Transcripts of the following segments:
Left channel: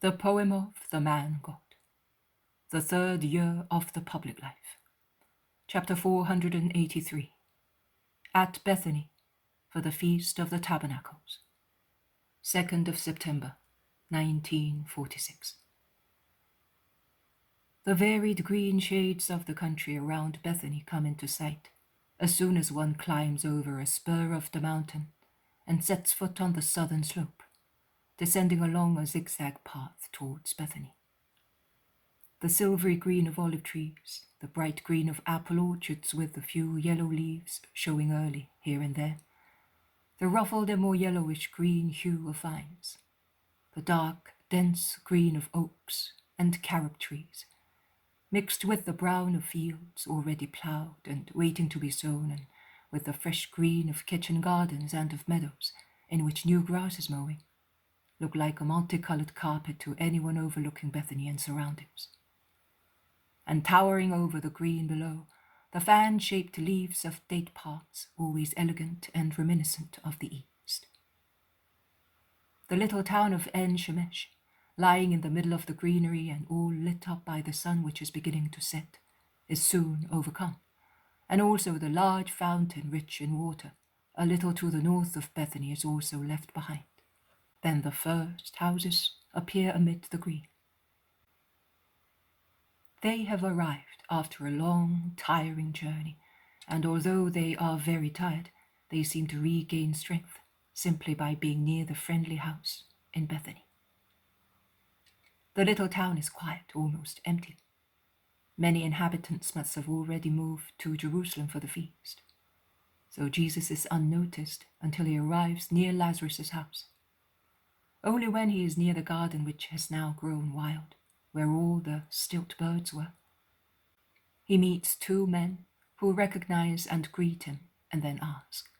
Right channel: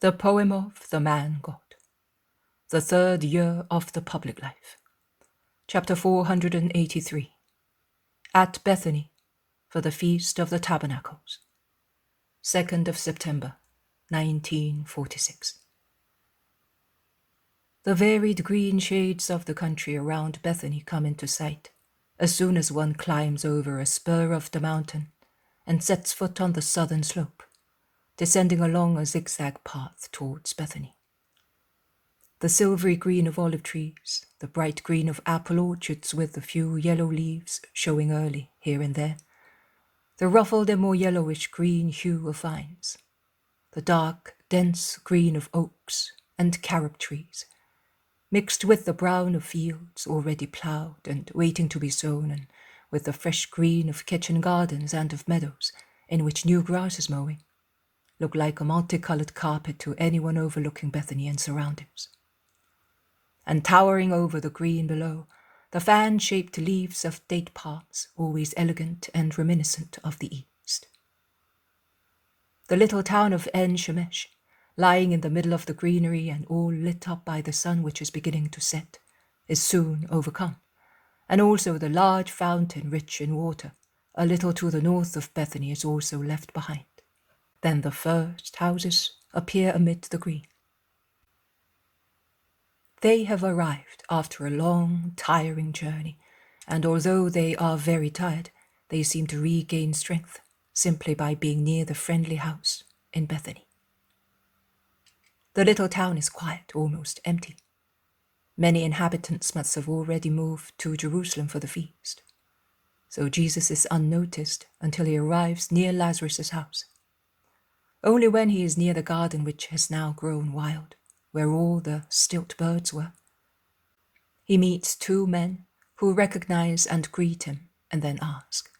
The poem of the man God. The third year of the public life. Chapter 483. At Bethany, for the Feast of the Tabernacles. 2nd of September, 1946. The varied green shades of the country around Bethany come into sight as soon as one climbs over a spur of the mountain and sets foot on the southern slope, descending along a zigzag path towards Bethany. The silvery green of olive trees, the bright green of apple orchards with a few yellow leaves showing early here and there, the ruffled and more yellowish green hue of vines, the dark, dense green of oaks and carob trees, mixed with the brown of fields already ploughed and waiting to be sown, and with the fresh green of kitchen gardens and of meadows in which new grass is mowing, look like a multicolored carpet to anyone overlooking Bethany and surroundings. And towering over the green below, the fan-shaped leaves of date palms, always elegant and reminiscent of the East. The little town of En-Rogel, lying in the middle of the greenery and all lit up by the sun which is beginning to set, is soon overcome, and also the large fountain rich in water, a little to the north of Bethany, is also left behind. Then the first houses appear amid the green. They have arrived after a long, tiring journey, and although they are very tired, they seem to regain strength simply by being near the friendly house in Bethany. The little town is quiet, almost empty. Many inhabitants must have already moved to Jerusalem for the feast. So Jesus is unnoticed until he arrives near Lazarus' house. Only when he is near the garden which has now grown wild, where all the stilt birds were, he meets two men who recognize and greet him and then ask,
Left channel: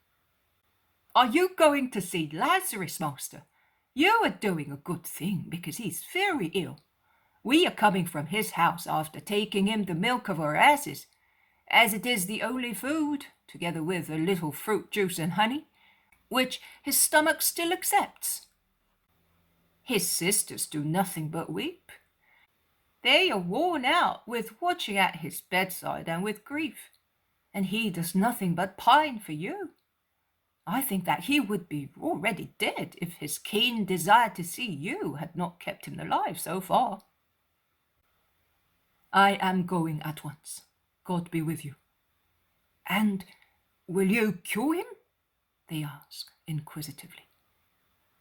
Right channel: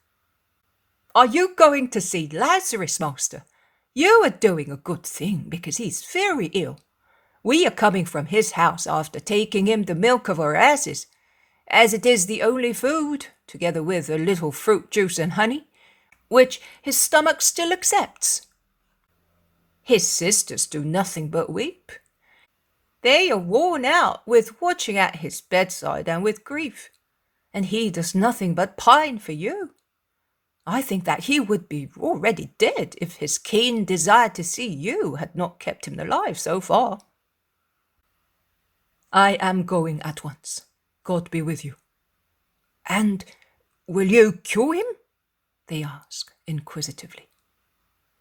"Are you going to see Lazarus, Master? You are doing a good thing because he's very ill. We are coming from his house after taking him the milk of our asses, as it is the only food, together with a little fruit juice and honey, which his stomach still accepts. His sisters do nothing but weep. They are worn out with watching at his bedside and with grief, and he does nothing but pine for you. I think that he would be already dead if his keen desire to see you had not kept him alive so far." "I am going at once. God be with you." "And will you cure him?" they ask inquisitively.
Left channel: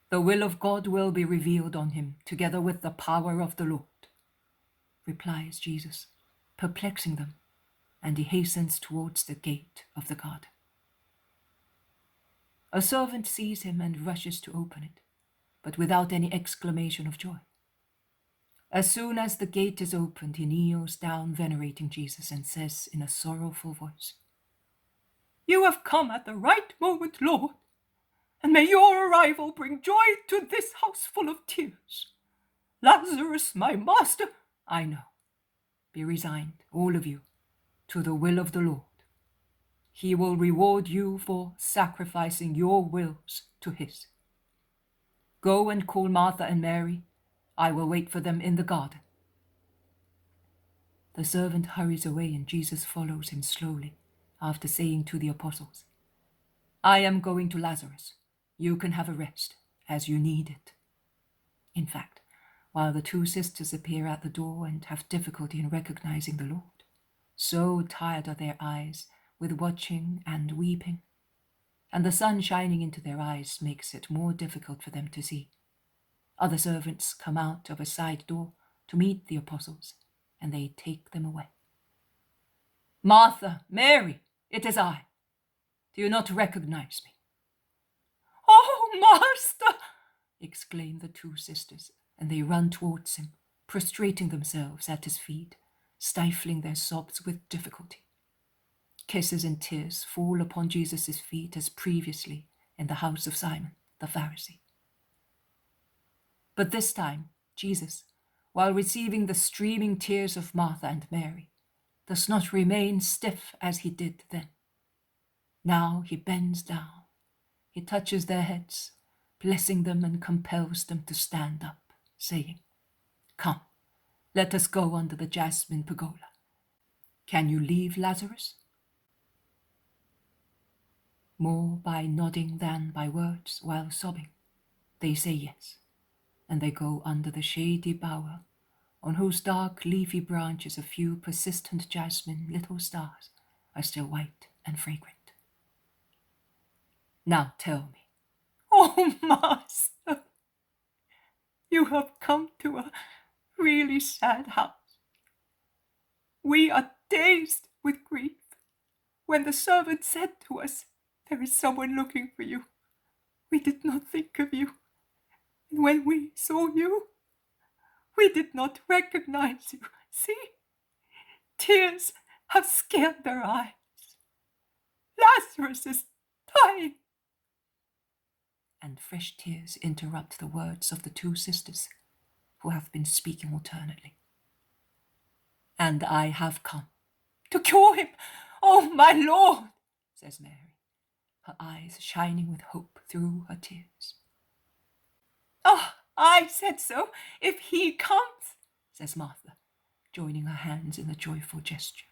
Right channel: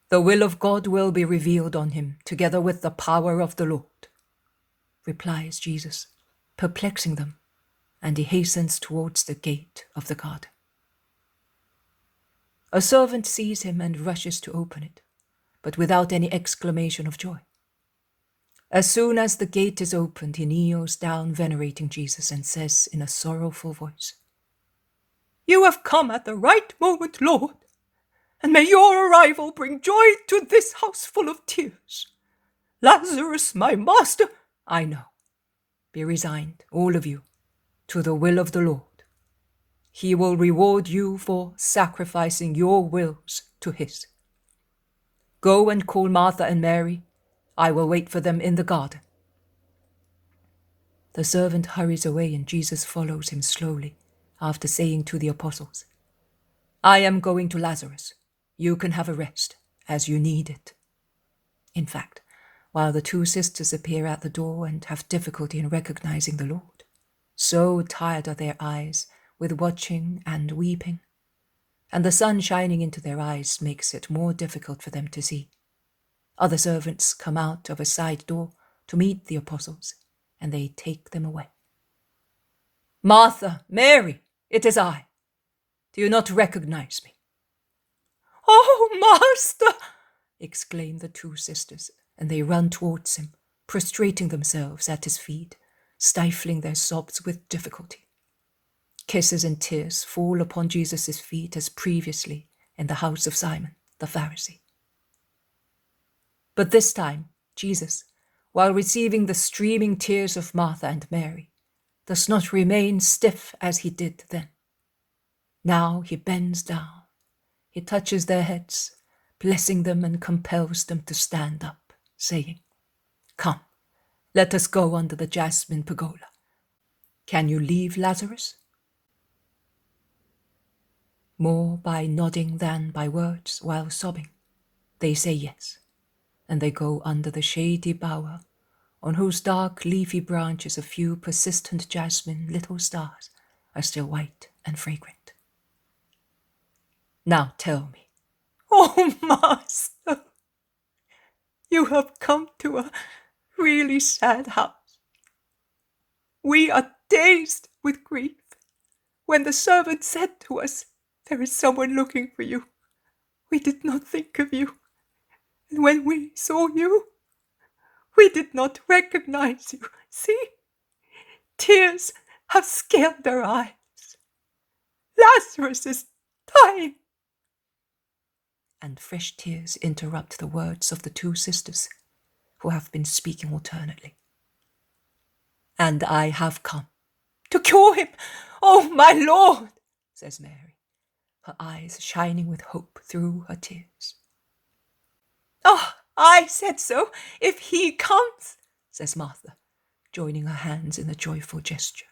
"The will of God will be revealed on him, together with the power of the Lord," replies Jesus, perplexing them, and he hastens towards the gate of the garden. A servant sees him and rushes to open it, but without any exclamation of joy. As soon as the gate is opened, he kneels down venerating Jesus and says in a sorrowful voice, "You have come at the right moment, Lord, and may your arrival bring joy to this house full of tears. Lazarus, my master—" "I know. Be resigned, all of you, to the will of the Lord. He will reward you for sacrificing your wills to his. Go and call Martha and Mary. I will wait for them in the garden." The servant hurries away, and Jesus follows him slowly, after saying to the apostles, "I am going to Lazarus. You can have a rest, as you need it." In fact, while the two sisters appear at the door and have difficulty in recognizing the Lord, so tired are their eyes with watching and weeping, and the sun shining into their eyes makes it more difficult for them to see. Other servants come out of a side door to meet the apostles, and they take them away. "Martha, Mary, it is I. Do you not recognize me?" "Oh, Master!" exclaim the two sisters, and they run towards him, prostrating themselves at his feet, stifling their sobs with difficulty. Kisses and tears fall upon Jesus' feet as previously in the house of Simon the Pharisee. But this time, Jesus, while receiving the streaming tears of Martha and Mary, does not remain stiff as he did then. Now he bends down, he touches their heads, blessing them, and compels them to stand up, saying, Come, let us go under the jasmine pergola. Can you leave Lazarus? More by nodding than by words, while sobbing, they say yes, and they go under the shady bower, on whose dark leafy branches a few persistent jasmine little stars are still white and fragrant. Now tell me, oh, Master, you have come to a really sad house. We are dazed with grief. When the servant said to us, "There is someone looking for you," we did not think of you. And when we saw you, we did not recognize you. See, tears have scaled our eyes. Lazarus is dying. And fresh tears interrupt the words of the two sisters, who have been speaking alternately. And I have come to cure him. Oh, my Lord, says Mary, her eyes shining with hope through her tears. Oh, I said so. If he comes, says Martha, joining her hands in a joyful gesture.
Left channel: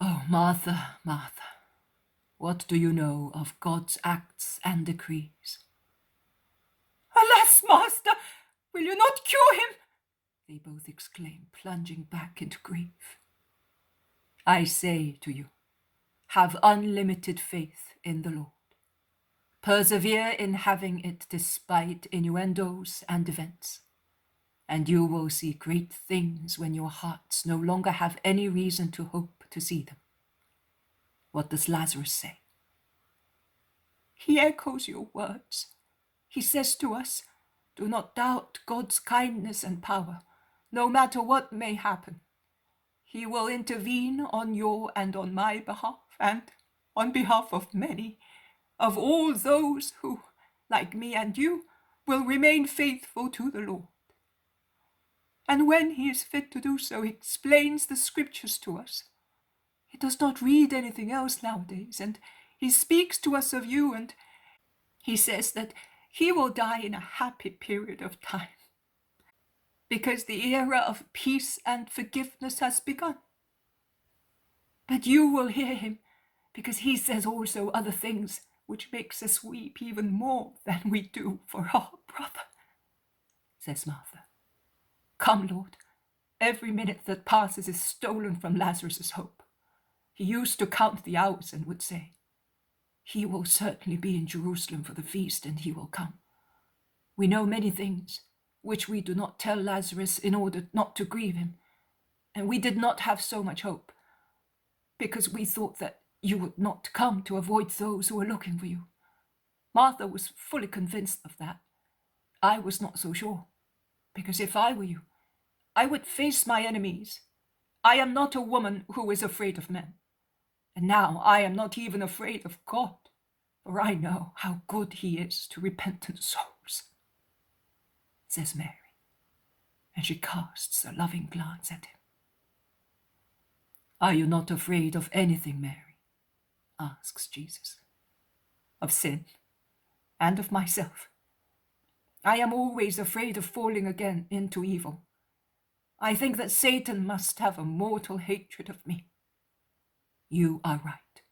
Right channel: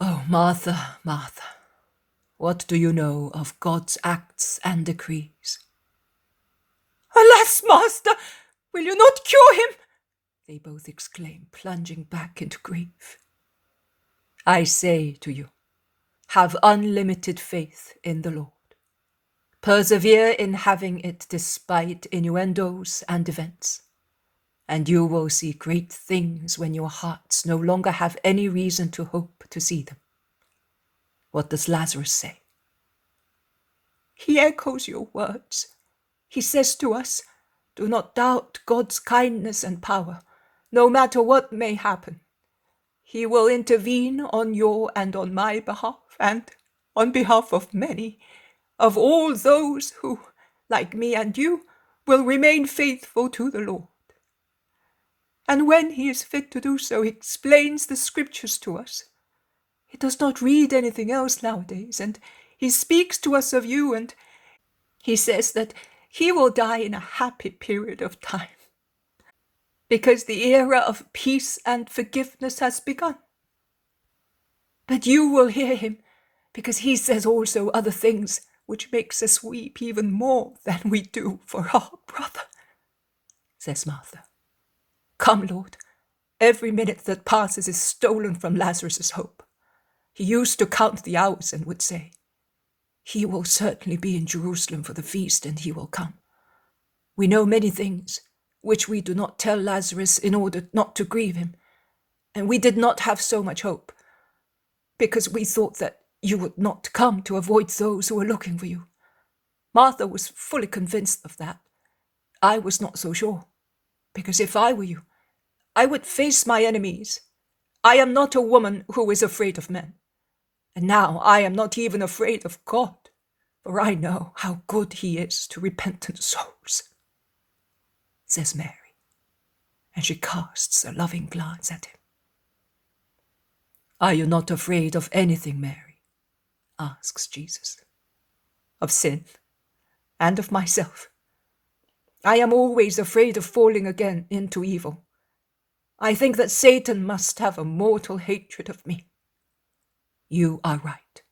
Oh, Martha, Martha, what do you know of God's acts and decrees? Alas, Master, will you not cure him? They both exclaim, plunging back into grief. I say to you, have unlimited faith in the Lord. Persevere in having it despite innuendos and events, and you will see great things when your hearts no longer have any reason to hope to see them. What does Lazarus say? He echoes your words. He says to us, do not doubt God's kindness and power, no matter what may happen. He will intervene on your and on my behalf, and on behalf of many, of all those who, like me and you, will remain faithful to the Lord. And when he is fit to do so, he explains the scriptures to us. He does not read anything else nowadays, and he speaks to us of you, and he says that he will die in a happy period of time, because the era of peace and forgiveness has begun. But you will hear him, because he says also other things which makes us weep even more than we do for our brother, says Martha. Come, Lord, every minute that passes is stolen from Lazarus' hope. He used to count the hours and would say, he will certainly be in Jerusalem for the feast, and he will come. We know many things which we do not tell Lazarus in order not to grieve him, and we did not have so much hope, because we thought that you would not come to avoid those who were looking for you. Martha was fully convinced of that. I was not so sure, because if I were you, I would face my enemies. I am not a woman who is afraid of men, and now I am not even afraid of God, for I know how good he is to repentant souls, says Mary, and she casts a loving glance at him. Are you not afraid of anything, Mary? Asks Jesus. Of sin, and of myself. I am always afraid of falling again into evil. I think that Satan must have a mortal hatred of me. You are right.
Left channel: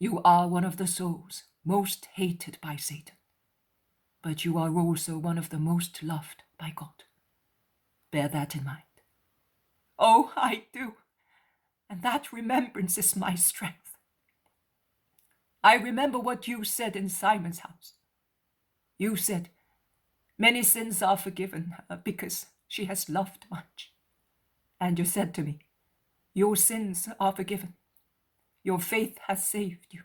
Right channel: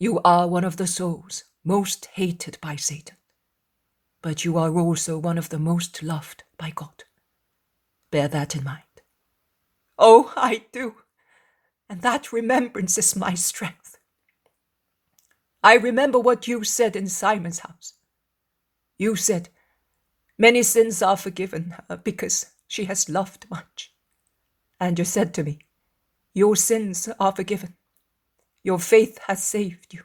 You are one of the souls most hated by Satan, but you are also one of the most loved by God. Bear that in mind. Oh, I do, and that remembrance is my strength. I remember what you said in Simon's house. You said, many sins are forgiven her because she has loved much. And you said to me, your sins are forgiven. Your faith has saved you.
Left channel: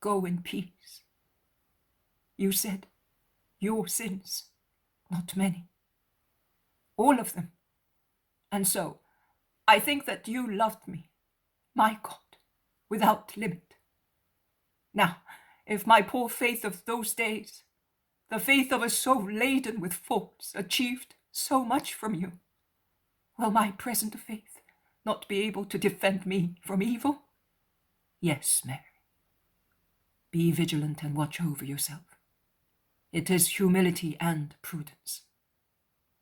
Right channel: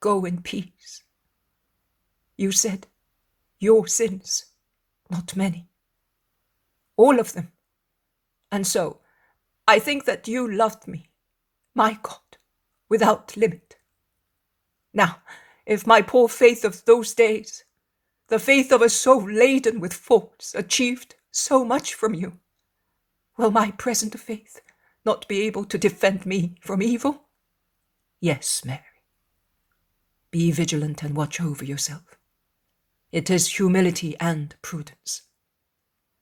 Go in peace. You said, your sins, not many. All of them. And so, I think that you loved me, my God, without limit. Now, if my poor faith of those days, the faith of a soul laden with faults, achieved so much from you, will my present faith not be able to defend me from evil? Yes, Mary. Be vigilant and watch over yourself. It is humility and prudence.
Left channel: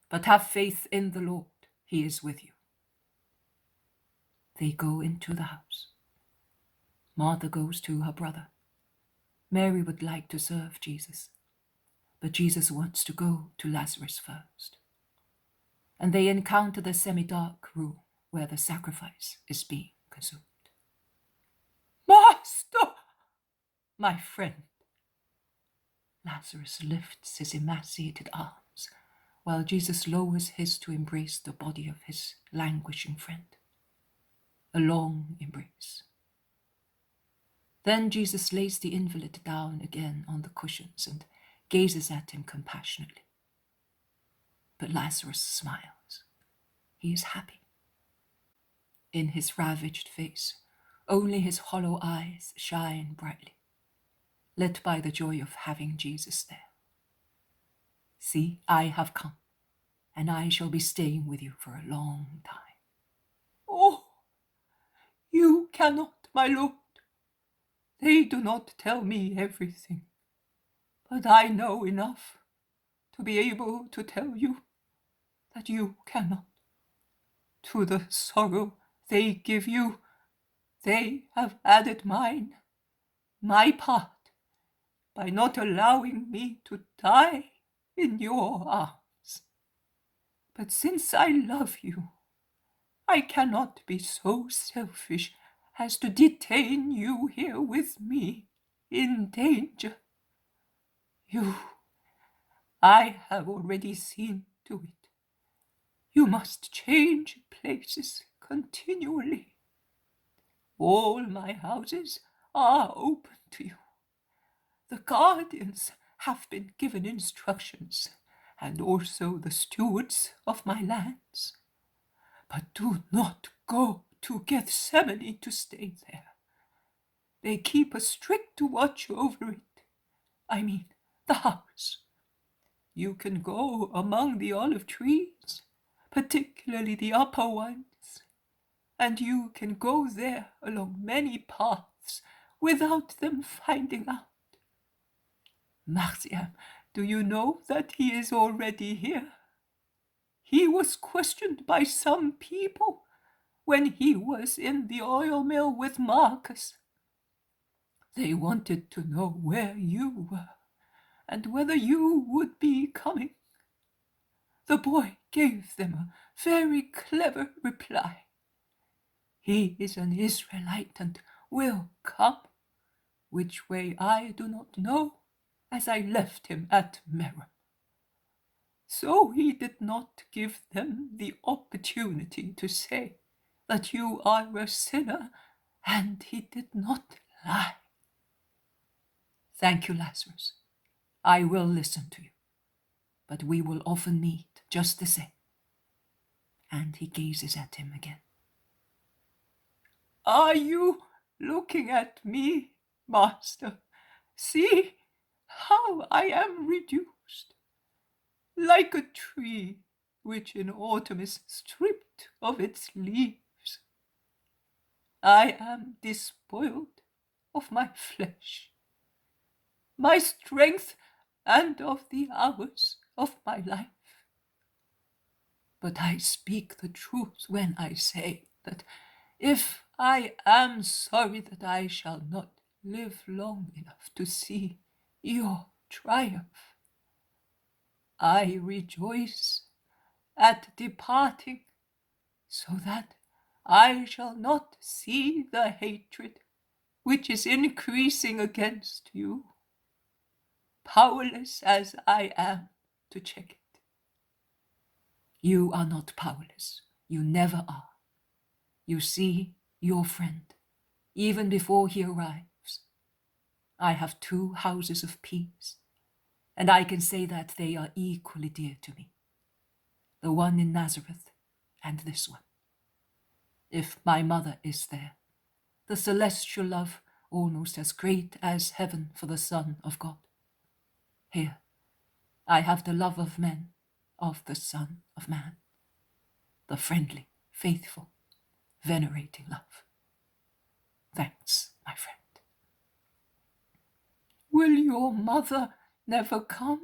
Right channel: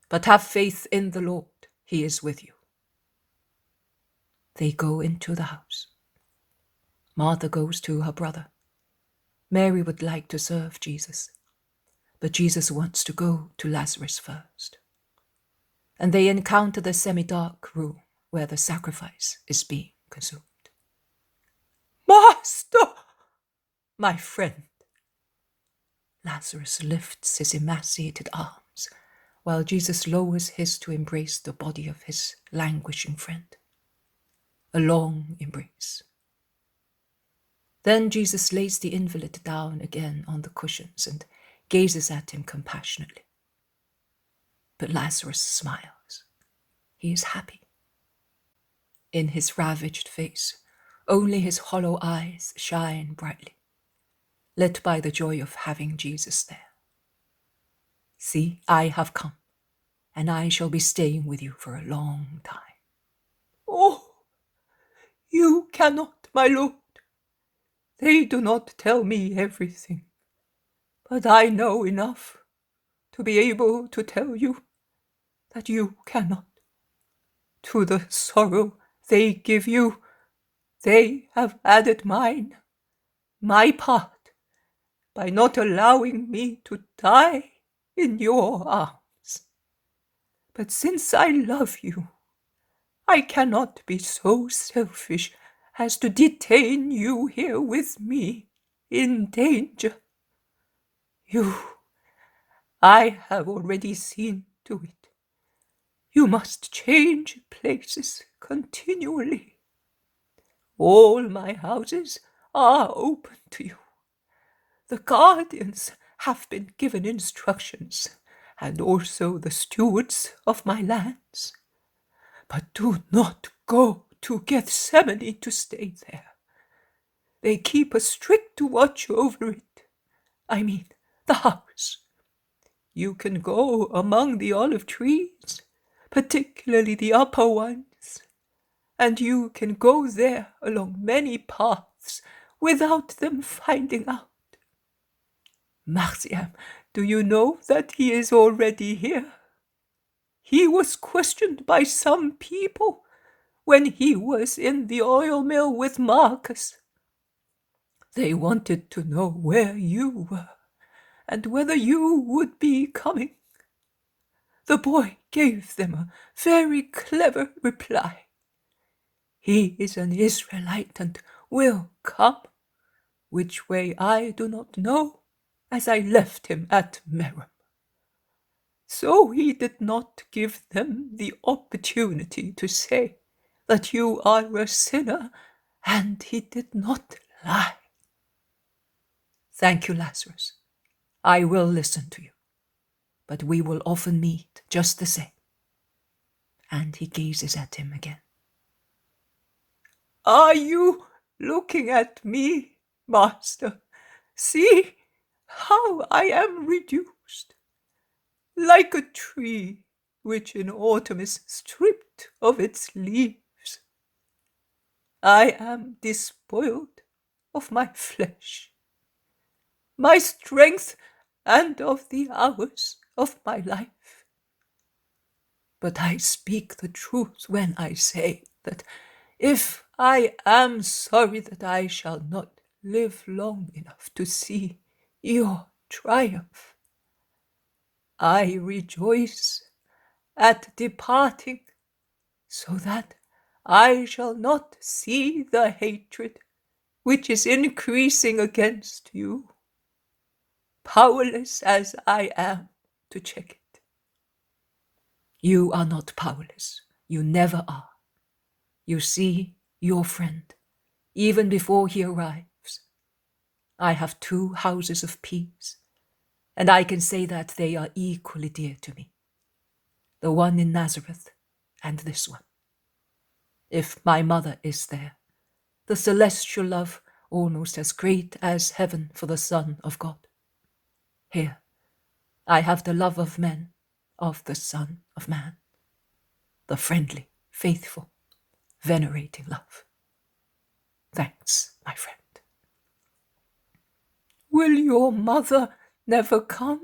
But have faith in the Lord. He is with you." They go into the house. Martha goes to her brother. Mary would like to serve Jesus, but Jesus wants to go to Lazarus first. And they encounter the semi-dark room where the sacrifice is being consumed. "Master, my friend." Lazarus lifts his emaciated arms, while Jesus lowers his to embrace the body of his languishing friend. A long embrace. Then Jesus lays the invalid down again on the cushions and gazes at him compassionately. But Lazarus smiles. He is happy. In his ravaged face, only his hollow eyes shine brightly, lit by the joy of having Jesus there. "See, I have come, and I shall be staying with you for a long time." "Oh, you cannot, my Lord. They do not tell me everything, but I know enough to be able to tell you that you cannot. To the sorrow they give you, they have added mine, my part, by not allowing me to die in your arms. But since I love you, I cannot be so selfish as to detain you here with me in danger. You, I have already seen to it. You must change places continually. All my houses are open to you. The guardians have been given instructions, and also the stewards of my lands. But do not go to Gethsemane to stay there. They keep a strict watch over it. I mean, the house. You can go among the olive trees, particularly the upper ones, and you can go there along many paths without them finding out. Marciam, do you know that he is already here? He was questioned by some people when he was in the oil mill with Marcus. They wanted to know where you were and whether you would be coming. The boy gave them a very clever reply. He is an Israelite and will come. Which way I do not know, as I left him at Merom. So he did not give them the opportunity to say that you are a sinner, and he did not lie. Thank you, Lazarus. I will listen to you, but we will often meet just the same. And he gazes at him again. Are you looking at me, Master? See how I am reduced, like a tree which in autumn is stripped of its leaves. I am despoiled of my flesh, my strength, and of the hours of my life. But I speak the truth when I say that if I am sorry that I shall not live long enough to see your triumph, I rejoice at departing, so that I shall not see the hatred which is increasing against you, powerless as I am to check it. You are not powerless. You never are. You see your friend, even before he arrives. I have 2 houses of peace, and I can say that they are equally dear to me. The one in Nazareth and this one. If my mother is there, the celestial love almost as great as heaven for the Son of God. Here, I have the love of men, of the Son of Man, the friendly, faithful, venerating love. Thanks, my friend. Will your mother never come?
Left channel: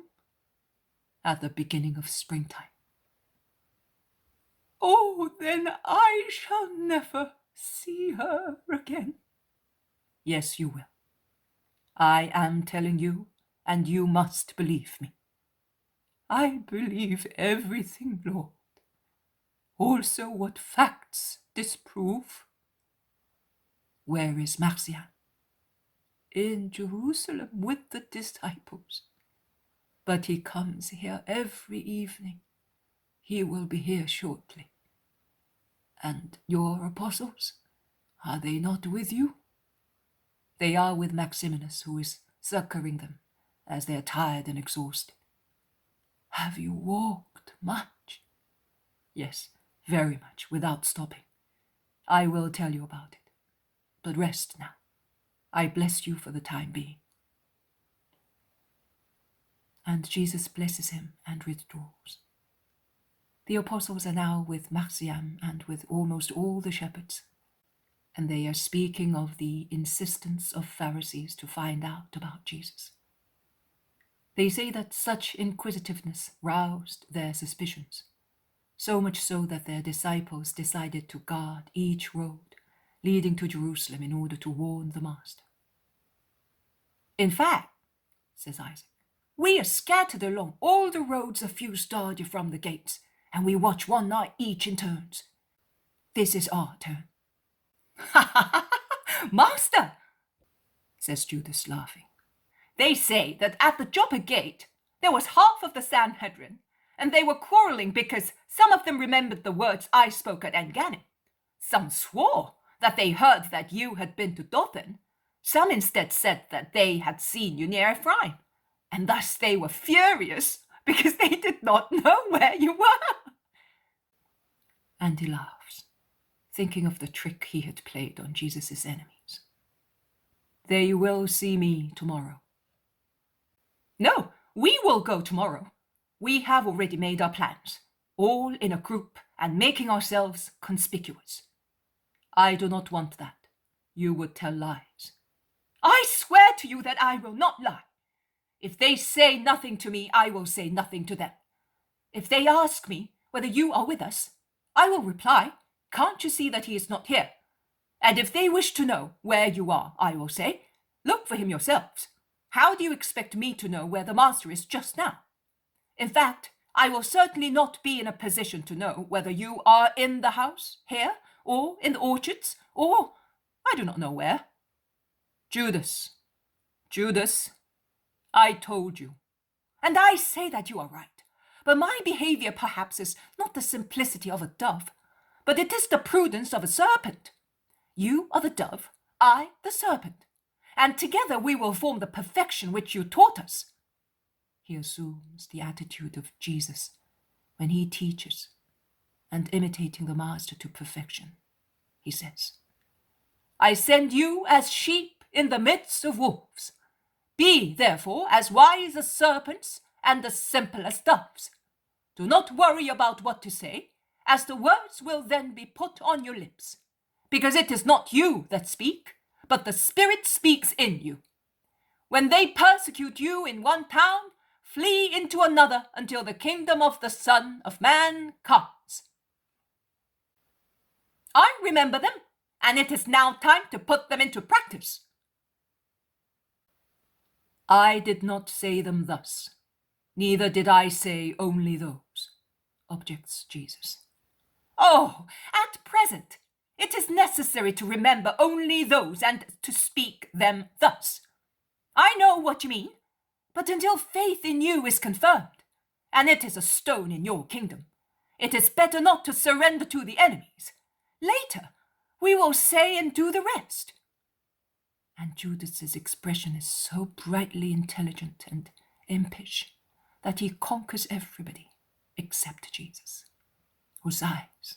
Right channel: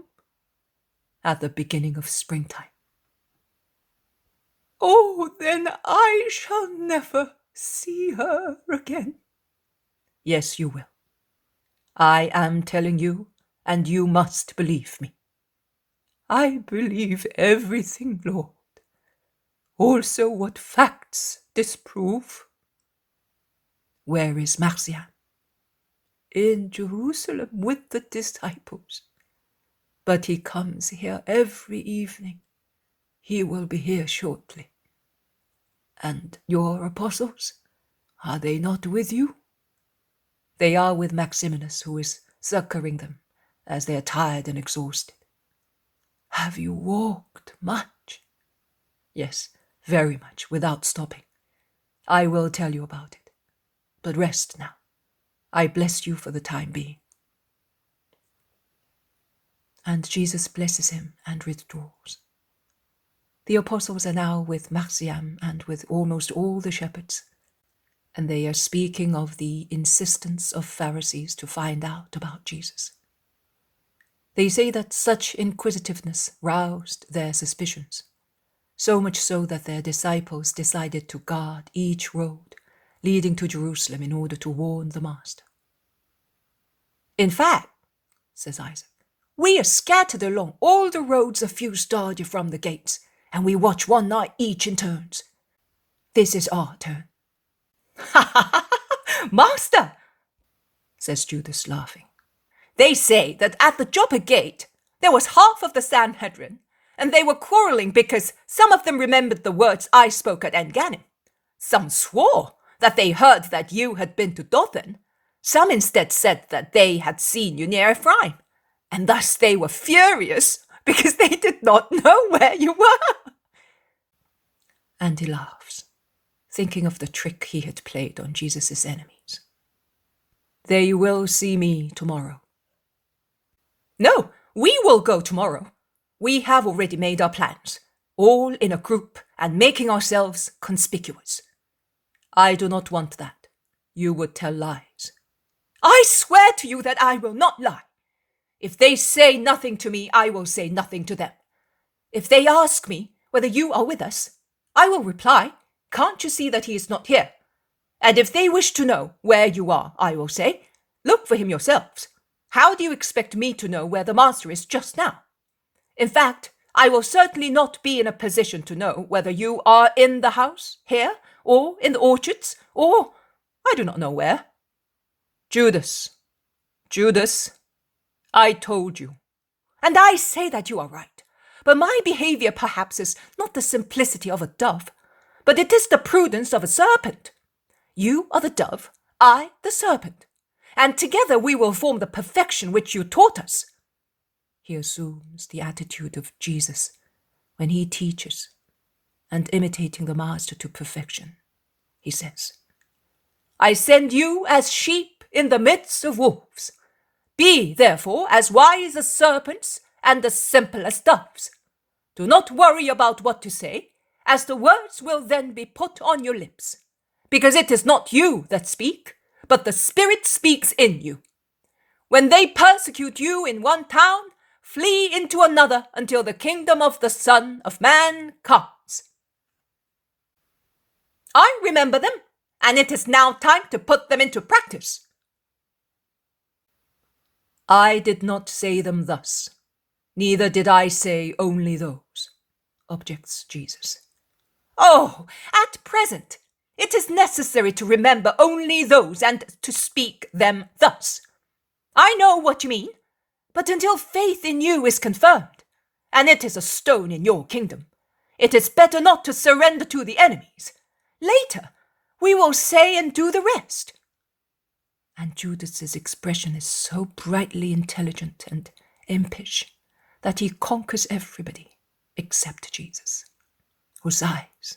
At the beginning of springtime, Oh, then I shall never see her again. Yes, you will. I am telling you, and you must believe me. I believe everything, Lord. Also what facts disprove. Where is Marcia? In Jerusalem with the disciples. But he comes here every evening. He will be here shortly. And your apostles, are they not with you? They are with Maximinus, who is succoring them, as they are tired and exhausted. Have you walked much? Yes, very much, without stopping. I will tell you about it. But rest now. I bless you for the time being. And Jesus blesses him and withdraws. The apostles are now with Marciam and with almost all the shepherds, and they are speaking of the insistence of Pharisees to find out about Jesus. They say that such inquisitiveness roused their suspicions, so much so that their disciples decided to guard each road leading to Jerusalem in order to warn the Master. In fact, says Isaac, we are scattered along all the roads a few stadia from the gates, and we watch one night each in turns. This is our turn. Ha ha ha! Master, says Judas, laughing. They say that at the Joppa gate there was half of the Sanhedrin, and they were quarreling because some of them remembered the words I spoke at En-Rogel. Some swore that they heard that you had been to Dothan. Some instead said that they had seen you near Ephraim, and thus they were furious because they did not know where you were. And he laughs, thinking of the trick he had played on Jesus' enemies. They will see me tomorrow. No, we will go tomorrow. We have already made our plans, all in a group and making ourselves conspicuous. I do not want that. You would tell lies. I swear to you that I will not lie. If they say nothing to me, I will say nothing to them. If they ask me whether you are with us, I will reply, can't you see that he is not here? And if they wish to know where you are, I will say, look for him yourselves. How do you expect me to know where the Master is just now? In fact, I will certainly not be in a position to know whether you are in the house, here, or in the orchards, or I do not know where. Judas, I told you. And I say that you are right. But my behavior perhaps is not the simplicity of a dove, but it is the prudence of a serpent. You are the dove, I the serpent, and together we will form the perfection which you taught us. He assumes the attitude of Jesus when he teaches, and imitating the Master to perfection, he says, I send you as sheep in the midst of wolves. Be, therefore, as wise as serpents and as simple as doves. Do not worry about what to say, as the words will then be put on your lips, because it is not you that speak, but the Spirit speaks in you. When they persecute you in one town, flee into another until the kingdom of the Son of Man comes. I remember them, and it is now time to put them into practice. I did not say them thus, neither did I say only those, objects Jesus. Oh, at present, it is necessary to remember only those and to speak them thus. I know what you mean, but until faith in you is confirmed, and it is a stone in your kingdom, it is better not to surrender to the enemies. Later, we will say and do the rest. And Judas's expression is so brightly intelligent and impish that he conquers everybody except Jesus, whose eyes.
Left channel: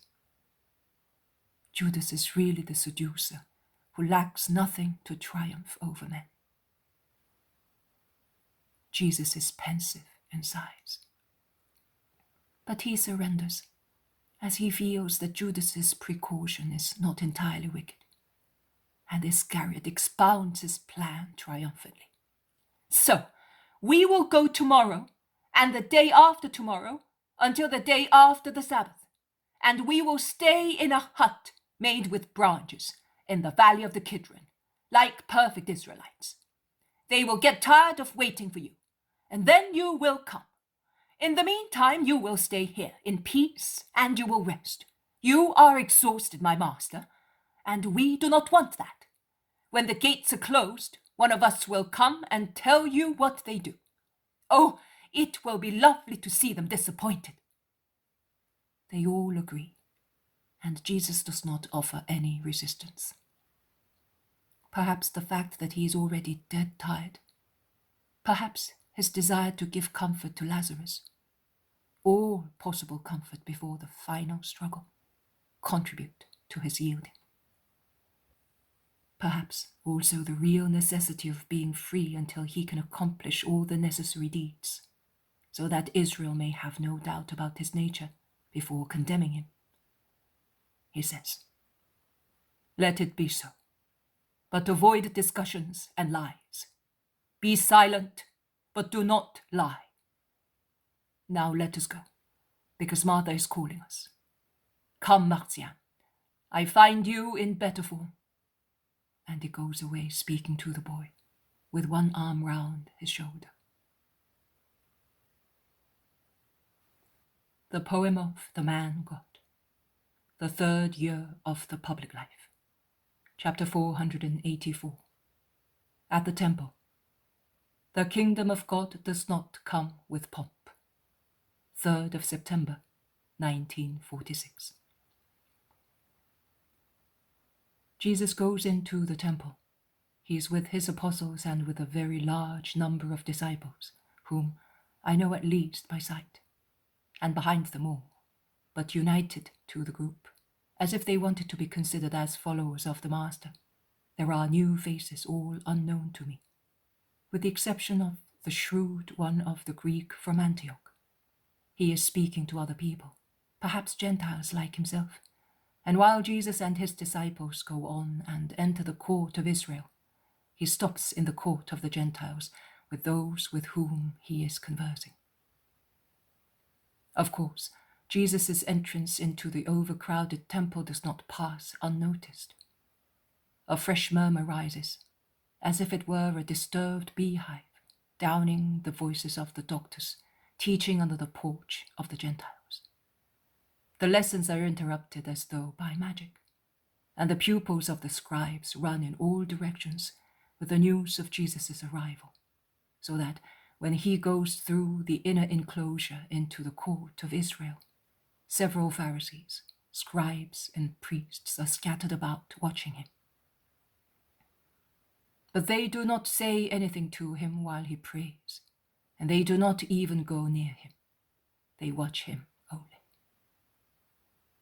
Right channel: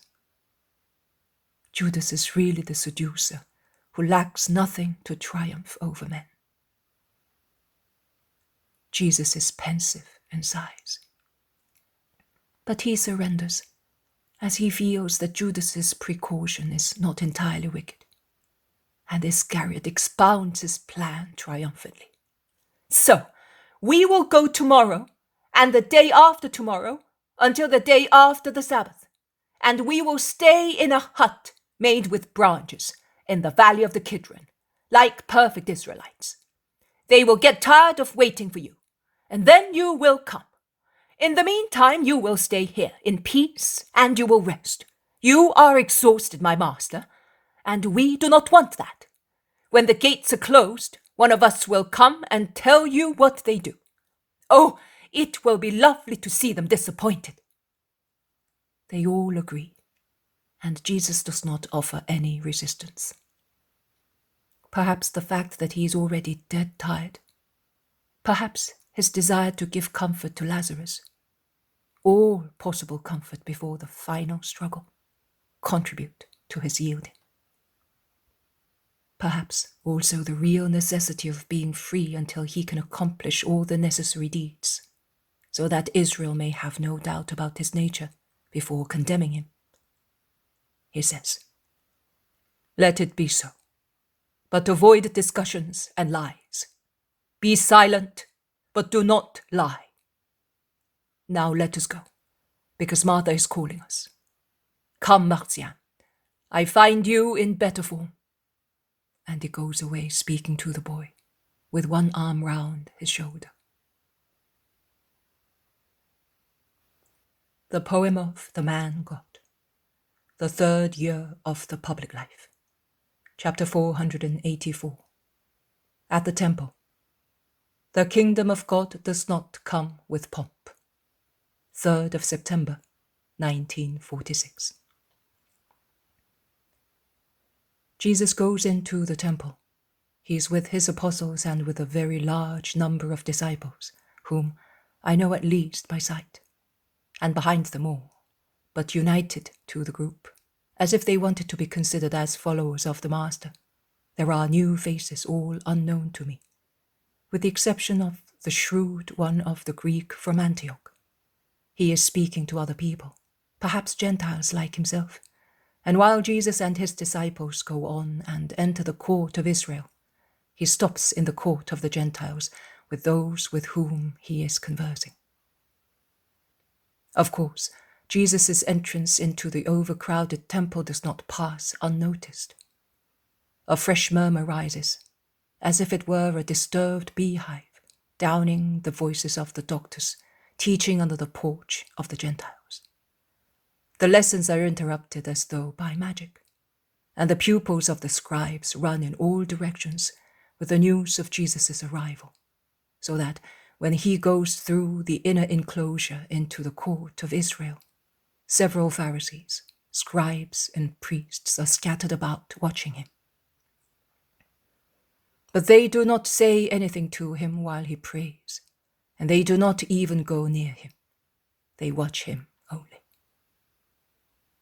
Judas is really the seducer who lacks nothing to triumph over men. Jesus is pensive in sighs, but he surrenders as he feels that Judas's precaution is not entirely wicked, and Iscariot expounds his plan triumphantly. So, we will go tomorrow, and the day after tomorrow, until the day after the Sabbath. and we will stay in a hut made with branches in the valley of the Kidron, like perfect Israelites. They will get tired of waiting for you, and then you will come. In the meantime, you will stay here in peace, and you will rest. You are exhausted, my master, and we do not want that. When the gates are closed, one of us will come and tell you what they do. Oh, it will be lovely to see them disappointed." They all agree, and Jesus does not offer any resistance. Perhaps the fact that he is already dead tired, perhaps his desire to give comfort to Lazarus, all possible comfort before the final struggle, contribute to his yielding. Perhaps also the real necessity of being free until he can accomplish all the necessary deeds, so that Israel may have no doubt about his nature before condemning him. He says, "Let it be so, but avoid discussions and lies. Be silent, but do not lie. Now let us go, because Martha is calling us. Come, Martian, I find you in better form." And he goes away speaking to the boy, with one arm round his shoulder. The poem of the man God, the third year of the public life, chapter 484. At the temple. The kingdom of God does not come with pomp. 3rd of September, 1946. Jesus goes into the temple. He is with his apostles and with a very large number of disciples, whom I know at least by sight, and behind them all, but united to the group, as if they wanted to be considered as followers of the Master. There are new faces, all unknown to me, with the exception of the shrewd one of the Greek from Antioch. He is speaking to other people, perhaps Gentiles like himself, and while Jesus and his disciples go on and enter the court of Israel, he stops in the court of the Gentiles with those with whom he is conversing. Of course, Jesus' entrance into the overcrowded temple does not pass unnoticed. A fresh murmur rises, as if it were a disturbed beehive, downing the voices of the doctors, teaching under the porch of the Gentiles. The lessons are interrupted as though by magic, and the pupils of the scribes run in all directions with the news of Jesus' arrival, so that when he goes through the inner enclosure into the court of Israel, several Pharisees, scribes, and priests are scattered about watching him. But they do not say anything to him while he prays, and they do not even go near him. They watch him only.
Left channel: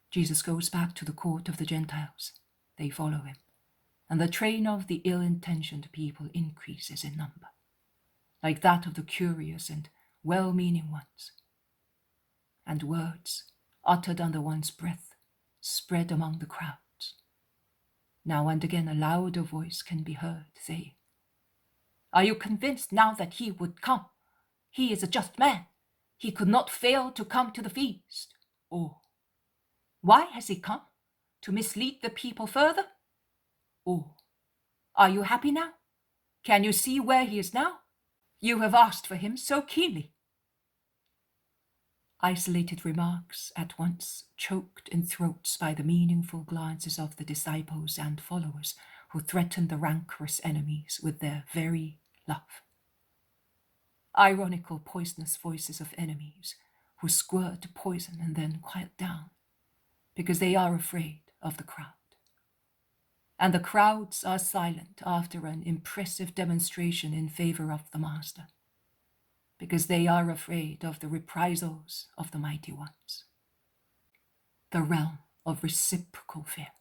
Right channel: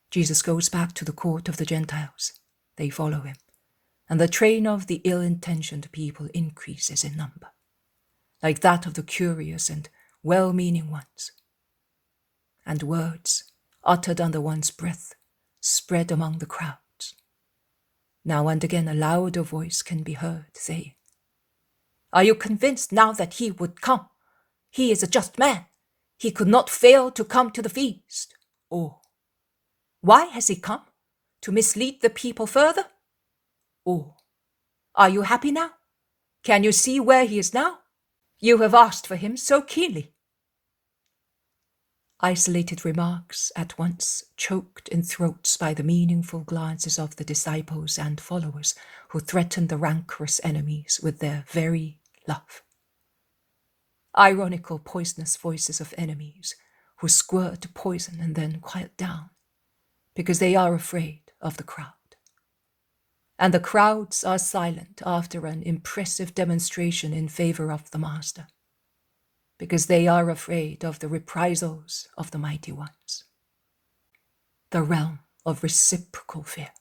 Jesus goes back to the court of the Gentiles. They follow him, and the train of the ill-intentioned people increases in number, like that of the curious and well-meaning ones. And words, uttered under one's breath, spread among the crowds. Now and again a louder voice can be heard saying, "Are you convinced now that he would come? He is a just man. He could not fail to come to the feast." Or, "Why has he come? To mislead the people further?" Or, "Are you happy now? Can you see where he is now? You have asked for him so keenly." Isolated remarks at once choked in throats by the meaningful glances of the disciples and followers who threaten the rancorous enemies with their very love. Ironical, poisonous voices of enemies who squirt poison and then quiet down because they are afraid of the crowd. And the crowds are silent after an impressive demonstration in favor of the Master, because they are afraid of the reprisals of the mighty ones. The realm of reciprocal fear.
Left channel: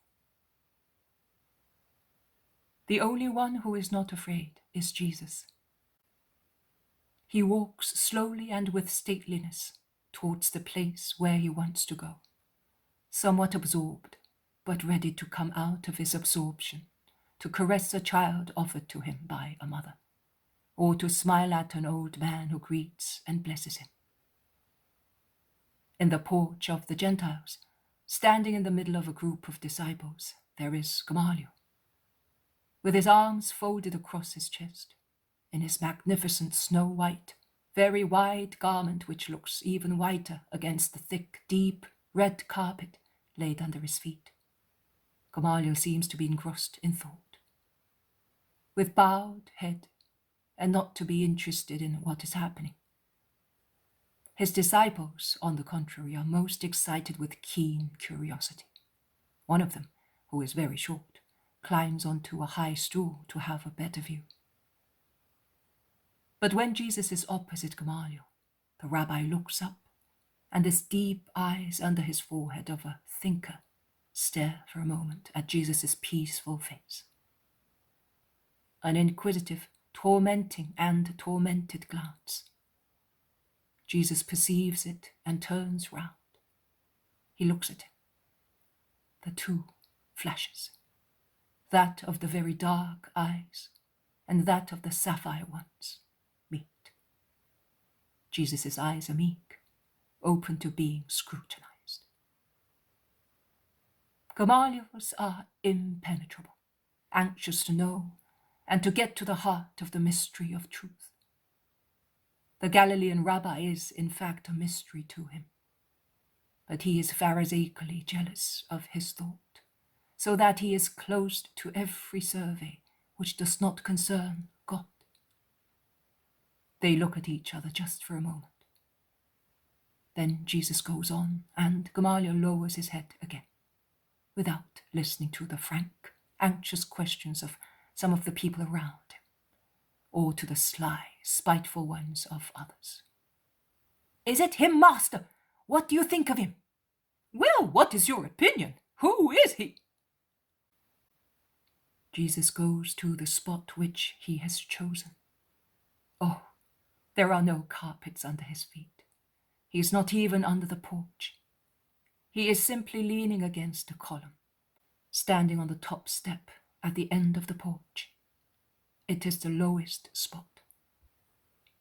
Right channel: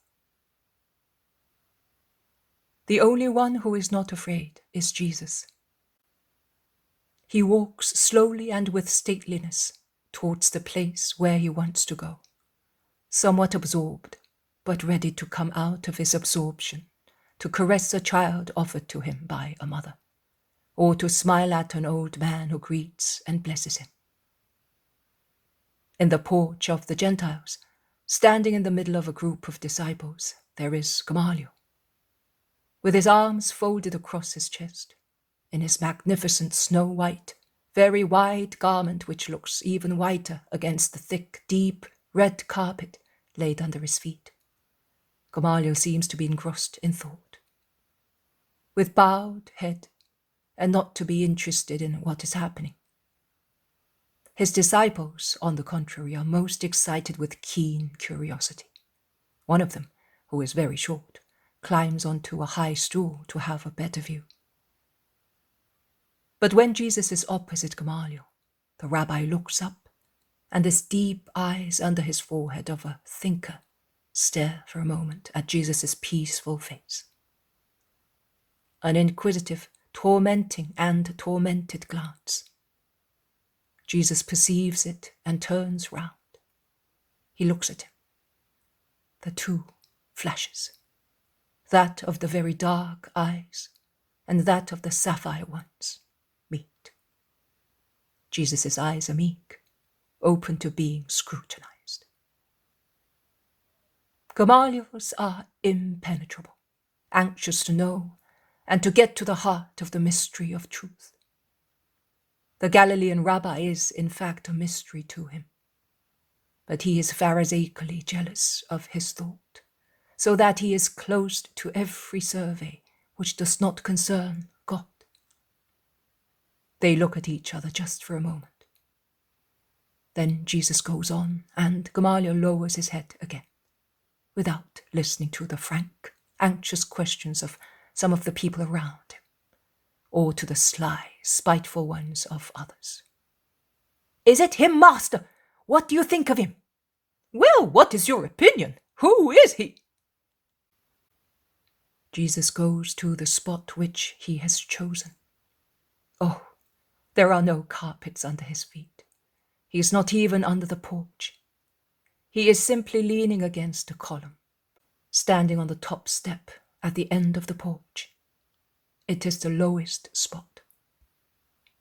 The only one who is not afraid is Jesus. He walks slowly and with stateliness towards the place where he wants to go, somewhat absorbed, but ready to come out of his absorption, to caress a child offered to him by a mother, or to smile at an old man who greets and blesses him. In the porch of the Gentiles, Standing in the middle of a group of disciples, there is Gamaliel, with his arms folded across his chest, in his magnificent snow-white, very wide garment which looks even whiter against the thick, deep, red carpet laid under his feet. Gamaliel seems to be engrossed in thought, with bowed head, and not to be interested in what is happening. His disciples, on the contrary, are most excited with keen curiosity. One of them, who is very short, climbs onto a high stool to have a better view. But when Jesus is opposite Gamaliel, the rabbi looks up, and his deep eyes under his forehead of a thinker stare for a moment at Jesus' peaceful face. An inquisitive, tormenting and tormented glance. Jesus perceives it and turns round. He looks at him. The two flashes, that of the very dark eyes and that of the sapphire ones, meet. Jesus' eyes are meek, open to being scrutinized. Gamaliel's are impenetrable, anxious to know and to get to the heart of the mystery of truth. The Galilean rabbi is, in fact, a mystery to him, but he is pharisaically jealous of his thought, so that he is closed to every survey which does not concern God. They look at each other just for a moment. Then Jesus goes on, and Gamaliel lowers his head again, without listening to the frank, anxious questions of some of the people around him, or to the sly, spiteful ones of others. "Is it him, Master? What do you think of him?" "Well, what is your opinion? Who is he?" Jesus goes to the spot which he has chosen. Oh, there are no carpets under his feet. He is not even under the porch. He is simply leaning against a column, standing on the top step at the end of the porch. It is the lowest spot.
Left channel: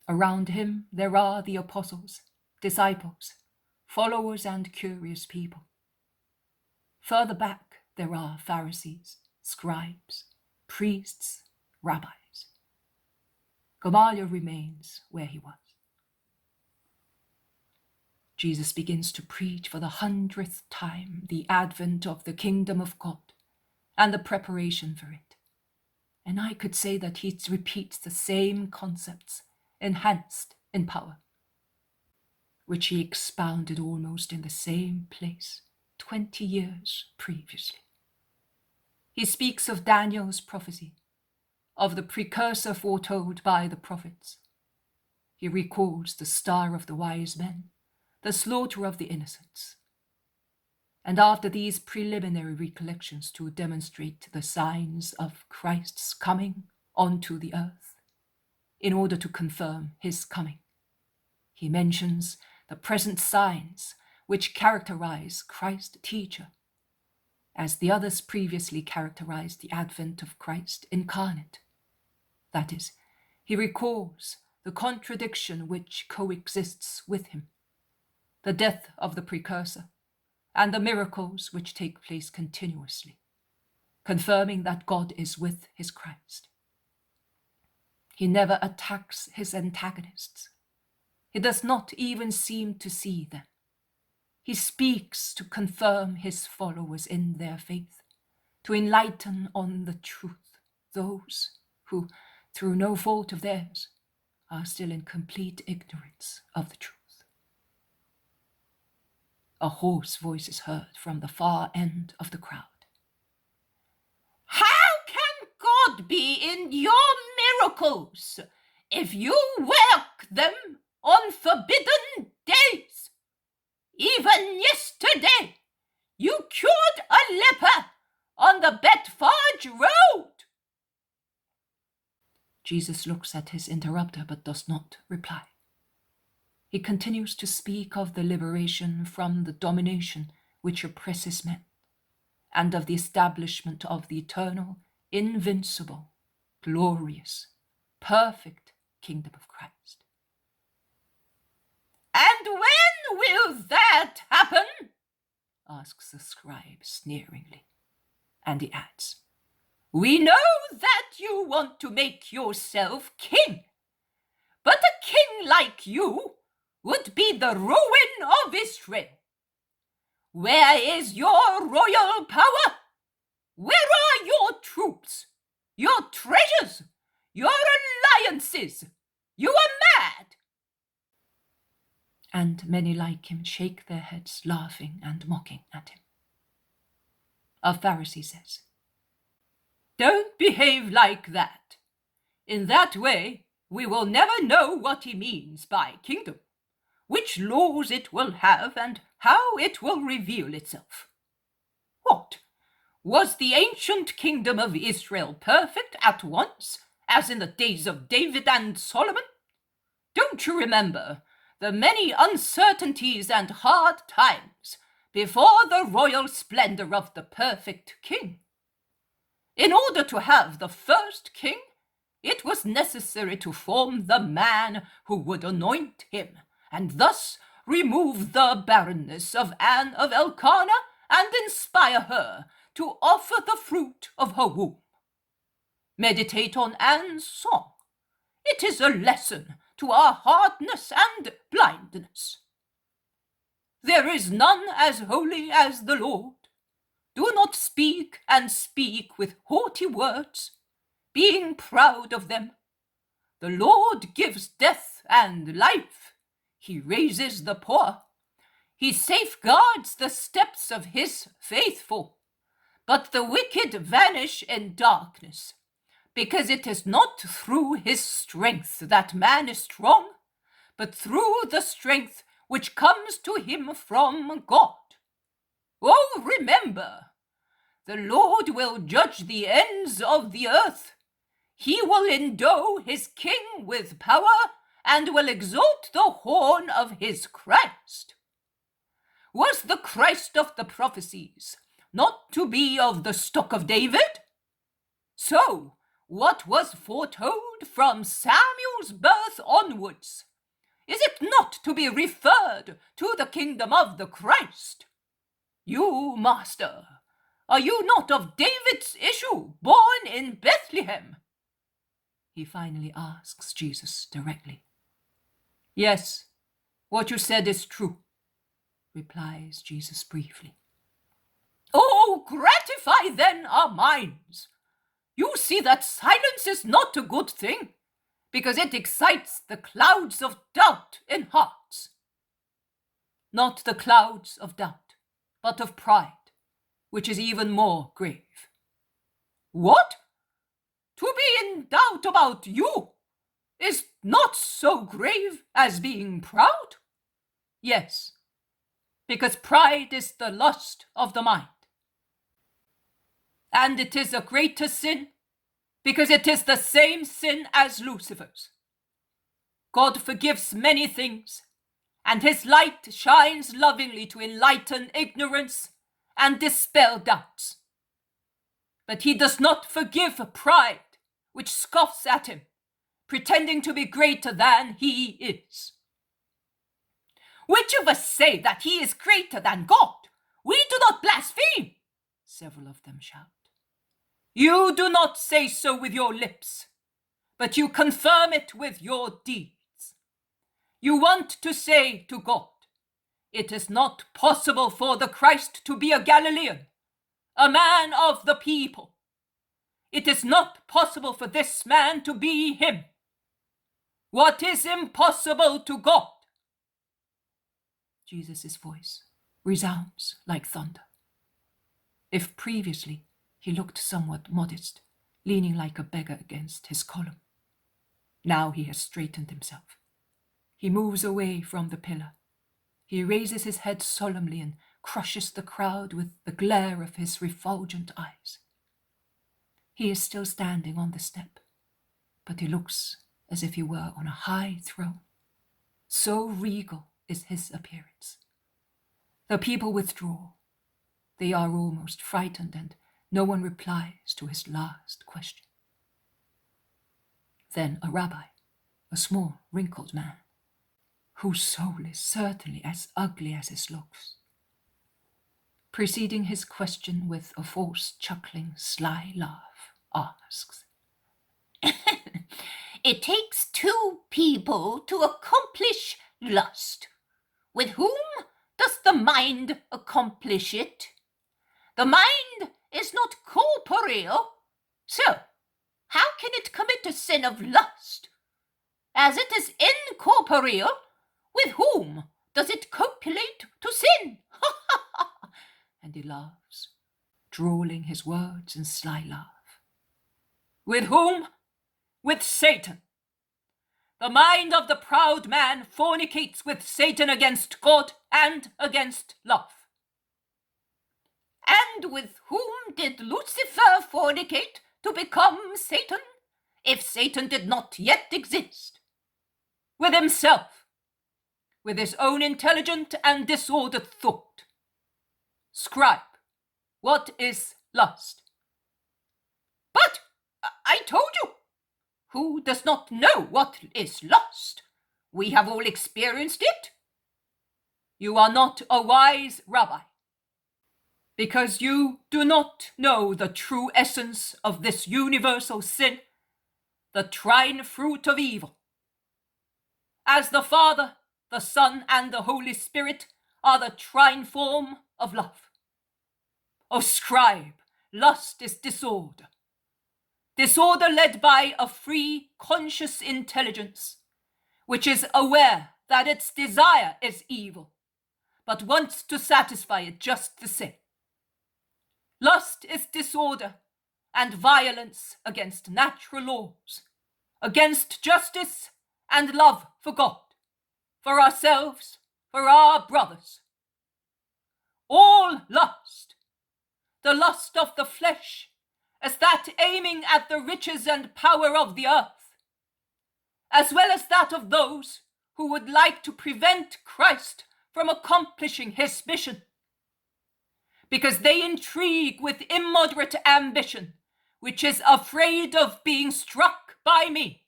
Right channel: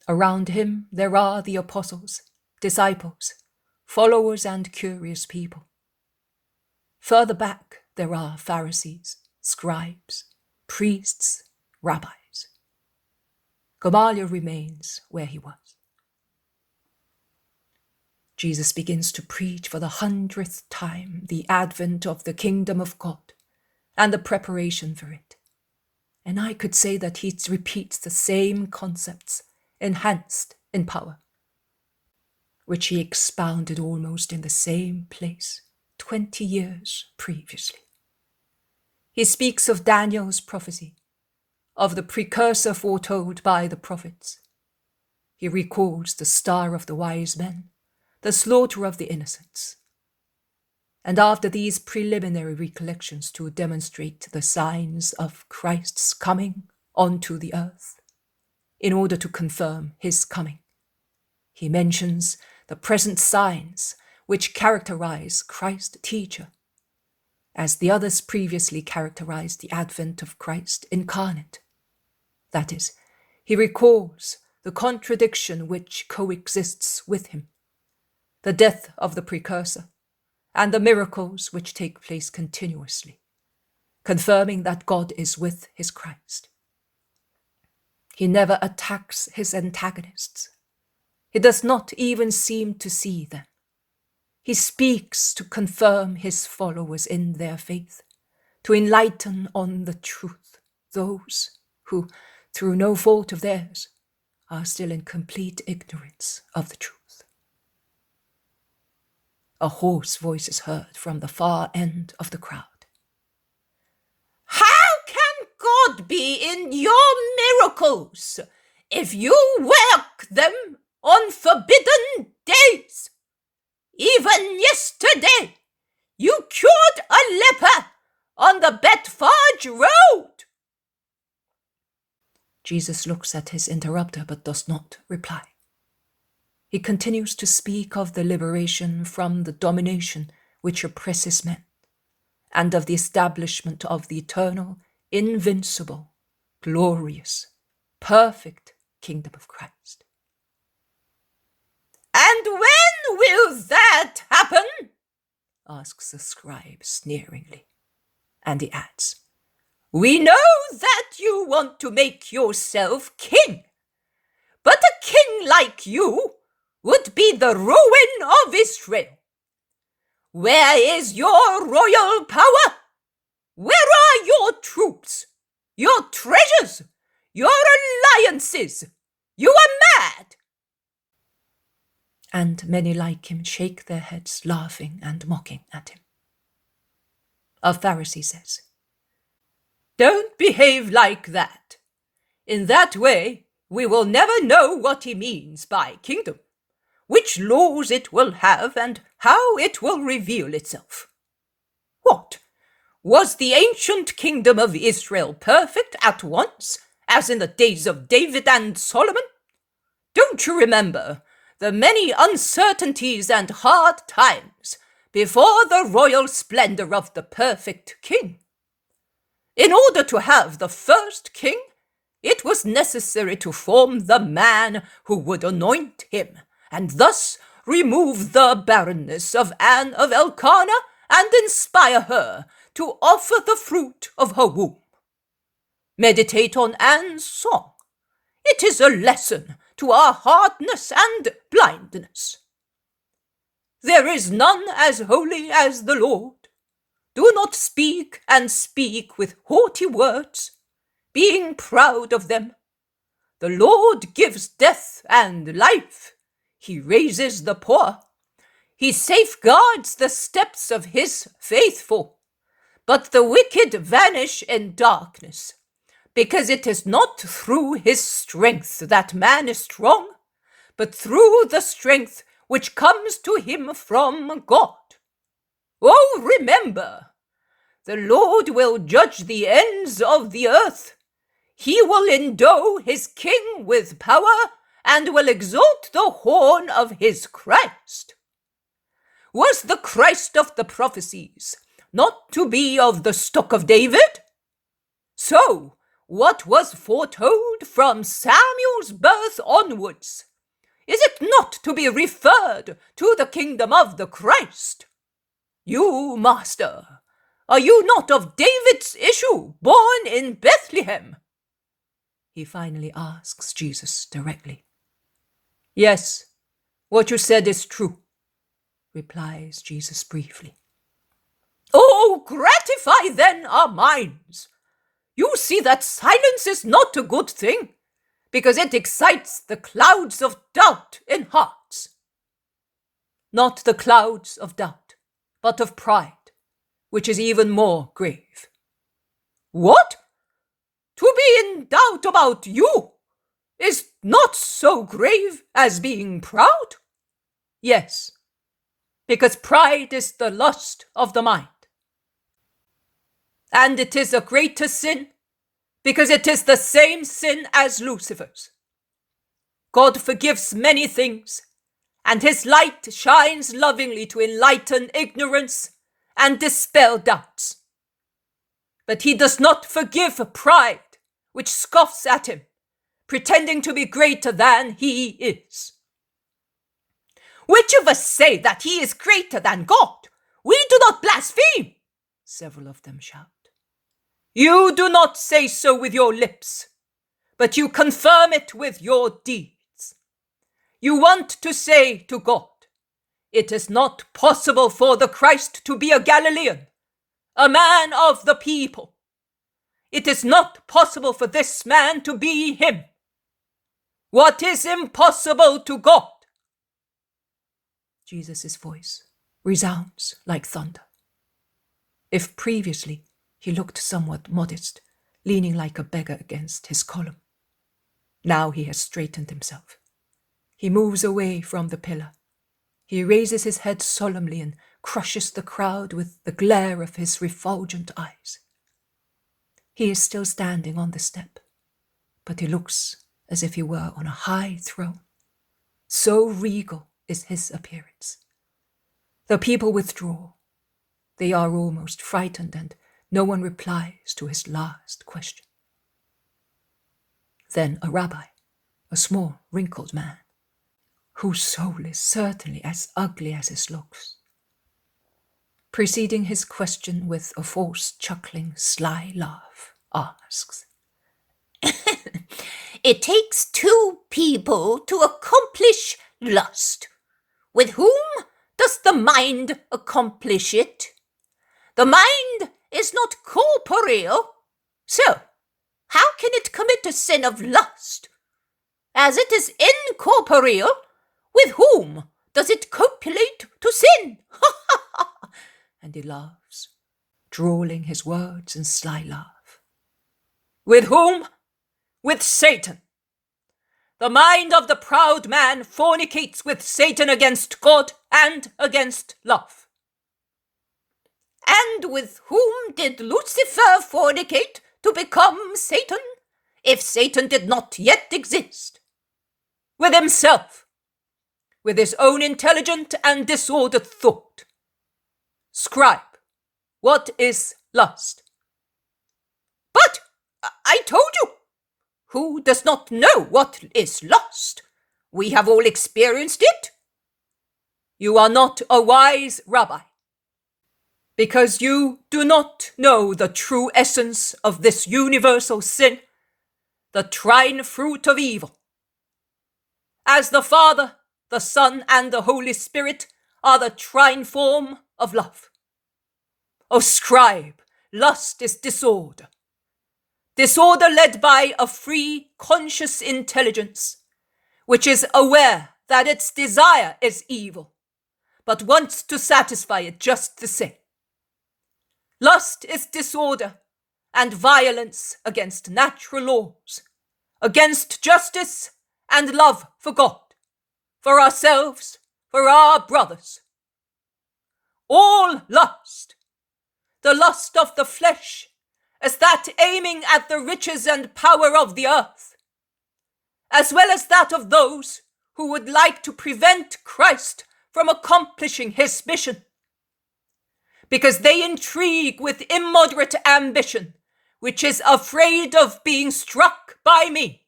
Around him there are the apostles, disciples, followers and curious people. Further back there are Pharisees, scribes, priests, rabbis. Gamaliel remains where he was. Jesus begins to preach for the 100th time the advent of the kingdom of God and the preparation for it. And I could say that he repeats the same concepts, enhanced in power, which he expounded almost in the same place 20 years previously. He speaks of Daniel's prophecy, of the precursor foretold by the prophets. He recalls the star of the wise men, the slaughter of the innocents. And after these preliminary recollections to demonstrate the signs of Christ's coming onto the earth, in order to confirm his coming, he mentions the present signs which characterize Christ's teacher, as the others previously characterized the advent of Christ incarnate. That is, he recalls the contradiction which coexists with him, the death of the precursor, and the miracles which take place continuously, confirming that God is with his Christ. He never attacks his antagonists. He does not even seem to see them. He speaks to confirm his followers in their faith, to enlighten on the truth those who, through no fault of theirs, are still in complete ignorance of the truth. A hoarse voice is heard from the far end of the crowd. "How can God be in your miracles if you work them on forbidden days? Even yesterday, you cured a leper on the Betfage Road." Jesus looks at his interrupter but does not reply. He continues to speak of the liberation from the domination which oppresses men, and of the establishment of the eternal, invincible, glorious, perfect kingdom of Christ. "And when will that happen?" asks the scribe sneeringly. And he adds, "We know that you want to make yourself king, but a king like you would be the ruin of Israel. Where is your royal power? Where are your troops, your treasures, your alliances? You are mad." And many like him shake their heads, laughing and mocking at him. A Pharisee says, "Don't behave like that. In that way, we will never know what he means by kingdom, which laws it will have, and how it will reveal itself. What? Was the ancient kingdom of Israel perfect at once, as in the days of David and Solomon? Don't you remember the many uncertainties and hard times before the royal splendor of the perfect king? In order to have the first king, it was necessary to form the man who would anoint him, and thus remove the barrenness of Anne of Elkanah and inspire her to offer the fruit of her womb. Meditate on Anne's song. It is a lesson to our hardness and blindness. There is none as holy as the Lord. Do not speak and speak with haughty words, being proud of them. The Lord gives death and life. He raises the poor. He safeguards the steps of his faithful. But the wicked vanish in darkness, because it is not through his strength that man is strong, but through the strength which comes to him from God. Oh, remember, the Lord will judge the ends of the earth. He will endow his king with power and will exalt the horn of his Christ. Was the Christ of the prophecies not to be of the stock of David? So, what was foretold from Samuel's birth onwards? Is it not to be referred to the kingdom of the Christ? You, Master, are you not of David's issue, born in Bethlehem?" He finally asks Jesus directly. "Yes, what you said is true," replies Jesus briefly. "Oh, gratify then our minds. You see that silence is not a good thing, because it excites the clouds of doubt in hearts. Not the clouds of doubt, but of pride, which is even more grave." "What? To be in doubt about you is not so grave as being proud?" "Yes, because pride is the lust of the mind. And it is a greater sin, because it is the same sin as Lucifer's. God forgives many things, and his light shines lovingly to enlighten ignorance and dispel doubts. But he does not forgive pride, which scoffs at him, pretending to be greater than he is." "Which of us say that he is greater than God? We do not blaspheme," several of them shout. "You do not say so with your lips, but you confirm it with your deeds. You want to say to God, 'It is not possible for the Christ to be a Galilean, a man of the people. It is not possible for this man to be him. What is impossible to God?'" Jesus' voice resounds like thunder. If previously he looked somewhat modest, leaning like a beggar against his column, now he has straightened himself. He moves away from the pillar. He raises his head solemnly and crushes the crowd with the glare of his refulgent eyes. He is still standing on the step, but he looks as if he were on a high throne. So regal is his appearance. The people withdraw. They are almost frightened, and no one replies to his last question. Then a rabbi, a small, wrinkled man, whose soul is certainly as ugly as his looks, preceding his question with a forced, chuckling, sly laugh, asks, It takes two people to accomplish lust. With whom does the mind accomplish it? The mind is not corporeal, so how can it commit a sin of lust? As it is incorporeal, with whom does it copulate to sin? and he laughs, drawling his words in sly laugh. With whom? With Satan. The mind of the proud man fornicates with Satan against God and against love. And with whom did Lucifer fornicate to become Satan, if Satan did not yet exist? With himself, with his own intelligent and disordered thought. Scribe, what is lust? But I told you, who does not know what is lust? We have all experienced it. You are not a wise rabbi, because you do not know the true essence of this universal sin, the trine fruit of evil. As the Father, the Son, and the Holy Spirit are the trine form of love. O scribe, lust is disorder. Disorder led by a free, conscious intelligence, which is aware that its desire is evil, but wants to satisfy it just the same. Lust is disorder and violence against natural laws, against justice and love for God, for ourselves, for our brothers. All lust, the lust of the flesh, as that aiming at the riches and power of the earth, as well as that of those who would like to prevent Christ from accomplishing his mission, because they intrigue with immoderate ambition, which is afraid of being struck by me.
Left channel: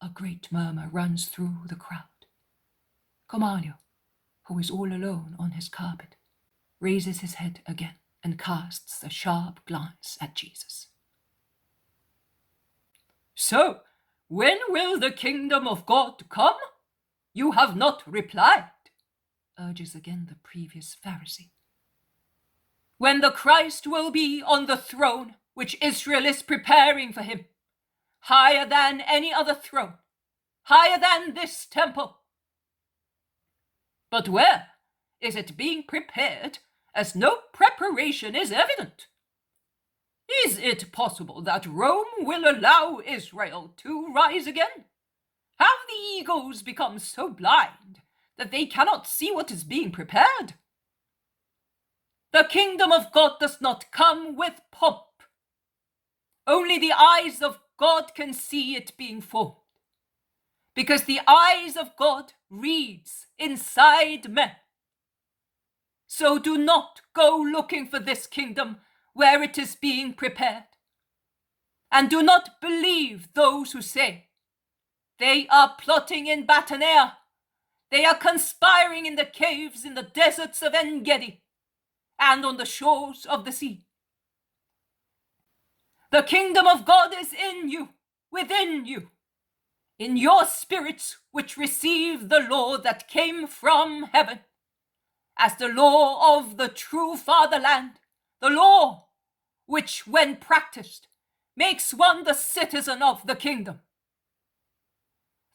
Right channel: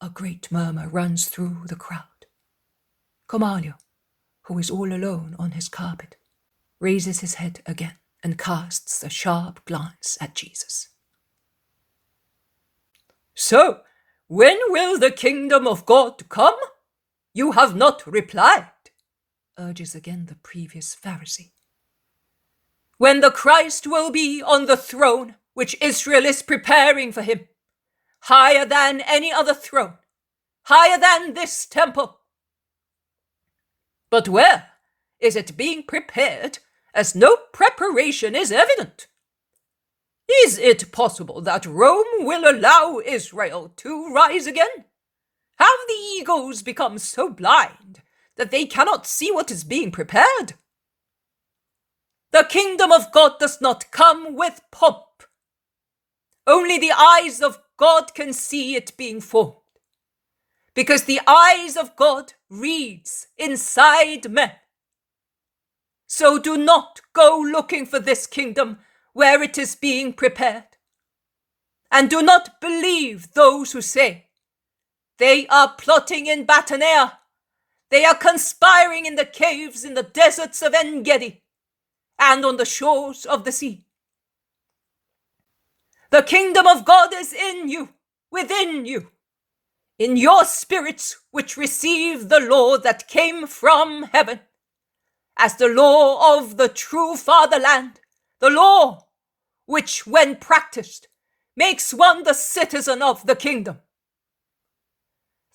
A great murmur runs through the crowd. Gamaliel, who is all alone on his carpet, raises his head again and casts a sharp glance at Jesus. So, when will the kingdom of God come? You have not replied, urges again the previous Pharisee. When the Christ will be on the throne which Israel is preparing for him, higher than any other throne, higher than this temple. But where is it being prepared, as no preparation is evident? Is it possible that Rome will allow Israel to rise again? Have the egos become so blind that they cannot see what is being prepared? The kingdom of God does not come with pomp. Only the eyes of God can see it being formed, because the eyes of God reads inside men. So do not go looking for this kingdom where it is being prepared. And do not believe those who say, they are plotting in Bethany, they are conspiring in the caves in the deserts of En-Gedi, and on the shores of the sea. The kingdom of God is in you, within you, in your spirits which receive the law that came from heaven, as the law of the true fatherland, the law which, when practiced, makes one the citizen of the kingdom.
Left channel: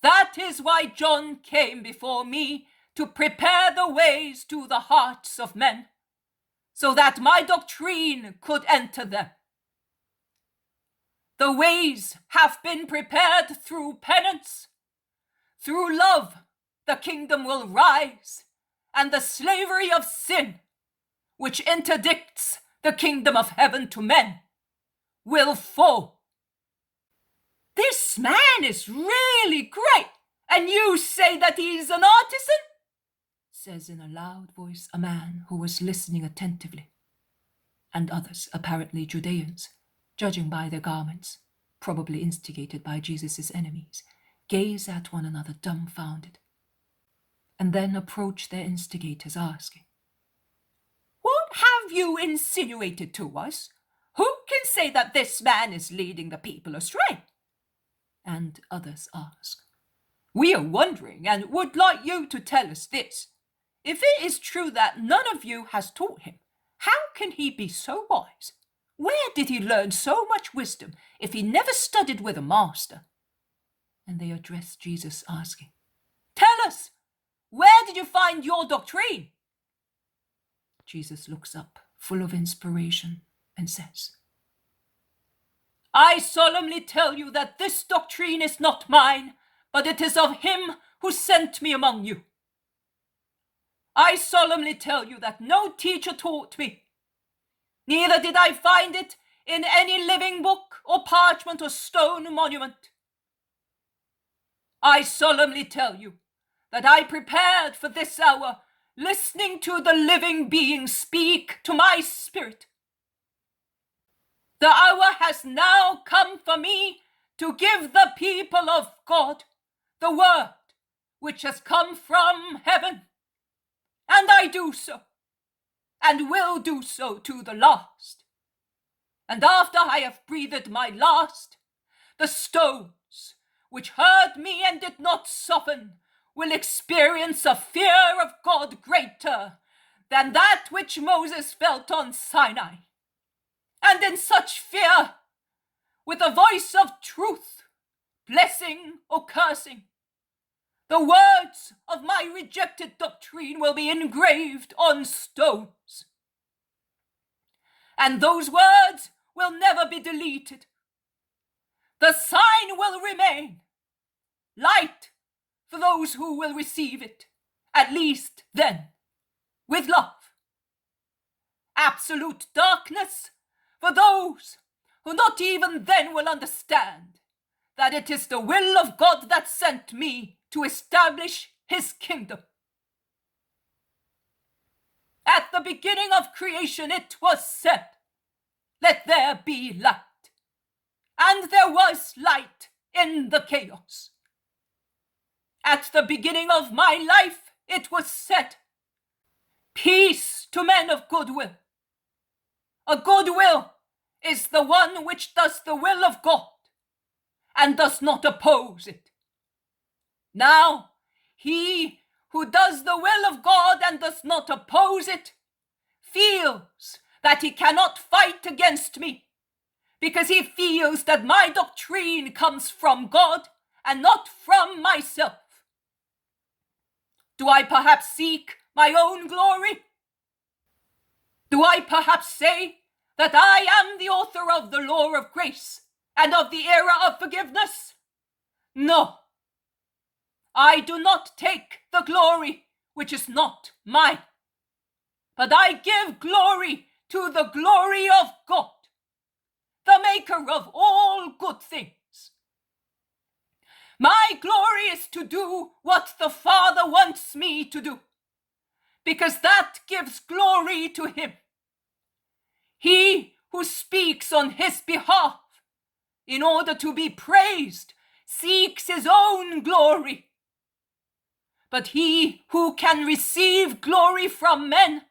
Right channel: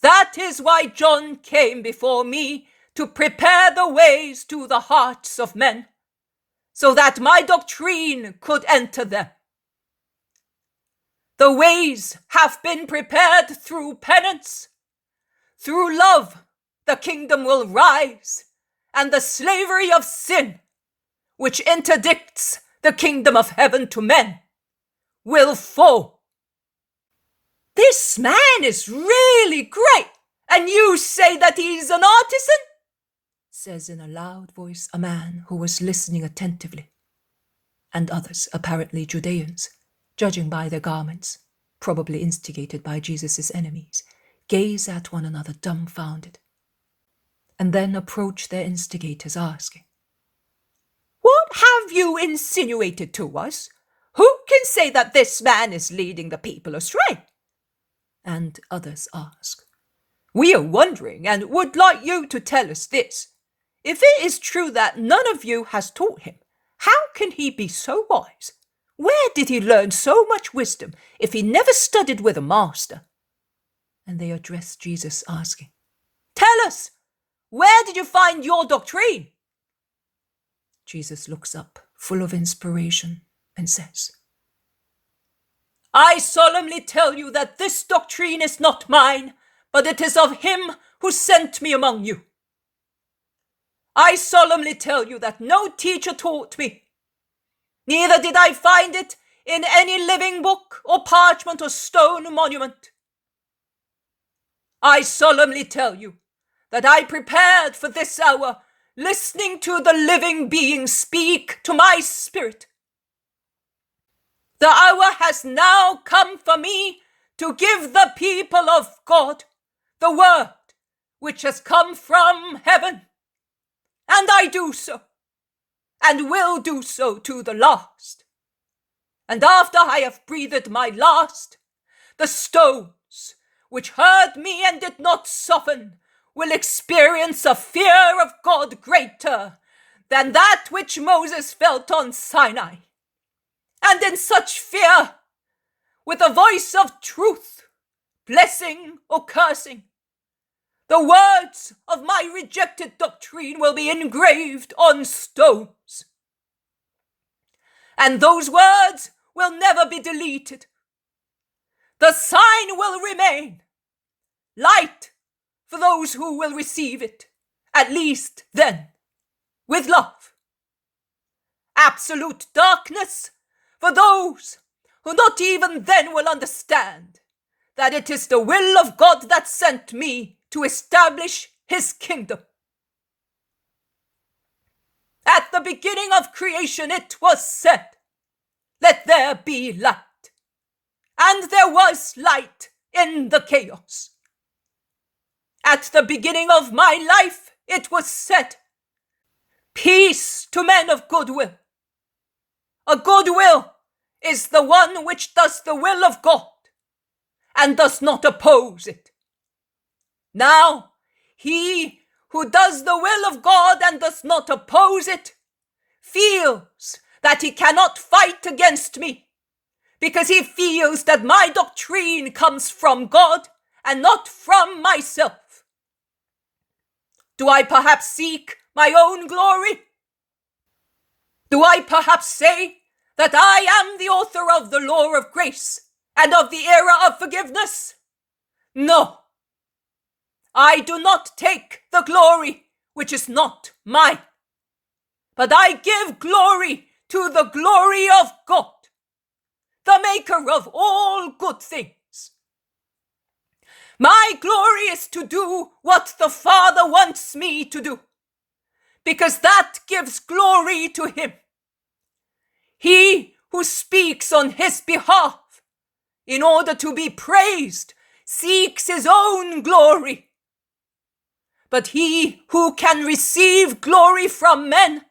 That is why John came before me, to prepare the ways to the hearts of men, so that my doctrine could enter them. The ways have been prepared through penance. Through love, the kingdom will rise, and the slavery of sin, which interdicts the kingdom of heaven to men, will fall. This man is really great, and you say that he's an artisan? Says in a loud voice a man who was listening attentively, and others, apparently Judeans, judging by their garments, probably instigated by Jesus' enemies, gaze at one another dumbfounded, and then approach their instigators asking, What have you insinuated to us? Who can say that this man is leading the people astray? And others ask, We are wondering and would like you to tell us this. If it is true that none of you has taught him, how can he be so wise? Where did he learn so much wisdom if he never studied with a master? And they address Jesus, asking, Tell us, where did you find your doctrine? Jesus looks up, full of inspiration, and says, I solemnly tell you that this doctrine is not mine, but it is of him who sent me among you. I solemnly tell you that no teacher taught me, neither did I find it in any living book or parchment or stone monument. I solemnly tell you that I prepared for this hour, listening to the living being speak to my spirit. The hour has now come for me to give the people of God the word which has come from heaven. And I do so, and will do so to the last. And after I have breathed my last, the stones which heard me and did not soften will experience a fear of God greater than that which Moses felt on Sinai. And in such fear, with a voice of truth, blessing or cursing, the words of my rejected doctrine will be engraved on stones. And those words will never be deleted. The sign will remain, light for those who will receive it, at least then, with love. Absolute darkness for those who not even then will understand that it is the will of God that sent me to establish his kingdom. At the beginning of creation it was said, let there be light. And there was light in the chaos. At the beginning of my life it was said, peace to men of goodwill. A goodwill is the one which does the will of God and does not oppose it. Now, he who does the will of God and does not oppose it feels that he cannot fight against me because he feels that my doctrine comes from God and not from myself. Do I perhaps seek my own glory? Do I perhaps say that I am the author of the law of grace and of the era of forgiveness? No. I do not take the glory which is not mine, but I give glory to the glory of God, the maker of all good things. My glory is to do what the Father wants me to do, because that gives glory to him. He who speaks on his behalf in order to be praised seeks his own glory. But he who can receive glory from men,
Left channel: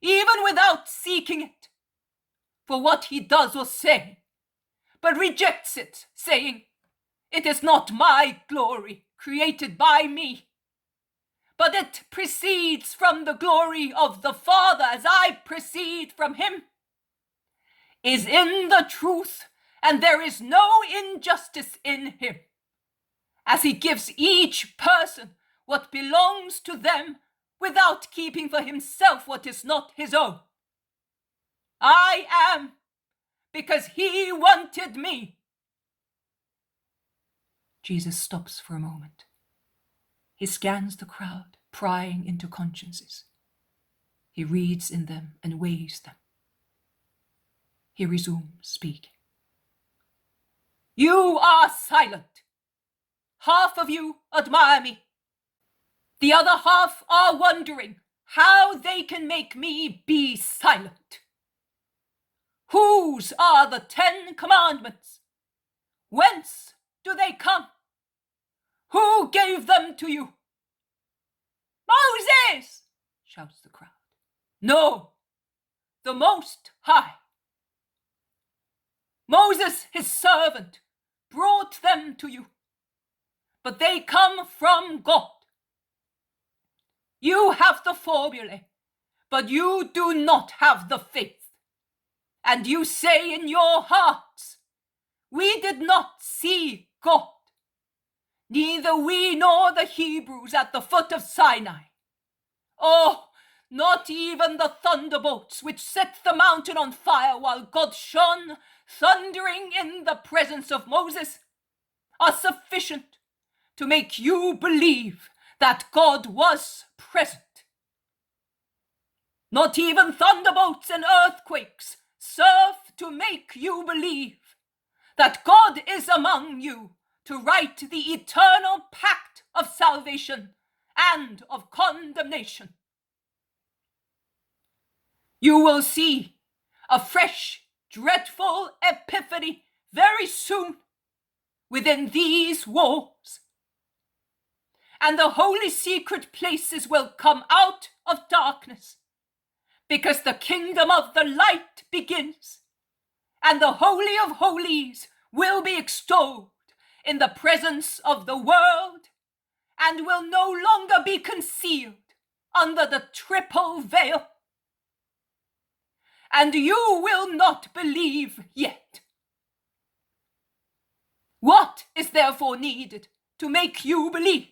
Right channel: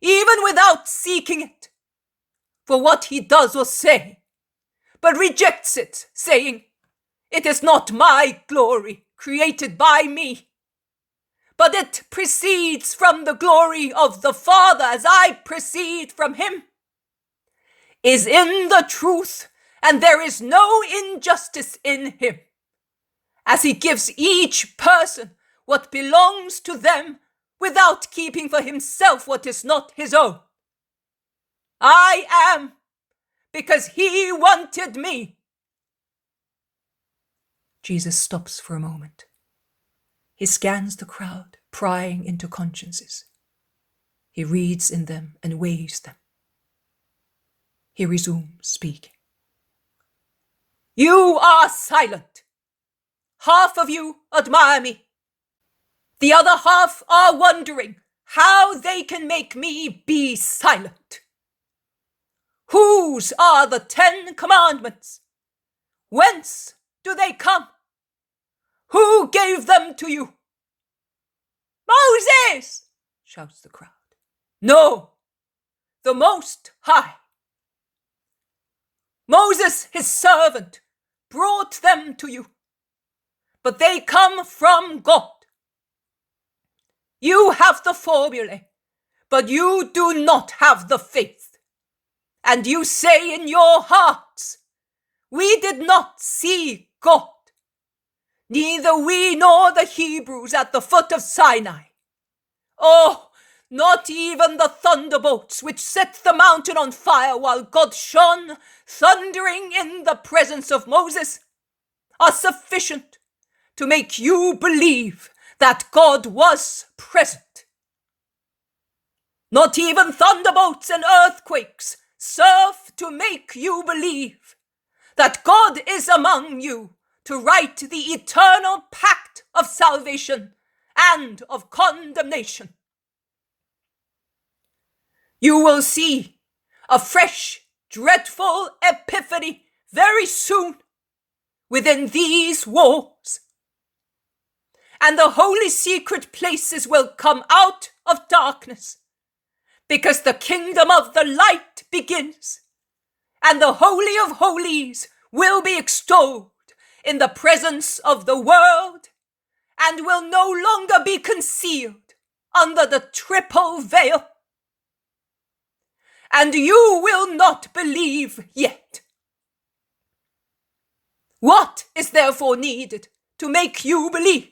even without seeking it, for what he does or say, but rejects it, saying, it is not my glory created by me, but it proceeds from the glory of the Father as I proceed from him, is in the truth, and there is no injustice in him, as he gives each person what belongs to them without keeping for himself what is not his own. I am because he wanted me. Jesus stops for a moment. He scans the crowd, prying into consciences. He reads in them and weighs them. He resumes speaking. You are silent. Half of you admire me. The other half are wondering how they can make me be silent. Whose are the 10 commandments? Whence do they come? Who gave them to you? Moses, shouts the crowd. No, the Most High. Moses, his servant, brought them to you, but they come from God. You have the formulae, but you do not have the faith. And you say in your hearts, we did not see God, neither we nor the Hebrews at the foot of Sinai. Oh, not even the thunderbolts which set the mountain on fire while God shone, thundering in the presence of Moses, are sufficient to make you believe that God was present. Not even thunderbolts and earthquakes serve to make you believe that God is among you to write the eternal pact of salvation and of condemnation. You will see a fresh, dreadful epiphany very soon within these walls. And the holy secret places will come out of darkness, because the kingdom of the light begins, and the Holy of Holies will be extolled in the presence of the world, and will no longer be concealed under the triple veil. And you will not believe yet. What is therefore needed to make you believe?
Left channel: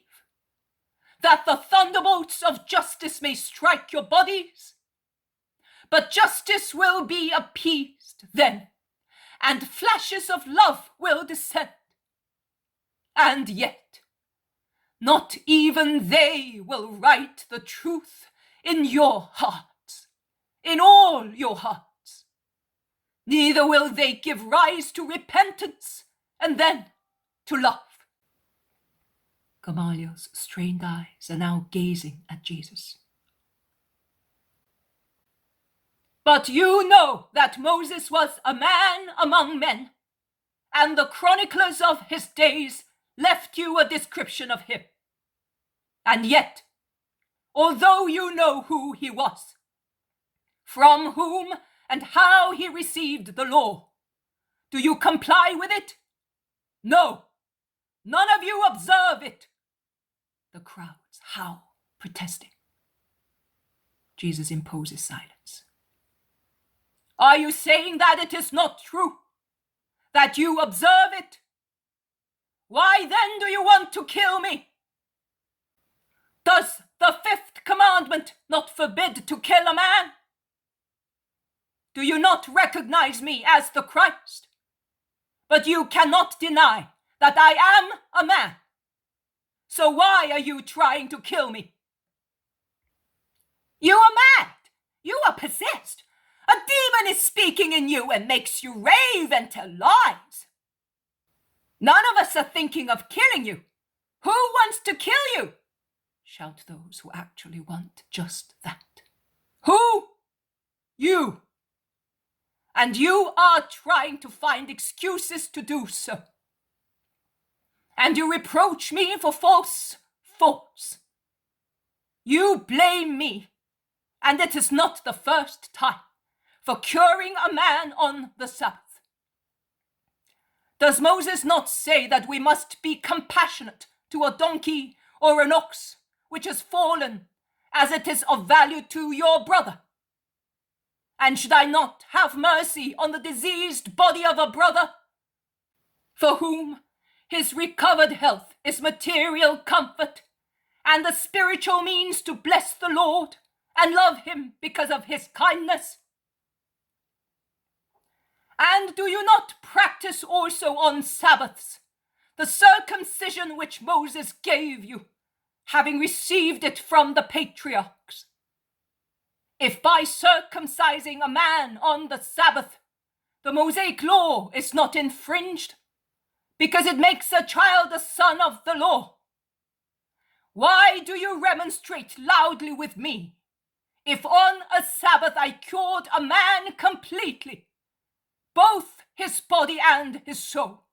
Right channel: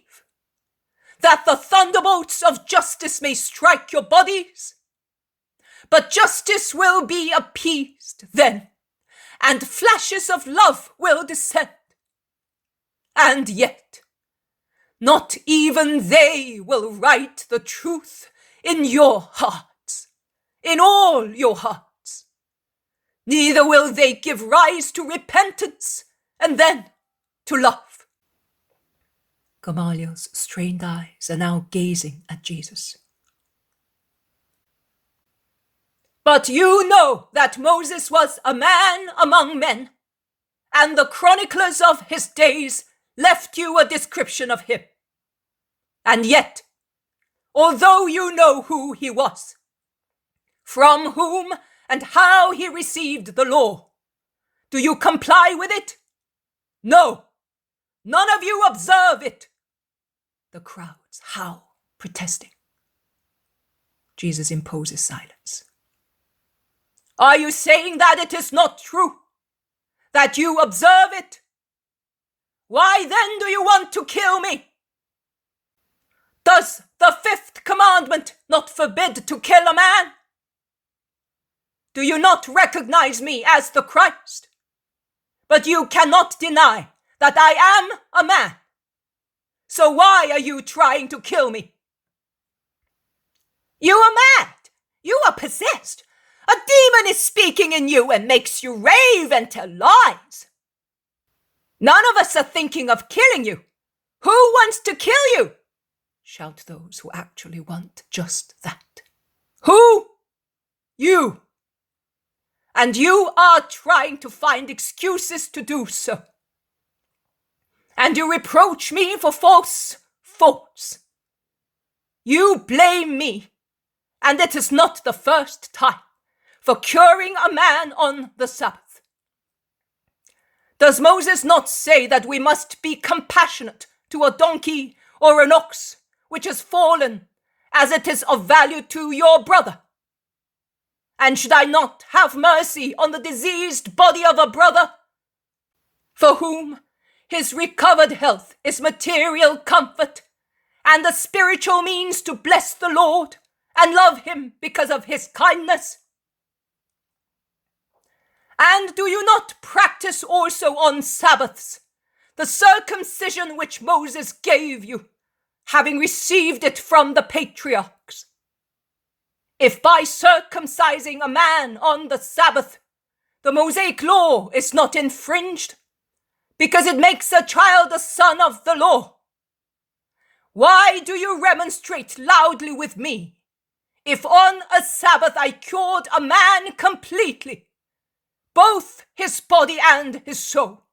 That the thunderbolts of justice may strike your bodies? But justice will be appeased then, and flashes of love will descend. And yet, not even they will write the truth in your hearts, in all your hearts. Neither will they give rise to repentance and then to love. Gamaliel's strained eyes are now gazing at Jesus. But you know that Moses was a man among men, and the chroniclers of his days left you a description of him. And yet, although you know who he was, from whom and how he received the law, do you comply with it? No, none of you observe it. The crowds howl, protesting. Jesus imposes silence. Are you saying that it is not true? That you observe it? Why then do you want to kill me? Does the fifth commandment not forbid to kill a man? Do you not recognize me as the Christ? But you cannot deny that I am a man. So why are you trying to kill me? You are mad. You are possessed. A demon is speaking in you and makes you rave and tell lies. None of us are thinking of killing you. Who wants to kill you? Shout those who actually want just that. Who? You. And you are trying to find excuses to do so. And you reproach me for false thoughts. You blame me, and it is not the first time, for curing a man on the Sabbath. Does Moses not say that we must be compassionate to a donkey or an ox which has fallen, as it is of value to your brother? And should I not have mercy on the diseased body of a brother, for whom his recovered health is material comfort, and a spiritual means to bless the Lord and love him because of his kindness? And do you not practice also on Sabbaths the circumcision which Moses gave you, having received it from the patriarchs? If by circumcising a man on the Sabbath, the Mosaic law is not infringed, because it makes a child a son of the law, why do you remonstrate loudly with me, if on a Sabbath I cured a man completely, both his body and his soul,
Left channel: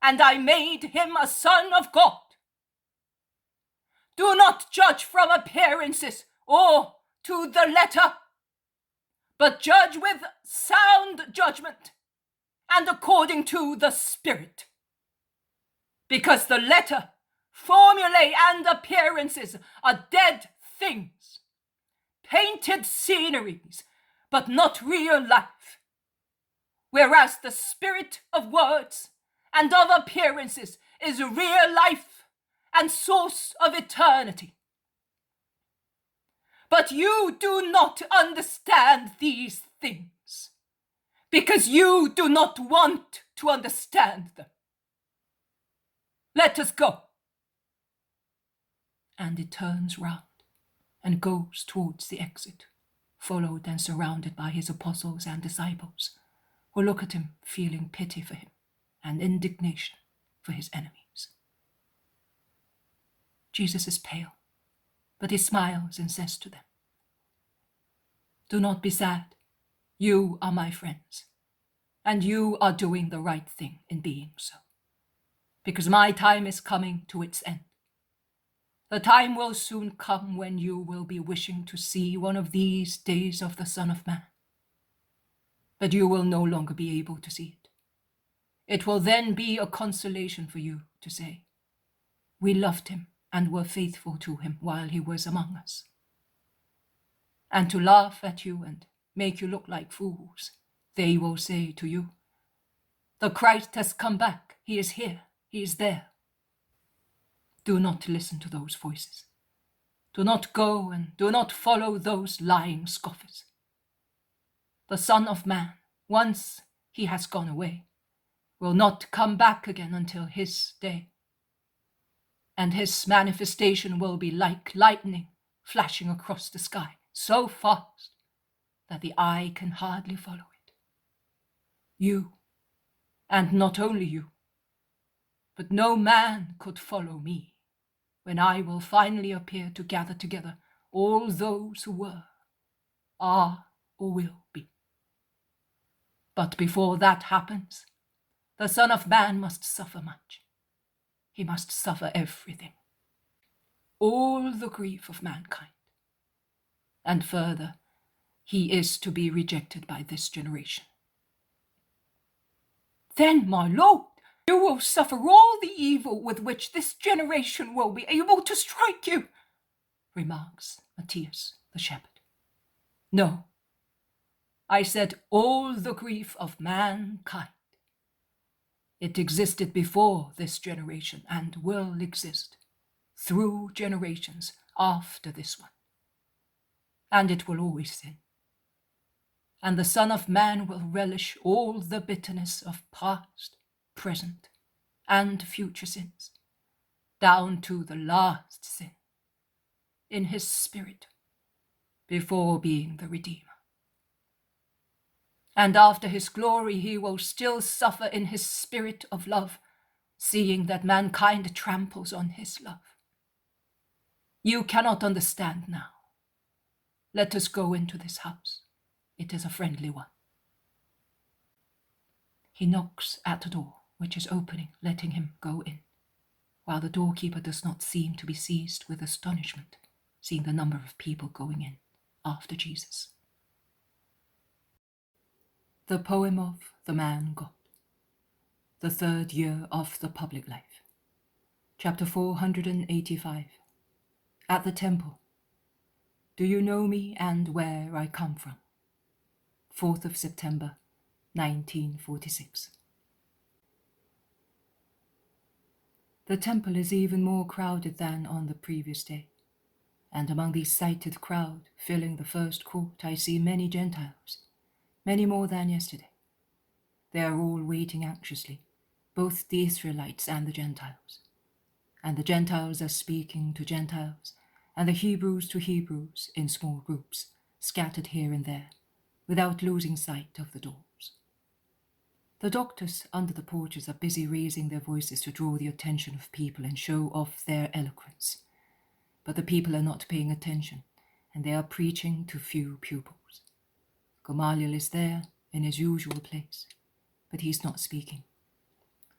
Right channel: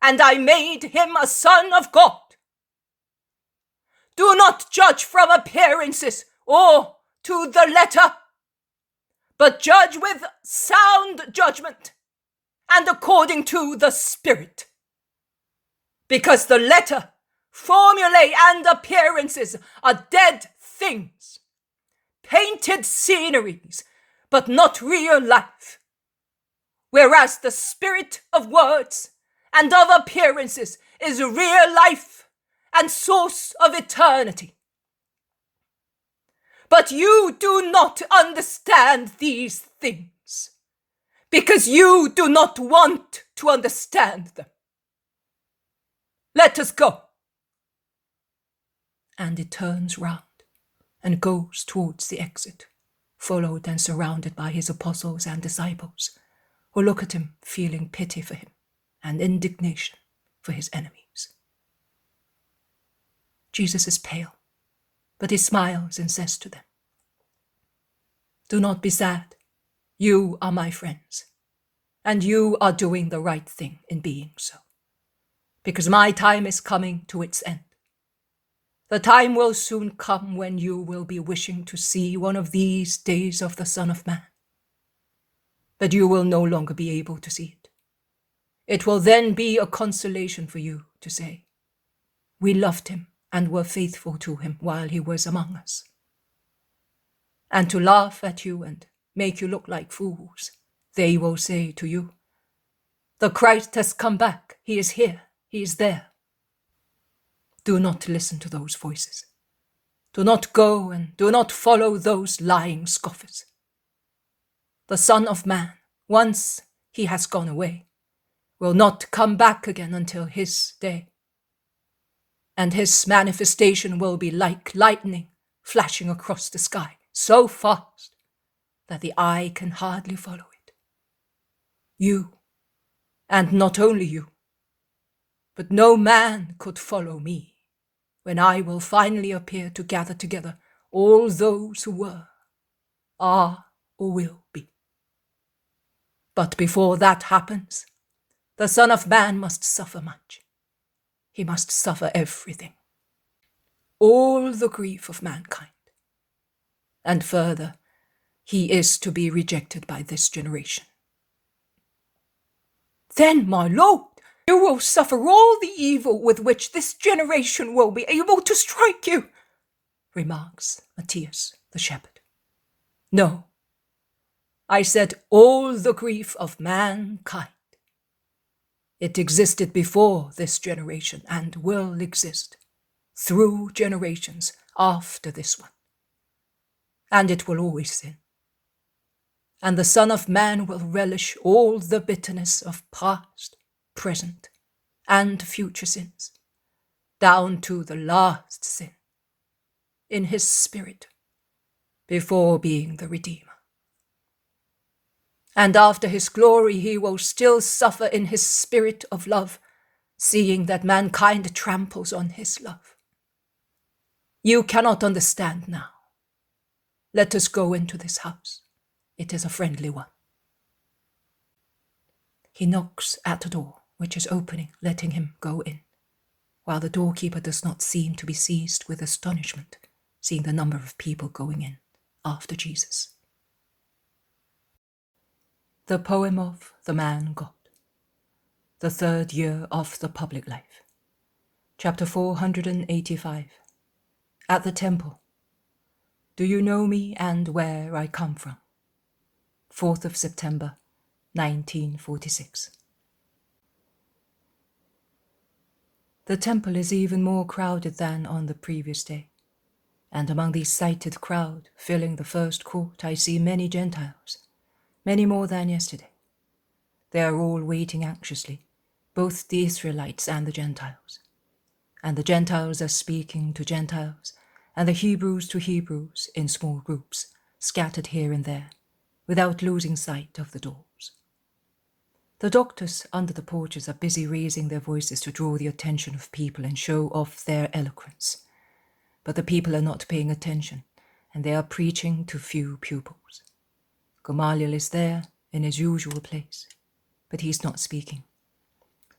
and I made him a son of God? Do not judge from appearances or to the letter, but judge with sound judgment and according to the Spirit. Because the letter, formulae, and appearances are dead things, painted sceneries, but not real life. Whereas the spirit of words and of appearances is real life and source of eternity. But you do not understand these things, because you do not want to understand them. Let us go. And it turns round and goes towards the exit, followed and surrounded by his apostles and disciples, who look at him feeling pity for him and indignation for his enemies. Jesus is pale, but he smiles and says to them, "Do not be sad. You are my friends, and you are doing the right thing in being so, because my time is coming to its end. The time will soon come when you will be wishing to see one of these days of the Son of Man, but you will no longer be able to see it. It will then be a consolation for you to say, 'We loved him and were faithful to him while he was among us.' And to laugh at you and make you look like fools, they will say to you, 'The Christ has come back. He is here. He is there.' Do not listen to those voices. Do not go and do not follow those lying scoffers. The Son of Man, once he has gone away, will not come back again until his day. And his manifestation will be like lightning flashing across the sky, so fast that the eye can hardly follow it. You, and not only you, but no man could follow me when I will finally appear to gather together all those who were, are, or will be. But before that happens, the Son of Man must suffer much. He must suffer everything, all the grief of mankind. And further, he is to be rejected by this generation." "Then, my Lord, you will suffer all the evil with which this generation will be able to strike you," remarks Matthias the shepherd. "No, I said all the grief of mankind. It existed before this generation and will exist through generations after this one. And it will always sin. And the Son of Man will relish all the bitterness of past, present, and future sins, down to the last sin, in his spirit, before being the Redeemer. And after his glory he will still suffer in his spirit of love, seeing that mankind tramples on his love. You cannot understand now. Let us go into this house. It is a friendly one." He knocks at a door, which is opening, letting him go in, while the doorkeeper does not seem to be seized with astonishment, seeing the number of people going in after Jesus. The poem of the Man God, the third year of the public life. Chapter 485. At the temple. Do you know me and where I come from? 4th of September, 1946. The temple is even more crowded than on the previous day, and among the excited crowd filling the first court I see many Gentiles, many more than yesterday. They are all waiting anxiously, both the Israelites and the Gentiles. And the Gentiles are speaking to Gentiles, and the Hebrews to Hebrews in small groups, scattered here and there, without losing sight of the doors. The doctors under the porches are busy raising their voices to draw the attention of people and show off their eloquence. But the people are not paying attention, and they are preaching to few pupils. Gamaliel is there in his usual place, but he's not speaking.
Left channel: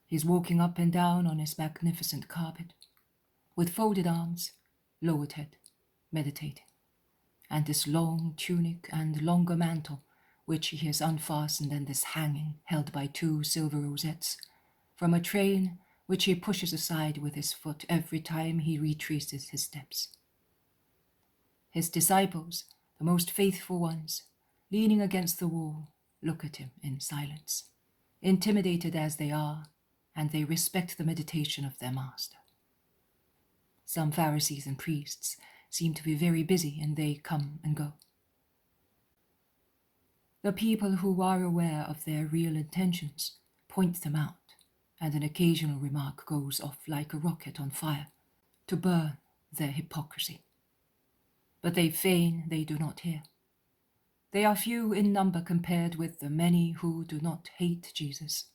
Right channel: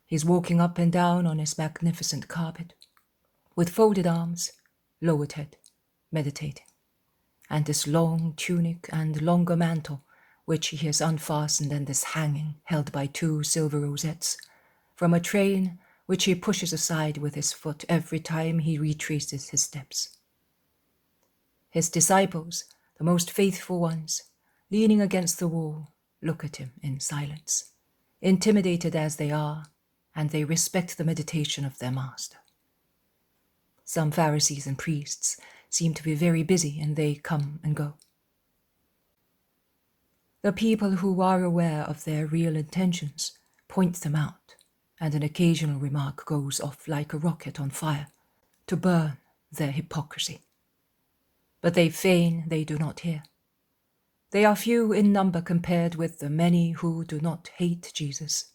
He's walking up and down on his magnificent carpet, with folded arms, lowered head, meditating, and his long tunic and longer mantle which he has unfastened and is hanging, held by 2 silver rosettes, from a train which he pushes aside with his foot every time he retraces his steps. His disciples, the most faithful ones, leaning against the wall, look at him in silence, intimidated as they are, and they respect the meditation of their master. Some Pharisees and priests seem to be very busy, and they come and go. The people who are aware of their real intentions point them out, and an occasional remark goes off like a rocket on fire to burn their hypocrisy. But they feign they do not hear. They are few in number compared with the many who do not hate Jesus,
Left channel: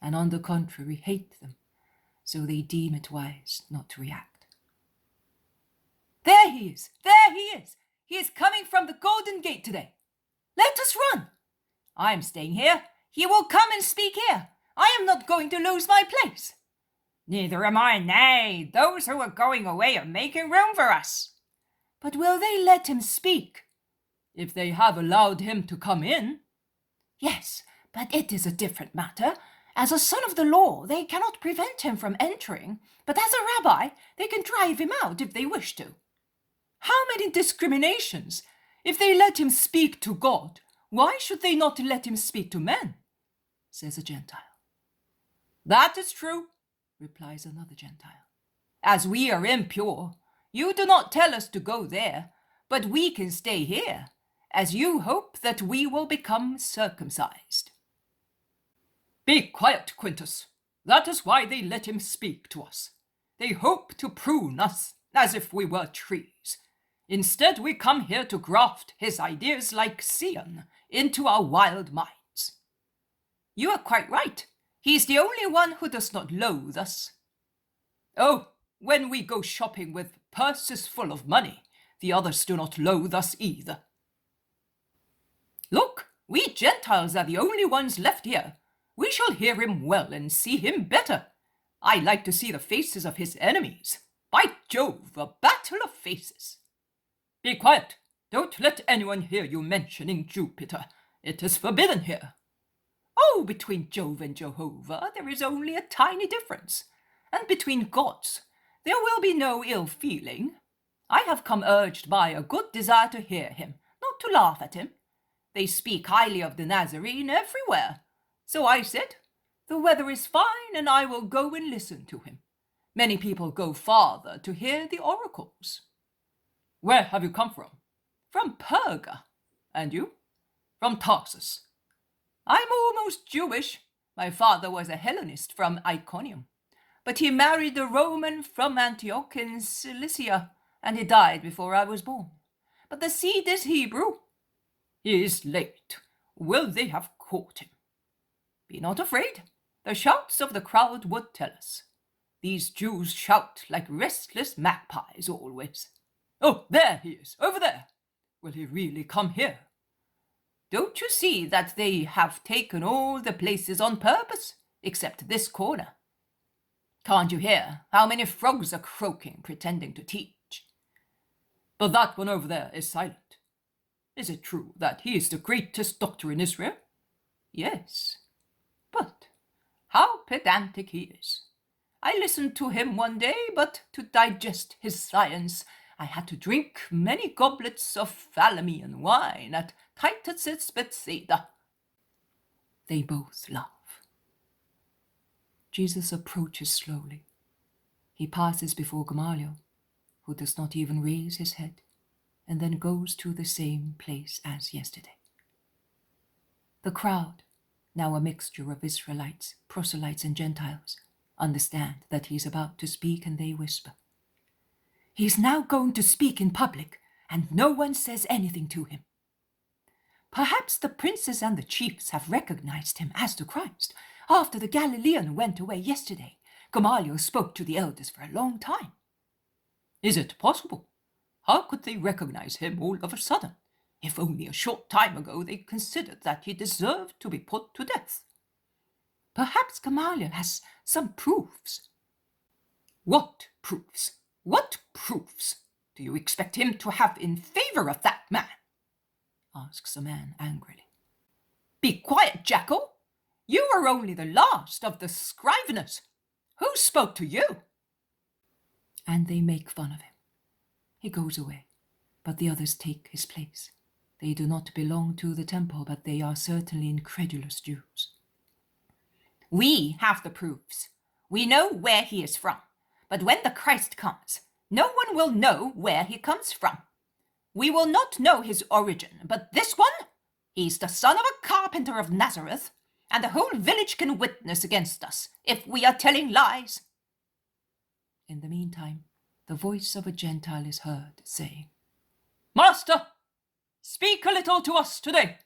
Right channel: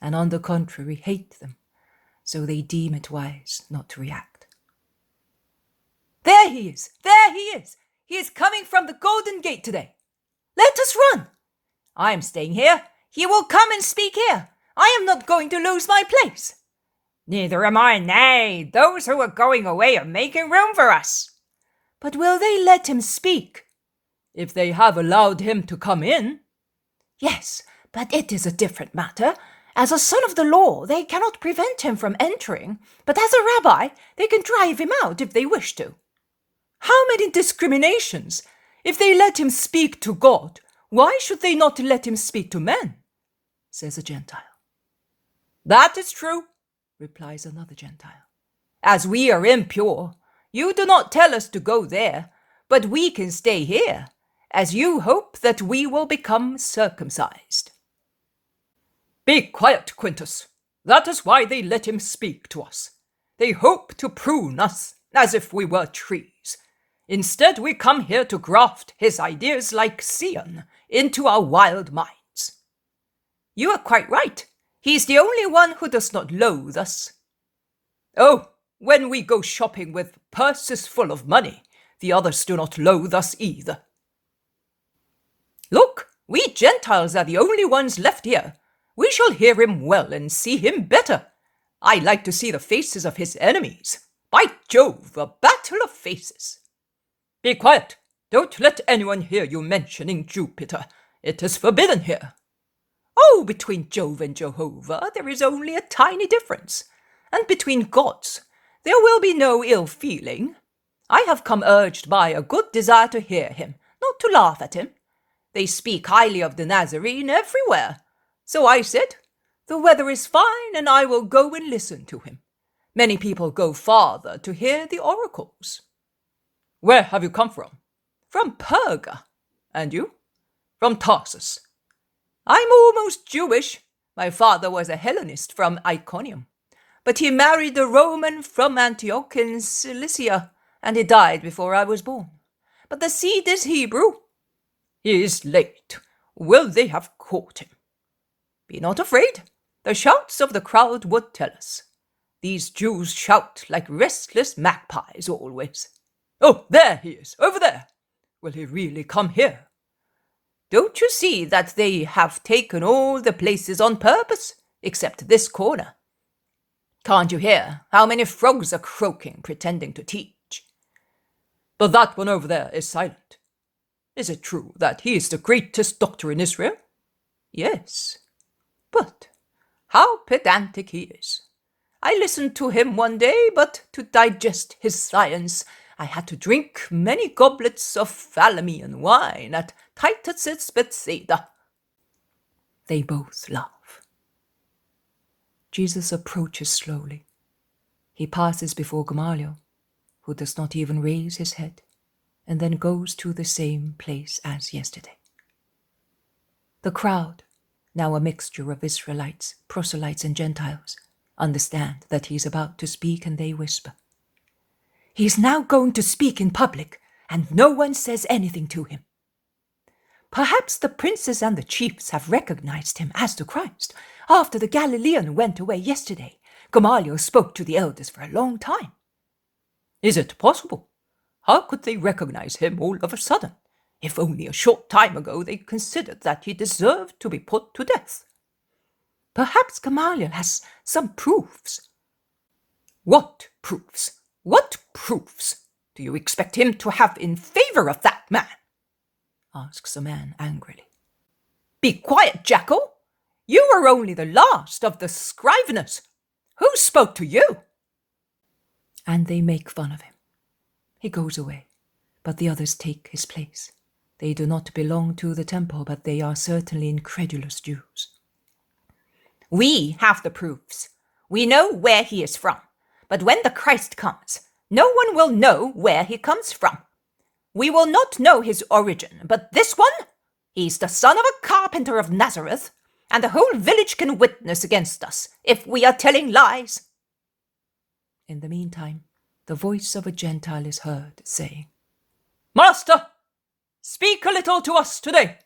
and on the contrary hate them, so they deem it wise not to react. There he is! There he is! He is coming from the Golden Gate today. Let us run! I am staying here. He will come and speak here. I am not going to lose my place. Neither am I. Nay, those who are going away are making room for us. But will they let him speak? If they have allowed him to come in. Yes, but it is a different matter. As a son of the law, they cannot prevent him from entering, but as a rabbi, they can drive him out if they wish to. How many discriminations! If they let him speak to God, why should they not let him speak to men? Says a Gentile. That is true, replies another Gentile. As we are impure, you do not tell us to go there, but we can stay here, as you hope that we will become circumcised. Be quiet, Quintus. That is why they let him speak to us. They hope to prune us as if we were trees. Instead, we come here to graft his ideas like Sion into our wild minds. You are quite right. He is the only one who does not loathe us. Oh, when we go shopping with purses full of money, the others do not loathe us either. Look, we Gentiles are the only ones left here. We shall hear him well and see him better. I like to see the faces of his enemies. By Jove, a battle of faces. Be quiet. Don't let anyone hear you mentioning Jupiter. It is forbidden here. Oh, between Jove and Jehovah there is only a tiny difference. And between gods there will be no ill feeling. I have come urged by a good desire to hear him, not to laugh at him. They speak highly of the Nazarene everywhere. So I said, the weather is fine, and I will go and listen to him. Many people go farther to hear the oracles. Where have you come from? From Perga. And you? From Tarsus. I'm almost Jewish. My father was a Hellenist from Iconium, but he married a Roman from Antioch in Cilicia, and he died before I was born. But the seed is Hebrew. He is late. Will they have caught him? Be not afraid. The shouts of the crowd would tell us. These Jews shout like restless magpies always. Oh, there he is, over there. Will he really come here? Don't you see that they have taken all the places on purpose, except this corner? Can't you hear how many frogs are croaking, pretending to teach? But that one over there is silent. Is it true that he is the greatest doctor in Israel? Yes, but how pedantic he is. I listened to him one day, but to digest his science, I had to drink many goblets of Phalamean wine at Titus's Bethsaida. They both laugh. Jesus approaches slowly. He passes before Gamaliel, who does not even raise his head, and then goes to the same place as yesterday. The crowd, now a mixture of Israelites, proselytes, and Gentiles, understand that he is about to speak, and they whisper, "He is now going to speak in public, and no one says anything to him. Perhaps the princes and the chiefs have recognized him as the Christ. After the Galilean went away yesterday, Gamaliel spoke to the elders for a long time." Is it possible? How could they recognize him all of a sudden, if only a short time ago they considered that he deserved to be put to death? Perhaps Gamaliel has some proofs. What proofs? What proofs do you expect him to have in favor of that man? Asks a man angrily. Be quiet, jackal! You are only the last of the scriveners. Who spoke to you? And they make fun of him. He goes away, but the others take his place. They do not belong to the temple, but they are certainly incredulous Jews. We have the proofs. We know where he is from. But when the Christ comes, no one will know where he comes from. We will not know his origin, but this one, he's the son of a carpenter of Nazareth, and the whole village can witness against us if we are telling lies. In the meantime, the voice of a Gentile is heard, saying, Master, speak a little to us today.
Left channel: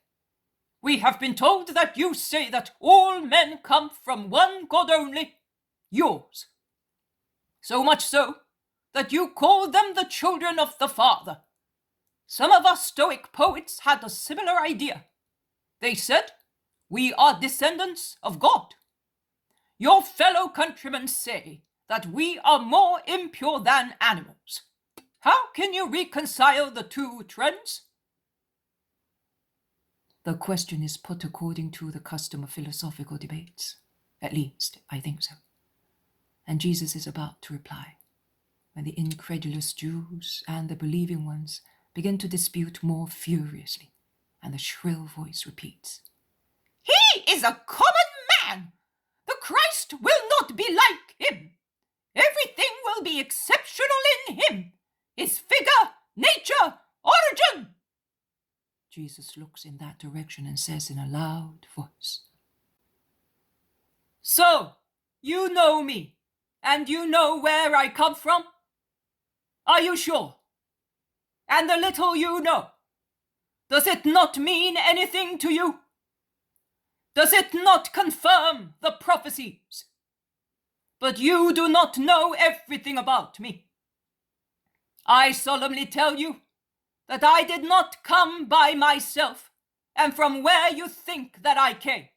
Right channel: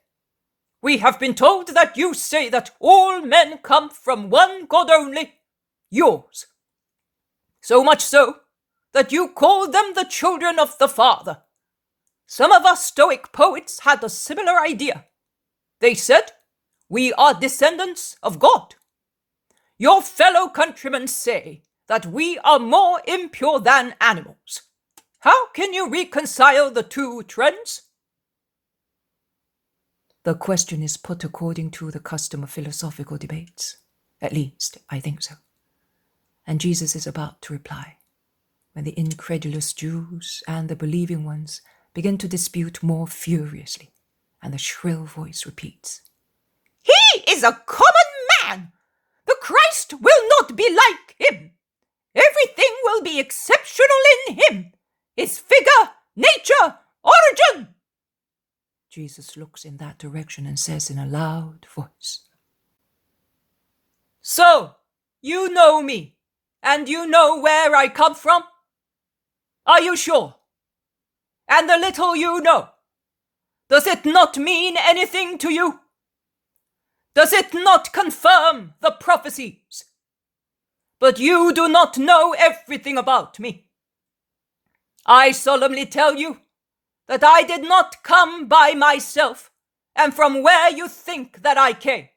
We have been told that you say that all men come from one God only, yours. So much so that you call them the children of the Father. Some of us Stoic poets had a similar idea. They said, we are descendants of God. Your fellow countrymen say that we are more impure than animals. How can you reconcile the two trends? The question is put according to the custom of philosophical debates. At least, I think so. And Jesus is about to reply, when the incredulous Jews and the believing ones begin to dispute more furiously, and the shrill voice repeats, He is a common man. The Christ will not be like him. Everything will be exceptional in him. His figure, nature, origin. Jesus looks in that direction and says in a loud voice, So, you know me, and you know where I come from? Are you sure? And the little you know, does it not mean anything to you? Does it not confirm the prophecies? But you do not know everything about me. I solemnly tell you that I did not come by myself and from where you think that I came.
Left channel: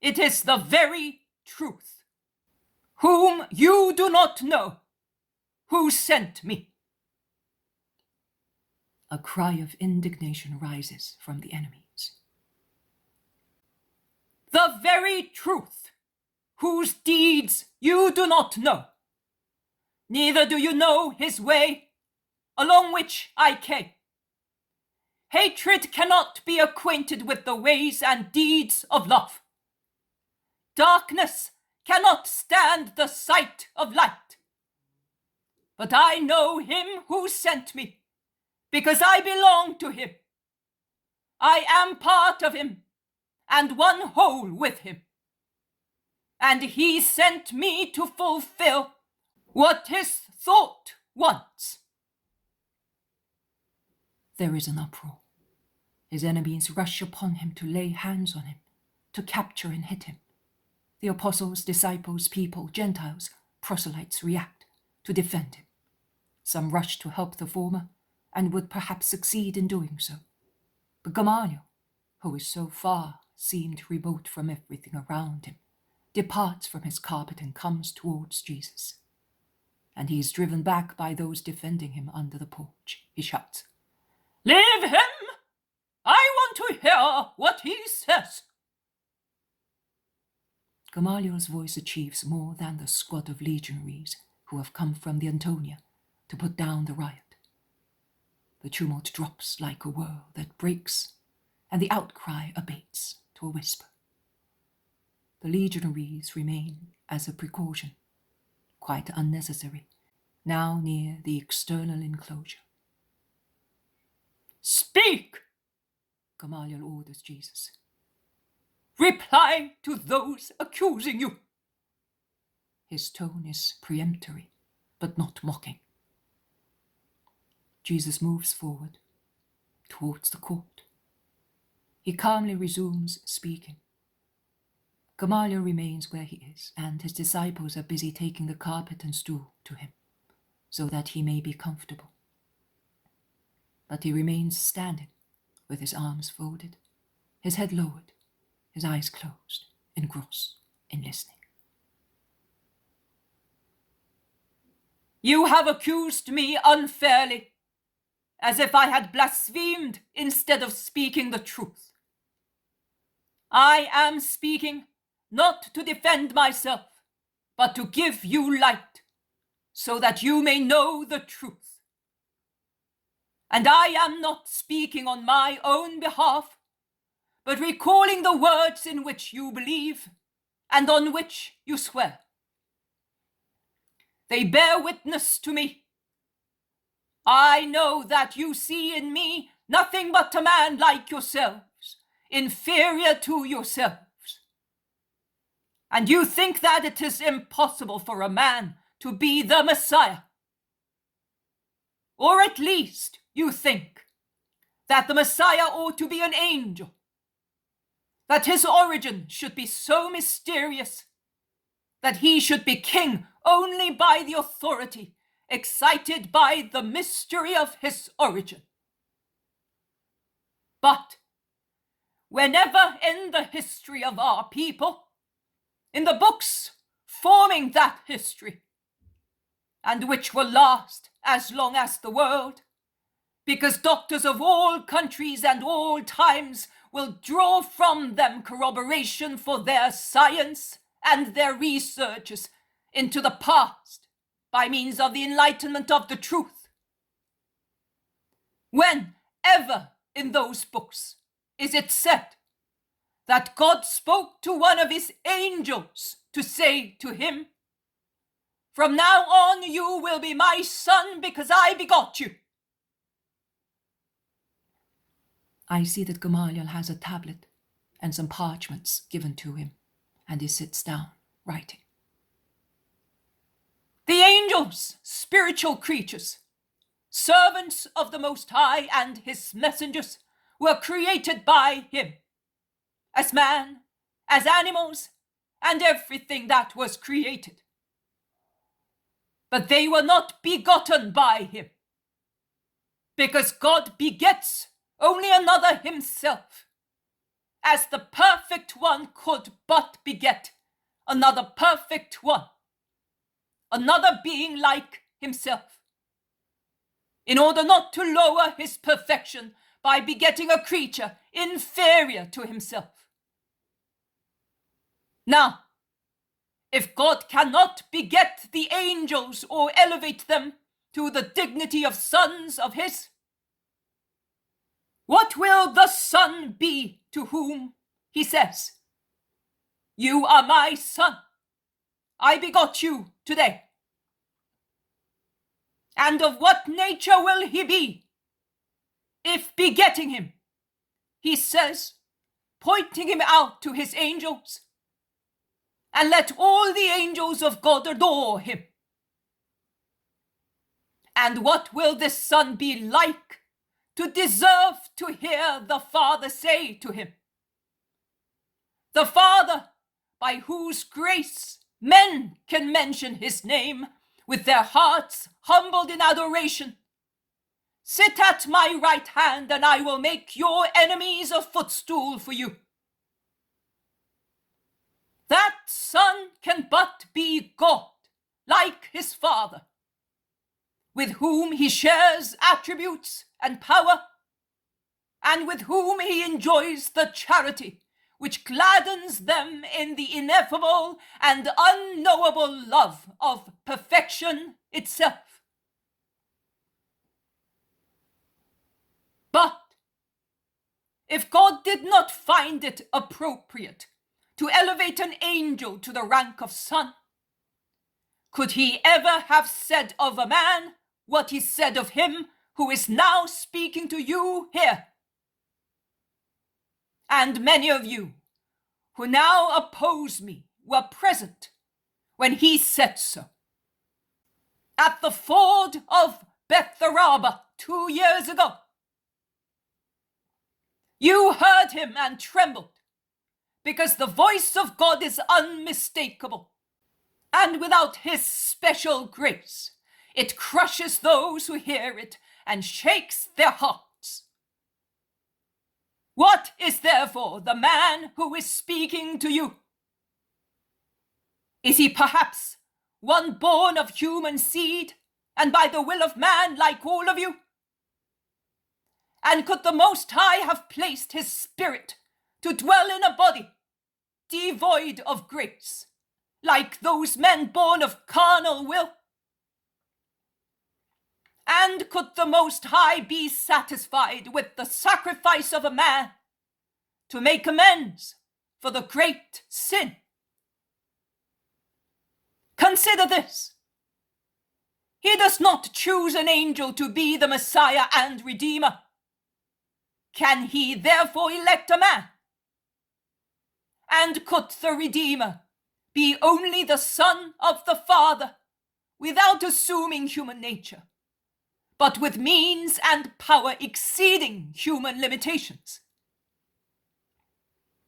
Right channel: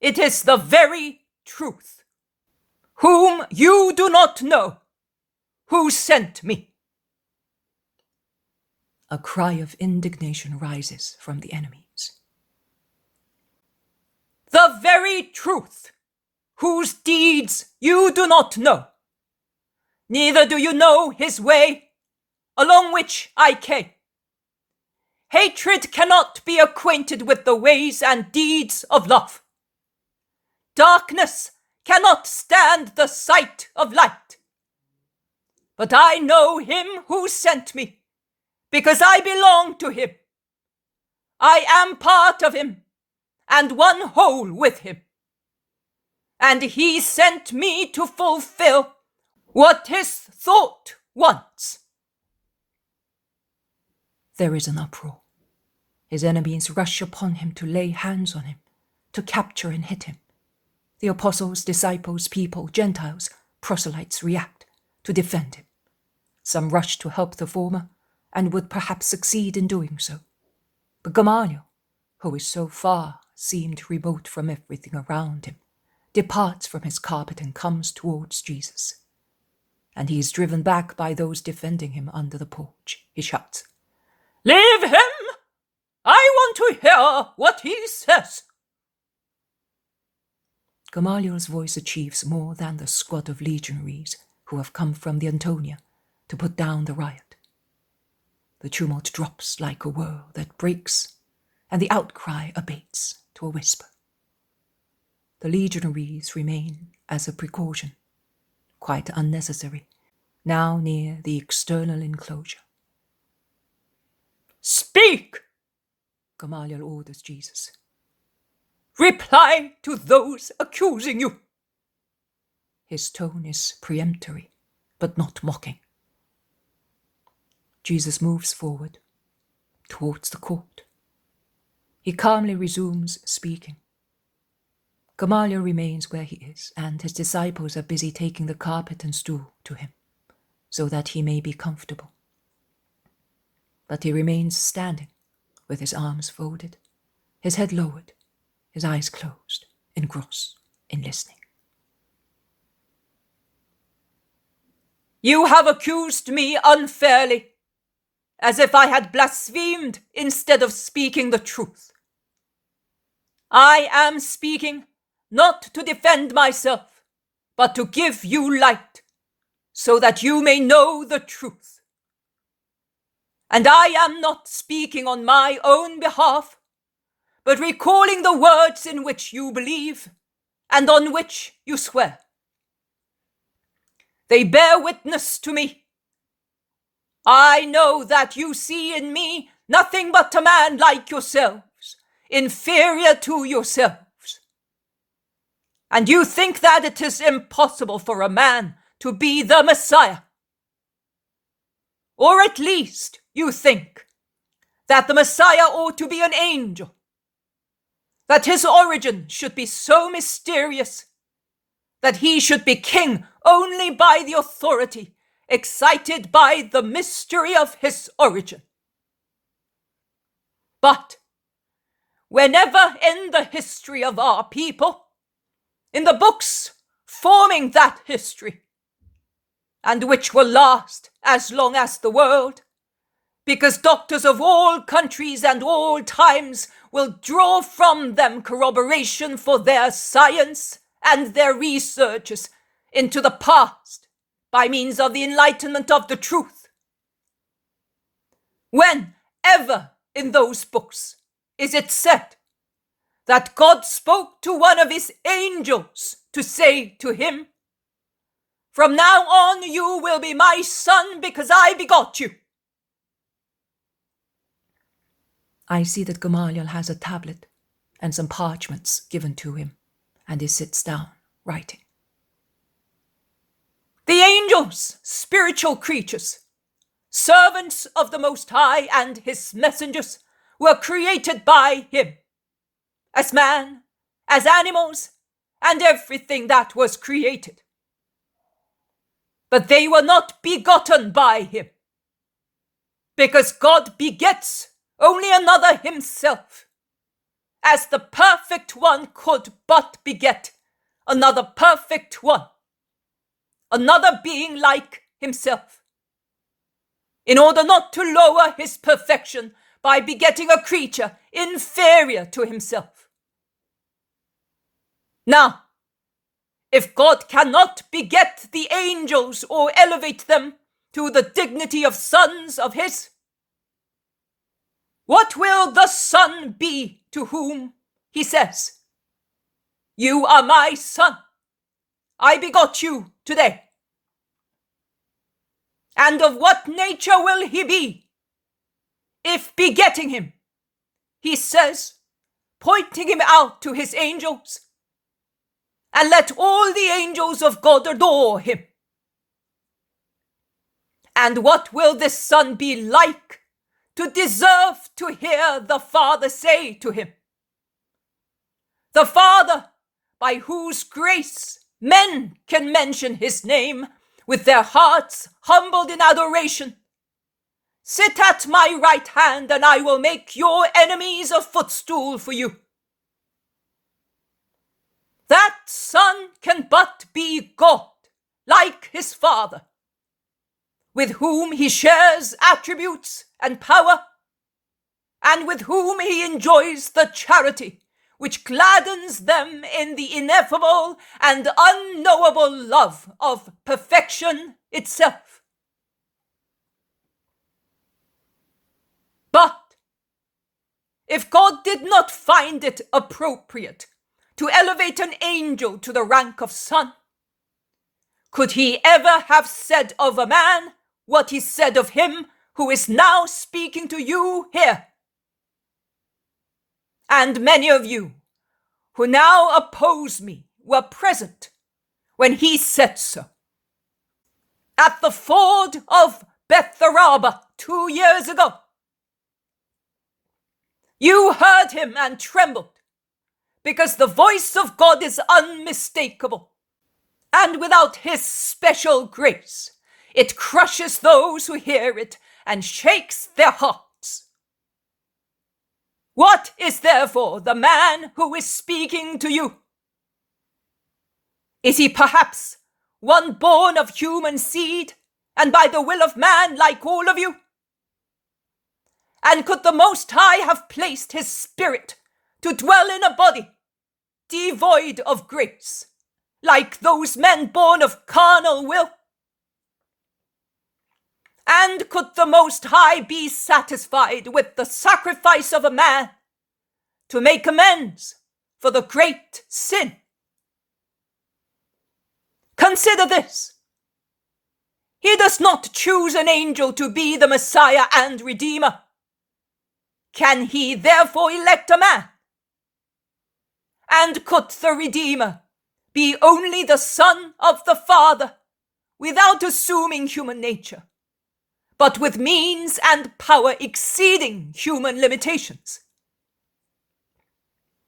It is the very truth, whom you do not know, who sent me. A cry of indignation rises from the enemies. The very truth, whose deeds you do not know. Neither do you know his way, along which I came. Hatred cannot be acquainted with the ways and deeds of love. Darkness cannot stand the sight of light. But I know him who sent me, because I belong to him. I am part of him, and one whole with him. And he sent me to fulfill what his thought wants. There is an uproar. His enemies rush upon him to lay hands on him, to capture and hit him. The apostles, disciples, people, Gentiles, proselytes react to defend him. Some rush to help the former, and would perhaps succeed in doing so. But Gamaliel, who is so far seemed remote from everything around him, departs from his carpet and comes towards Jesus. And he is driven back by those defending him under the porch. He shouts, Leave him! I want to hear what he says. Gamaliel's voice achieves more than the squad of legionaries who have come from the Antonia to put down the riot. The tumult drops like a whirl that breaks, and the outcry abates to a whisper. The legionaries remain as a precaution, quite unnecessary, now near the external enclosure. Speak! Gamaliel orders Jesus. Reply to those accusing you. His tone is peremptory, but not mocking. Jesus moves forward, towards the court. He calmly resumes speaking. Gamaliel remains where he is, and his disciples are busy taking the carpet and stool to him, so that he may be comfortable. But he remains standing, with his arms folded, his head lowered, his eyes closed, engrossed in listening. You have accused me unfairly, as if I had blasphemed instead of speaking the truth. I am speaking not to defend myself, but to give you light, so that you may know the truth. And I am not speaking on my own behalf, but recalling the words in which you believe and on which you swear. They bear witness to me. I know that you see in me nothing but a man like yourselves, inferior to yourselves. And you think that it is impossible for a man to be the Messiah. Or at least you think that the Messiah ought to be an angel, that his origin should be so mysterious, that he should be king only by the authority excited by the mystery of his origin. But whenever in the history of our people, in the books forming that history, and which will last as long as the world, because doctors of all countries and all times will draw from them corroboration for their science and their researches into the past by means of the enlightenment of the truth. Whenever in those books is it said that God spoke to one of his angels to say to him, "From now on you will be my son because I begot you"? I see that Gamaliel has a tablet and some parchments given to him, and he sits down, writing. The angels, spiritual creatures, servants of the Most High and his messengers, were created by him, as man, as animals, and everything that was created. But they were not begotten by him, because God begets only another himself, as the perfect one could but beget another perfect one, another being like himself, in order not to lower his perfection by begetting a creature inferior to himself. Now, if God cannot beget the angels or elevate them to the dignity of sons of his, what will the Son be to whom he says, "You are my son, I begot you today"? And of what nature will he be, if begetting him, he says, pointing him out to his angels, "And let all the angels of God adore him"? And what will this son be like to deserve to hear the Father say to him, the Father by whose grace men can mention his name with their hearts humbled in adoration, "Sit at my right hand, and I will make your enemies a footstool for you"? That son can but be God, like his Father, with whom he shares attributes and power, and with whom he enjoys the charity which gladdens them in the ineffable and unknowable love of perfection itself. But if God did not find it appropriate to elevate an angel to the rank of son, could he ever have said of a man what he said of him who is now speaking to you here? And many of you who now oppose me were present when he said so. At the ford of Betharaba 2 years ago, you heard him and trembled, because the voice of God is unmistakable, and without his special grace, it crushes those who hear it and shakes their hearts. What is therefore the man who is speaking to you? Is he perhaps one born of human seed and by the will of man like all of you? And could the Most High have placed his spirit to dwell in a body devoid of grace, like those men born of carnal will? And could the Most High be satisfied with the sacrifice of a man to make amends for the great sin? Consider this. He does not choose an angel to be the Messiah and Redeemer. Can he therefore elect a man? And could the Redeemer be only the Son of the Father without assuming human nature, but with means and power exceeding human limitations?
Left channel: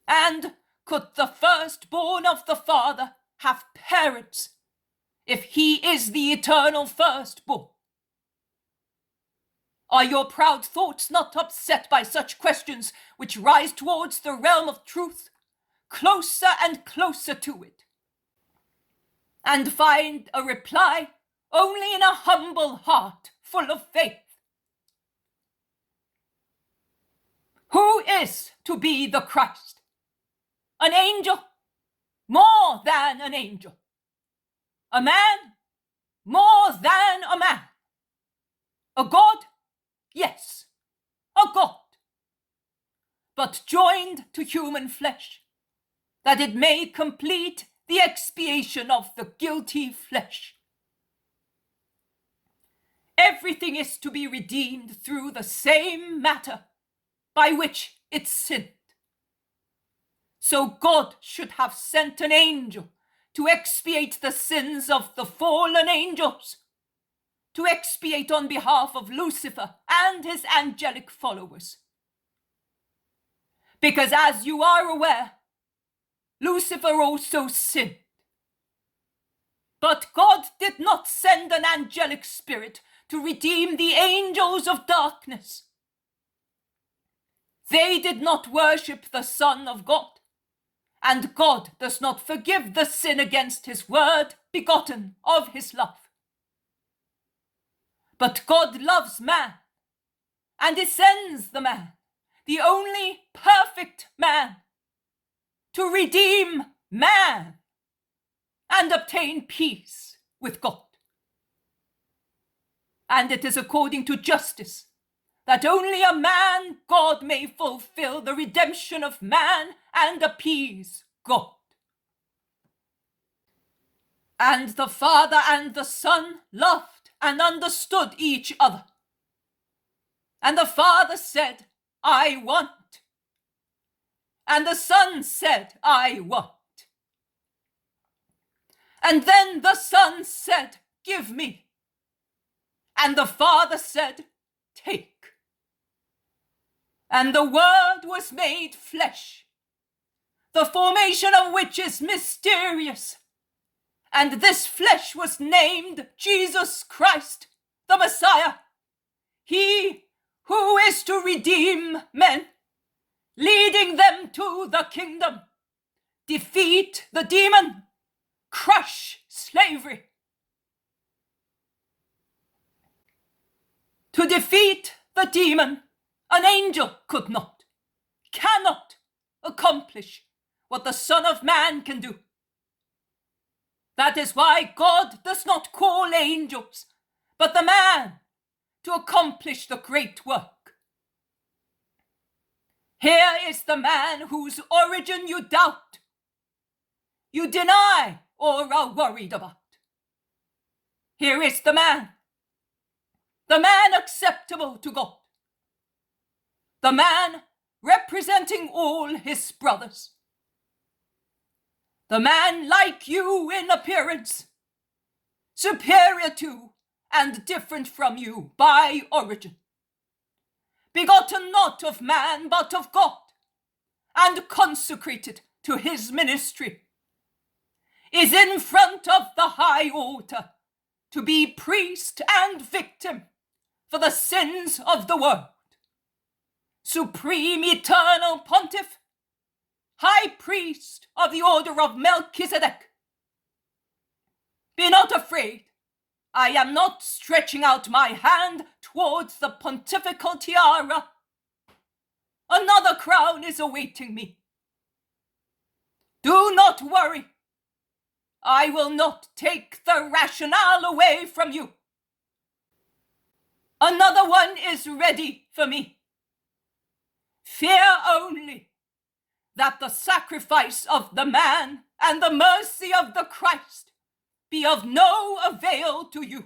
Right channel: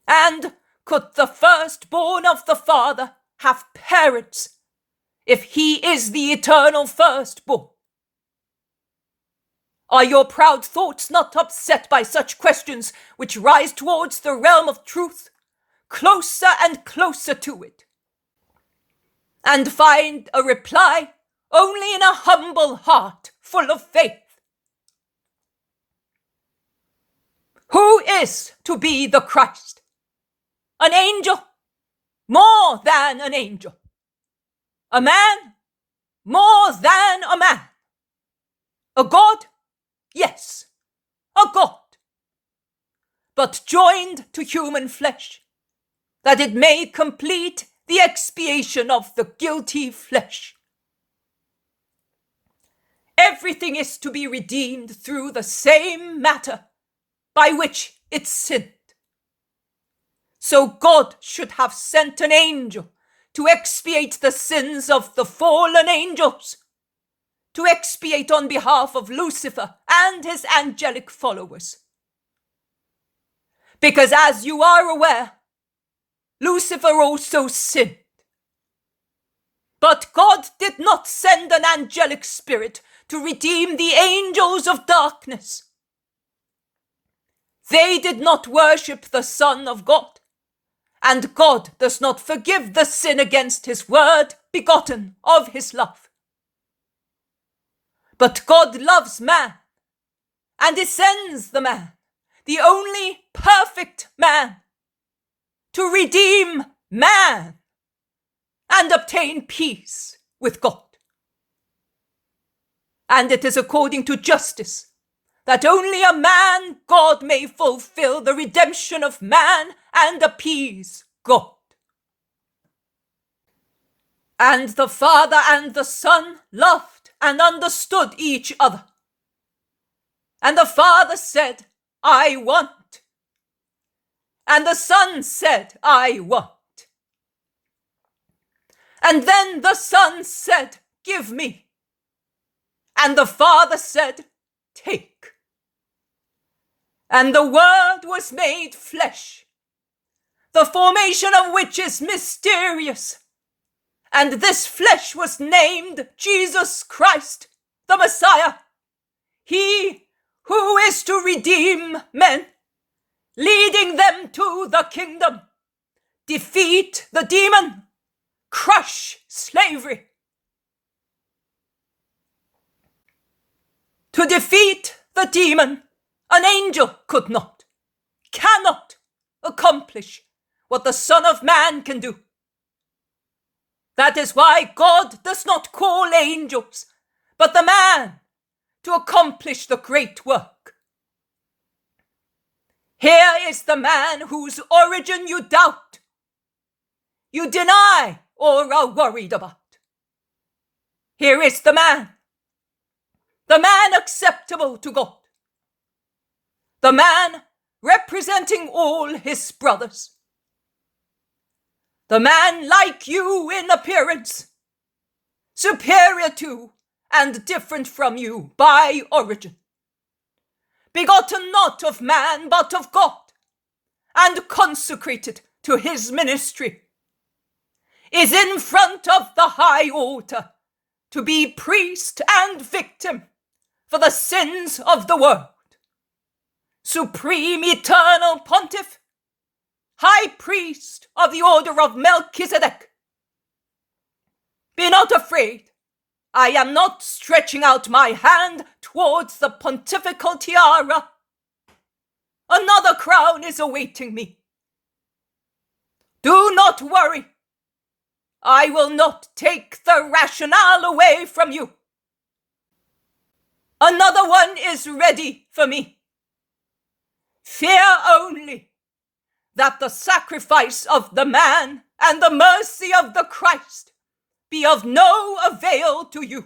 And could the firstborn of the Father have parents if he is the eternal firstborn? Are your proud thoughts not upset by such questions which rise towards the realm of truth, closer and closer to it, and find a reply only in a humble heart full of faith? Who is to be the Christ? An angel? More than an angel. A man? More than a man. A God? Yes, a God. But joined to human flesh, that it may complete the expiation of the guilty flesh. Everything is to be redeemed through the same matter by which it sinned. So God should have sent an angel to expiate the sins of the fallen angels, to expiate on behalf of Lucifer and his angelic followers. Because as you are aware, Lucifer also sinned. But God did not send an angelic spirit to redeem the angels of darkness. They did not worship the Son of God, and God does not forgive the sin against his word begotten of his love. But God loves man, and he sends the man, the only perfect man, to redeem man and obtain peace with God. And it is according to justice that only a man God may fulfill the redemption of man and appease God. And the Father and the Son loved and understood each other. And the Father said, I want. And the Son said, I want. And then the Son said, give me. And the Father said, take. And the Word was made flesh, the formation of which is mysterious. And this flesh was named Jesus Christ, the Messiah, he who is to redeem men, leading them to the kingdom, defeat the demon, crush slavery. To defeat the demon, an angel could not, cannot accomplish what the Son of Man can do. That is why God does not call angels, but the man to accomplish the great work. Here is the man whose origin you doubt, you deny, or are worried about. Here is the man acceptable to God, the man representing all his brothers, the man like you in appearance, superior to and different from you by origin, begotten not of man but of God, and consecrated to his ministry, is in front of the high altar to be priest and victim for the sins of the world, supreme eternal pontiff, high priest of the order of Melchizedek. Be not afraid. I am not stretching out my hand towards the pontifical tiara. Another crown is awaiting me, Do not worry. I will not take the rationale away from you. Another one is ready for me. Fear only that the sacrifice of the man and the mercy of the Christ be of no avail to you.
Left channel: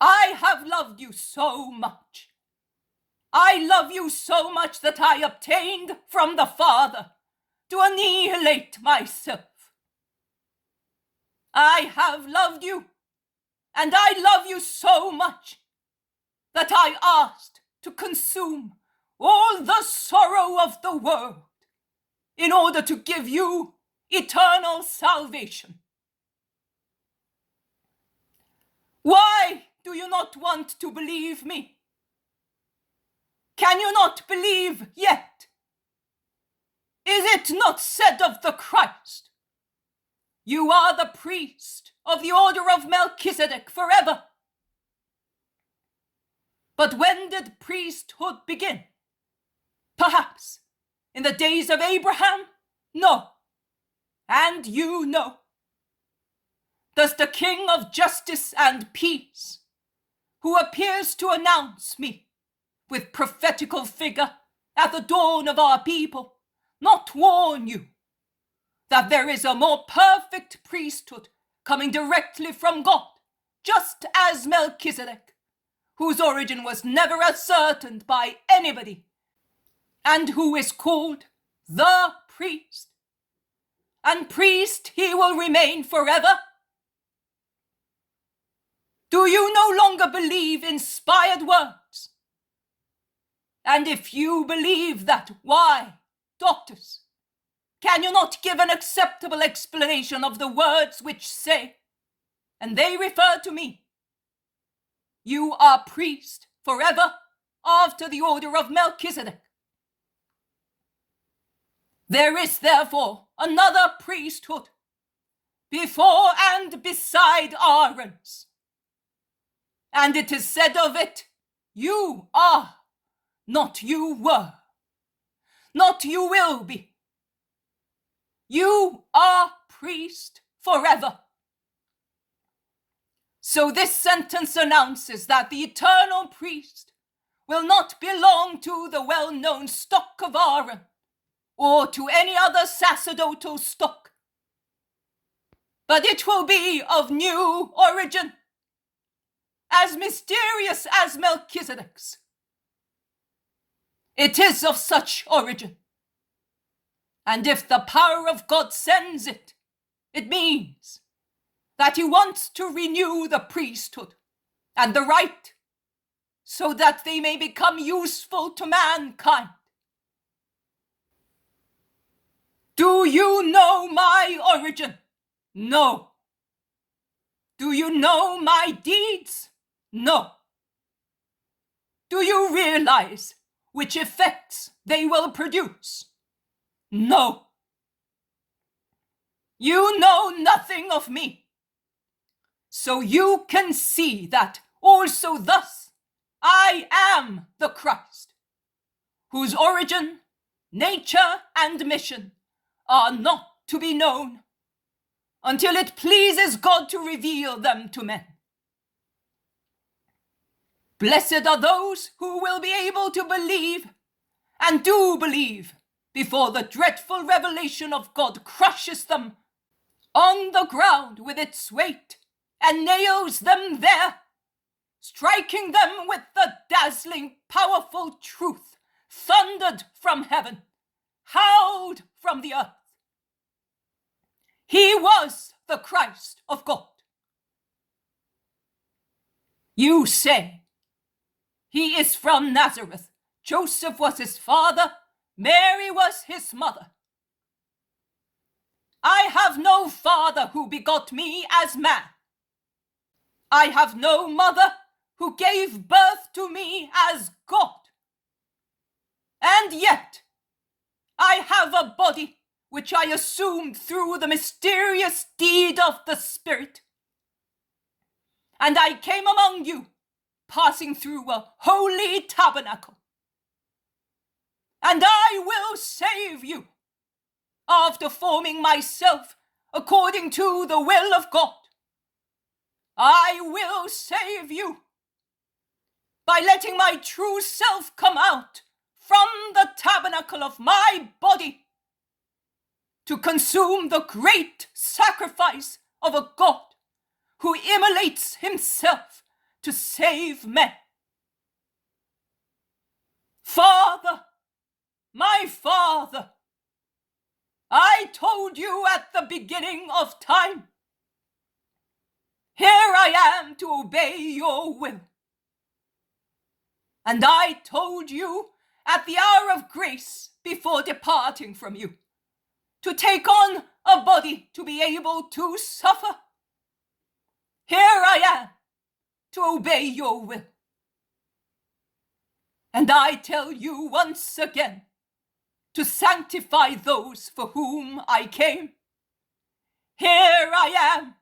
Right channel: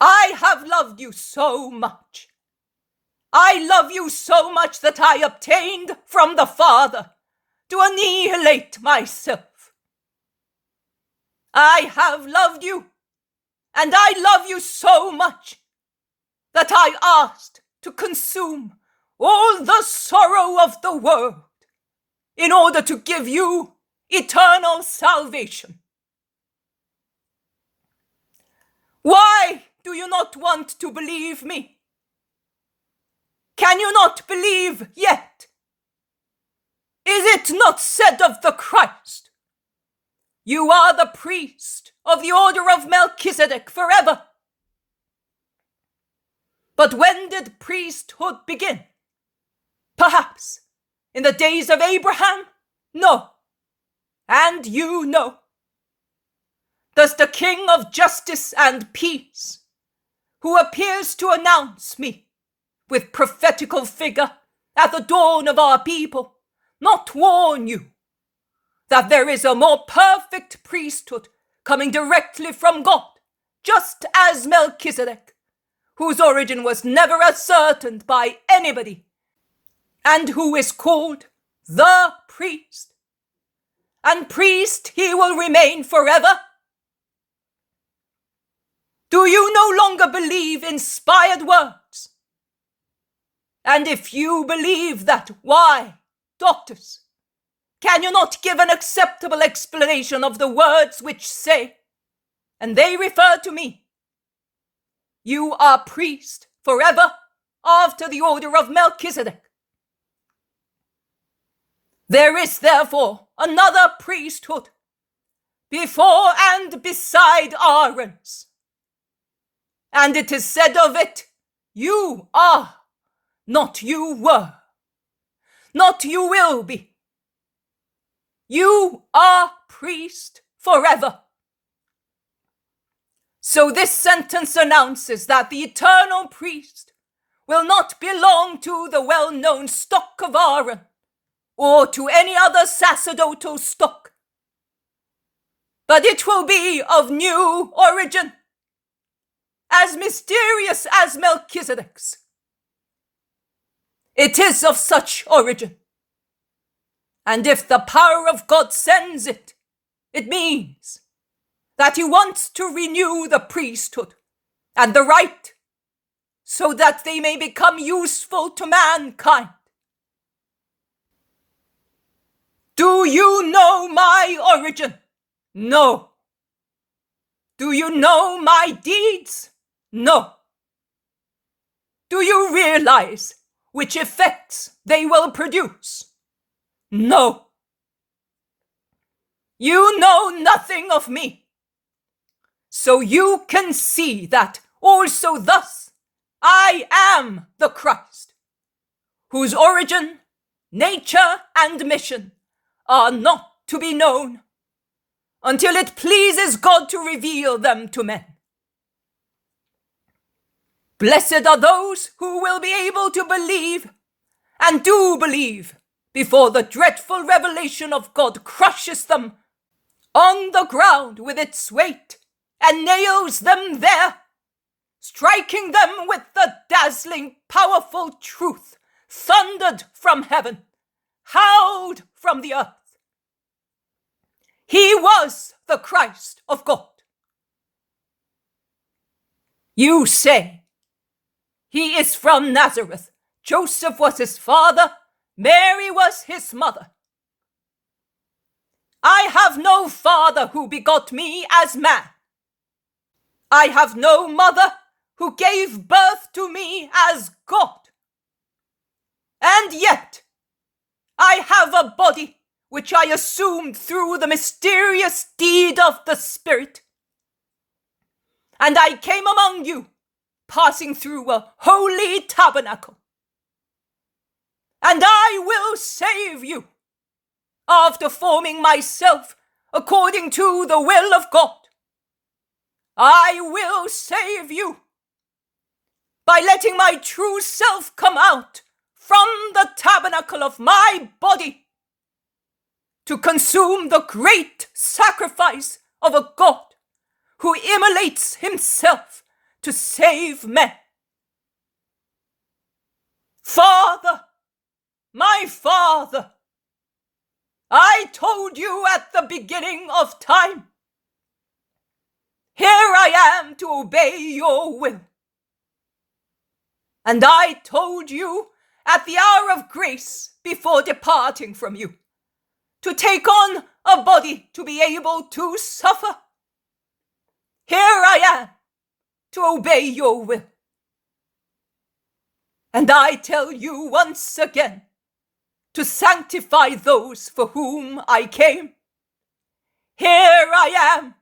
I have loved you so much. I love you so much that I obtained from the Father to annihilate myself. I have loved you, and I love you so much that I asked to consume all the sorrow of the world in order to give you eternal salvation. Why do you not want to believe me? Can you not believe yet? Is it not said of the Christ, you are the priest of the order of Melchizedek forever? But when did priesthood begin? Perhaps in the days of Abraham? No. And you know. Does the King of justice and peace, who appears to announce me with prophetical figure at the dawn of our people, not warn you that there is a more perfect priesthood coming directly from God, just as Melchizedek, whose origin was never ascertained by anybody, and who is called the priest? And priest he will remain forever. Do you no longer believe inspired words? And if you believe that, why, doctors, can you not give an acceptable explanation of the words which say, and they refer to me, you are priest forever after the order of Melchizedek? There is therefore another priesthood before and beside Aaron's. And it is said of it, you are, not you were, not you will be. You are priest forever. So this sentence announces that the eternal priest will not belong to the well-known stock of Aaron or to any other sacerdotal stock, but it will be of new origin, as mysterious as Melchizedek's. It is of such origin, and if the power of God sends it, it means that he wants to renew the priesthood and the rite so that they may become useful to mankind. Do you know my origin? No. Do you know my deeds? No. Do you realize which effects they will produce? No. You know nothing of me. So you can see that also thus I am the Christ, whose origin, nature, and mission are not to be known until it pleases God to reveal them to men. Blessed are those who will be able to believe and do believe before the dreadful revelation of God crushes them on the ground with its weight and nails them there, striking them with the dazzling, powerful truth thundered from heaven, howled from the earth. He was the Christ of God. You say, he is from Nazareth. Joseph was his father, Mary was his mother. I have no father who begot me as man. I have no mother who gave birth to me as God. And yet, I have a body which I assumed through the mysterious deed of the Spirit. And I came among you, passing through a holy tabernacle. And I will save you after forming myself according to the will of God. I will save you by letting my true self come out from the tabernacle of my body to consume the great sacrifice of a God who immolates himself to save men. Father, my Father, I told you at the beginning of time, here I am to obey your will. And I told you at the hour of grace before departing from you, to take on a body to be able to suffer. Here I am to obey your will. And I tell you once again to sanctify those for whom I came. Here I am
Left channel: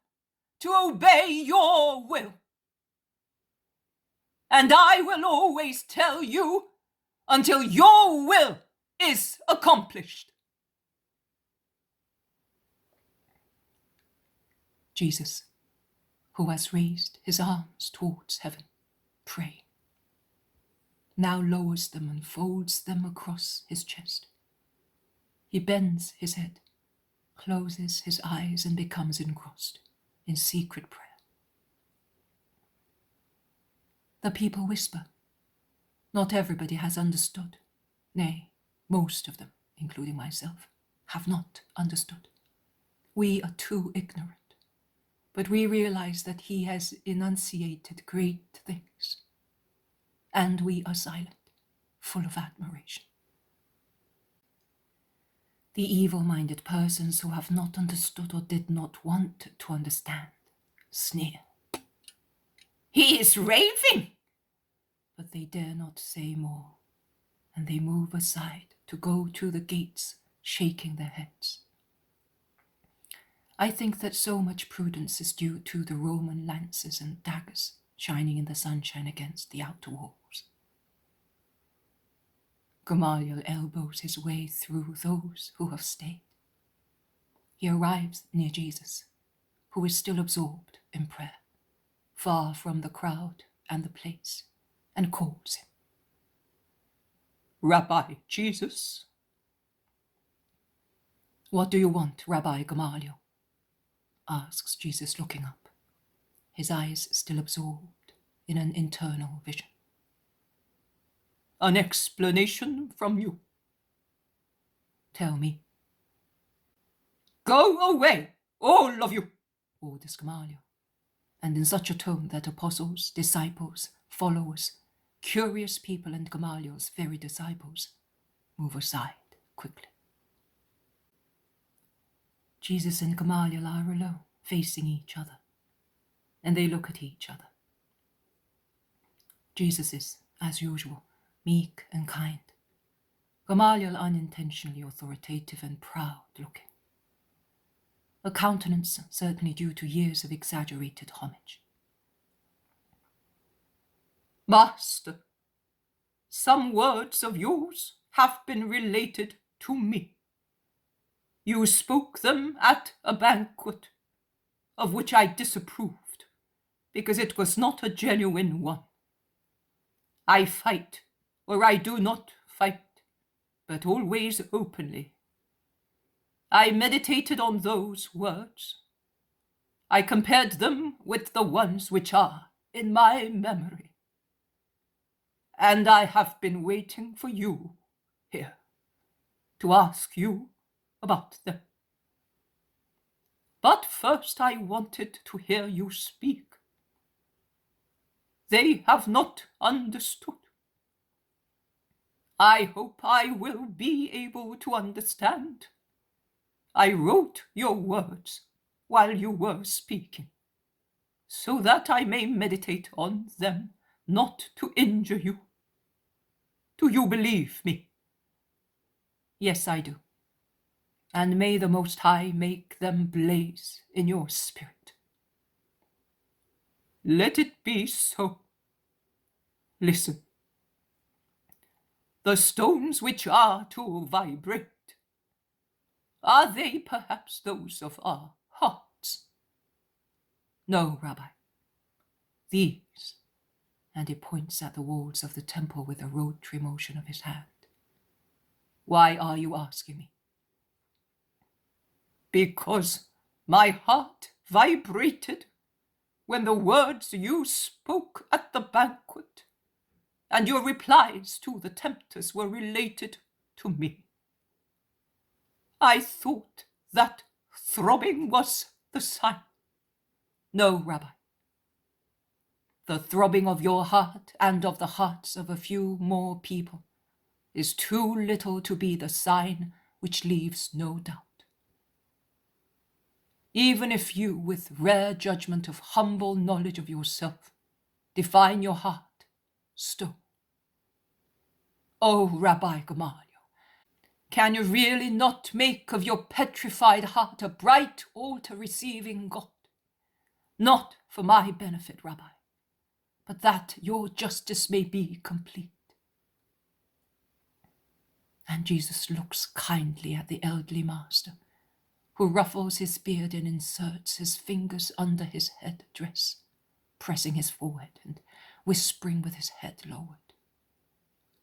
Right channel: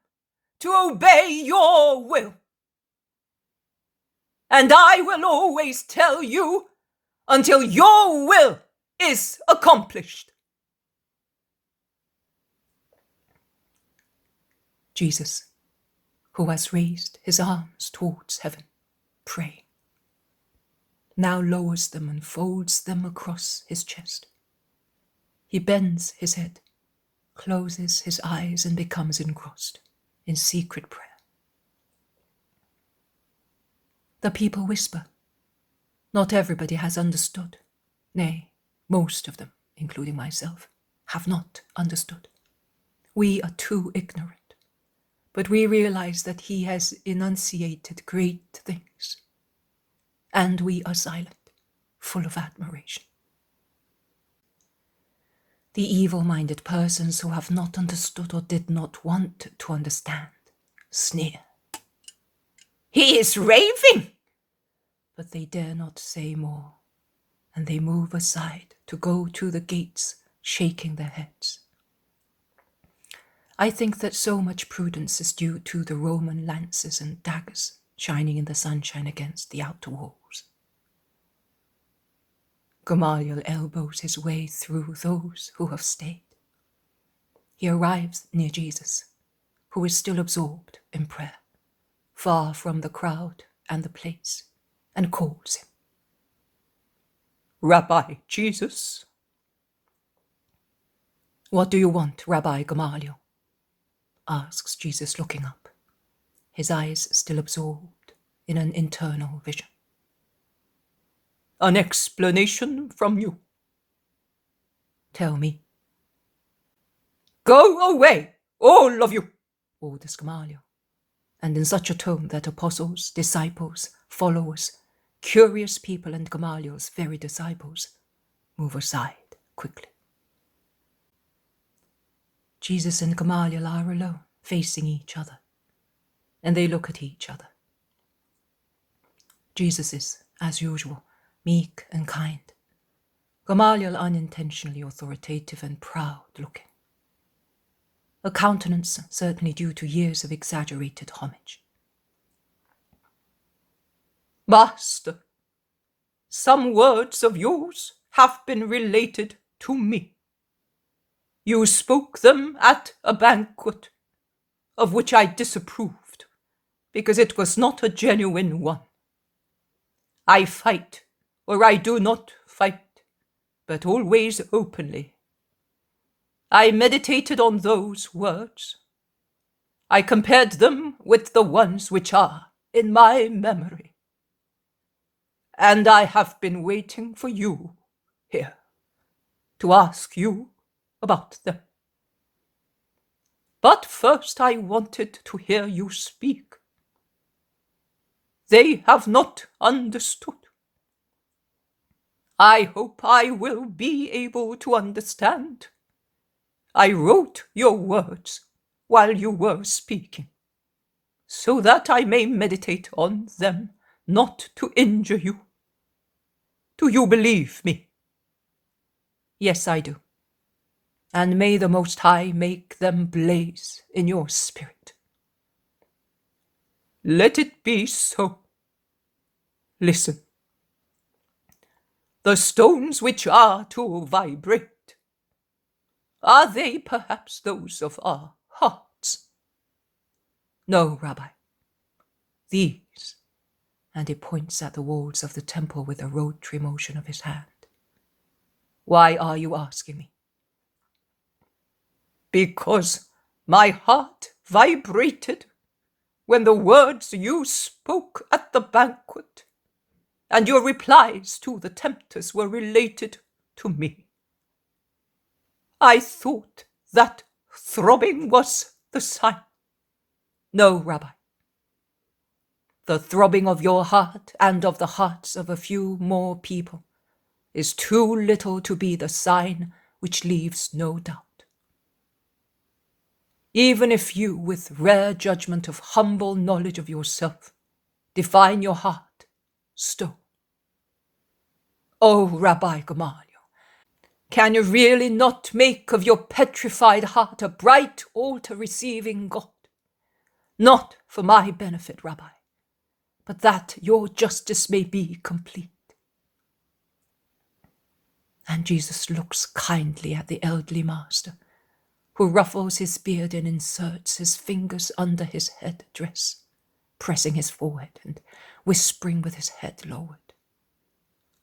to obey your will. And I will always tell you until your will is accomplished. Jesus, who has raised his arms towards heaven, praying, now lowers them and folds them across his chest. He bends his head, closes his eyes, and becomes engrossed in secret prayer. The people whisper. Not everybody has understood. Nay, most of them, including myself, have not understood. We are too ignorant. But we realize that he has enunciated great things. And we are silent, full of admiration. The evil-minded persons who have not understood or did not want to understand sneer. He is raving! But they dare not say more, and they move aside to go to the gates, shaking their heads. I think that so much prudence is due to the Roman lances and daggers shining in the sunshine against the outer walls. Gamaliel elbows his way through those who have stayed. He arrives near Jesus, who is still absorbed in prayer, far from the crowd and the place, and calls him. Rabbi Jesus. What do you want, Rabbi Gamaliel? Asks Jesus, looking up, his eyes still absorbed in an internal vision. An explanation from you. Tell me. Go away, all of you, orders Gamaliel, and in such a tone that apostles, disciples, followers, curious people, and Gamaliel's very disciples move aside quickly. Jesus and Gamaliel are alone, facing each other, and they look at each other. Jesus is, as usual, meek and kind. Gamaliel unintentionally authoritative and proud-looking. A countenance certainly due to years of exaggerated homage. Master, some words of yours have been related to me. You spoke them at a banquet, of which I disapproved, because it was not a genuine one. I fight, or I do not fight, but always openly. I meditated on those words. I compared them with the ones which are in my memory. And I have been waiting for you here to ask you about them. But first I wanted to hear you speak. They have not understood. I hope I will be able to understand. I wrote your words while you were speaking, so that I may meditate on them, not to injure you. Do you believe me? Yes, I do. And may the Most High make them blaze in your spirit. Let it be so. Listen. The stones which are to vibrate Are they perhaps those of our hearts? No, Rabbi. These, and he points at the walls of the temple with a rotary motion of his hand. Why are you asking me? Because my heart vibrated when the words you spoke at the banquet and your replies to the tempters were related to me. I thought that throbbing was the sign. No, Rabbi. The throbbing of your heart and of the hearts of a few more people is too little to be the sign which leaves no doubt. Even if you, with rare judgment of humble knowledge of yourself, define your heart stone. Oh, Rabbi Gamaliel, can you really not make of your petrified heart a bright altar receiving God? Not for my benefit, Rabbi, but that your justice may be complete. And Jesus looks kindly at the elderly master, who ruffles his beard and inserts his fingers under his head dress, pressing his forehead and whispering with his head lowered.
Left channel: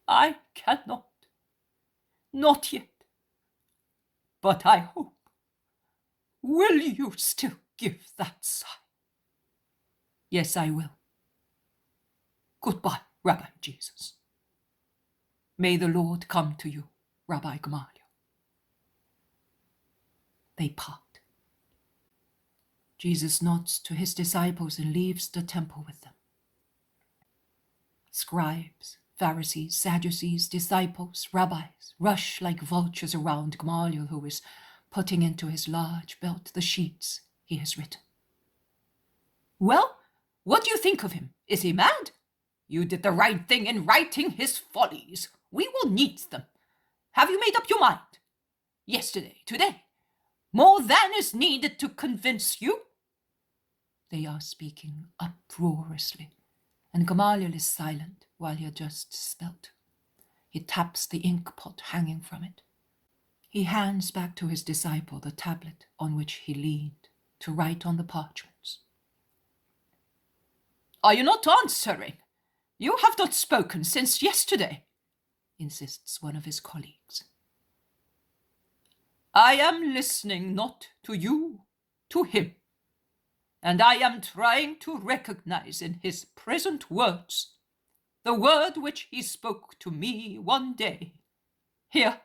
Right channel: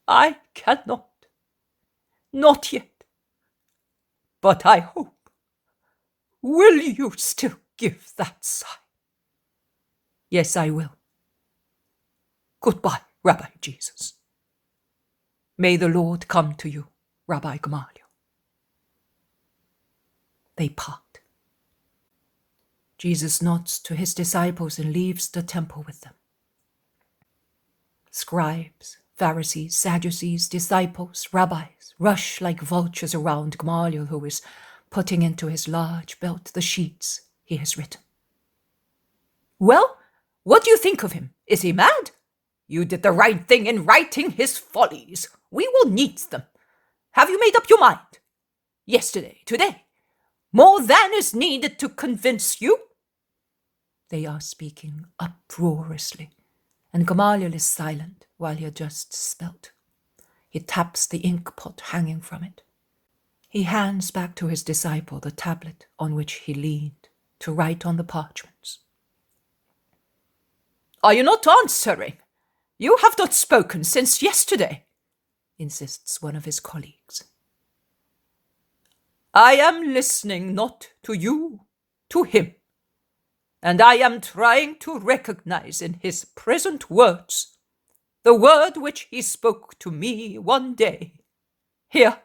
I cannot, not yet, but I hope. Will you still give that sign? Yes, I will. Goodbye, Rabbi Jesus. May the Lord come to you, Rabbi Gamaliel. They part. Jesus nods to his disciples and leaves the temple with them. Scribes, Pharisees, Sadducees, disciples, rabbis rush like vultures around Gamaliel, who is putting into his large belt the sheets he has written. Well, what do you think of him? Is he mad? You did the right thing in writing his follies. We will need them. Have you made up your mind? Yesterday, today, more than is needed to convince you? They are speaking uproariously, and Gamaliel is silent while he adjusts his belt. He taps the ink pot hanging from it. He hands back to his disciple the tablet on which he leaned to write on the parchments. Are you not answering? You have not spoken since yesterday, insists one of his colleagues. I am listening not to you, to him, and I am trying to recognize in his present words the word which he spoke to me one day. Here.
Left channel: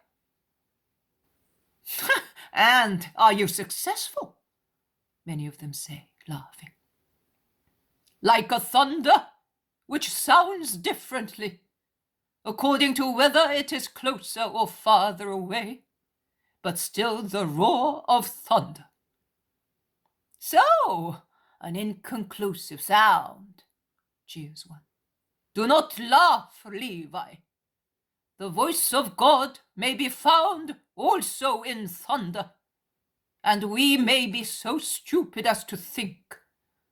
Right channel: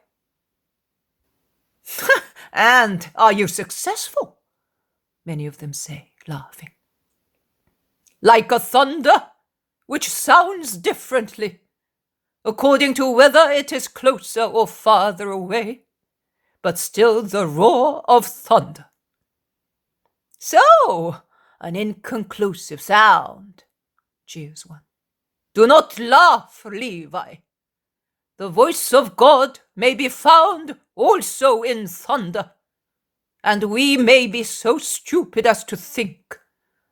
And are you successful? Many of them say, laughing. Like a thunder, which sounds differently, according to whether it is closer or farther away, but still the roar of thunder. So, an inconclusive sound, jeers one. Do not laugh, Levi. The voice of God may be found also in thunder, and we may be so stupid as to think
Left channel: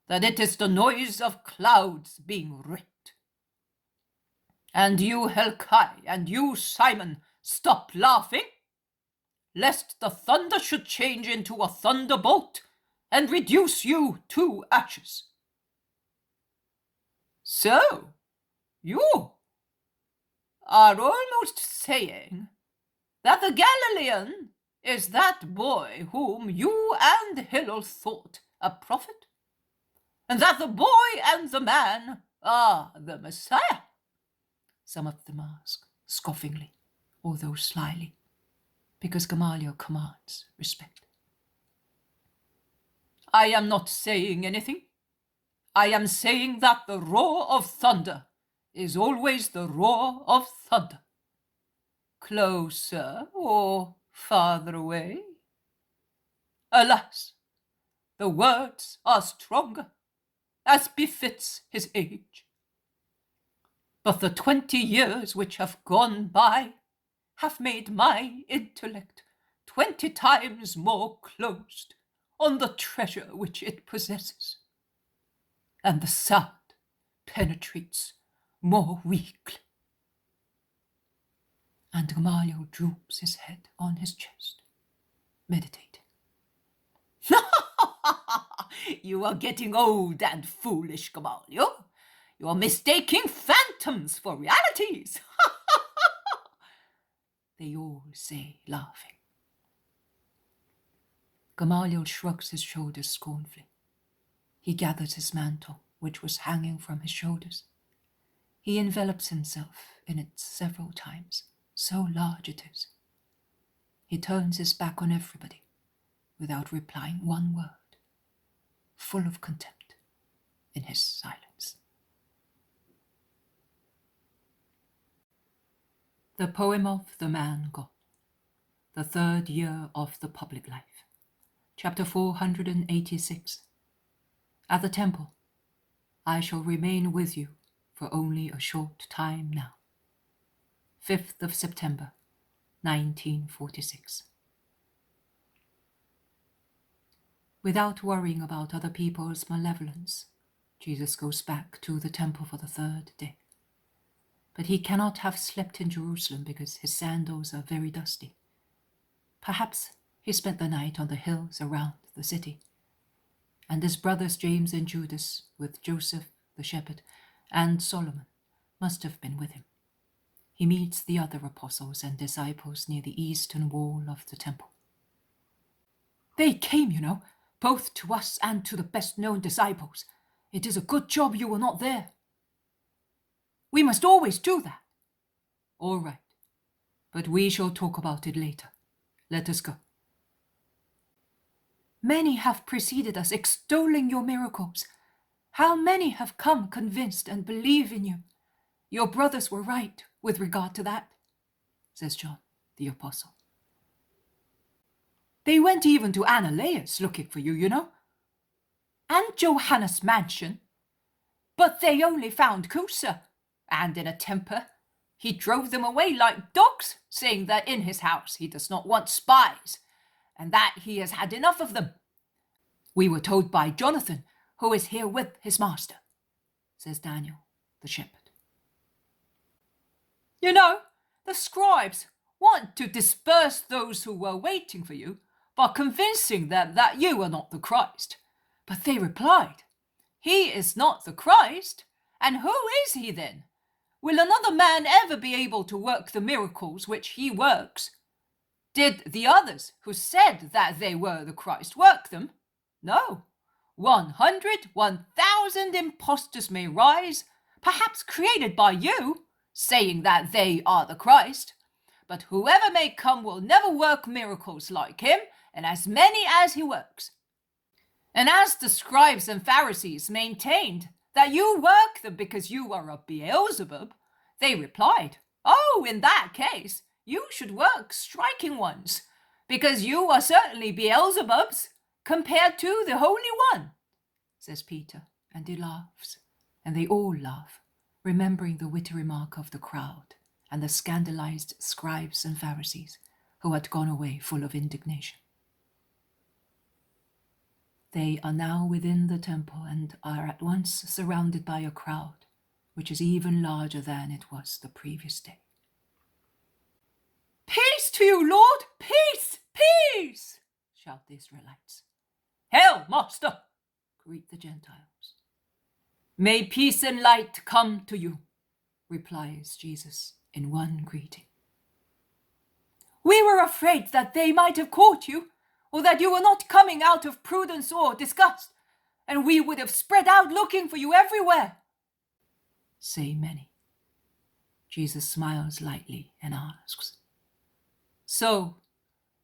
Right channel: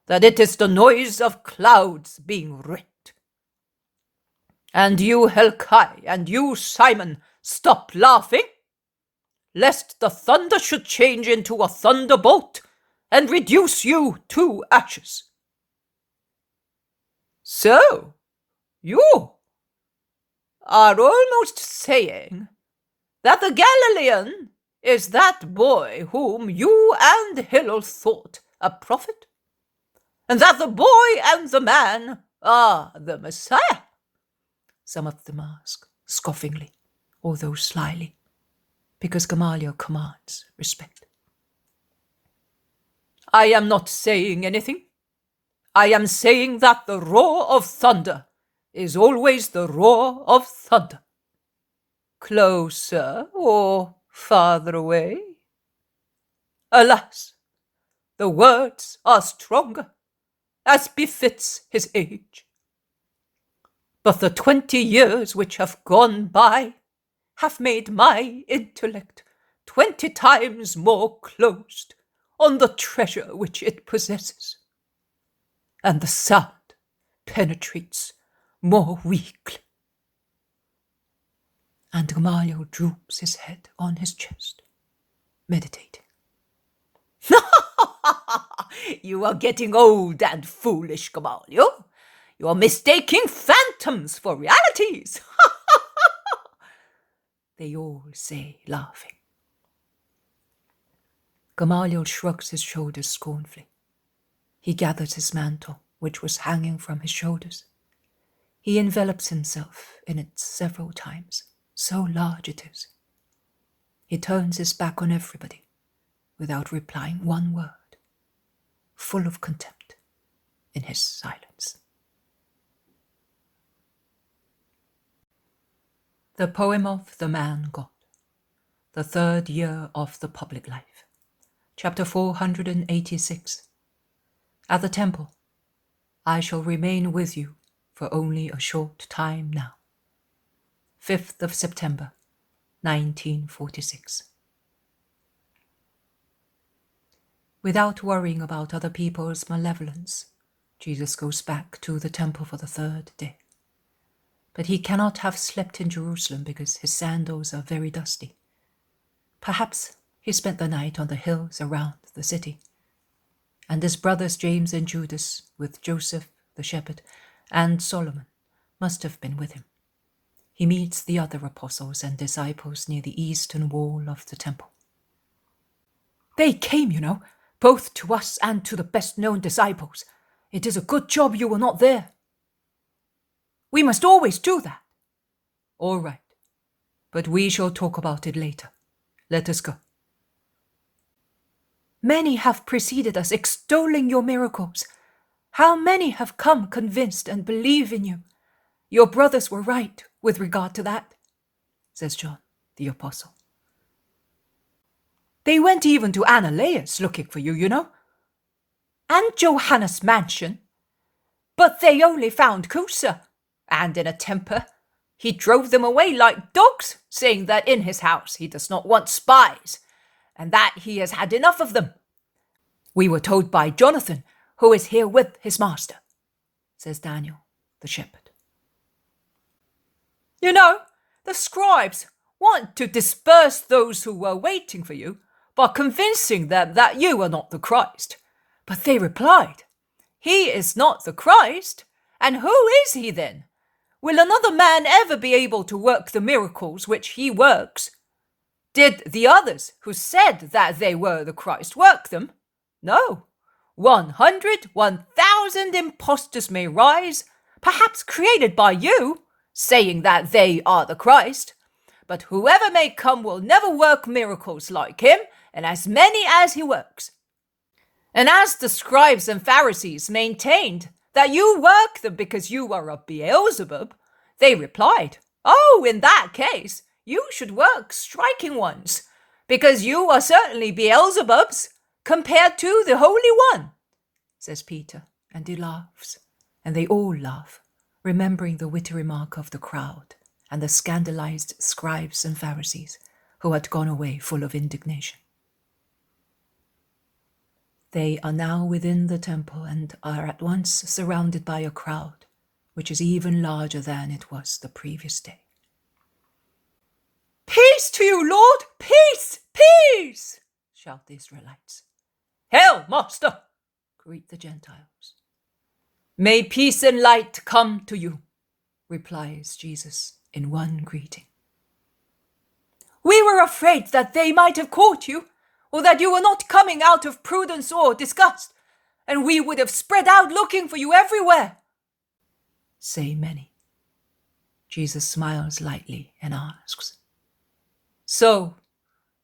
that it is the noise of clouds being rent. And you, Helkai, and you, Simon, stop laughing, lest the thunder should change into a thunderbolt and reduce you to ashes. So, you are almost saying that the Galilean is that boy whom you and Hillel thought a prophet, and that the boy and the man are the Messiah? Some of them ask, scoffingly, although slyly, because Gamaliel commands respect. I am not saying anything. I am saying that the roar of thunder is always the roar of thunder. Closer or farther away? Alas, the words are stronger, as befits his age. But the 20 years which have gone by have made my intellect 20 times more closed on the treasure which it possesses, and the sound penetrates more weakly. And Gamaliel droops his head on his chest. meditating. You are getting old and foolish, Gamaliel. You are mistaking phantoms for realities. They all say, laughing. Gamaliel shrugs his shoulders scornfully. He gathers his mantle, which was hanging from his shoulders. He envelops himself in it several times, so large it is. He turns his back on everybody, without replying one word, full of contempt in his silence. The poem of the man God, the third year of the public life, chapter 486. At the temple, I shall remain with you for only a short time now. 5th of September, 1946. Without worrying about other people's malevolence, Jesus goes back to the temple for the third day. But he cannot have slept in Jerusalem because his sandals are very dusty. Perhaps he spent the night on the hills around the city. And his brothers James and Judas, with Joseph the shepherd and Solomon, must have been with him. He meets the other apostles and disciples near the eastern wall of the temple. They came, you know, both to us and to the best-known disciples. It is a good job you were not there. We must always do that. All right, but we shall talk about it later. Let us go. Many have preceded us, extolling your miracles. How many have come convinced and believe in you? Your brothers were right with regard to that, says John, the apostle. They went even to Ananias looking for you, you know, and Johannes' mansion. But they only found Cusa, and in a temper. He drove them away like dogs, saying that in his house he does not want spies, and that he has had enough of them. We were told by Jonathan, who is here with his master, says Daniel, the shepherd. You know, the scribes want to disperse those who were waiting for you by convincing them that you are not the Christ. But they replied, He is not the Christ, and who is he then? Will another man ever be able to work the miracles which he works? Did the others who said that they were the Christ work them? No. 100, 1,000 impostors may rise, perhaps created by you, saying that they are the Christ. But whoever may come will never work miracles like him, and as many as he works. And as the scribes and Pharisees maintained that you work them because you are of Beelzebub, they replied, Oh, in that case, you should work striking ones, because you are certainly Beelzebubs compared to the Holy One, says Peter, and he laughs, and they all laugh, remembering the witty remark of the crowd and the scandalized scribes and Pharisees who had gone away full of indignation. They are now within the temple and are at once surrounded by a crowd, which is even larger than it was the previous day. Peace to you, Lord! Peace! Peace! Shout the Israelites. Hail, Master! Greet the Gentiles. May peace and light come to you, replies Jesus in one greeting. We were afraid that they might have caught you, or that you were not coming out of prudence or disgust, and we would have spread out looking for you everywhere, say many. Jesus smiles lightly and asks, So,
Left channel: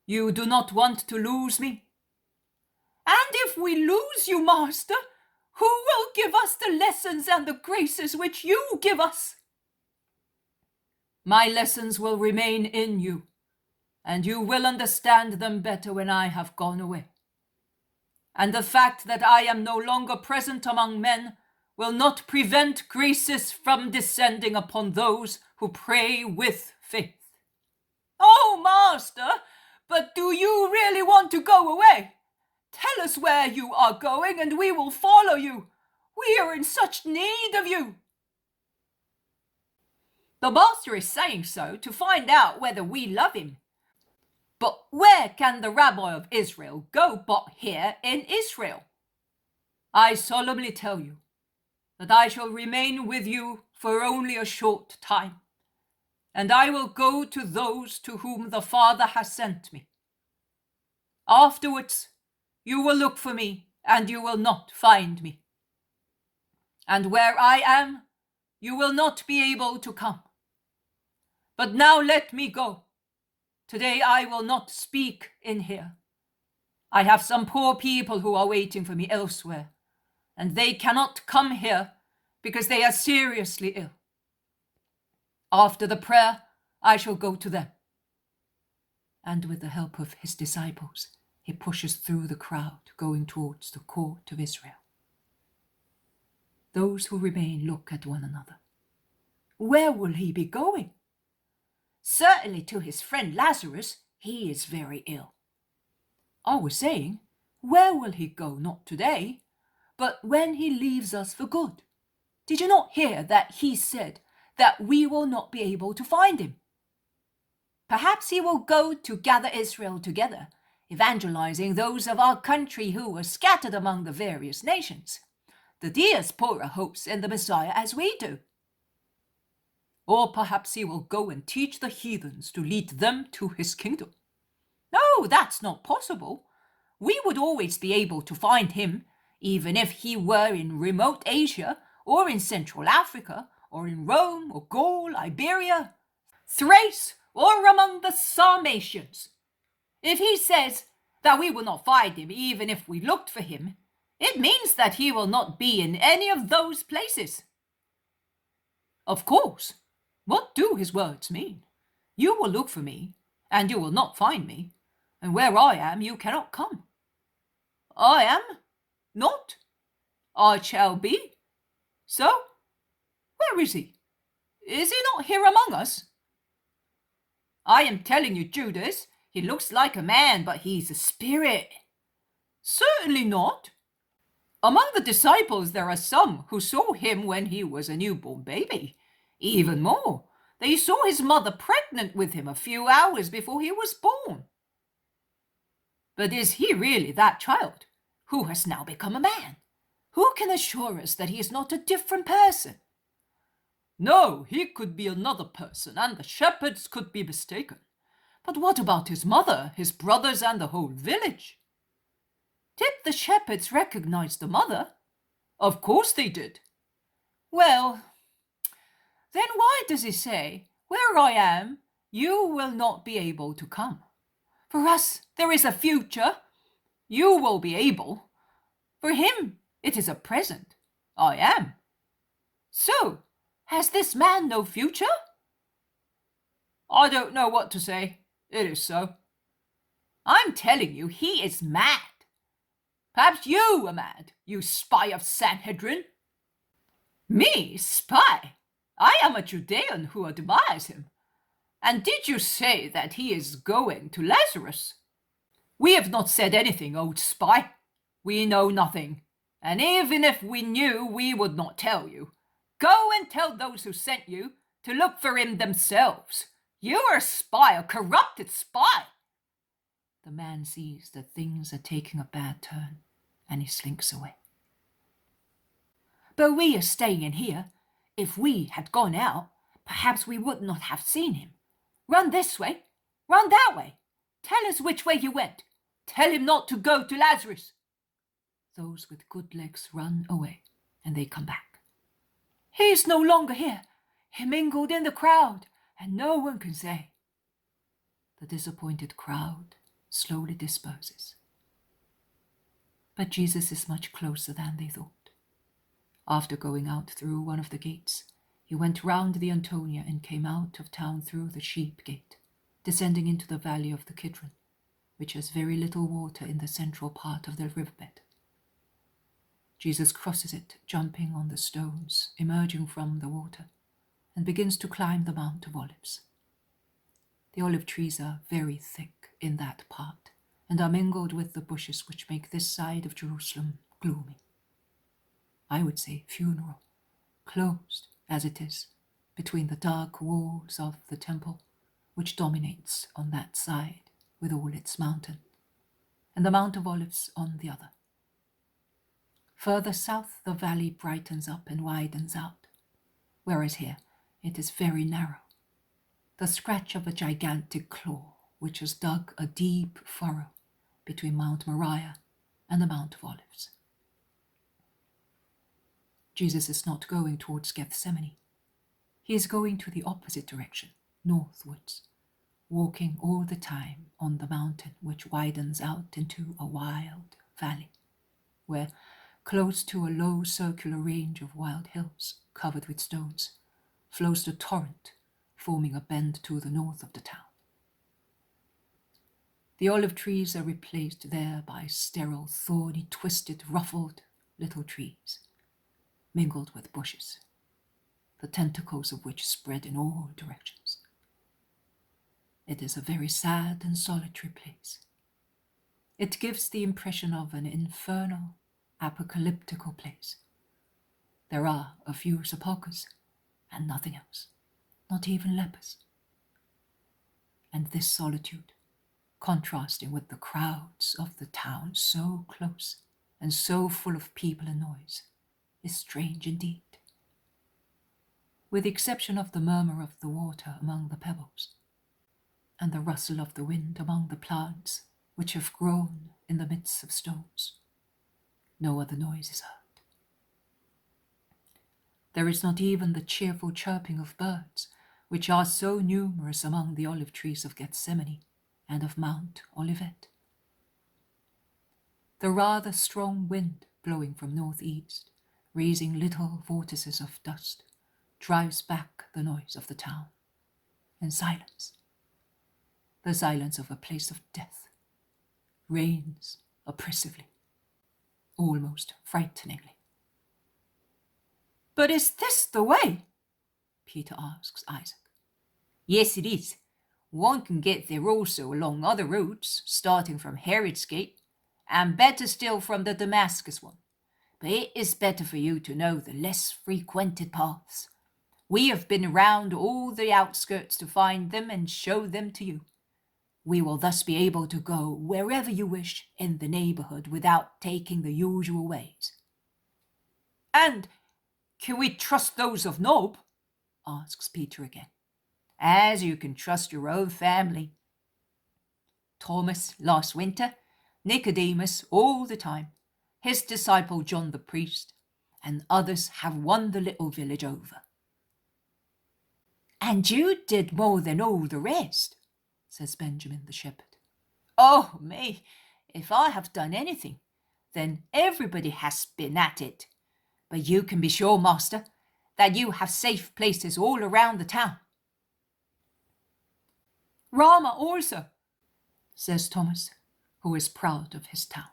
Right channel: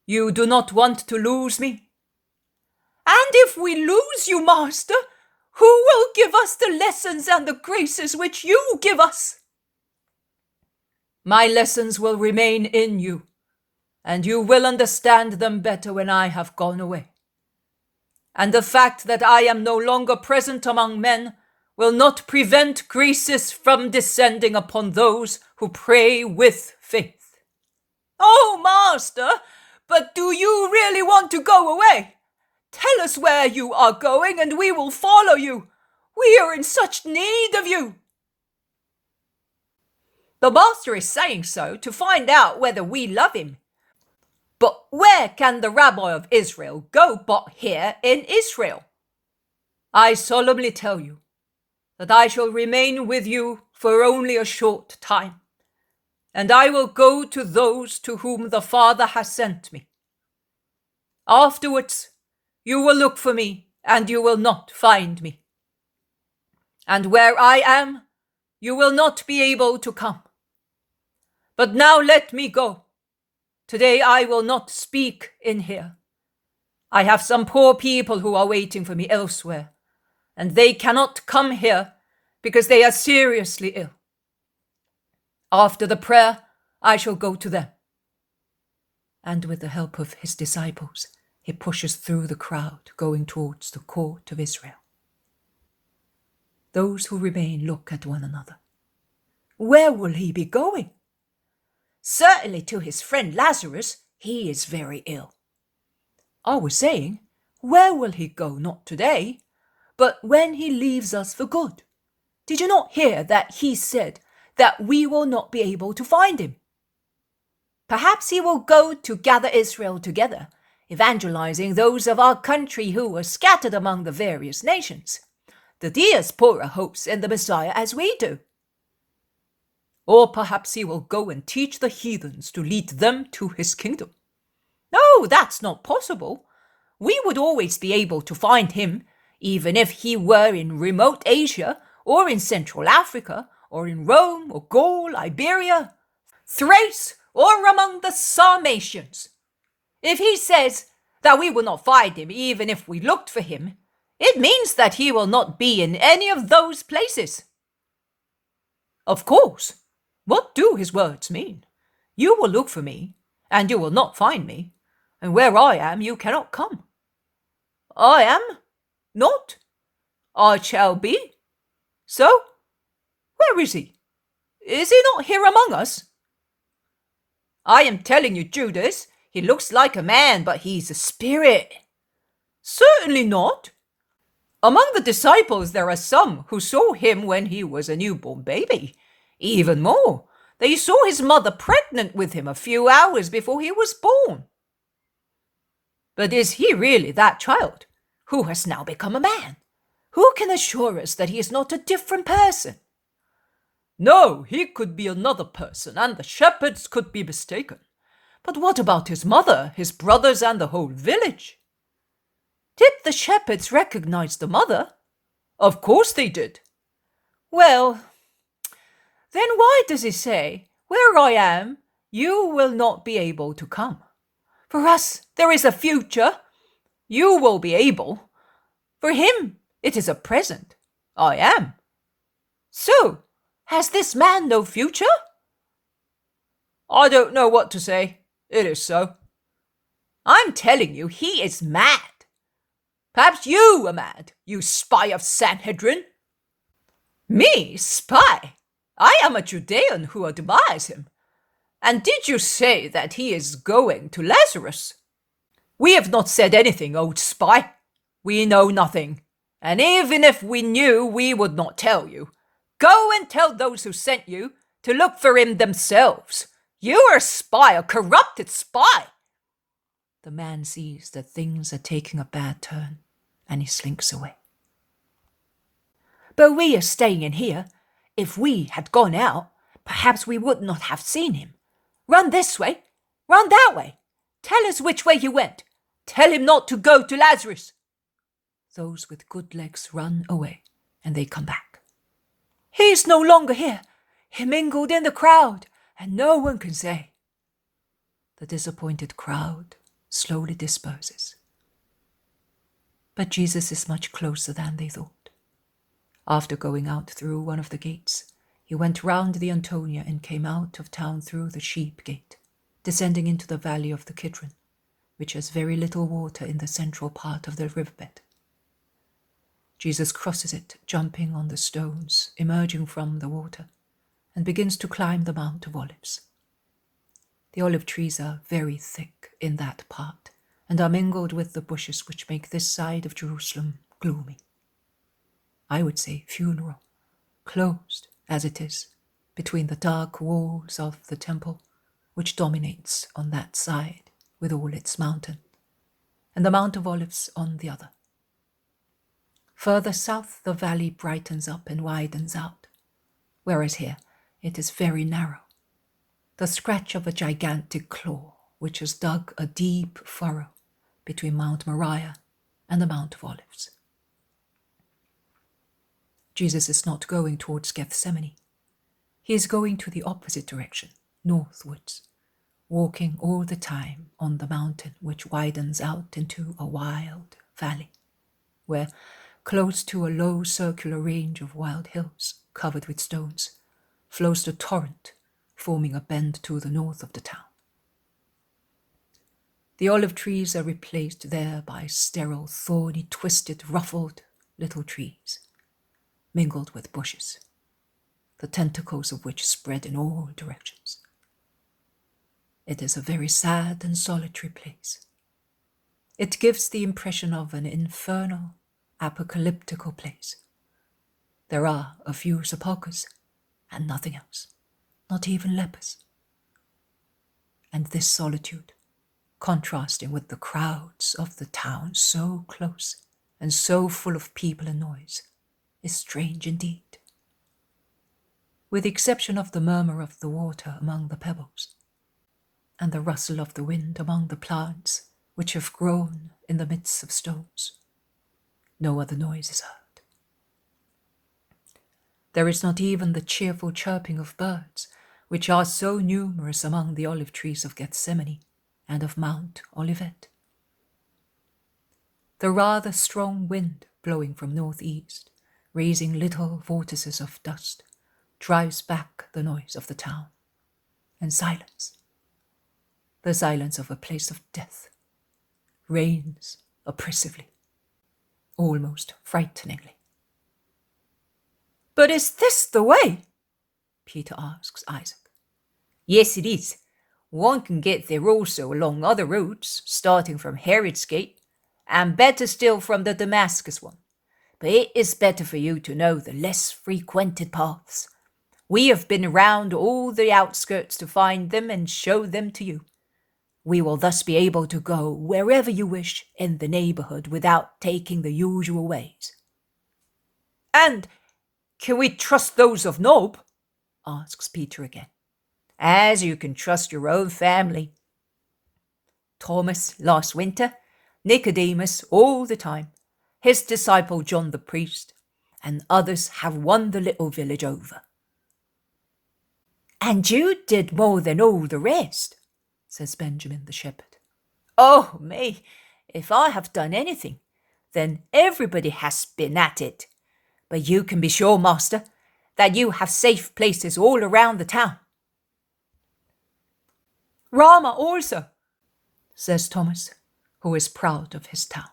you do not want to lose me? And if we lose you, Master, who will give us the lessons and the graces which you give us? My lessons will remain in you, and you will understand them better when I have gone away. And the fact that I am no longer present among men will not prevent graces from descending upon those who pray with faith. Oh, Master, but do you really want to go away? Tell us where you are going, and we will follow you. We are in such need of you. The Master is saying so to find out whether we love him. But where can the rabbi of Israel go but here in Israel? I solemnly tell you that I shall remain with you for only a short time, and I will go to those to whom the Father has sent me. Afterwards, you will look for me, and you will not find me. And where I am, you will not be able to come. But now let me go. Today I will not speak in here. I have some poor people who are waiting for me elsewhere, and they cannot come here because they are seriously ill. After the prayer, I shall go to them. And with the help of his disciples, he pushes through the crowd, going towards the court of Israel. Those who remain look at one another. Where will he be going? Certainly to his friend Lazarus. He is very ill. I was saying, where will he go? Not today, but when he leaves us for good. Did you not hear that he said that we will not be able to find him? Perhaps he will go to gather Israel together, evangelizing those of our country who are scattered among the various nations. The diaspora hopes in the Messiah as we do. Or perhaps he will go and teach the heathens to lead them to his kingdom. No, that's not possible. We would always be able to find him, even if he were in remote Asia, or in Central Africa, or in Rome, or Gaul, Iberia, Thrace, or among the Sarmatians. If he says that we will not find him even if we looked for him, it means that he will not be in any of those places. Of course, what do his words mean? You will look for me, and you will not find me, and where I am you cannot come. I am not. I shall be. So, where is he? Is he not here among us? I am telling you, Judas, he looks like a man, but he's a spirit. Certainly not. Among the disciples there are some who saw him when he was a newborn baby. Even more, they saw his mother pregnant with him a few hours before he was born. But is he really that child, who has now become a man? Who can assure us that he is not a different person? No, he could be another person, and the shepherds could be mistaken. But what about his mother, his brothers, and the whole village? Did the shepherds recognize the mother? Of course they did. Well, then why does he say, where I am, you will not be able to come? For us, there is a future. You will be able. For him, it is a present. I am. So, has this man no future? I don't know what to say. It is so. I'm telling you, he is mad. Perhaps you are mad, you spy of Sanhedrin. Me, spy? I am a Judean who admires him. And did you say that he is going to Lazarus? We have not said anything, old spy. We know nothing. And even if we knew, we would not tell you. Go and tell those who sent you to look for him themselves. You are a spy, a corrupted spy. The man sees that things are taking a bad turn, and he slinks away. But we are staying in here. If we had gone out, perhaps we would not have seen him. Run this way, run that way. Tell us which way you went. Tell him not to go to Lazarus. Those with good legs run away, and they come back. He is no longer here. He mingled in the crowd, and no one can say. The disappointed crowd slowly disperses. But Jesus is much closer than they thought. After going out through one of the gates, he went round the Antonia and came out of town through the sheep gate, descending into the valley of the Kidron, which has very little water in the central part of the riverbed. Jesus crosses it, jumping on the stones, emerging from the water, and begins to climb the Mount of Olives. The olive trees are very thick in that part, and are mingled with the bushes which make this side of Jerusalem gloomy. I would say funeral, closed as it is, between the dark walls of the temple, which dominates on that side with all its mountain, and the Mount of Olives on the other. Further south, the valley brightens up and widens out, whereas here it is very narrow, the scratch of a gigantic claw which has dug a deep furrow between Mount Moriah and the Mount of Olives. Jesus is not going towards Gethsemane. He is going to the opposite direction, northwards, walking all the time on the mountain which widens out into a wild valley, where, close to a low circular range of wild hills covered with stones, flows the torrent, forming a bend to the north of the town. The olive trees are replaced there by sterile, thorny, twisted, ruffled little trees, mingled with bushes, the tentacles of which spread in all directions. It is a very sad and solitary place. It gives the impression of an infernal, apocalyptical place. There are a few sepulchres and nothing else, not even lepers. And this solitude, contrasting with the crowds of the town so close and so full of people and noise, is strange indeed. With the exception of the murmur of the water among the pebbles, and the rustle of the wind among the plants which have grown in the midst of stones, no other noise is heard. There is not even the cheerful chirping of birds, which are so numerous among the olive trees of Gethsemane and of Mount Olivet. The rather strong wind blowing from northeast, raising little vortices of dust, drives back the noise of the town, and silence, the silence of a place of death, reigns oppressively, almost frighteningly. But is this the way? Peter asks Isaac. Yes, it is. One can get there also along other roads, starting from Herod's Gate, and better still from the Damascus one. But it is better for you to know the less frequented paths. We have been round all the outskirts to find them and show them to you. We will thus be able to go wherever you wish in the neighbourhood without taking the usual ways. And can we trust those of Nob? Asks Peter again. As you can trust your own family. Thomas last winter, Nicodemus all the time, his disciple John the priest, and others have won the little village over. And you did more than all the rest, says Benjamin the shepherd. Oh, me, if I have done anything, then everybody has been at it. But you can be sure, master, that you have safe places all around the town. Rama also, says Thomas, who is proud of his town.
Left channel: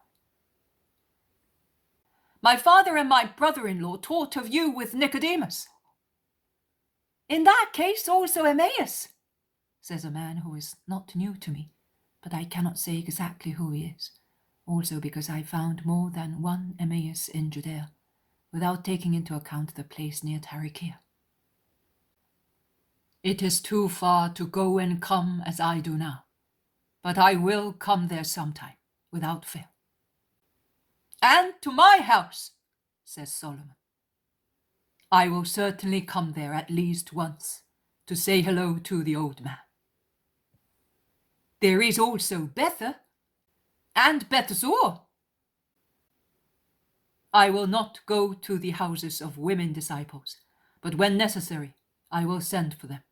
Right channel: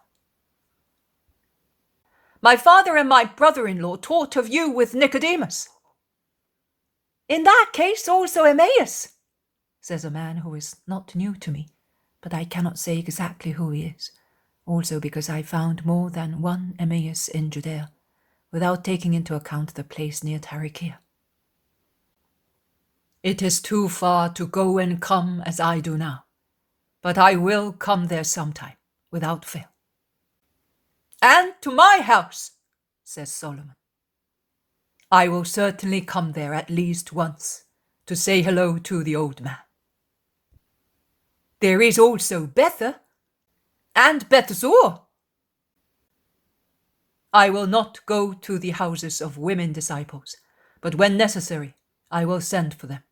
My father and my brother-in-law taught of you with Nicodemus. In that case also Emmaus, says a man who is not new to me, but I cannot say exactly who he is, also because I found more than one Emmaus in Judea, without taking into account the place near Tarichea. It is too far to go and come as I do now, but I will come there sometime, without fail. And to my house, says Solomon. I will certainly come there at least once, to say hello to the old man. There is also Bether, and Bethzur. I will not go to the houses of women disciples, but when necessary, I will send for them.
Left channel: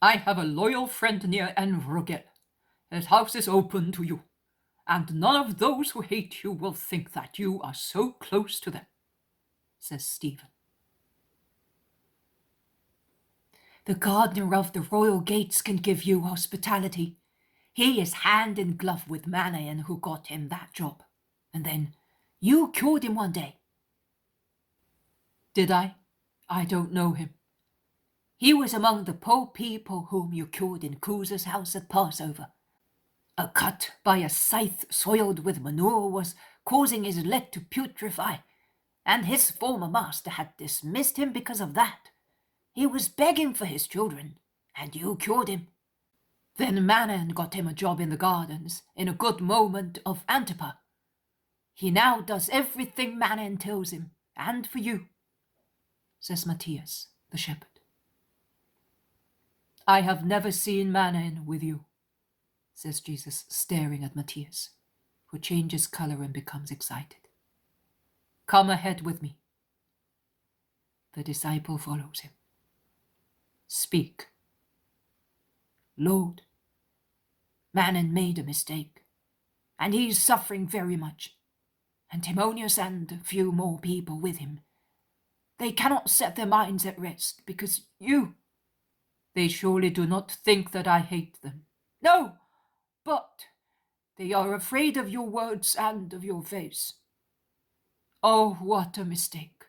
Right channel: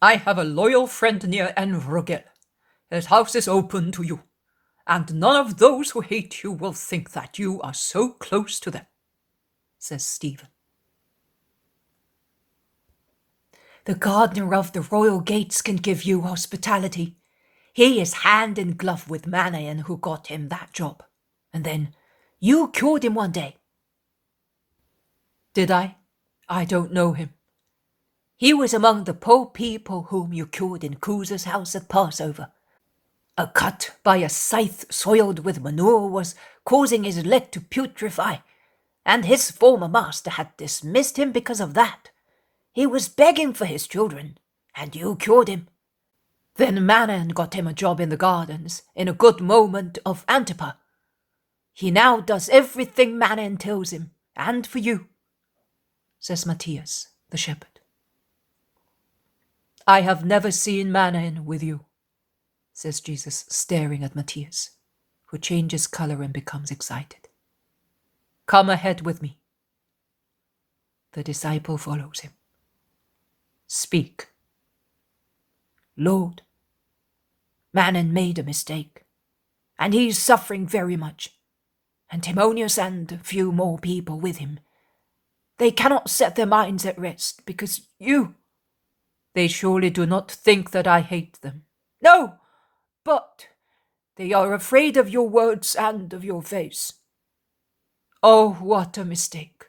I have a loyal friend near En-Rogel. His house is open to you, and none of those who hate you will think that you are so close to them, says Stephen. The gardener of the royal gates can give you hospitality. He is hand in glove with Manaen who got him that job. And then you cured him one day. Did I? I don't know him. He was among the poor people whom you cured in Cusa's house at Passover. A cut by a scythe soiled with manure was causing his leg to putrefy, and his former master had dismissed him because of that. He was begging for his children, and you cured him. Then Manon got him a job in the gardens in a good moment of Antipa. He now does everything Manon tells him, and for you, says Matthias, the shepherd. I have never seen Manon with you, says Jesus, staring at Matthias, who changes color and becomes excited. Come ahead with me. The disciple follows him. Speak. Lord, Manon made a mistake, and he is suffering very much, and Timonius and a few more people with him. They cannot set their minds at rest because you... They surely do not think that I hate them. No, but they are afraid of your words and of your face. Oh, what a mistake.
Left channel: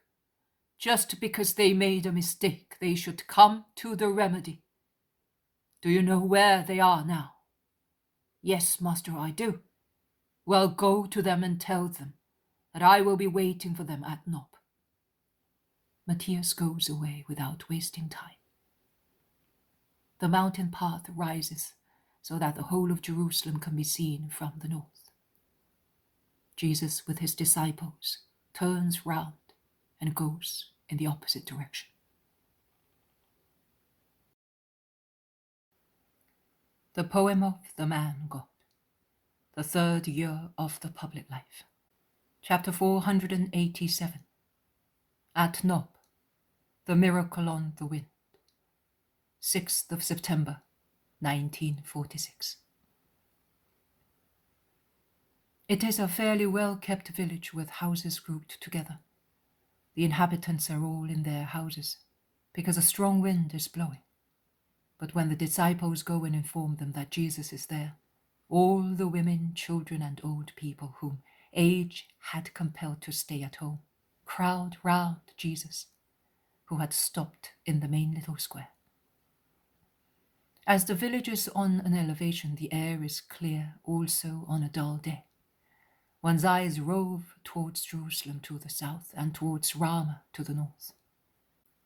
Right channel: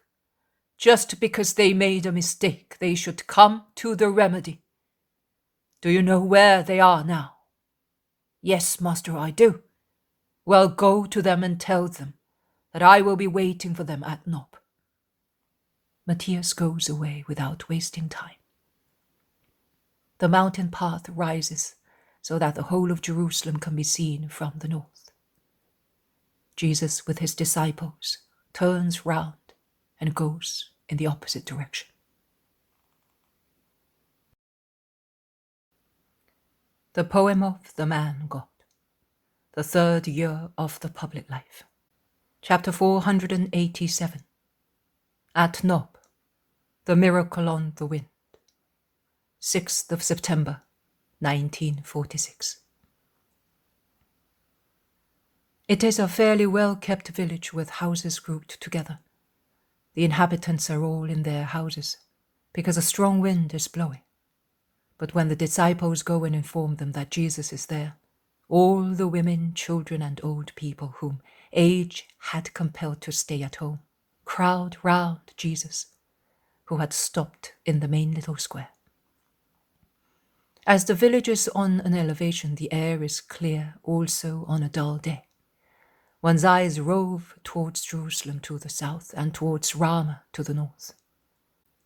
Just because they made a mistake, they should come to the remedy. Do you know where they are now? Yes, Master, I do. Well, go to them and tell them that I will be waiting for them at Nob. Matthias goes away without wasting time. The mountain path rises so that the whole of Jerusalem can be seen from the north. Jesus, with his disciples, turns round and goes in the opposite direction. The poem of the man God, the third year of the public life. Chapter 487. At Nob, the miracle on the wind. 6th of September, 1946. It is a fairly well-kept village with houses grouped together. The inhabitants are all in their houses because a strong wind is blowing. But when the disciples go and inform them that Jesus is there, all the women, children, and old people whom age had compelled to stay at home crowd round Jesus, who had stopped in the main little square. As the village is on an elevation, the air is clear also on a dull day. One's eyes rove towards Jerusalem to the south and towards Ramah to the north.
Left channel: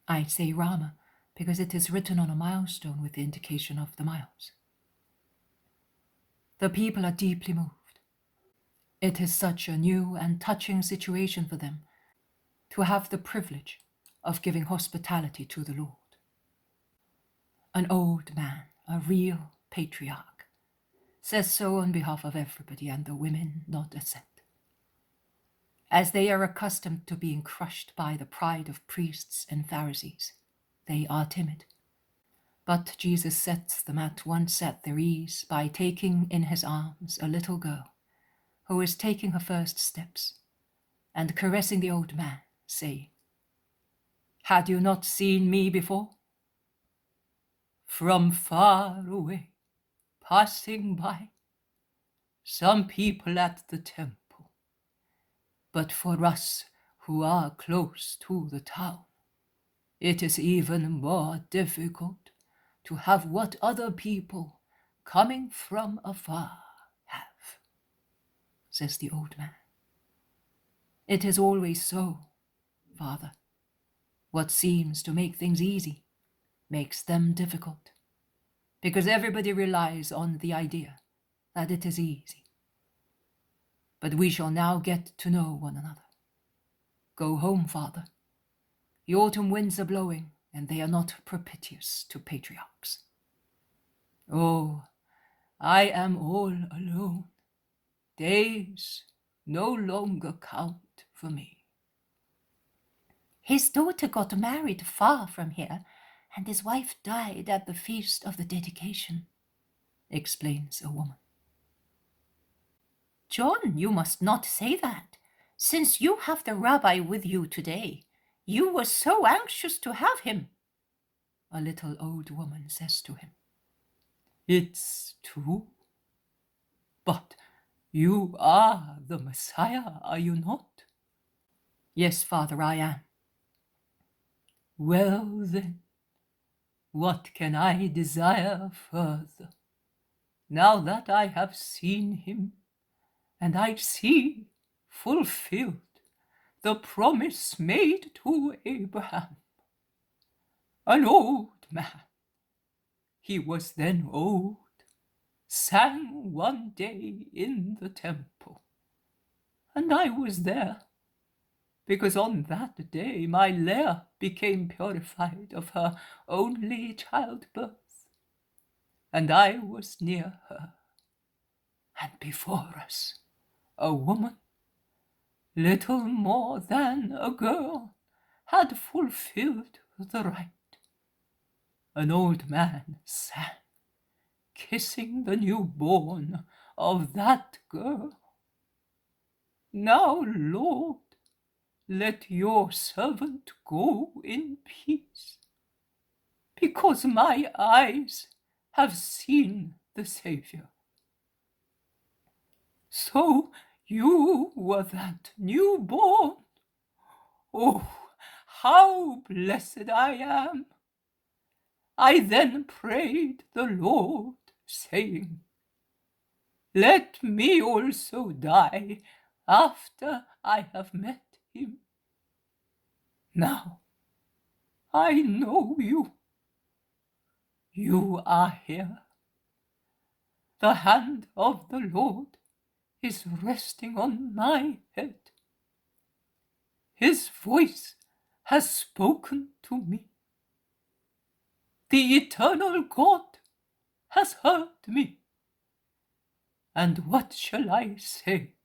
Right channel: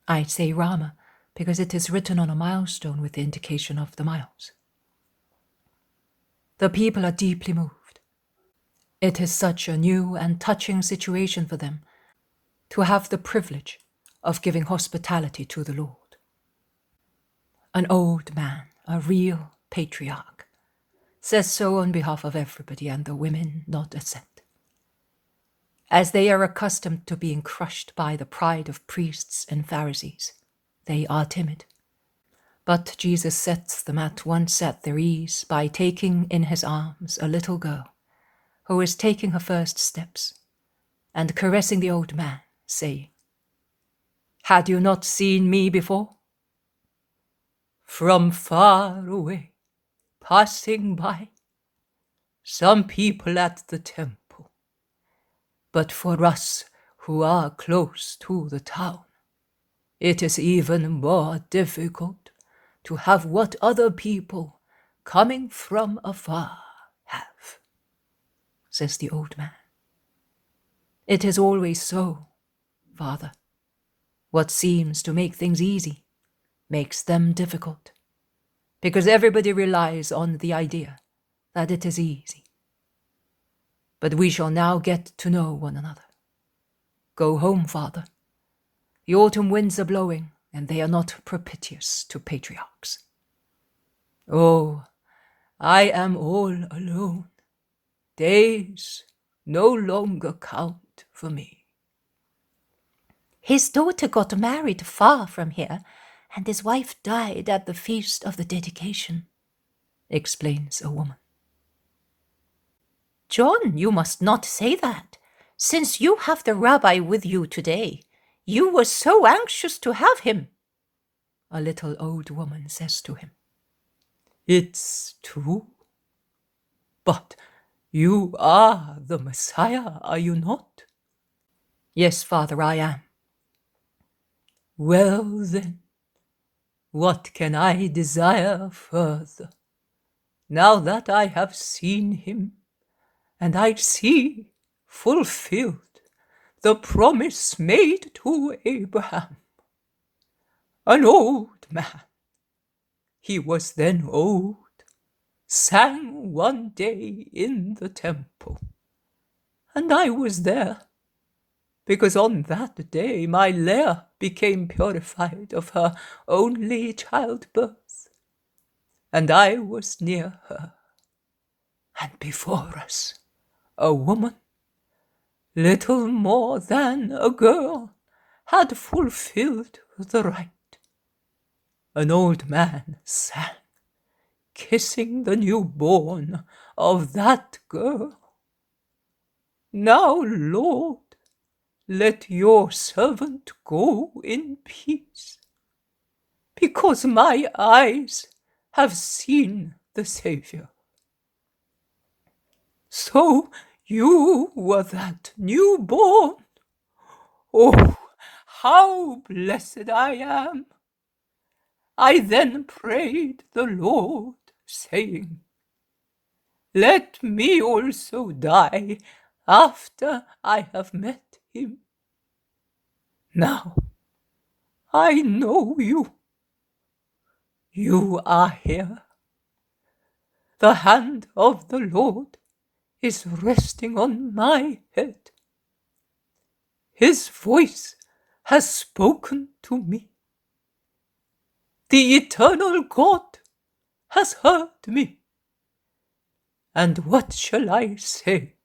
I say Ramah because it is written on a milestone with the indication of the miles. The people are deeply moved. It is such a new and touching situation for them to have the privilege of giving hospitality to the Lord. An old man, a real patriarch, says so on behalf of everybody, and the women nod assent. As they are accustomed to being crushed by the pride of priests and Pharisees, they are timid. But Jesus sets them at once at their ease by taking in his arms a little girl who is taking her first steps and caressing the old man, saying, "Had you not seen me before? From far away, passing by, some people at the temple. But for us who are close to the town, it is even more difficult to have what other people coming from afar have," says the old man. It is always so, Father. What seems to make things easy makes them difficult, because everybody relies on the idea that it is easy. But we shall now get to know one another. Go home, Father. The autumn winds are blowing, and they are not propitious to patriarchs. Oh, I am all alone. Days no longer count for me. His daughter got married far from here, and his wife died at the feast of the dedication, explains a woman. John, you must not say that. Since you have the rabbi with you today, you were so anxious to have him, a little old woman says to him. It's true. But you are the Messiah, are you not? Yes, Father, I am. Well then, what can I desire further, now that I have seen him, and I see fulfilled the promise made to Abraham? An old man. He was then old, sang one day in the temple, and I was there, because on that day my Leah became purified of her only childbirth, and I was near her. And before us, a woman, little more than a girl, had fulfilled the rite. An old man sang, kissing the newborn of that girl. Now, Lord, let your servant go in peace, because my eyes have seen the Saviour. So you were that newborn. Oh, how blessed I am! I then prayed the Lord, saying, let me also die after I have met him. Now, I know you. You are here. The hand of the Lord is resting on my head. His voice has spoken to me. The eternal God has heard me. And what shall I say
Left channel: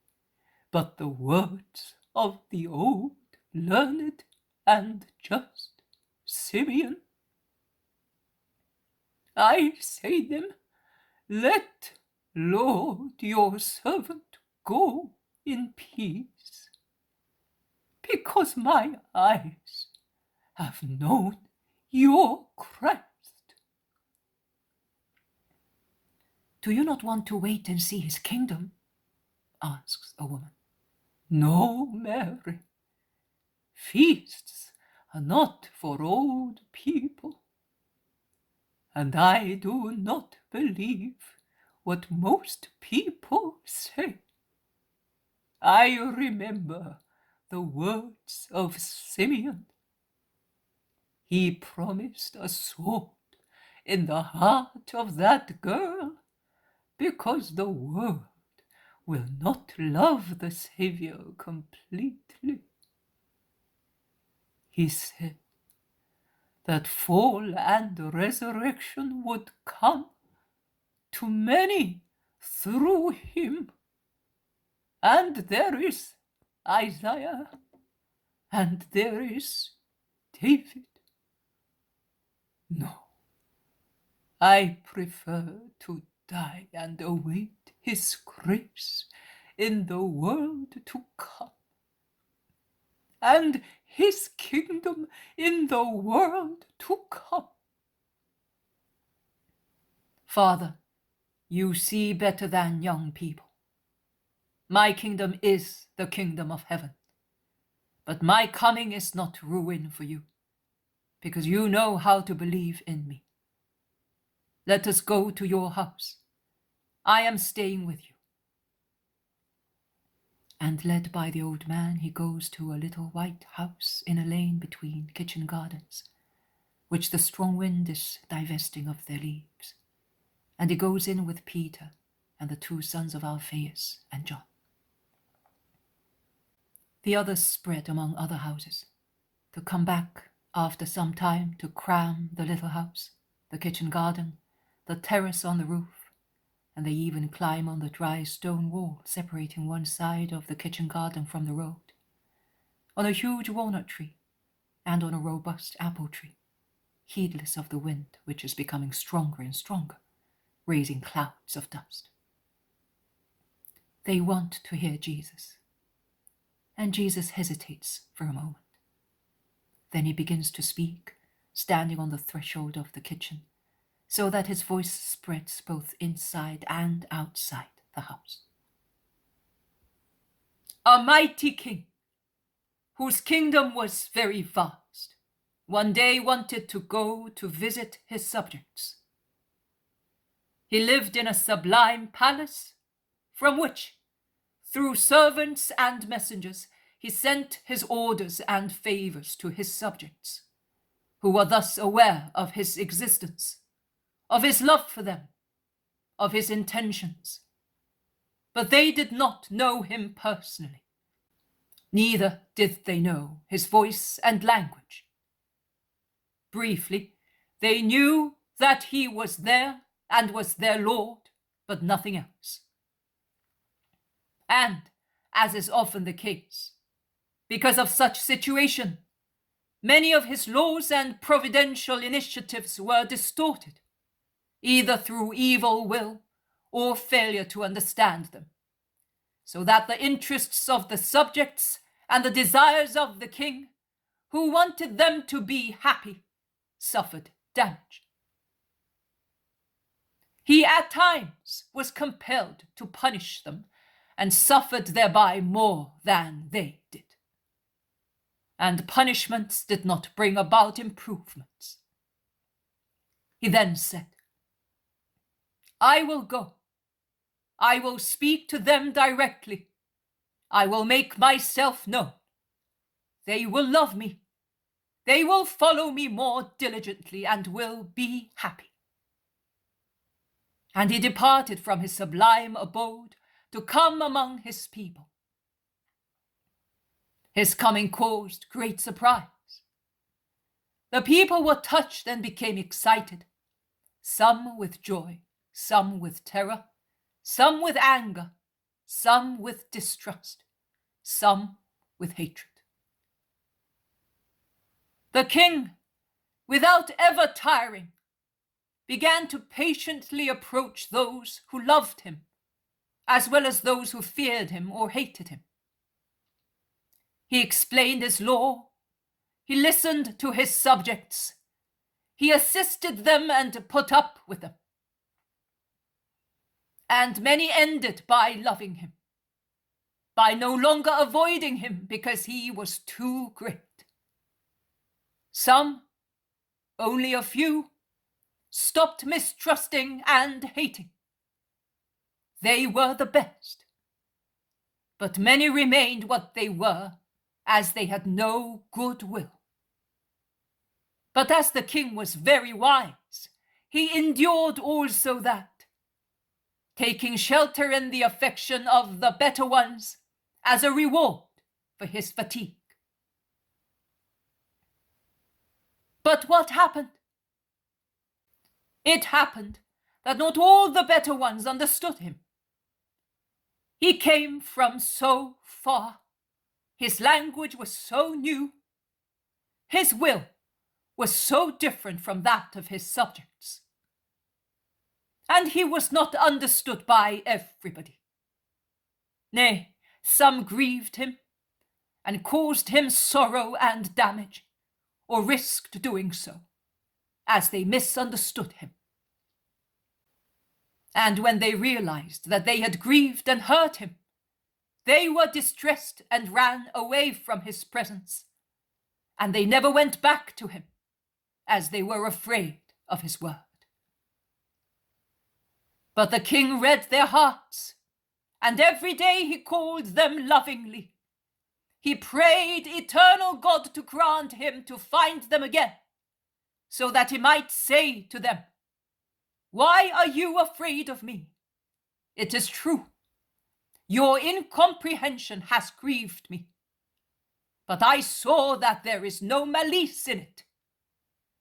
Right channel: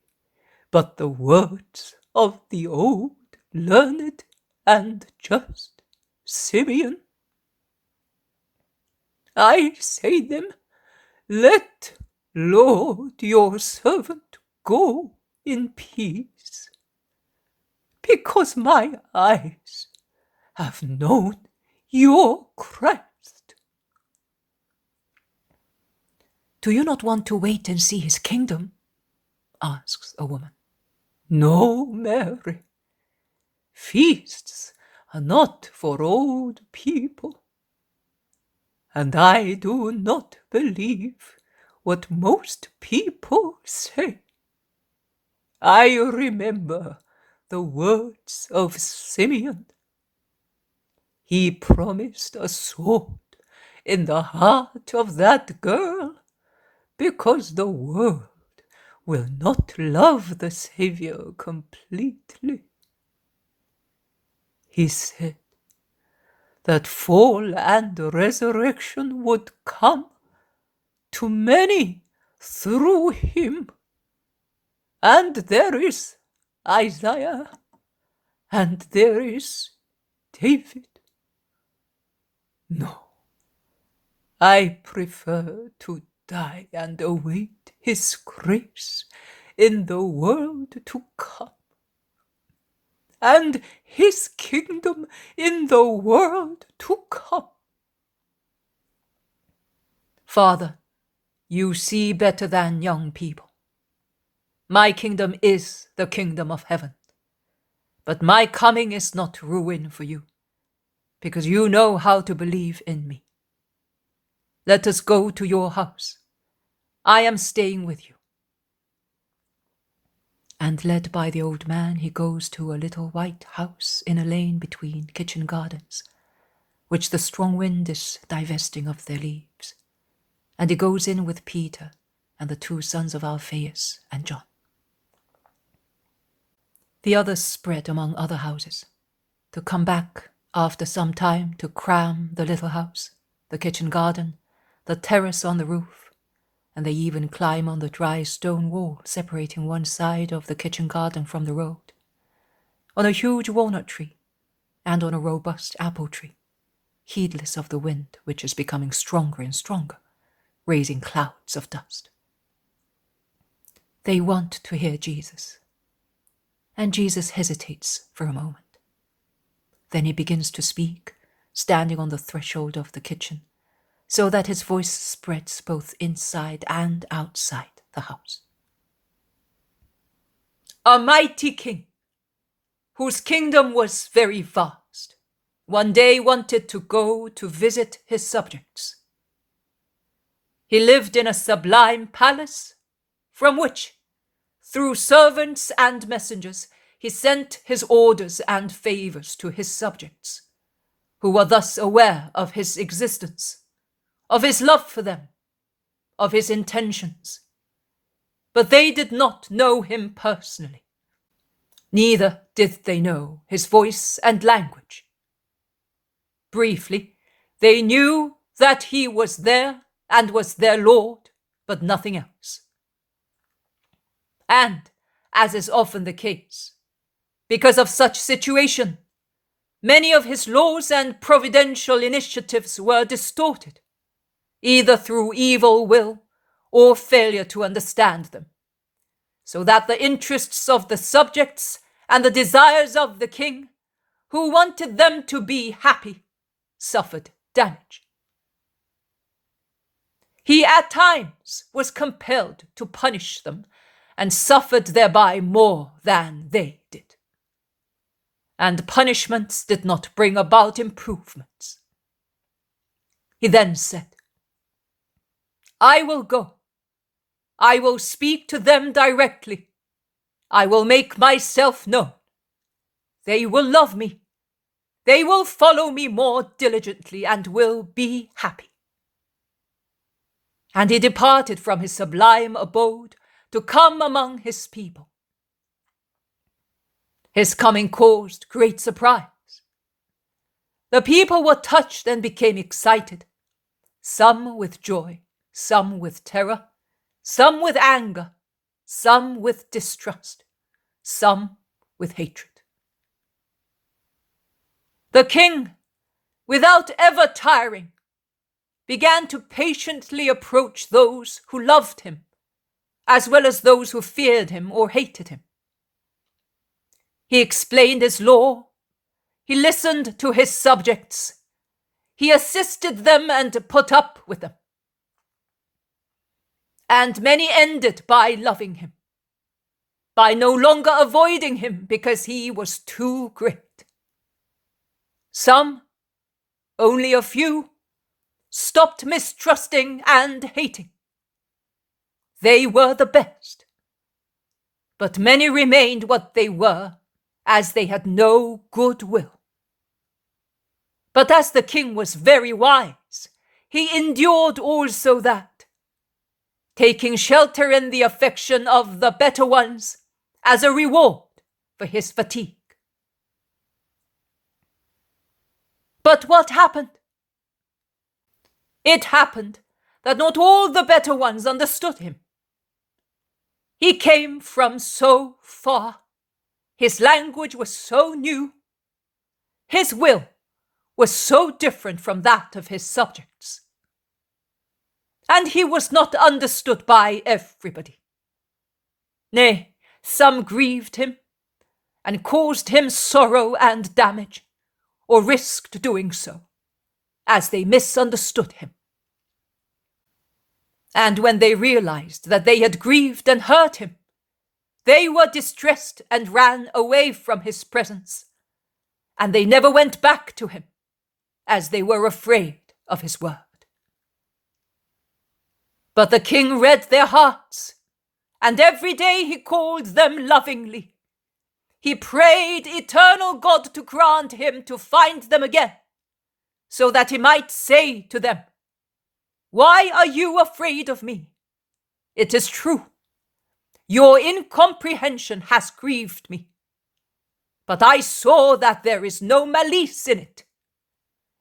but the words of the old, learned, and just Simeon? I say them, let, Lord, your servant go in peace, because my eyes have known your Christ. Do you not want to wait and see his kingdom? Asks a woman. No, Mary. Feasts are not for old people. And I do not believe what most people say. I remember the words of Simeon. He promised a sword in the heart of that girl, because the world will not love the Saviour completely. He said that fall and resurrection would come to many through him. And there is Isaiah, and there is David. No, I prefer to die and await his grace in the world to come, and his kingdom in the world to come. Father, you see better than young people. My kingdom is the kingdom of heaven, but my coming is not ruin for you, because you know how to believe in me. Let us go to your house. I am staying with you. And led by the old man, he goes to a little white house in a lane between kitchen gardens, which the strong wind is divesting of their leaves. And he goes in with Peter and the two sons of Alphaeus and John. The others spread among other houses, to come back after some time to cram the little house, the kitchen garden, the terrace on the roof, and they even climb on the dry stone wall separating one side of the kitchen garden from the road, on a huge walnut tree, and on a robust apple tree, heedless of the wind which is becoming stronger and stronger, raising clouds of dust. They want to hear Jesus, and Jesus hesitates for a moment. Then he begins to speak, standing on the threshold of the kitchen, so that his voice spreads both inside and outside the house. A mighty king, whose kingdom was very vast, one day wanted to go to visit his subjects. He lived in a sublime palace, from which, through servants and messengers, he sent his orders and favors to his subjects, who were thus aware of his existence, of his love for them, of his intentions, but they did not know him personally. Neither did they know his voice and language. Briefly, they knew that he was there and was their Lord, but nothing else. And, as is often the case, because of such situation, many of his laws and providential initiatives were distorted, either through evil will or failure to understand them, so that the interests of the subjects and the desires of the king, who wanted them to be happy, suffered damage. He at times was compelled to punish them and suffered thereby more than they did. And punishments did not bring about improvements. He then said, "I will go. I will speak to them directly. I will make myself known. They will love me. They will follow me more diligently and will be happy." And he departed from his sublime abode to come among his people. His coming caused great surprise. The people were touched and became excited, some with joy, some with terror, some with anger, some with distrust, some with hatred. The king, without ever tiring, began to patiently approach those who loved him, as well as those who feared him or hated him. He explained his law. He listened to his subjects. He assisted them and put up with them. And many ended by loving him, by no longer avoiding him because he was too great. Some, only a few, stopped mistrusting and hating. They were the best. But many remained what they were, as they had no good will. But as the king was very wise, he endured also that, taking shelter in the affection of the better ones as a reward for his fatigue. But what happened? It happened that not all the better ones understood him. He came from so far. His language was so new. His will was so different from that of his subjects. And he was not understood by everybody. Nay, some grieved him and caused him sorrow and damage, or risked doing so, as they misunderstood him. And when they realized that they had grieved and hurt him, they were distressed and ran away from his presence, and they never went back to him, as they were afraid of his word. But the king read their hearts, and every day he called them lovingly. He prayed eternal God to grant him to find them again, so that he might say to them, "Why are you afraid of me? It is true. Your incomprehension has grieved me. But I saw that there is no malice in it.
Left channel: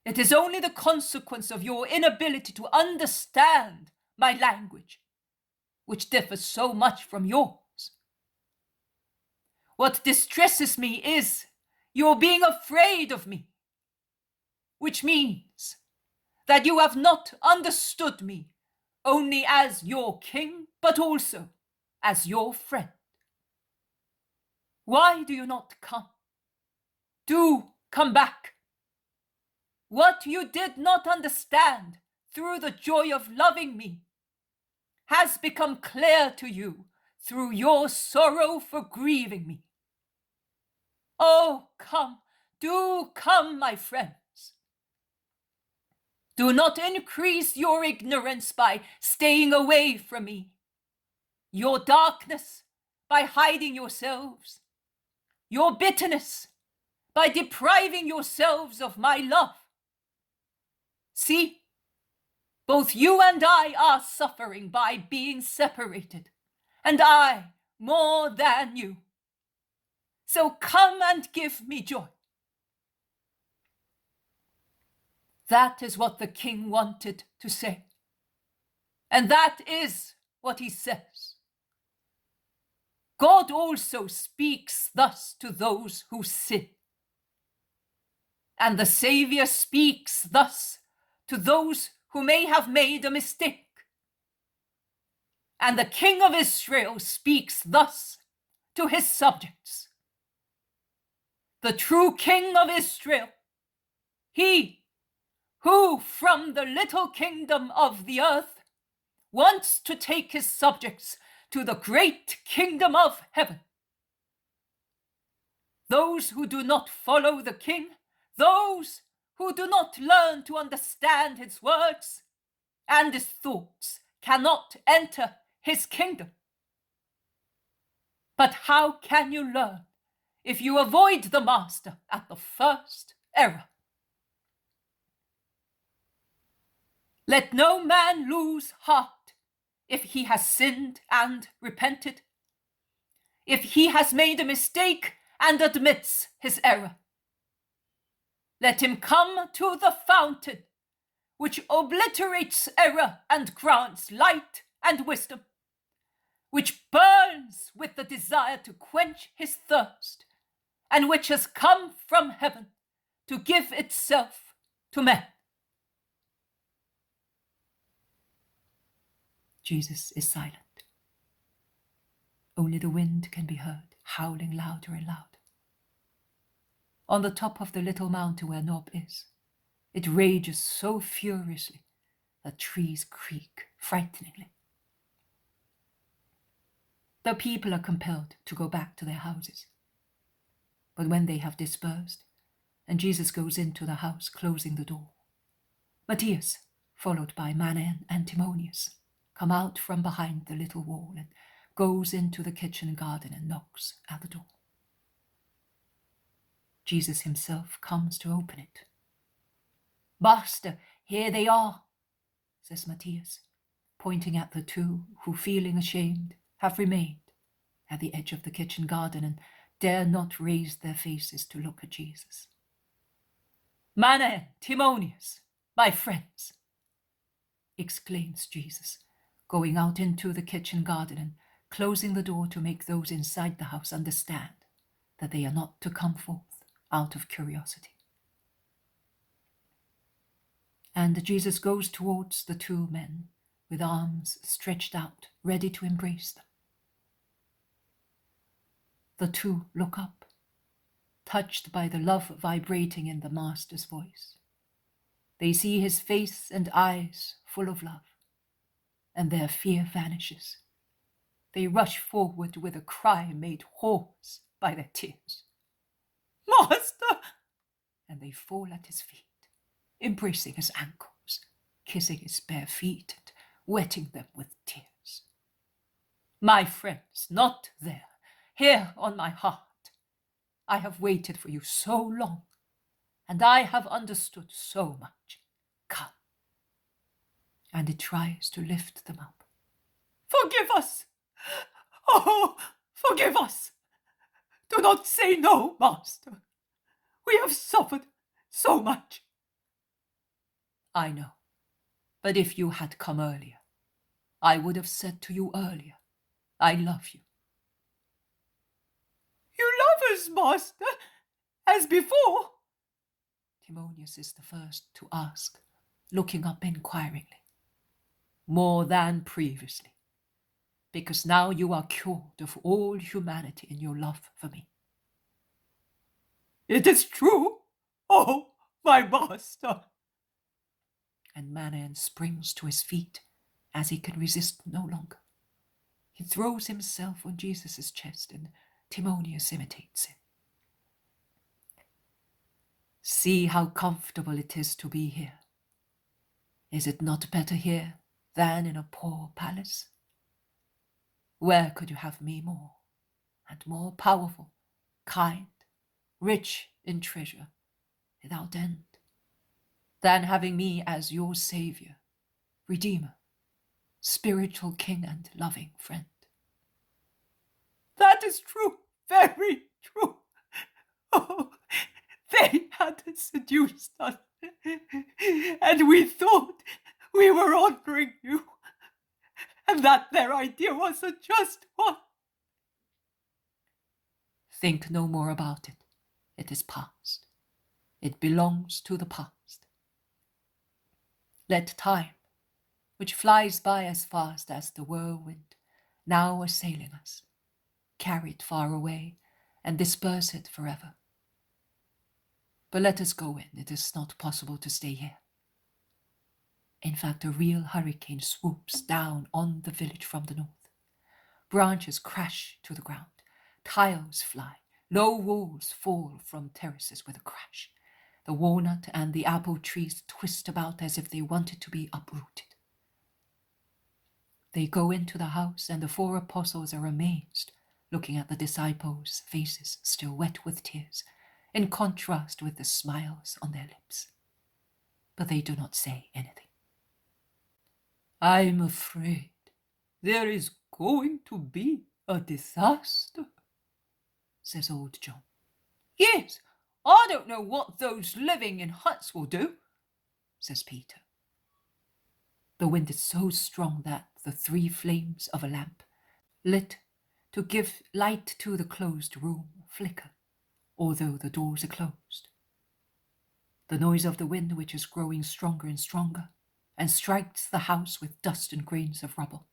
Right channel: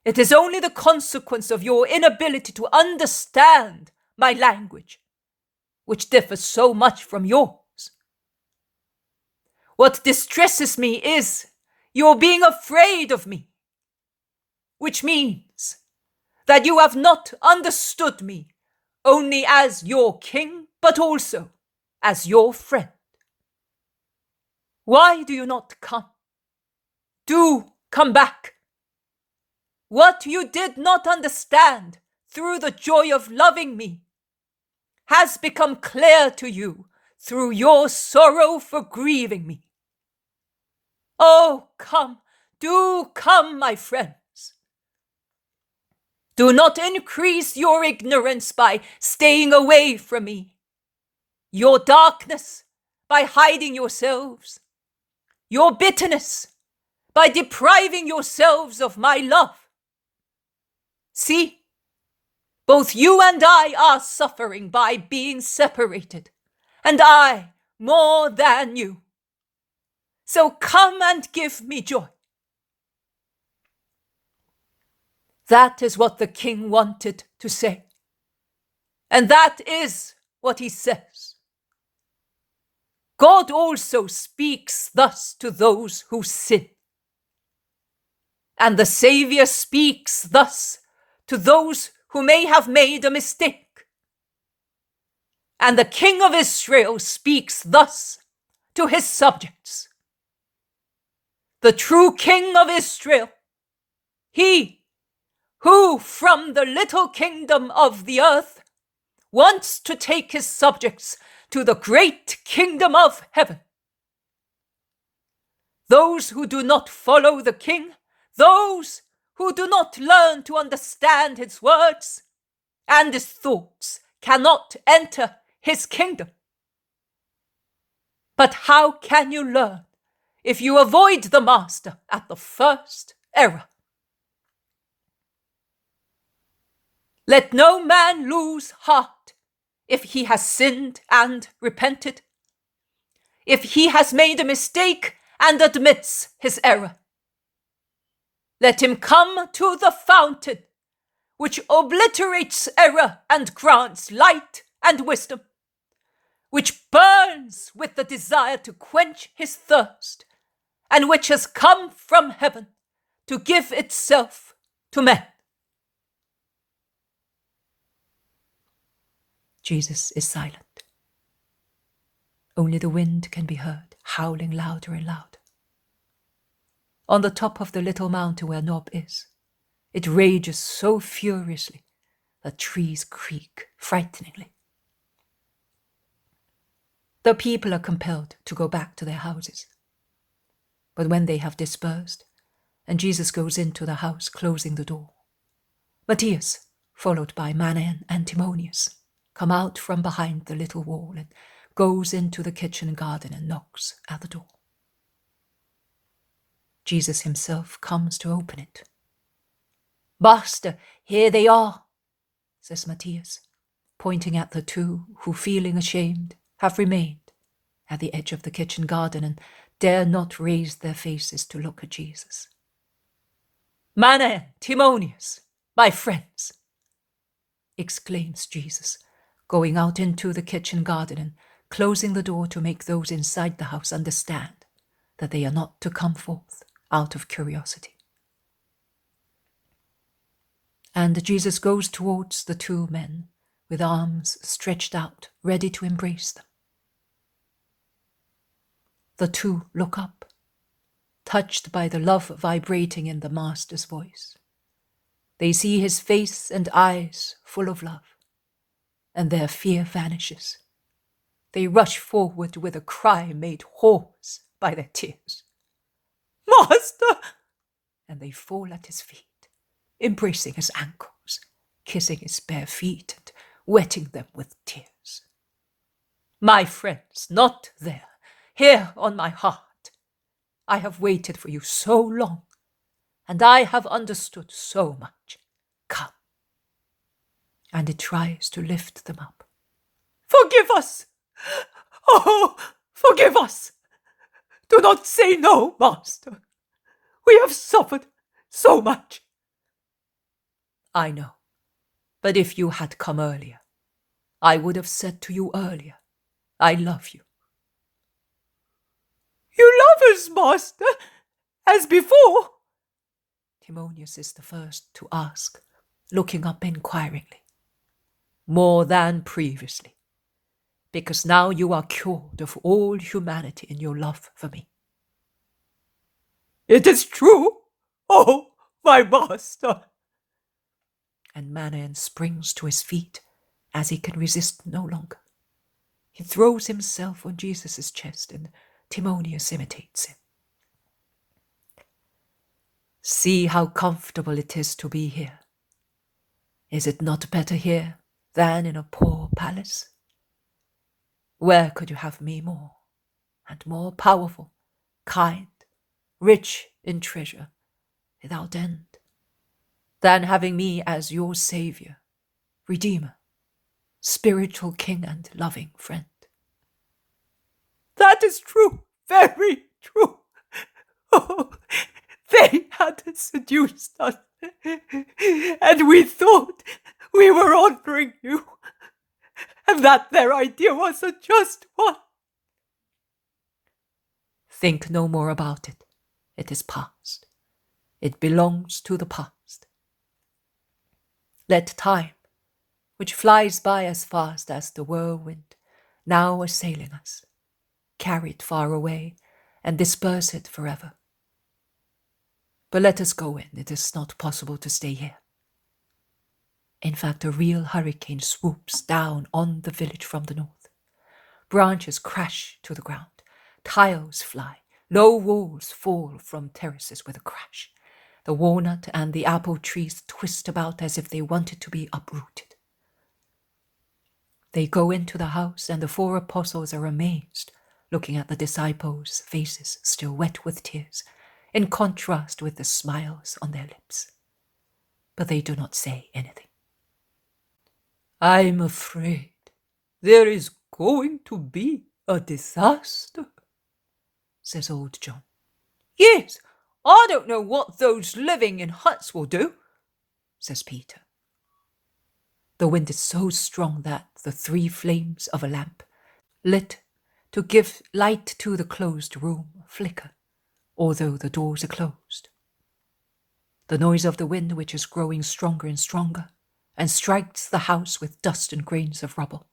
It is only the consequence of your inability to understand my language, which differs so much from yours. What distresses me is your being afraid of me, which means that you have not understood me only as your king, but also as your friend. Why do you not come? Do come back. What you did not understand through the joy of loving me has become clear to you through your sorrow for grieving me. Oh, come, do come, my friends. Do not increase your ignorance by staying away from me, your darkness by hiding yourselves, your bitterness by depriving yourselves of my love. See, Both you and I are suffering by being separated, and I more than you. So come and give me joy. That is what the king wanted to say. And that is what he says. God also speaks thus to those who sin. And the Savior speaks thus to those who may have made a mistake. And the King of Israel speaks thus to his subjects. The true King of Israel, he who from the little kingdom of the earth wants to take his subjects to the great kingdom of heaven. Those who do not follow the king, those who do not learn to understand his words and his thoughts, cannot enter his kingdom. But how can you learn if you avoid the master at the first error? Let no man lose heart if he has sinned and repented, if he has made a mistake and admits his error. Let him come to the fountain, which obliterates error and grants light and wisdom, which burns with the desire to quench his thirst, and which has come from heaven to give itself to men. Jesus is silent. Only the wind can be heard, howling louder and louder. On the top of the little mountain where Nob is, it rages so furiously that trees creak frighteningly. The people are compelled to go back to their houses. But when they have dispersed, and Jesus goes into the house, closing the door, Matthias, followed by Manaen and Timonius, come out from behind the little wall and goes into the kitchen garden and knocks at the door. Jesus himself comes to open it. "Master, here they are," says Matthias, pointing at the two who, feeling ashamed, have remained at the edge of the kitchen garden and dare not raise their faces to look at Jesus. "Manaen, Timonius, my friends," exclaims Jesus, going out into the kitchen garden and closing the door to make those inside the house understand that they are not to come forth out of curiosity. And Jesus goes towards the two men with arms stretched out, ready to embrace them. The two look up, touched by the love vibrating in the Master's voice. They see his face and eyes full of love, and their fear vanishes. They rush forward with a cry made hoarse by their tears. "Master!" And they fall at his feet, embracing his ankles, kissing his bare feet and wetting them with tears. "My friends, not there, here on my heart. I have waited for you so long, and I have understood so much. Come." And it tries to lift them up. "Forgive us! Oh, forgive us! Do not say no, Master. We have suffered so much." "I know, but if you had come earlier, I would have said to you earlier, I love you." "You love us, Master, as before?" Timonius is the first to ask, looking up inquiringly. "More than previously, because now you are cured of all humanity in your love for me." "It is true, oh, my Master." And Manaen springs to his feet as he can resist no longer. He throws himself on Jesus' chest, and Timonius imitates him. "See how comfortable it is to be here. Is it not better here than in a poor palace? Where could you have me more, and more powerful, kind, rich in treasure, without end, than having me as your Saviour Redeemer, spiritual King and loving friend. That is true, very true. Oh, they had seduced us, and we thought we were honoring you, and that their idea was a just one. Think no more about it. It is past. It belongs to the past. Let time, which flies by as fast as the whirlwind, now assailing us, carry it far away and disperse it forever. But let us go in. It is not possible to stay here. In fact, a real hurricane swoops down on the village from the north. Branches crash to the ground. Tiles fly. Low walls fall from terraces with a crash. The walnut and the apple trees twist about as if they wanted to be uprooted. They go into the house, and the 4 apostles are amazed, looking at the disciples' faces still wet with tears, in contrast with the smiles on their lips. But they do not say anything. I'm afraid there is going to be a disaster, says old John. Yes, I don't know what those living in huts will do, says Peter. The wind is so strong that the 3 flames of a lamp, lit to give light to the closed room, flicker, although the doors are closed. The noise of the wind, which is growing stronger and stronger, and strikes the house with dust and grains of rubble,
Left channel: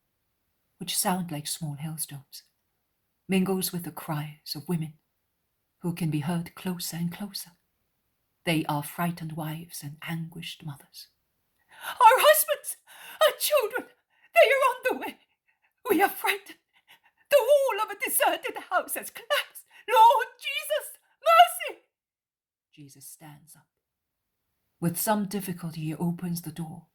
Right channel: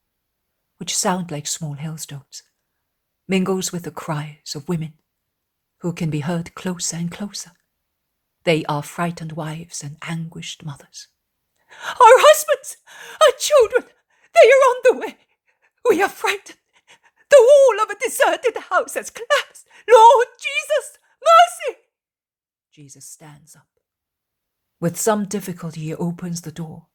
which sound like small hailstones, mingles with the cries of women, who can be heard closer and closer. They are frightened wives and anguished mothers. Our husbands, our children, they are on the way. We are frightened. The wall of a deserted house has collapsed. Lord Jesus, mercy! Jesus stands up. With some difficulty he opens the door,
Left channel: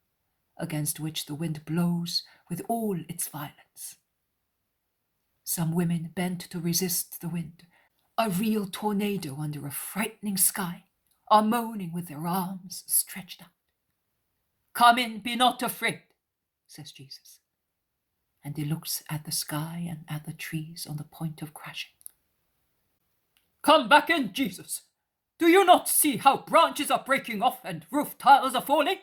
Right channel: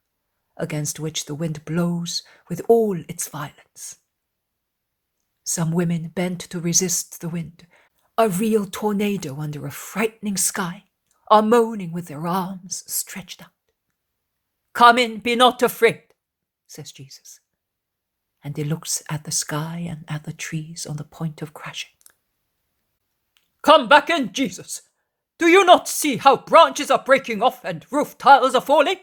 against which the wind blows with all its violence. Some women bent to resist the wind, a real tornado under a frightening sky, are moaning with their arms stretched out. Come in, be not afraid, says Jesus, and he looks at the sky and at the trees on the point of crashing. Come back in, Jesus. Do you not see how branches are breaking off and roof tiles are falling?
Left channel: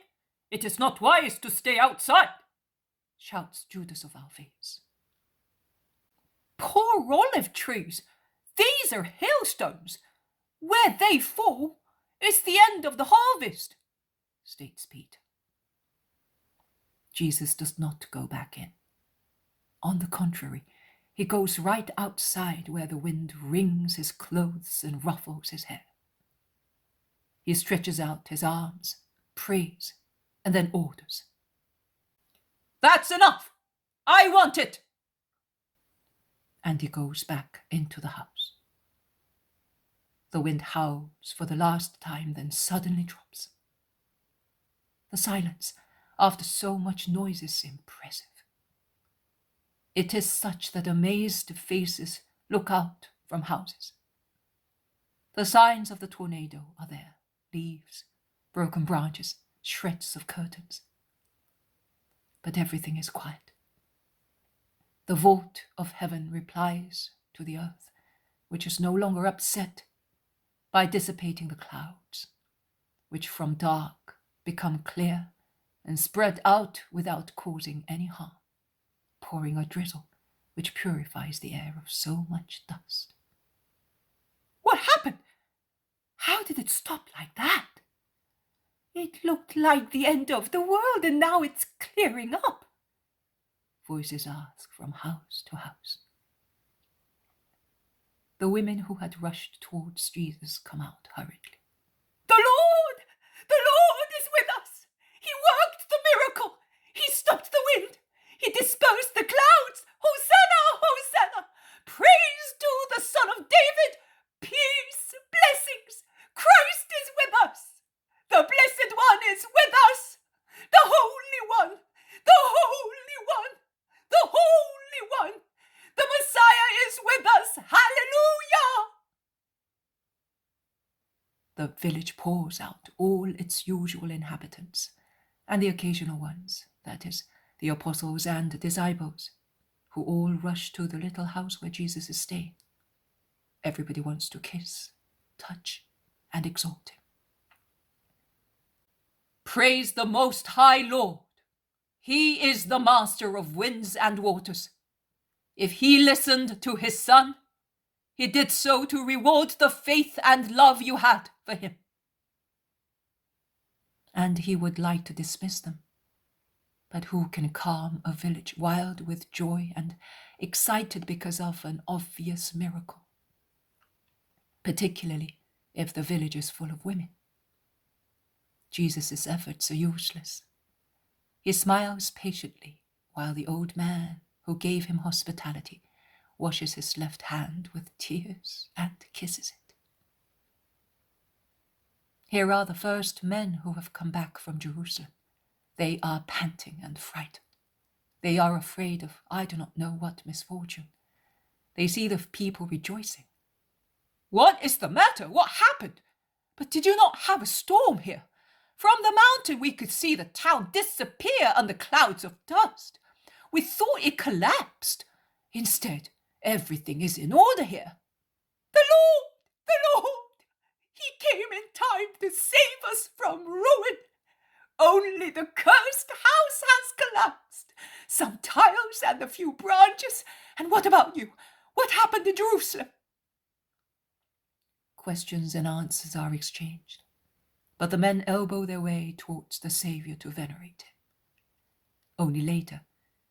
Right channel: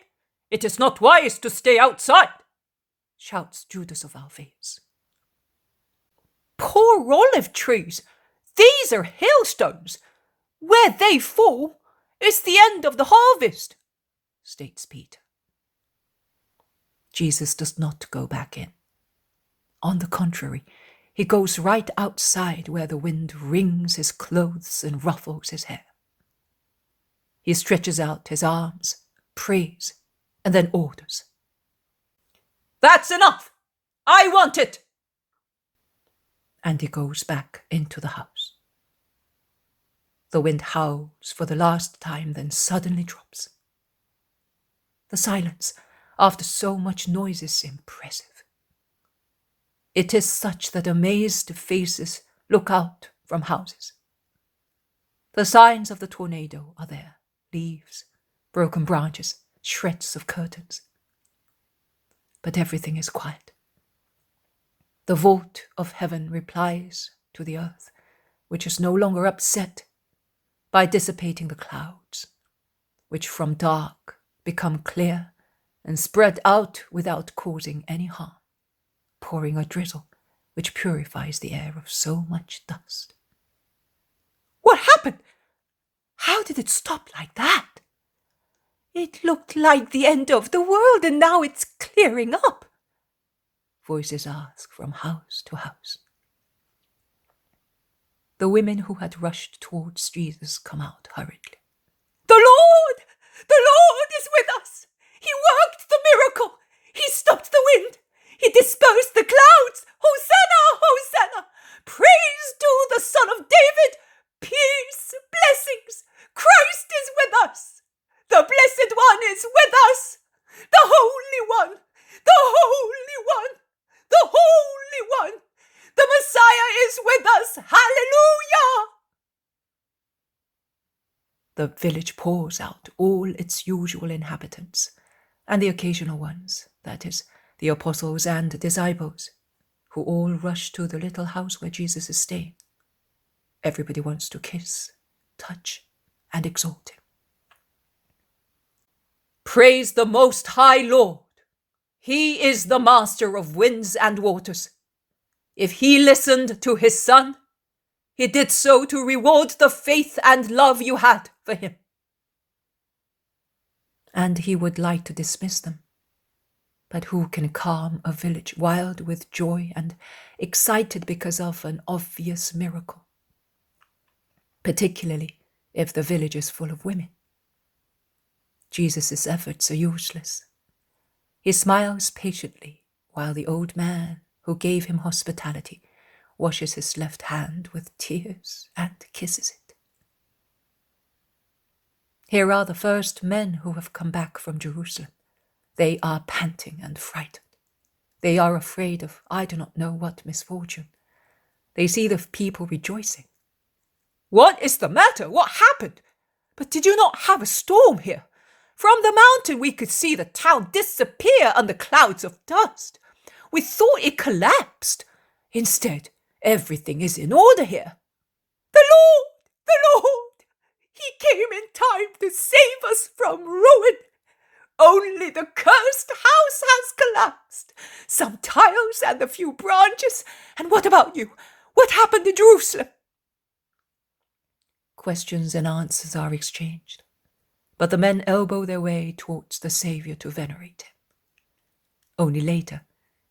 It is not wise to stay outside, shouts Judas of Alphaeus. Poor olive trees! These are hailstones. Where they fall is the end of the harvest, states Peter. Jesus does not go back in. On the contrary, he goes right outside where the wind wrings his clothes and ruffles his hair. He stretches out his arms, prays, and then orders. That's enough! I want it! And he goes back into the house. The wind howls for the last time, then suddenly drops. The silence, after so much noise, is impressive. It is such that amazed faces look out from houses. The signs of the tornado are there, leaves, broken branches, shreds of curtains. But everything is quiet. The vault of heaven replies to the earth, which is no longer upset, by dissipating the clouds, which from dark become clear and spread out without causing any harm, pouring a drizzle which purifies the air of so much dust. What happened? How did it stop like that? It looked like the end of the world, and now it's clearing up, voices ask from house to house. The women who had rushed towards Jesus come out hurriedly. The Lord is with us. He worked the miracle. He stopped the wind. He dispersed the clouds. Hosanna, Hosanna. Praise to the Son of David. Peace, blessings. Christ is with us. The Blessed One is with us. The Holy One. The Holy One. The Holy One. The Messiah is with us. Hallelujah! The village pours out all its usual inhabitants, and the occasional ones, that is, the apostles and disciples, who all rush to the little house where Jesus is staying. Everybody wants to kiss, touch, and exalt him. Praise the Most High Lord! He is the master of winds and waters. If he listened to his Son, he did so to reward the faith and love you had for him. And he would like to dismiss them. But who can calm a village wild with joy and excited because of an obvious miracle? Particularly if the village is full of women. Jesus' efforts are useless. He smiles patiently while the old man who gave him hospitality washes his left hand with tears and kisses it. Here are the first men who have come back from Jerusalem. They are panting and frightened. They are afraid of I do not know what misfortune. They see the people rejoicing. What is the matter? What happened? But did you not have a storm here? From the mountain we could see the town disappear under clouds of dust. We thought it collapsed. Instead, everything is in order here. The Lord! The Lord! He came in time to save us from ruin. Only the cursed house has collapsed. Some tiles and a few branches. And what about you? What happened in Jerusalem? Questions and answers are exchanged, but the men elbow their way towards the Saviour to venerate him. Only later,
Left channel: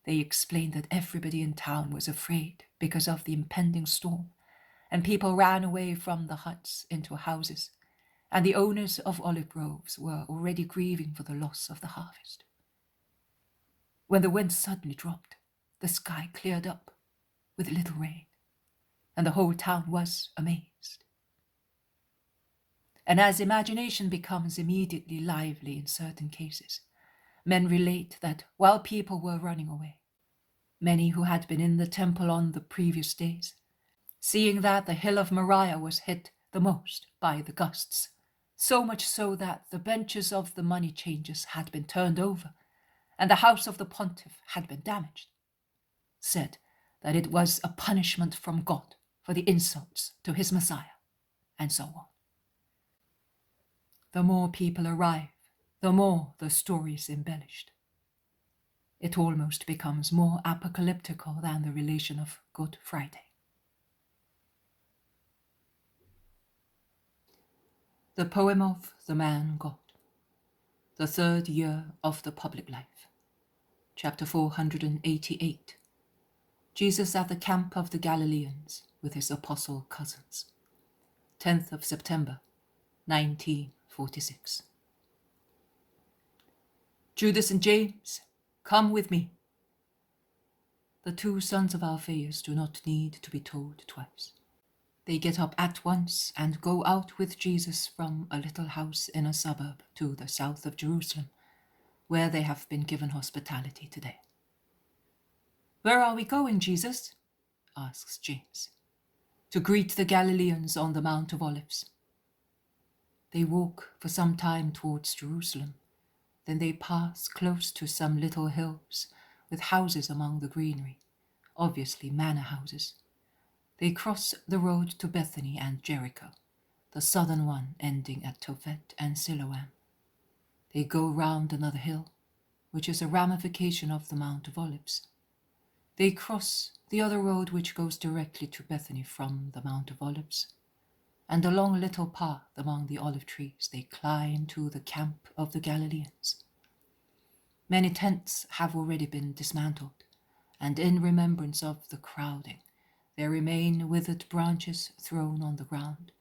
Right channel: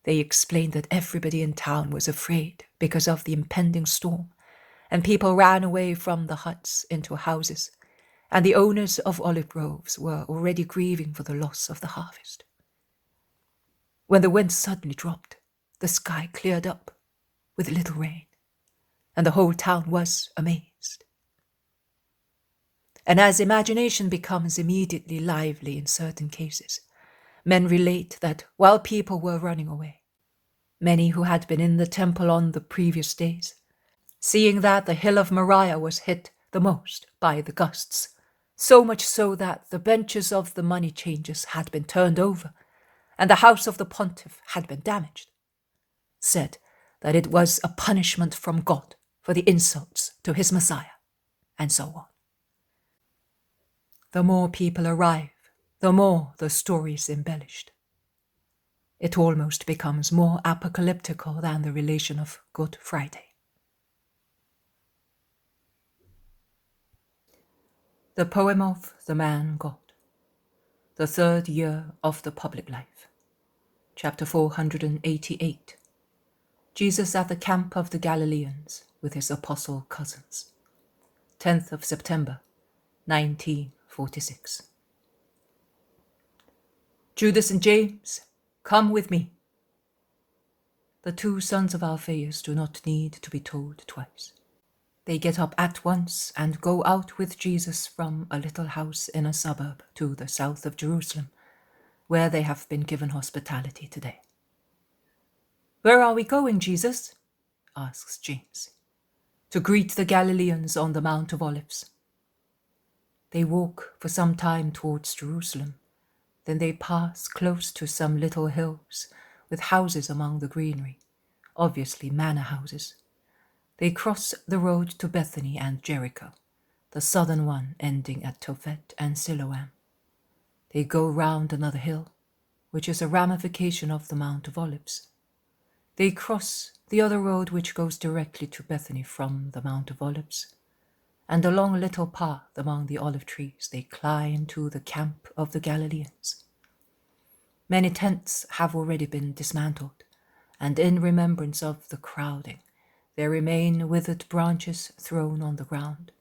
they explain that everybody in town was afraid because of the impending storm, and people ran away from the huts into houses, and the owners of olive groves were already grieving for the loss of the harvest. When the wind suddenly dropped, the sky cleared up with little rain, and the whole town was amazed. And as imagination becomes immediately lively in certain cases, men relate that while people were running away, many who had been in the temple on the previous days, seeing that the hill of Moriah was hit the most by the gusts, so much so that the benches of the money changers had been turned over, and the house of the pontiff had been damaged, said that it was a punishment from God for the insults to his Messiah, and so on. The more people arrive, the more the story is embellished. It almost becomes more apocalyptical than the relation of Good Friday. The poem of the man God, the third year of the public life, chapter 488. Jesus at the camp of the Galileans with his apostle cousins, 10th of September, 1946. Judas and James, come with me. The two sons of Alphaeus do not need to be told twice. They get up at once and go out with Jesus from a little house in a suburb to the south of Jerusalem, where they have been given hospitality today. Where are we going, Jesus? Asks James. To greet the Galileans on the Mount of Olives. They walk for some time towards Jerusalem. Then they pass close to some little hills with houses among the greenery, obviously manor houses. They cross the road to Bethany and Jericho, the southern one ending at Tophet and Siloam. They go round another hill, which is a ramification of the Mount of Olives. They cross the other road which goes directly to Bethany from the Mount of Olives, and along a little path among the olive trees they climb to the camp of the Galileans. Many tents have already been dismantled, and in remembrance of the crowding, there remain withered branches thrown on the ground,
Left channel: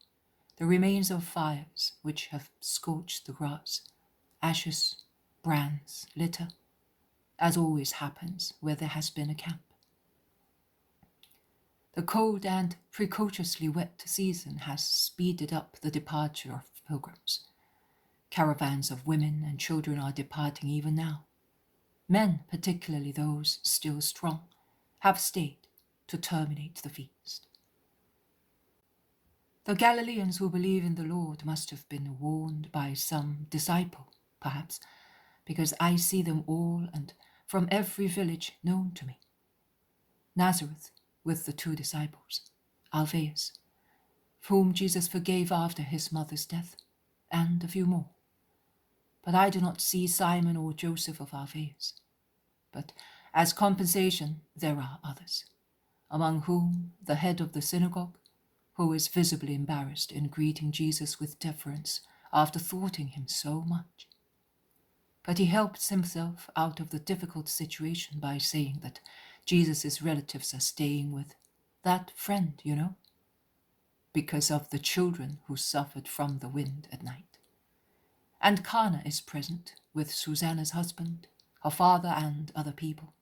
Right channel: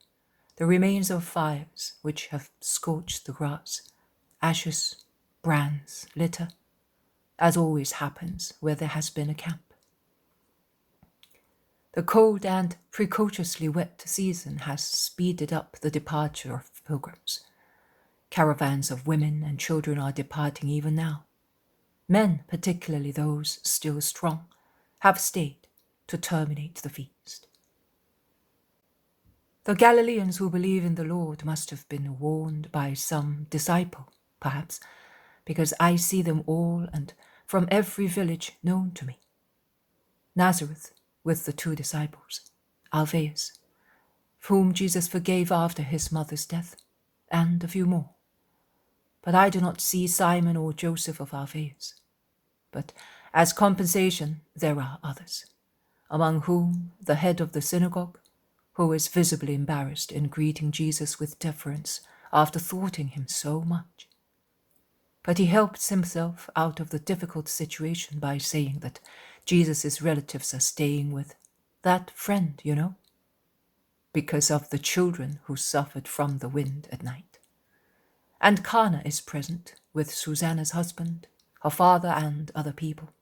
the remains of fires which have scorched the grass, ashes, brands, litter, as always happens where there has been a camp. The cold and precociously wet season has speeded up the departure of pilgrims. Caravans of women and children are departing even now. Men, particularly those still strong, have stayed to terminate the feast. The Galileans who believe in the Lord must have been warned by some disciple, perhaps, because I see them all and from every village known to me. Nazareth with the 2 disciples, Alphaeus, whom Jesus forgave after his mother's death, and a few more. But I do not see Simon or Joseph of Alphaeus. But as compensation there are others, among whom the head of the synagogue, who is visibly embarrassed in greeting Jesus with deference after thwarting him so much. But he helps himself out of the difficult situation by saying that Jesus' relatives are staying with that friend, you know, because of the children who suffered from the wind at night. And Cana is present with Susanna's husband, her father, and other people.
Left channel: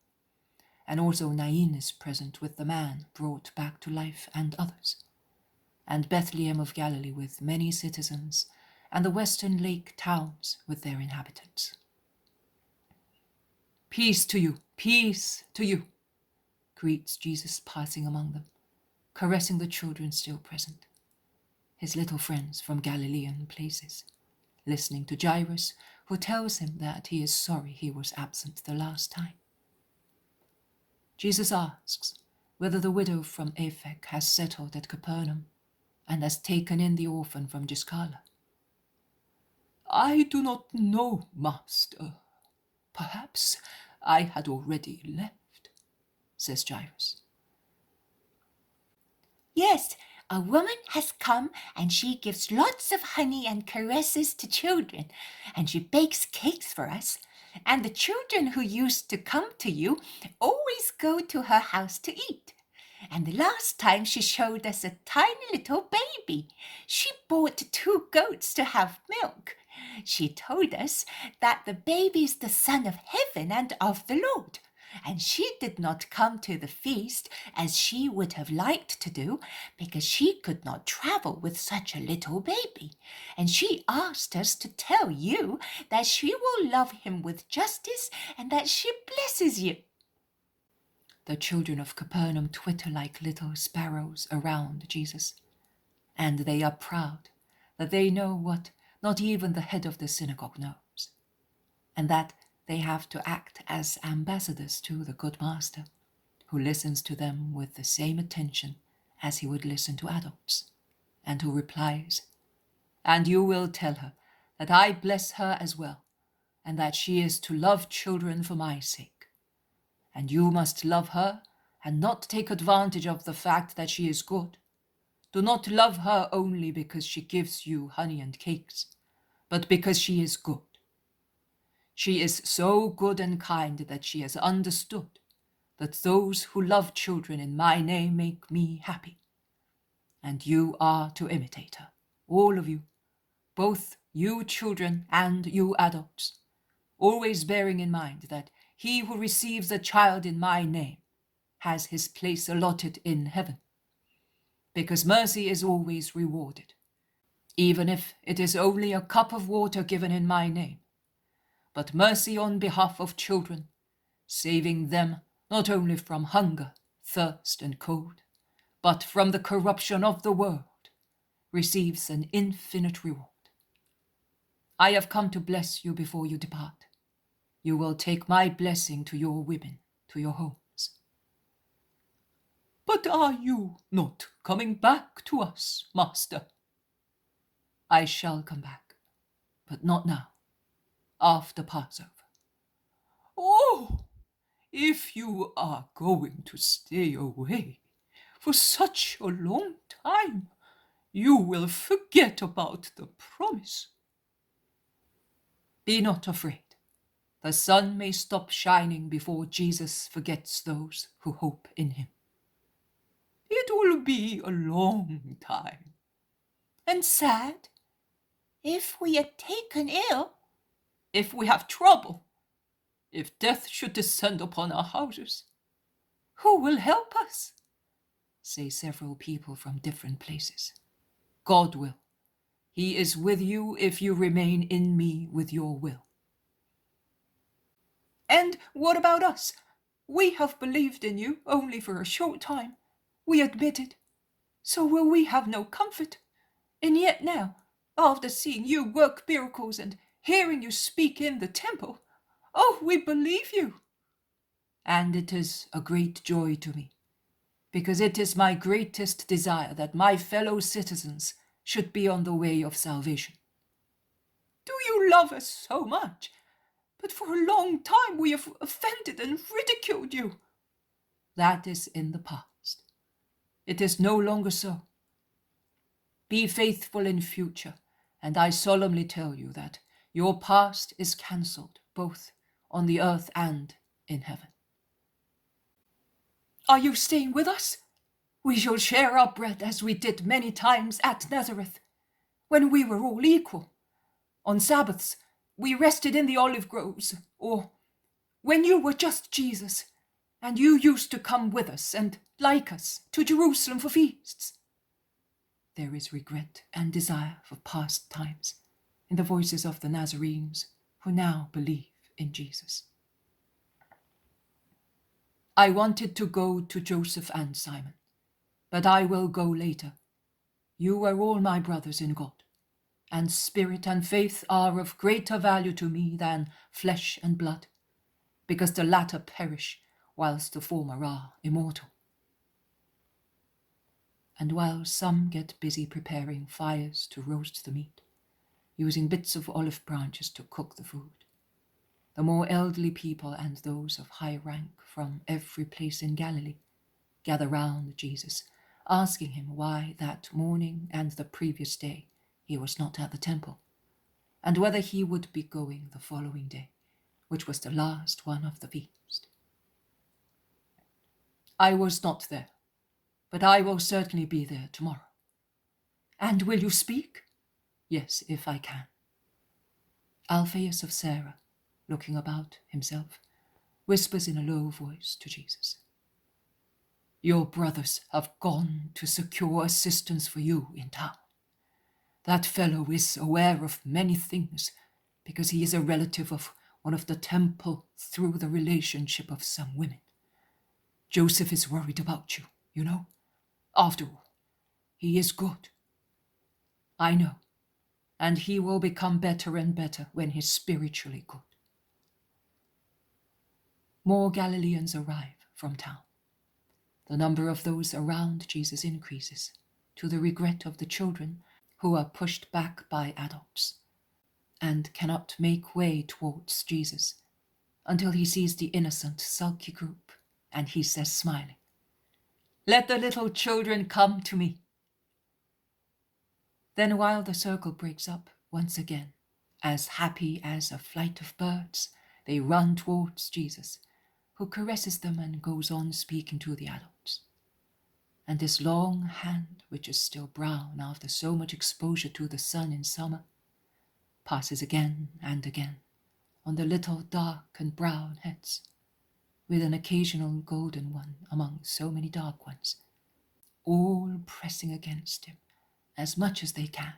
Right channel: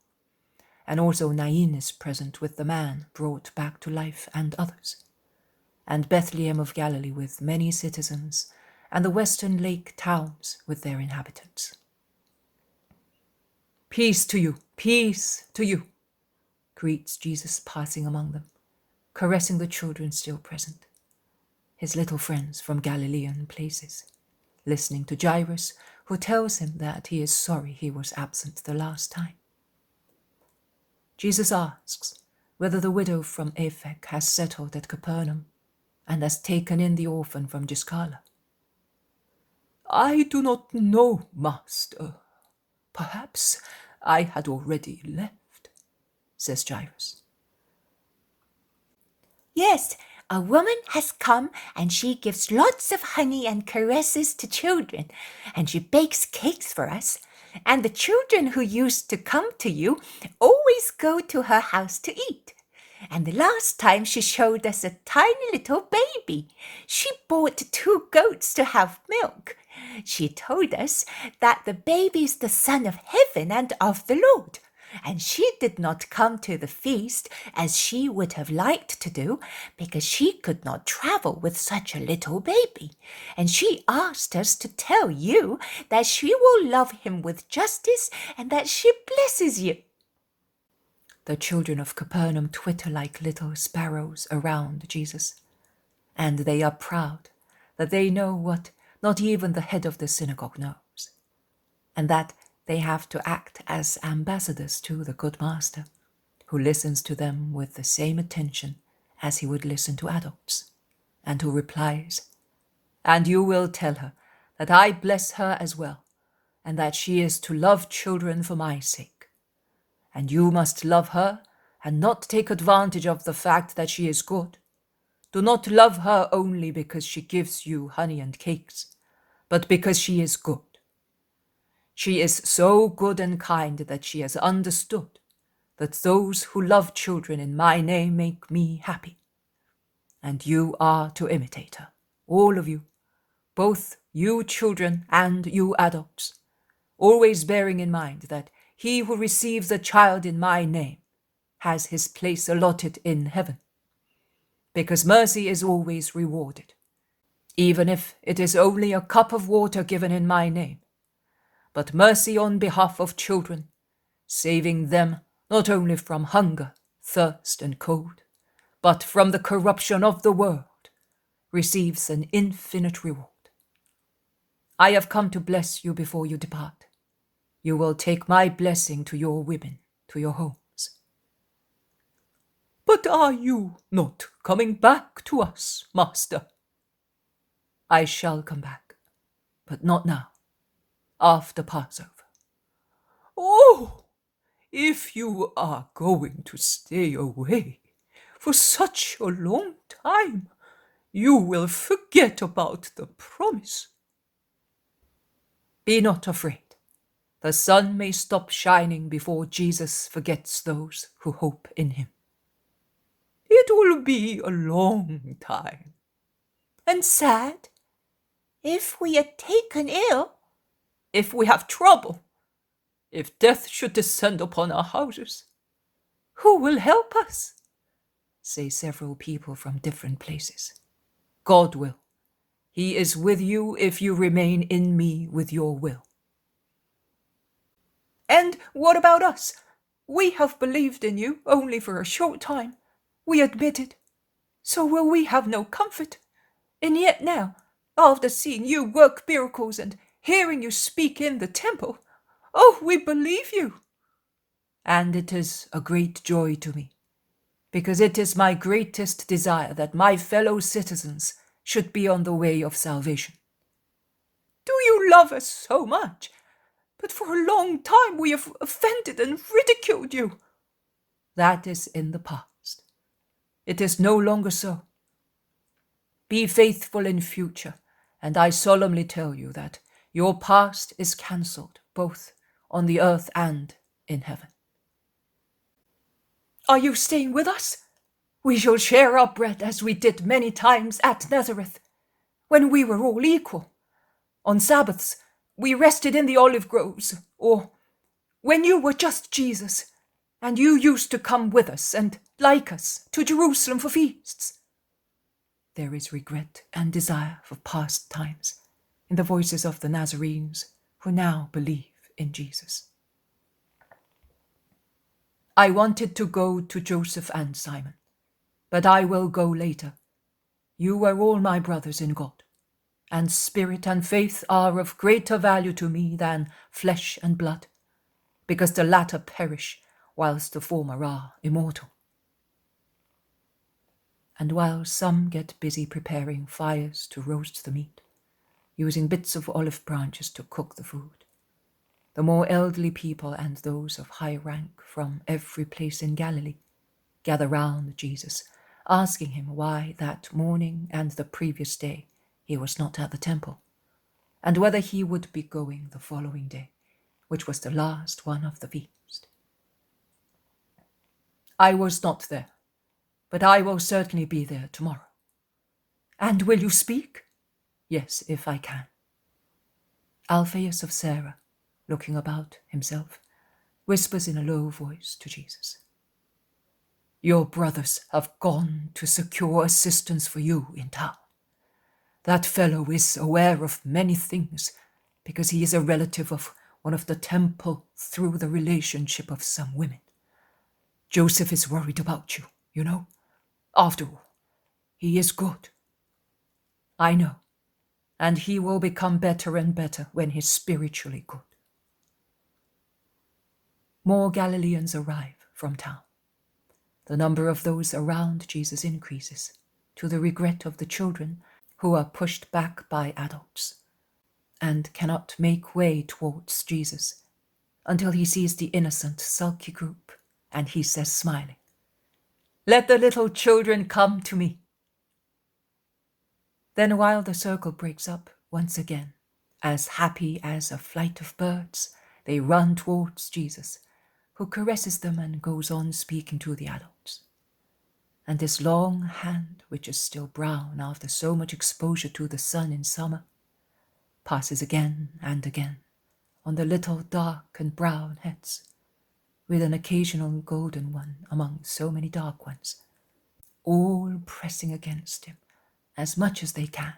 And also Nain is present with the man brought back to life and others. And Bethlehem of Galilee with many citizens, and the western lake towns with their inhabitants. Peace to you, greets Jesus passing among them, caressing the children still present, his little friends from Galilean places, listening to Jairus, who tells him that he is sorry he was absent the last time. Jesus asks whether the widow from Aphek has settled at Capernaum and has taken in the orphan from Giscala. I do not know, Master. Perhaps I had already left, says Jairus. Yes, a woman has come, and she gives lots of honey and caresses to children, and she bakes cakes for us. And the children who used to come to you always go to her house to eat. And the last time she showed us a tiny little baby. She bought 2 goats to have milk. She told us that the baby's the Son of Heaven and of the Lord. And she did not come to the feast as she would have liked to do, because she could not travel with such a little baby. And she asked us to tell you that she will love him with justice and that she blesses you. The children of Capernaum twitter like little sparrows around Jesus, and they are proud that they know what not even the head of the synagogue knows, and that they have to act as ambassadors to the good master, who listens to them with the same attention as he would listen to adults, and who replies, "And you will tell her that I bless her as well, and that she is to love children for my sake. And you must love her and not take advantage of the fact that she is good. Do not love her only because she gives you honey and cakes, but because she is good. She is so good and kind that she has understood that those who love children in my name make me happy. And you are to imitate her, all of you, both you children and you adults, always bearing in mind that he who receives a child in my name has his place allotted in heaven, because mercy is always rewarded, even if it is only a cup of water given in my name, but mercy on behalf of children, saving them not only from hunger, thirst, and cold, but from the corruption of the world, receives an infinite reward. I have come to bless you before you depart. You will take my blessing to your women, to your homes." "But are you not coming back to us, Master?" "I shall come back, but not now, after Passover." "Oh, if you are going to stay away for such a long time, you will forget about the promise." "Be not afraid. The sun may stop shining before Jesus forgets those who hope in him." "It will be a long time." And sad. If we are taken ill, "If we have trouble, if death should descend upon our houses, who will help us?" say several people from different places. "God will. He is with you if you remain in me with your will." "And what about us? We have believed in you only for a short time. We admit it. So will we have no comfort? And yet now, after seeing you work miracles and hearing you speak in the temple, Oh, we believe you. And it is a great joy to me, because it is my greatest desire that my fellow citizens should be on the way of salvation. Do you love us so much? But for a long time we have offended and ridiculed you. That is in the past. It is no longer so. Be faithful in future, and I solemnly tell you that your past is cancelled both on the earth and in heaven. Are you staying with us? We shall share our bread as we did many times at Nazareth, when we were all equal. On Sabbaths, we rested in the olive groves, or when you were just Jesus, and you used to come with us and, like us, to Jerusalem for feasts. There is regret and desire for past times in the voices of the Nazarenes who now believe in Jesus. I wanted to go to Joseph and Simon, but I will go later. You are all my brothers in God, and spirit and faith are of greater value to me than flesh and blood, because the latter perish, whilst the former are immortal. And while some get busy preparing fires to roast the meat, using bits of olive branches to cook the food, the more elderly people and those of high rank from every place in Galilee gather round Jesus, asking him why that morning and the previous day he was not at the temple, and whether he would be going the following day, which was the last one of the feast. I was not there, but I will certainly be there tomorrow. And will you speak? Yes, if I can. Alphaeus of Sarah, looking about himself, whispers in a low voice to Jesus, Your brothers have gone to secure assistance for you in town. That fellow is aware of many things because he is a relative of one of the temple through the relationship of some women. Joseph is worried about you, you know. After all, he is good. I know, and he will become better and better when he's spiritually good. More Galileans arrive from town. The number of those around Jesus increases, to the regret of the children who are pushed back by adults and cannot make way towards Jesus until he sees the innocent, sulky group, and he says, smiling, Let the little children come to me. Then while the circle breaks up once again, as happy as a flight of birds, they run towards Jesus, who caresses them and goes on speaking to the adults. And his long hand, which is still brown after so much exposure to the sun in summer, passes again and again on the little dark and brown heads, with an occasional golden one among so many dark ones, all pressing against him as much as they can,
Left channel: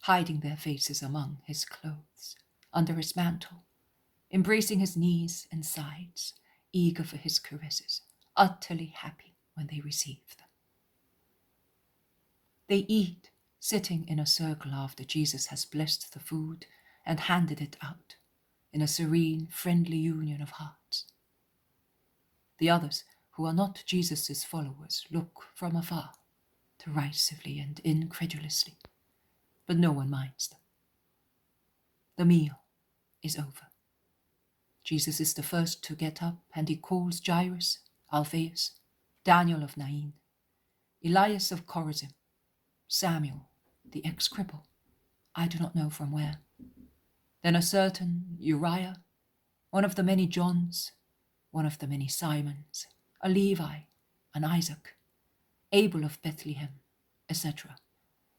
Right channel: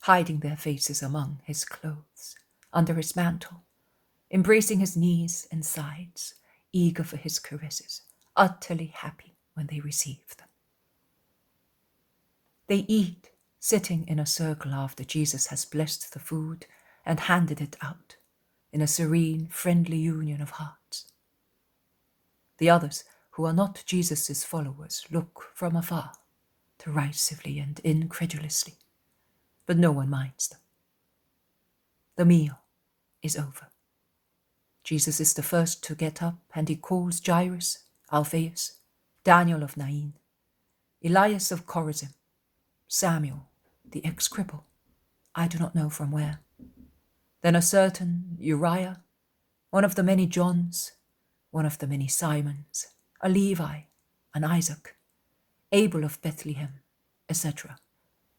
hiding their faces among his clothes, under his mantle, embracing his knees and sides, eager for his caresses, utterly happy when they receive them. They eat, sitting in a circle after Jesus has blessed the food and handed it out, in a serene, friendly union of hearts. The others, who are not Jesus' followers, look from afar, derisively and incredulously, but no one minds them. The meal is over. Jesus is the first to get up, and he calls Jairus, Alphaeus, Daniel of Nain, Elias of Chorazim, Samuel, the ex-cripple, I do not know from where, then a certain Uriah, one of the many Johns, one of the many Simons, a Levi, an Isaac, Abel of Bethlehem, etc.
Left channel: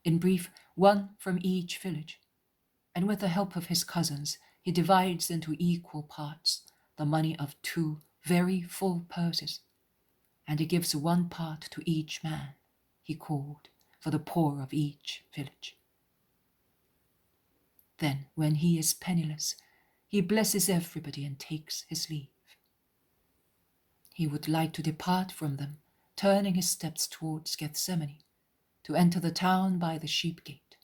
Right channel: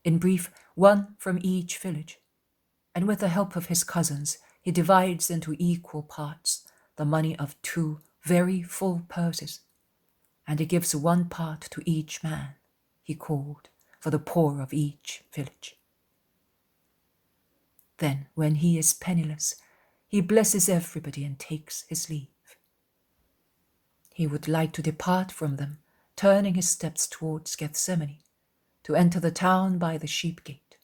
In brief, one from each village. And with the help of his cousins, he divides into equal parts the money of 2 very full purses, and he gives 1 part to each man he called for the poor of each village. Then, when he is penniless, he blesses everybody and takes his leave. He would like to depart from them, turning his steps towards Gethsemane, to enter the town by the sheep gate,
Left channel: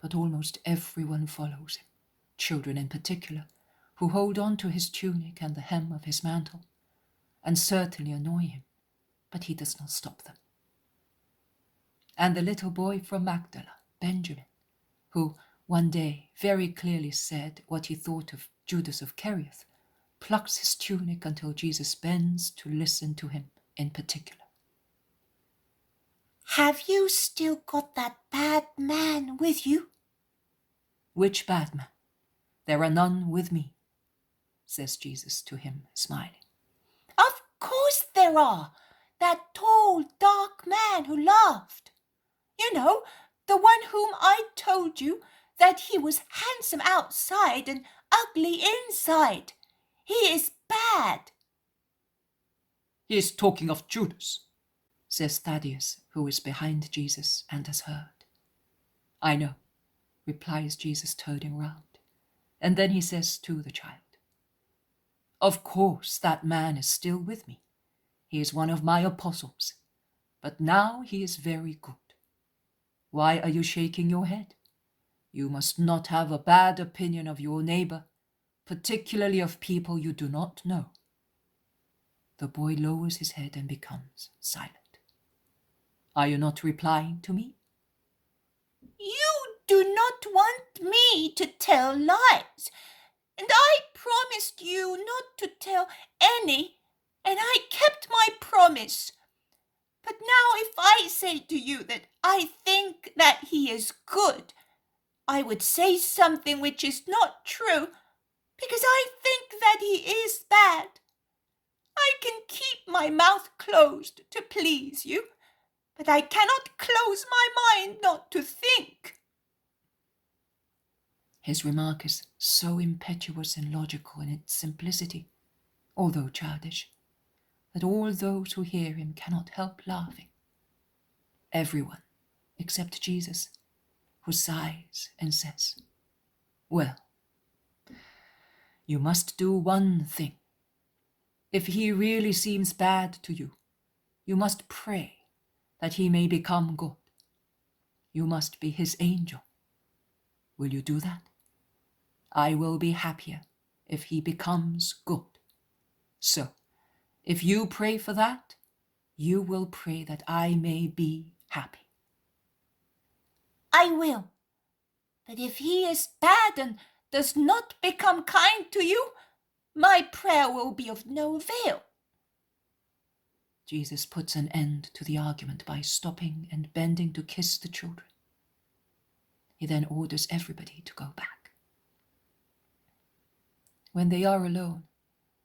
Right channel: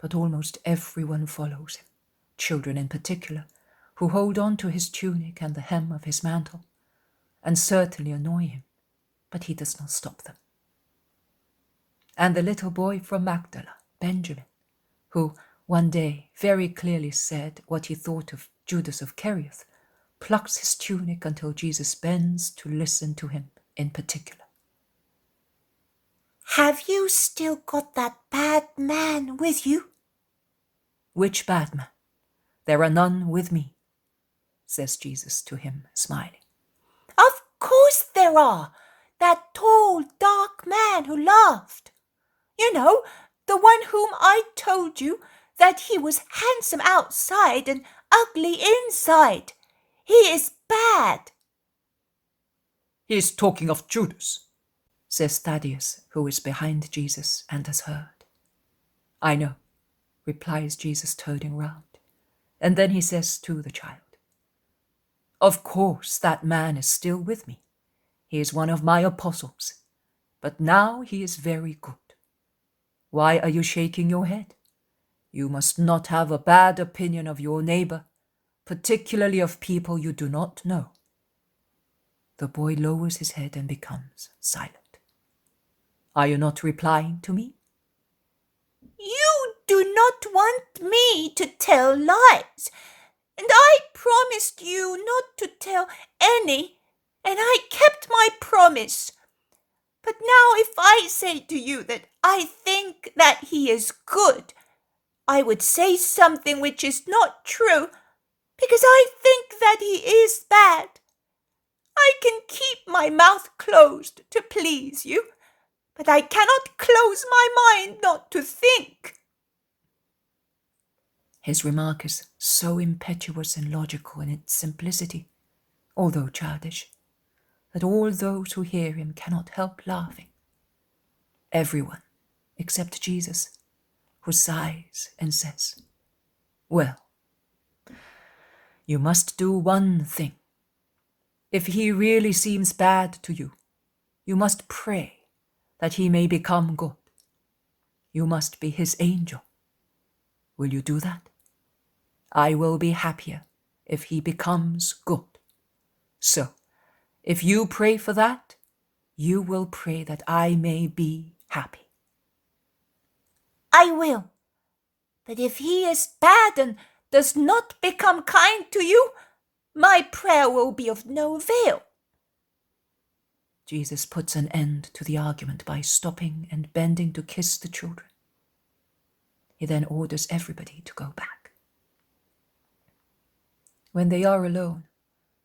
but almost everyone follows him, children in particular, who hold on to his tunic and the hem of his mantle, and certainly annoy him, but he does not stop them. And the little boy from Magdala, Benjamin, who one day very clearly said what he thought of Judas of Kerioth, plucks his tunic until Jesus bends to listen to him in particular. Have you still got that bad man with you? Which bad man? There are none with me, says Jesus to him, smiling. Of course there are. That tall, dark man who laughed. You know, the one whom I told you that he was handsome outside and ugly inside. He is bad. He is talking of Judas, says Thaddeus, who is behind Jesus and has heard. I know, replies Jesus, turning round. And then he says to the child, of course that man is still with me. He is one of my apostles, but now he is very good. Why are you shaking your head? You must not have a bad opinion of your neighbor, particularly of people you do not know. The boy lowers his head and becomes silent. Are you not replying to me? You do not want me to tell lies, and I promised you not to tell any, and I kept my promise. But now if I say to you that I think that he is good, I would say something which is not true, because I think that he is bad. I can keep my mouth closed to please you, but I cannot close my mind not to think. His remark is so impetuous and logical in its simplicity, although childish, that all those who hear him cannot help laughing. Everyone, except Jesus, who sighs and says, well, you must do one thing. If he really seems bad to you, you must pray that he may become good. You must be his angel. Will you do that? I will be happier if he becomes good. So, if you pray for that, you will pray that I may be happy. I will. But if he is bad and does not become kind to you, my prayer will be of no avail. Jesus puts an end to the argument by stopping and bending to kiss the children. He then orders everybody to go back. When they are alone,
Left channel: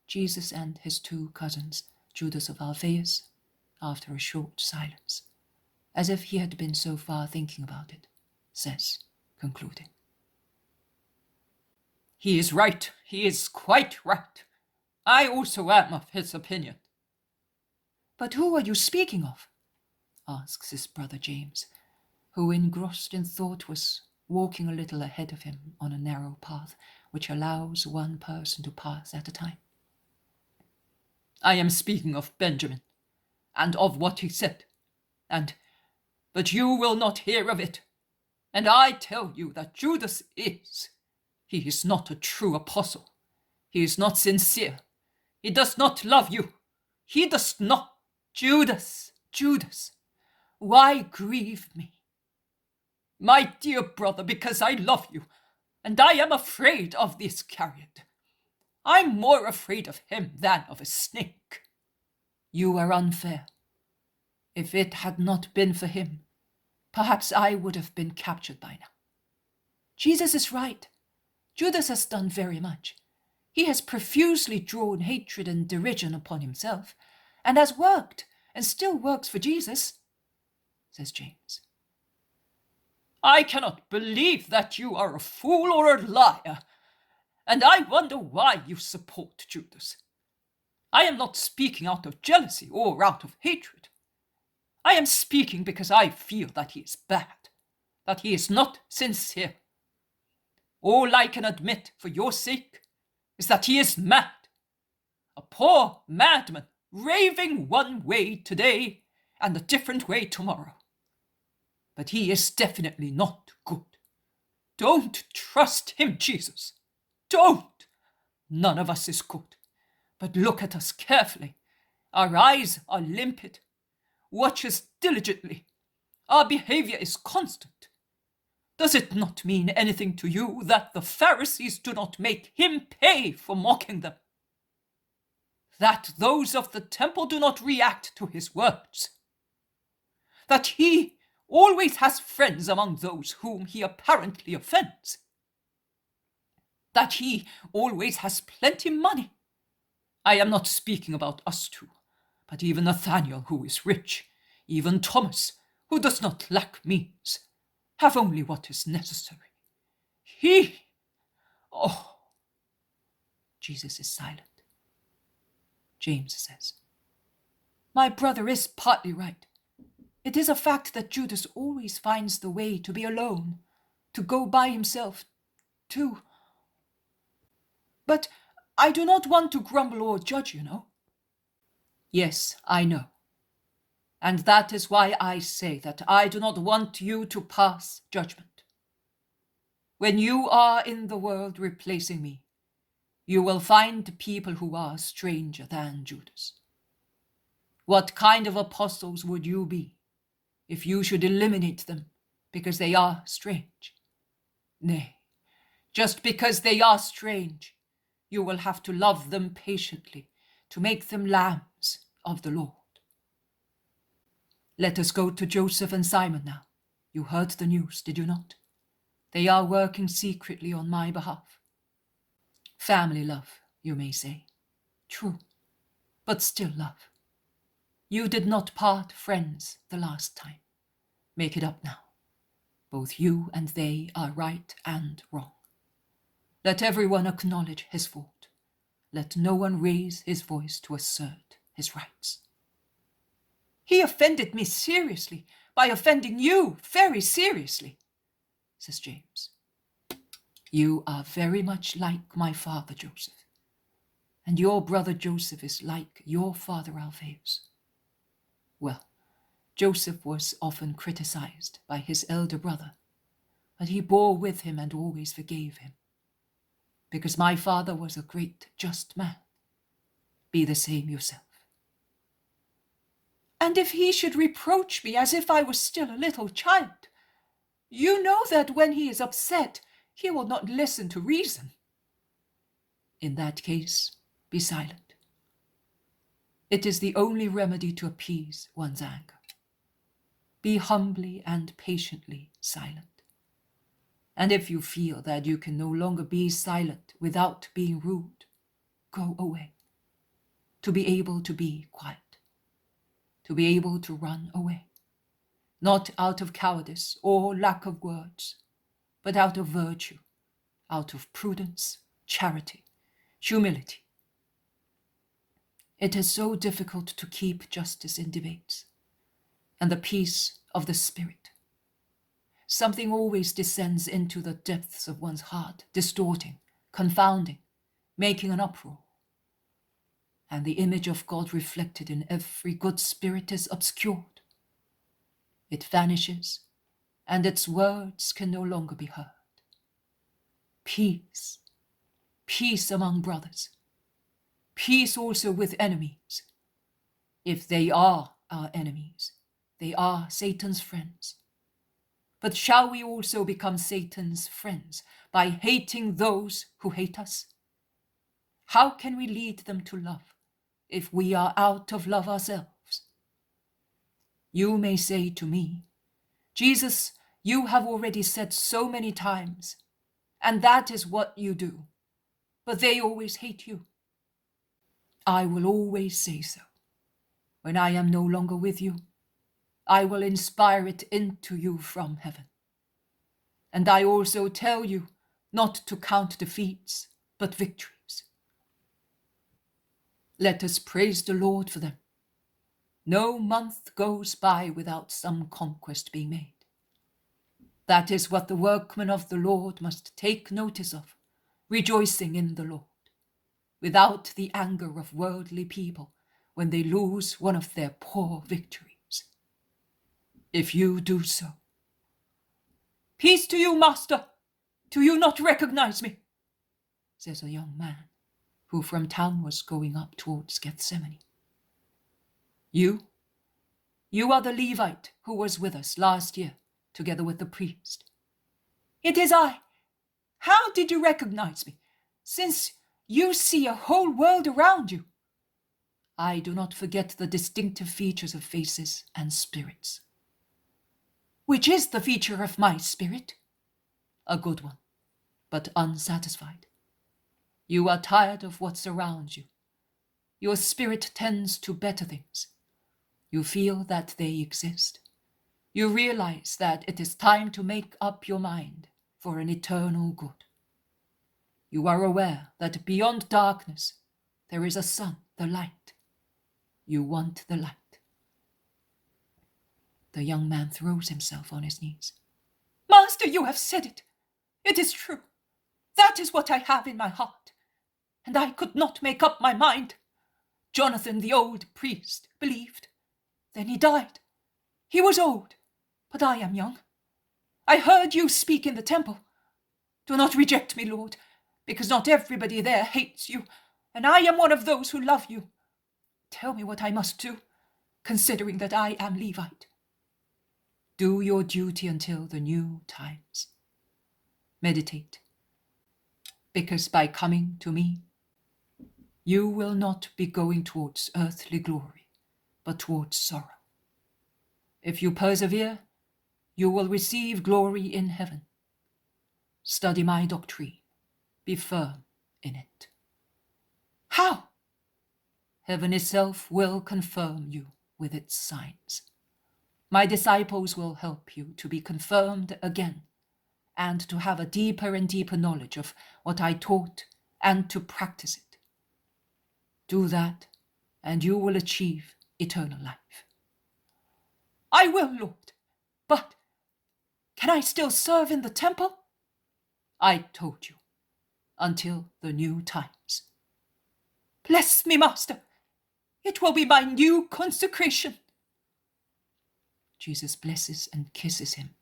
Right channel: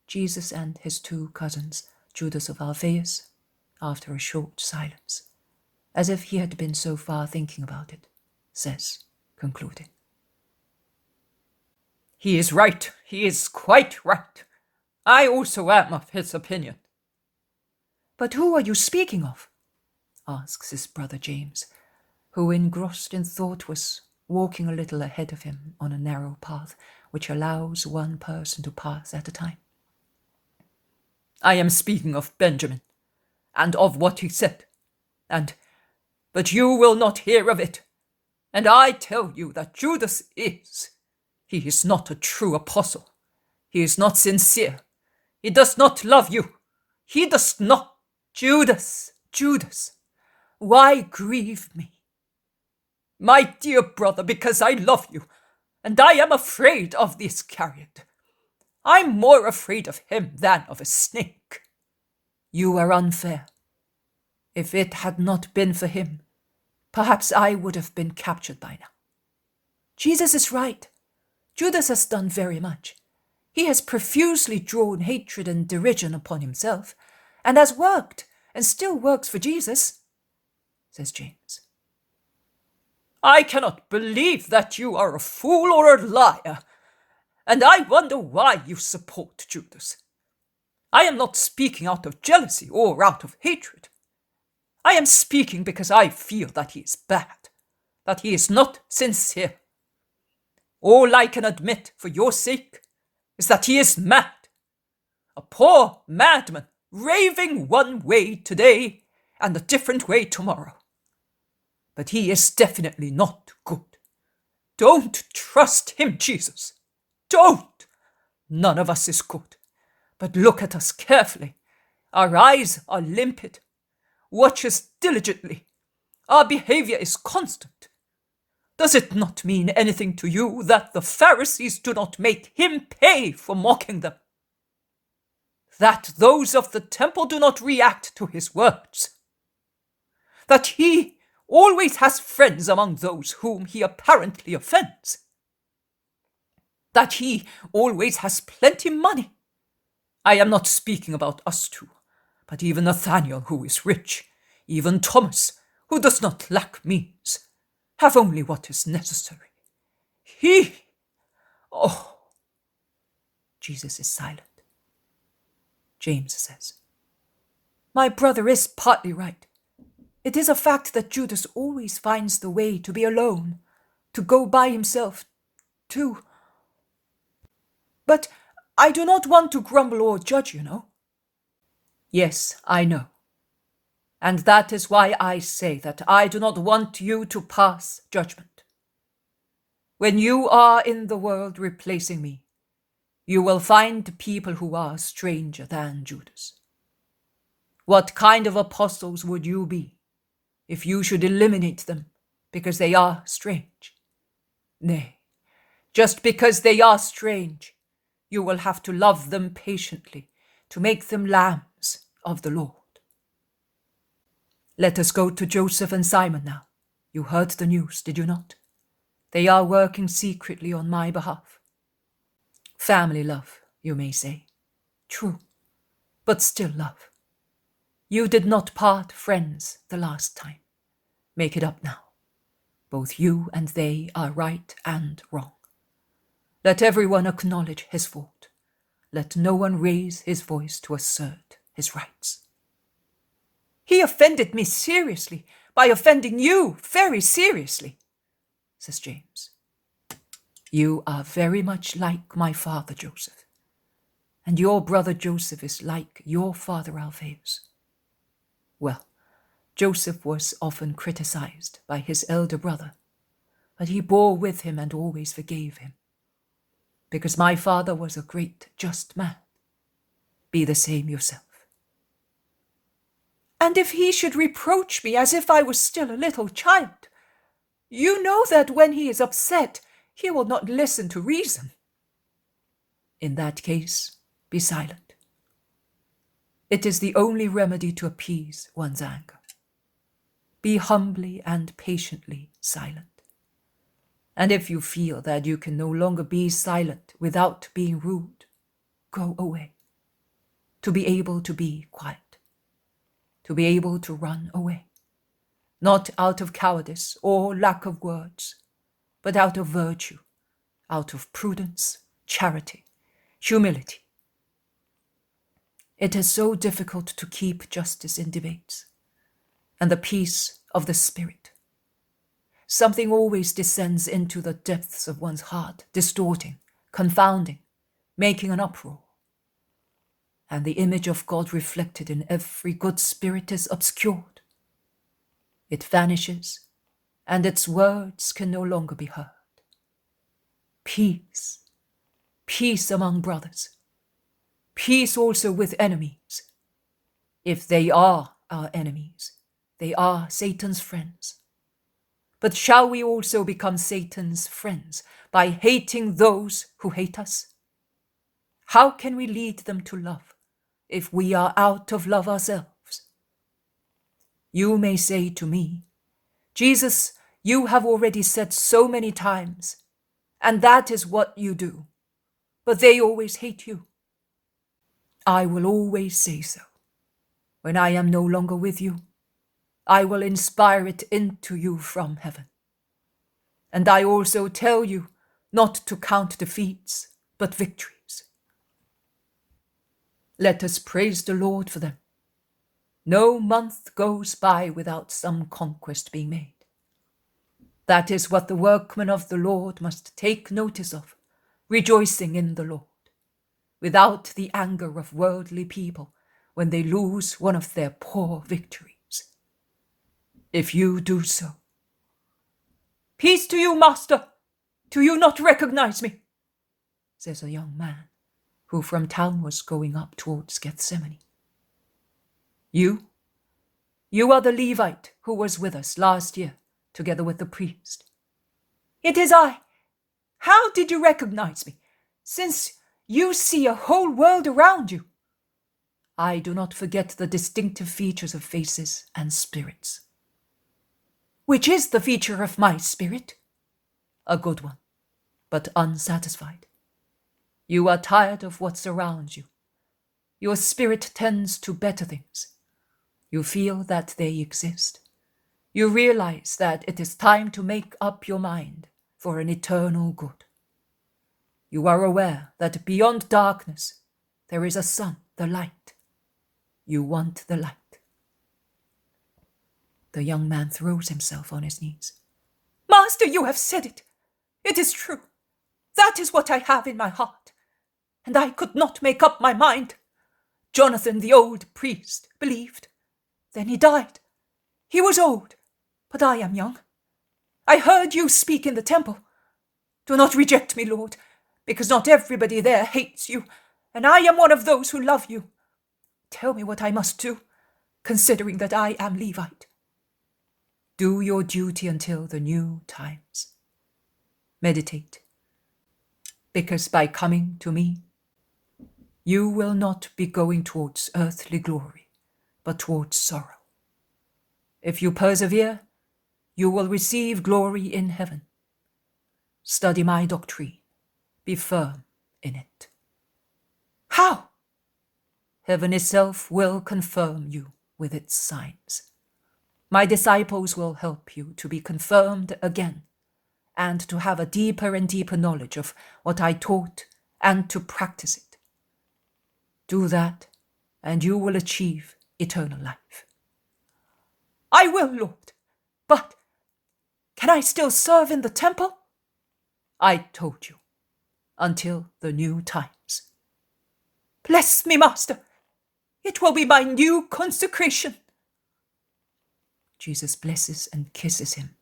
Jesus and his two cousins, Judas of Alphaeus, after a short silence, as if he had been so far thinking about it, says, concluding, he is right. He is quite right. I also am of his opinion. But who are you speaking of? Asks his brother James, who, engrossed in thought, was walking a little ahead of him on a narrow path which allows one person to pass at a time. I am speaking of Benjamin, and of what he said, but you will not hear of it. And I tell you that Judas is. He is not a true apostle. He is not sincere. He does not love you. He does not. Judas, why grieve me? My dear brother, because I love you, and I am afraid of the Iscariot. I'm more afraid of him than of a snake. You are unfair. If it had not been for him, perhaps I would have been captured by now. Jesus is right. Judas has done very much. He has profusely drawn hatred and derision upon himself, and has worked, and still works for Jesus, says James. I cannot believe that you are a fool or a liar, and I wonder why you support Judas. I am not speaking out of jealousy or out of hatred. I am speaking because I feel that he is bad, that he is not sincere. All I can admit for your sake is that he is mad, a poor madman raving one way today and a different way tomorrow. But he is definitely not good. Don't trust him, Jesus. Don't. none of us is good. But look at us carefully. Our eyes are limpid. Watch us diligently. Our behavior is constant. Does it not mean anything to you that the Pharisees do not make him pay for mocking them? That those of the temple do not react to his words? That he always has friends among those whom he apparently offends? That he always has plenty money? I am not speaking about us two, but even Nathaniel, who is rich, even Thomas, who does not lack means, have only what is necessary. Oh. Jesus is silent. James says, "My brother is partly right. It is a fact that Judas always finds the way to be alone, to go by himself, to... But I do not want to grumble or judge, you know." Yes, I know. And that is why I say that I do not want you to pass judgment. When you are in the world replacing me, you will find people who are stranger than Judas. What kind of apostles would you be if you should eliminate them because they are strange? Nay, just because they are strange, you will have to love them patiently to make them lambs of the Lord. Let us go to Joseph and Simon now. You heard the news, did you not? They are working secretly on my behalf. Family love, you may say. True, but still love. You did not part friends the last time. Make it up now. Both you and they are right and wrong. Let everyone acknowledge his fault. Let no one raise his voice to assert his rights. He offended me seriously by offending you very seriously, says James. You are very much like my father Joseph, and your brother Joseph is like your father Alphaeus. Well, Joseph was often criticized by his elder brother, but he bore with him and always forgave him, because my father was a great just man. Be the same yourself. And if he should reproach me as if I was still a little child, you know that when he is upset, he will not listen to reason. In that case, be silent. It is the only remedy to appease one's anger. Be humbly and patiently silent. And if you feel that you can no longer be silent without being rude, go away. To be able to be quiet. To be able to run away. Not out of cowardice or lack of words, but out of virtue, out of prudence, charity, humility. It is so difficult to keep justice in debates, and the peace of the spirit. Something always descends into the depths of one's heart, distorting, confounding, making an uproar. And the image of God reflected in every good spirit is obscured. It vanishes, and its words can no longer be heard. Peace, peace among brothers, peace also with enemies. If they are our enemies, they are Satan's friends. But shall we also become Satan's friends by hating those who hate us? How can we lead them to love if we are out of love ourselves? You may say to me, Jesus, you have already said so many times, and that is what you do, but they always hate you. I will always say so. When I am no longer with you, I will inspire it into you from heaven. And I also tell you not to count defeats, but victories. Let us praise the Lord for them. No month goes by without some conquest being made. That is what the workmen of the Lord must take notice of, rejoicing in the Lord, without the anger of worldly people when they lose one of their poor victories. If you do so. Peace to you, master. Do you not recognize me? Says a young man, who from town was going up towards Gethsemane. You are the Levite who was with us last year, together with the priest. It is I. How did you recognize me, since you see a whole world around you? I do not forget the distinctive features of faces and spirits. Which is the feature of my spirit? A good one, but unsatisfied. You are tired of what surrounds you. Your spirit tends to better things. You feel that they exist. You realize that it is time to make up your mind for an eternal good. You are aware that beyond darkness there is a sun, the light. You want the light. The young man throws himself on his knees. Master, you have said it. It is true. That is what I have in my heart. And I could not make up my mind. Jonathan, the old priest, believed. Then he died. He was old, but I am young. I heard you speak in the temple. Do not reject me, Lord, because not everybody there hates you, and I am one of those who love you. Tell me what I must do, considering that I am Levite. Do your duty until the new times. Meditate, because by coming to me, you will not be going towards earthly glory, but towards sorrow. If you persevere, you will receive glory in heaven. Study my doctrine. Be firm in it. How? Heaven itself will confirm you with its signs. My disciples will help you to be confirmed again, and to have a deeper and deeper knowledge of what I taught and to practice it. Do that, and you will achieve eternal life. I will, Lord, but can I still serve in the temple? I told you, until the new times. Bless me, Master. It will be my new consecration. Jesus blesses and kisses him.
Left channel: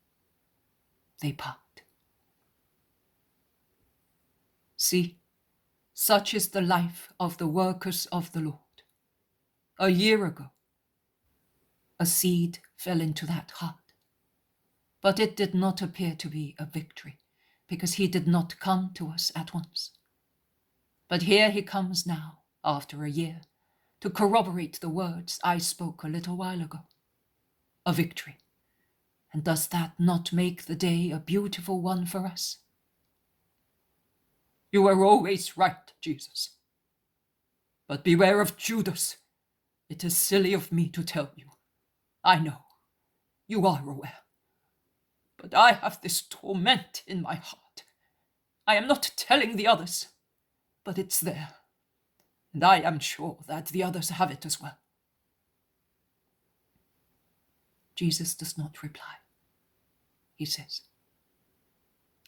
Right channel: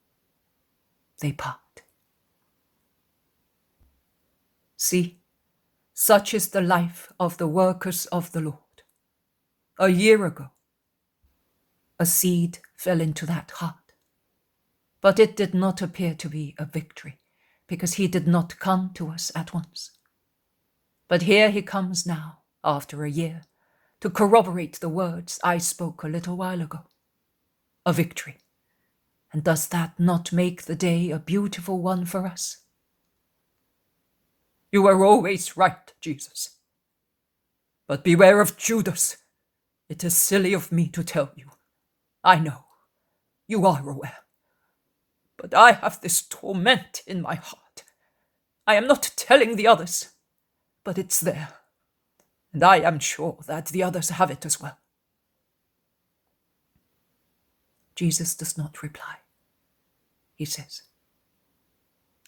They part. See, such is the life of the workers of the Lord. A year ago, a seed fell into that heart, but it did not appear to be a victory, because he did not come to us at once. But here he comes now, after a year, to corroborate the words I spoke a little while ago. A victory. And does that not make the day a beautiful one for us? You are always right, Jesus. But beware of Judas. It is silly of me to tell you. I know. You are aware. But I have this torment in my heart. I am not telling the others, but it's there. And I am sure that the others have it as well. Jesus does not reply. He says,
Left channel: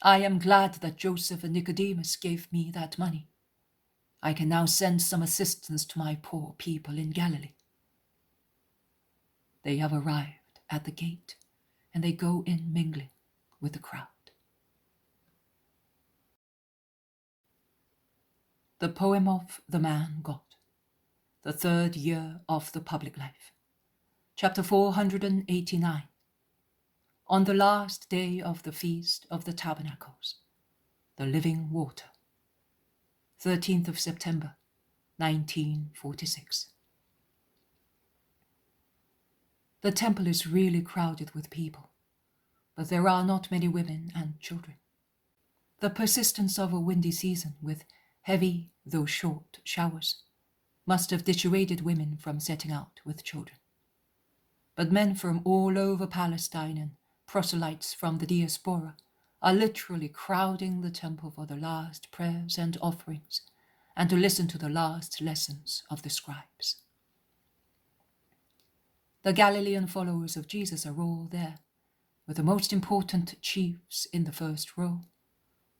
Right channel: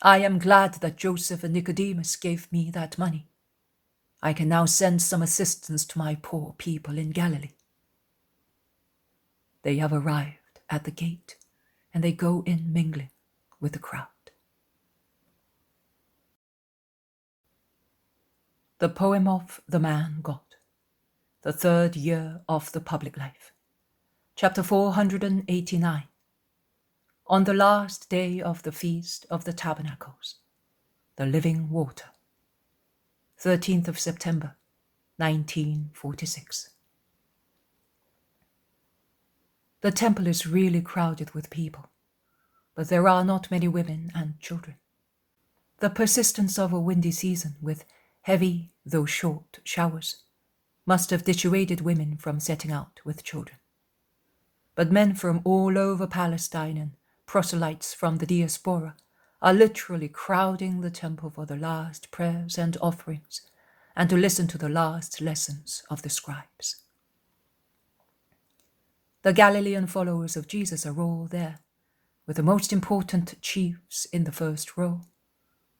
I am glad that Joseph and Nicodemus gave me that money. I can now send some assistance to my poor people in Galilee. They have arrived at the gate, and they go in mingling with the crowd. The poem of the man God, the third year of the public life. Chapter 489. On the last day of the Feast of the Tabernacles, the living water. 13th of September, 1946. The temple is really crowded with people, but there are not many women and children. The persistence of a windy season with heavy, though short, showers must have dissuaded women from setting out with children. But men from all over Palestine and proselytes from the diaspora are literally crowding the temple for the last prayers and offerings and to listen to the last lessons of the scribes. The Galilean followers of Jesus are all there, with the most important chiefs in the first row,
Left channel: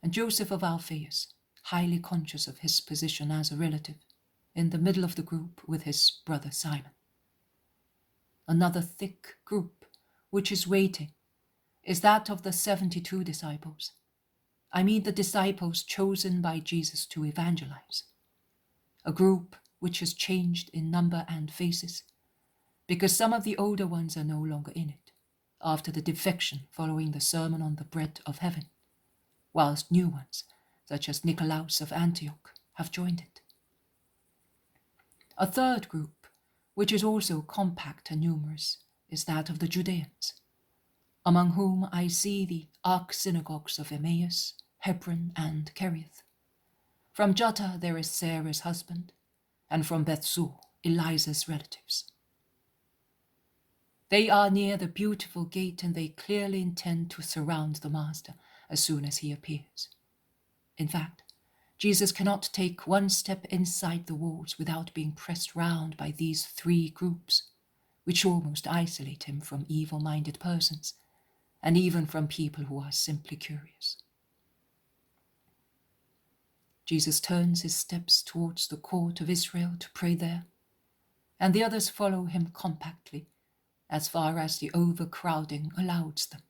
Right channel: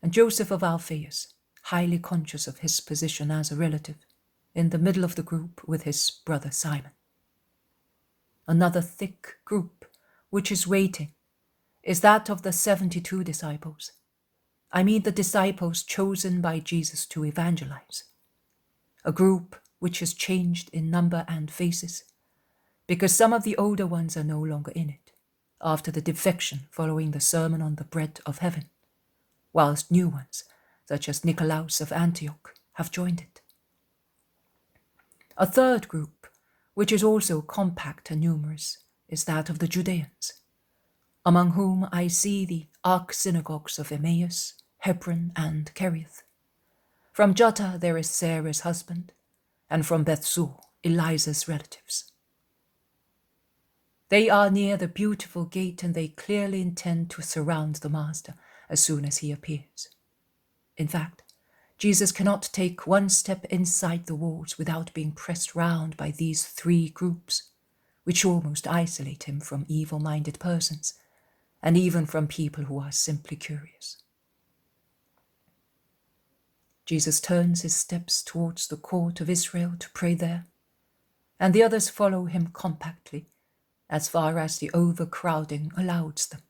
and Joseph of Alphaeus, highly conscious of his position as a relative, in the middle of the group with his brother Simon. Another thick group which is waiting is that of the 72 disciples. I mean the disciples chosen by Jesus to evangelize. a group which has changed in number and faces, because some of the older ones are no longer in it, after the defection following the Sermon on the Bread of Heaven, whilst new ones, such as Nicolaus of Antioch, have joined it. A third group, which is also compact and numerous, is that of the Judeans, among whom I see the arch-synagogues of Emmaus, Hebron, and Kerioth. From Jutta there is Sarah's husband, and from Bethsur, Eliza's relatives. They are near the beautiful gate, and they clearly intend to surround the Master as soon as he appears. In fact, Jesus cannot take one step inside the walls without being pressed round by these three groups, which almost isolate him from evil-minded persons, and even from people who are simply curious. Jesus turns his steps towards the court of Israel to pray there, and the others follow him compactly, as far as the overcrowding allows them,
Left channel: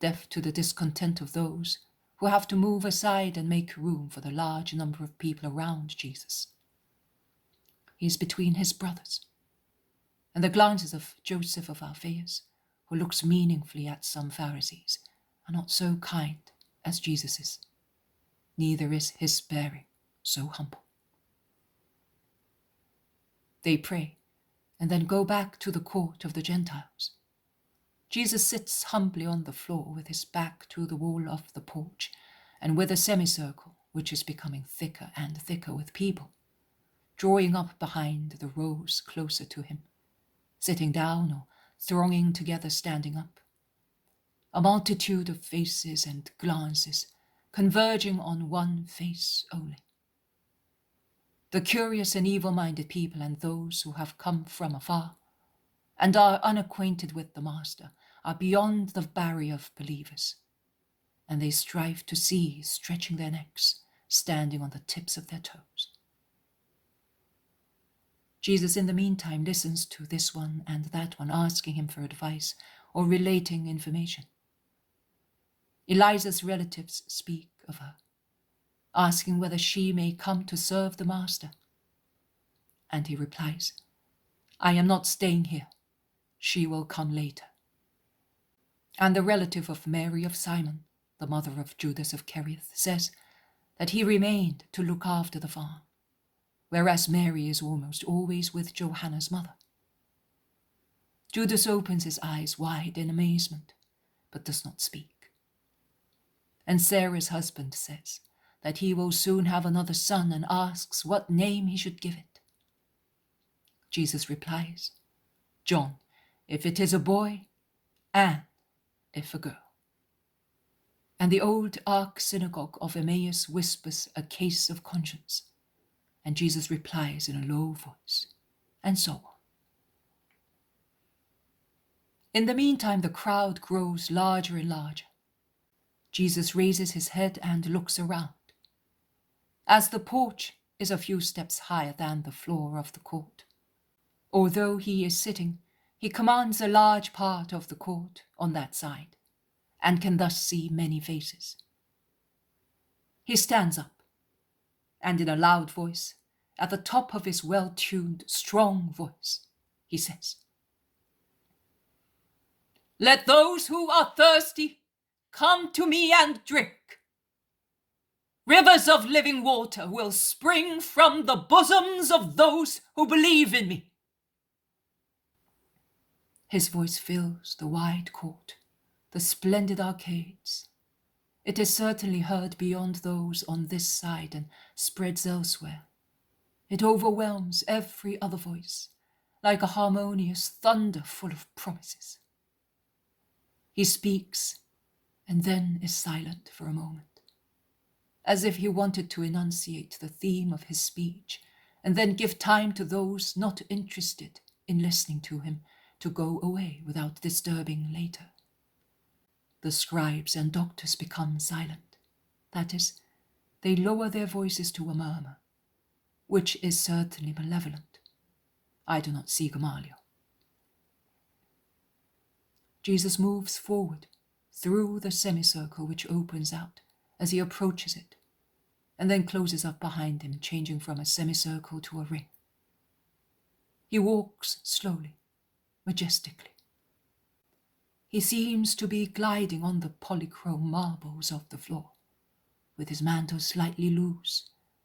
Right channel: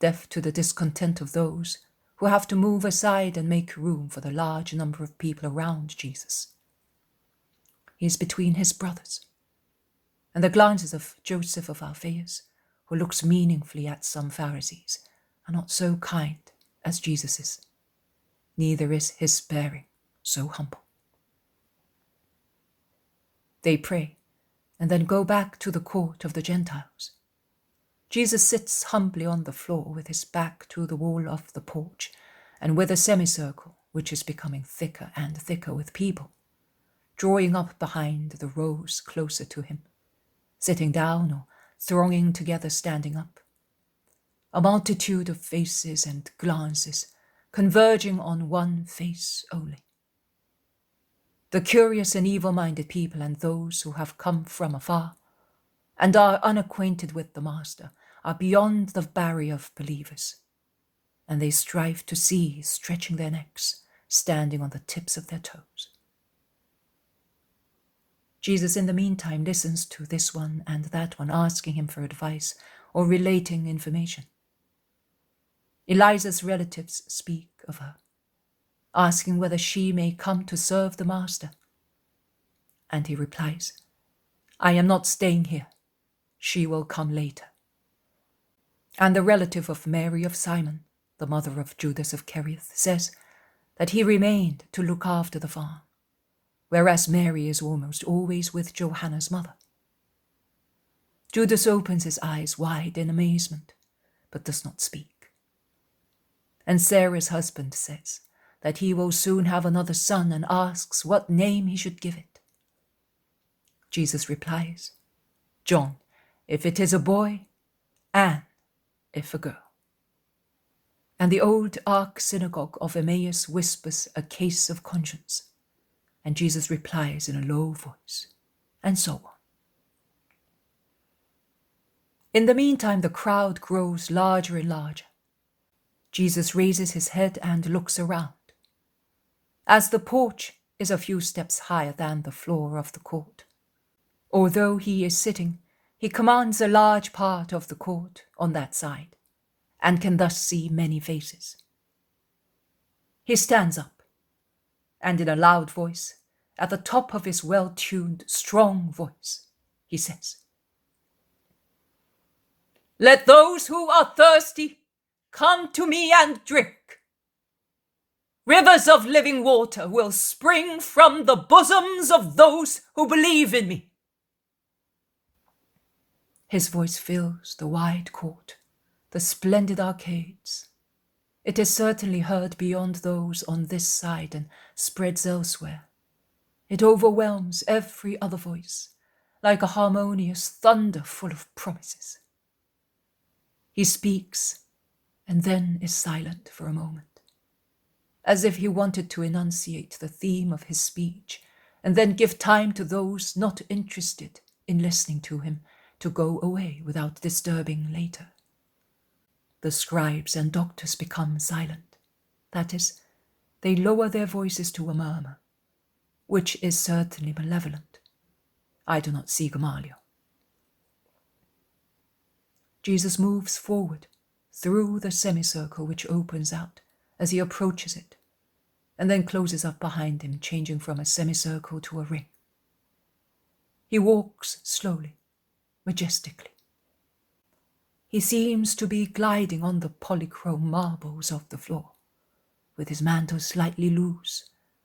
deaf to the discontent of those who have to move aside and make room for the large number of people around Jesus. He is between his brothers, and the glances of Joseph of Arimathea, who looks meaningfully at some Pharisees, are not so kind as Jesus is. Neither is his bearing so humble. They pray, and then go back to the court of the Gentiles. Jesus sits humbly on the floor with his back to the wall of the porch, and with a semicircle which is becoming thicker and thicker with people, drawing up behind the rows closer to him, sitting down or thronging together standing up. A multitude of faces and glances converging on one face only. The curious and evil-minded people and those who have come from afar and are unacquainted with the Master are beyond the barrier of believers, and they strive to see, stretching their necks, standing on the tips of their toes. Jesus, in the meantime, listens to this one and that one, asking him for advice or relating information. Eliza's relatives speak of her, asking whether she may come to serve the Master. And he replies, "I am not staying here. She will come later." And the relative of Mary of Simon, the mother of Judas of Kerioth, says that he remained to look after the farm, whereas Mary is almost always with Johanna's mother. Judas opens his eyes wide in amazement, but does not speak. And Sarah's husband says that he will soon have another son and asks what name he should give it. Jesus replies, "John, if it is a boy, Anne, if a girl." And the old arch-synagogue of Emmaus whispers a case of conscience, and Jesus replies in a low voice, and so on. In the meantime, the crowd grows larger and larger. Jesus raises his head and looks around. As the porch is a few steps higher than the floor of the court, although he is sitting, he commands a large part of the court on that side, and can thus see many faces. He stands up, and in a loud voice, at the top of his well-tuned, strong voice, he says, "Let those who are thirsty come to me and drink. Rivers of living water will spring from the bosoms of those who believe in me." His voice fills the wide court, the splendid arcades. It is certainly heard beyond those on this side and spreads elsewhere. It overwhelms every other voice, like a harmonious thunder full of promises. He speaks, and then is silent for a moment, as if he wanted to enunciate the theme of his speech, and then give time to those not interested in listening to him to go away without disturbing later. The scribes and doctors become silent. That is, they lower their voices to a murmur, which is certainly malevolent. I do not see Gamaliel. Jesus moves forward through the semicircle which opens out as he approaches it, and then closes up behind him, changing from a semicircle to a ring. He walks slowly, majestically. He seems to be gliding on the polychrome marbles of the floor, with his mantle slightly loose,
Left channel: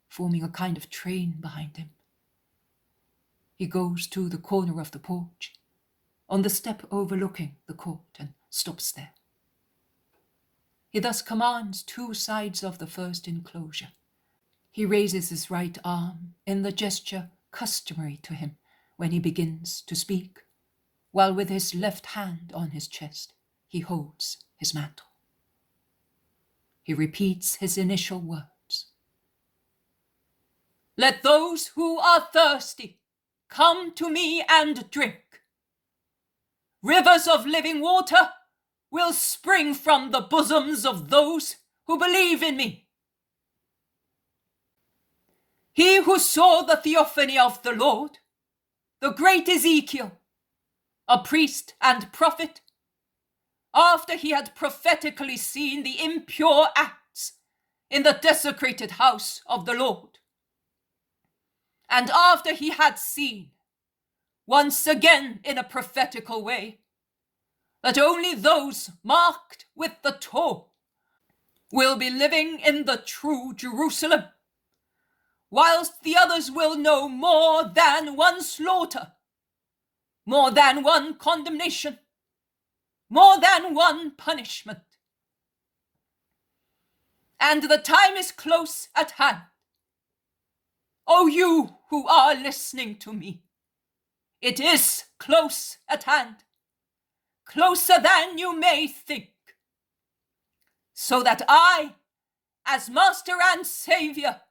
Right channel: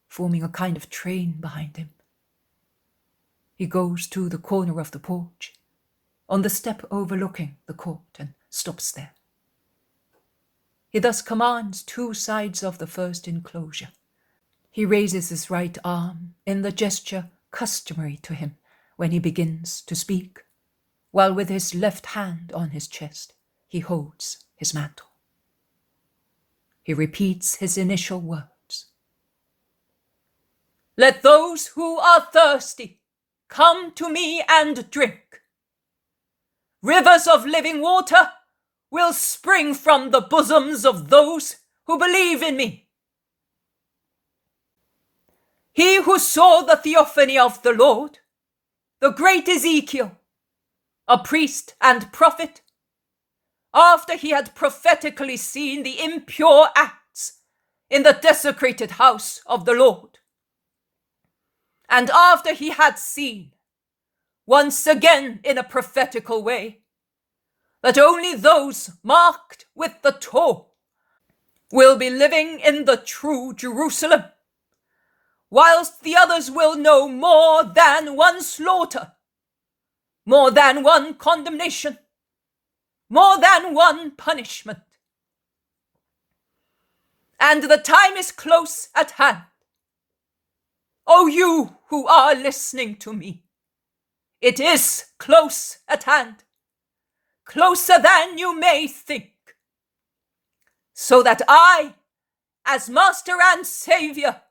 forming a kind of train behind him. He goes to the corner of the porch, on the step overlooking the court, and stops there. He thus commands two sides of the first enclosure. He raises his right arm in the gesture customary to him when he begins to speak, while with his left hand on his chest he holds his mantle. He repeats his initial words. "Let those who are thirsty come to me and drink. Rivers of living water will spring from the bosoms of those who believe in me. He who saw the theophany of the Lord, the great Ezekiel, a priest and prophet, after he had prophetically seen the impure acts in the desecrated house of the Lord, and after he had seen, once again in a prophetical way, that only those marked with the Torah will be living in the true Jerusalem, whilst the others will know more than one slaughter, more than one condemnation, more than one punishment. And the time is close at hand. O you who are listening to me, it is close at hand, closer than you may think, so that I, as Master and Saviour,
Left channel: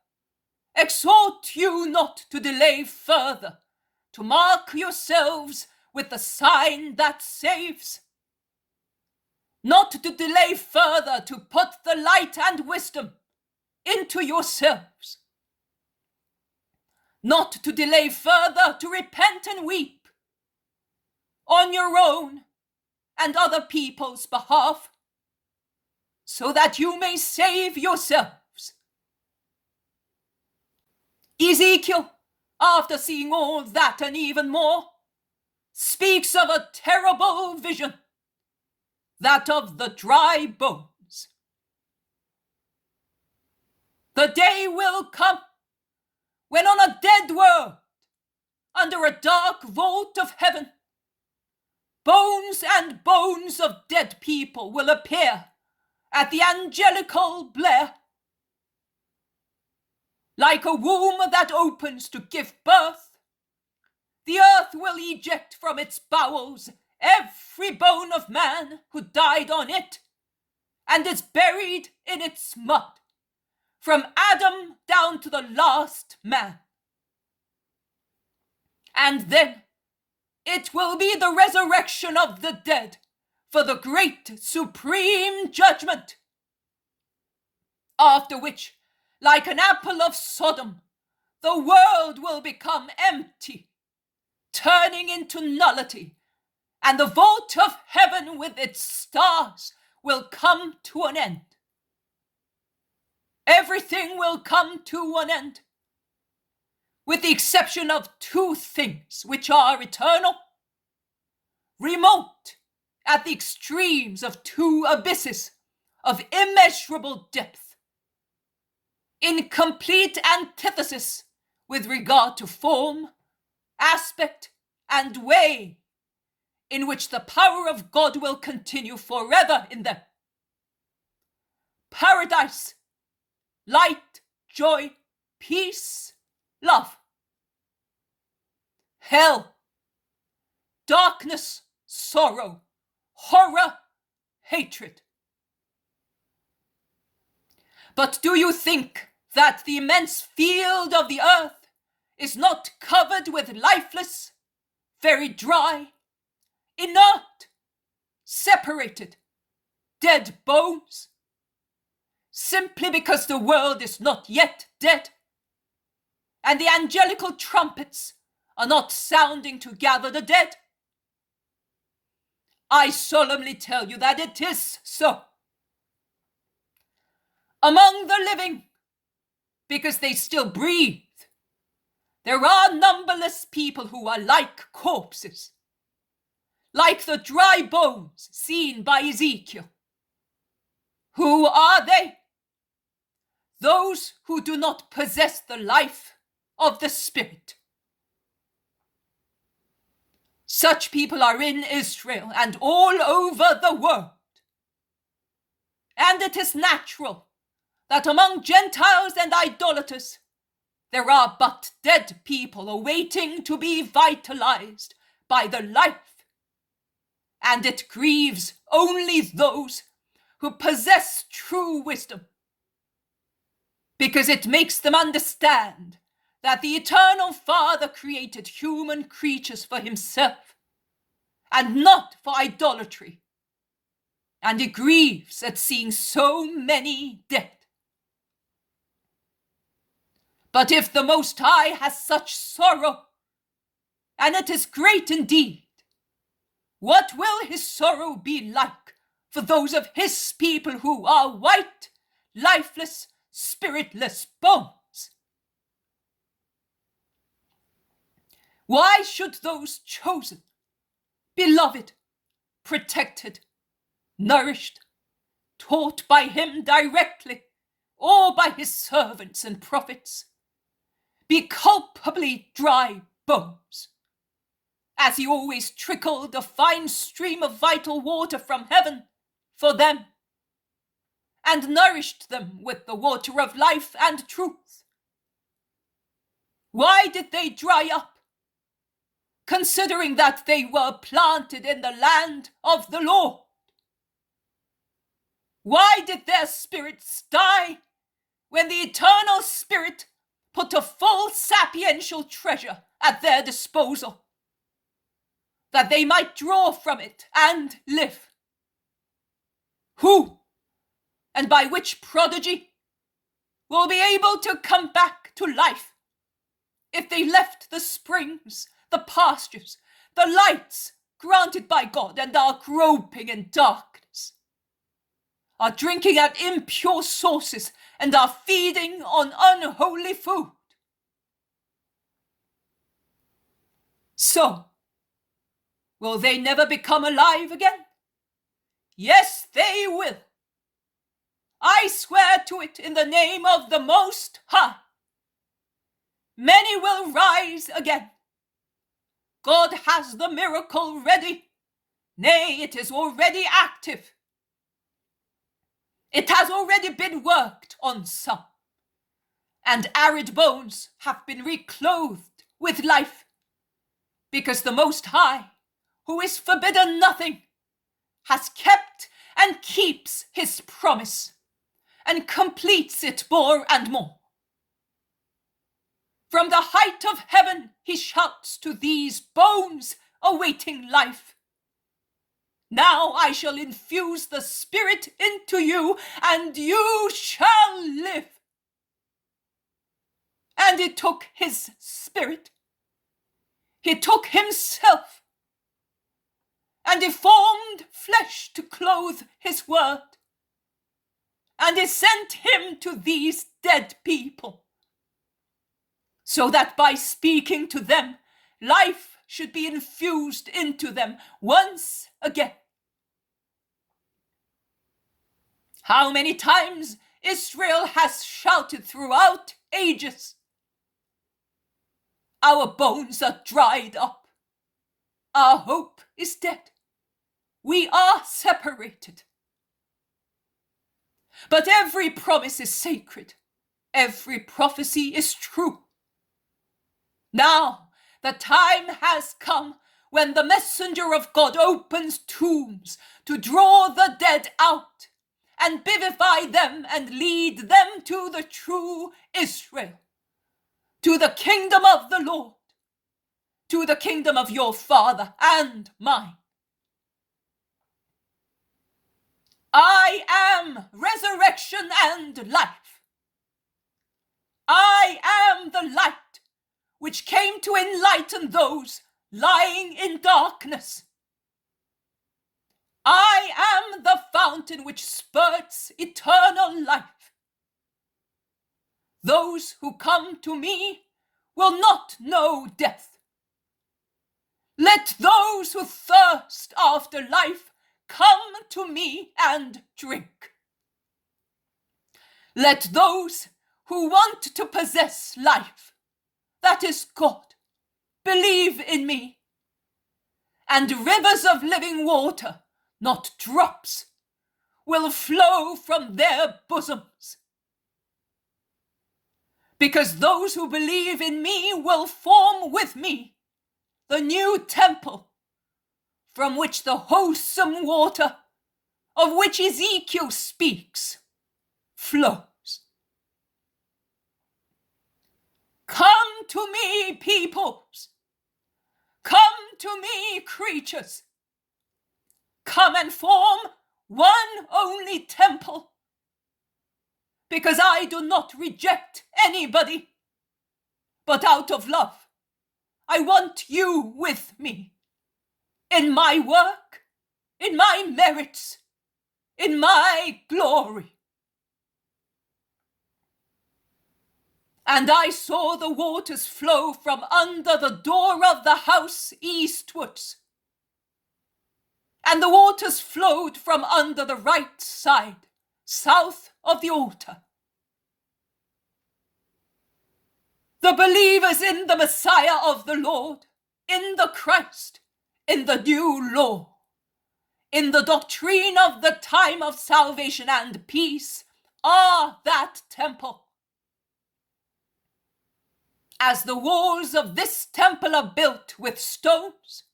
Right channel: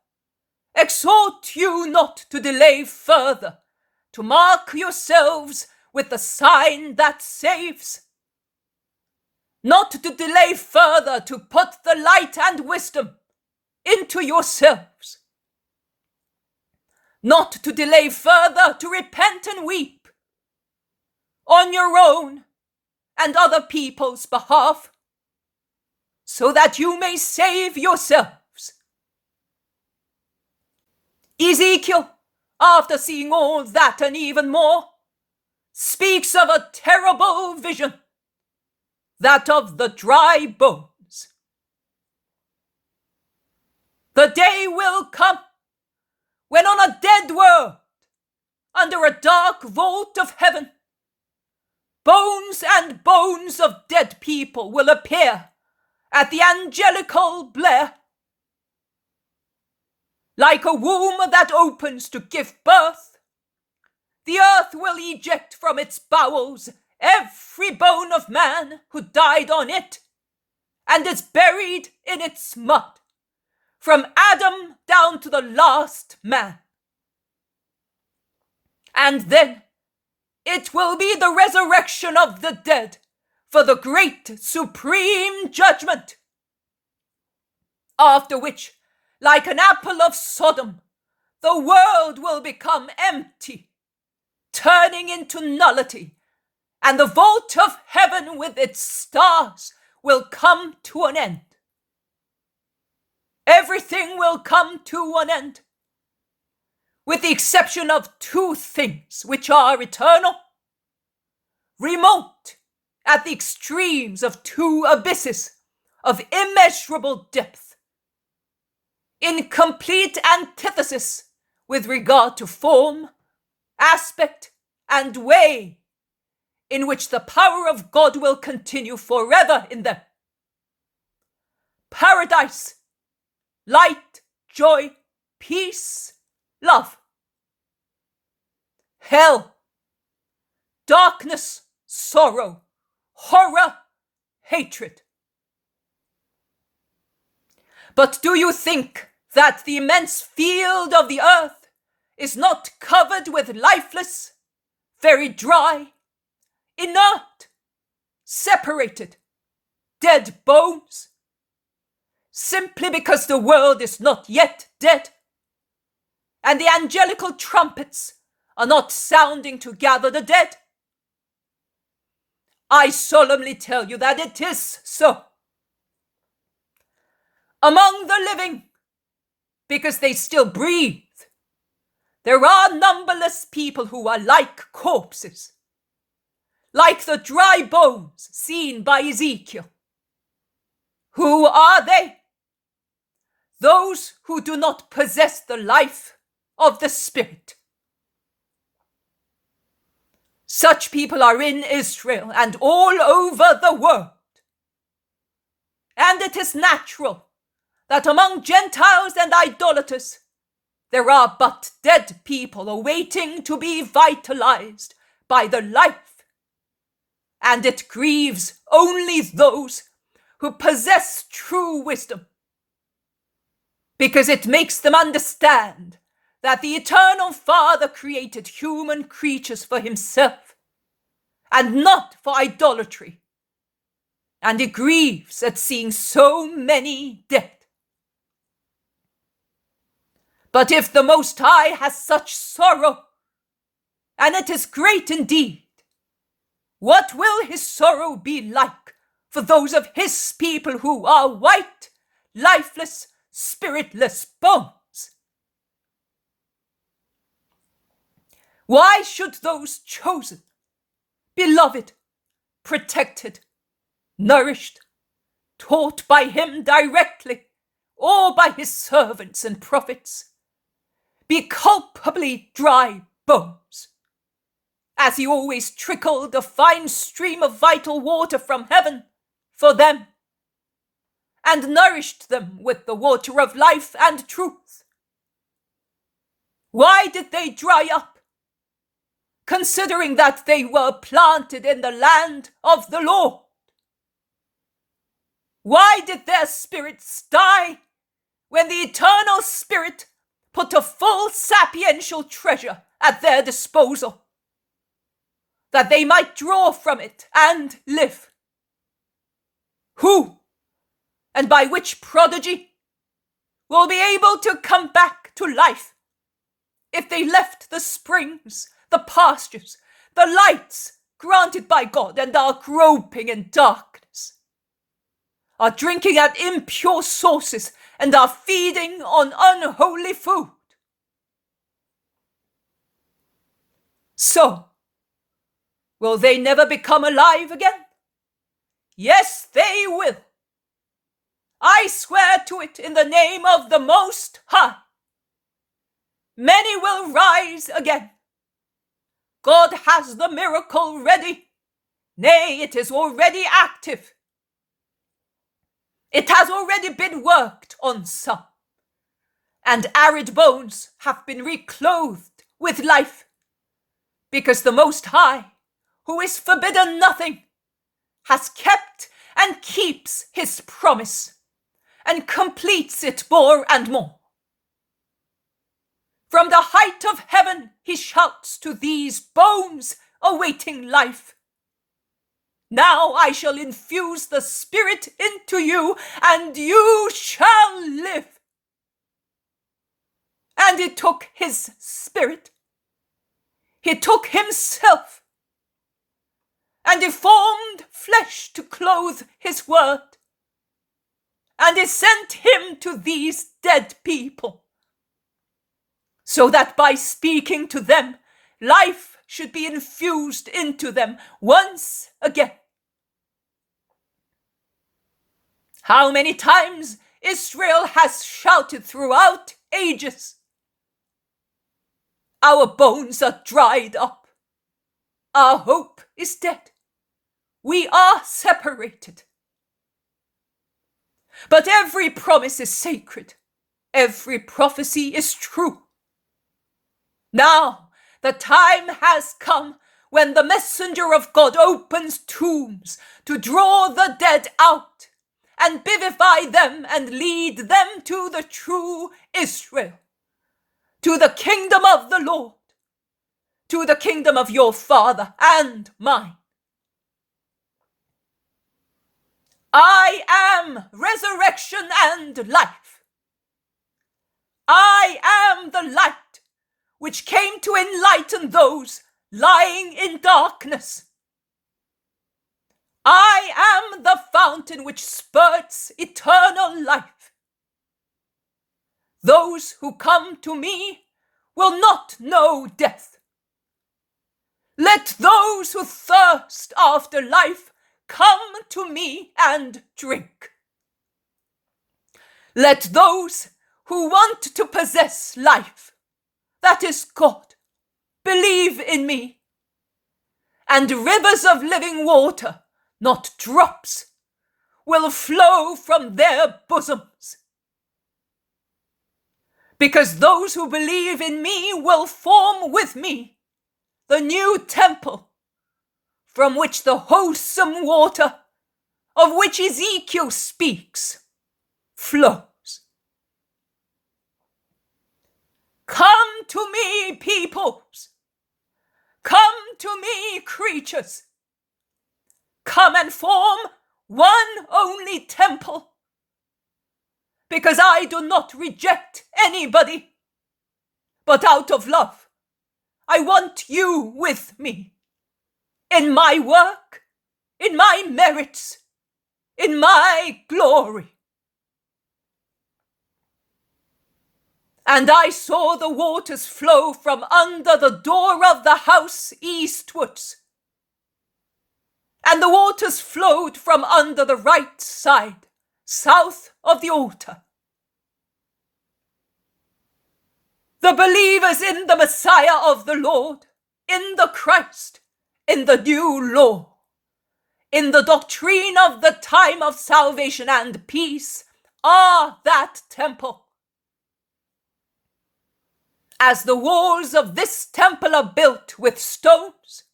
exhort you not to delay further, to mark yourselves with the sign that saves, not to delay further to put the light and wisdom into yourselves, not to delay further to repent and weep on your own and other people's behalf, so that you may save yourselves. Ezekiel, after seeing all that and even more, speaks of a terrible vision, that of the dry bones. The day will come when on a dead world, under a dark vault of heaven, bones and bones of dead people will appear at the angelical blare. Like a womb that opens to give birth, the earth will eject from its bowels every bone of man who died on it and is buried in its mud, from Adam down to the last man. And then it will be the resurrection of the dead for the great supreme judgment, after which, like an apple of Sodom, the world will become empty, turning into nullity, and the vault of heaven with its stars will come to an end. Everything will come to an end, with the exception of two things which are eternal, remote at the extremes of two abysses of immeasurable depth, in complete antithesis with regard to form, aspect, and way, in which the power of God will continue forever in them. Paradise, light, joy, peace, love. Hell, darkness, sorrow, horror, hatred. But do you think that the immense field of the earth is not covered with lifeless, very dry, inert, separated, dead bones, simply because the world is not yet dead, and the angelical trumpets are not sounding to gather the dead? I solemnly tell you that it is so. Among the living, because they still breathe. There are numberless people who are like corpses, like the dry bones seen by Ezekiel. Who are they? Those who do not possess the life of the Spirit. Such people are in Israel and all over the world. And it is natural that among Gentiles and idolaters there are but dead people awaiting to be vitalized by the life. And it grieves only those who possess true wisdom, because it makes them understand that the Eternal Father created human creatures for himself and not for idolatry. And it grieves at seeing so many dead. But if the Most High has such sorrow, and it is great indeed, what will his sorrow be like for those of his people who are white, lifeless, spiritless bones? Why should those chosen, beloved, protected, nourished, taught by him directly or by his servants and prophets, be culpably dry bones, as he always trickled a fine stream of vital water from heaven for them, and nourished them with the water of life and truth? Why did they dry up, considering that they were planted in the land of the Lord? Why did their spirits die when the Eternal Spirit put a full sapiential treasure at their disposal, that they might draw from it and live? Who, and by which prodigy, will be able to come back to life if they left the springs, the pastures, the lights granted by God, and are groping in darkness, are drinking at impure sources, and are feeding on unholy food? So, will they never become alive again? Yes, they will. I swear to it in the name of the Most High. Many will rise again. God has the miracle ready. Nay, it is already active. It has already been worked on some, and arid bones have been reclothed with life, because the Most High, who is forbidden nothing, has kept and keeps his promise, and completes it more and more. From the height of heaven he shouts to these bones awaiting life, "Now I shall infuse the Spirit into you, and you shall live." And he took his Spirit. He took himself, and he formed flesh to clothe his word, and he sent him to these dead people, so that by speaking to them, life should be infused into them once again. How many times Israel has shouted throughout ages, "Our bones are dried up. Our hope is dead. We are separated." But every promise is sacred. Every prophecy is true. Now the time has come when the messenger of God opens tombs to draw the dead out and vivify them and lead them to the true Israel, to the kingdom of the Lord, to the kingdom of your Father and mine. I am resurrection and life. I am the light which came to enlighten those lying in darkness. I am the fountain which spurts eternal life. Those who come to me will not know death. Let those who thirst after life come to me and drink. Let those who want to possess life, that is God, believe in me. And rivers of living water, not drops, will flow from their bosoms. Because those who believe in me will form with me the new temple from which the wholesome water of which Ezekiel speaks flows. Come to me, peoples. Come to me, creatures. Come and form one only temple. Because I do not reject anybody, but out of love, I want you with me. In my work, in my merits, in my glory. And I saw the waters flow from under the door of the house eastwards. And the waters flowed from under the right side, south of the altar. The believers in the Messiah of the Lord, in the Christ, in the new law, in the doctrine of the time of salvation and peace, are that temple. As the walls of this temple are built with stones,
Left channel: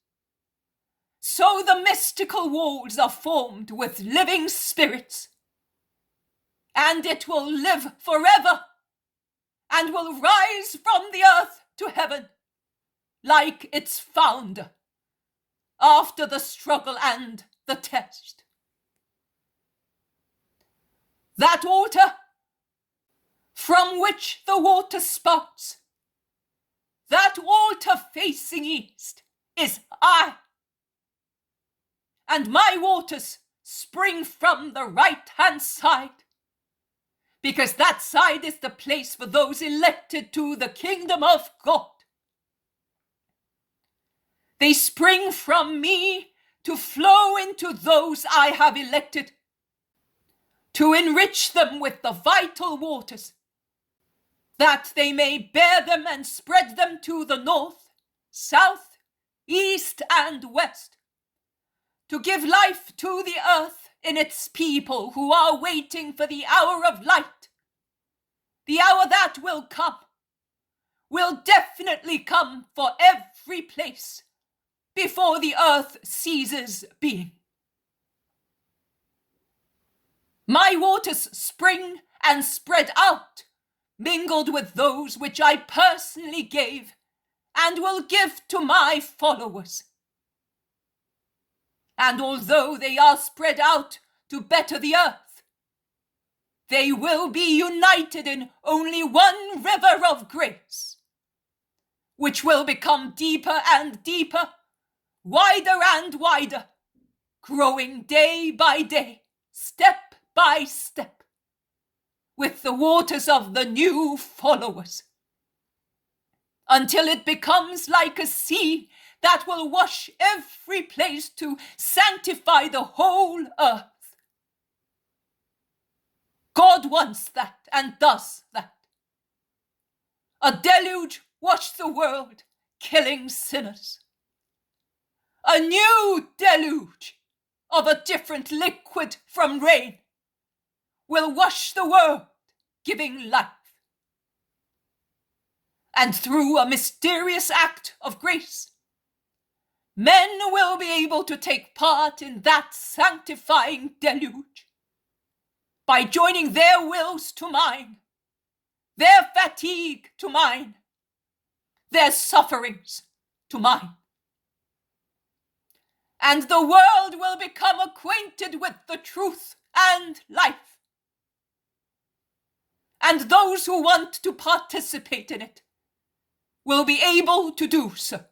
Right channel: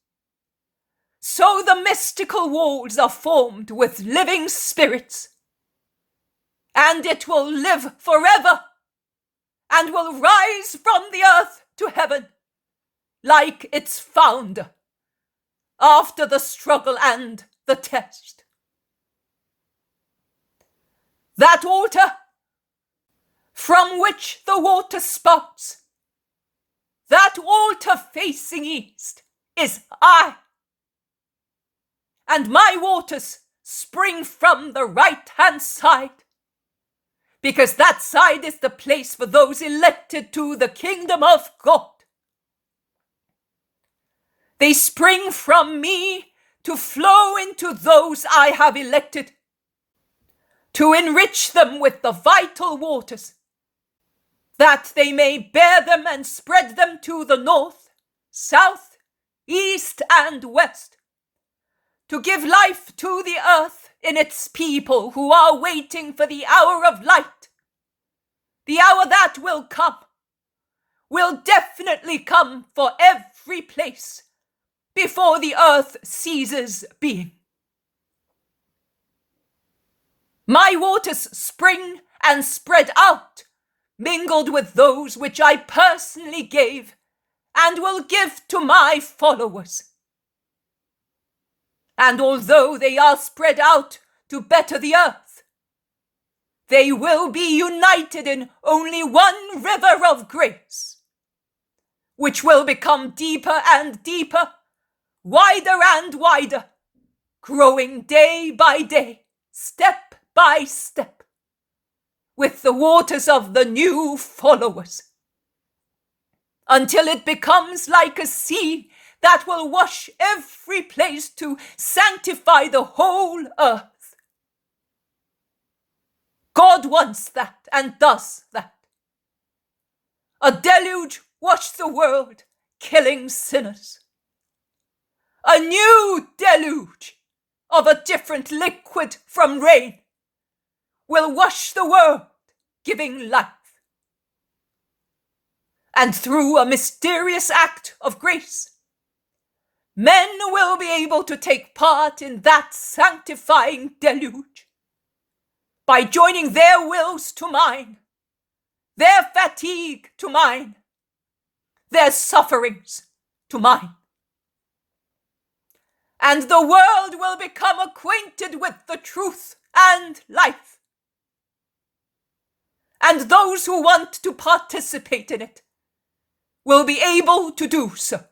so the mystical walls are formed with living spirits, and it will live forever and will rise from the earth to heaven like its founder after the struggle and the test. That altar from which the water spouts, that altar facing east, is I. And my waters spring from the right-hand side, because that side is the place for those elected to the kingdom of God. They spring from me to flow into those I have elected, to enrich them with the vital waters, that they may bear them and spread them to the north, south, east, and west, to give life to the earth in its people who are waiting for the hour of light. The hour that will come, will definitely come for every place before the earth ceases being. My waters spring and spread out, mingled with those which I personally gave and will give to my followers. And although they are spread out to better the earth, they will be united in only one river of grace, which will become deeper and deeper, wider and wider, growing day by day, step by step, with the waters of the new followers, until it becomes like a sea that will wash every place to sanctify the whole earth. God wants that and does that. A deluge washed the world, killing sinners. A new deluge of a different liquid from rain will wash the world, giving life. And through a mysterious act of grace, men will be able to take part in that sanctifying deluge by joining their wills to mine, their fatigue to mine, their sufferings to mine. And the world will become acquainted with the truth and life. And those who want to participate in it will be able to do so.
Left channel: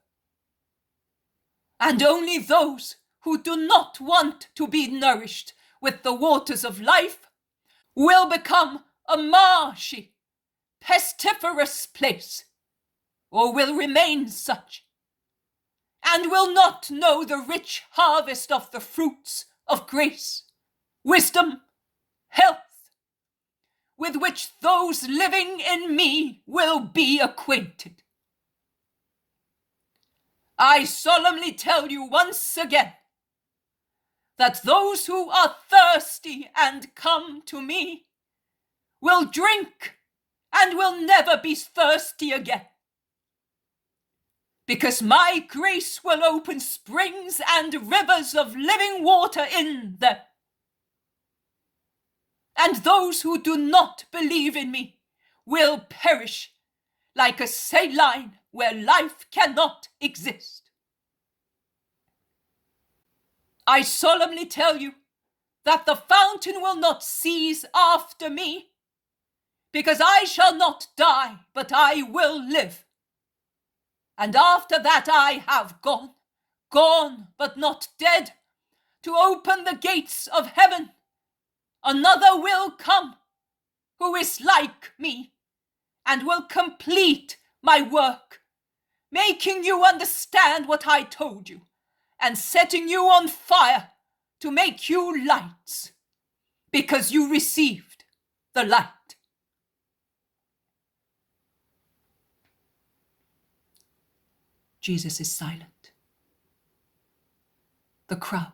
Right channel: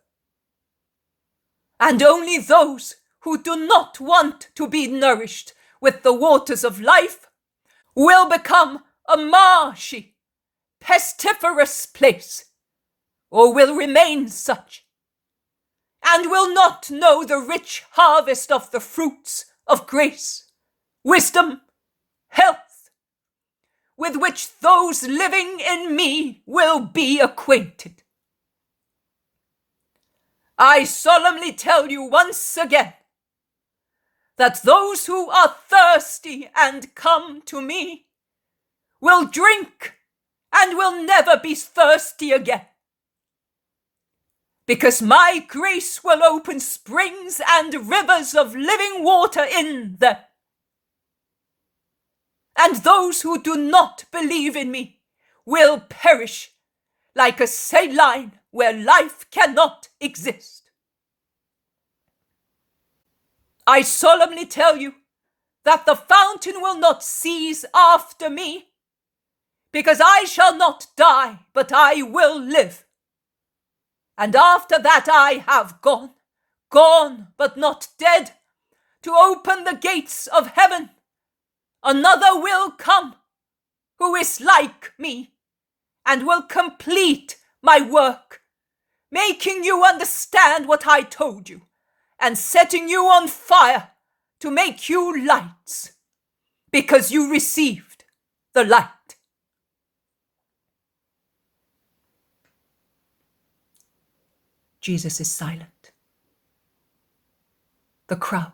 And only those who do not want to be nourished with the waters of life will become a marshy, pestiferous place, or will remain such, and will not know the rich harvest of the fruits of grace, wisdom, health, with which those living in me will be acquainted. I solemnly tell you once again that those who are thirsty and come to me will drink and will never be thirsty again, because my grace will open springs and rivers of living water in them. And those who do not believe in me will perish like a saline where life cannot exist. I solemnly tell you that the fountain will not cease after me, because I shall not die, but I will live. And after that I have gone but not dead, to open the gates of heaven. Another will come, who is like me, and will complete my work, making you understand what I told you, and setting you on fire to make you lights, because you received the light. Jesus is silent. The crowd,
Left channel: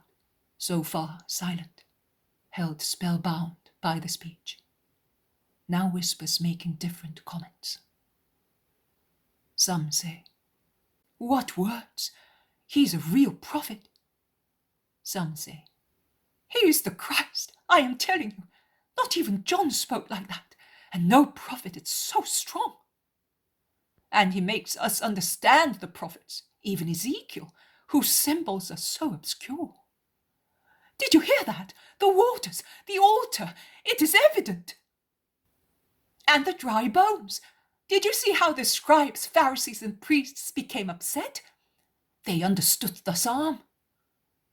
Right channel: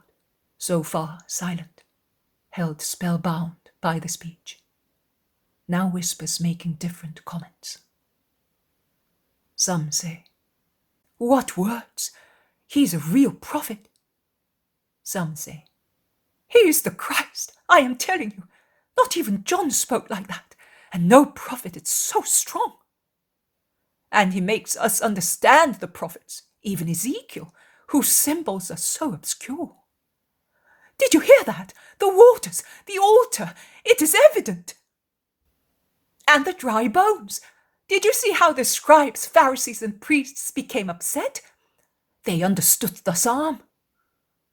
so far silent, held spellbound by the speech, now whispers making different comments. Some say, "What words! He's a real prophet." Some say, "He is the Christ, I am telling you. Not even John spoke like that, and no prophet is so strong. And he makes us understand the prophets, even Ezekiel, whose symbols are so obscure. Did you hear that? The waters, the altar, it is evident. And the dry bones. Did you see how the scribes, Pharisees, and priests became upset? They understood the psalm.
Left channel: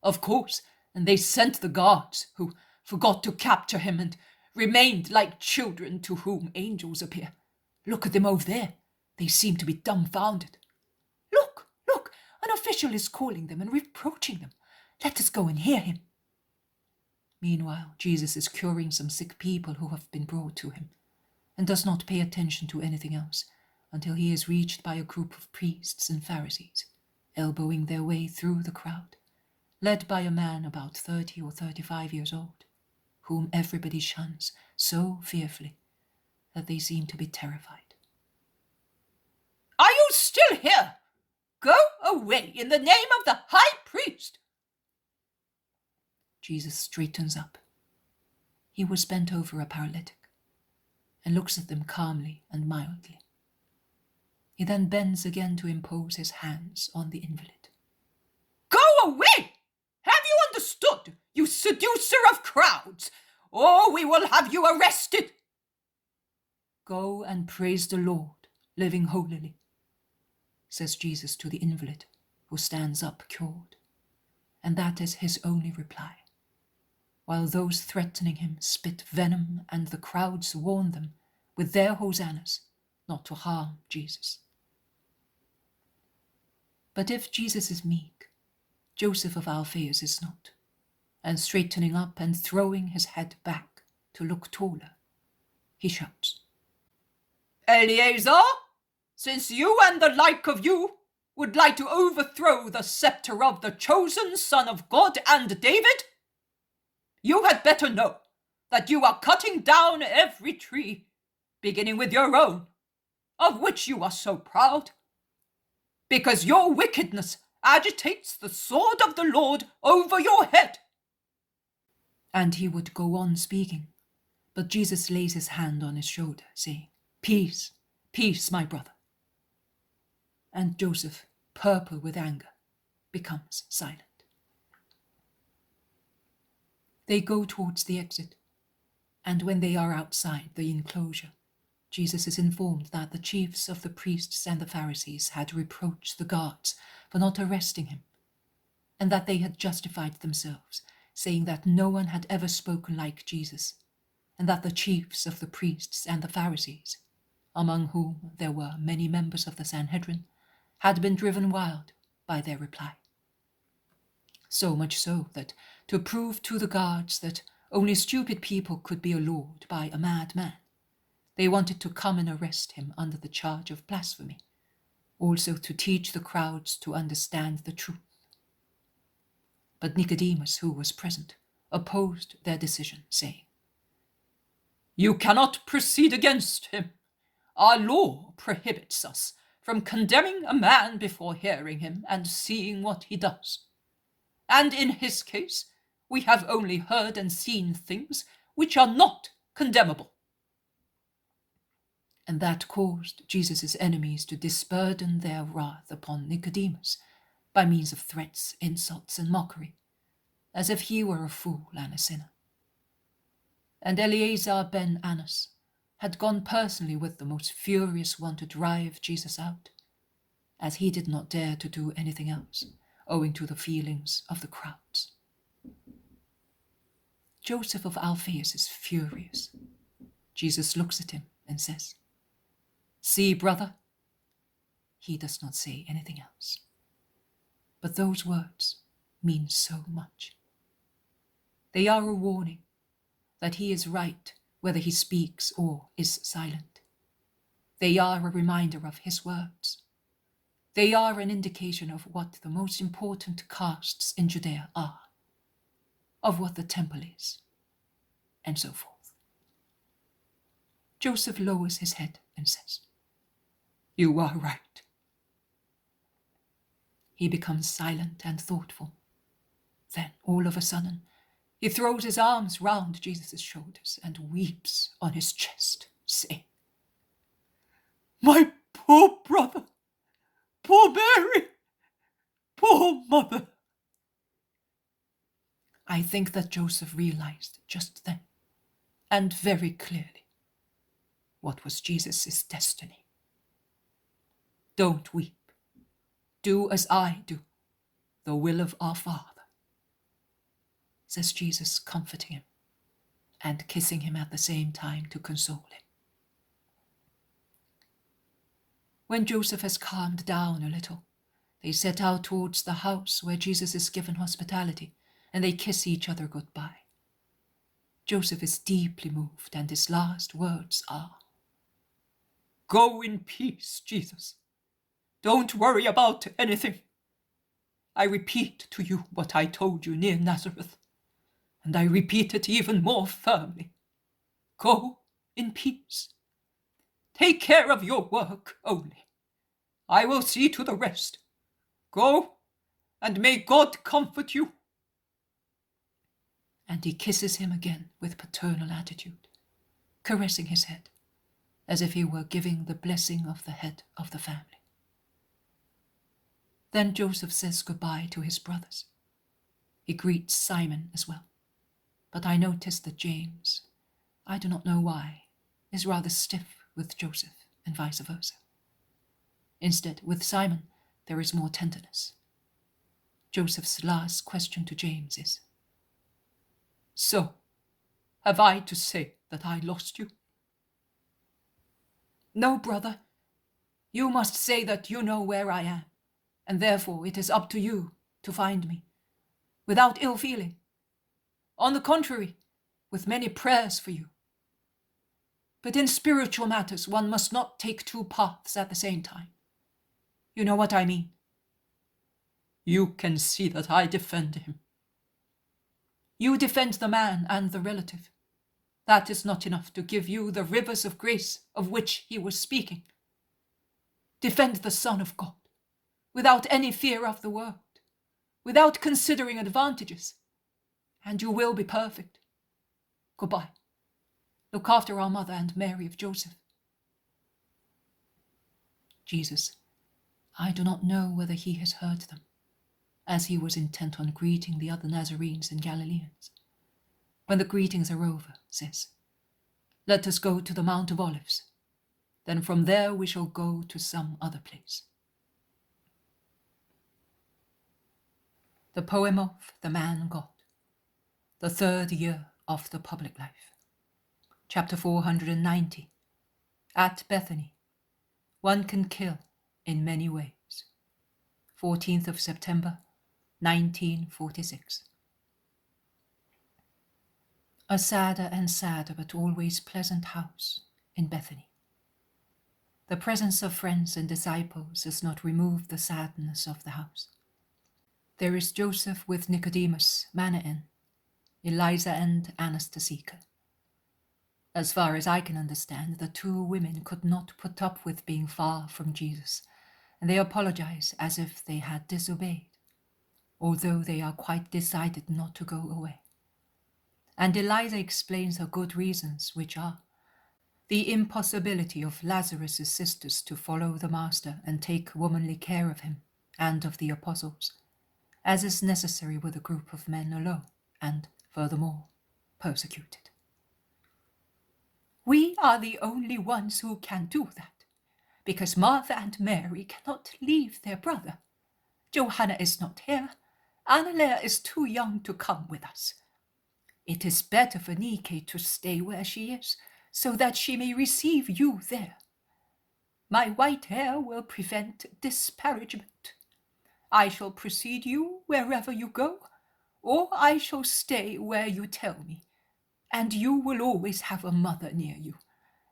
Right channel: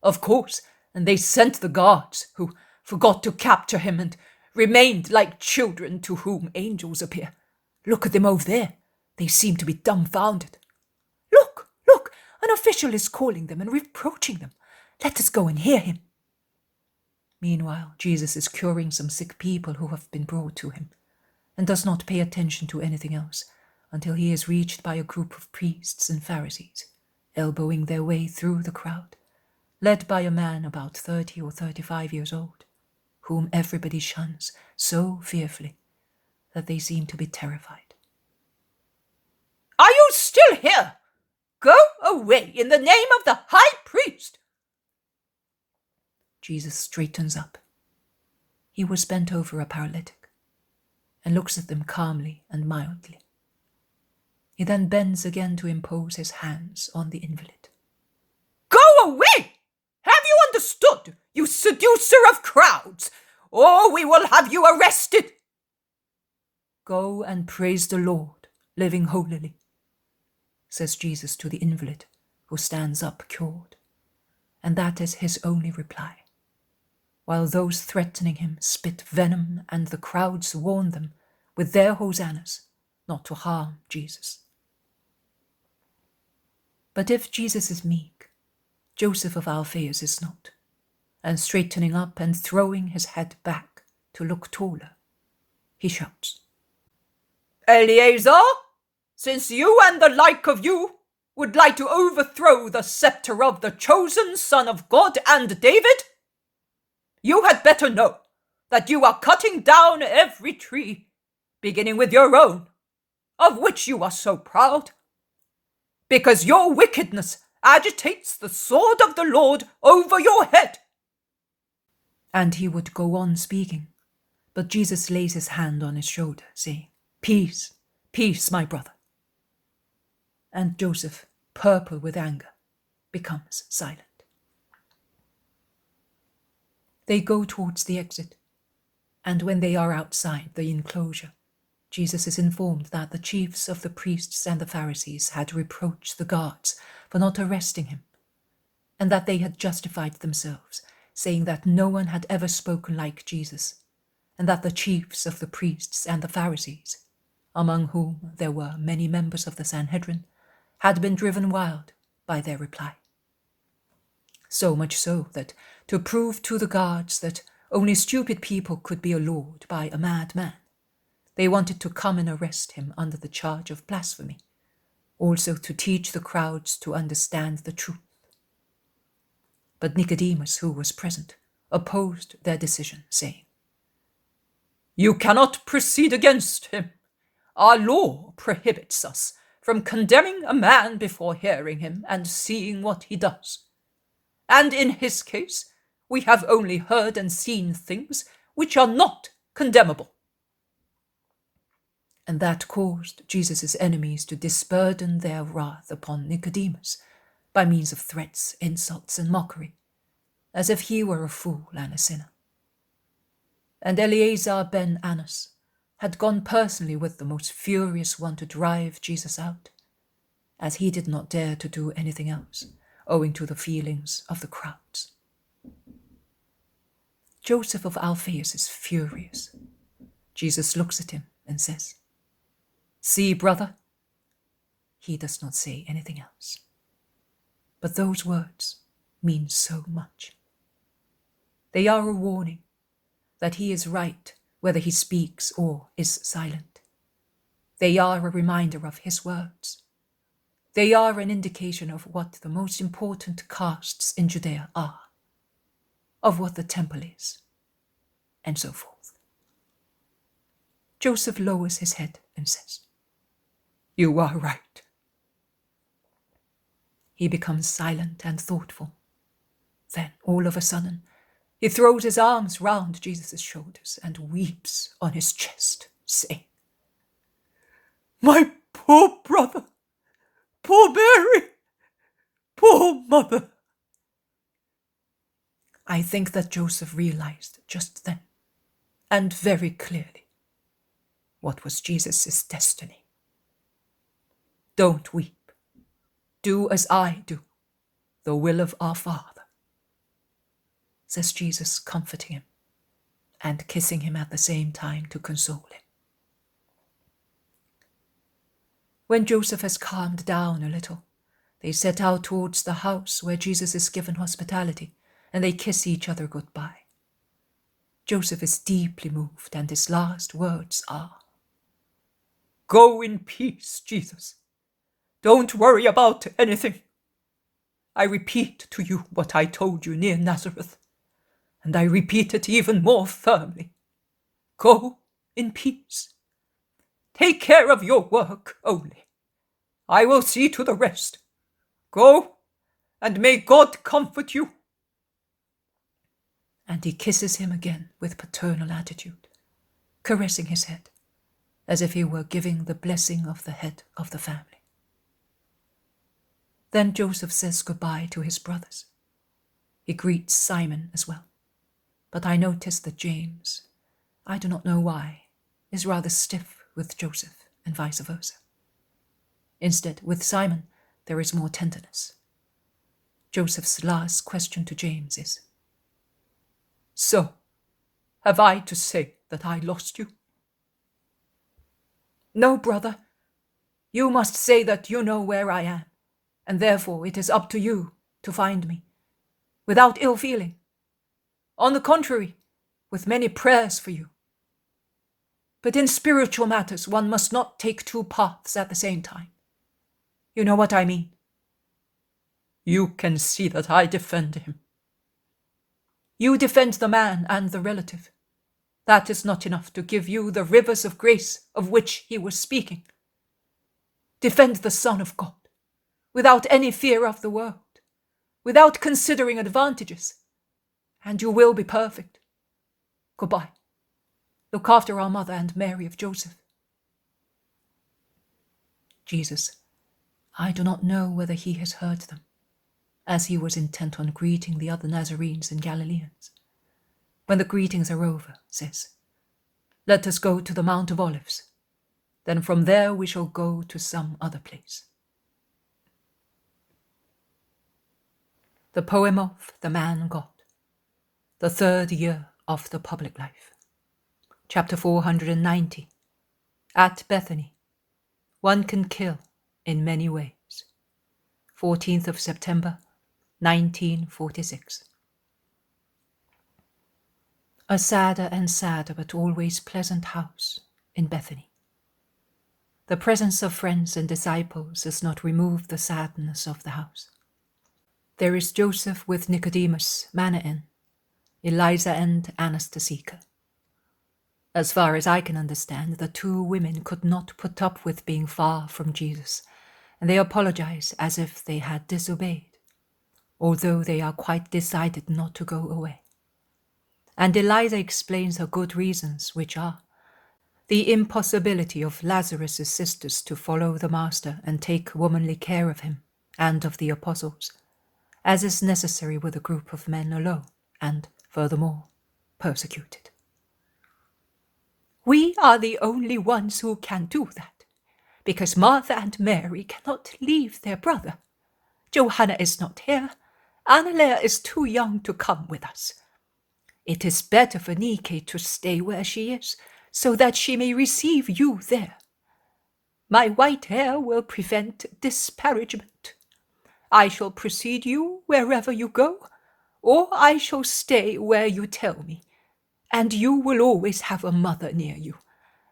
Of course, and they sent the guards, who forgot to capture him and remained like children to whom angels appear. Look at them over there. They seem to be dumbfounded. Look, an official is calling them and reproaching them. Let us go and hear him." Meanwhile, Jesus is curing some sick people who have been brought to him, and does not pay attention to anything else until he is reached by a group of priests and Pharisees, elbowing their way through the crowd, led by a man about 30 or 35 years old, whom everybody shuns so fearfully that they seem to be terrified. "Are you still here? Go away in the name of the high priest." Jesus straightens up. He was bent over a paralytic and looks at them calmly and mildly. He then bends again to impose his hands on the invalid. "Go away! Have you understood, you seducer of crowds, or we will have you arrested?" "Go and praise the Lord, living holily," says Jesus to the invalid, who stands up cured, and that is his only reply, while those threatening him spit venom and the crowds warn them with their hosannas not to harm Jesus. But if Jesus is meek, Joseph of Alphaeus is not, and straightening up and throwing his head back to look taller, he shouts, "Eleazar, since you and the like of you would like to overthrow the scepter of the chosen Son of God and David, you had better know that you are cutting down every tree, beginning with your own, of which you are so proud, because your wickedness agitates the sword of the Lord over your head." And he would go on speaking, but Jesus lays his hand on his shoulder, saying, "Peace, peace, my brother." And Joseph, purple with anger, becomes silent. They go towards the exit, and when they are outside the enclosure, Jesus is informed that the chiefs of the priests and the Pharisees had reproached the guards for not arresting him, and that they had justified themselves, saying that no one had ever spoken like Jesus, and that the chiefs of the priests and the Pharisees among whom there were many members of the Sanhedrin, had been driven wild by their reply. So much so that, to prove to the guards that only stupid people could be allured by a madman, they wanted to come and arrest him under the charge of blasphemy, also to teach the crowds to understand the truth. But Nicodemus, who was present, opposed their decision, saying, "You cannot proceed against him. Our law prohibits us from condemning a man before hearing him and seeing what he does. And in his case, we have only heard and seen things which are not condemnable." And that caused Jesus' enemies to disburden their wrath upon Nicodemus by means of threats, insults, and mockery, as if he were a fool and a sinner. And Eleazar ben Annas had gone personally with the most furious one to drive Jesus out, as he did not dare to do anything else, owing to the feelings of the crowds. Joseph of Alphaeus is furious. Jesus looks at him and says, "See, brother." He does not say anything else. But those words mean so much. They are a warning that he is right whether he speaks or is silent. They are a reminder of his words. They are an indication of what the most important castes in Judea are, of what the temple is, and so forth. Joseph lowers his head and says, "You are right." He becomes silent and thoughtful. Then, all of a sudden, he throws his arms round Jesus' shoulders and weeps on his chest, saying, "My poor brother, poor Mary, poor mother." I think that Joseph realized just then, and very clearly, what was Jesus' destiny. "Don't weep. Do as I do, the will of our Father," says Jesus, comforting him and kissing him at the same time to console him. When Joseph has calmed down a little, they set out towards the house where Jesus is given hospitality, and they kiss each other goodbye. Joseph is deeply moved, and his last words are, "Go in peace, Jesus. Don't worry about anything. I repeat to you what I told you near Nazareth, and I repeat it even more firmly. Go in peace. Take care of your work only. I will see to the rest. Go, and may God comfort you." And he kisses him again with paternal attitude, caressing his head, as if he were giving the blessing of the head of the family. Then Joseph says goodbye to his brothers. He greets Simon as well, but I notice that James, I do not know why, is rather stiff with Joseph and vice versa. Instead, with Simon, there is more tenderness. Joseph's last question to James is, "So, have I to say that I lost you?" "No, brother. You must say that you know where I am, and therefore it is up to you to find me, without ill feeling. On the contrary, with many prayers for you. But in spiritual matters, one must not take two paths at the same time. You know what I mean." "You can see that I defend him." "You defend the man and the relative. That is not enough to give you the rivers of grace of which he was speaking. Defend the Son of God, without any fear of the world, without considering advantages, and you will be perfect. Goodbye. Look after our mother and Mary of Joseph." Jesus, I do not know whether he has heard them, as he was intent on greeting the other Nazarenes and Galileans. When the greetings are over, says, "Let us go to the Mount of Olives. Then from there we shall go to some other place." The poem of The Man God, the 3rd year of the public life. Chapter 490, At Bethany, one can kill in many ways. 14th of September, 1946. A sadder and sadder but always pleasant house in Bethany. The presence of friends and disciples does not remove the sadness of the house. There is Joseph with Nicodemus, Manaen, Eliza and Anastasia. As far as I can understand, the two women could not put up with being far from Jesus, and they apologize as if they had disobeyed, although they are quite decided not to go away. And Eliza explains her good reasons, which are the impossibility of Lazarus' sisters to follow the Master and take womanly care of him and of the apostles, as is necessary with a group of men alone, and, furthermore, persecuted. We are the only ones who can do that, because Martha and Mary cannot leave their brother. Johanna is not here. Annalea is too young to come with us. It is better for Nike to stay where she is, so that she may receive you there. My white hair will prevent disparagement. I shall precede you wherever you go, or I shall stay where you tell me, and you will always have a mother near you,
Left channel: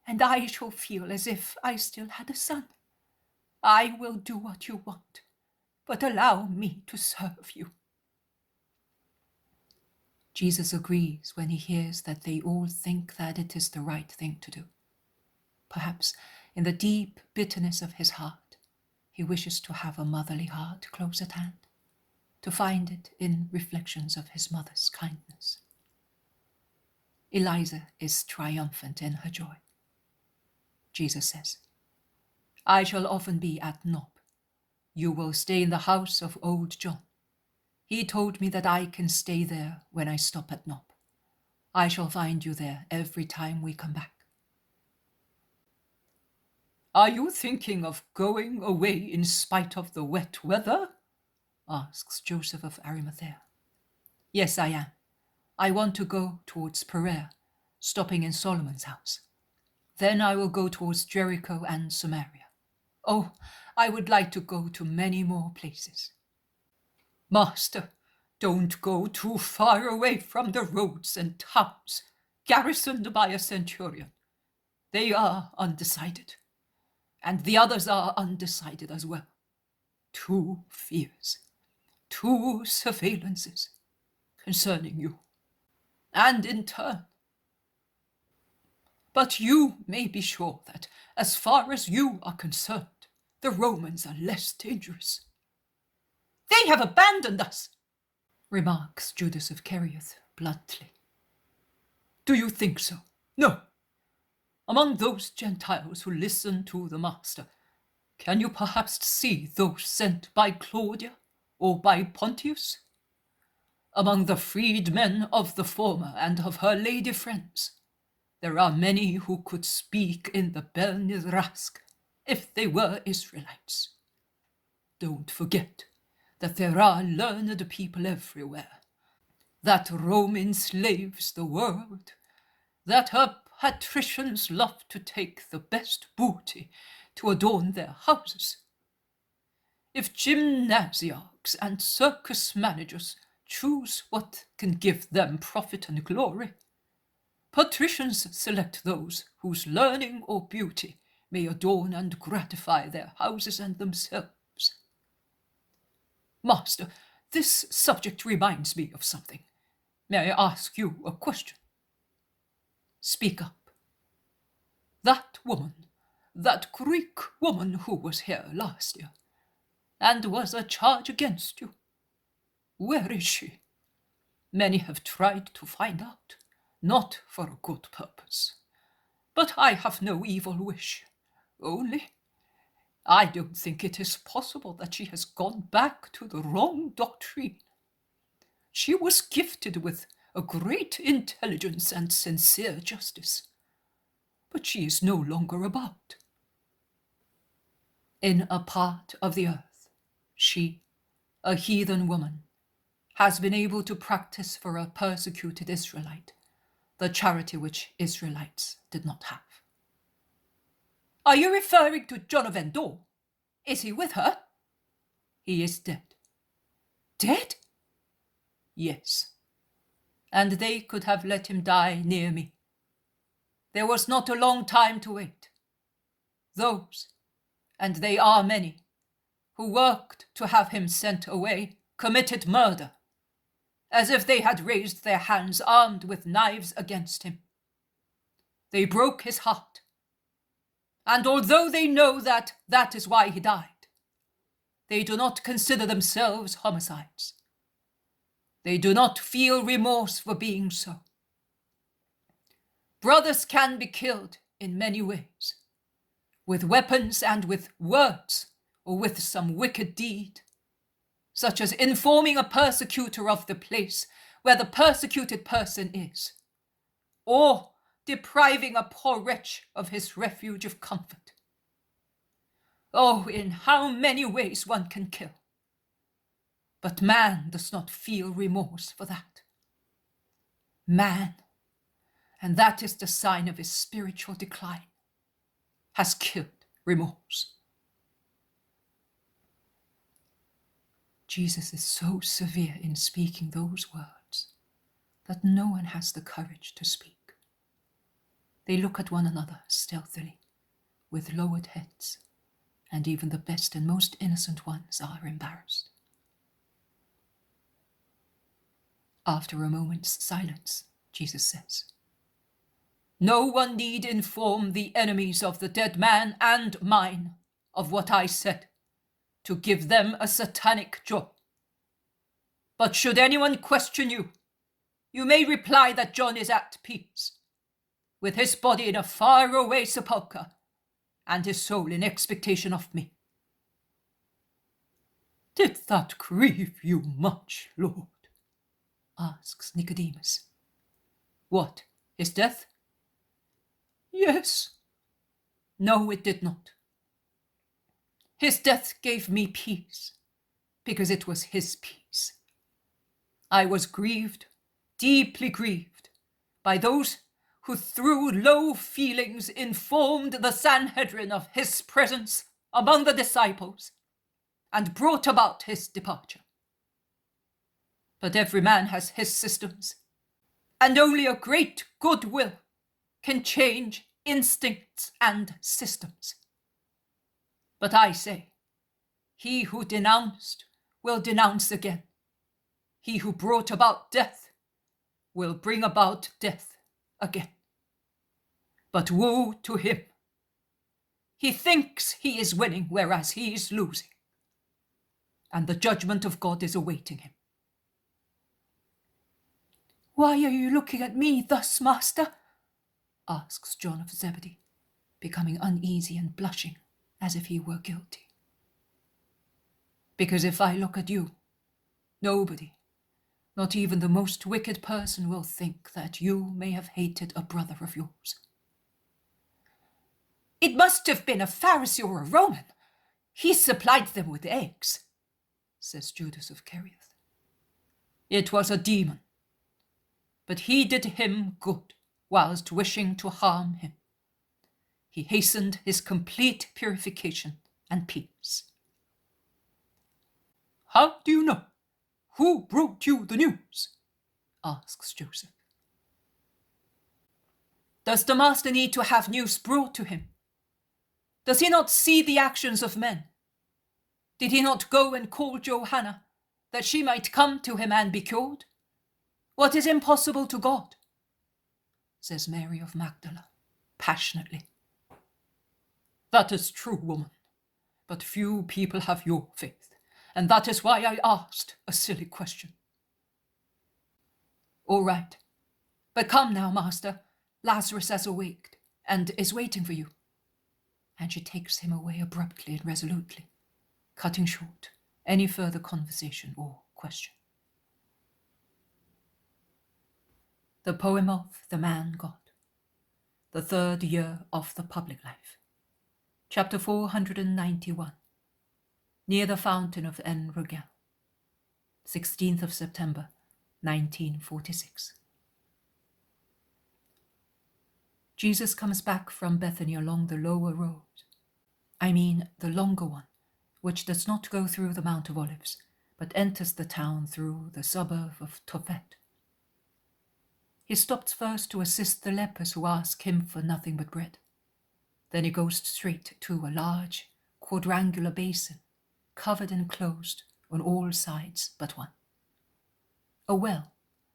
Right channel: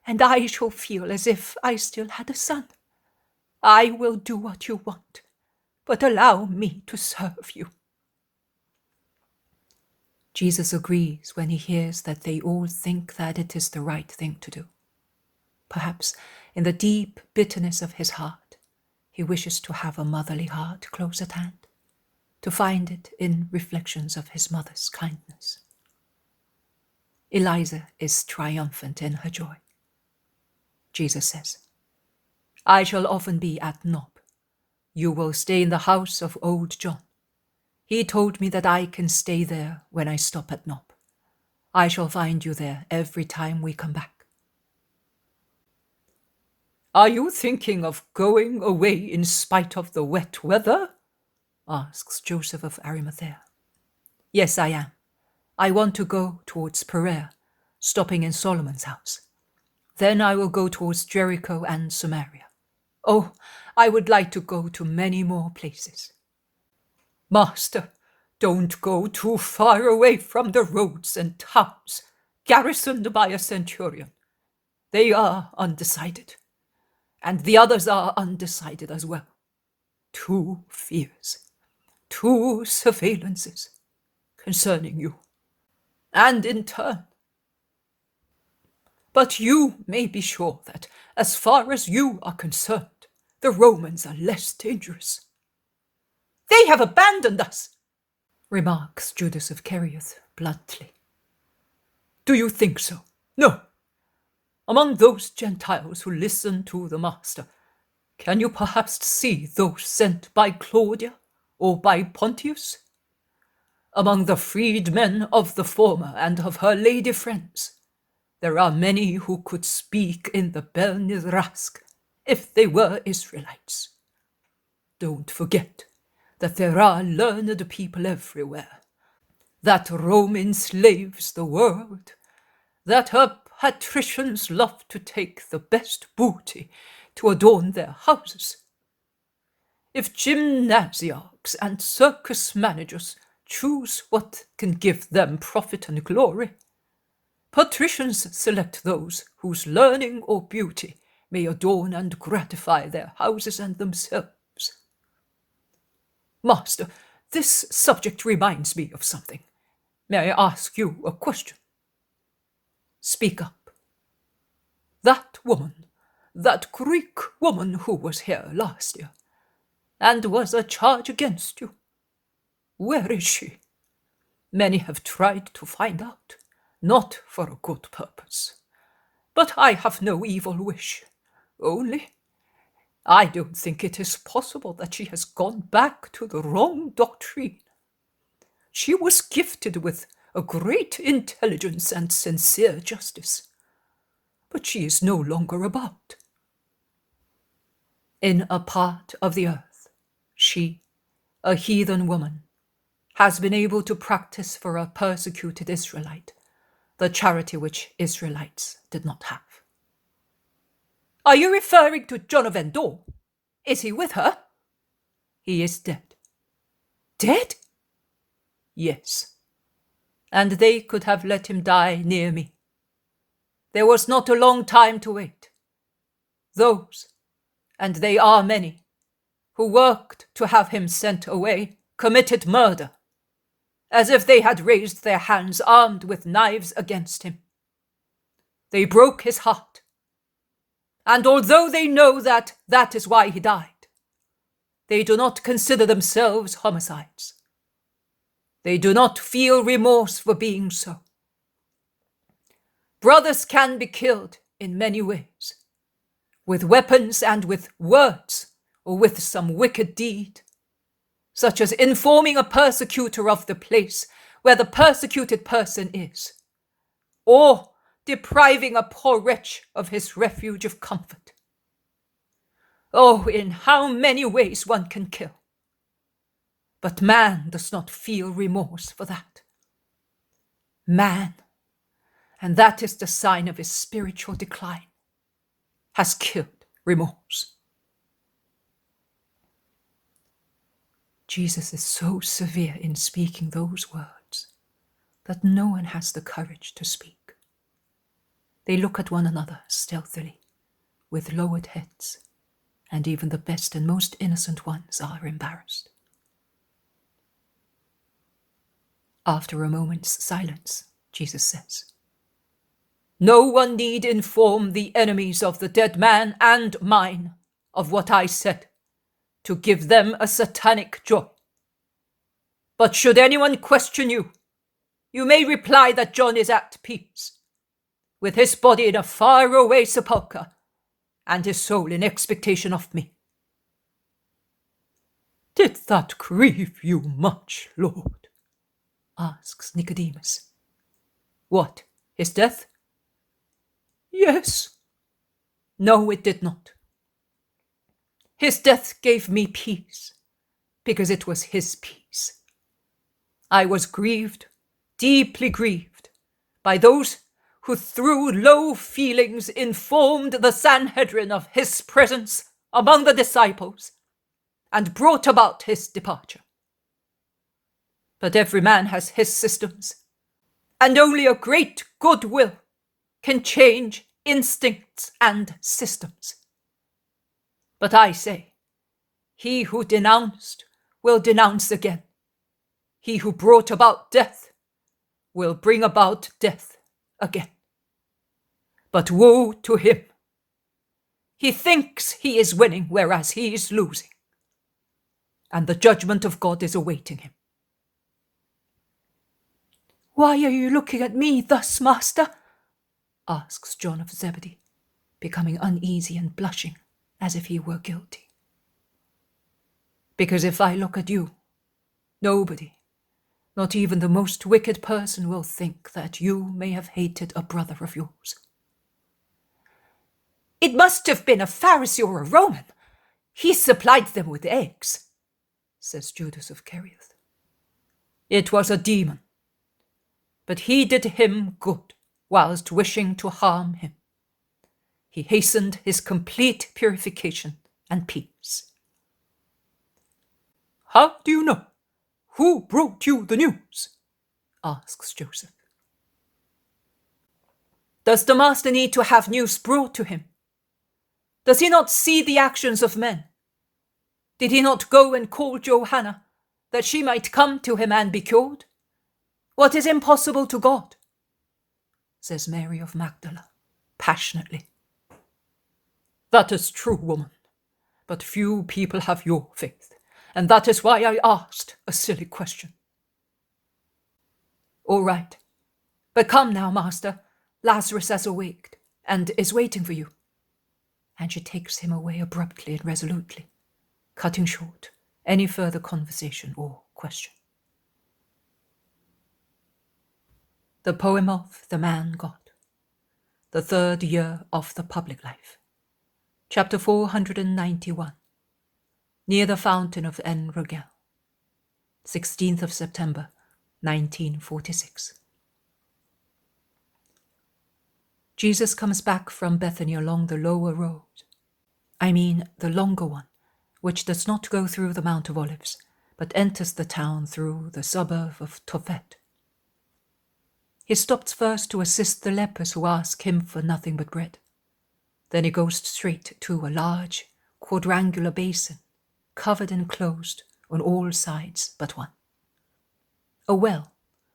and I shall feel as if I still had a son. I will do what you want, but allow me to serve you. Jesus agrees when he hears that they all think that it is the right thing to do. Perhaps in the deep bitterness of his heart, he wishes to have a motherly heart close at hand, to find it in reflections of his mother's kindness. Eliza is triumphant in her joy. Jesus says, I shall often be at Nob. You will stay in the house of old John. He told me that I can stay there when I stop at Nob. I shall find you there every time we come back. Are you thinking of going away in spite of the wet weather? Asks Joseph of Arimathea. Yes, I am. I want to go towards Perea, stopping in Solomon's house. Then I will go towards Jericho and Samaria. Oh, I would like to go to many more places. Master, don't go too far away from the roads and towns, garrisoned by a centurion. They are undecided, and the others are undecided as well. 2 fears, 2 surveillances concerning you, and in turn. But you may be sure that, as far as you are concerned, the Romans are less dangerous. They have abandoned us, remarks Judas of Kerioth bluntly. Do you think so? No. Among those Gentiles who listen to the Master, can you perhaps see those sent by Claudia or by Pontius? Among the freedmen of the former and of her lady friends, there are many who could speak in the Bel Nizrask if they were Israelites. Don't forget that there are learned people everywhere, that Rome enslaves the world, that her patricians love to take the best booty to adorn their houses. If gymnasiarchs and circus managers choose what can give them profit and glory, patricians select those whose learning or beauty may adorn and gratify their houses and themselves. Master, this subject reminds me of something. May I ask you a question? Speak up. That woman, that Greek woman who was here last year, and was a charge against you, where is she? Many have tried to find out, not for a good purpose. But I have no evil wish, only I don't think it is possible that she has gone back to the wrong doctrine. She was gifted with a great intelligence and sincere justice, but she is no longer about. In a part of the earth, she, a heathen woman, has been able to practice for a persecuted Israelite the charity which Israelites did not have. Are you referring to John of Endor? Is he with her? He is dead. Dead? Yes. And they could have let him die near me. There was not a long time to wait. Those, and they are many, who worked to have him sent away, committed murder, as if they had raised their hands armed with knives against him. They broke his heart, and although they know that that is why he died, they do not consider themselves homicides. They do not feel remorse for being so. Brothers can be killed in many ways, with weapons and with words, or with some wicked deed, such as informing a persecutor of the place where the persecuted person is, or depriving a poor wretch of his refuge of comfort. Oh, in how many ways one can kill. But man does not feel remorse for that. Man, and that is the sign of his spiritual decline, has killed remorse. Jesus is so severe in speaking those words that no one has the courage to speak. They look at one another stealthily, with lowered heads, and even the best and most innocent ones are embarrassed. After a moment's silence, Jesus says, "No one need inform the enemies of the dead man and mine of what I said, to give them a satanic joy. But should anyone question you, you may reply that John is at peace, with his body in a faraway sepulchre, and his soul in expectation of me." Did that grieve you much, Lord? Asks Nicodemus. What, his death? Yes. No, it did not. His death gave me peace, because it was his peace. I was grieved, deeply grieved, by those who through low feelings informed the Sanhedrin of his presence among the disciples, and brought about his departure. But every man has his systems, and only a great goodwill can change instincts and systems. But I say, he who denounced will denounce again. He who brought about death will bring about death again. But woe to him! He thinks he is winning, whereas he is losing, and the judgment of God is awaiting him. Why are you looking at me thus, Master? Asks John of Zebedee, becoming uneasy and blushing as if he were guilty. Because if I look at you, nobody, not even the most wicked person, will think that you may have hated a brother of yours. It must have been a Pharisee or a Roman. He supplied them with eggs, says Judas of Kerioth. It was a demon, but he did him good whilst wishing to harm him. He hastened his complete purification and peace. How do you know? Who brought you the news? Asks Joseph. Does the master need to have news brought to him? Does he not see the actions of men? Did he not go and call Johanna, that she might come to him and be cured? What is impossible to God? Says Mary of Magdala, passionately. That is true, woman, but few people have your faith, and that is why I asked a silly question. All right, but come now, master. Lazarus has awaked, and is waiting for you. And she takes him away abruptly and resolutely, cutting short any further conversation or question. The poem of the Man God, the third year of the public life. Chapter 491, near the fountain of En-Rogel, 16th of September, 1946. Jesus comes back from Bethany along the lower road. I mean the longer one, which does not go through the Mount of Olives, but enters the town through the suburb of Tophet. He stops first to assist the lepers who ask him for nothing but bread. Then he goes straight to a large quadrangular basin, covered and closed on all sides but one. A well,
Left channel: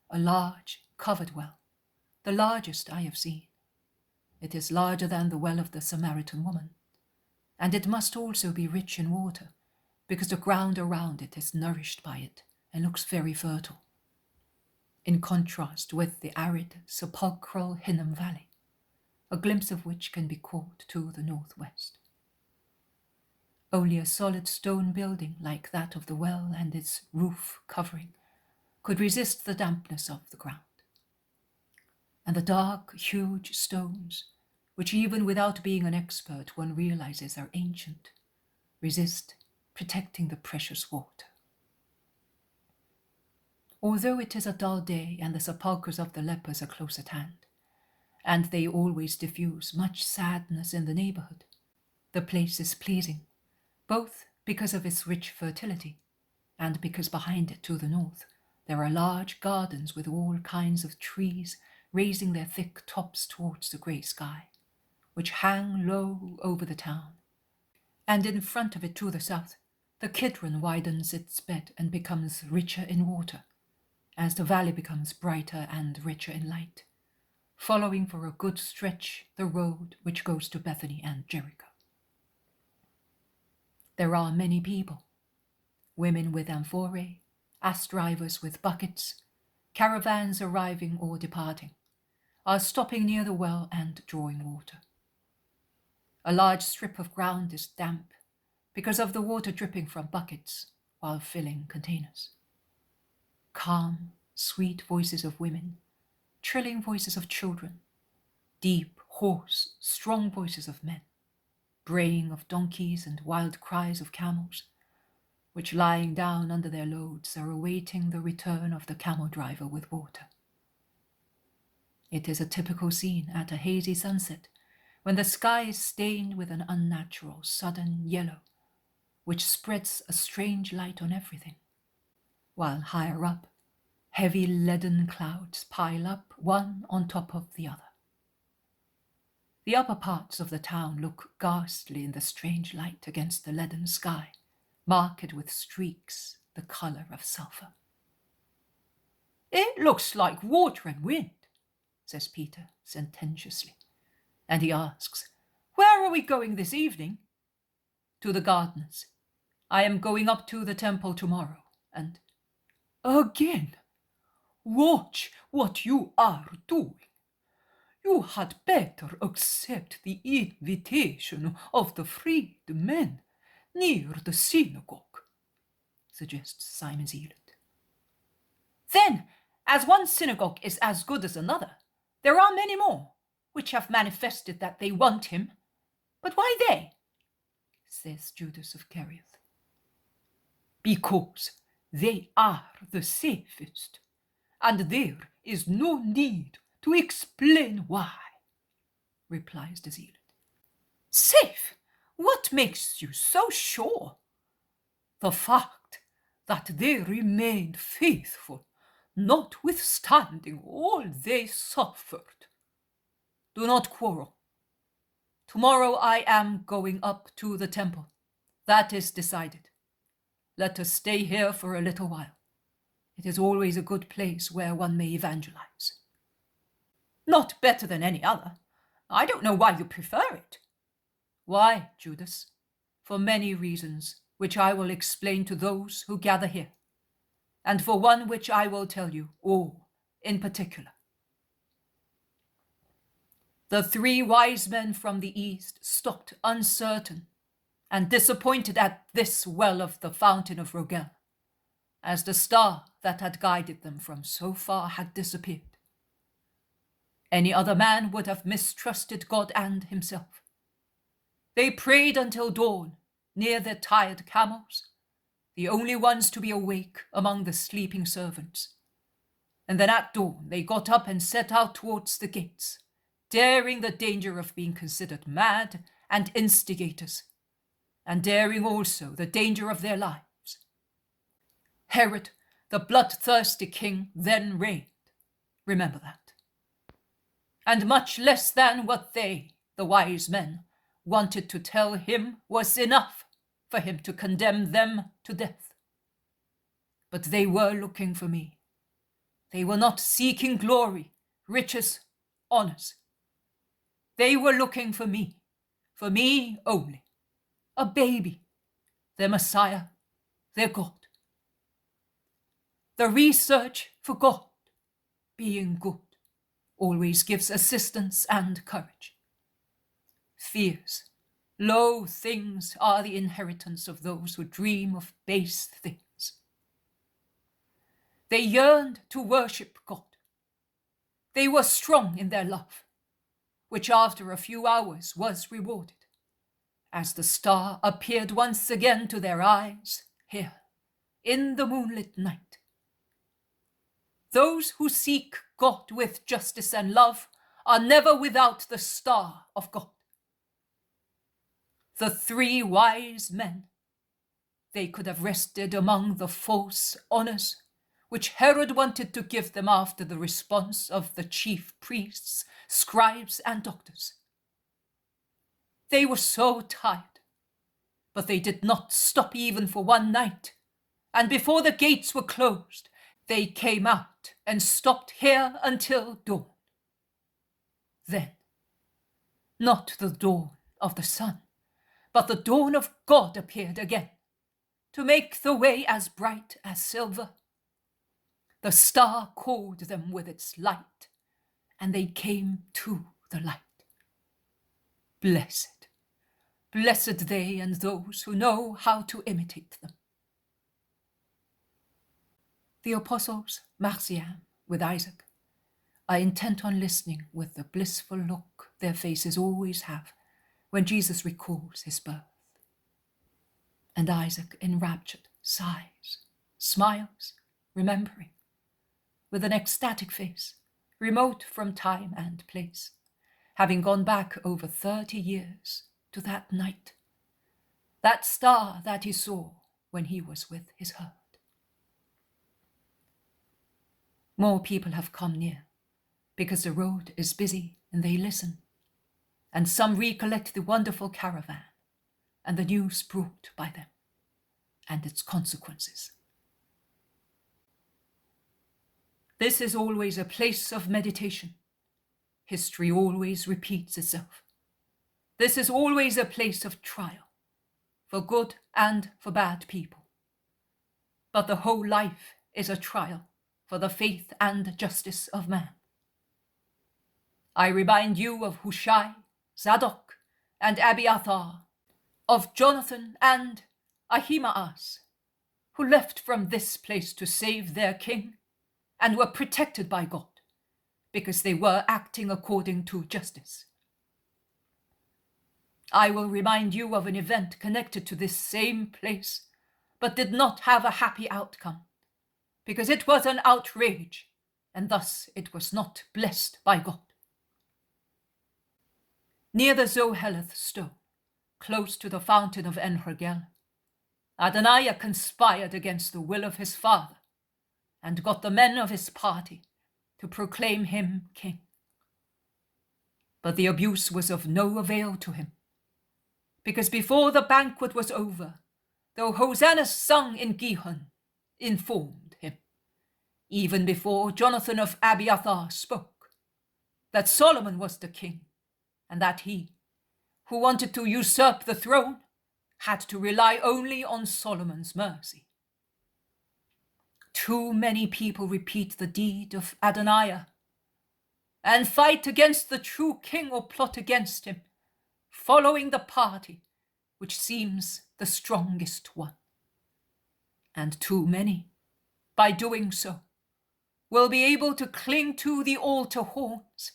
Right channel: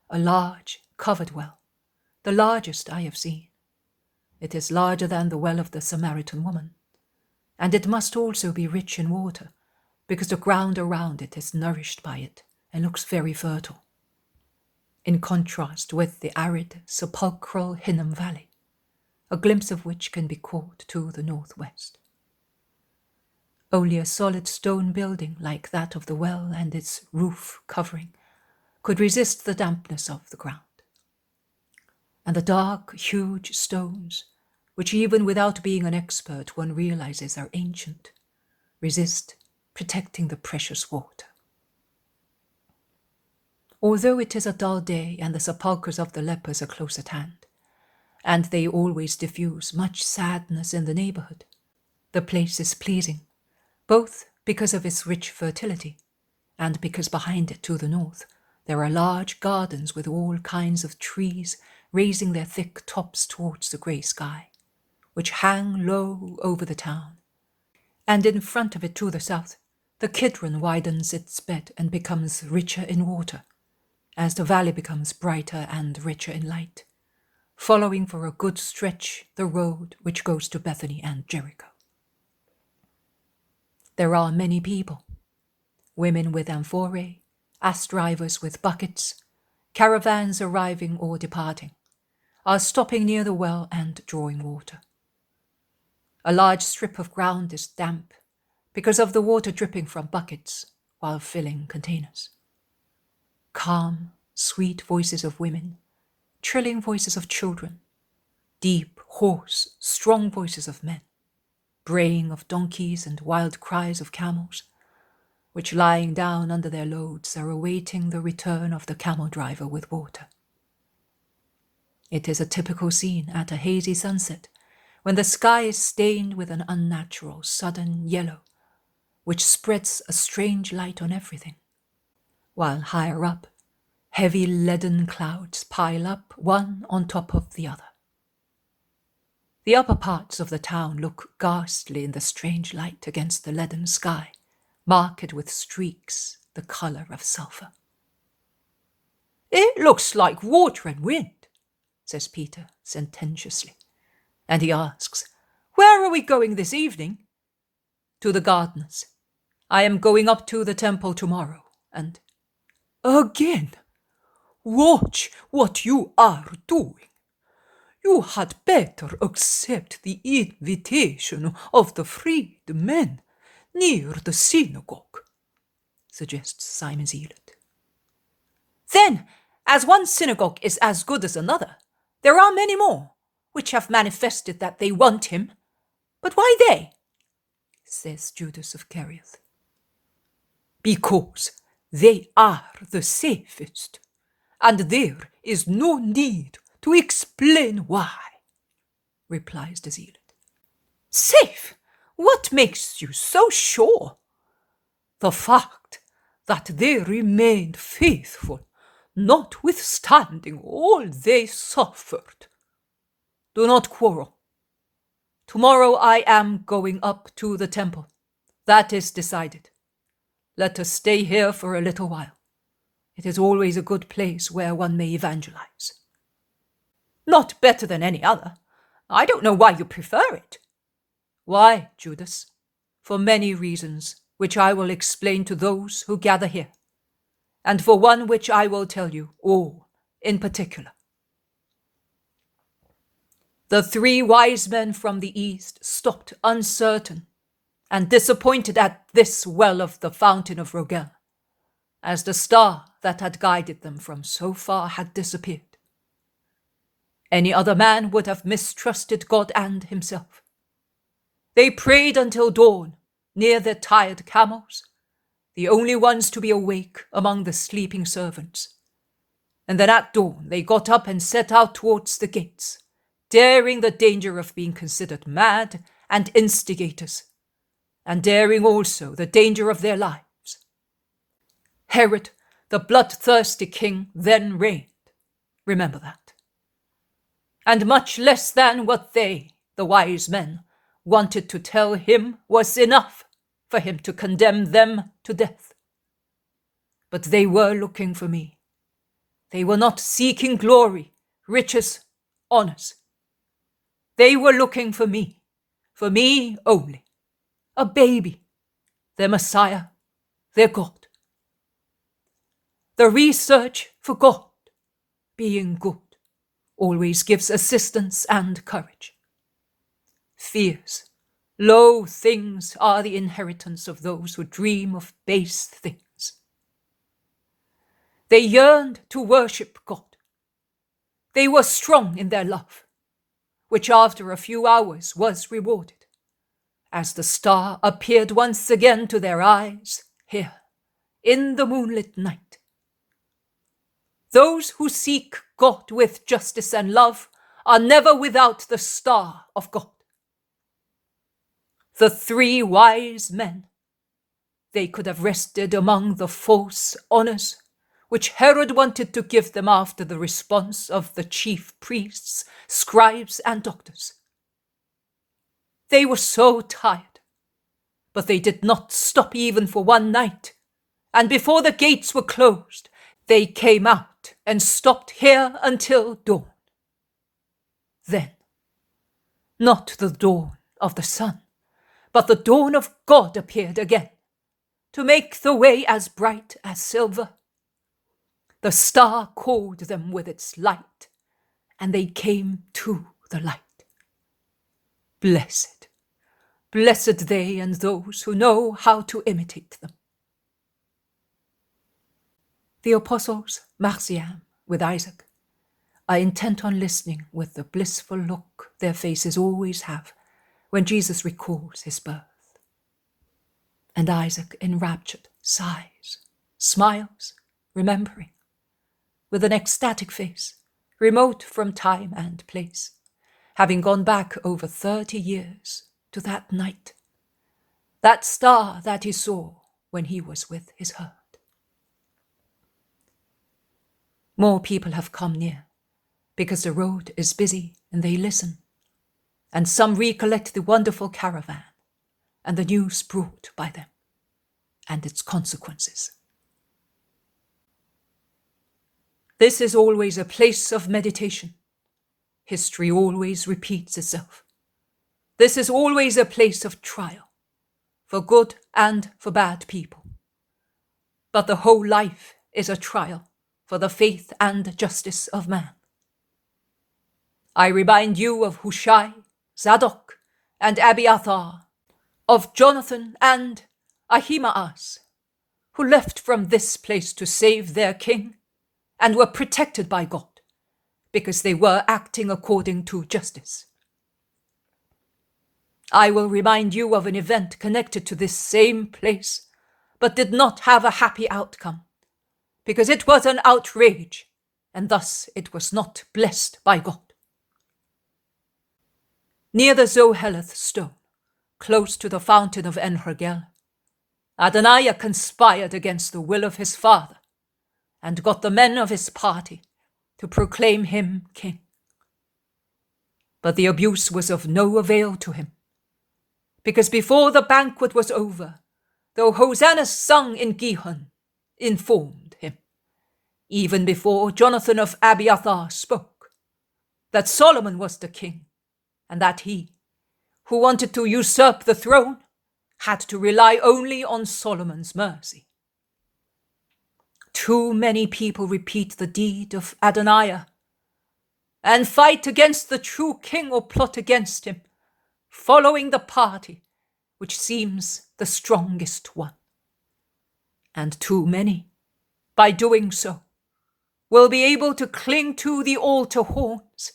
a large, covered well, the largest I have seen. It is larger than the well of the Samaritan woman, and it must also be rich in water, because the ground around it is nourished by it and looks very fertile, in contrast with the arid, sepulchral Hinnom Valley, a glimpse of which can be caught to the northwest. Only a solid stone building like that of the well and its roof covering could resist the dampness of the ground. And the dark, huge stones, which even without being an expert one realizes are ancient, resist protecting the precious water. Although it is a dull day and the sepulchres of the lepers are close at hand, and they always diffuse much sadness in the neighborhood, the place is pleasing, both because of its rich fertility and because behind it to the north there are large gardens with all kinds of trees raising their thick tops towards the grey sky, which hang low over the town. And in front of it to the south, the Kidron widens its bed and becomes richer in water, as the valley becomes brighter and richer in light, following for a good stretch the road which goes to Bethany and Jericho. There are many people, women with amphorae, ass drivers with buckets, caravans arriving or departing, are stopping near the well and drawing water. A large strip of ground is damp because of the water dripping from buckets while filling containers. Calm, sweet voices of women, trilling voices of children, deep, hoarse, strong voices of men, braying of donkeys and wild cries of camels, which lying down under their loads are awaiting the return of the camel driver with water. It is a typical scene at a hazy sunset, when the sky is stained with an unnatural, sudden yellow, which spreads a strange light on everything, while higher up, heavy leaden clouds pile up one on top of the other. The upper parts of the town look ghastly in the strange light against the leaden sky, marked with streaks the colour of sulphur. "It looks like water and wind," says Peter sententiously, and he asks, "Where are we going this evening?" "To the gardeners. I am going up to the temple tomorrow, and—" "Again? Watch what you are doing. You had better accept the invitation of the freedmen near the synagogue," suggests Simon Zealot. "Then, as one synagogue is as good as another, there are many more which have manifested that they want him. But why they?" says Judas of Kerioth. "Because they are the safest, and there is no need to explain why," replies the Zealot. "Safe? What makes you so sure?" "The fact that they remained faithful, notwithstanding all they suffered. Do not quarrel. Tomorrow I am going up to the temple. That is decided. Let us stay here for a little while. It is always a good place where one may evangelize." "Not better than any other. I don't know why you prefer it." "Why, Judas? For many reasons, which I will explain to those who gather here, and for one which I will tell you all in particular. The 3 wise men from the east stopped uncertain and disappointed at this well of the fountain of En-Rogel, as the star that had guided them from so far had disappeared. Any other man would have mistrusted God and himself. They prayed until dawn, near their tired camels, the only ones to be awake among the sleeping servants. And then at dawn they got up and set out towards the gates, daring the danger of being considered mad and instigators, and daring also the danger of their lives. Herod, the bloodthirsty king, then reigned. Remember that. And much less than what they, the wise men, wanted to tell him was enough for him to condemn them to death. But they were looking for me. They were not seeking glory, riches, honors. They were looking for me only, a baby, their Messiah, their God. The research for God, being good, always gives assistance and courage. Fierce, low things are the inheritance of those who dream of base things. They yearned to worship God. They were strong in their love, which after a few hours was rewarded, as the star appeared once again to their eyes here, in the moonlit night. Those who seek God with justice and love are never without the star of God. The 3 wise men, they could have rested among the false honors which Herod wanted to give them after the response of the chief priests, scribes, and doctors. They were so tired, but they did not stop even for one night, and before the gates were closed, they came out and stopped here until dawn. Then, not the dawn of the sun, but the dawn of God appeared again, to make the way as bright as silver. The star called them with its light, and they came to the light. Blessed, blessed they and those who know how to imitate them. The apostles, Marcian with Isaac, are intent on listening with the blissful look their faces always have when Jesus recalls his birth. And Isaac, enraptured, sighs, smiles, remembering, with an ecstatic face, remote from time and place, having gone back over 30 years to that night, that star that he saw when he was with his herd. More people have come near, because the road is busy and they listen, and some recollect the wonderful caravan and the news brought by them, and its consequences. This is always a place of meditation. History always repeats itself. This is always a place of trial, for good and for bad people. But the whole life is a trial for the faith and justice of man. I remind you of Hushai, Zadok, and Abiathar, of Jonathan and Ahimaaz, who left from this place to save their king and were protected by God, because they were acting according to justice. I will remind you of an event connected to this same place, but did not have a happy outcome, because it was an outrage, and thus it was not blessed by God. Near the Zoheleth stone, close to the fountain of En-Rogel, Adonai conspired against the will of his father, and got the men of his party to proclaim him king. But the abuse was of no avail to him, because before the banquet was over, though hosannas sung in Gihon informed him, even before Jonathan of Abiathar spoke, that Solomon was the king, and that he, who wanted to usurp the throne, had to rely only on Solomon's mercy. Too many people repeat the deed of Adonijah and fight against the true king or plot against him, following the party which seems the strongest one. And too many, by doing so, will be able to cling to the altar horns,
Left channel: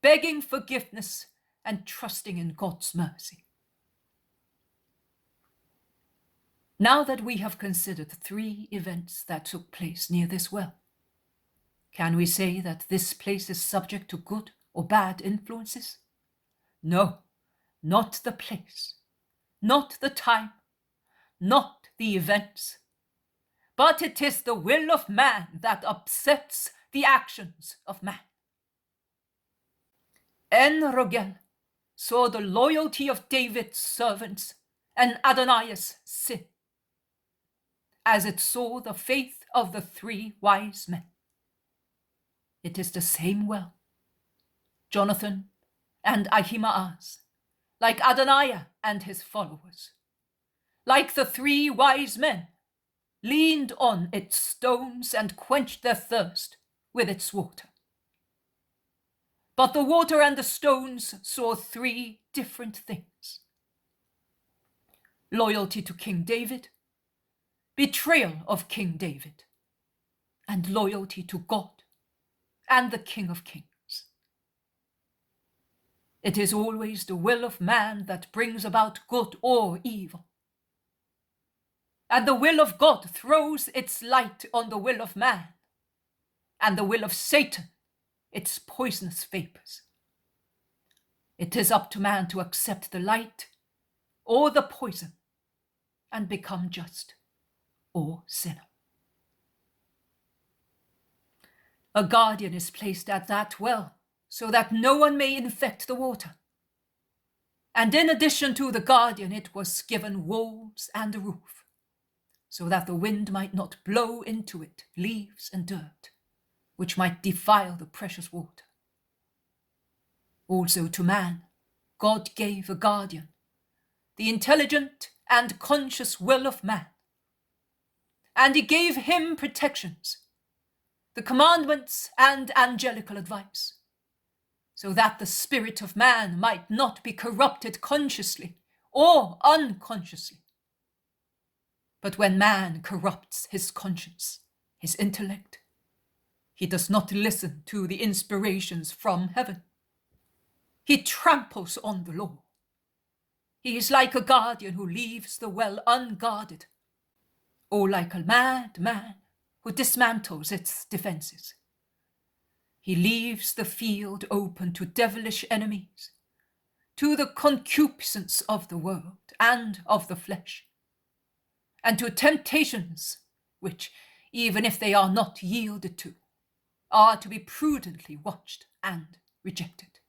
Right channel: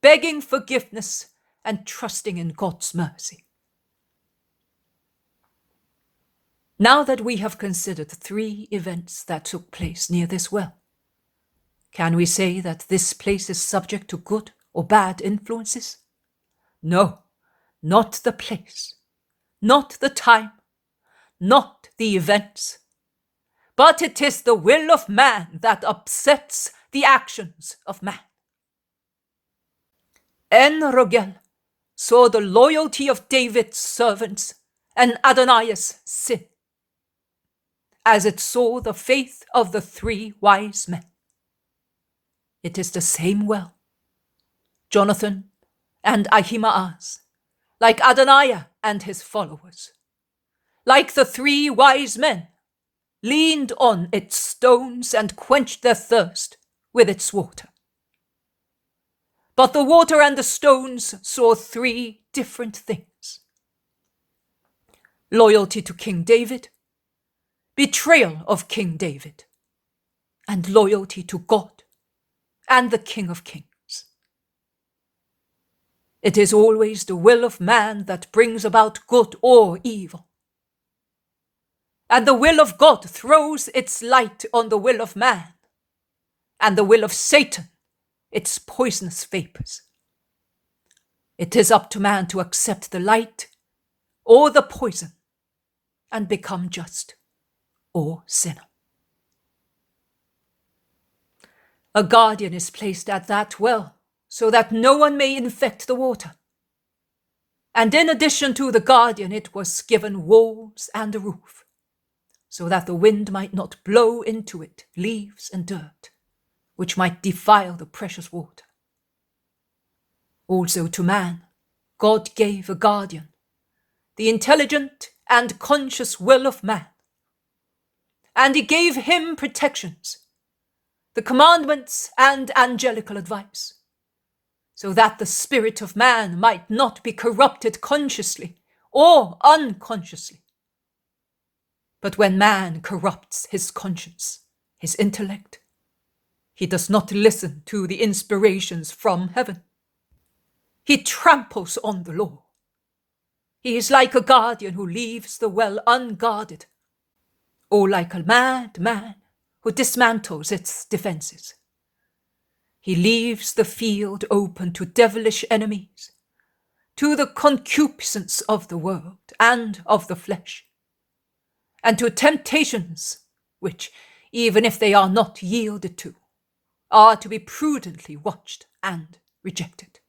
begging forgiveness and trusting in God's mercy. Now that we have considered 3 events that took place near this well, can we say that this place is subject to good or bad influences? No, not the place, not the time, not the events. But it is the will of man that upsets the actions of man. En-Rogel saw the loyalty of David's servants and Adonai's sin, as it saw the faith of the 3 wise men. It is the same well. Jonathan and Ahimaaz, like Adonaiah and his followers, like the 3 wise men, leaned on its stones and quenched their thirst with its water. But the water and the stones saw 3 different things: loyalty to King David, betrayal of King David, and loyalty to God and the King of Kings. It is always the will of man that brings about good or evil. And the will of God throws its light on the will of man, and the will of Satan its poisonous vapors. It is up to man to accept the light or the poison and become just or sinner. A guardian is placed at that well so that no one may infect the water. And in addition to the guardian, it was given walls and a roof, so that the wind might not blow into it leaves and dirt, which might defile the precious water. Also to man, God gave a guardian, the intelligent and conscious will of man. And he gave him protections, the commandments and angelical advice, so that the spirit of man might not be corrupted consciously or unconsciously. But when man corrupts his conscience, his intellect, he does not listen to the inspirations from heaven. He tramples on the law. He is like a guardian who leaves the well unguarded, or like a mad man who dismantles its defenses. He leaves the field open to devilish enemies, to the concupiscence of the world and of the flesh, and to temptations which, even if they are not yielded to, are to be prudently watched and rejected.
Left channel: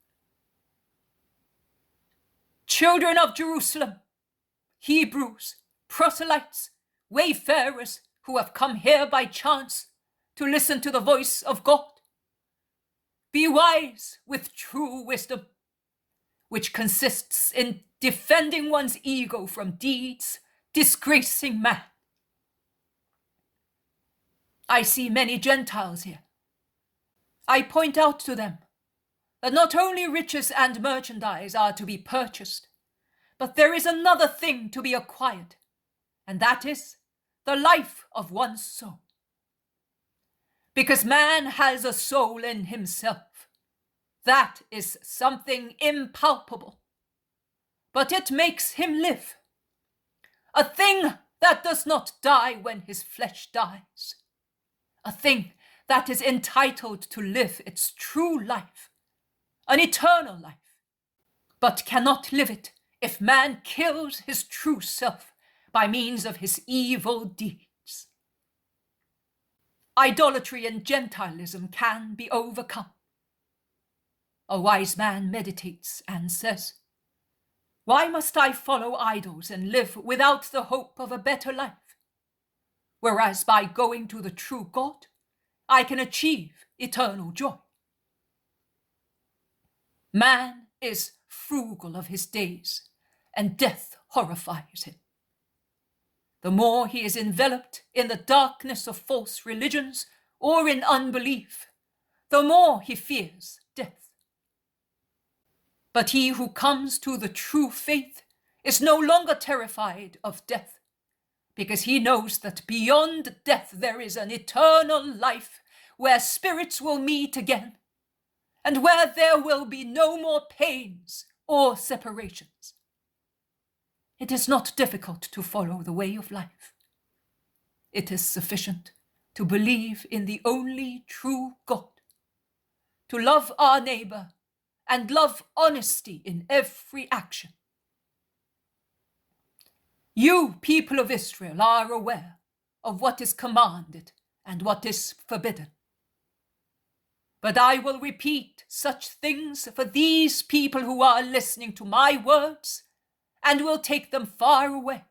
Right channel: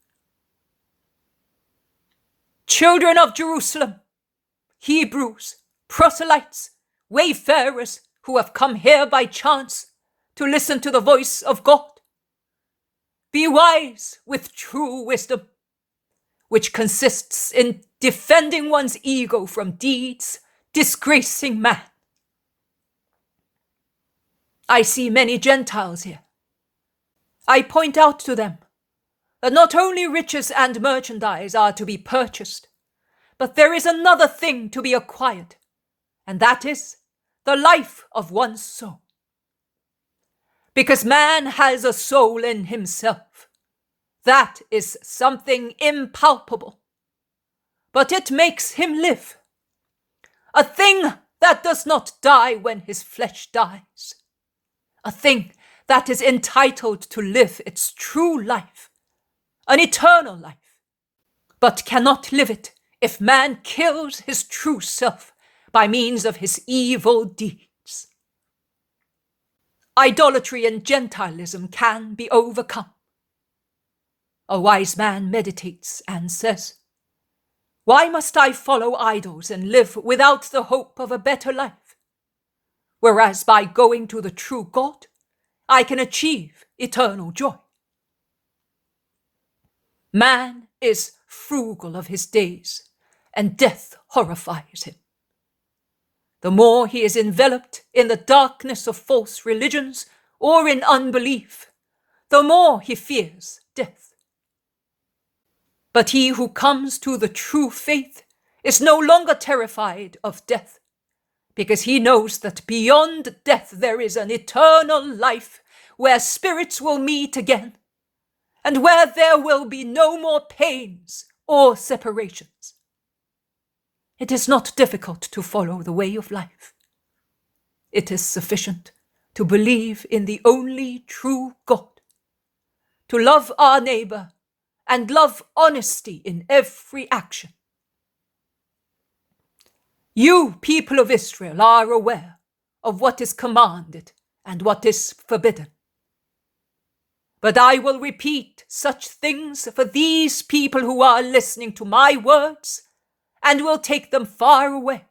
Children of Jerusalem, Hebrews, proselytes, wayfarers who have come here by chance to listen to the voice of God, be wise with true wisdom, which consists in defending one's ego from deeds disgracing man. I see many Gentiles here. I point out to them that not only riches and merchandise are to be purchased, but there is another thing to be acquired, and that is the life of one's soul. Because man has a soul in himself. That is something impalpable, but it makes him live. A thing that does not die when his flesh dies. A thing that is entitled to live its true life, an eternal life, but cannot live it if man kills his true self by means of his evil deeds. Idolatry and Gentilism can be overcome. A wise man meditates and says, "Why must I follow idols and live without the hope of a better life? Whereas by going to the true God, I can achieve eternal joy." Man is frugal of his days, and death horrifies him. The more he is enveloped in the darkness of false religions or in unbelief, the more he fears death. But he who comes to the true faith is no longer terrified of death, because he knows that beyond death there is an eternal life where spirits will meet again, and where there will be no more pains or separations. It is not difficult to follow the way of life. It is sufficient to believe in the only true God, to love our neighbor and love honesty in every action. You, people of Israel, are aware of what is commanded and what is forbidden. But I will repeat such things for these people who are listening to my words and will take them far away.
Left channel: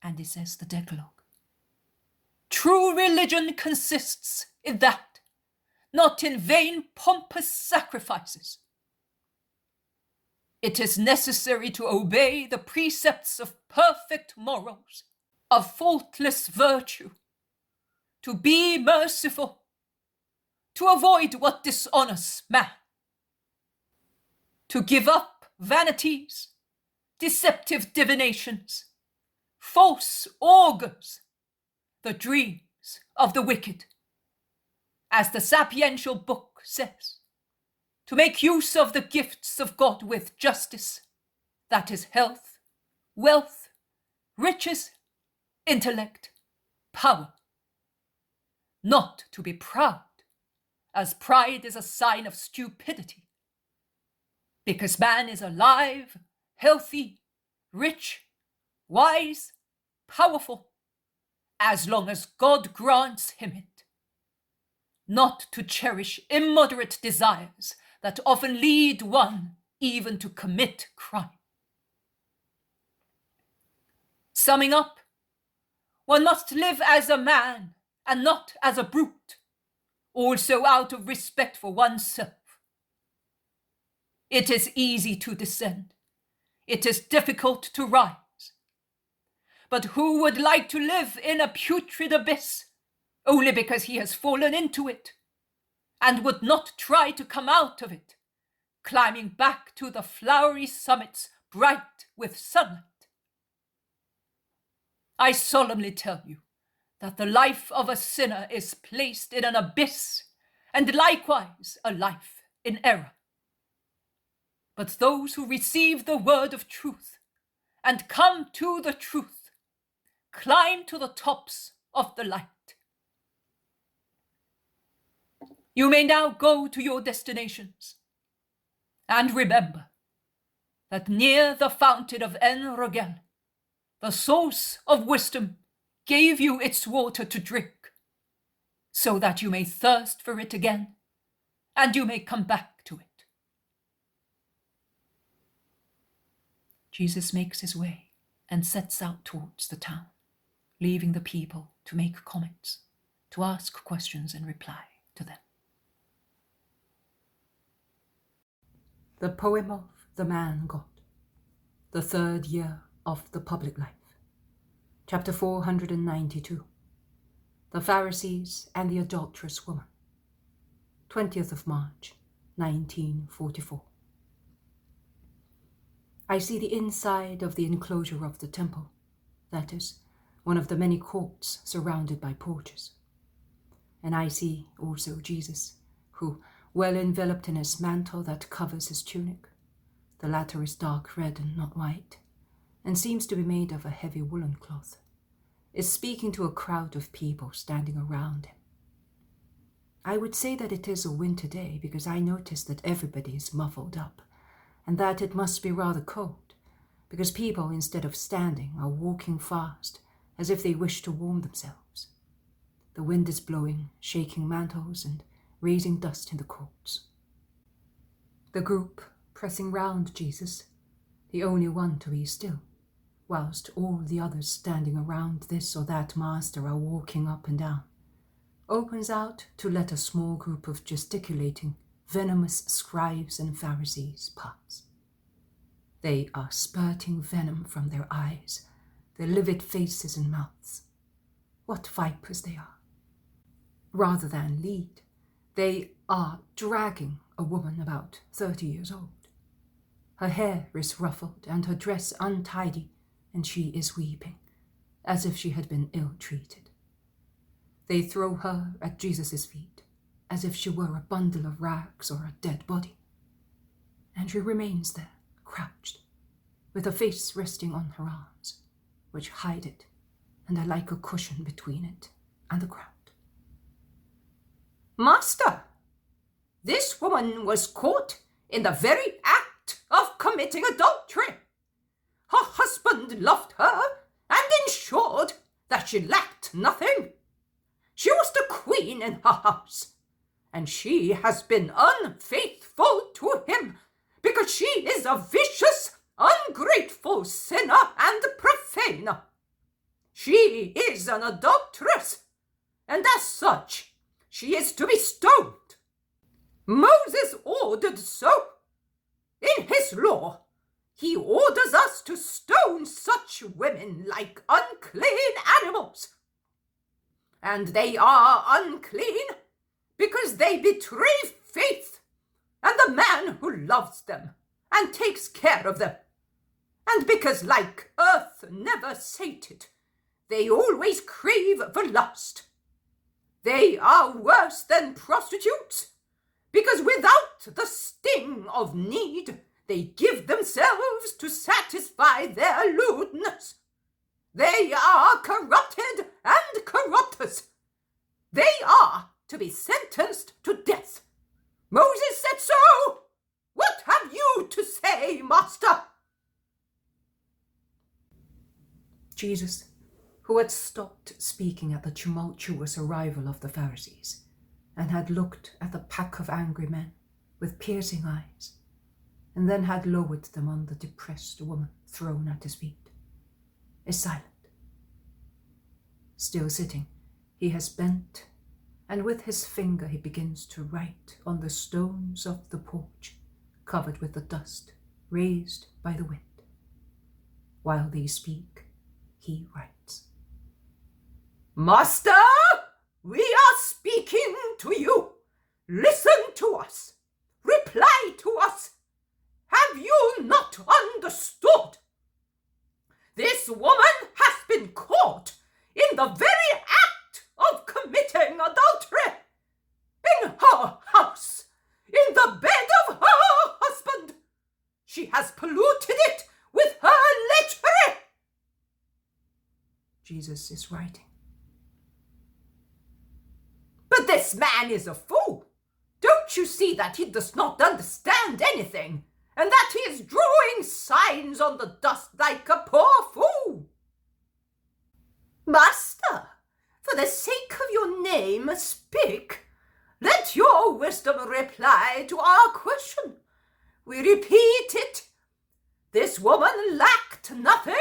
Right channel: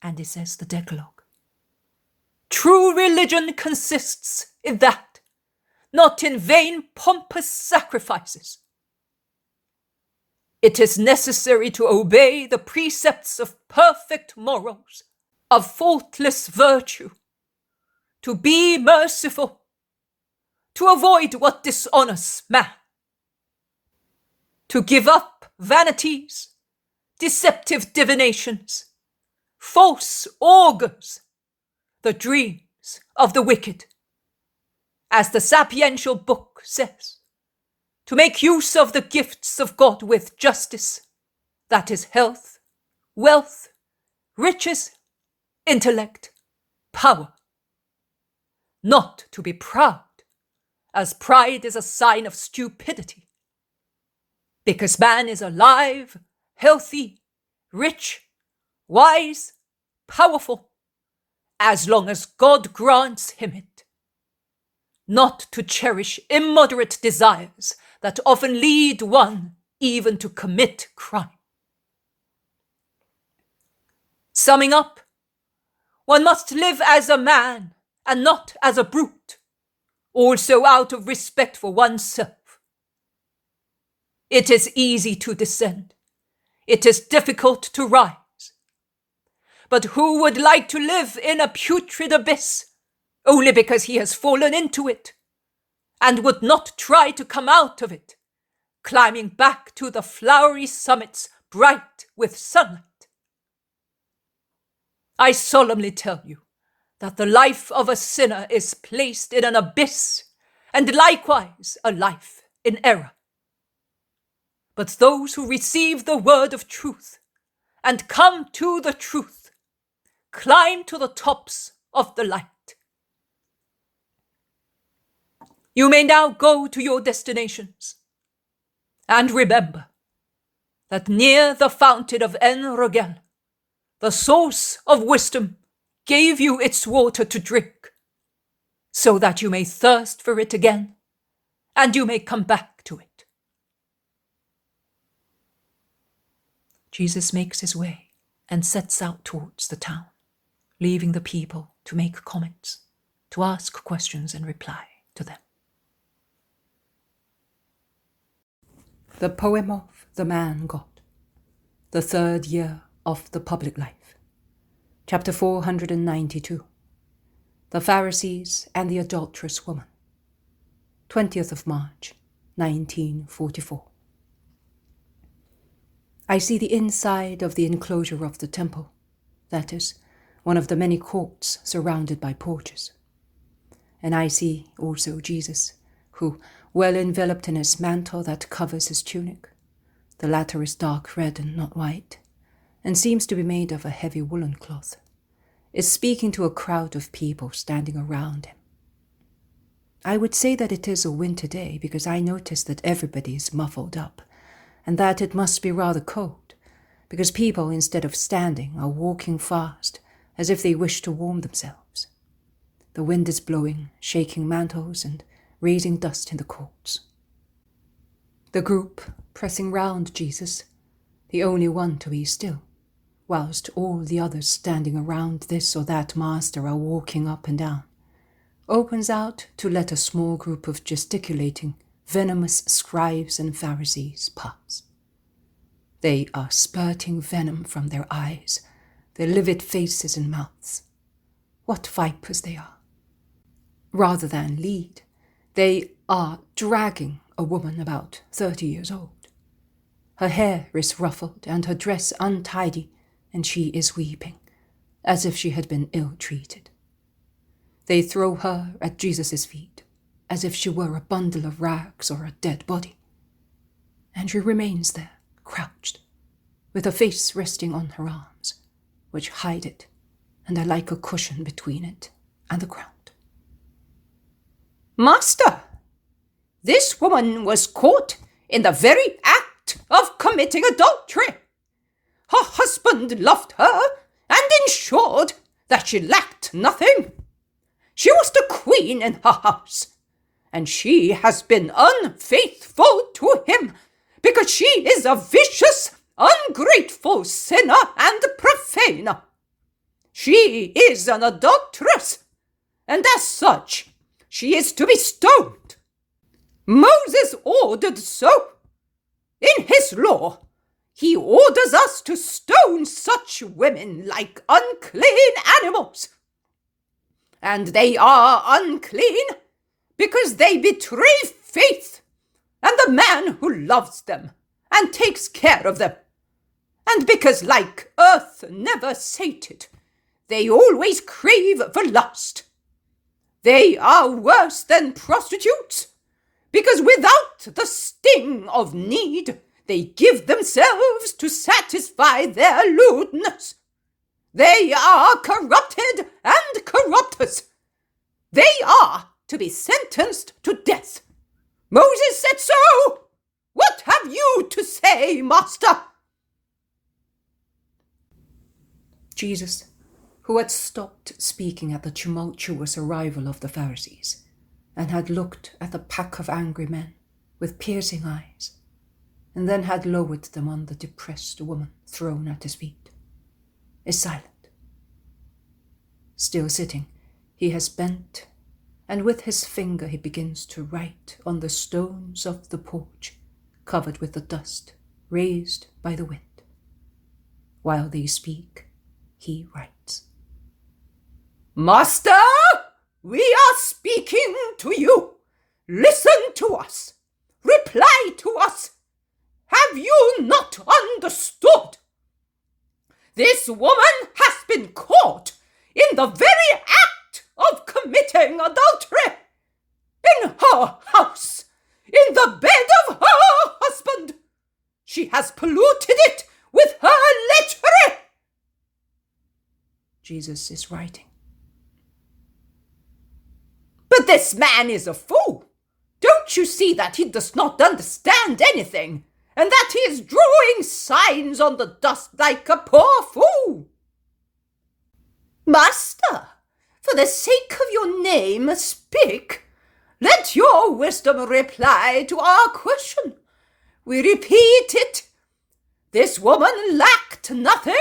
And he says the Decalogue. True religion consists in that, not in vain pompous sacrifices. It is necessary to obey the precepts of perfect morals, of faultless virtue, to be merciful, to avoid what dishonors man, to give up vanities, deceptive divinations, false augurs, the dreams of the wicked, as the sapiential book says, to make use of the gifts of God with justice, that is health, wealth, riches, intellect, power. Not to be proud, as pride is a sign of stupidity, because man is alive, healthy, rich, wise, powerful, as long as God grants him it. Not to cherish immoderate desires that often lead one even to commit crime. Summing up, one must live as a man and not as a brute, also out of respect for oneself. It is easy to descend. It is difficult to rise. But who would like to live in a putrid abyss only because he has fallen into it and would not try to come out of it, climbing back to the flowery summits bright with sunlight? I solemnly tell you that the life of a sinner is placed in an abyss, and likewise a life in error. But those who receive the word of truth and come to the truth climb to the tops of the light. You may now go to your destinations, and remember that near the fountain of En-Rogel, the source of wisdom gave you its water to drink, so that you may thirst for it again, and you may come back to it. Jesus makes his way and sets out towards the town, leaving the people to make comments, to ask questions and reply to them. The poem of the man God, the third year of the public life. Chapter 492. The Pharisees and the Adulterous Woman. 20th of March, 1944. I see the inside of the enclosure of the temple, that is, one of the many courts surrounded by porches. And I see also Jesus, who, well enveloped in his mantle that covers his tunic, the latter is dark red and not white, and seems to be made of a heavy woolen cloth, is speaking to a crowd of people standing around him. I would say that it is a winter day because I notice that everybody is muffled up, and that it must be rather cold, because people, instead of standing, are walking fast, as if they wish to warm themselves. The wind is blowing, shaking mantles and raising dust in the courts. The group pressing round Jesus, the only one to be still, whilst all the others standing around this or that master are walking up and down, opens out to let a small group of gesticulating, venomous scribes and Pharisees pass. They are spurting venom from their eyes, their livid faces and mouths. What vipers they are! Rather than lead, they are dragging a woman about 30 years old. Her hair is ruffled and her dress untidy, and she is weeping, as if she had been ill-treated. They throw her at Jesus' feet, as if she were a bundle of rags or a dead body. And she remains there, crouched, with her face resting on her arms, which hide it, and are like a cushion between it and the ground. Master, This woman was caught in the very act of committing adultery. Her husband loved her and ensured that she lacked nothing. She was the queen in her house, and she has been unfaithful to him because she is a vicious, ungrateful sinner and profaner. She is an adulteress, and as such, she is to be stoned. Moses ordered so. In his law, he orders us to stone such women like unclean animals. And they are unclean because they betray faith and the man who loves them and takes care of them. And because, like earth never sated, they always crave for lust. They are worse than prostitutes, because without the sting of need, they give themselves to satisfy their lewdness. They are corrupted and corrupters. They are to be sentenced to death. Moses said so. What have you to say, Master? Jesus, who had stopped speaking at the tumultuous arrival of the Pharisees, and had looked at the pack of angry men with piercing eyes, and then had lowered them on the depressed woman thrown at his feet, is silent. Still sitting, he has bent, and with his finger he begins to write on the stones of the porch, covered with the dust raised by the wind. While they speak, he writes. Master, we are speaking to you. Listen to us. Reply to us. Have you not understood? This woman has been caught in the very act of committing adultery. In her house, in the bed of her husband. She has polluted it with her lechery. Jesus is writing. But this man is a fool. Don't you see that he does not understand anything, and that he is drawing signs on the dust like a poor fool? Master, for the sake of your name, speak. Let your wisdom reply to our question. We repeat it. This woman lacked nothing.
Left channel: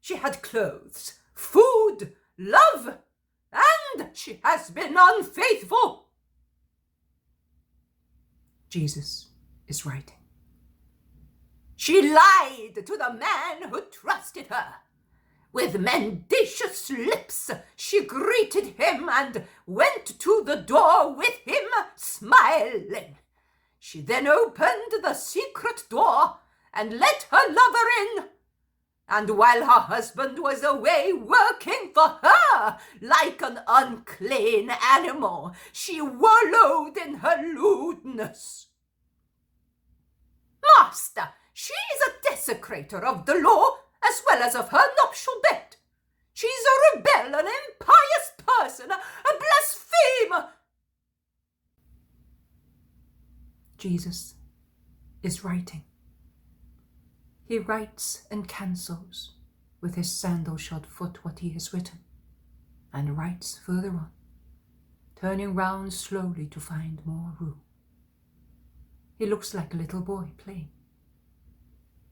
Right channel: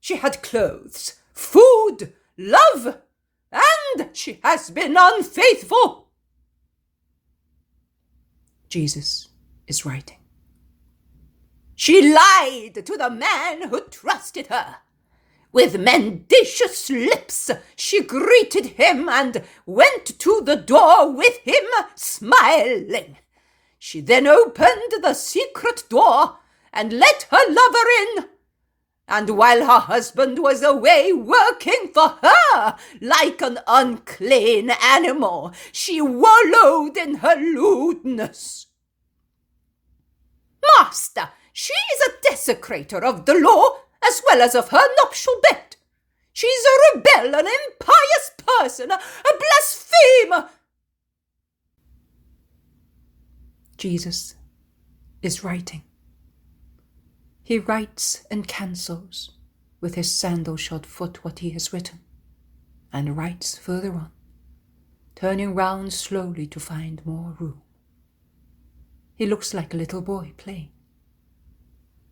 She had clothes, food, love, and she has been unfaithful. Jesus is writing. She lied to the man who trusted her. With mendacious lips she greeted him and went to the door with him, smiling. She then opened the secret door and let her lover in. And while her husband was away working for her like an unclean animal, she wallowed in her lewdness. Master, she is a desecrator of the law as well as of her nuptial bed. She is a rebel, an impious person, a blasphemer. Jesus is writing. He writes and cancels with his sandal-shod foot what he has written, and writes further on, turning round slowly to find more room. He looks like a little boy playing.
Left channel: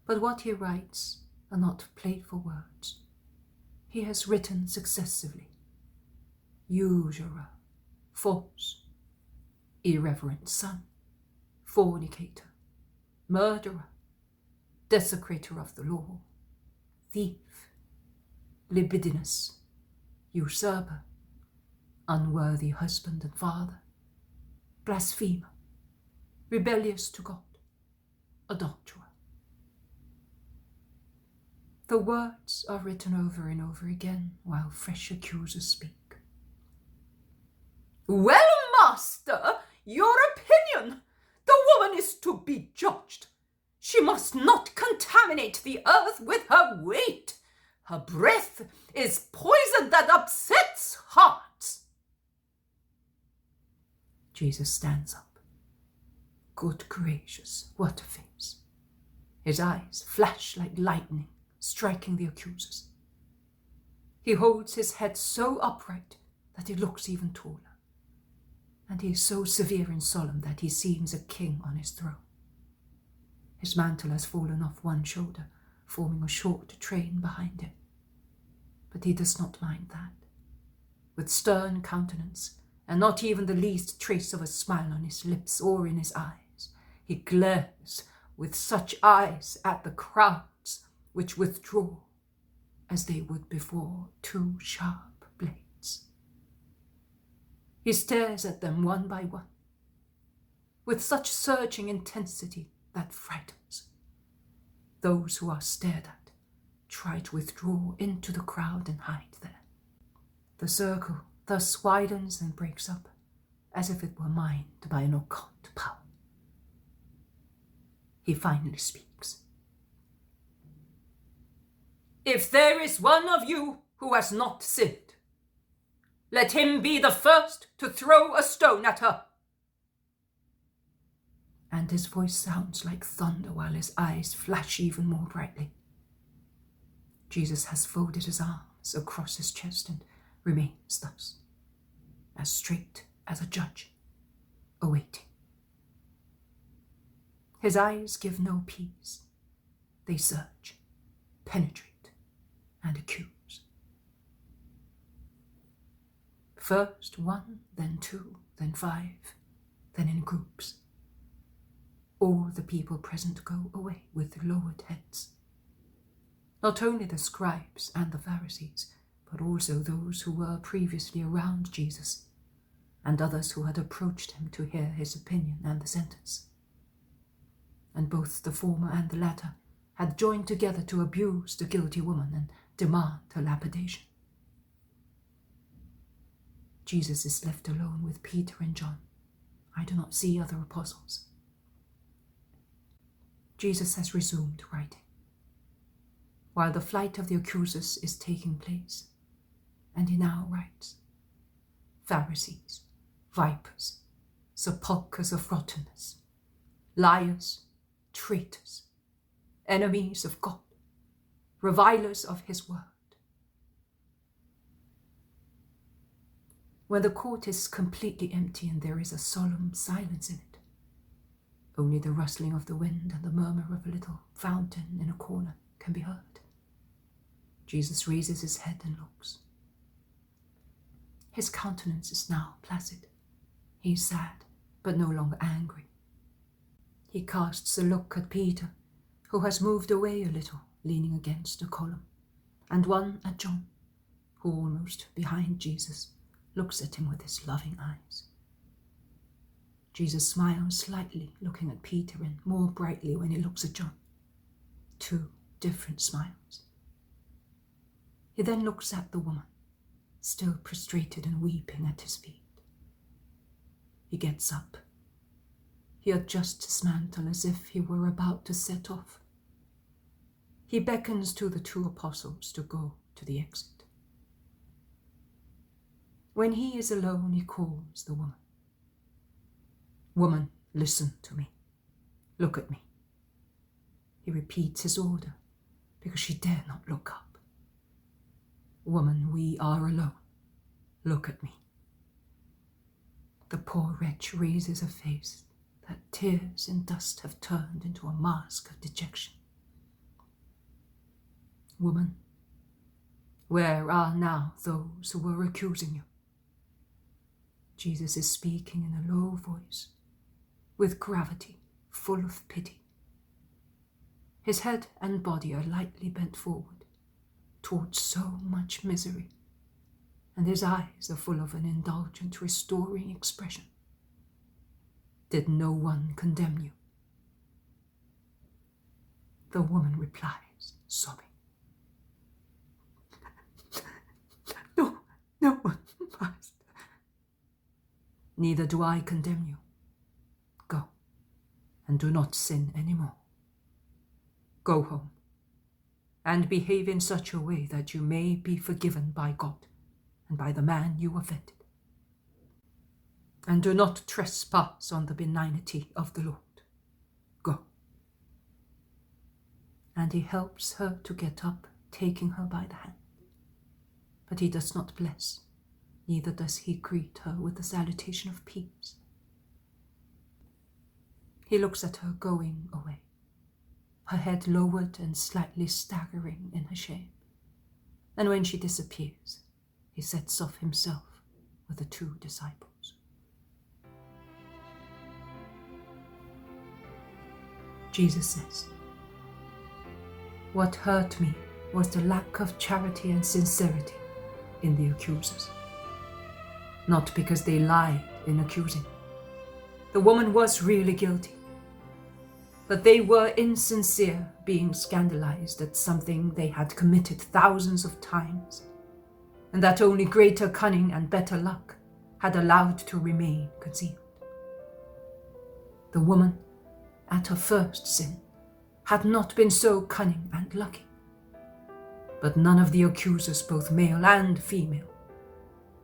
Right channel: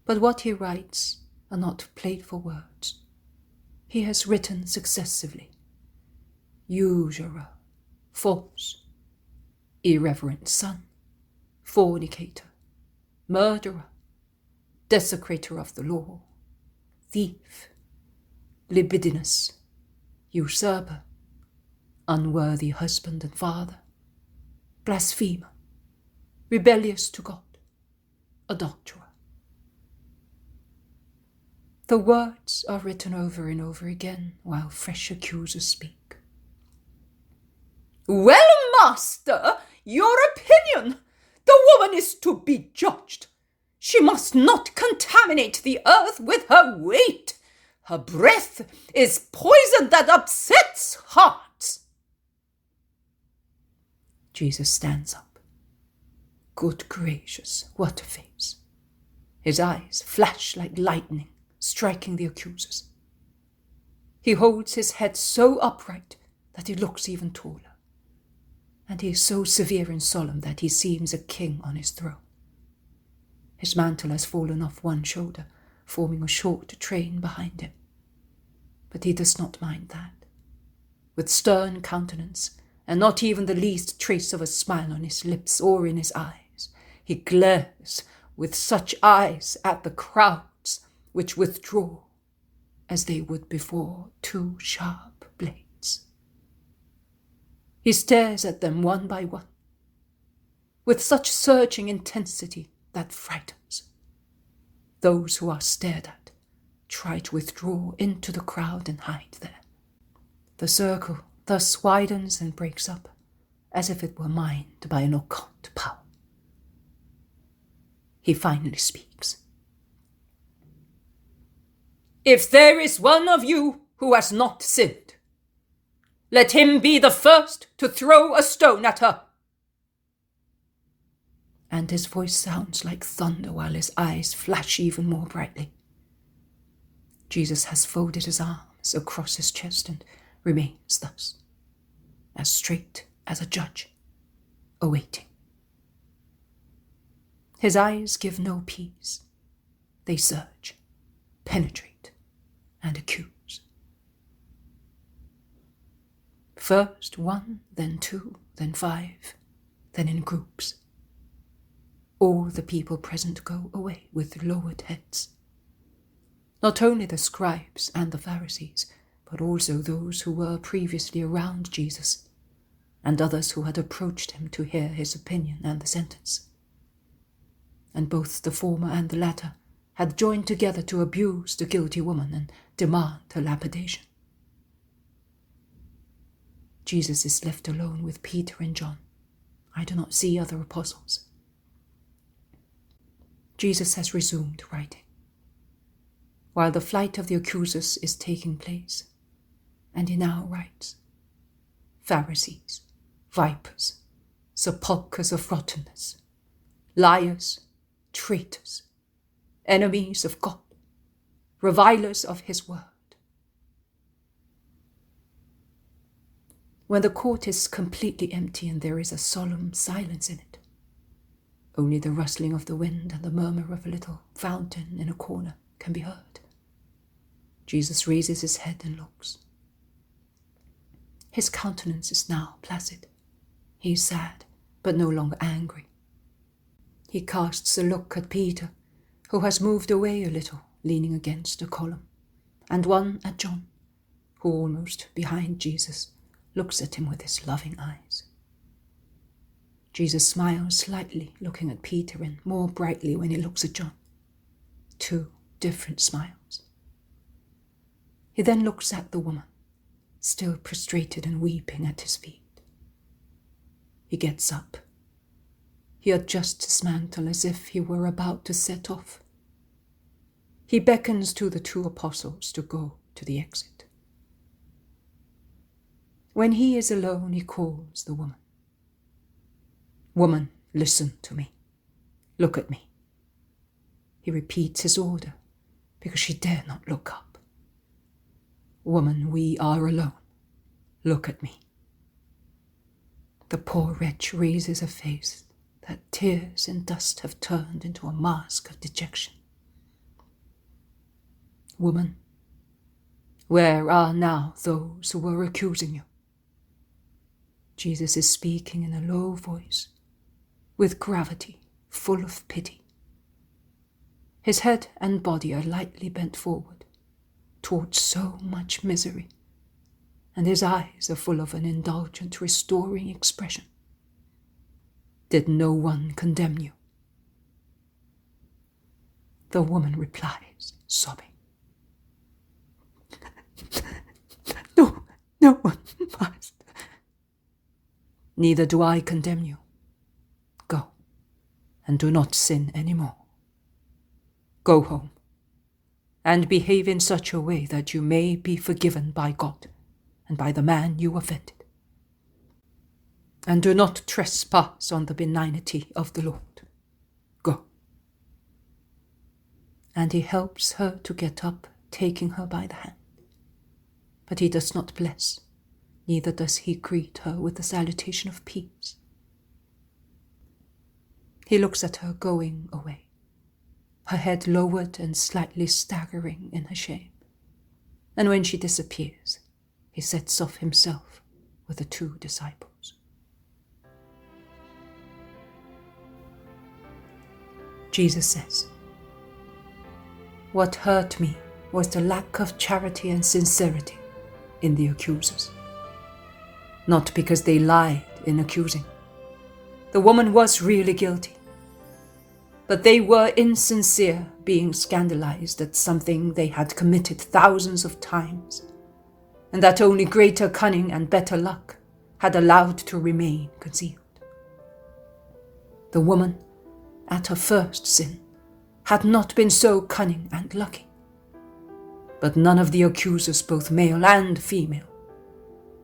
But what he writes are not playful words. He has written successively. Usurer, false, irreverent son, fornicator, murderer, desecrator of the law, thief, libidinous, usurper, unworthy husband and father, blasphemer, rebellious to God, adulterer. The words are written over and over again while fresh accusers speak. Well, master, your opinion. The woman is to be judged. She must not contaminate the earth with her weight. Her breath is poison that upsets hearts. Jesus stands up. Good gracious, what a face! His eyes flash like lightning, striking the accusers. He holds his head so upright that he looks even taller, and he is so severe and solemn that he seems a king on his throne. His mantle has fallen off one shoulder, forming a short train behind him. But he does not mind that. With stern countenance, and not even the least trace of a smile on his lips or in his eyes, he glares with such eyes at the crowds which withdraw as they would before two sharp blades. He stares at them one by one, with such searching intensity that frightens. Those who are stared at try to withdraw into the crowd and hide there. The circle thus widens and breaks up, as if it were mined by an occult power. He finally speaks. "If there is one of you who has not sinned, let him be the first to throw a stone at her." And his voice sounds like thunder while his eyes flash even more brightly. Jesus has folded his arms across his chest and remains thus, as straight as a judge, awaiting. His eyes give no peace. They search, penetrate, and accuse. First one, then two, then five, then in groups. All the people present go away with lowered heads. Not only the scribes and the Pharisees, but also those who were previously around Jesus, and others who had approached him to hear his opinion and the sentence. And both the former and the latter had joined together to abuse the guilty woman and demand her lapidation. Jesus is left alone with Peter and John. I do not see other apostles. Jesus has resumed writing, while the flight of the accusers is taking place, and he now writes, "Pharisees, vipers, sepulchres of rottenness, liars, traitors, enemies of God, revilers of his word." When the court is completely empty and there is a solemn silence in it, only the rustling of the wind and the murmur of a little fountain in a corner can be heard. Jesus raises his head and looks. His countenance is now placid. He is sad, but no longer angry. He casts a look at Peter, who has moved away a little, leaning against a column, and one at John, who almost behind Jesus looks at him with his loving eyes. Jesus smiles slightly, looking at Peter, and more brightly when he looks at John. Two different smiles. He then looks at the woman, still prostrated and weeping at his feet. He gets up. He adjusts his mantle as if he were about to set off. He beckons to the two apostles to go to the exit. When he is alone, he calls the woman. "Woman, listen to me. Look at me." He repeats his order because she dare not look up. "Woman, we are alone. Look at me." The poor wretch raises a face that tears and dust have turned into a mask of dejection. "Woman, where are now those who were accusing you?" Jesus is speaking in a low voice, with gravity, full of pity. His head and body are lightly bent forward, towards so much misery, and his eyes are full of an indulgent, restoring expression. "Did no one condemn you?" The woman replies, sobbing, No one, Master." "Neither do I condemn you. Go, and do not sin any more. Go home, and behave in such a way that you may be forgiven by God and by the man you offended." and do not trespass on the benignity of the Lord. Go." And he helps her to get up, taking her by the hand. But he does not bless, neither does he greet her with the salutation of peace. He looks at her going away, her head lowered and slightly staggering in her shame. And when she disappears, he sets off himself with the 2 disciples. Jesus says, "What hurt me was the lack of charity and sincerity in the accusers. Not because they lied in accusing. The woman was really guilty. But they were insincere, being scandalized at something they had committed thousands of times, and that only greater cunning and better luck had allowed to remain concealed. The woman, at her first sin, had not been so cunning and lucky. But none of the accusers, both male and female,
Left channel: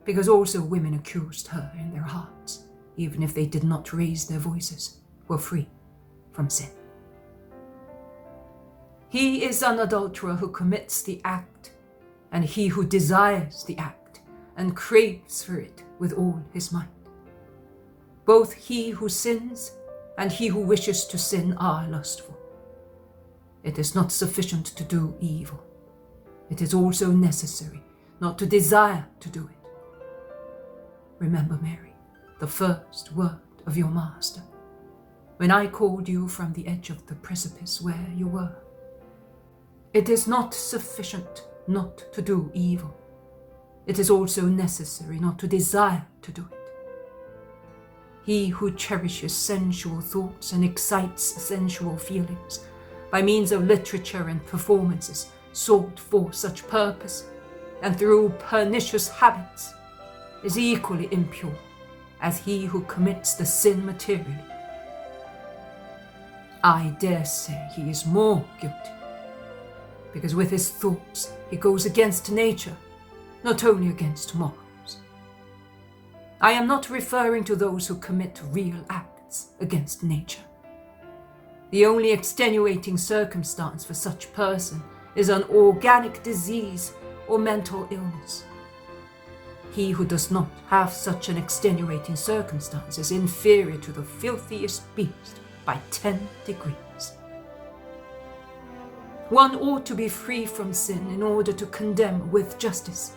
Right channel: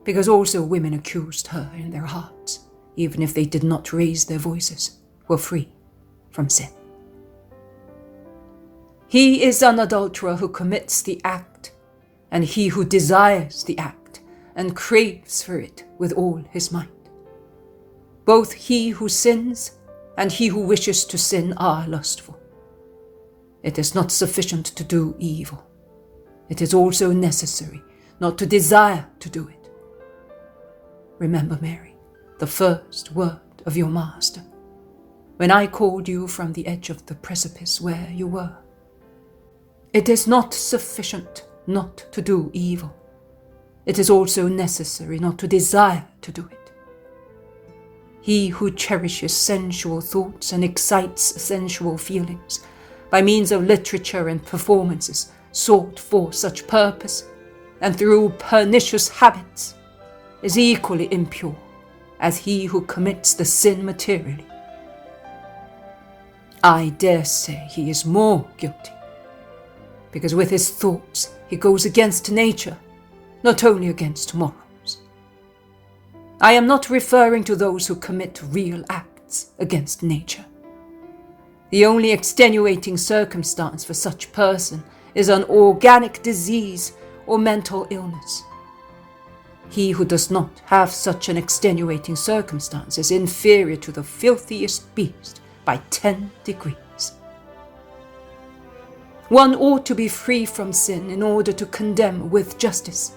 because also women accused her in their hearts, even if they did not raise their voices, were free from sin. He is an adulterer who commits the act, and he who desires the act and craves for it with all his might. Both he who sins and he who wishes to sin are lustful. It is not sufficient to do evil. It is also necessary not to desire to do it. Remember, Mary, the first word of your Master, when I called you from the edge of the precipice where you were. It is not sufficient not to do evil. It is also necessary not to desire to do it. He who cherishes sensual thoughts and excites sensual feelings by means of literature and performances sought for such purpose and through pernicious habits is equally impure as he who commits the sin materially. I dare say he is more guilty, because with his thoughts he goes against nature, not only against morals. I am not referring to those who commit real acts against nature. The only extenuating circumstance for such person is an organic disease or mental illness. He who does not have such an extenuating circumstance is inferior to the filthiest beast by 10 degrees. One ought to be free from sin in order to condemn with justice.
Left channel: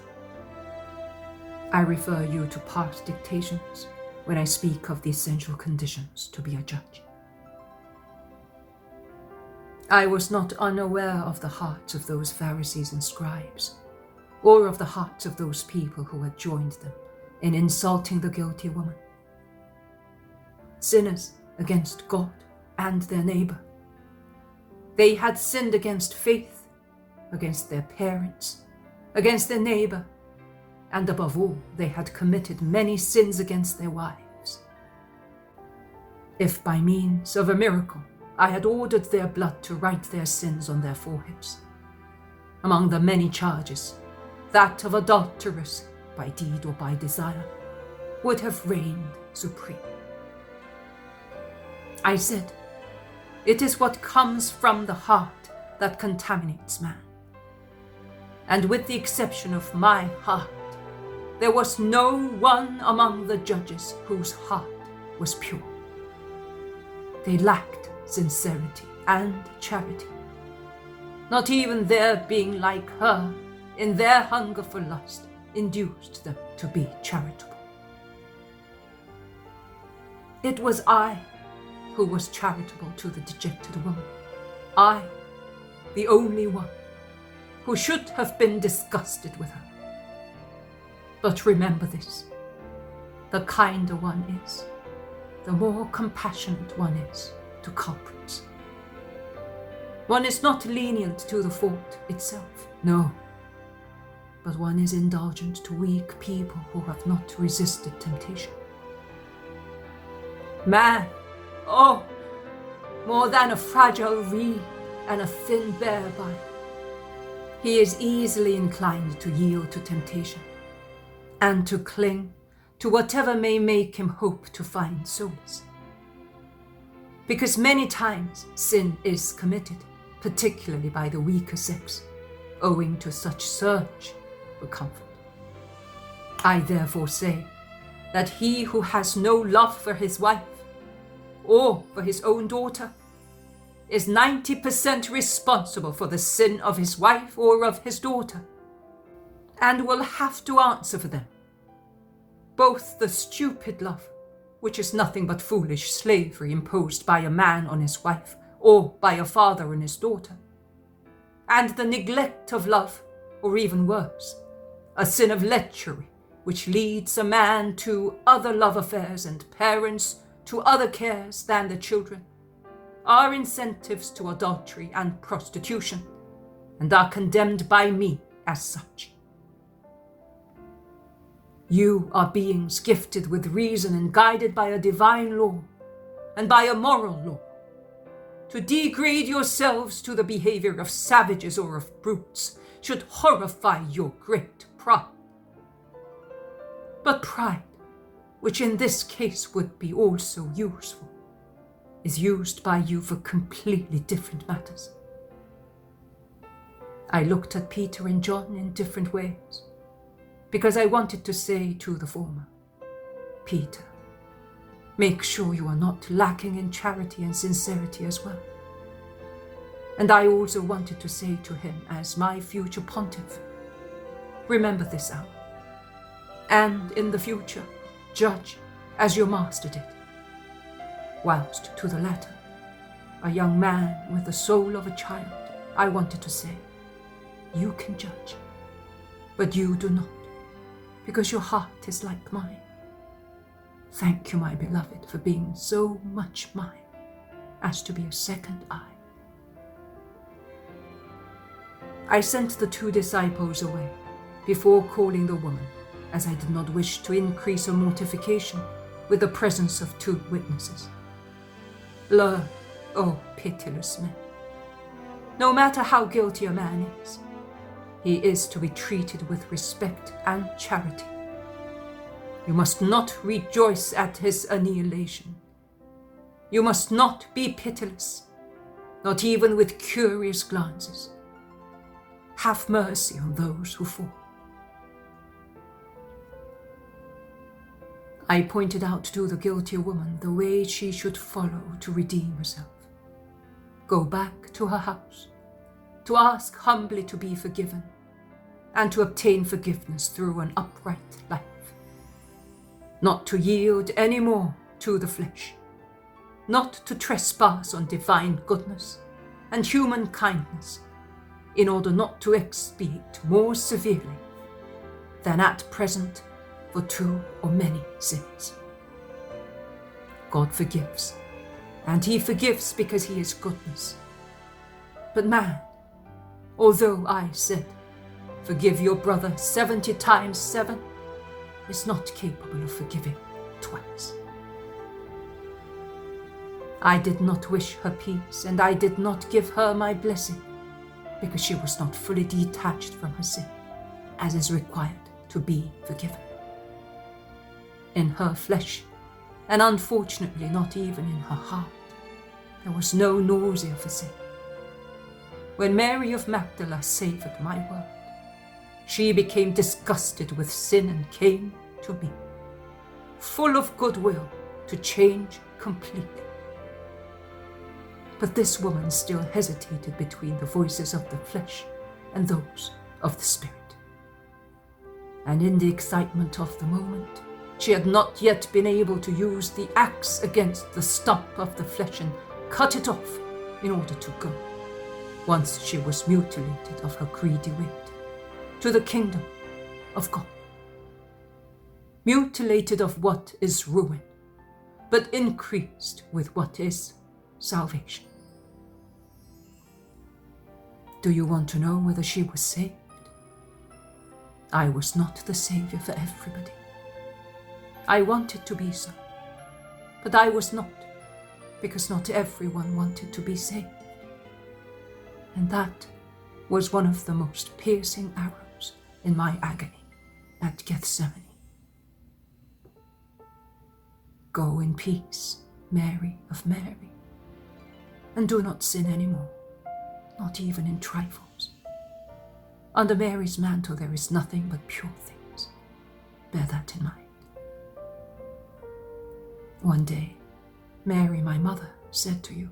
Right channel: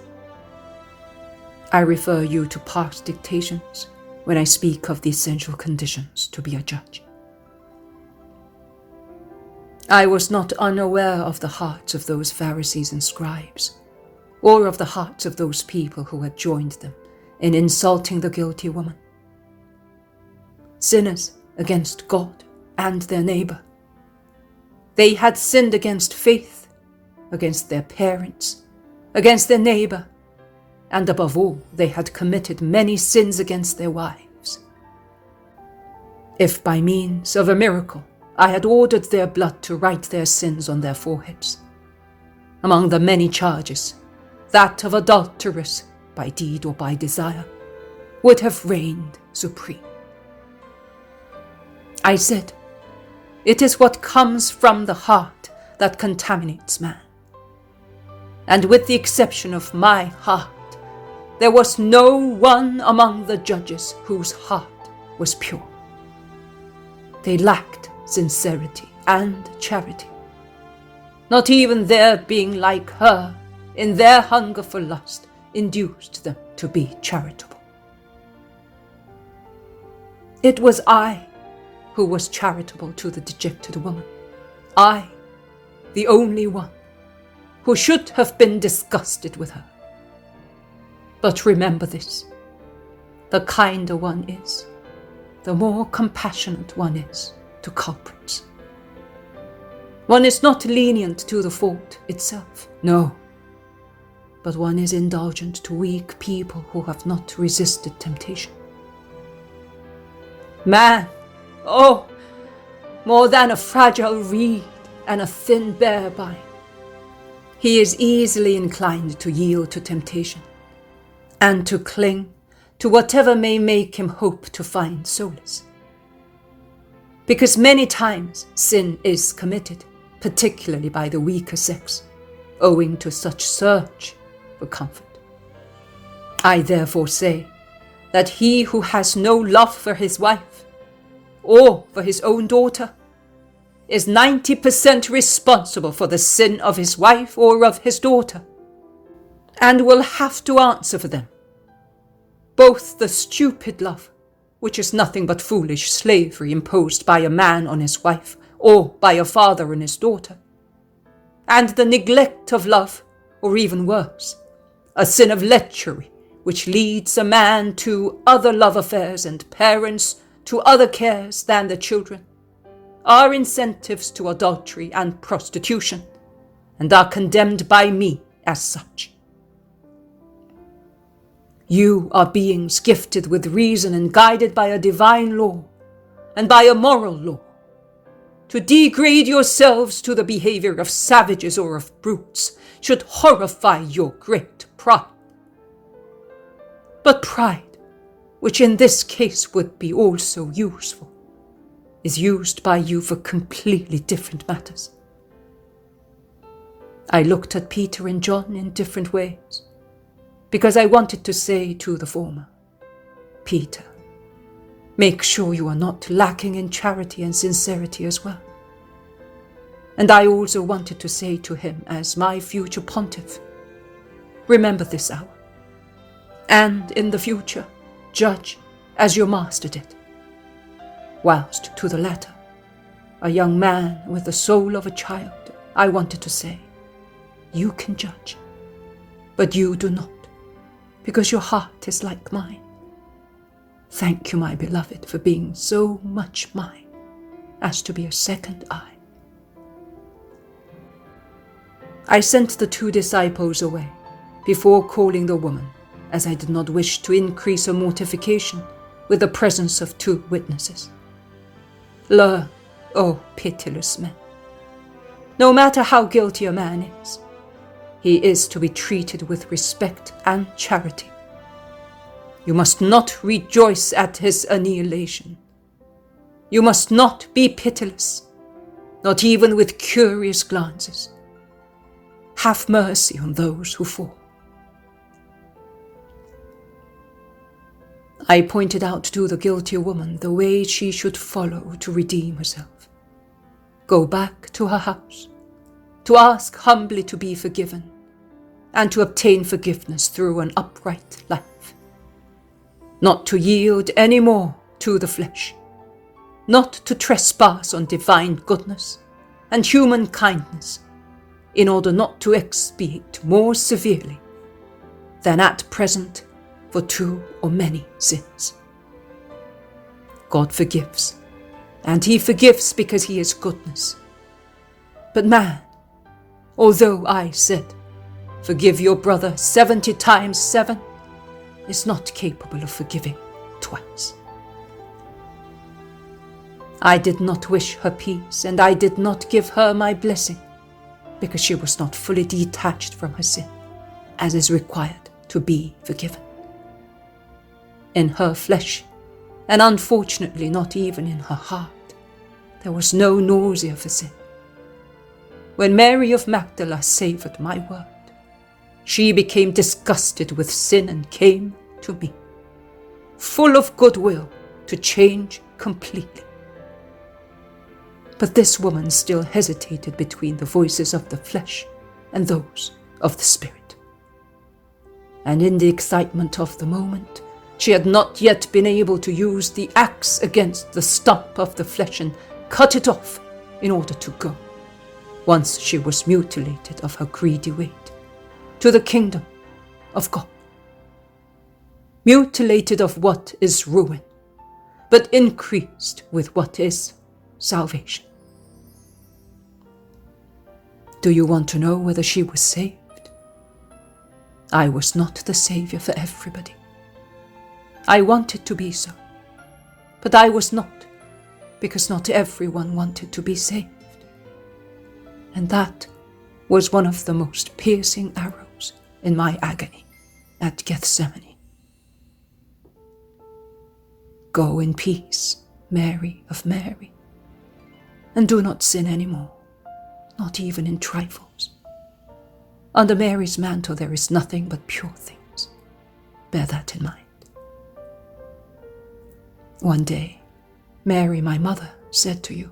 I refer you to past dictations when I speak of the essential conditions to be a judge. I was not unaware of the hearts of those Pharisees and scribes, or of the hearts of those people who had joined them in insulting the guilty woman. Sinners against God and their neighbor. They had sinned against faith, against their parents, against their neighbor, and above all, they had committed many sins against their wives. If by means of a miracle I had ordered their blood to write their sins on their foreheads, among the many charges, that of adulterous by deed or by desire would have reigned supreme. I said, it is what comes from the heart that contaminates man. And with the exception of my heart, there was no one among the judges whose heart was pure. They lacked sincerity and charity. Not even their being like her in their hunger for lust induced them to be charitable. It was I who was charitable to the dejected woman. I, the only one, who should have been disgusted with her. But remember this, the kinder one is, the more compassionate one is to culprits. One is not lenient to the fault itself, no, but one is indulgent to weak people who have not resisted temptation. Man, oh, more than a fragile reed and a thin bare vine, he is easily inclined to yield to temptation and to cling to whatever may make him hope to find solace. Because many times sin is committed, particularly by the weaker sex, owing to such search for comfort. I therefore say that he who has no love for his wife, or for his own daughter, is 90% responsible for the sin of his wife or of his daughter, and will have to answer for them. Both the stupid love, which is nothing but foolish slavery imposed by a man on his wife, or by a father on his daughter, and the neglect of love, or even worse, a sin of lechery, which leads a man to other love affairs and parents to other cares than the children, are incentives to adultery and prostitution, and are condemned by me as such. You are beings gifted with reason and guided by a divine law and by a moral law. To degrade yourselves to the behavior of savages or of brutes should horrify your great pride. But pride, which in this case would be also useful, is used by you for completely different matters. I looked at Peter and John in different ways, because I wanted to say to the former, Peter, make sure you are not lacking in charity and sincerity as well. And I also wanted to say to him as my future pontiff, remember this hour, and in the future judge as your master did. Whilst to the latter, a young man with the soul of a child, I wanted to say, you can judge, but you do not, because your heart is like mine. Thank you, my beloved, for being so much mine as to be a second eye. I sent the 2 disciples away before calling the woman, as I did not wish to increase her mortification with the presence of 2 witnesses. Learn, O pitiless men, no matter how guilty a man is, he is to be treated with respect and charity. You must not rejoice at his annihilation. You must not be pitiless, not even with curious glances. Have mercy on those who fall. I pointed out to the guilty woman the way she should follow to redeem herself. Go back to her house, to ask humbly to be forgiven, and to obtain forgiveness through an upright life. Not to yield any more to the flesh, not to trespass on divine goodness and human kindness, in order not to expiate more severely than at present for 2 or many sins. God forgives, and he forgives because he is goodness. But man, although I said, forgive your brother 70 times 7, is not capable of forgiving twice. I did not wish her peace, and I did not give her my blessing, because she was not fully detached from her sin, as is required to be forgiven. In her flesh, and unfortunately not even in her heart, there was no nausea for sin. When Mary of Magdala savored my word, she became disgusted with sin and came to me, full of goodwill to change completely. But this woman still hesitated between the voices of the flesh and those of the spirit. And in the excitement of the moment, she had not yet been able to use the axe against the stump of the flesh and cut it off in order to go, once she was mutilated of her greedy weight, to the kingdom of God. Mutilated of what is ruin, but increased with what is salvation. Do you want to know whether she was saved? I was not the Savior for everybody. I wanted to be so, but I was not, because not everyone wanted to be saved. And that was one of the most piercing arrows in my agony at Gethsemane. Go in peace, Mary of Mary, and do not sin any more, not even in trifles. Under Mary's mantle there is nothing but pure things. Bear that in mind. One day, Mary, my mother, said to you,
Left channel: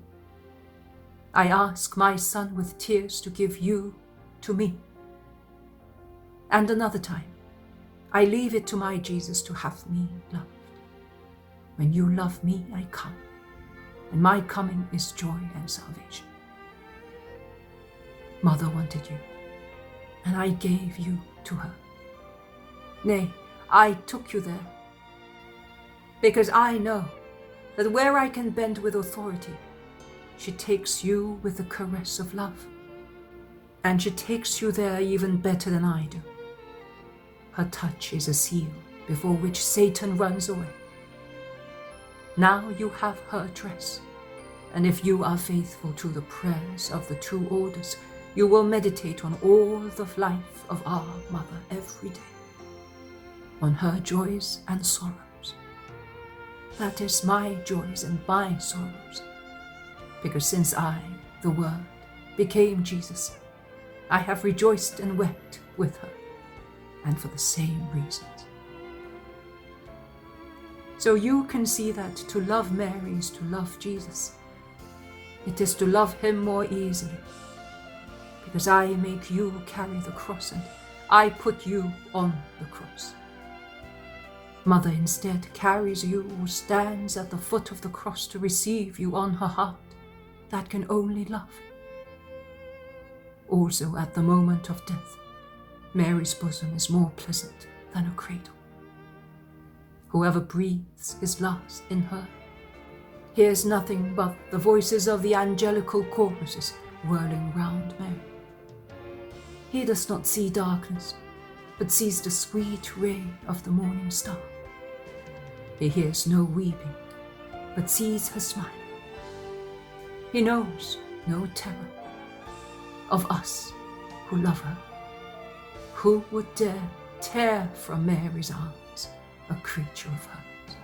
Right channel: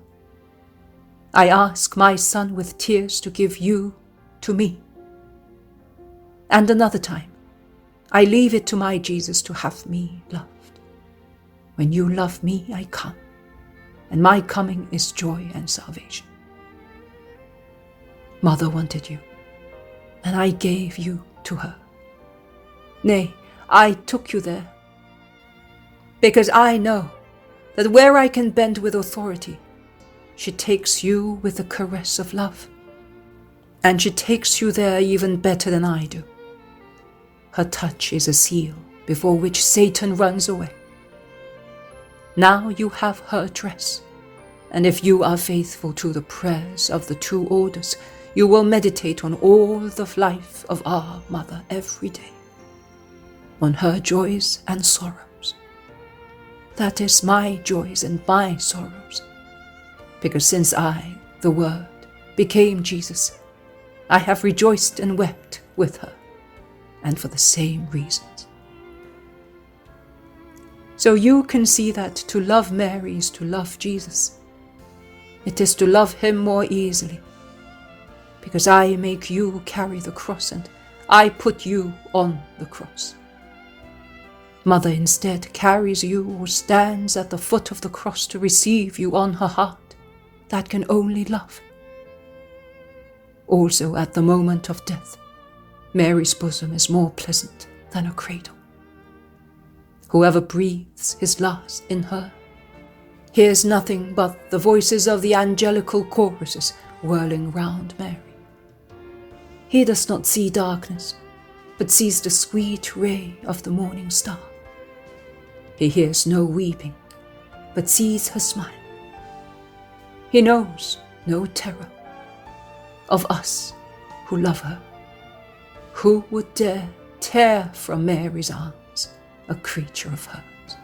I ask my son with tears to give you to me. And another time, I leave it to my Jesus to have me loved. When you love me, I come, and my coming is joy and salvation. Mother wanted you, and I gave you to her. Nay, I took you there, because I know that where I can bend with authority, she takes you with the caress of love, and she takes you there even better than I do. Her touch is a seal before which Satan runs away. Now you have her address, and if you are faithful to the prayers of the two orders, you will meditate on all the life of our mother every day, on her joys and sorrows. That is my joys and my sorrows, because since I, the Word, became Jesus, I have rejoiced and wept with her, and for the same reasons. So you can see that to love Mary is to love Jesus. It is to love him more easily, because I make you carry the cross and I put you on the cross. Mother instead carries you or stands at the foot of the cross to receive you on her heart that can only love. Also at the moment of death, Mary's bosom is more pleasant than a cradle. Whoever breathes his last in her hears nothing but the voices of the angelical choruses whirling round Mary. He does not see darkness, but sees the sweet ray of the morning star. He hears no weeping, but sees her smile. He knows no terror of us who love her. Who would dare tear from Mary's arms a creature of hers?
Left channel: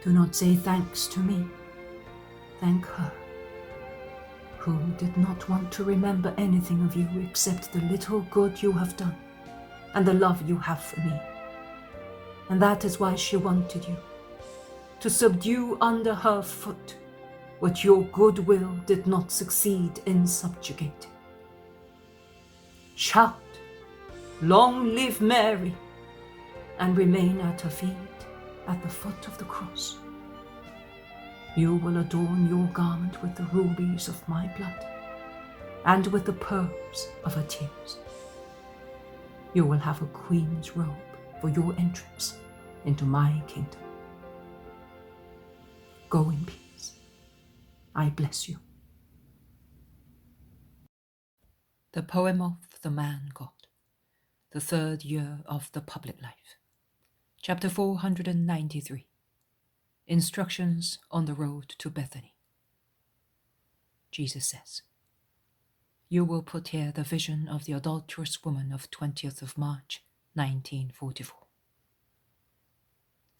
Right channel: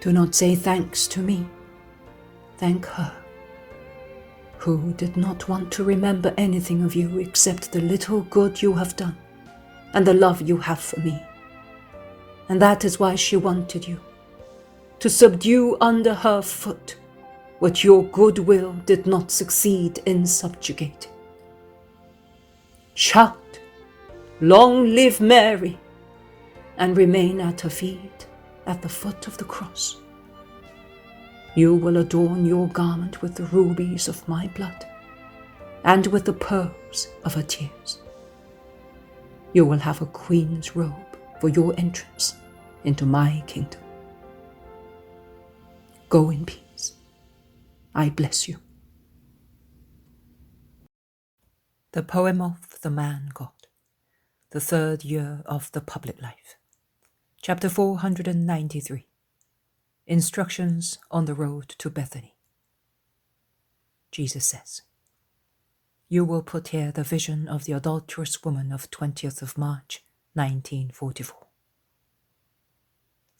Do not say thanks to me, thank her, who did not want to remember anything of you except the little good you have done and the love you have for me. And that is why she wanted you, to subdue under her foot what your goodwill did not succeed in subjugating. Shout, long live Mary, and remain at her feet at the foot of the cross. You will adorn your garment with the rubies of my blood and with the pearls of her tears. You will have a queen's robe for your entrance into my kingdom. Go in peace. I bless you. The Poem of the Man God, the third year of the public life. Chapter 493. Instructions on the road to Bethany. Jesus says, You will put here the vision of the adulterous woman of 20th of March, 1944.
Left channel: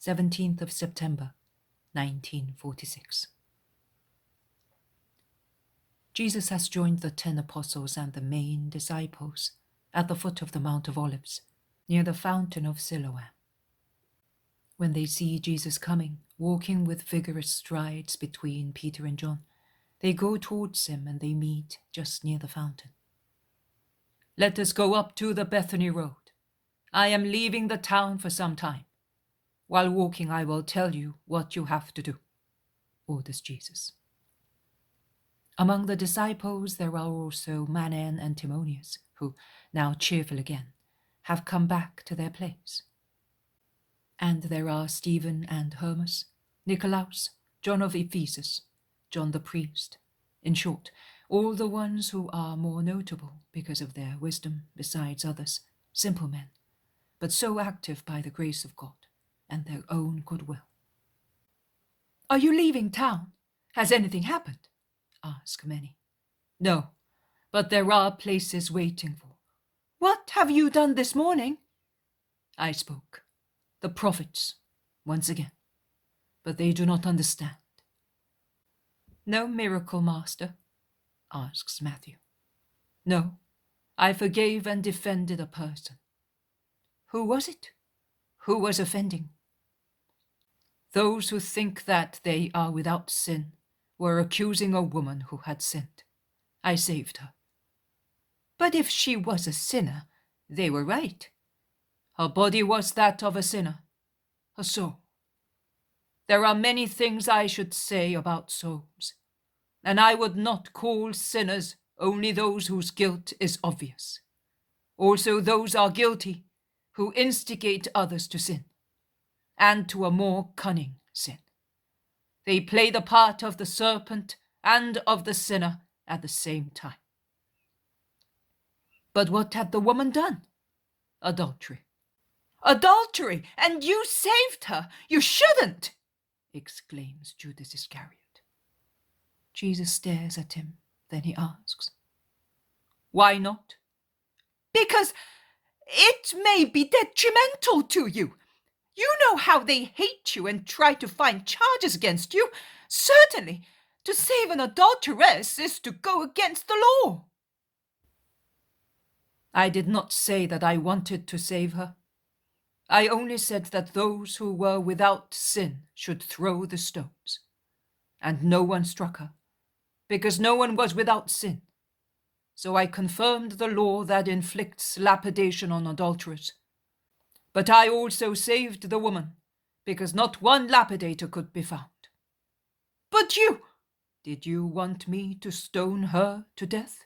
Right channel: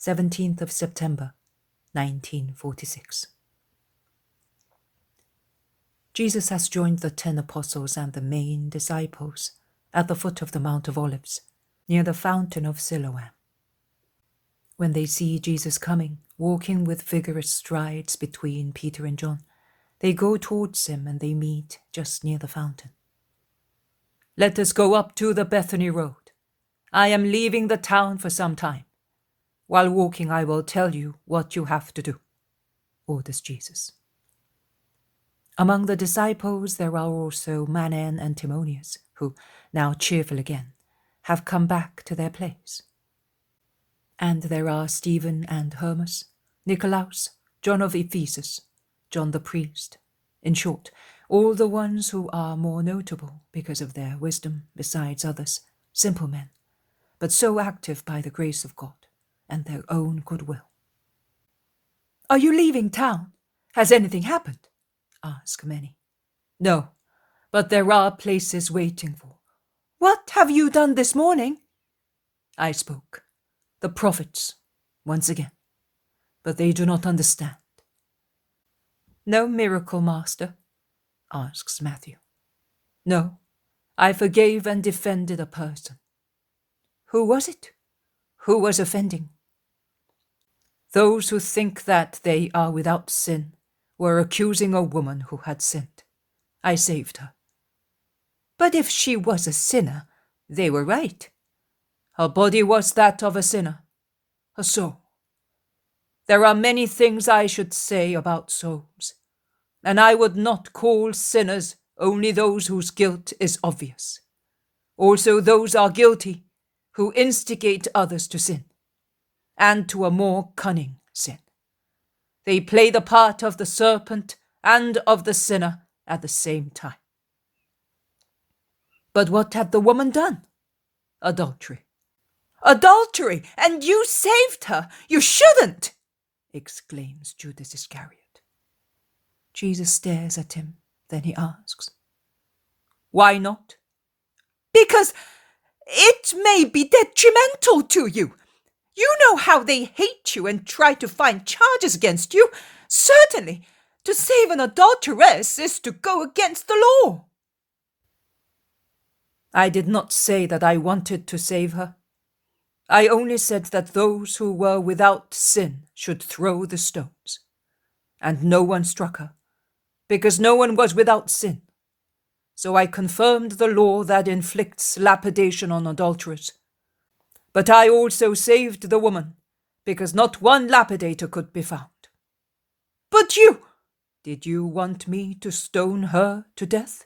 17th of September, 1946. Jesus has joined the 10 apostles and the main disciples at the foot of the Mount of Olives, near the fountain of Siloam. When they see Jesus coming, walking with vigorous strides between Peter and John, they go towards him and they meet just near the fountain. Let us go up to the Bethany road. I am leaving the town for some time. While walking, I will tell you what you have to do, orders Jesus. Among the disciples there are also Manan and Timonius, who, now cheerful again, have come back to their place. And there are Stephen and Hermas, Nicolaus, John of Ephesus, John the priest, in short, all the ones who are more notable because of their wisdom, besides others, simple men, but so active by the grace of God and their own goodwill. Are you leaving town? Has anything happened? Ask many. No, but there are places waiting for. What have you done this morning? I spoke. The prophets, once again. But they do not understand. No miracle, Master? Asks Matthew. No, I forgave and defended a person. Who was it? Who was offending? Those who think that they are without sin were accusing a woman who had sinned. I saved her. But if she was a sinner, they were right. Her body was that of a sinner, her soul. There are many things I should say about souls, and I would not call sinners only those whose guilt is obvious. Also those are guilty who instigate others to sin, and to a more cunning sin. They play the part of the serpent and of the sinner at the same time. But what had the woman done? Adultery. Adultery! And you saved her! You shouldn't! Exclaims Judas Iscariot. Jesus stares at him, then he asks, Why not? Because it may be detrimental to you. You know how they hate you and try to find charges against you. Certainly, to save an adulteress is to go against the law. I did not say that I wanted to save her. I only said that those who were without sin should throw the stones. And no one struck her, because no one was without sin. So I confirmed the law that inflicts lapidation on adulterers. But I also saved the woman, because not one lapidator could be found. But you! Did you want me to stone her to death?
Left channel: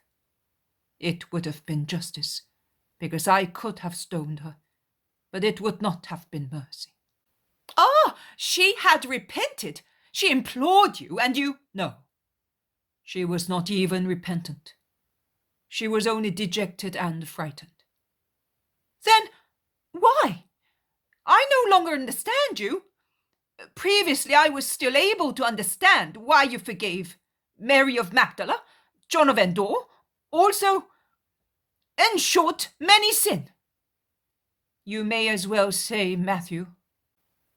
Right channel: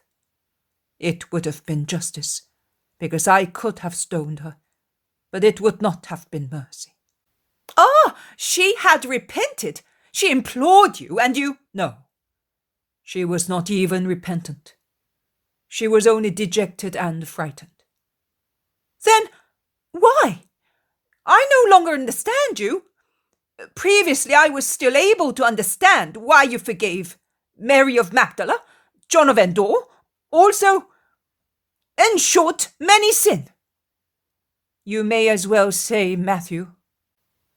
It would have been justice, because I could have stoned her, but it would not have been mercy. Ah, she had repented. She implored you, and you... No, she was not even repentant. She was only dejected and frightened. Then why? I no longer understand you. Previously I was still able to understand why you forgave Mary of Magdala, John of Endor, also, in short, many sin. You may as well say, Matthew.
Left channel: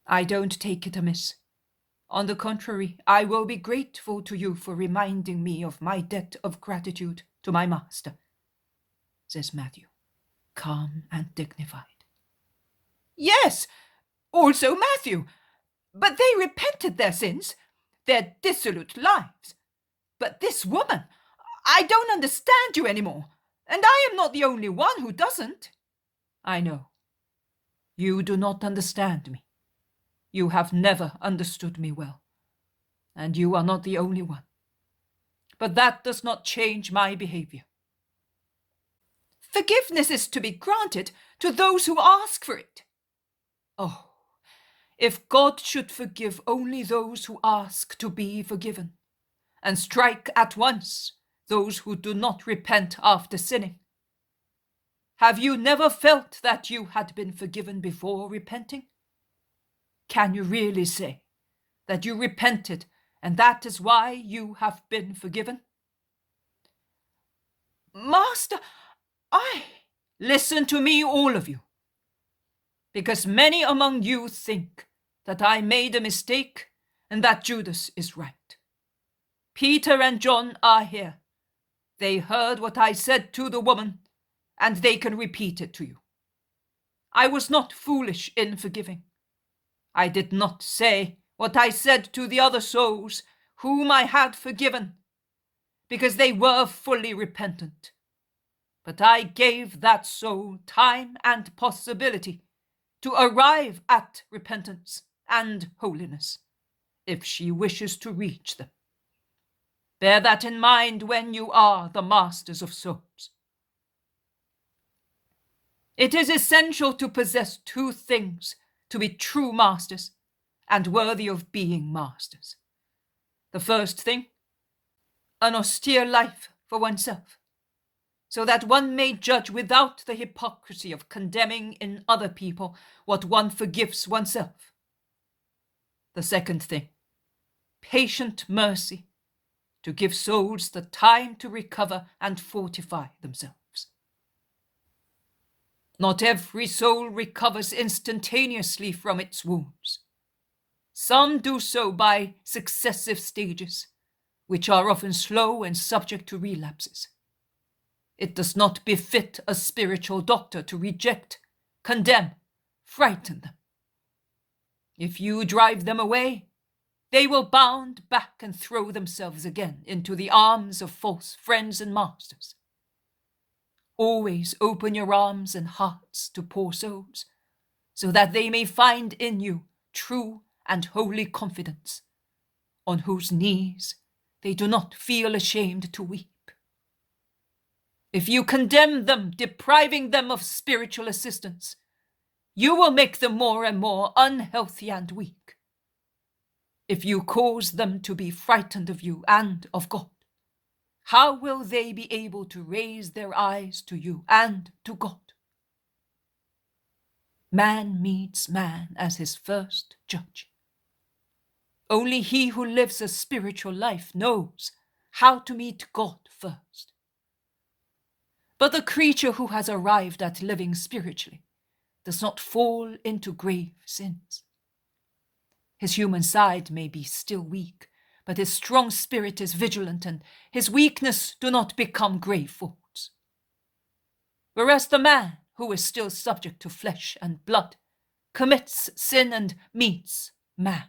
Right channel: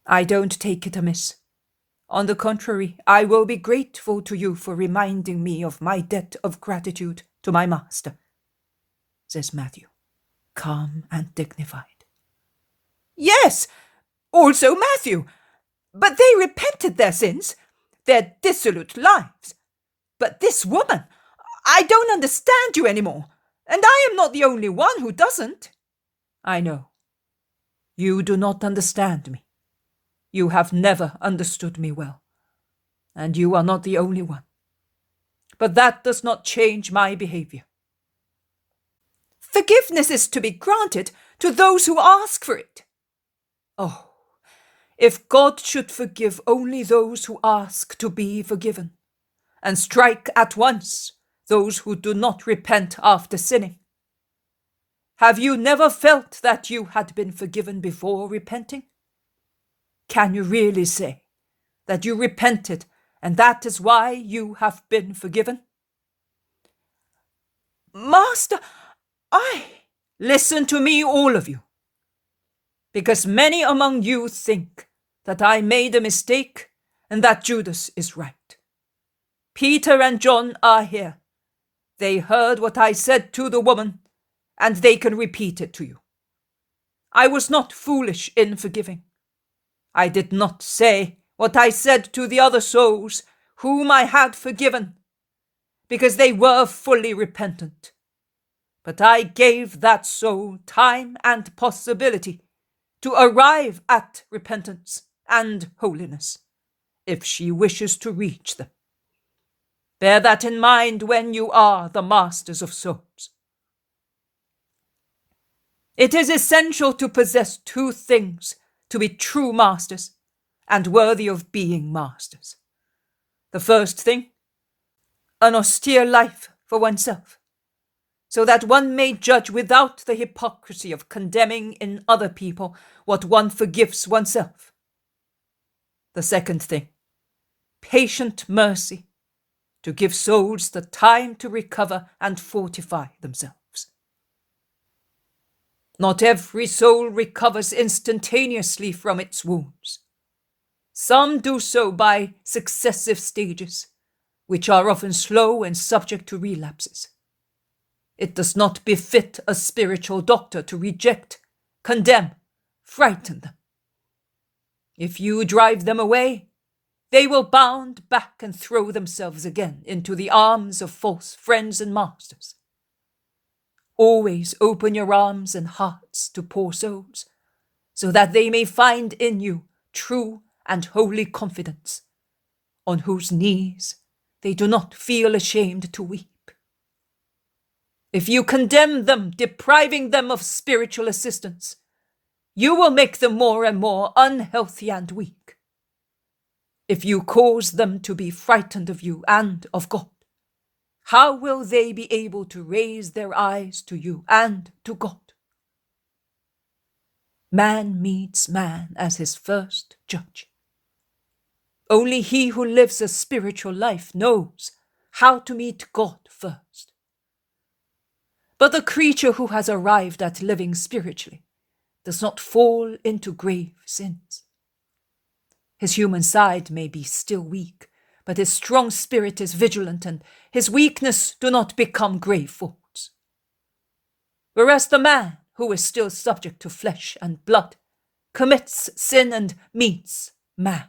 I don't take it amiss. On the contrary, I will be grateful to you for reminding me of my debt of gratitude to my master, says Matthew, calm and dignified. Yes, also Matthew, but they repented their sins, their dissolute lives. But this woman, I don't understand you anymore, and I am not the only one who doesn't. I know. You do not understand me. You have never understood me well, and you are not the only one. But that does not change my behavior. Forgiveness is to be granted to those who ask for it. Oh, if God should forgive only those who ask to be forgiven, and strike at once those who do not repent after sinning. Have you never felt that you had been forgiven before repenting? Can you really say that you repented and that is why you have been forgiven? Master, Listen to me, all of you, because many among you think that I made a mistake and that Judas is right. Peter and John are here. They heard what I said to the woman, and they can repeat it to you. I was not foolish in forgiving. I did not say what I said to the other souls whom I had forgiven, because they were fully repentant. But I gave that soul time and possibility to arrive at repentance and holiness, if she wishes to reach them. Bear that in mind when you are the masters of souls. It is essential to possess two things to be true masters and worthy of being masters. The first thing, an austere life for oneself, so that one may judge without the hypocrisy of condemning in other people what one forgives oneself. The second thing, patient mercy, to give souls the time to recover and fortify themselves. Not every soul recovers instantaneously from its wounds. Some do so by successive stages, which are often slow and subject to relapses. It does not befit a spiritual doctor to reject, condemn, frighten them. If you drive them away, they will bound back and throw themselves again into the arms of false friends and masters. Always open your arms and hearts to poor souls, so that they may find in you true and holy confidence, on whose knees they do not feel ashamed to weep. If you condemn them, depriving them of spiritual assistance, you will make them more and more unhealthy and weak. If you cause them to be frightened of you and of God, how will they be able to raise their eyes to you and to God? Man meets man as his first judge. Only he who lives a spiritual life knows how to meet God first. But the creature who has arrived at living spiritually does not fall into grave sins. His human side may be still weak, but his strong spirit is vigilant, and his weakness do not become grave faults. Whereas the man who is still subject to flesh and blood commits sin and meets man.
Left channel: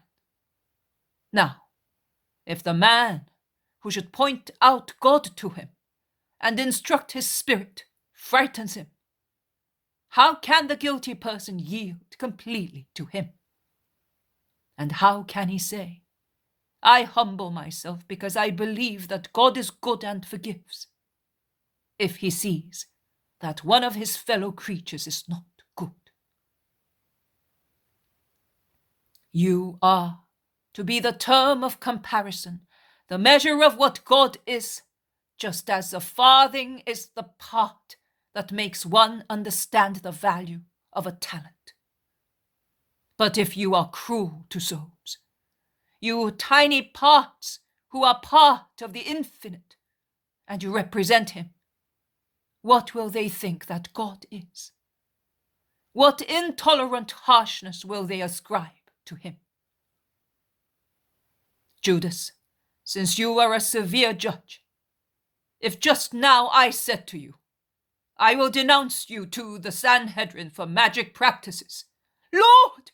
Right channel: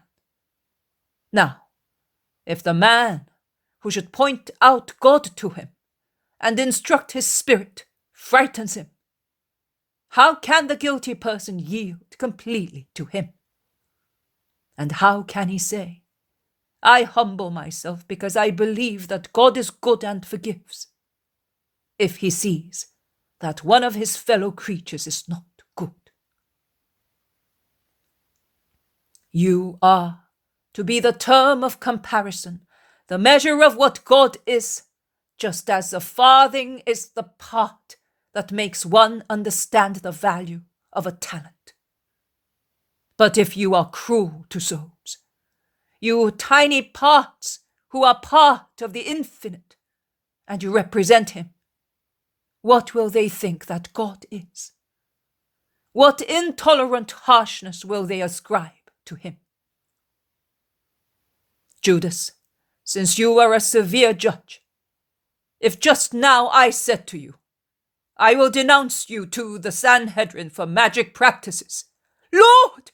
Now, if the man who should point out God to him and instruct his spirit frightens him, how can the guilty person yield completely to him? And how can he say, I humble myself because I believe that God is good and forgives, if he sees that one of his fellow creatures is not good? You are to be the term of comparison, the measure of what God is, just as a farthing is the part that makes one understand the value of a talent. But if you are cruel to souls, you tiny parts who are part of the infinite, and you represent him, what will they think that God is? What intolerant harshness will they ascribe to him? Judas, since you are a severe judge, if just now I said to you, I will denounce you to the Sanhedrin for magic practices. Lord,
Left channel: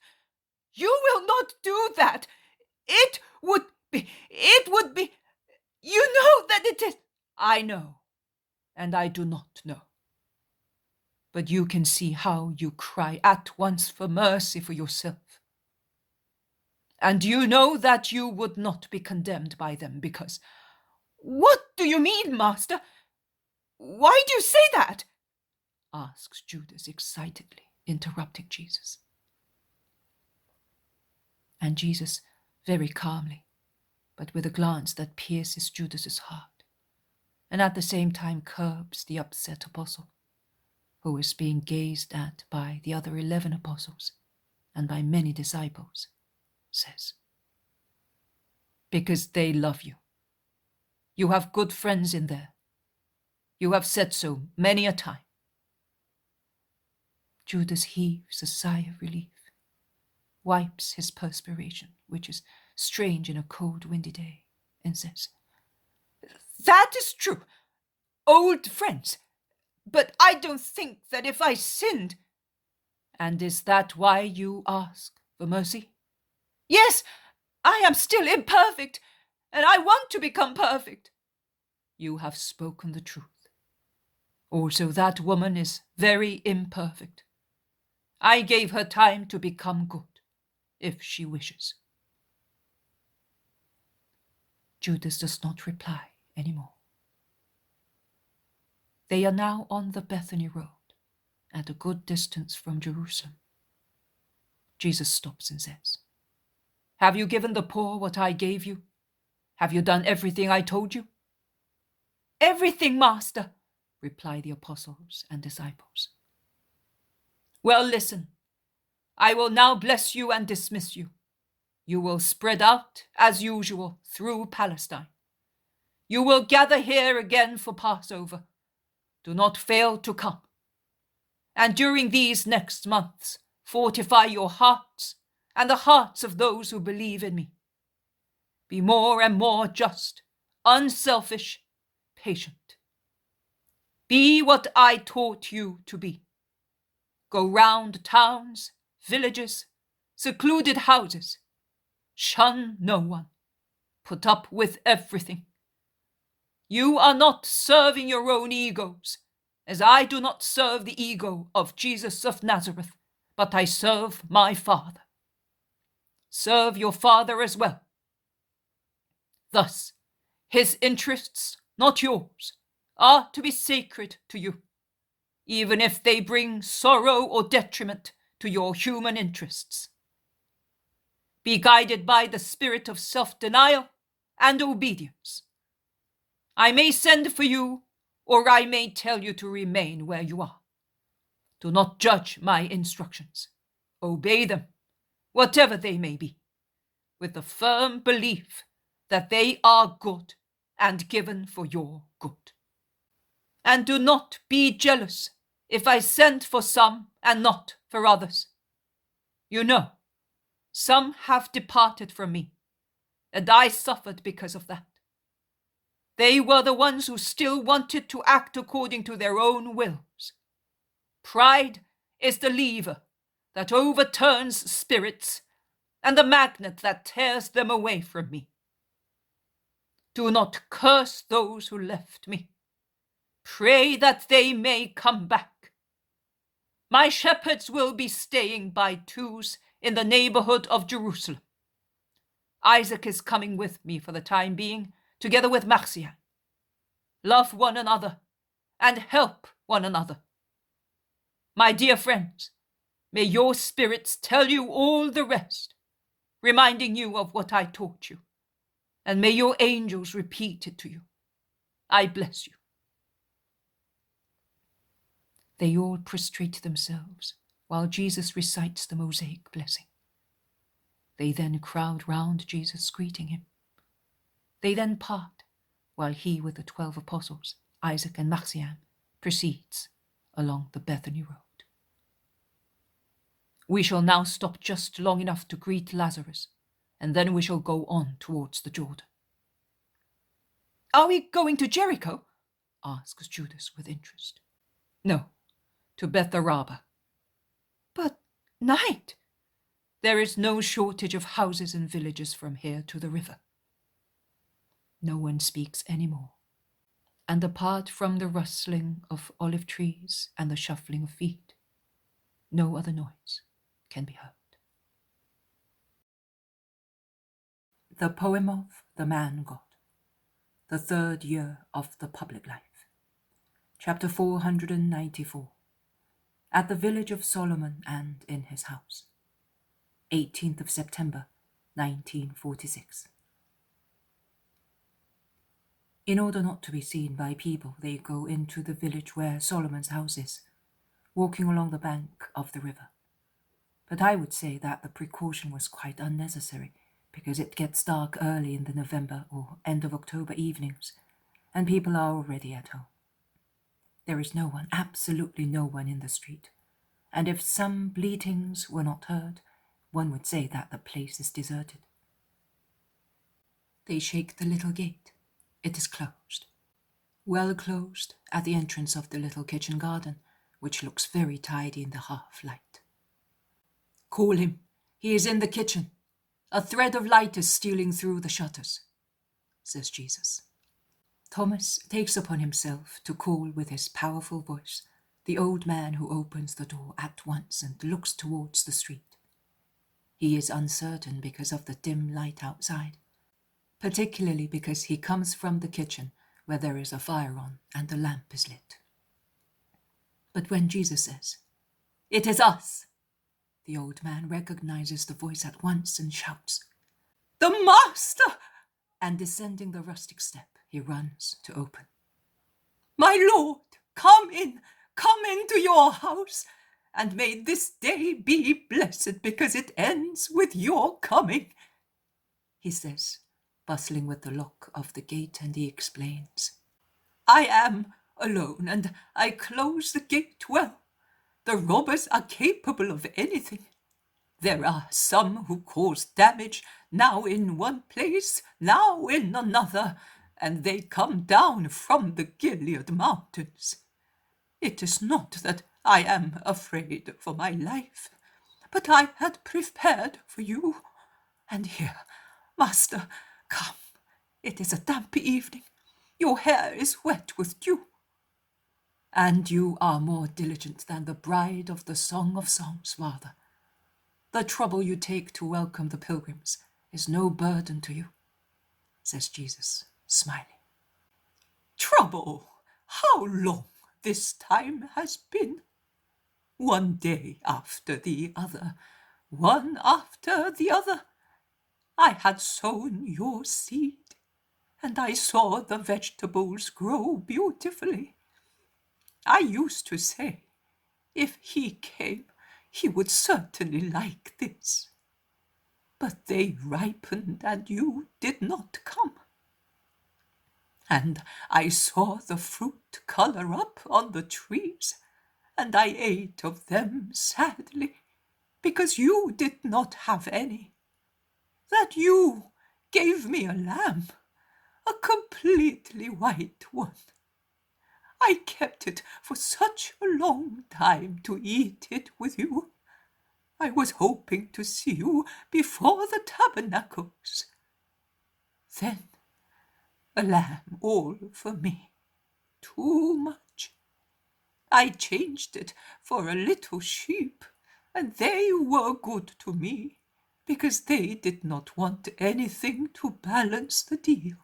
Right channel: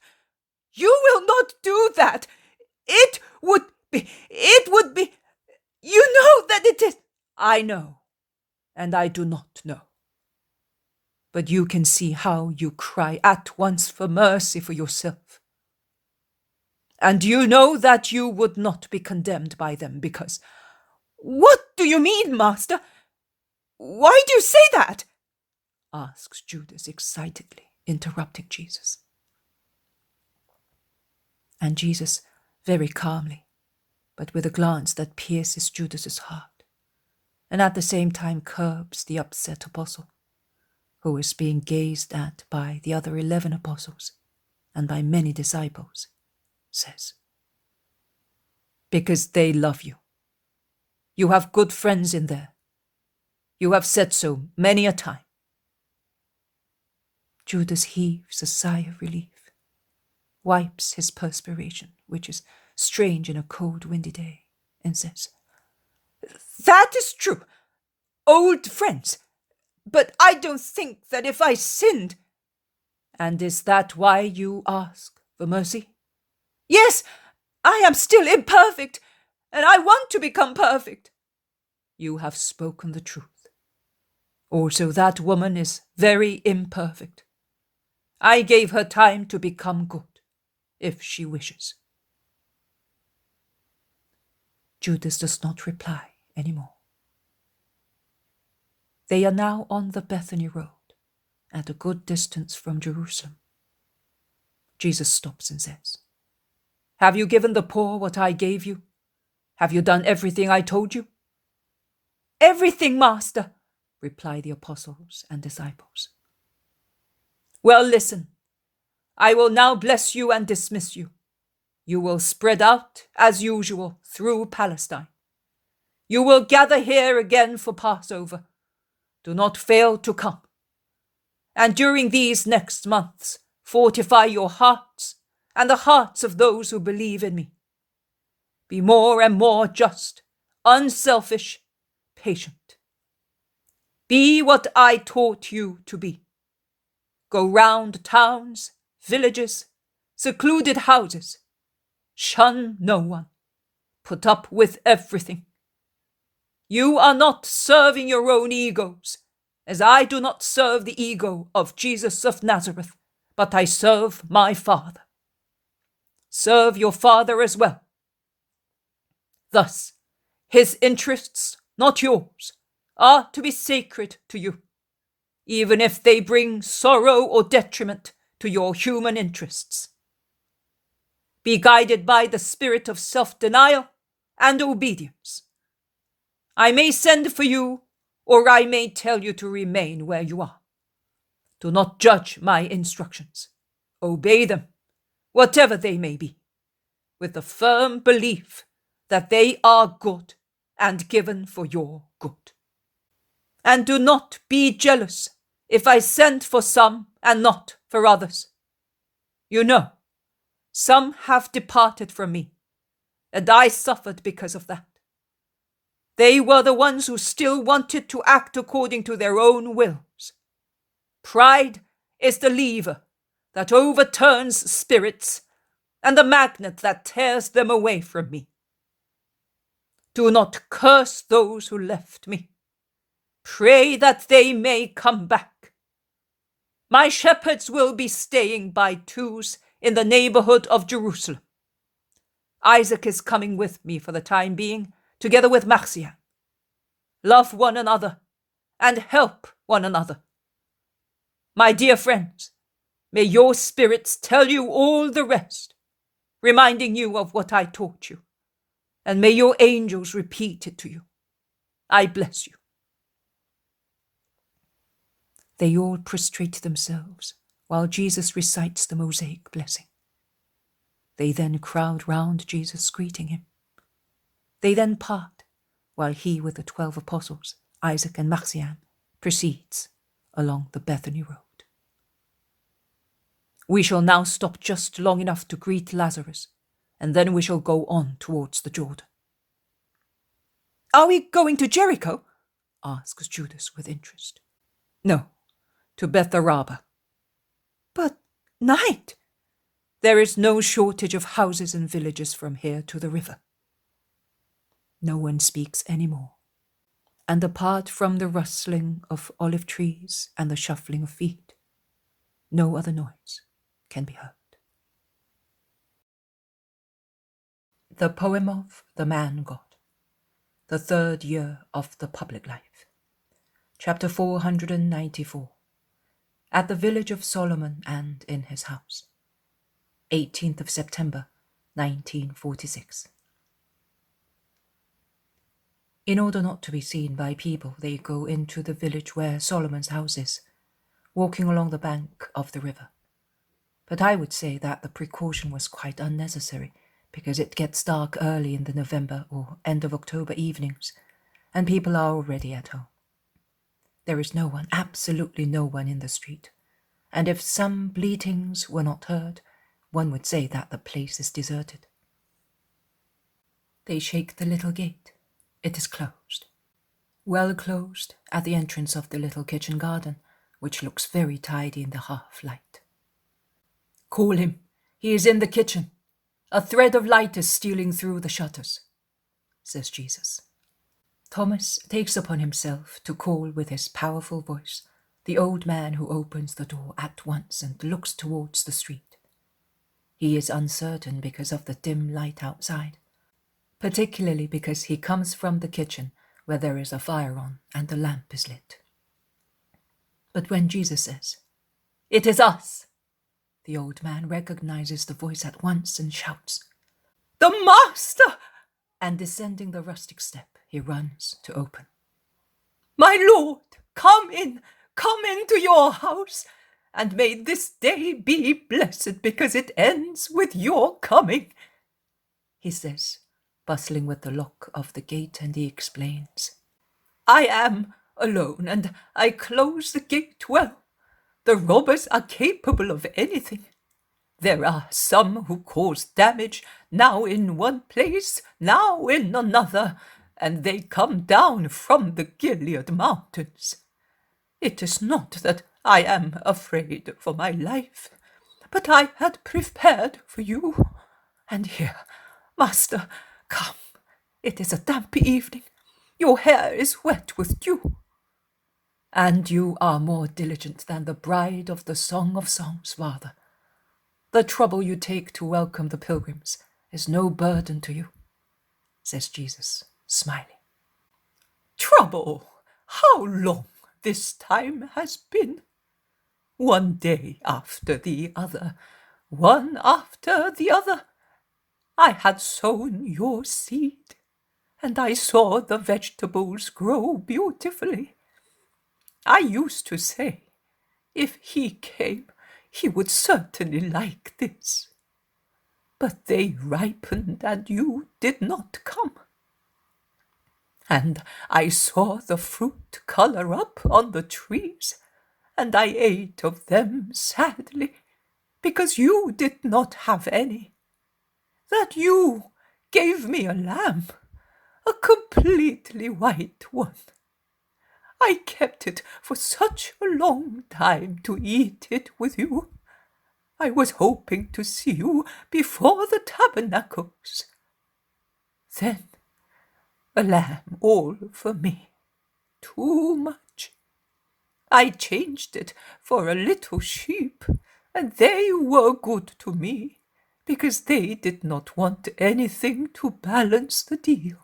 you will not do that. It would be, you know that it is. I know, and I do not know. But you can see how you cry at once for mercy for yourself. And you know that you would not be condemned by them because... What do you mean, Master? Why do you say that? Asks Judas excitedly, interrupting Jesus. And Jesus, very calmly, but with a glance that pierces Judas's heart, and at the same time curbs the upset apostle, who is being gazed at by the other 11 apostles and by many disciples, says, because they love you. You have good friends in there. You have said so many a time. Judas heaves a sigh of relief, wipes his perspiration, which is strange in a cold, windy day, and says, That is true. Old friends. But I don't think that if I sinned... And is that why you ask for mercy? Yes, I am still imperfect, and I want to become perfect. You have spoken the truth. Also, that woman is very imperfect. I gave her time to become good, if she wishes. Judas does not reply anymore. They are now on the Bethany road, at a good distance from Jerusalem. Jesus stops and says, Have you given the poor what I gave you? Have you done everything I told you? Everything, Master, reply the apostles and disciples. Well, listen. I will now bless you and dismiss you. You will spread out, as usual, through Palestine. You will gather here again for Passover. Do not fail to come. And during these next months, fortify your hearts and the hearts of those who believe in me. Be more and more just, unselfish, patient. Be what I taught you to be. Go round towns, villages, secluded houses. Shun no one. Put up with everything. You are not serving your own egos, as I do not serve the ego of Jesus of Nazareth, but I serve my Father. Serve your Father as well. Thus, his interests, not yours, are to be sacred to you, even if they bring sorrow or detriment to your human interests. Be guided by the spirit of self-denial and obedience. I may send for you, or I may tell you to remain where you are. Do not judge my instructions. Obey them, whatever they may be, with the firm belief that they are good and given for your good. And do not be jealous if I send for some and not for others. You know, some have departed from me, and I suffered because of that. They were the ones who still wanted to act according to their own wills. Pride is the lever that overturns spirits and the magnet that tears them away from me. Do not curse those who left me. Pray that they may come back. My shepherds will be staying by twos in the neighborhood of Jerusalem. Isaac is coming with me for the time being, together with Marcian. Love one another and help one another. My dear friends, may your spirits tell you all the rest, reminding you of what I taught you, and may your angels repeat it to you. I bless you. They all prostrate themselves while Jesus recites the Mosaic blessing. They then crowd round Jesus, greeting him. They then part, while he with the 12 apostles, Isaac and Marcian, proceeds along the Bethany road. We shall now stop just long enough to greet Lazarus, and then we shall go on towards the Jordan. Are we going to Jericho? Asks Judas with interest. No, to Betharaba. But night. There is no shortage of houses and villages from here to the river. No one speaks any more, and apart from the rustling of olive trees and the shuffling of feet, no other noise can be heard. The Poem of the Man-God, the 3rd year of the public life. Chapter 494. At the village of Solomon and in his house. 18th of September, 1946. In order not to be seen by people, they go into the village where Solomon's house is, walking along the bank of the river. But I would say that the precaution was quite unnecessary, because it gets dark early in the November or end of October evenings, and people are already at home. There is no one, absolutely no one in the street, and if some bleatings were not heard, one would say that the place is deserted. They shake the little gate. It is closed. Well closed at the entrance of the little kitchen garden, which looks very tidy in the half-light. Call him. He is in the kitchen. A thread of light is stealing through the shutters, says Jesus. Thomas takes upon himself to call with his powerful voice the old man who opens the door at once and looks towards the street. He is uncertain because of the dim light outside, particularly because he comes from the kitchen where there is a fire on and the lamp is lit. But when Jesus says, "It is us," the old man recognizes the voice at once and shouts, "The Master!" And descending the rustic step, he runs to open. "My Lord, come into your house, and may this day be blessed because it ends with your coming," he says, bustling with the lock of the gate, and he explains, "I am alone, and I close the gate well. The robbers are capable of anything. There are some who cause damage, now in one place, now in another, and they come down from the Gilead mountains. It is not that I am afraid for my life, but I had prepared for you. And here, master, come. It is a damp evening. Your hair is wet with dew. And you are more diligent than the bride of the Song of Songs, Father. The trouble you take to welcome the pilgrims is no burden to you, says Jesus, smiling. Trouble? How long this time has been? One day after the other, one after the other. I had sown your seed, and I saw the vegetables grow beautifully. I used to say, if he came, he would certainly like this. But they ripened, and you did not come. And I saw the fruit color up on the trees, and I ate of them sadly, because you did not have any. That you gave me a lamb, a completely white one. I kept it for such a long time to eat it with you. I was hoping to see you before the Tabernacles. Then a lamb all for me. Too much. I changed it for a little sheep, and they were good to me, because they did not want anything to balance the deal.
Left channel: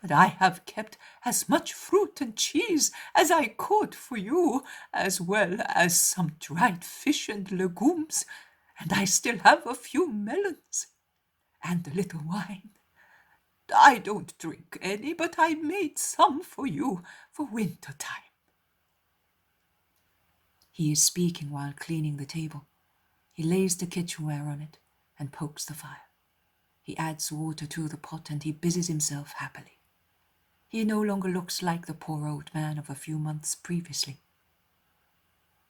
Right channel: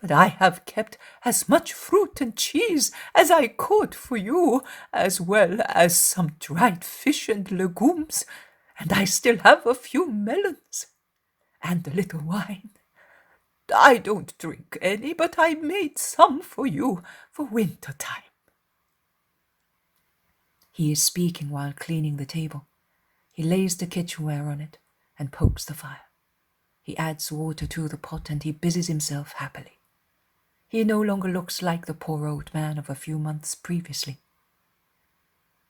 But I have kept as much fruit and cheese as I could for you, as well as some dried fish and legumes, and I still have a few melons, and a little wine. I don't drink any, but I made some for you for winter time. He is speaking while cleaning the table. He lays the kitchenware on it and pokes the fire. He adds water to the pot, and he busies himself happily. He no longer looks like the poor old man of a few months previously.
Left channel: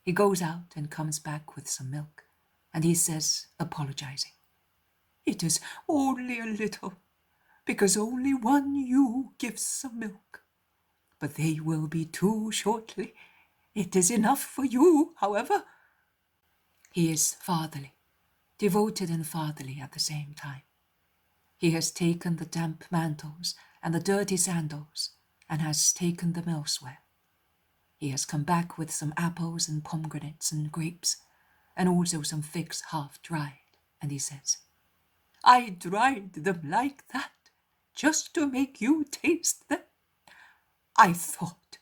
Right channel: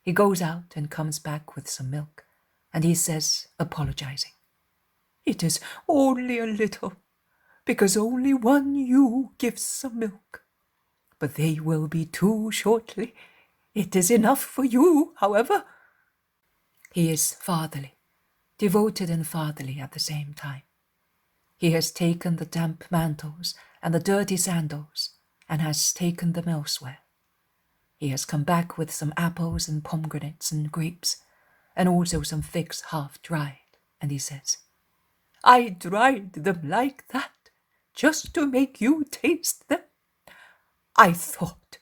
He goes out and comes back with some milk, and he says, apologizing, It is only a little, because only one ewe gives some milk. But they will be two shortly. It is enough for you, however. He is fatherly, devoted and fatherly at the same time. He has taken the damp mantles and the dirty sandals, and has taken them elsewhere. He has come back with some apples and pomegranates and grapes, and also some figs half dried, and he says, I dried them like that, just to make you taste them. I thought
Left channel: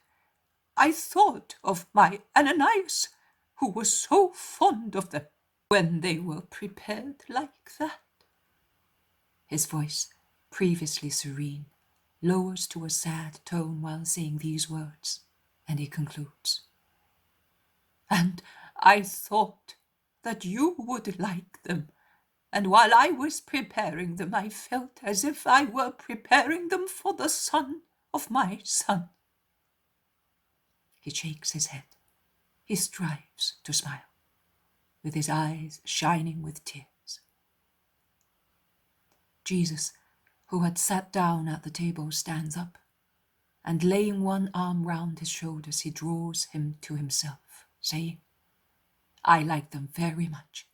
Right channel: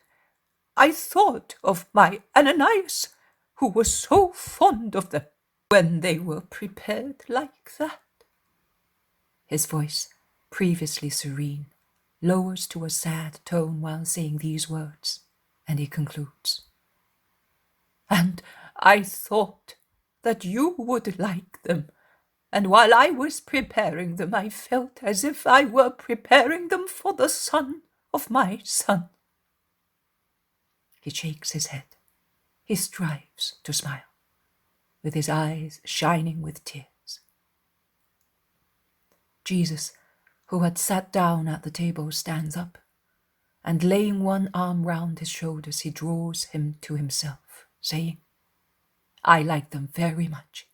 of my Ananias, who was so fond of them when they were prepared like that. His voice, previously serene, lowers to a sad tone while saying these words, and he concludes, And I thought that you would like them, and while I was preparing them, I felt as if I were preparing them for the son of my son. He shakes his head. He strives to smile, with his eyes shining with tears. Jesus, who had sat down at the table, stands up, and laying one arm round his shoulders, he draws him to himself, saying, I like them very much.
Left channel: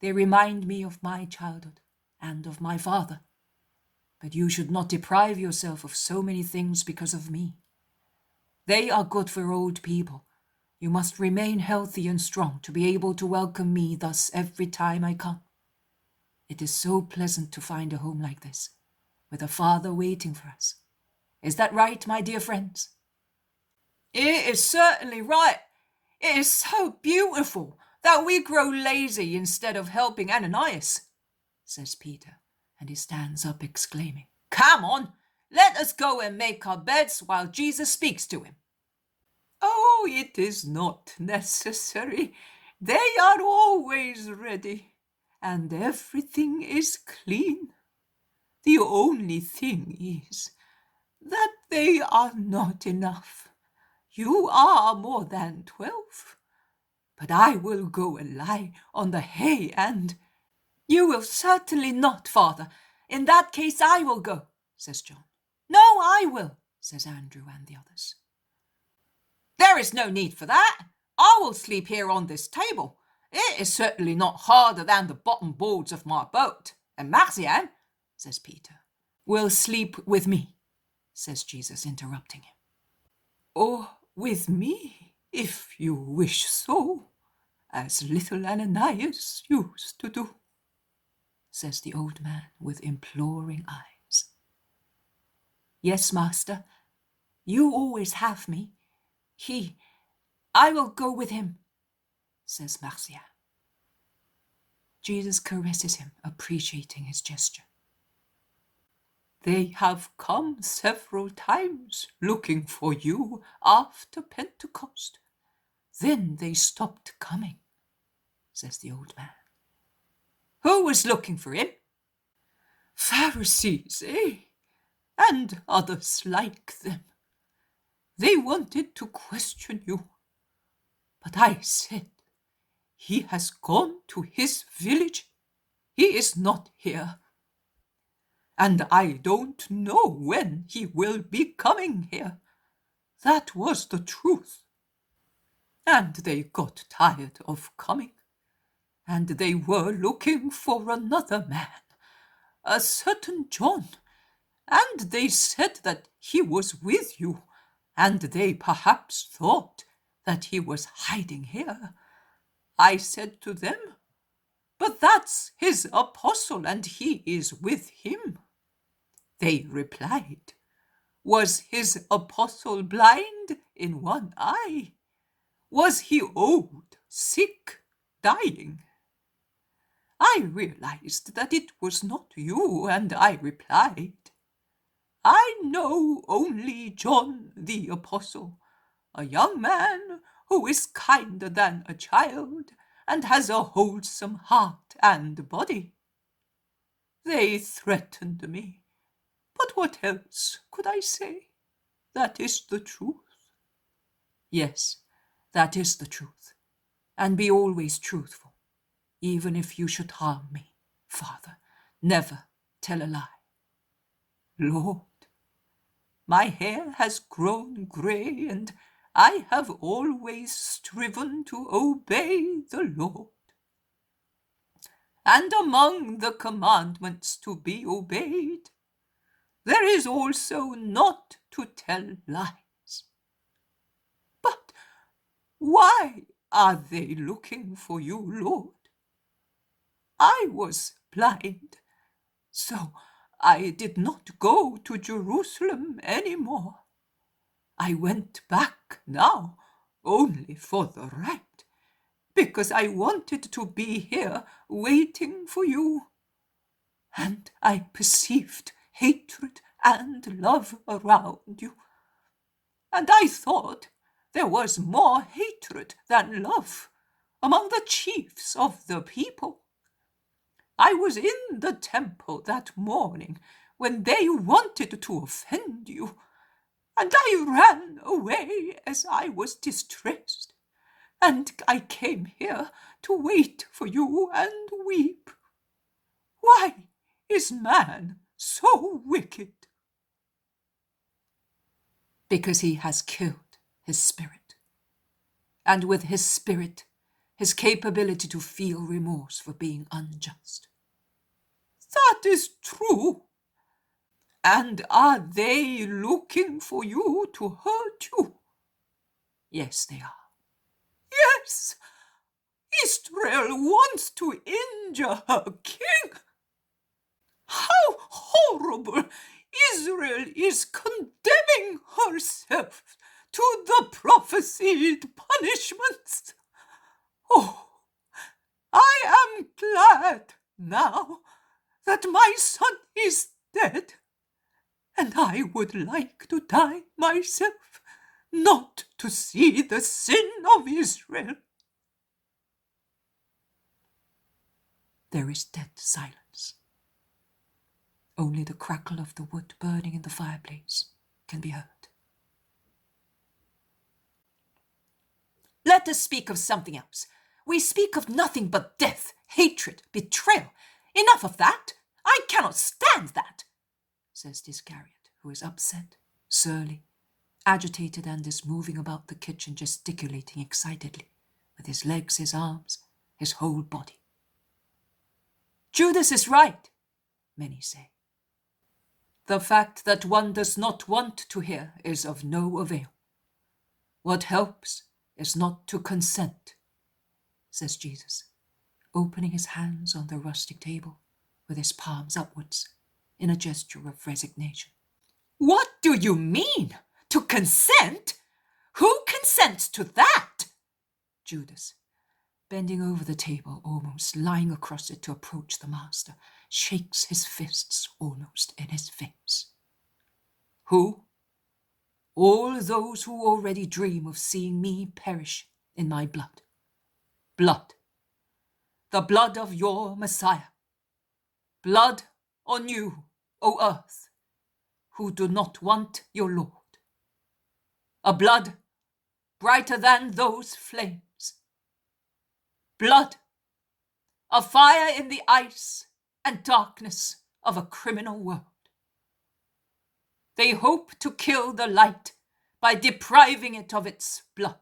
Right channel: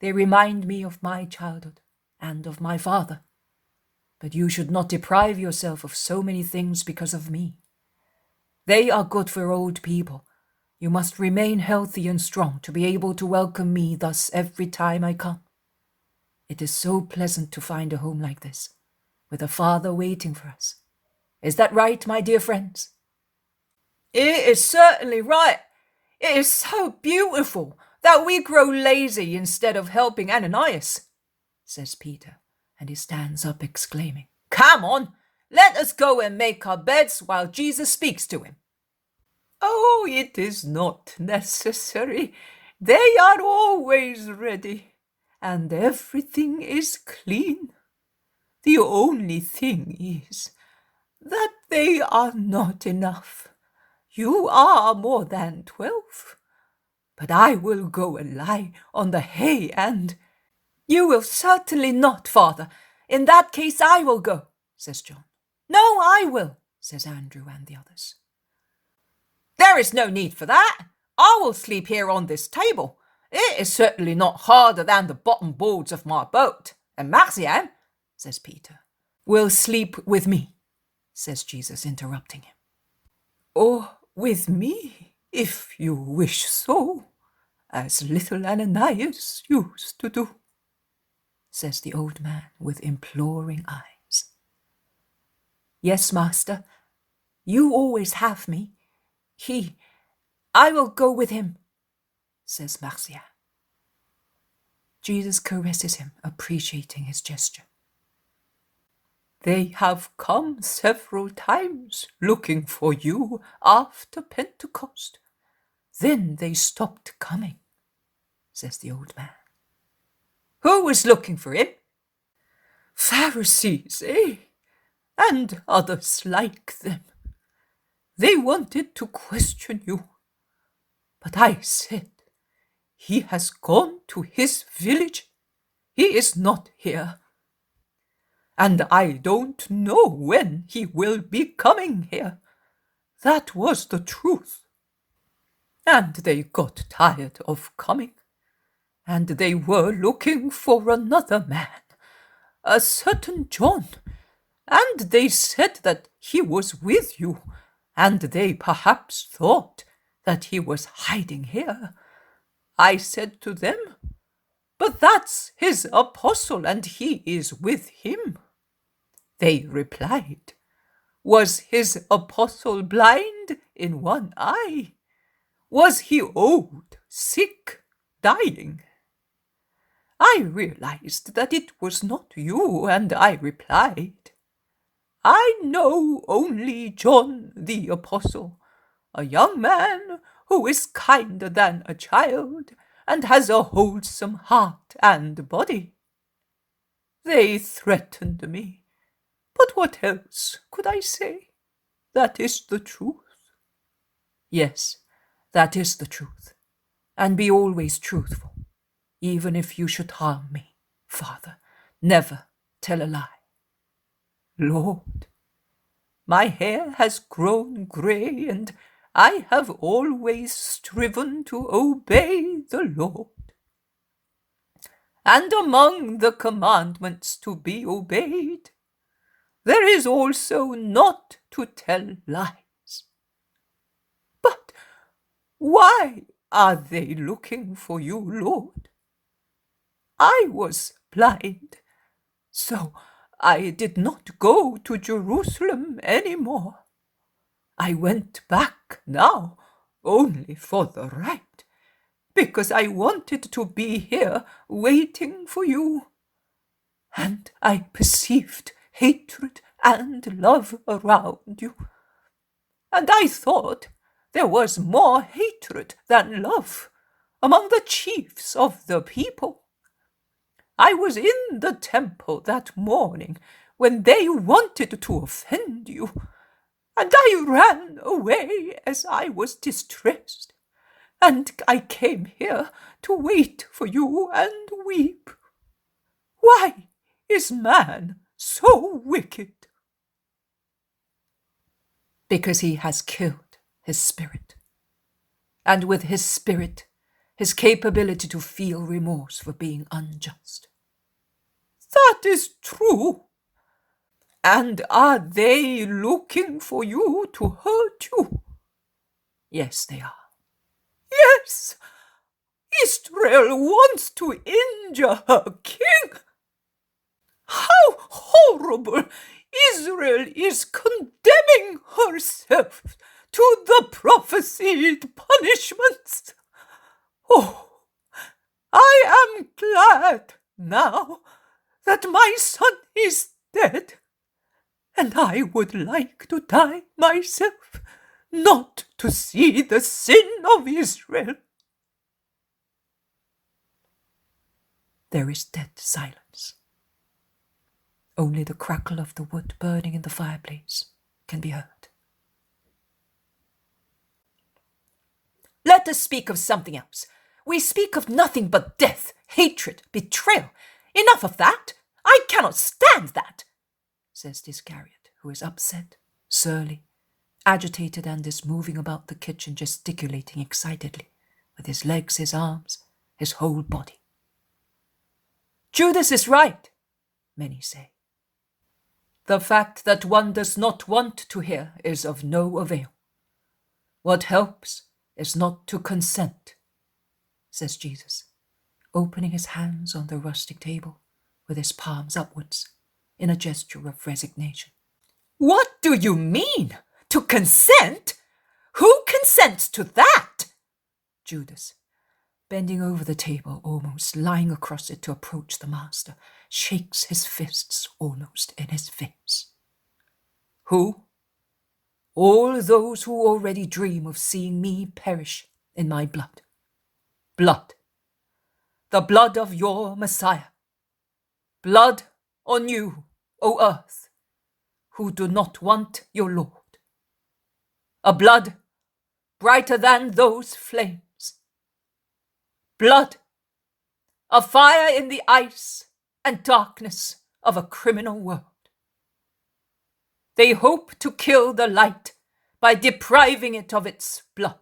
They remind me of my childhood and of my father. But you should not deprive yourself of so many things because of me. They are good for old people. You must remain healthy and strong to be able to welcome me thus every time I come. It is so pleasant to find a home like this, with a father waiting for us. Is that right, my dear friends? It is certainly right. It is so beautiful that we grow lazy instead of helping Ananias, says Peter, and he stands up exclaiming, Come on, let us go and make our beds while Jesus speaks to him. Oh, it is not necessary. They are always ready, and everything is clean. The only thing is that they are not enough. You are more than 12. but I will go and lie on the hay and—" "You will certainly not, father. In that case I will go," says John. "No, I will," says Andrew and the others. "There is no need for that. I will sleep here on this table. It is certainly not harder than the bottom boards of my boat. And Marcian," says Peter. "Will sleep with me," says Jesus, interrupting him. "Or with me, if you wish so, as little Ananias used to do," says the old man with imploring eyes. "Yes, master, you always have me. I will go with him," says Marcia. Jesus caresses him, appreciating his gesture. "They have come several times looking for you after Pentecost. Then they stopped coming," says the old man. "Who was looking for him?" "Pharisees, eh? And others like them. They wanted to question you. But I said, he has gone to his village. He is not here. And I don't know when he will be coming here. That was the truth. And they got tired of coming. And they were looking for another man, a certain John. And they said that he was with you, and they perhaps thought that he was hiding here. I said to them, but that's his apostle, and he is with him. They replied, was his apostle blind in one eye? Was he old, sick, dying? I realized that it was not you, and I replied, I know only John the Apostle, a young man who is kinder than a child and has a wholesome heart and body. They threatened me, but what else could I say? That is the truth. Yes, that is the truth, and be always truthful, even if you should harm me, Father. Never tell a lie. Lord, my hair has grown grey, and I have always striven to obey the Lord. And among the commandments to be obeyed, there is also not to tell lies. But why are they looking for you, Lord? I was blind, so I did not go to Jerusalem any more. I went back now only for the right, because I wanted to be here waiting for you. And I perceived hatred and love around you. And I thought there was more hatred than love among the chiefs of the people. I was in the temple that morning when they wanted to offend you, and I ran away as I was distressed, and I came here to wait for you and weep. Why is man so wicked? Because he has killed his spirit, and with his spirit, his capability to feel remorse for being unjust. That is true. And are they looking for you to hurt you? Yes, they are. Yes, Israel wants to injure her king. How horrible! Israel is condemning herself to the prophesied punishments. Oh, I am glad now that my son is dead, and I would like to die myself, not to see the sin of Israel. There is dead silence. Only the crackle of the wood burning in the fireplace can be heard. Let us speak of something else. We speak of nothing but death, hatred, betrayal. Enough of that. I cannot stand that, says the Iscariot, who is upset, surly, agitated, and is moving about the kitchen, gesticulating excitedly, with his legs, his arms, his whole body. Judas is right, many say. The fact that one does not want to hear is of no avail. What helps is not to consent, says Jesus, opening his hands on the rustic table with his palms upwards in a gesture of resignation. What do you mean? To consent? Who consents to that? Judas, bending over the table, almost lying across it to approach the master, shakes his fists almost in his face. Who? All those who already dream of seeing me perish in my blood. Blood. The blood of your Messiah. Blood on you, O earth, who do not want your Lord. A blood brighter than those flames. Blood, a fire in the ice and darkness of a criminal world. They hope to kill the light by depriving it of its blood.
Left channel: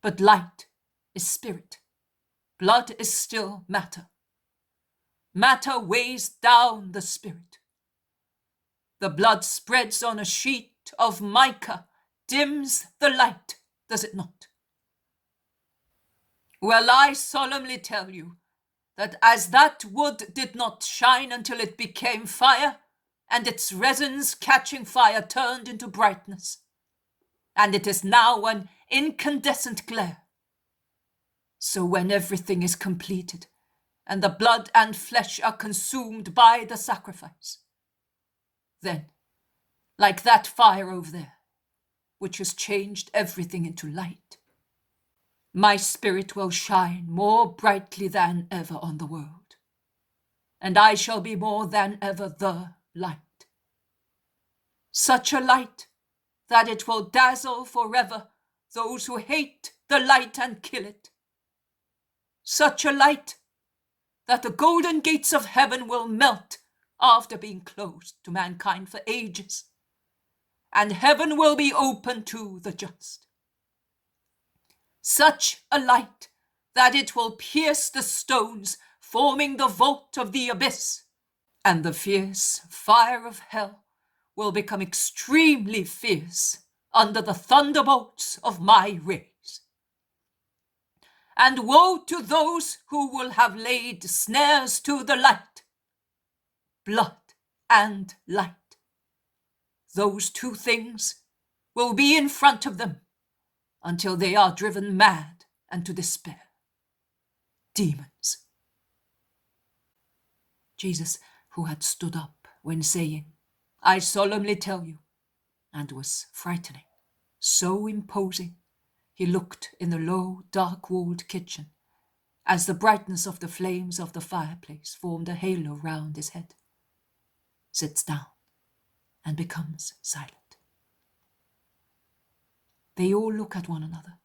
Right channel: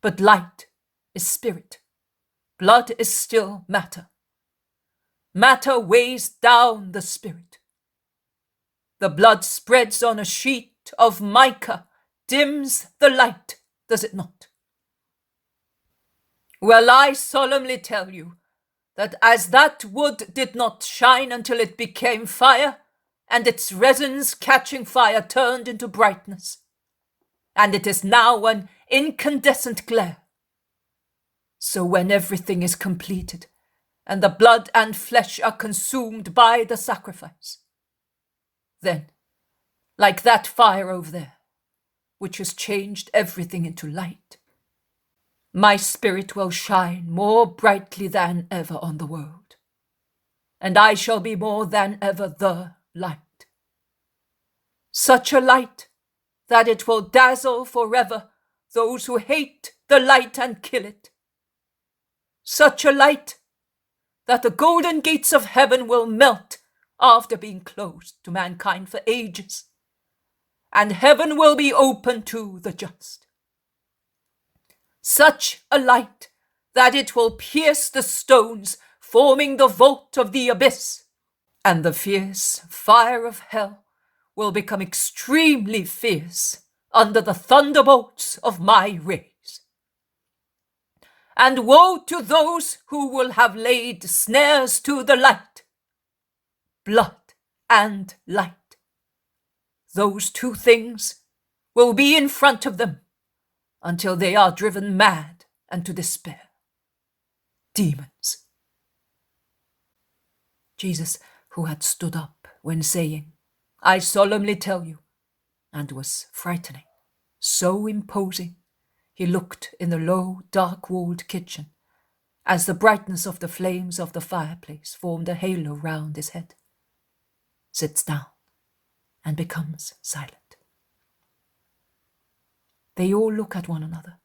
But light is spirit. Blood is still matter. Matter weighs down the spirit. The blood spreads on a sheet of mica, dims the light, does it not? Well, I solemnly tell you that as that wood did not shine until it became fire, and its resins catching fire turned into brightness, and it is now an incandescent glare, so when everything is completed, and the blood and flesh are consumed by the sacrifice, then, like that fire over there, which has changed everything into light, my spirit will shine more brightly than ever on the world, and I shall be more than ever the light. Such a light that it will dazzle forever those who hate the light and kill it. Such a light that the golden gates of heaven will melt after being closed to mankind for ages, and heaven will be open to the just. Such a light that it will pierce the stones forming the vault of the abyss, and the fierce fire of hell will become extremely fierce under the thunderbolts of my rays. And woe to those who will have laid snares to the light, blood and light. Those two things will be in front of them until they are driven mad and to despair. Demons. Jesus, who had stood up when saying, I solemnly tell you, and was frightening, so imposing, he looked in the low, dark-walled kitchen as the brightness of the flames of the fireplace formed a halo round his head, sits down and becomes silent. They all look at one another,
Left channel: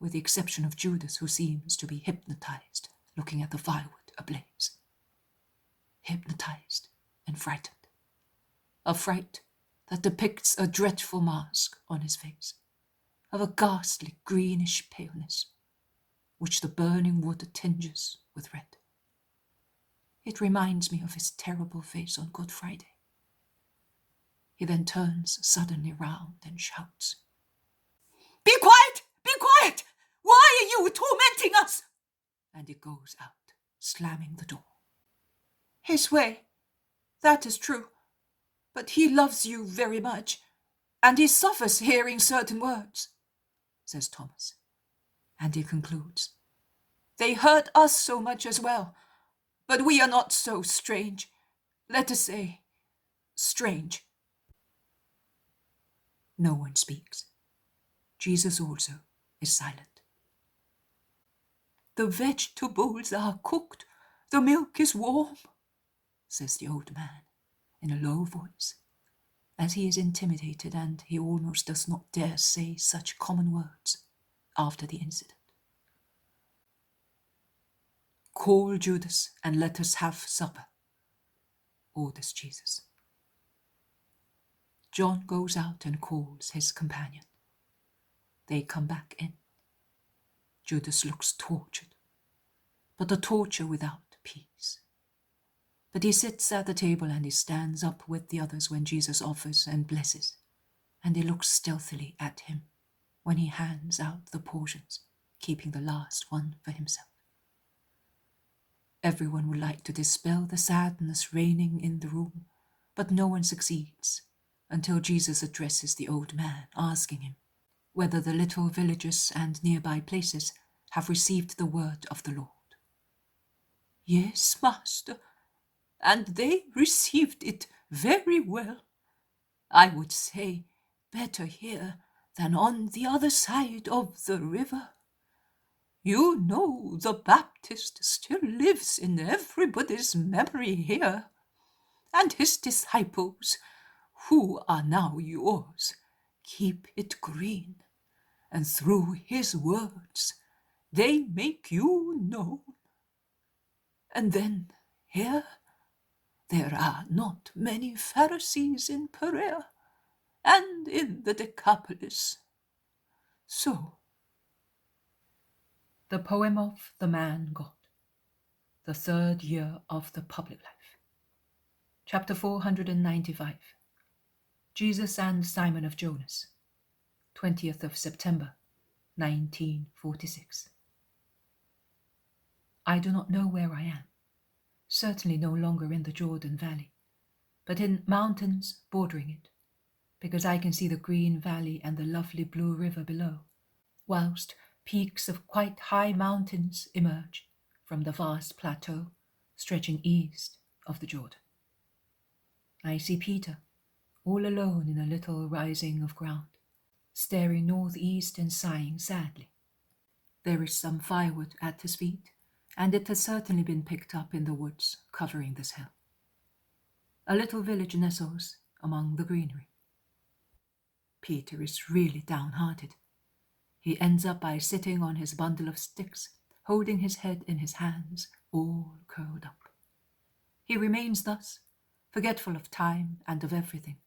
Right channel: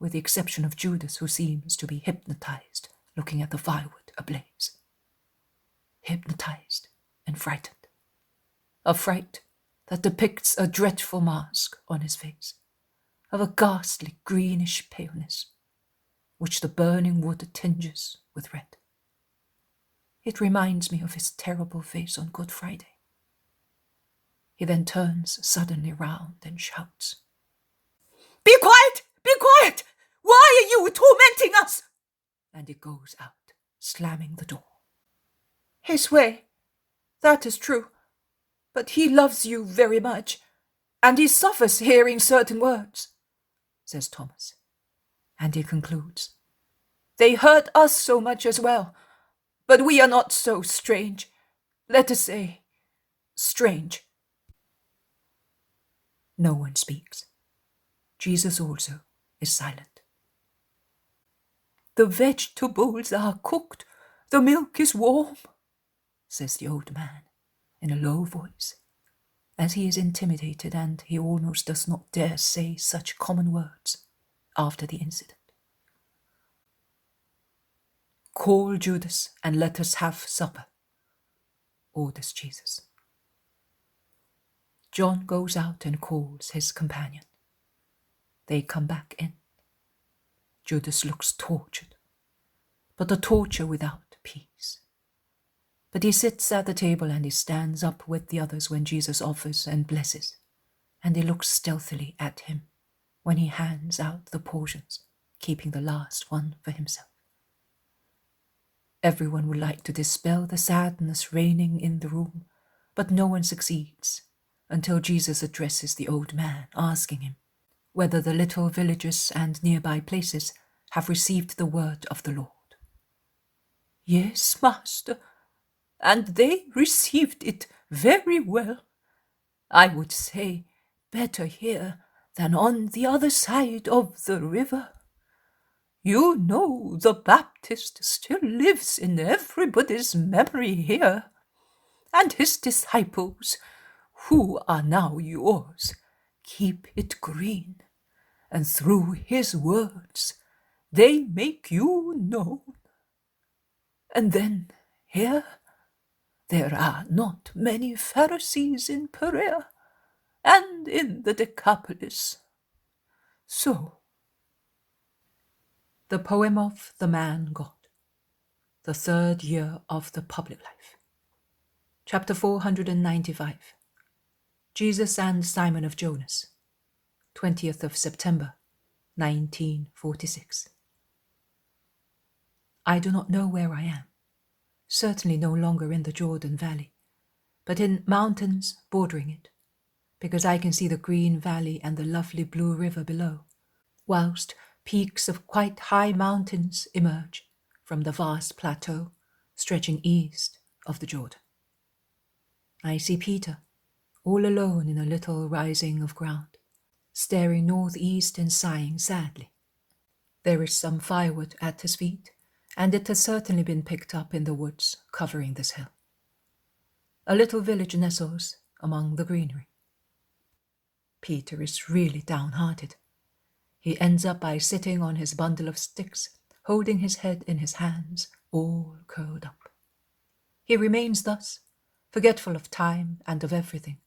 with the exception of Judas, who seems to be hypnotized, looking at the firewood ablaze. Hypnotized and frightened. A fright that depicts a dreadful mask on his face, of a ghastly greenish paleness, which the burning wood tinges with red. It reminds me of his terrible face on Good Friday. He then turns suddenly round and shouts, Be quiet! Be quiet! Why are you tormenting us? And he goes out, slamming the door. His way, that is true, but he loves you very much, and he suffers hearing certain words, says Thomas. And he concludes, They hurt us so much as well, but we are not so strange. Let us say, strange. No one speaks. Jesus also is silent. The vegetables are cooked, the milk is warm, says the old man in a low voice, as he is intimidated and he almost does not dare say such common words. after the incident. "Call Judas and let us have supper," orders Jesus. John goes out and calls his companion. They come back in. Judas looks tortured, but a torture without peace. But he sits at the table and he stands up with the others when Jesus offers and blesses, and he looks stealthily at him when he hands out the portions, keeping the last one for himself. Everyone would like to dispel the sadness reigning in the room, but no one succeeds until Jesus addresses the old man, asking him whether the little villages and nearby places have received the word of the Lord. "Yes, Master, and they received it very well. I would say better here than on the other side of the river. You know the Baptist still lives in everybody's memory here, and his disciples, who are now yours, keep it green, and through his words they make you known. And then here there are not many Pharisees in Perea and in the Decapolis. So." The poem of the man God, the third year of the public life. Chapter 495. Jesus and Simon of Jonas, 20th of September, 1946. I do not know where I am, certainly no longer in the Jordan Valley, but in mountains bordering it, because I can see the green valley and the lovely blue river below, whilst peaks of quite high mountains emerge from the vast plateau stretching east of the Jordan. I see Peter, all alone in a little rising of ground, staring northeast and sighing sadly. There is some firewood at his feet, and it has certainly been picked up in the woods covering this hill. A little village nestles among the greenery. Peter is really downhearted. He ends up by sitting on his bundle of sticks, holding his head in his hands, all curled up. He remains thus, forgetful of time and of everything,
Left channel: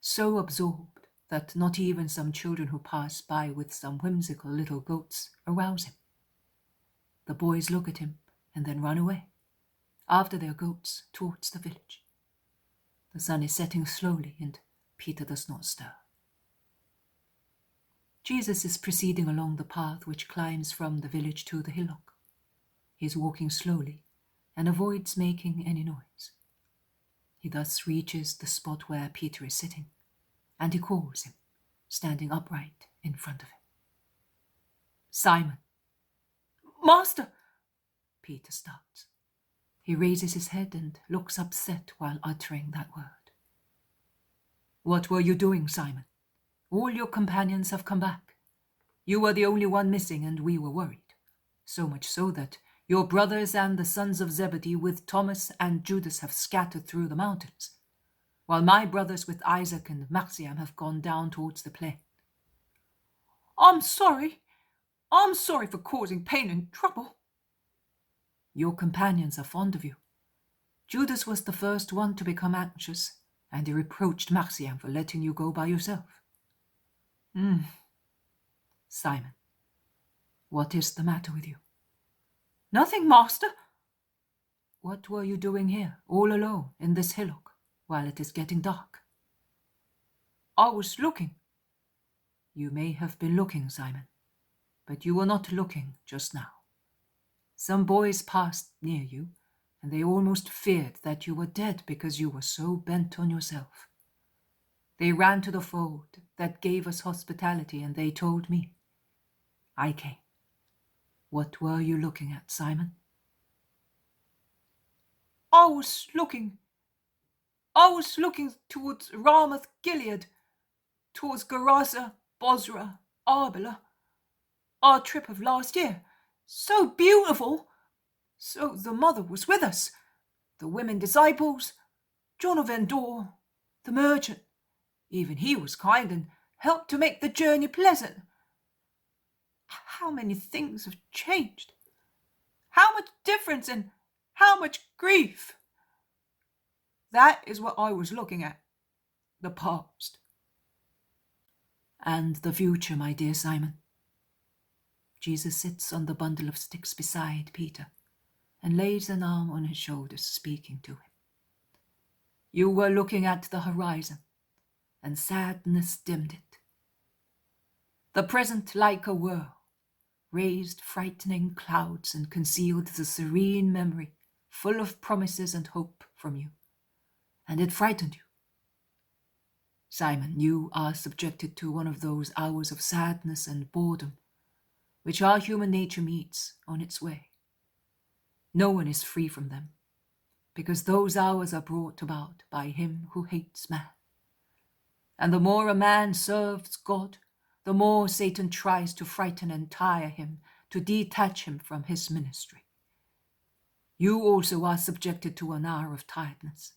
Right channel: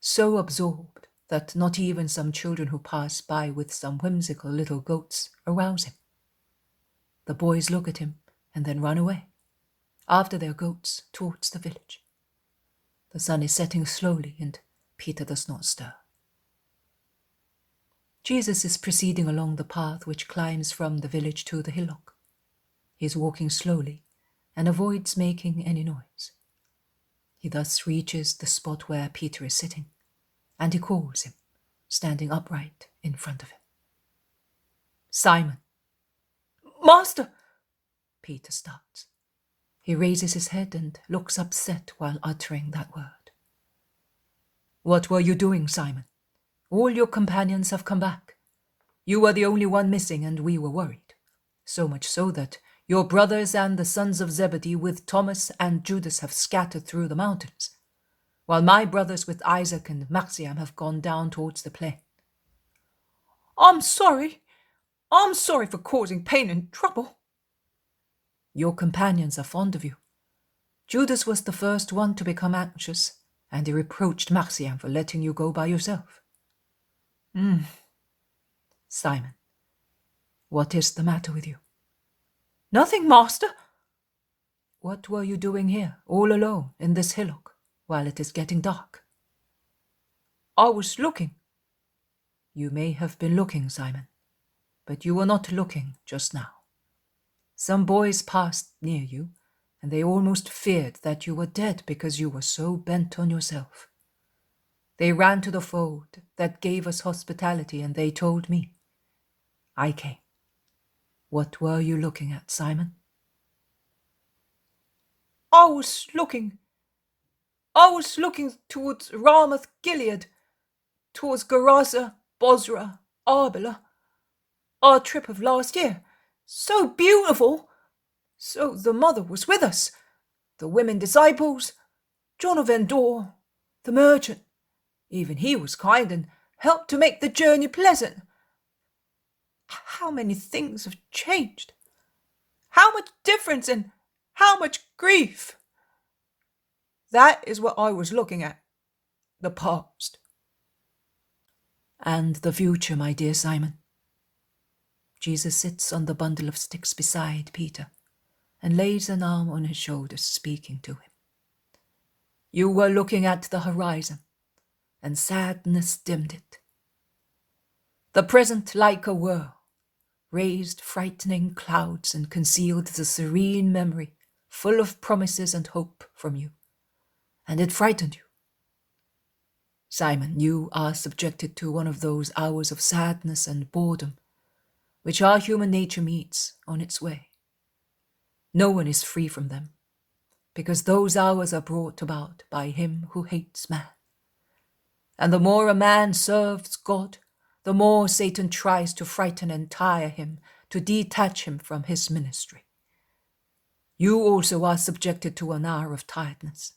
so absorbed that not even some children who pass by with some whimsical little goats arouse him. The boys look at him and then run away, after their goats, towards the village. The sun is setting slowly and Peter does not stir. Jesus is proceeding along the path which climbs from the village to the hillock. He is walking slowly and avoids making any noise. He thus reaches the spot where Peter is sitting, and he calls him, standing upright in front of him. "Simon." "Master!" Peter starts. He raises his head and looks upset while uttering that word. "What were you doing, Simon? All your companions have come back. You were the only one missing, and we were worried. So much so that your brothers and the sons of Zebedee with Thomas and Judas have scattered through the mountains, while my brothers with Isaac and Maxiam have gone down towards the plain." I'm sorry for causing pain and trouble." "Your companions are fond of you. Judas was the first one to become anxious, and he reproached Maxiam for letting you go by yourself." "Simon, what is the matter with you?" "Nothing, Master." "What were you doing here, all alone, in this hillock, while it is getting dark?" "I was looking." "You may have been looking, Simon, but you were not looking just now. Some boys passed near you, and they almost feared that you were dead because you were so bent on yourself. They ran to the fold that gave us hospitality, and they told me. I came. What were you looking at, Simon?" I was looking towards Ramoth Gilead, towards Gerasa, Bozrah, Arbela. Our trip of last year. So beautiful. So the mother was with us, the women disciples, John of Endor, the merchant. Even he was kind and helped to make the journey pleasant. How many things have changed? How much difference and how much grief? That is what I was looking at. The past. And the future, my dear Simon. Jesus sits on the bundle of sticks beside Peter and lays an arm on his shoulders, speaking to him. You were looking at the horizon, and sadness dimmed it. The present, like a whirl, raised frightening clouds and concealed the serene memory, full of promises and hope from you, and it frightened you. Simon, you are subjected to one of those hours of sadness and boredom which our human nature meets on its way. No one is free from them, because those hours are brought about by him who hates man. And the more a man serves God, the more Satan tries to frighten and tire him, to detach him from his ministry. You also are subjected to an hour of tiredness.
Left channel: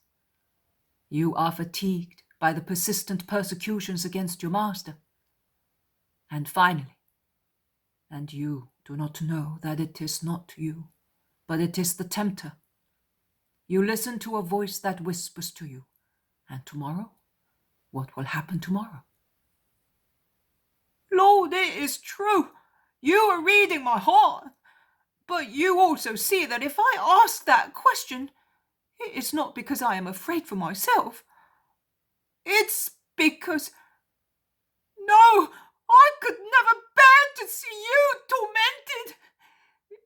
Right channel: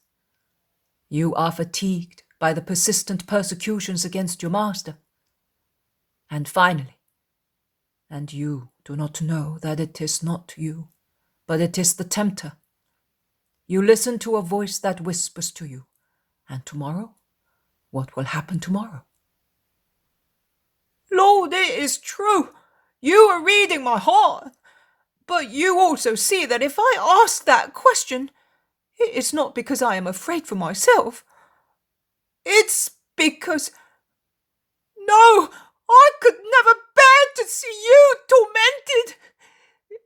You are fatigued by the persistent persecutions against your master. And finally, and you do not know that it is not you, but it is the tempter. You listen to a voice that whispers to you, and tomorrow, what will happen tomorrow? Lord, it is true. You are reading my heart. But you also see that if I ask that question, it is not because I am afraid for myself. It's because... No, I could never bear to see you tormented.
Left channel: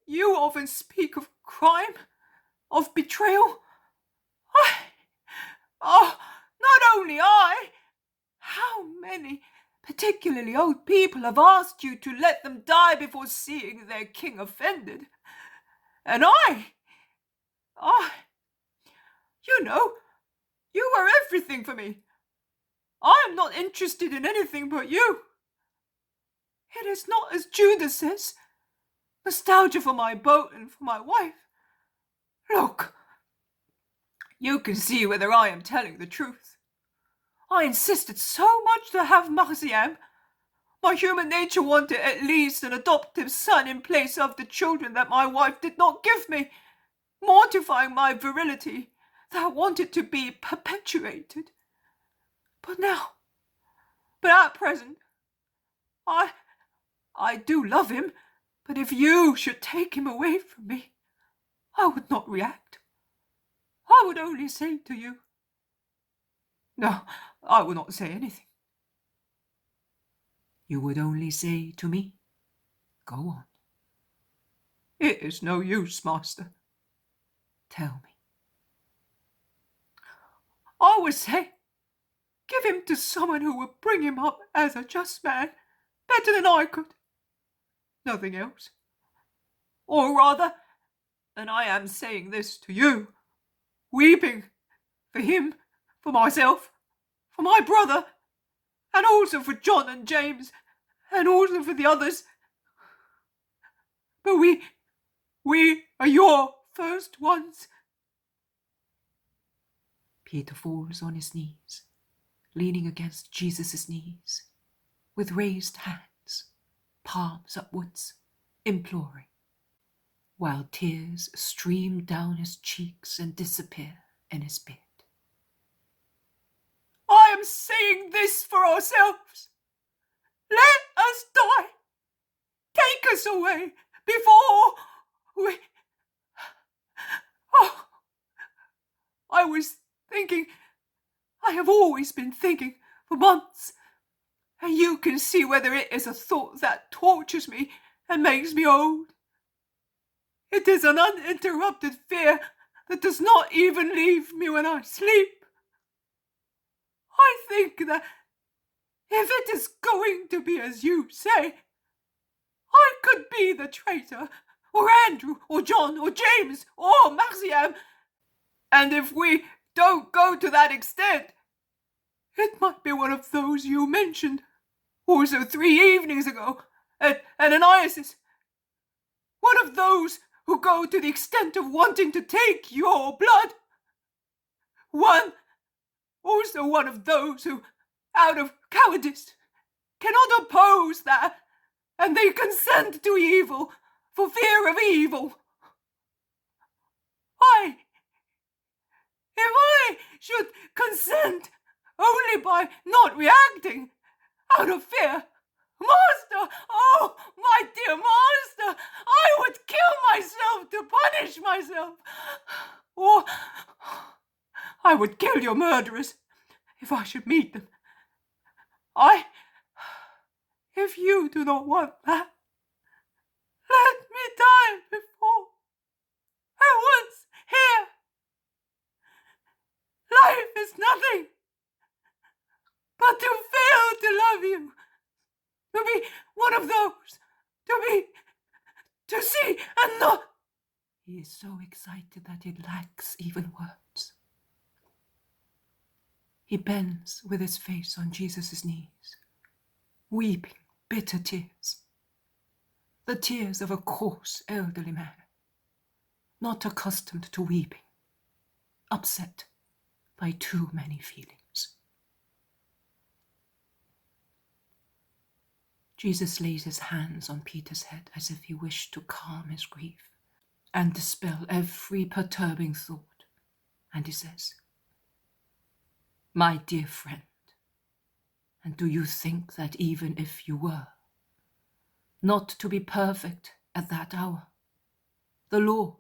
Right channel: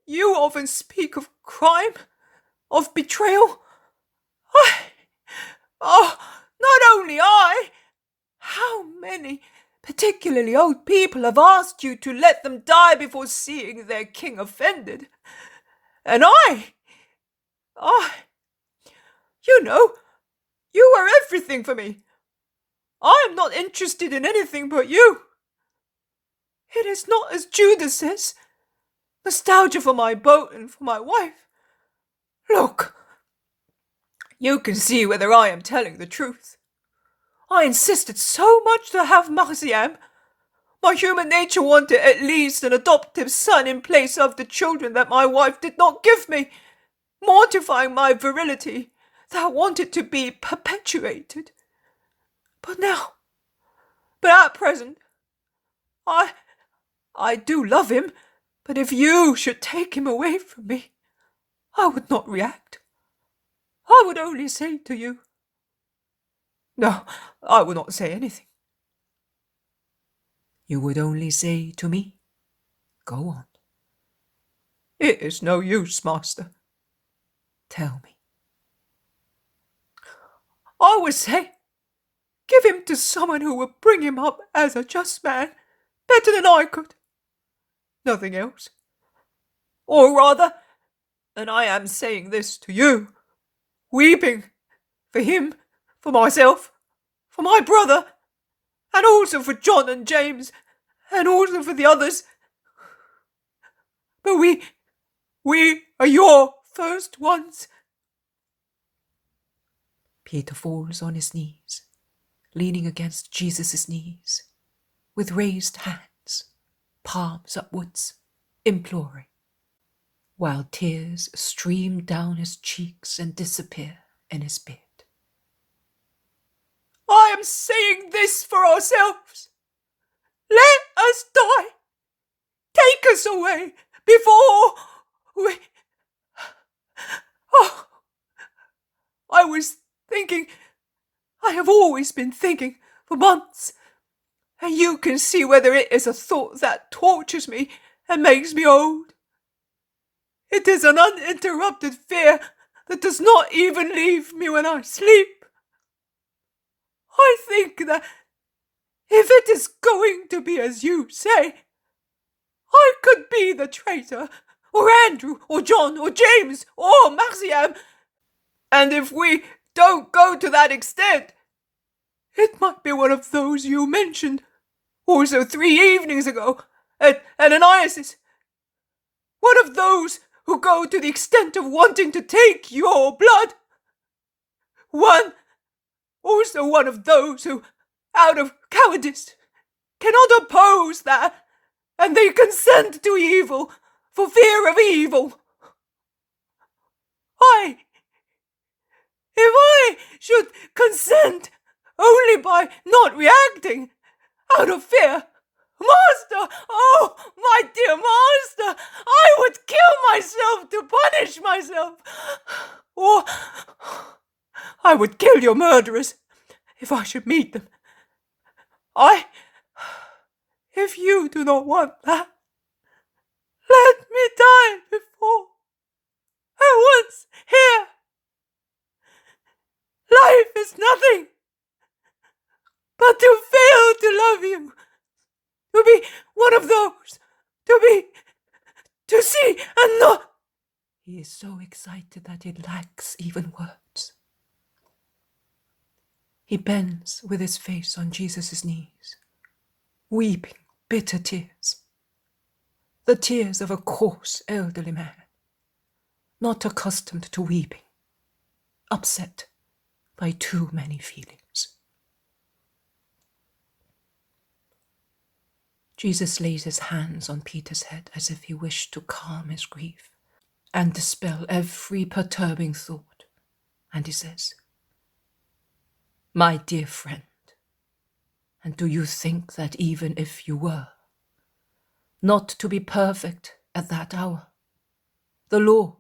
You often speak of crime, of betrayal. Not only I. How many, particularly old people, have asked you to let them die before seeing their king offended? And you know, you are everything for me. I am not interested in anything but you. It is not as Judas says, nostalgia for my boat and for my wife. Look, you can see whether I am telling the truth. I insisted so much to have Marciam. My human nature wanted at least an adoptive son in place of the children that my wife did not give me, mortifying my virility that wanted to be perpetuated. But at present, I do love him, but if you should take him away from me, I would not react. I would only say to you... No, I would not say anything. You would only say to me, go on. It is no use, master. Tell me. I would say, give him to someone who would bring him up as a just man, better than I could. Nothing else. Or rather, and I am saying this to you, weeping for him, for myself, for my brother, and also for John and James, and also for the others. But we are your first ones. Peter falls on his knees, leaning against Jesus' knees, with raised hands, palms upwards, imploring, while tears stream down his cheeks and disappear in his beard. I am saying this for ourselves. Let us die. Take us away before we... Oh, I was thinking, I have always been thinking for months, and you can see whether it is a thought that tortures me and makes me old. It is an uninterrupted fear that does not even leave me when I sleep. I think that if it is going to be as you say, I could be the traitor, or Andrew, or John, or James, or Marciam, and if we don't go to that extent, it might be one of those you mentioned, also 3 evenings ago, at Ananias'. One of those who go to the extent of wanting to take your blood. Also one of those who, out of cowardice, cannot oppose that and they consent to evil for fear of evil. If I should consent only by not reacting out of fear, Master, oh, my dear Master, I would kill myself to punish myself. Or I would kill your murderers if I should meet them. If you do not want that, let me die before I once here. Life is nothing but to fail to love you, to be one of those, to see and not. He is so excited that he lacks even words. He bends with his face on Jesus' knees, weeping bitter tears, the tears of a coarse elderly man, not accustomed to weeping, upset by too many feelings. Jesus lays his hands on Peter's head as if he wished to calm his grief and dispel every perturbing thought, and he says, "My dear friend, and do you think that even if you were not to be perfect at that hour, the Lord,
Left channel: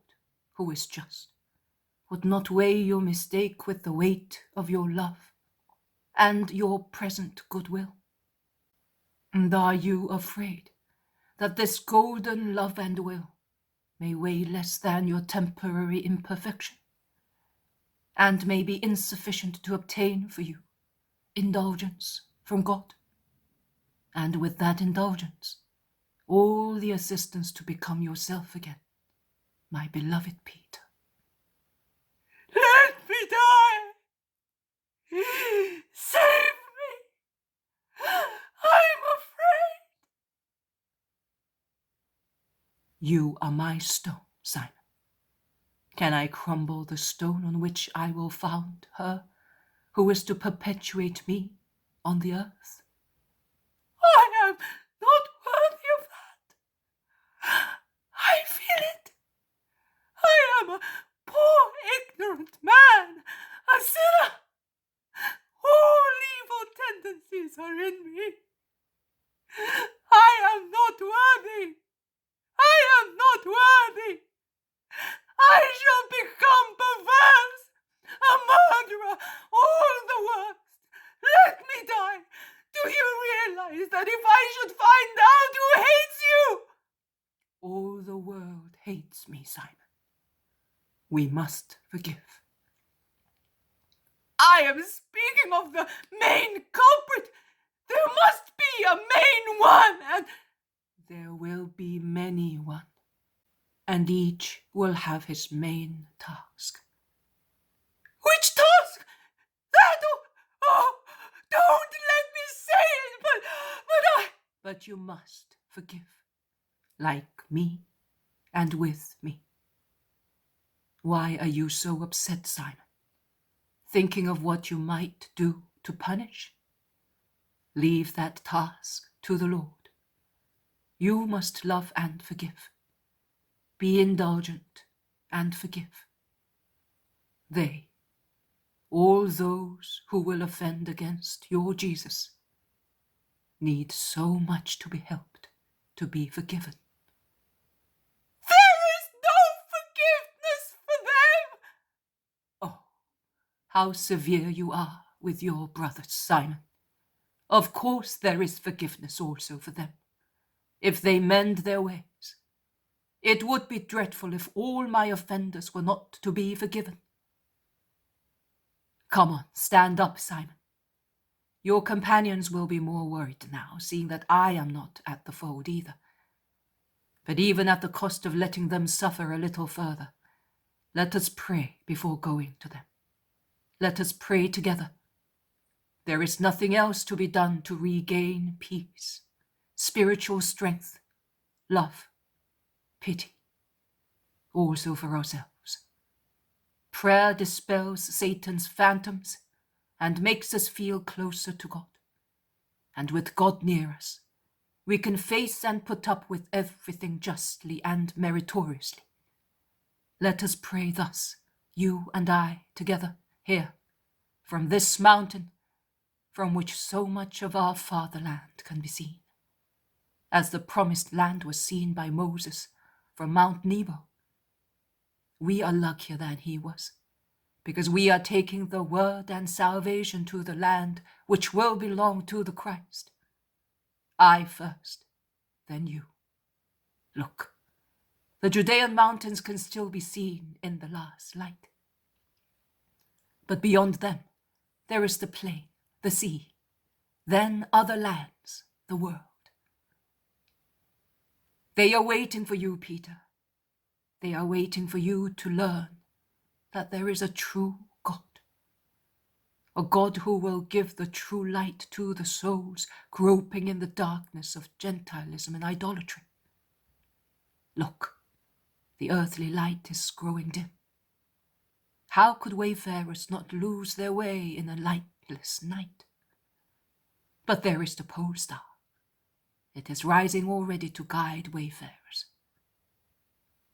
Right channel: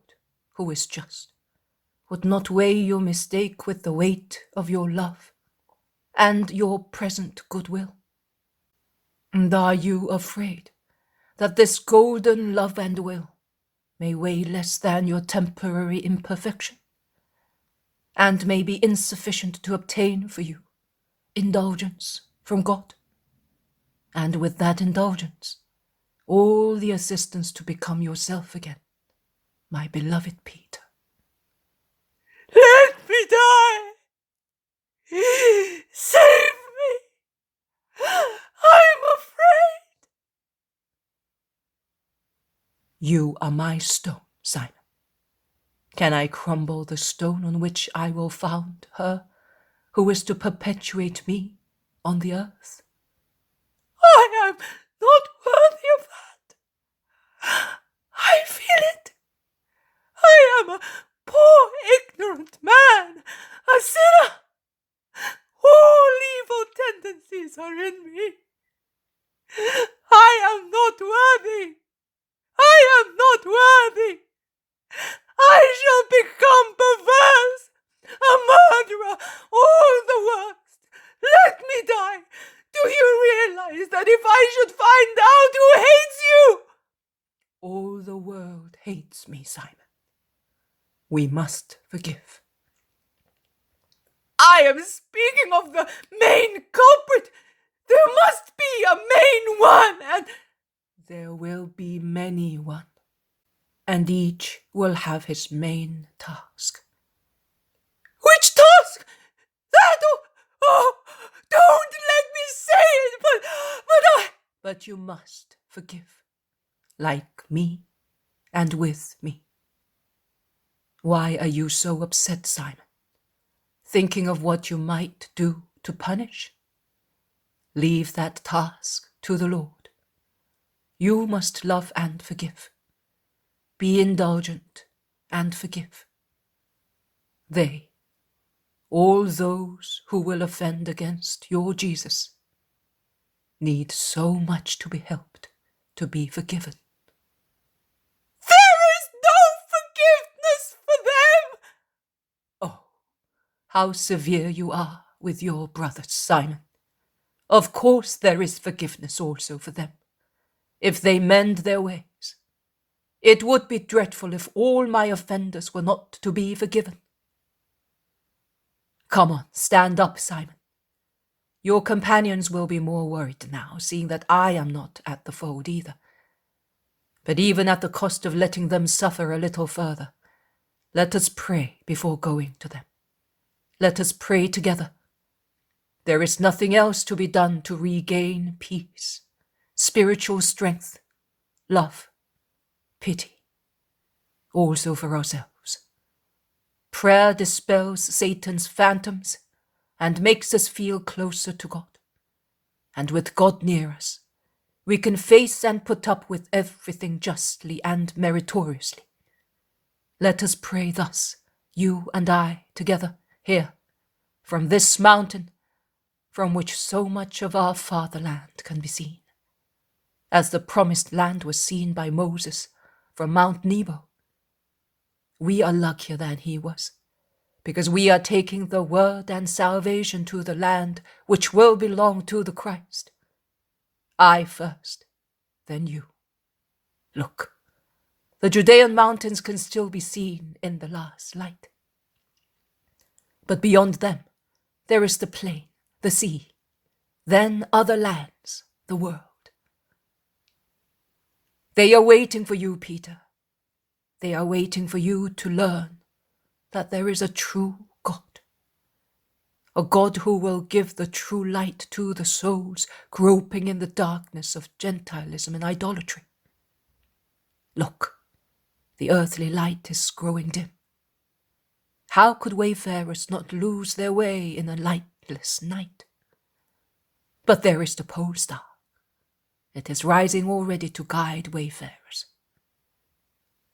who is just, would not weigh your mistake with the weight of your love and your present goodwill? And are you afraid that this golden love and will may weigh less than your temporary imperfection, and may be insufficient to obtain for you indulgence from God, and with that indulgence, all the assistance to become yourself again, my beloved Peter?" Let me die! Save me! I'm afraid! "You are my stone, Simon. Can I crumble the stone on which I will found her who is to perpetuate me on the earth?" I am not worthy of that. I feel it. I am a poor, ignorant man, a sinner. All evil tendencies are in me. I am not worthy. I am not worthy. I shall become perverse, a murderer, all the worst. Let me die. Do you realize that if I should find out who hates you? All the world hates me, Simon. We must forgive. I am speaking of the main culprit. There must be a main one, and there will be many one, and each will have his main task. Which task? That? Oh, don't let me say it, But you must forgive, like me and with me. Why are you so upset, Simon? Thinking of what you might do to punish? Leave that task to the Lord. You must love and forgive. Be indulgent and forgive. They, all those who will offend against your Jesus, need so much to be helped to be forgiven. There is no forgiveness for them. Oh, how severe you are with your brothers, Simon. Of course there is forgiveness also for them, if they mend their ways. It would be dreadful if all my offenders were not to be forgiven. Come on, stand up, Simon. Your companions will be more worried now, seeing that I am not at the fold either. But even at the cost of letting them suffer a little further, let us pray before going to them. Let us pray together. There is nothing else to be done to regain peace, spiritual strength, love, pity, also for ourselves. Prayer dispels Satan's phantoms and makes us feel closer to God. And with God near us, We can face and put up with everything justly and meritoriously. Let us pray thus, you and I, together, here, from this mountain, from which so much of our fatherland can be seen, as the promised land was seen by Moses from Mount Nebo. We are luckier than he was, because we are taking the word and salvation to the land which will belong to the Christ. I first, then you. Look, the Judean mountains can still be seen in the last light. But beyond them, there is the plain, the sea, then other lands, the world. They are waiting for you, Peter. They are waiting for you to learn that there is a true God. A God who will give the true light to the souls groping in the darkness of Gentilism and idolatry. Look, the earthly light is growing dim. How could wayfarers not lose their way in a lightless night? But there is the pole star. It is rising already to guide wayfarers.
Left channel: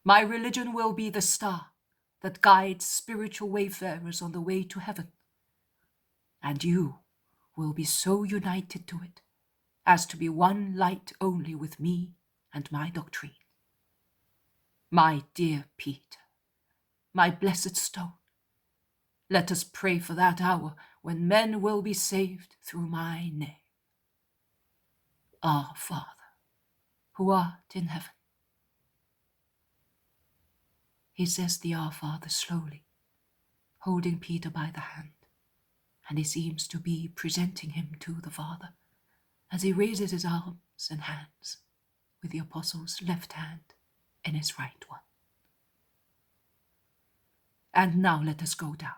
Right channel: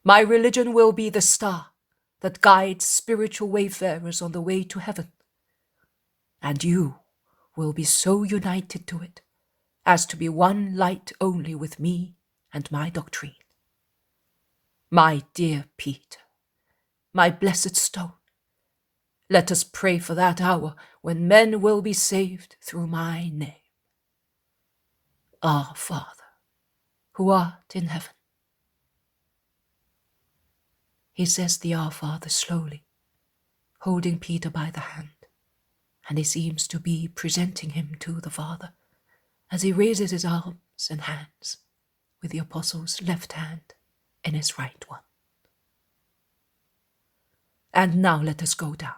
My religion will be the star that guides spiritual wayfarers on the way to heaven. And you will be so united to it as to be one light only with me and my doctrine. My dear Peter, my blessed stone, let us pray for that hour when men will be saved through my name. Our Father, who art in heaven. He says the Our Father slowly, holding Peter by the hand, and he seems to be presenting him to the Father as he raises his arms and hands with the Apostle's left hand in his right one. And now let us go down,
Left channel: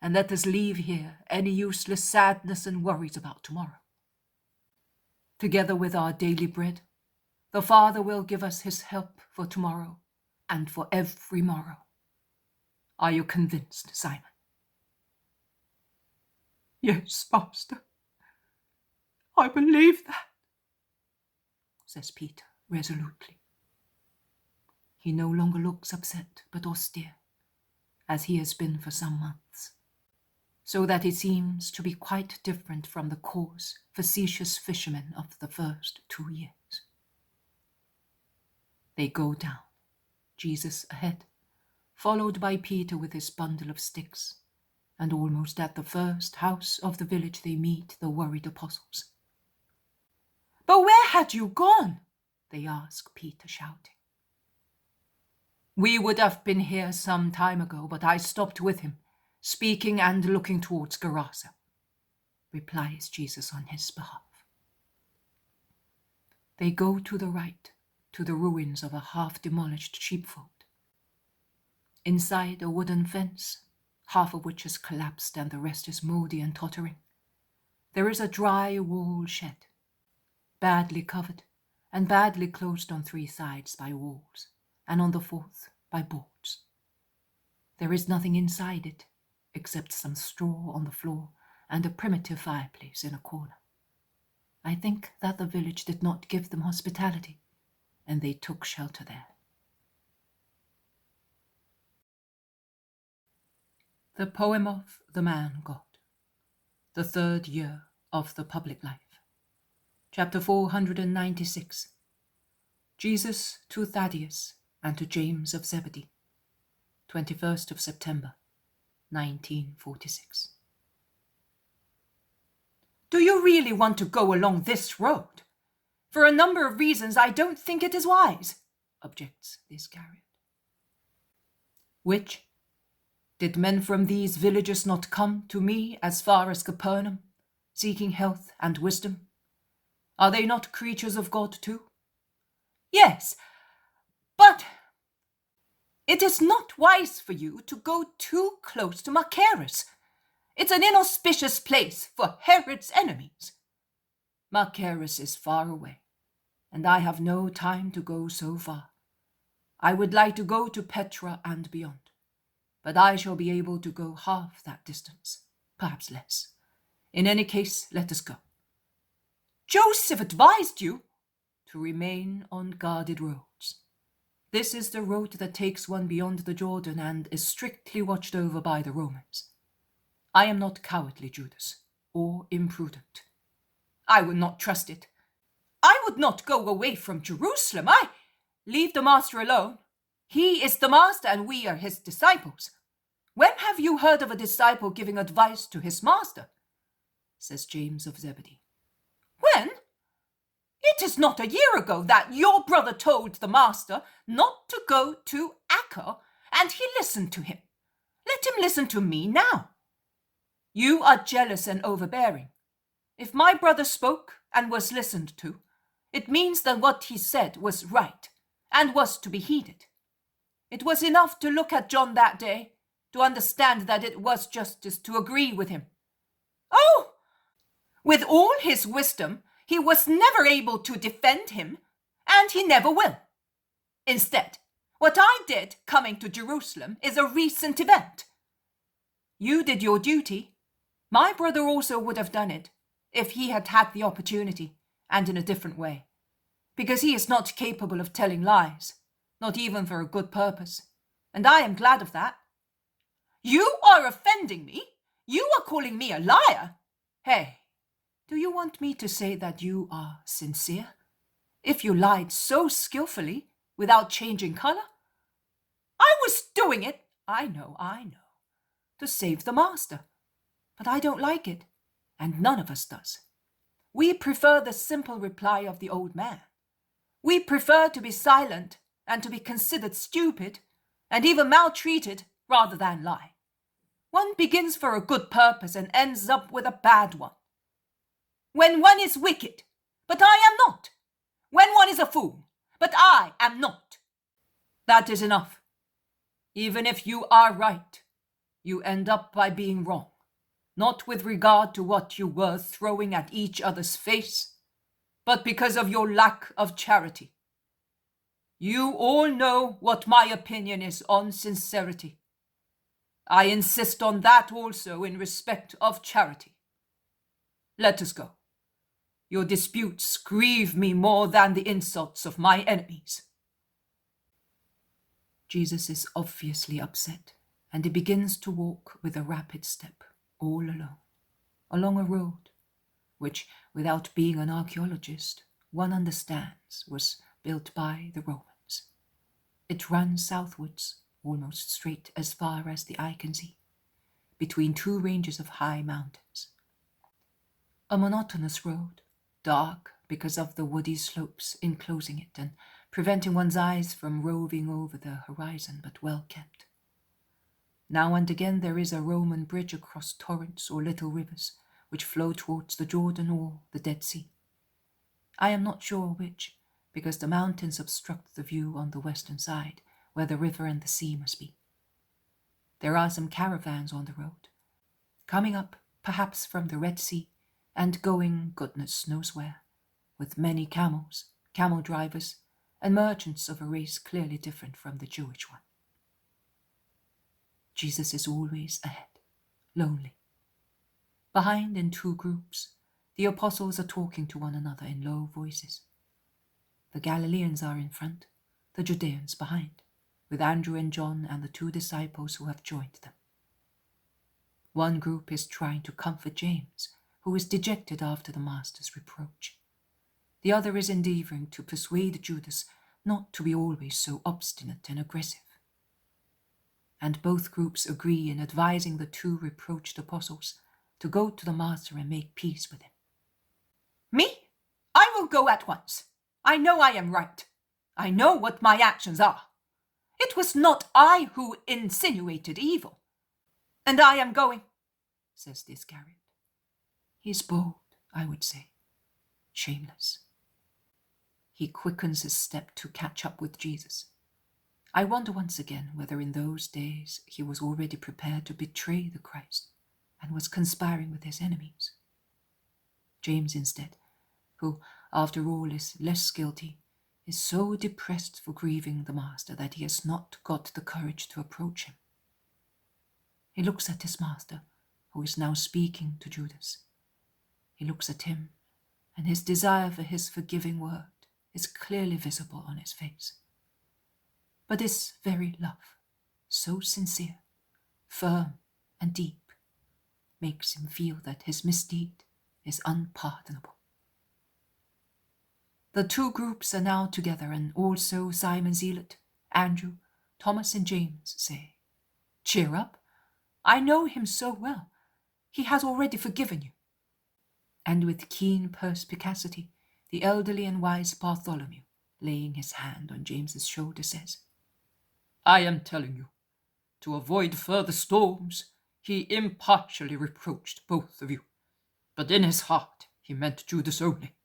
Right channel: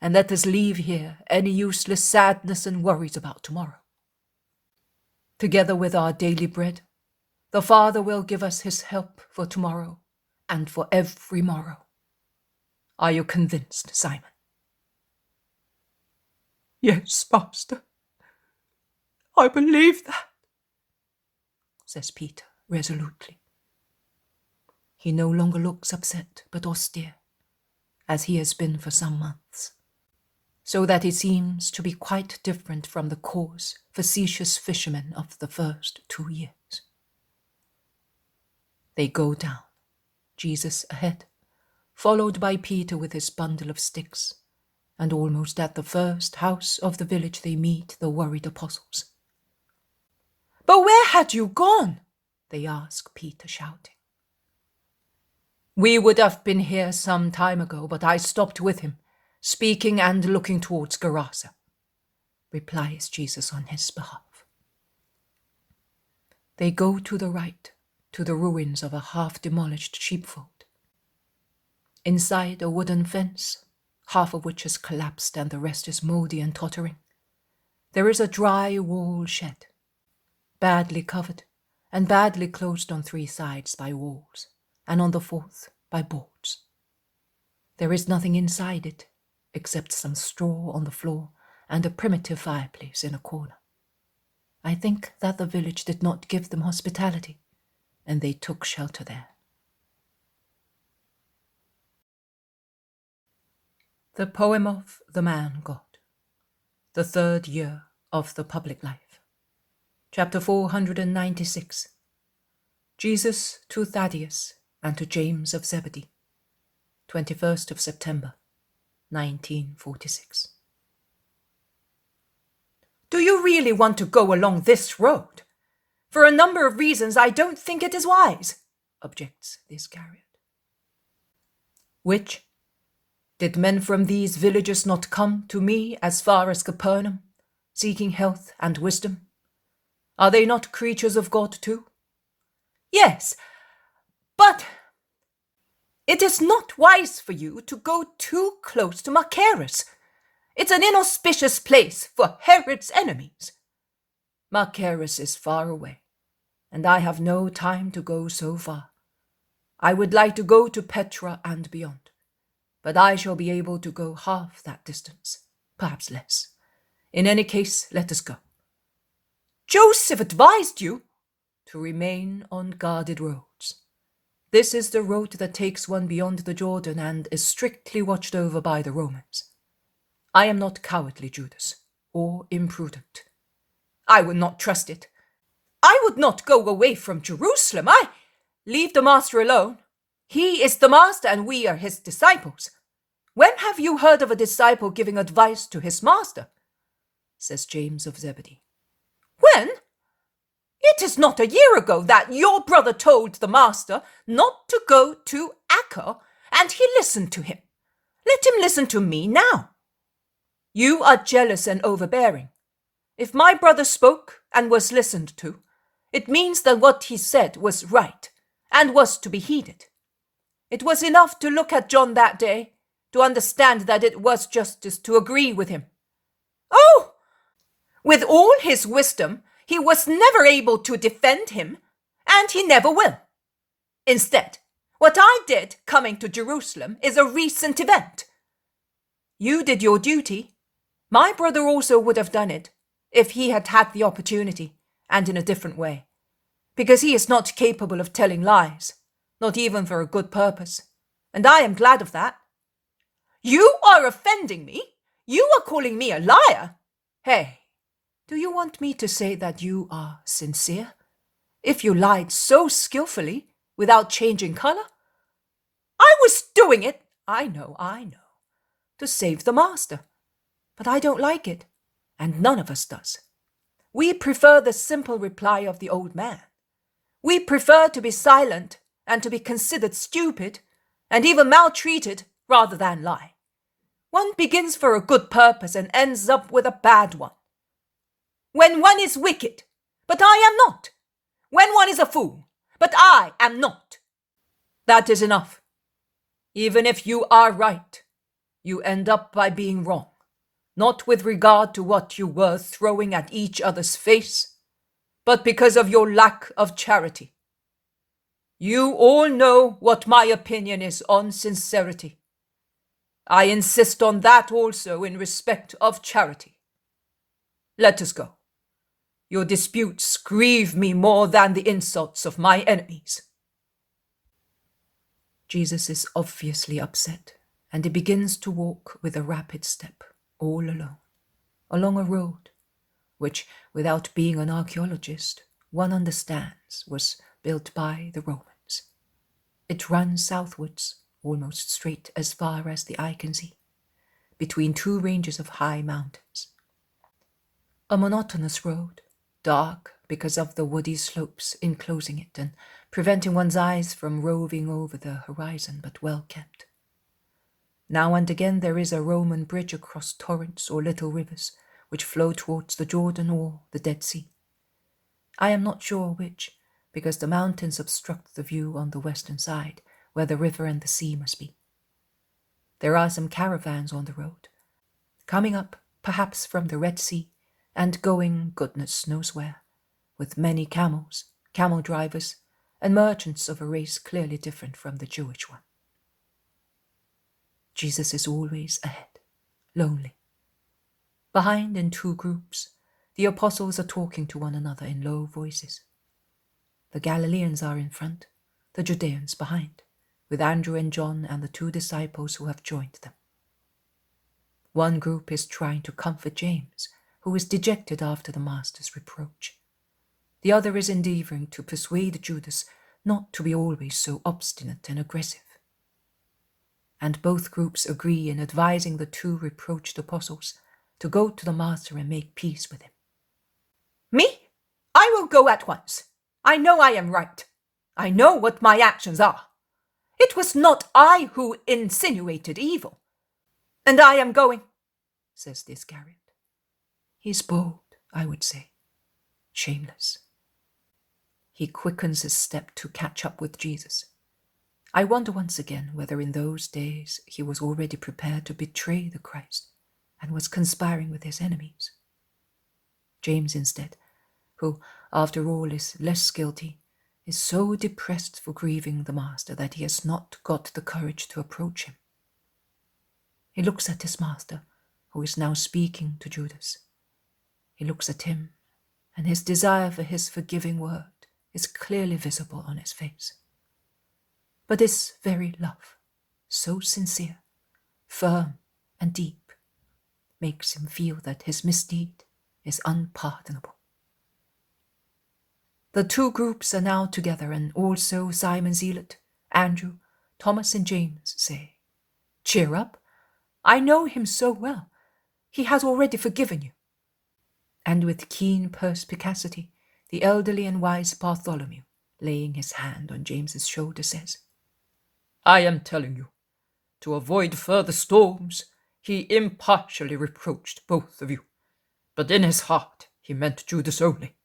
and let us leave here any useless sadness and worries about tomorrow. Together with our daily bread, the Father will give us his help for tomorrow and for every morrow. Are you convinced, Simon? Yes, Master. I believe that, says Peter resolutely. He no longer looks upset but austere, as he has been for some months, so that he seems to be quite different from the coarse, facetious fishermen of the first 2 years. They go down, Jesus ahead, followed by Peter with his bundle of sticks, and almost at the first house of the village they meet the worried apostles. But where had you gone? They ask Peter, shouting. We would have been here some time ago, but I stopped with him, speaking and looking towards Gerasa, replies Jesus on his behalf. They go to the right, to the ruins of a half-demolished sheepfold. Inside a wooden fence, half of which has collapsed and the rest is mouldy and tottering, there is a dry wall shed, badly covered and badly closed on 3 sides by walls, and on the 4th by boards. There is nothing inside it, except some straw on the floor and a primitive fireplace in a corner. I think that the village did not give them hospitality, and they took shelter there. The poem of the man God, the 3rd year of the public life. Chapter 496. Jesus to Thaddeus and to James of Zebedee. 21st of September, 1946. Do you really want to go along this road? For a number of reasons, I don't think it is wise, objects the Iscariot. Which? Did men from these villages not come to me as far as Capernaum, seeking health and wisdom? Are they not creatures of God too? Yes, but it is not wise for you to go too close to Machaerus. It's an inauspicious place for Herod's enemies. Machaerus is far away, and I have no time to go so far. I would like to go to Petra and beyond, but I shall be able to go half that distance, perhaps less. In any case, let us go. Joseph advised you to remain on guarded roads. This is the road that takes one beyond the Jordan and is strictly watched over by the Romans. I am not cowardly, Judas, or imprudent. I would not trust it. I would not go away from Jerusalem. I leave the master alone. He is the master and we are his disciples. When have you heard of a disciple giving advice to his master? Says James of Zebedee. When? It is not a year ago that your brother told the master not to go to Acca, and he listened to him. Let him listen to me now. You are jealous and overbearing. If my brother spoke and was listened to, it means that what he said was right and was to be heeded. It was enough to look at John that day to understand that it was justice to agree with him. Oh! With all his wisdom, he was never able to defend him, and he never will. Instead, what I did coming to Jerusalem is a recent event. You did your duty. My brother also would have done it if he had had the opportunity, and in a different way, because he is not capable of telling lies, not even for a good purpose, and I am glad of that. You are offending me. You are calling me a liar. Hey, do you want me to say that you are sincere? If you lied so skillfully without changing color? I was doing it, I know, to save the master. But I don't like it, and none of us does. We prefer the simple reply of the old man. We prefer to be silent and to be considered stupid and even maltreated rather than lie. One begins for a good purpose and ends up with a bad one. When one is wicked, but I am not. When one is a fool, but I am not. That is enough. Even if you are right, you end up by being wrong, not with regard to what you were throwing at each other's face, but because of your lack of charity. You all know what my opinion is on sincerity. I insist on that also in respect of charity. Let us go. Your disputes grieve me more than the insults of my enemies. Jesus is obviously upset, and he begins to walk with a rapid step, all alone, along a road, which, without being an archaeologist, one understands was built by the Romans. It runs southwards, almost straight as far as the eye can see, between two ranges of high mountains. A monotonous road, dark because of the woody slopes enclosing it and preventing one's eyes from roving over the horizon, but well kept. Now and again there is a Roman bridge across torrents or little rivers which flow towards the Jordan or the Dead Sea. I am not sure which, because the mountains obstruct the view on the western side, where the river and the sea must be. There are some caravans on the road, coming up perhaps from the Red Sea, and going goodness knows where, with many camels, camel drivers, and merchants of a race clearly different from the Jewish one. Jesus is always ahead, lonely. Behind, in two groups, the apostles are talking to one another in low voices. The Galileans are in front, the Judeans behind, with Andrew and John and the two disciples who have joined them. One group is trying to comfort James, who is dejected after the master's reproach. The other is endeavoring to persuade Judas not to be always so obstinate and aggressive. And both groups agree in advising the two reproached apostles to go to the master and make peace with him. Me? I will go at once. I know I am right. I know what my actions are. It was not I who insinuated evil. And I am going, says the Iscariot. He's bold, I would say, shameless. He quickens his step to catch up with Jesus. I wonder once again whether in those days he was already prepared to betray the Christ and was conspiring with his enemies. James, instead, who, after all, is less guilty, is so depressed for grieving the master that he has not got the courage to approach him. He looks at his master, who is now speaking to Judas. He looks at him and his desire for his forgiving word is clearly visible on his face. But this very love, so sincere, firm, and deep, makes him feel that his misdeed is unpardonable. The two groups are now together, and also Simon Zealot, Andrew, Thomas, and James say, "Cheer up, I know him so well. He has already forgiven you." And with keen perspicacity, the elderly and wise Bartholomew, laying his hand on James's shoulder, says, I am telling you, to avoid further storms, he impartially reproached both of you, but in his heart he meant Judas only.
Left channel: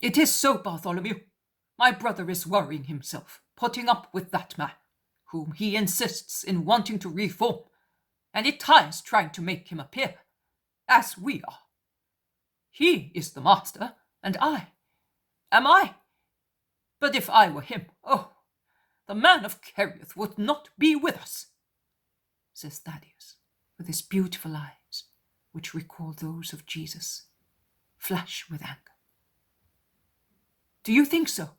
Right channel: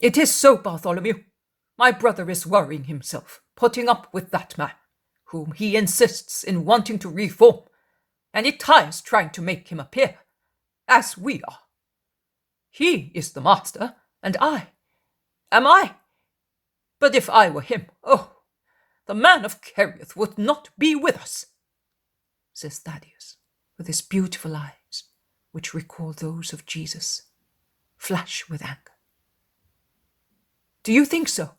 It is so, Bartholomew. My brother is worrying himself, putting up with that man, whom he insists in wanting to reform, and it tires trying to make him appear as we are. He is the master, and I. Am I? But if I were him, oh, the man of Kerioth would not be with us, says Thaddeus, with his beautiful eyes, which recall those of Jesus, flash with anger. Do you think so?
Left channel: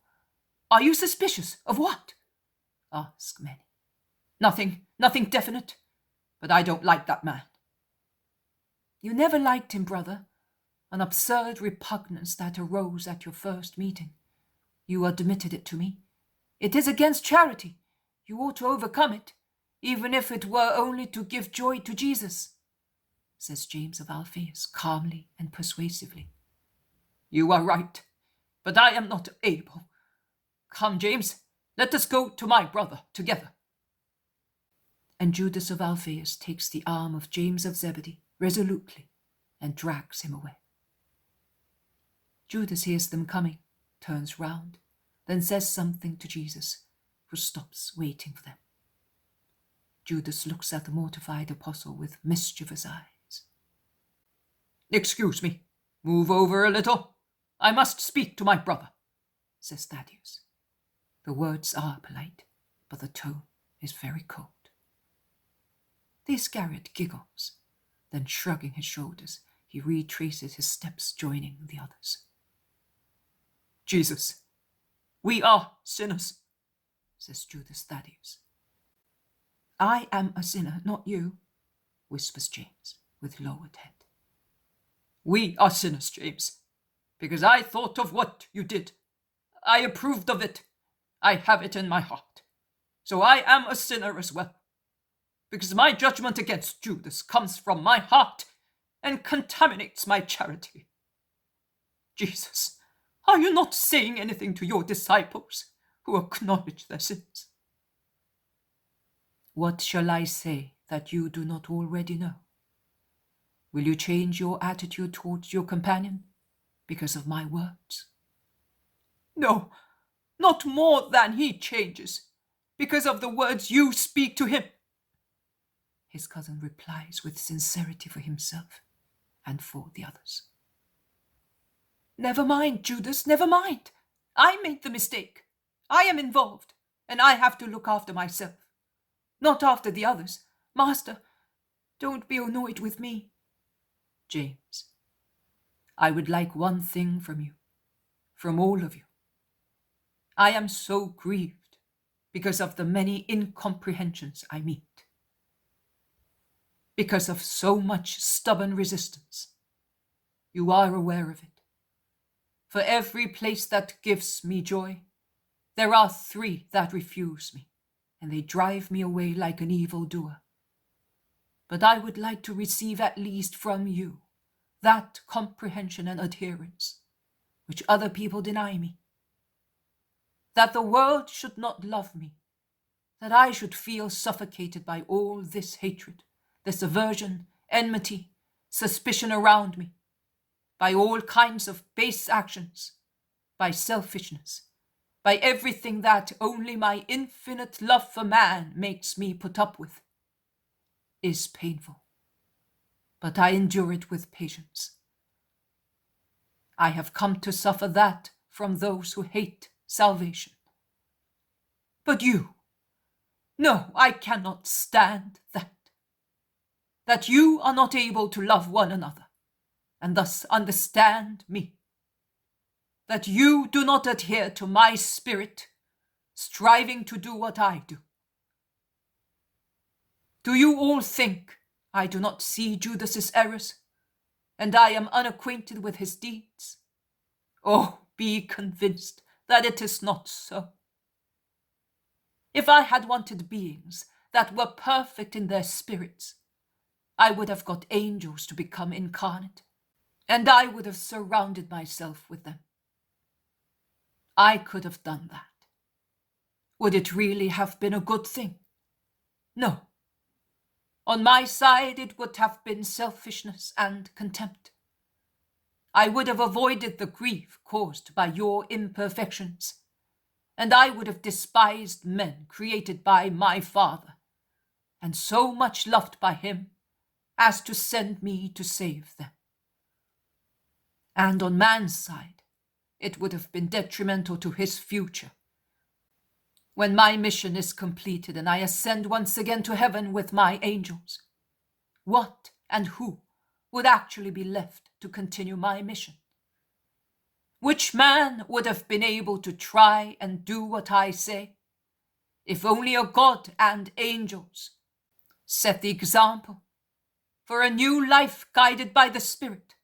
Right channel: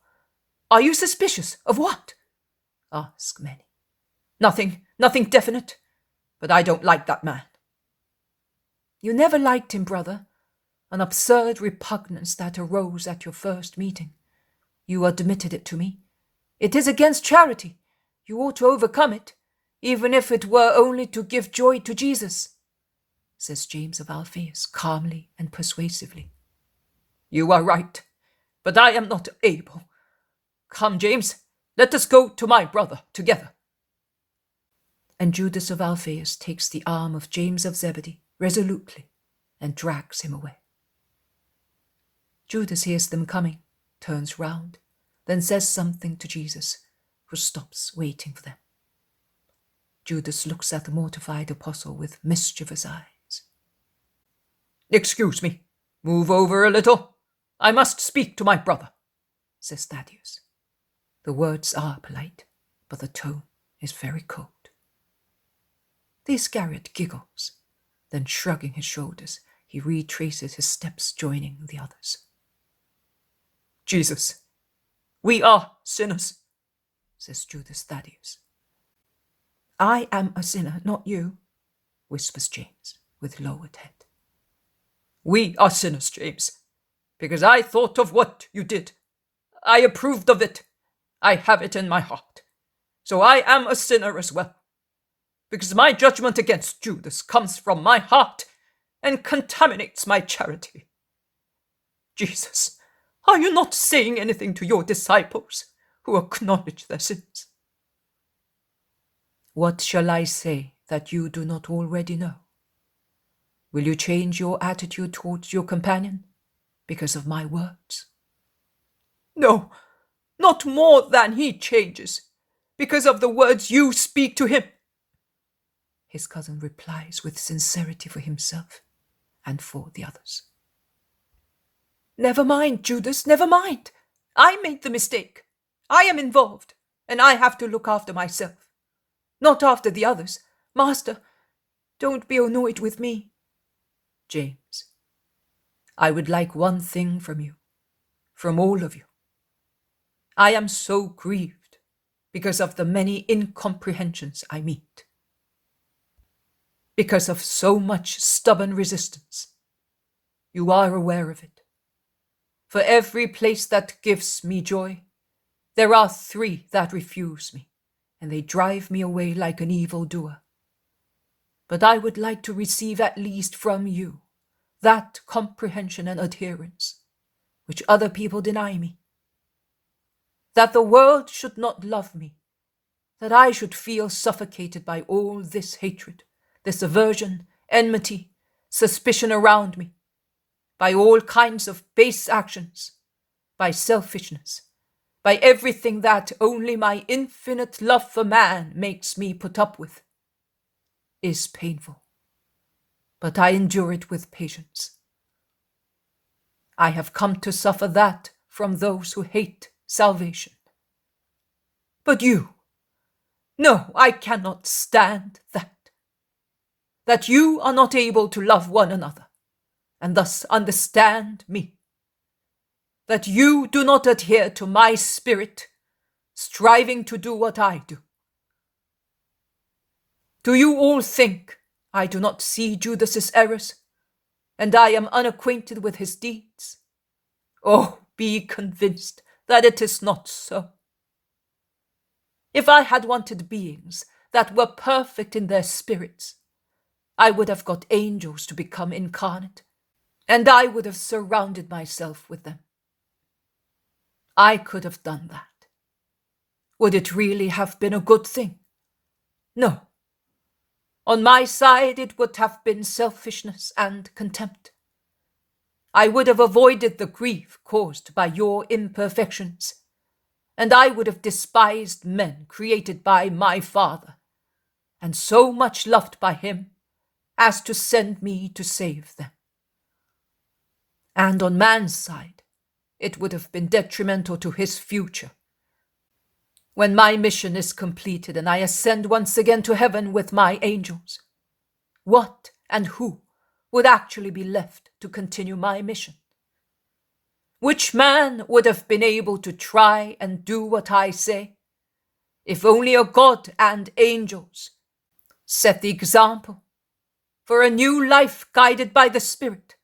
Are you suspicious of what? Ask many. Nothing definite, but I don't like that man. You never liked him, brother. An absurd repugnance that arose at your first meeting. You admitted it to me. It is against charity. You ought to overcome it, even if it were only to give joy to Jesus, says James of Alphaeus calmly and persuasively. You are right, but I am not able. Come, James, let us go to my brother together. And Judas of Alphaeus takes the arm of James of Zebedee resolutely and drags him away. Judas hears them coming, turns round, then says something to Jesus, who stops waiting for them. Judas looks at the mortified apostle with mischievous eyes. Excuse me, move over a little. I must speak to my brother, says Thaddeus. The words are polite, but the tone is very cold. The Iscariot giggles, then shrugging his shoulders, he retraces his steps, joining the others. Jesus, we are sinners, says Judas Thaddeus. I am a sinner, not you, whispers James, with lowered head. We are sinners, James, because I thought of what you did. I approved of it. I have it in my heart. So I am a sinner as well, because my judgment against Judas comes from my heart and contaminates my charity. Jesus, are you not saying anything to your disciples who acknowledge their sins? What shall I say that you do not already know? Will you change your attitude towards your companion because of my words? No, not more than he changes, because of the words you speak to him, his cousin replies with sincerity for himself and for the others. Never mind, Judas, never mind. I made the mistake. I am involved, and I have to look after myself, not after the others. Master, don't be annoyed with me. James, I would like one thing from you, from all of you. I am so grieved because of the many incomprehensions I meet, because of so much stubborn resistance. You are aware of it. For every place that gives me joy, there are 3 that refuse me, and they drive me away like an evildoer. But I would like to receive at least from you that comprehension and adherence which other people deny me. That the world should not love me, that I should feel suffocated by all this hatred, this aversion, enmity, suspicion around me, by all kinds of base actions, by selfishness, by everything that only my infinite love for man makes me put up with, is painful, but I endure it with patience. I have come to suffer that from those who hate salvation. But you, no, I cannot stand that. That you are not able to love one another, and thus understand me, that you do not adhere to my spirit, striving to do what I do. Do you all think I do not see Judas's errors, and I am unacquainted with his deeds? Oh, be convinced that it is not so. If I had wanted beings that were perfect in their spirits, I would have got angels to become incarnate, and I would have surrounded myself with them. I could have done that. Would it really have been a good thing? No. On my side, it would have been selfishness and contempt. I would have avoided the grief caused by your imperfections, and I would have despised men created by my Father, and so much loved by him as to send me to save them. And on man's side, it would have been detrimental to his future. When my mission is completed and I ascend once again to heaven with my angels, what and who would actually be left to continue my mission? Which man would have been able to try and do what I say, if only a God and angels set the example for a new life guided by the Spirit?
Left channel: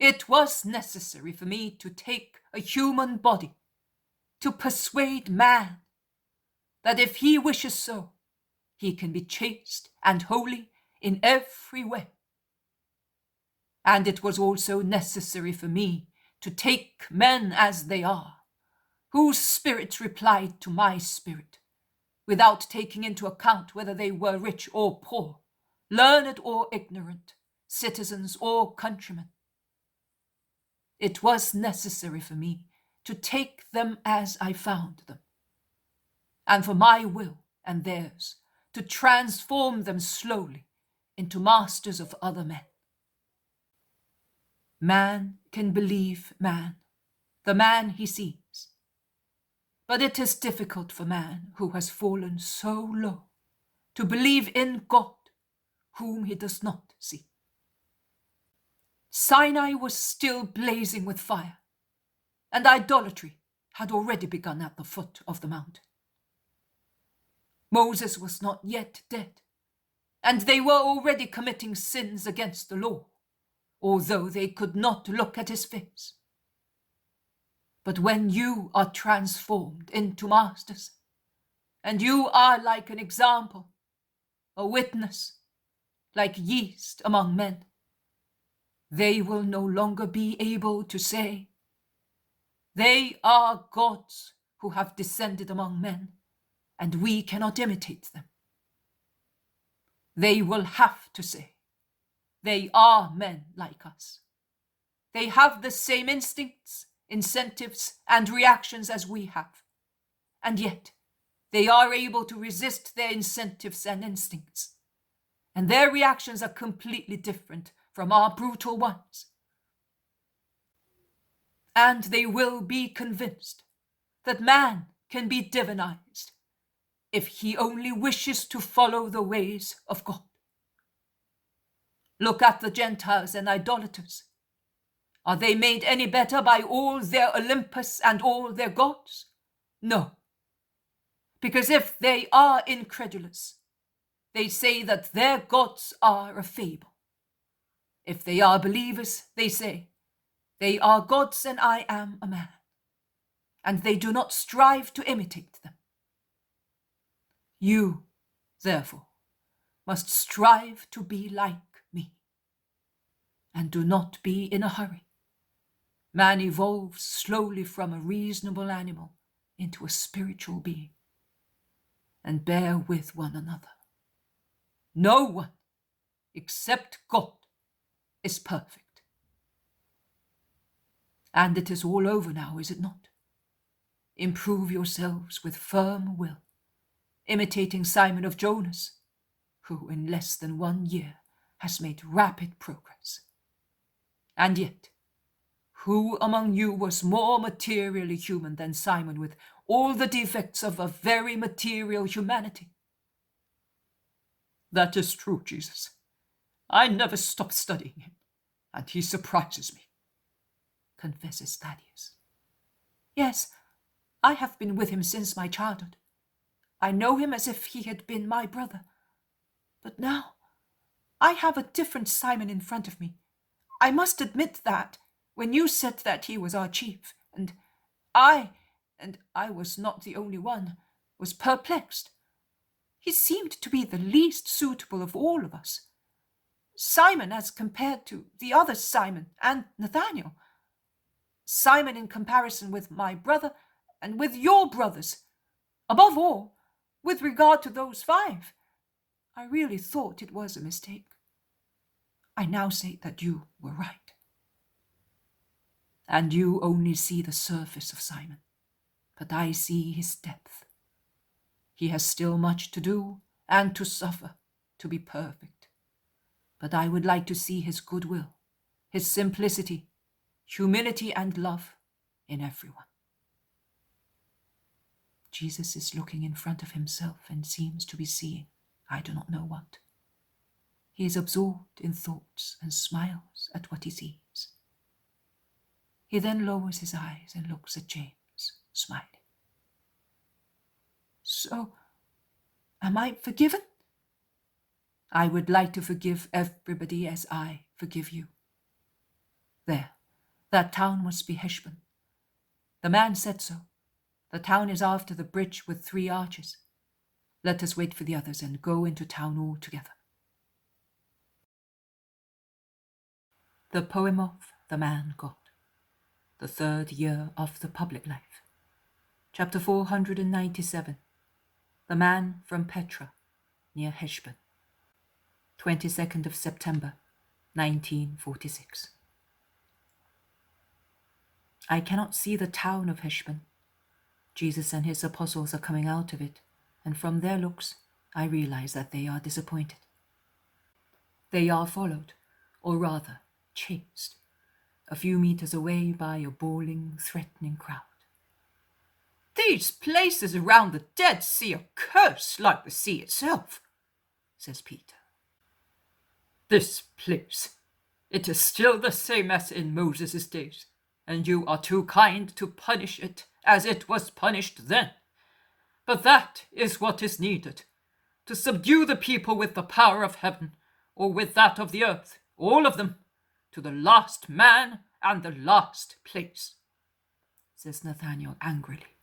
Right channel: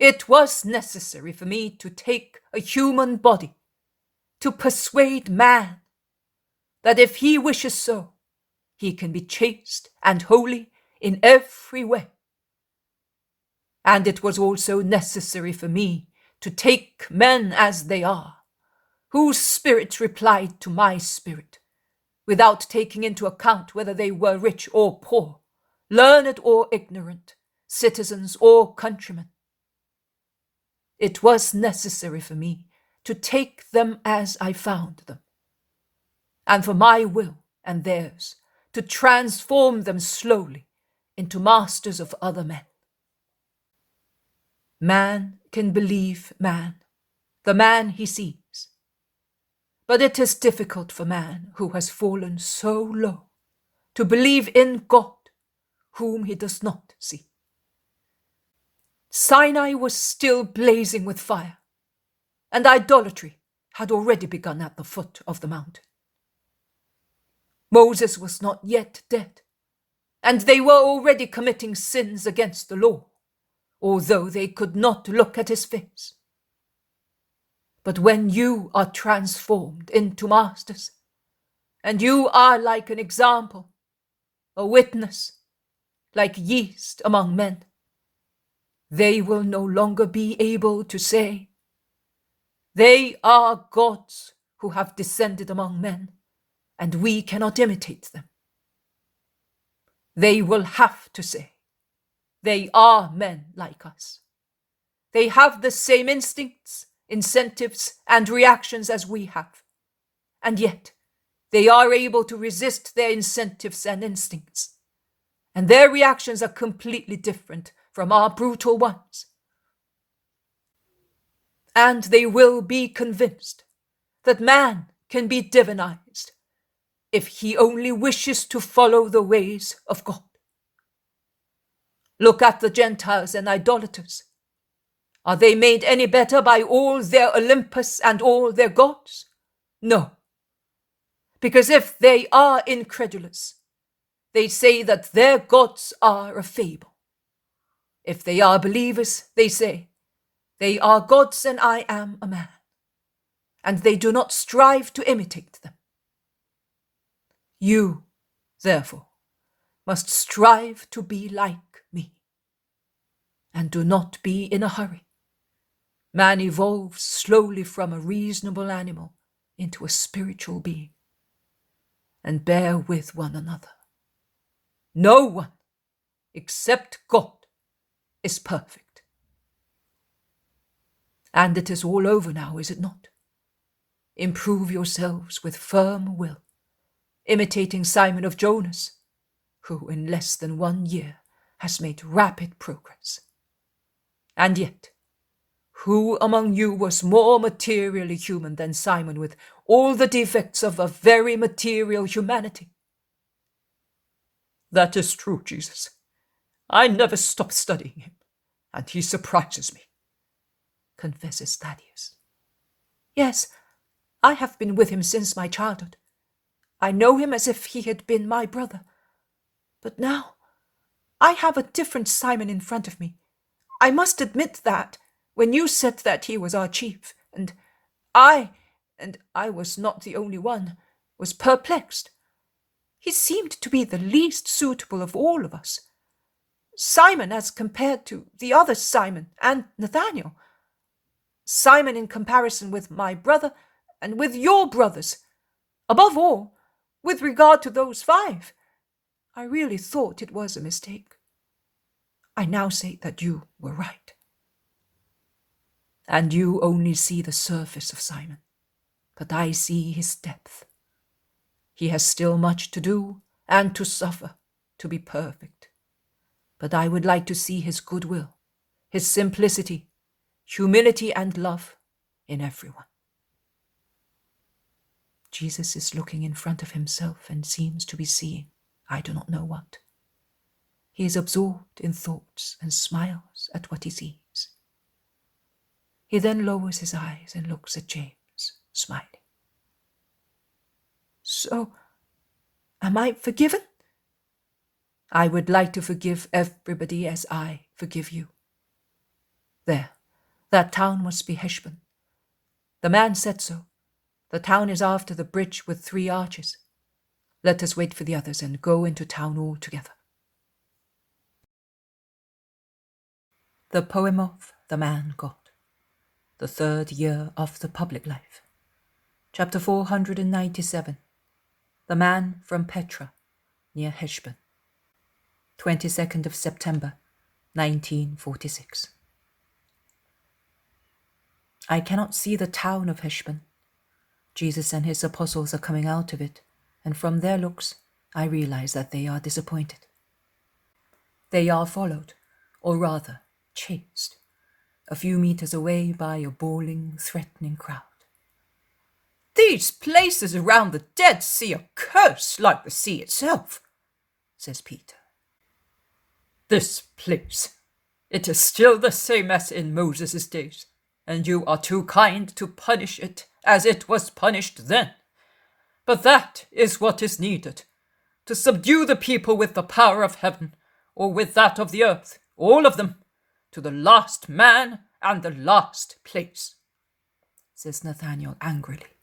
It was necessary for me to take a human body to persuade man that if he wishes so, he can be chaste and holy in every way. And it was also necessary for me to take men as they are, whose spirits replied to my spirit, without taking into account whether they were rich or poor, learned or ignorant, citizens or countrymen. It was necessary for me to take them as I found them, and for my will and theirs to transform them slowly into masters of other men. Man can believe man, the man he sees, but it is difficult for man who has fallen so low to believe in God, whom he does not see. Sinai was still blazing with fire, and idolatry had already begun at the foot of the mountain. Moses was not yet dead, and they were already committing sins against the law, although they could not look at his face. But when you are transformed into masters, and you are like an example, a witness, like yeast among men, they will no longer be able to say, "They are gods who have descended among men, and we cannot imitate them." They will have to say, "They are men like us. They have the same instincts, incentives, and reactions as we have, and yet they are able to resist their incentives and instincts, and their reactions are completely different from our brutal ones." And they will be convinced that man can be divinized if he only wishes to follow the ways of God. Look at the Gentiles and idolaters. Are they made any better by all their Olympus and all their gods? No. Because if they are incredulous, they say that their gods are a fable. If they are believers, they say, "They are gods and I am a man," and they do not strive to imitate them. You, therefore, must strive to be like me, and do not be in a hurry. Man evolves slowly from a reasonable animal into a spiritual being, and bear with one another. No one, except God, is perfect. And it is all over now, is it not? Improve yourselves with firm will, imitating Simon of Jonas, who in less than 1 year has made rapid progress. And yet, who among you was more materially human than Simon, with all the defects of a very material humanity? That is true, Jesus. I never stop studying him. and he surprises me," confesses Thaddeus. "Yes, I have been with him since my childhood. I know him as if he had been my brother. But now I have a different Simon in front of me. I must admit that when you said that he was our chief, and I was not the only one, was perplexed. He seemed to be the least suitable of all of us. Simon as compared to the other Simon and Nathaniel. Simon in comparison with my brother and with your brothers. Above all, with regard to those 5, I really thought it was a mistake. I now say that you were right. And you only see the surface of Simon, but I see his depth. He has still much to do and to suffer to be perfect. But I would like to see his goodwill, his simplicity, humility, and love in everyone. Jesus is looking in front of himself and seems to be seeing I do not know what. He is absorbed in thoughts and smiles at what he sees. He then lowers his eyes and looks at James, smiling. So, am I forgiven? I would like to forgive everybody as I forgive you. There, that town must be Heshbon. The man said so. The town is after the bridge with 3 arches. Let us wait for the others and go into town all together. The poem of The Man God, the 3rd year of the public life. Chapter 497. The Man from Petra, near Heshbon. 22nd of September, 1946. I cannot see the town of Heshbon. Jesus and his apostles are coming out of it, and from their looks, I realize that they are disappointed. They are followed, or rather, chased, a few meters away by a bawling, threatening crowd. "These places around the Dead Sea are cursed like the sea itself," says Peter. "This place, it is still the same as in Moses' days, and you are too kind to punish it as it was punished then. But that is what is needed, to subdue the people with the power of heaven, or with that of the earth, all of them, to the last man and the last place," says Nathaniel angrily,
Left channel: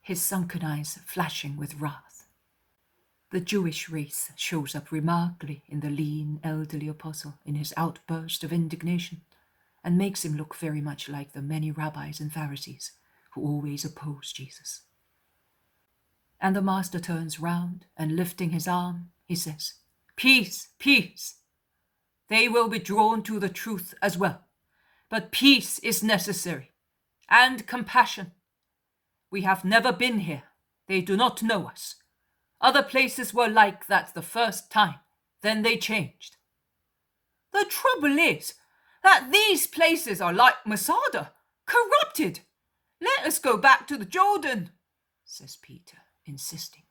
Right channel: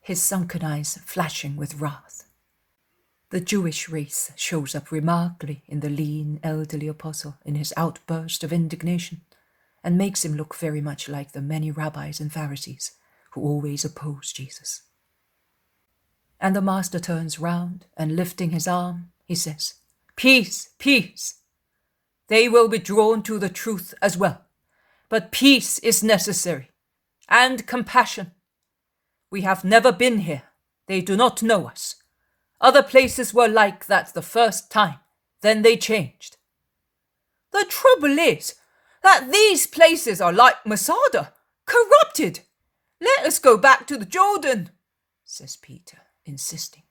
his sunken eyes flashing with wrath. The Jewish race shows up remarkably in the lean, elderly apostle in his outburst of indignation, and makes him look very much like the many rabbis and Pharisees who always oppose Jesus. And the master turns round, and lifting his arm, he says, "Peace, peace. They will be drawn to the truth as well, but peace is necessary, and compassion. We have never been here. They do not know us. Other places were like that the first time, then they changed. The trouble is that these places are like Masada, corrupted. Let us go back to the Jordan," says Peter, insisting.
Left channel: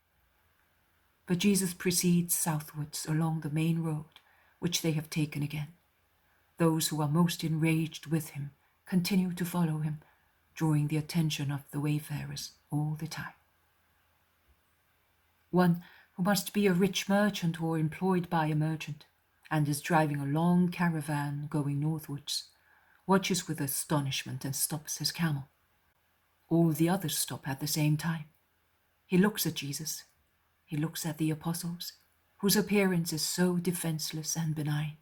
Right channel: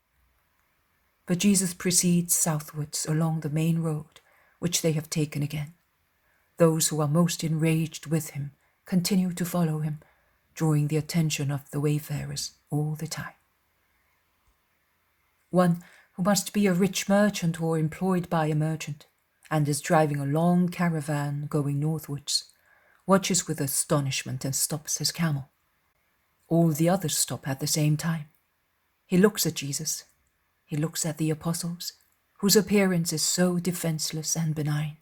But Jesus proceeds southwards along the main road, which they have taken again. Those who are most enraged with him continue to follow him, drawing the attention of the wayfarers all the time. One who must be a rich merchant or employed by a merchant, and is driving a long caravan going northwards, watches with astonishment and stops his camel. All the others stop at the same time. He looks at Jesus. He looks at the apostles, whose appearance is so defenseless and benign.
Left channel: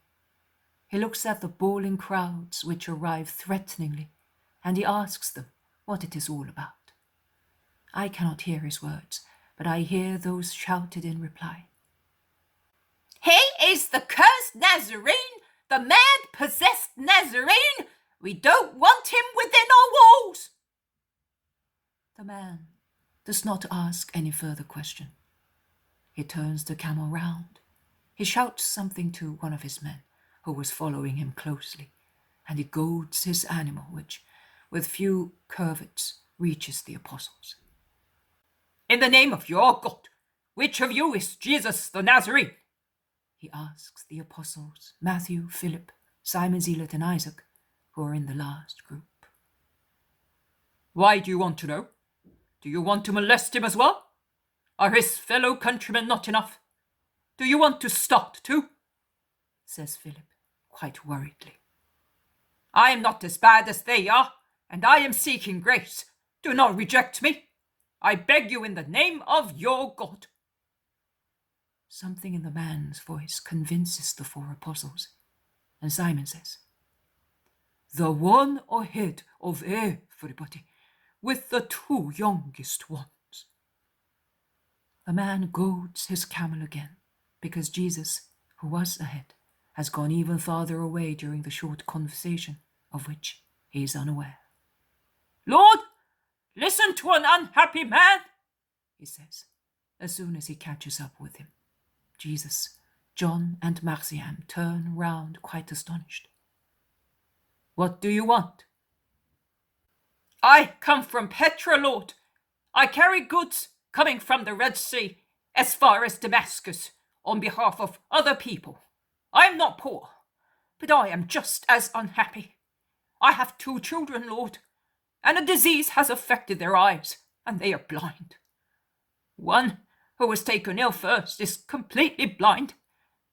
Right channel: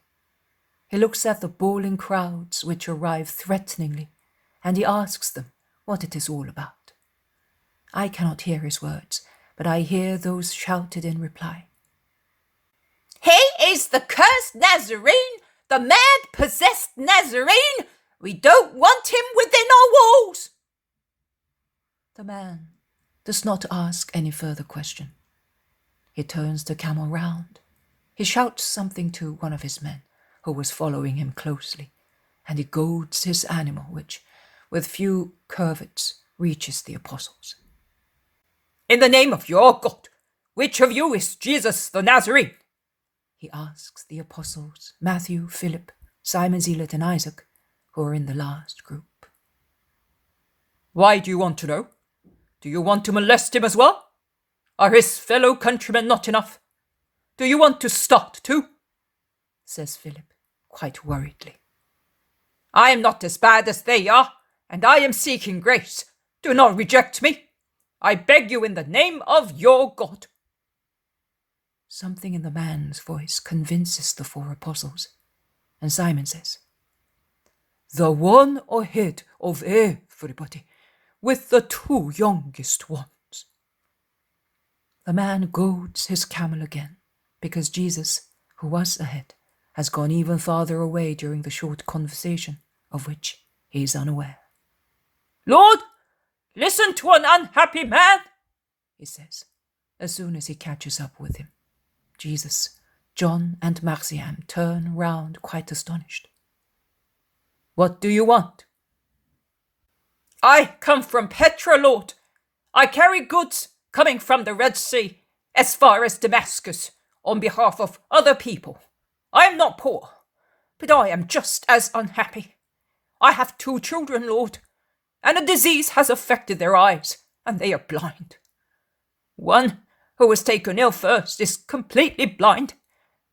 He looks at the bawling crowds which arrive threateningly, and he asks them what it is all about. I cannot hear his words, but I hear those shouted in reply. "He is the cursed Nazarene, the mad-possessed Nazarene. We don't want him within our walls." The man does not ask any further question. He turns the camel round. He shouts something to one of his men, who was following him closely, and he goads his animal, which, with few curvets, reaches the apostles. "In the name of your God, which of you is Jesus the Nazarene?" He asks the apostles, Matthew, Philip, Simon Zealot and Isaac, who are in the last group. Why do you want to know? Do you want to molest him as well? Are his fellow countrymen not enough? Do you want to start too? Says Philip, quite worriedly. I am not as bad as they are, and I am seeking grace. Do not reject me. I beg you in the name of your God. Something in the man's voice convinces the 4 apostles, and Simon says, The one ahead of everybody, with the 2 youngest ones. The man goads his camel again, because Jesus, who was ahead, has gone even farther away during the short conversation, of which he is unaware. Lord, listen to an unhappy man, he says, as soon as he catches up with him. Jesus, John, and Marciam turn round quite astonished. What do you want? I come from Petra, Lord. I carry goods coming from the Red Sea as far as Damascus on behalf of other people. I am not poor, but I am just as unhappy. I have 2 children, Lord, and a disease has affected their eyes, and they are blind. One, who was taken ill first, is completely blind.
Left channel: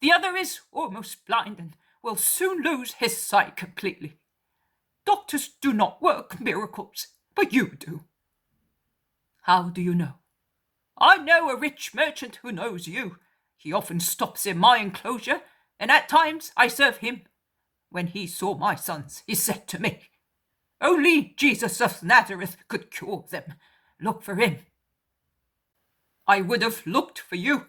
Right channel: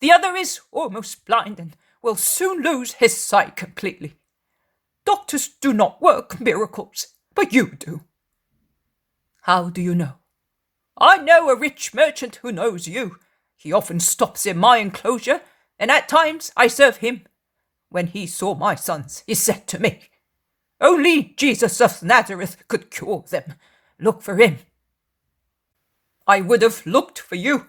The other is almost blind and will soon lose his sight completely. Doctors do not work miracles, but you do. How do you know? I know a rich merchant who knows you. He often stops in my enclosure, and at times I serve him. When he saw my sons, he said to me, Only Jesus of Nazareth could cure them. Look for him. I would have looked for you,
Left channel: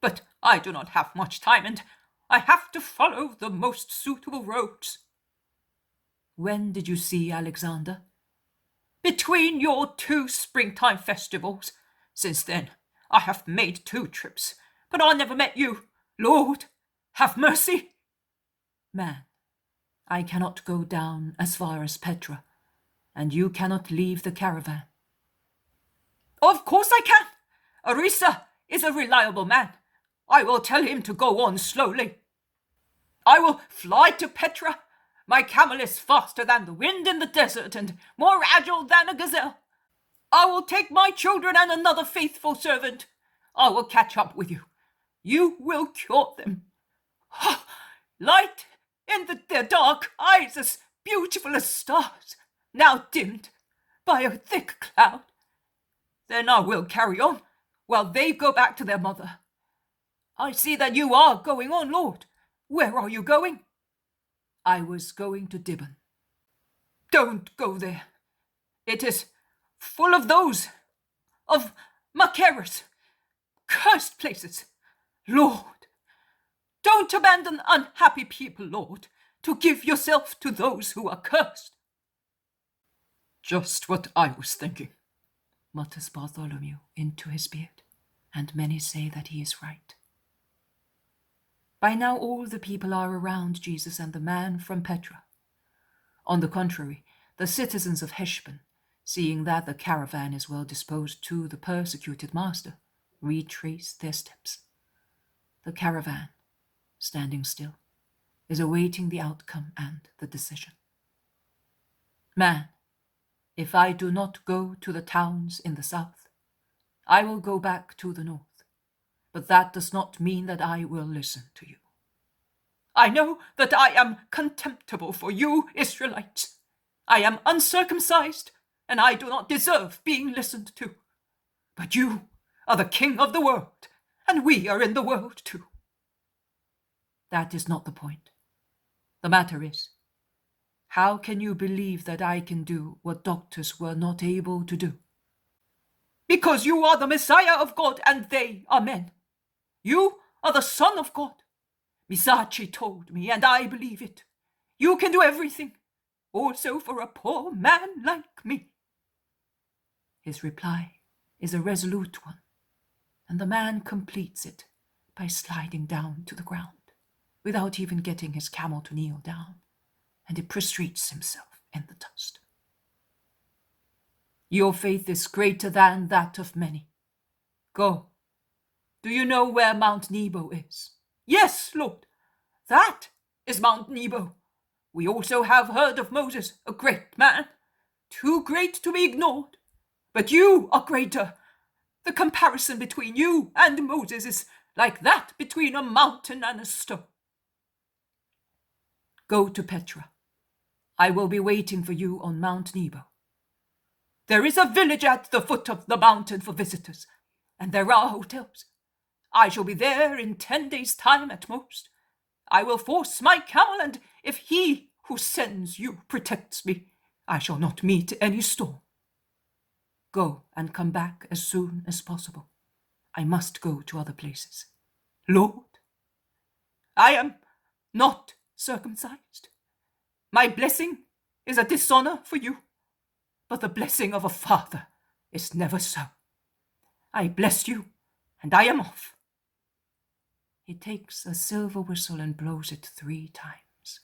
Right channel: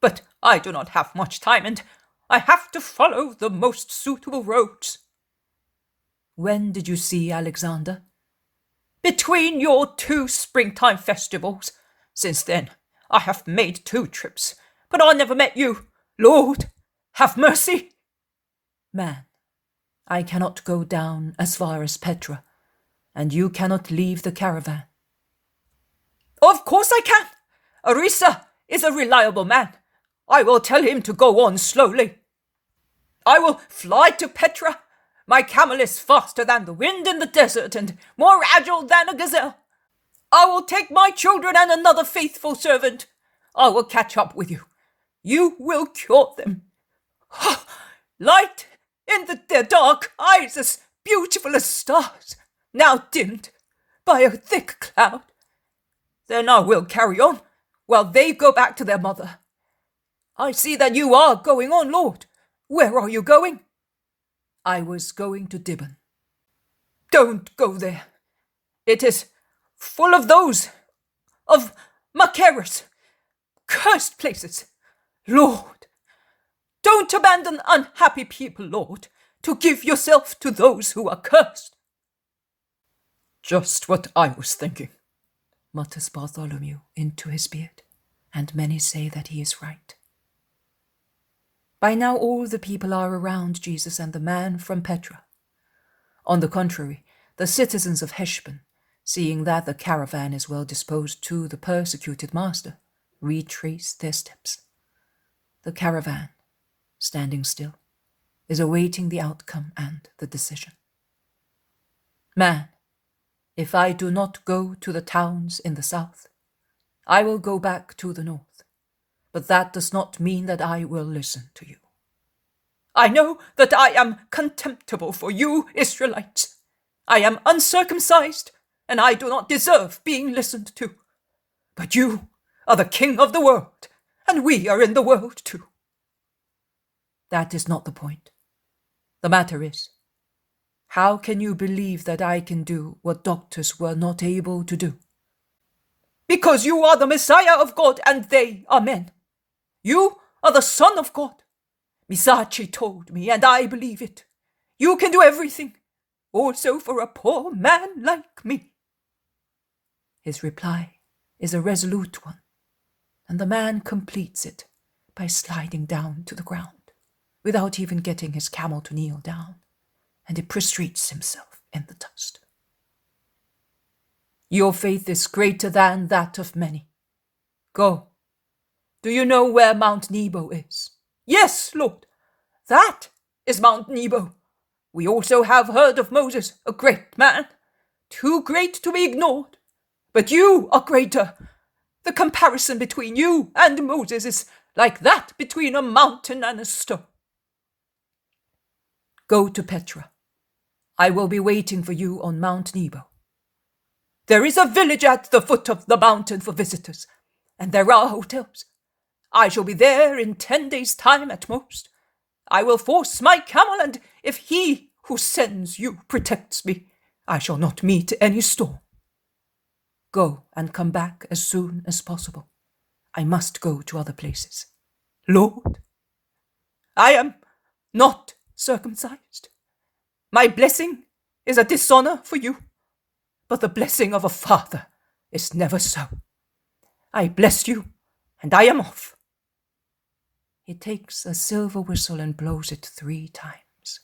but I do not have much time, and I have to follow the most suitable roads. When did you see Alexander? Between your 2 springtime festivals. Since then, I have made 2 trips, but I never met you. Lord, have mercy. Man, I cannot go down as far as Petra, and you cannot leave the caravan. Of course I can. Arisa is a reliable man. I will tell him to go on slowly. I will fly to Petra. My camel is faster than the wind in the desert and more agile than a gazelle. I will take my children and another faithful servant. I will catch up with you. You will cure them. Light in their dark eyes as beautiful as stars, now dimmed by a thick cloud. Then I will carry on while they go back to their mother. I see that you are going on, Lord. Where are you going? I was going to Dibon. Don't go there. It is full of those, of Macaros, cursed places. Lord, don't abandon unhappy people, Lord, to give yourself to those who are cursed. Just what I was thinking, mutters Bartholomew into his beard, and many say that he is right. By now all the people are around Jesus and the man from Petra. On the contrary, the citizens of Heshbon, seeing that the caravan is well disposed to the persecuted master, retrace their steps. The caravan, standing still, is awaiting the outcome and the decision. Man, if I do not go to the towns in the south, I will go back to the north. But that does not mean that I will listen to you. I know that I am contemptible for you, Israelites. I am uncircumcised, and I do not deserve being listened to. But you are the king of the world, and we are in the world too. That is not the point. The matter is, how can you believe that I can do what doctors were not able to do? Because you are the Messiah of God, and they are men. You are the Son of God. Zacchie told me, and I believe it. You can do everything, also for a poor man like me. His reply is a resolute one, and the man completes it by sliding down to the ground, without even getting his camel to kneel down, and he prostrates himself in the dust. Your faith is greater than that of many. Go. Do you know where Mount Nebo is? Yes, Lord. That is Mount Nebo, We also have heard of Moses, a great man, too great to be ignored. But you are greater. The comparison between you and Moses is like that between a mountain and a stone. Go to Petra. I will be waiting for you on Mount Nebo. There is a village at the foot of the mountain for visitors, and there are hotels. I shall be there in 10 days' time at most. I will force my camel, and if he who sends you protects me, I shall not meet any storm. Go and come back as soon as possible. I must go to other places. Lord, I am not circumcised. My blessing is a dishonor for you, but the blessing of a father is never so. I bless you, and I am off. He takes a silver whistle and blows it 3 times.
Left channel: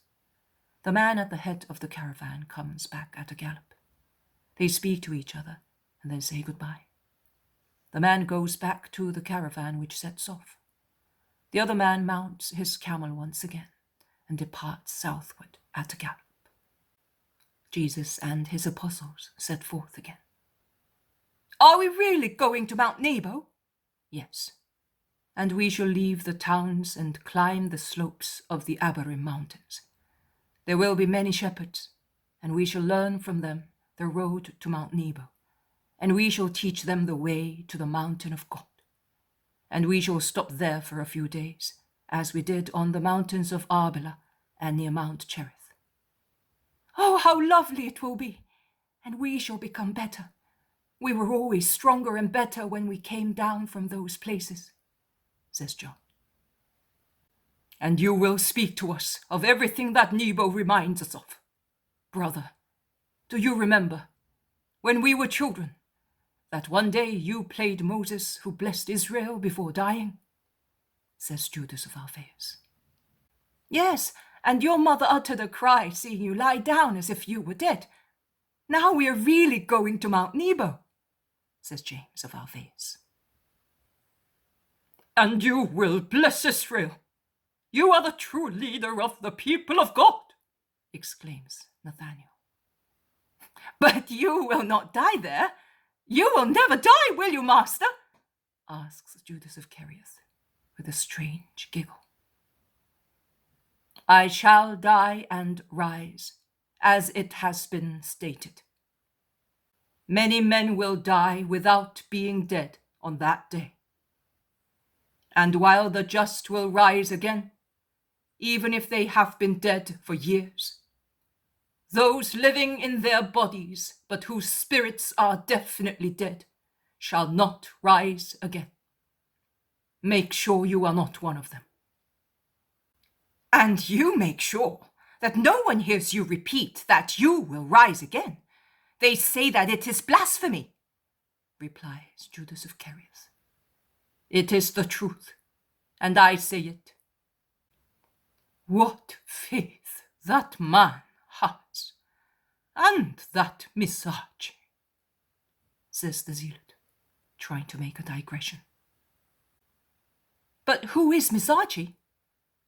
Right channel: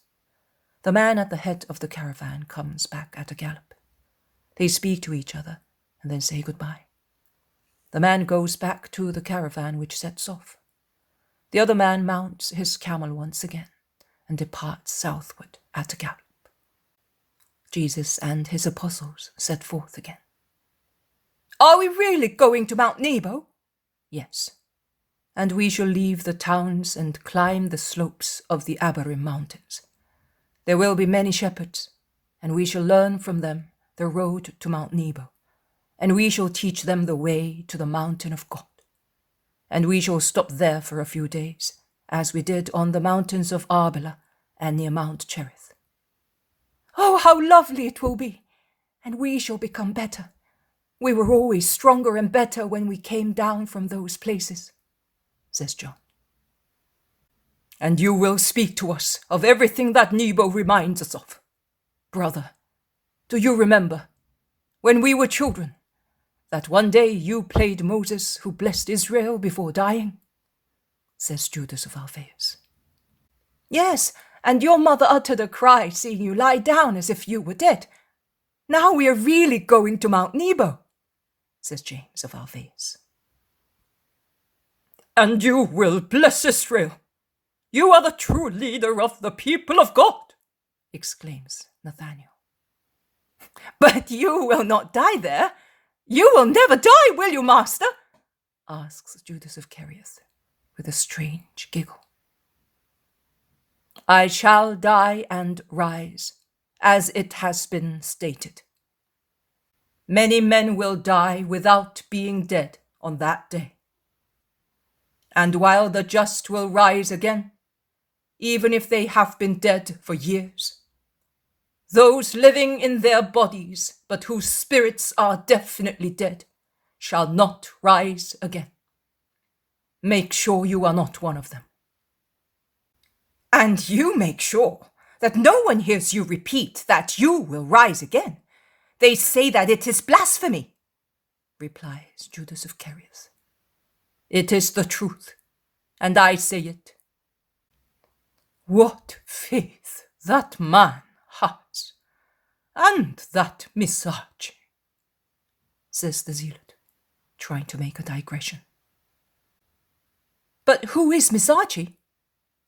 The man at the head of the caravan comes back at a gallop. They speak to each other and then say goodbye. The man goes back to the caravan which sets off. The other man mounts his camel once again and departs southward at a gallop. Jesus and his apostles set forth again. Are we really going to Mount Nebo? Yes. And we shall leave the towns and climb the slopes of the Abarim mountains. There will be many shepherds, and we shall learn from them the road to Mount Nebo, and we shall teach them the way to the mountain of God. And we shall stop there for a few days, as we did on the mountains of Arbela and near Mount Cherith. Oh, how lovely it will be, and we shall become better. We were always stronger and better when we came down from those places, says John. And you will speak to us of everything that Nebo reminds us of. Brother, do you remember, when we were children, that one day you played Moses who blessed Israel before dying? Says Judas of Alphaeus. Yes, and your mother uttered a cry seeing you lie down as if you were dead. Now we are really going to Mount Nebo, says James of Alphaeus. And you will bless Israel. You are the true leader of the people of God, exclaims Nathanael. But you will not die there. You will never die, will you, Master? Asks Judas of Kerioth with a strange giggle. I shall die and rise, as it has been stated. Many men will die without being dead on that day. And while the just will rise again, even if they have been dead for years, those living in their bodies, but whose spirits are definitely dead, shall not rise again. Make sure you are not one of them. And you make sure that no one hears you repeat that you will rise again. They say that it is blasphemy, replies Judas of Kerioth. It is the truth, and I say it. What faith that man has, and that Miss Zacchie, says the zealot, trying to make a digression. But who is Miss Zacchie?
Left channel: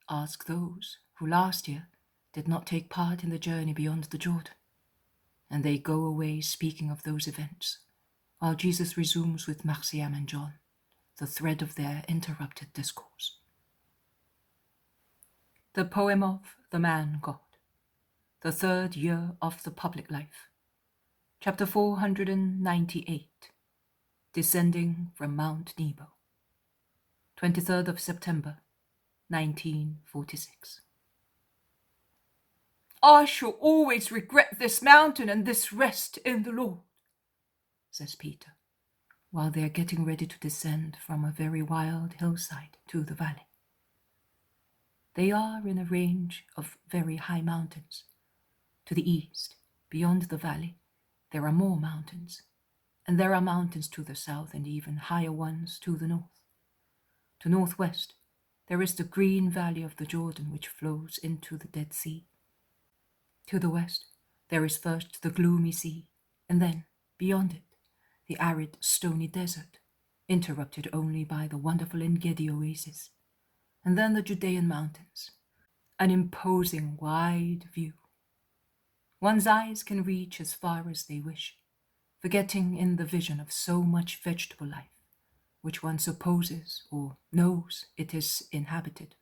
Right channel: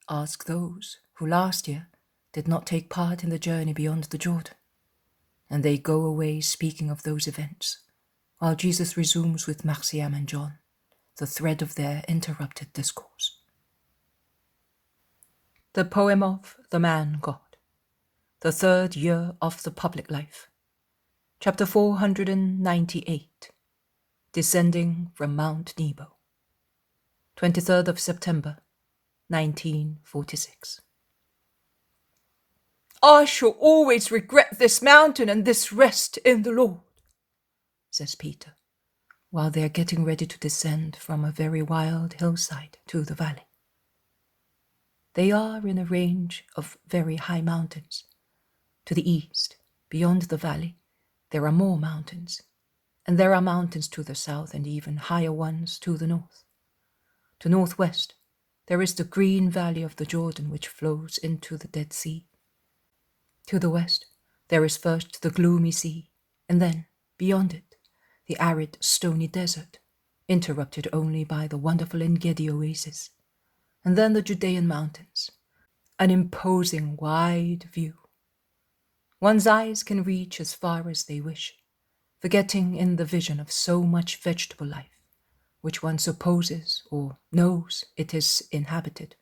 Ask those who last year did not take part in the journey beyond the Jordan. And they go away speaking of those events, while Jesus resumes with Marciam and John the thread of their interrupted discourse. The poem of the Man God, the 3rd year of the public life, chapter 498, descending from Mount Nebo, 23rd of September, 1946. I shall always regret this mountain and this rest in the Lord, says Peter, while they are getting ready to descend from a very wild hillside to the valley. They are in a range of very high mountains. To the east, beyond the valley, there are more mountains, and there are mountains to the south and even higher ones to the north. To northwest, there is the green valley of the Jordan which flows into the Dead Sea. To the west, there is first the gloomy sea, and then, beyond it, the arid, stony desert, interrupted only by the wonderful En-Gedi oasis, and then the Judean mountains, an imposing wide view One's eyes can reach as far as they wish, forgetting in the vision of so much vegetable life, which one supposes or knows it is inhabited,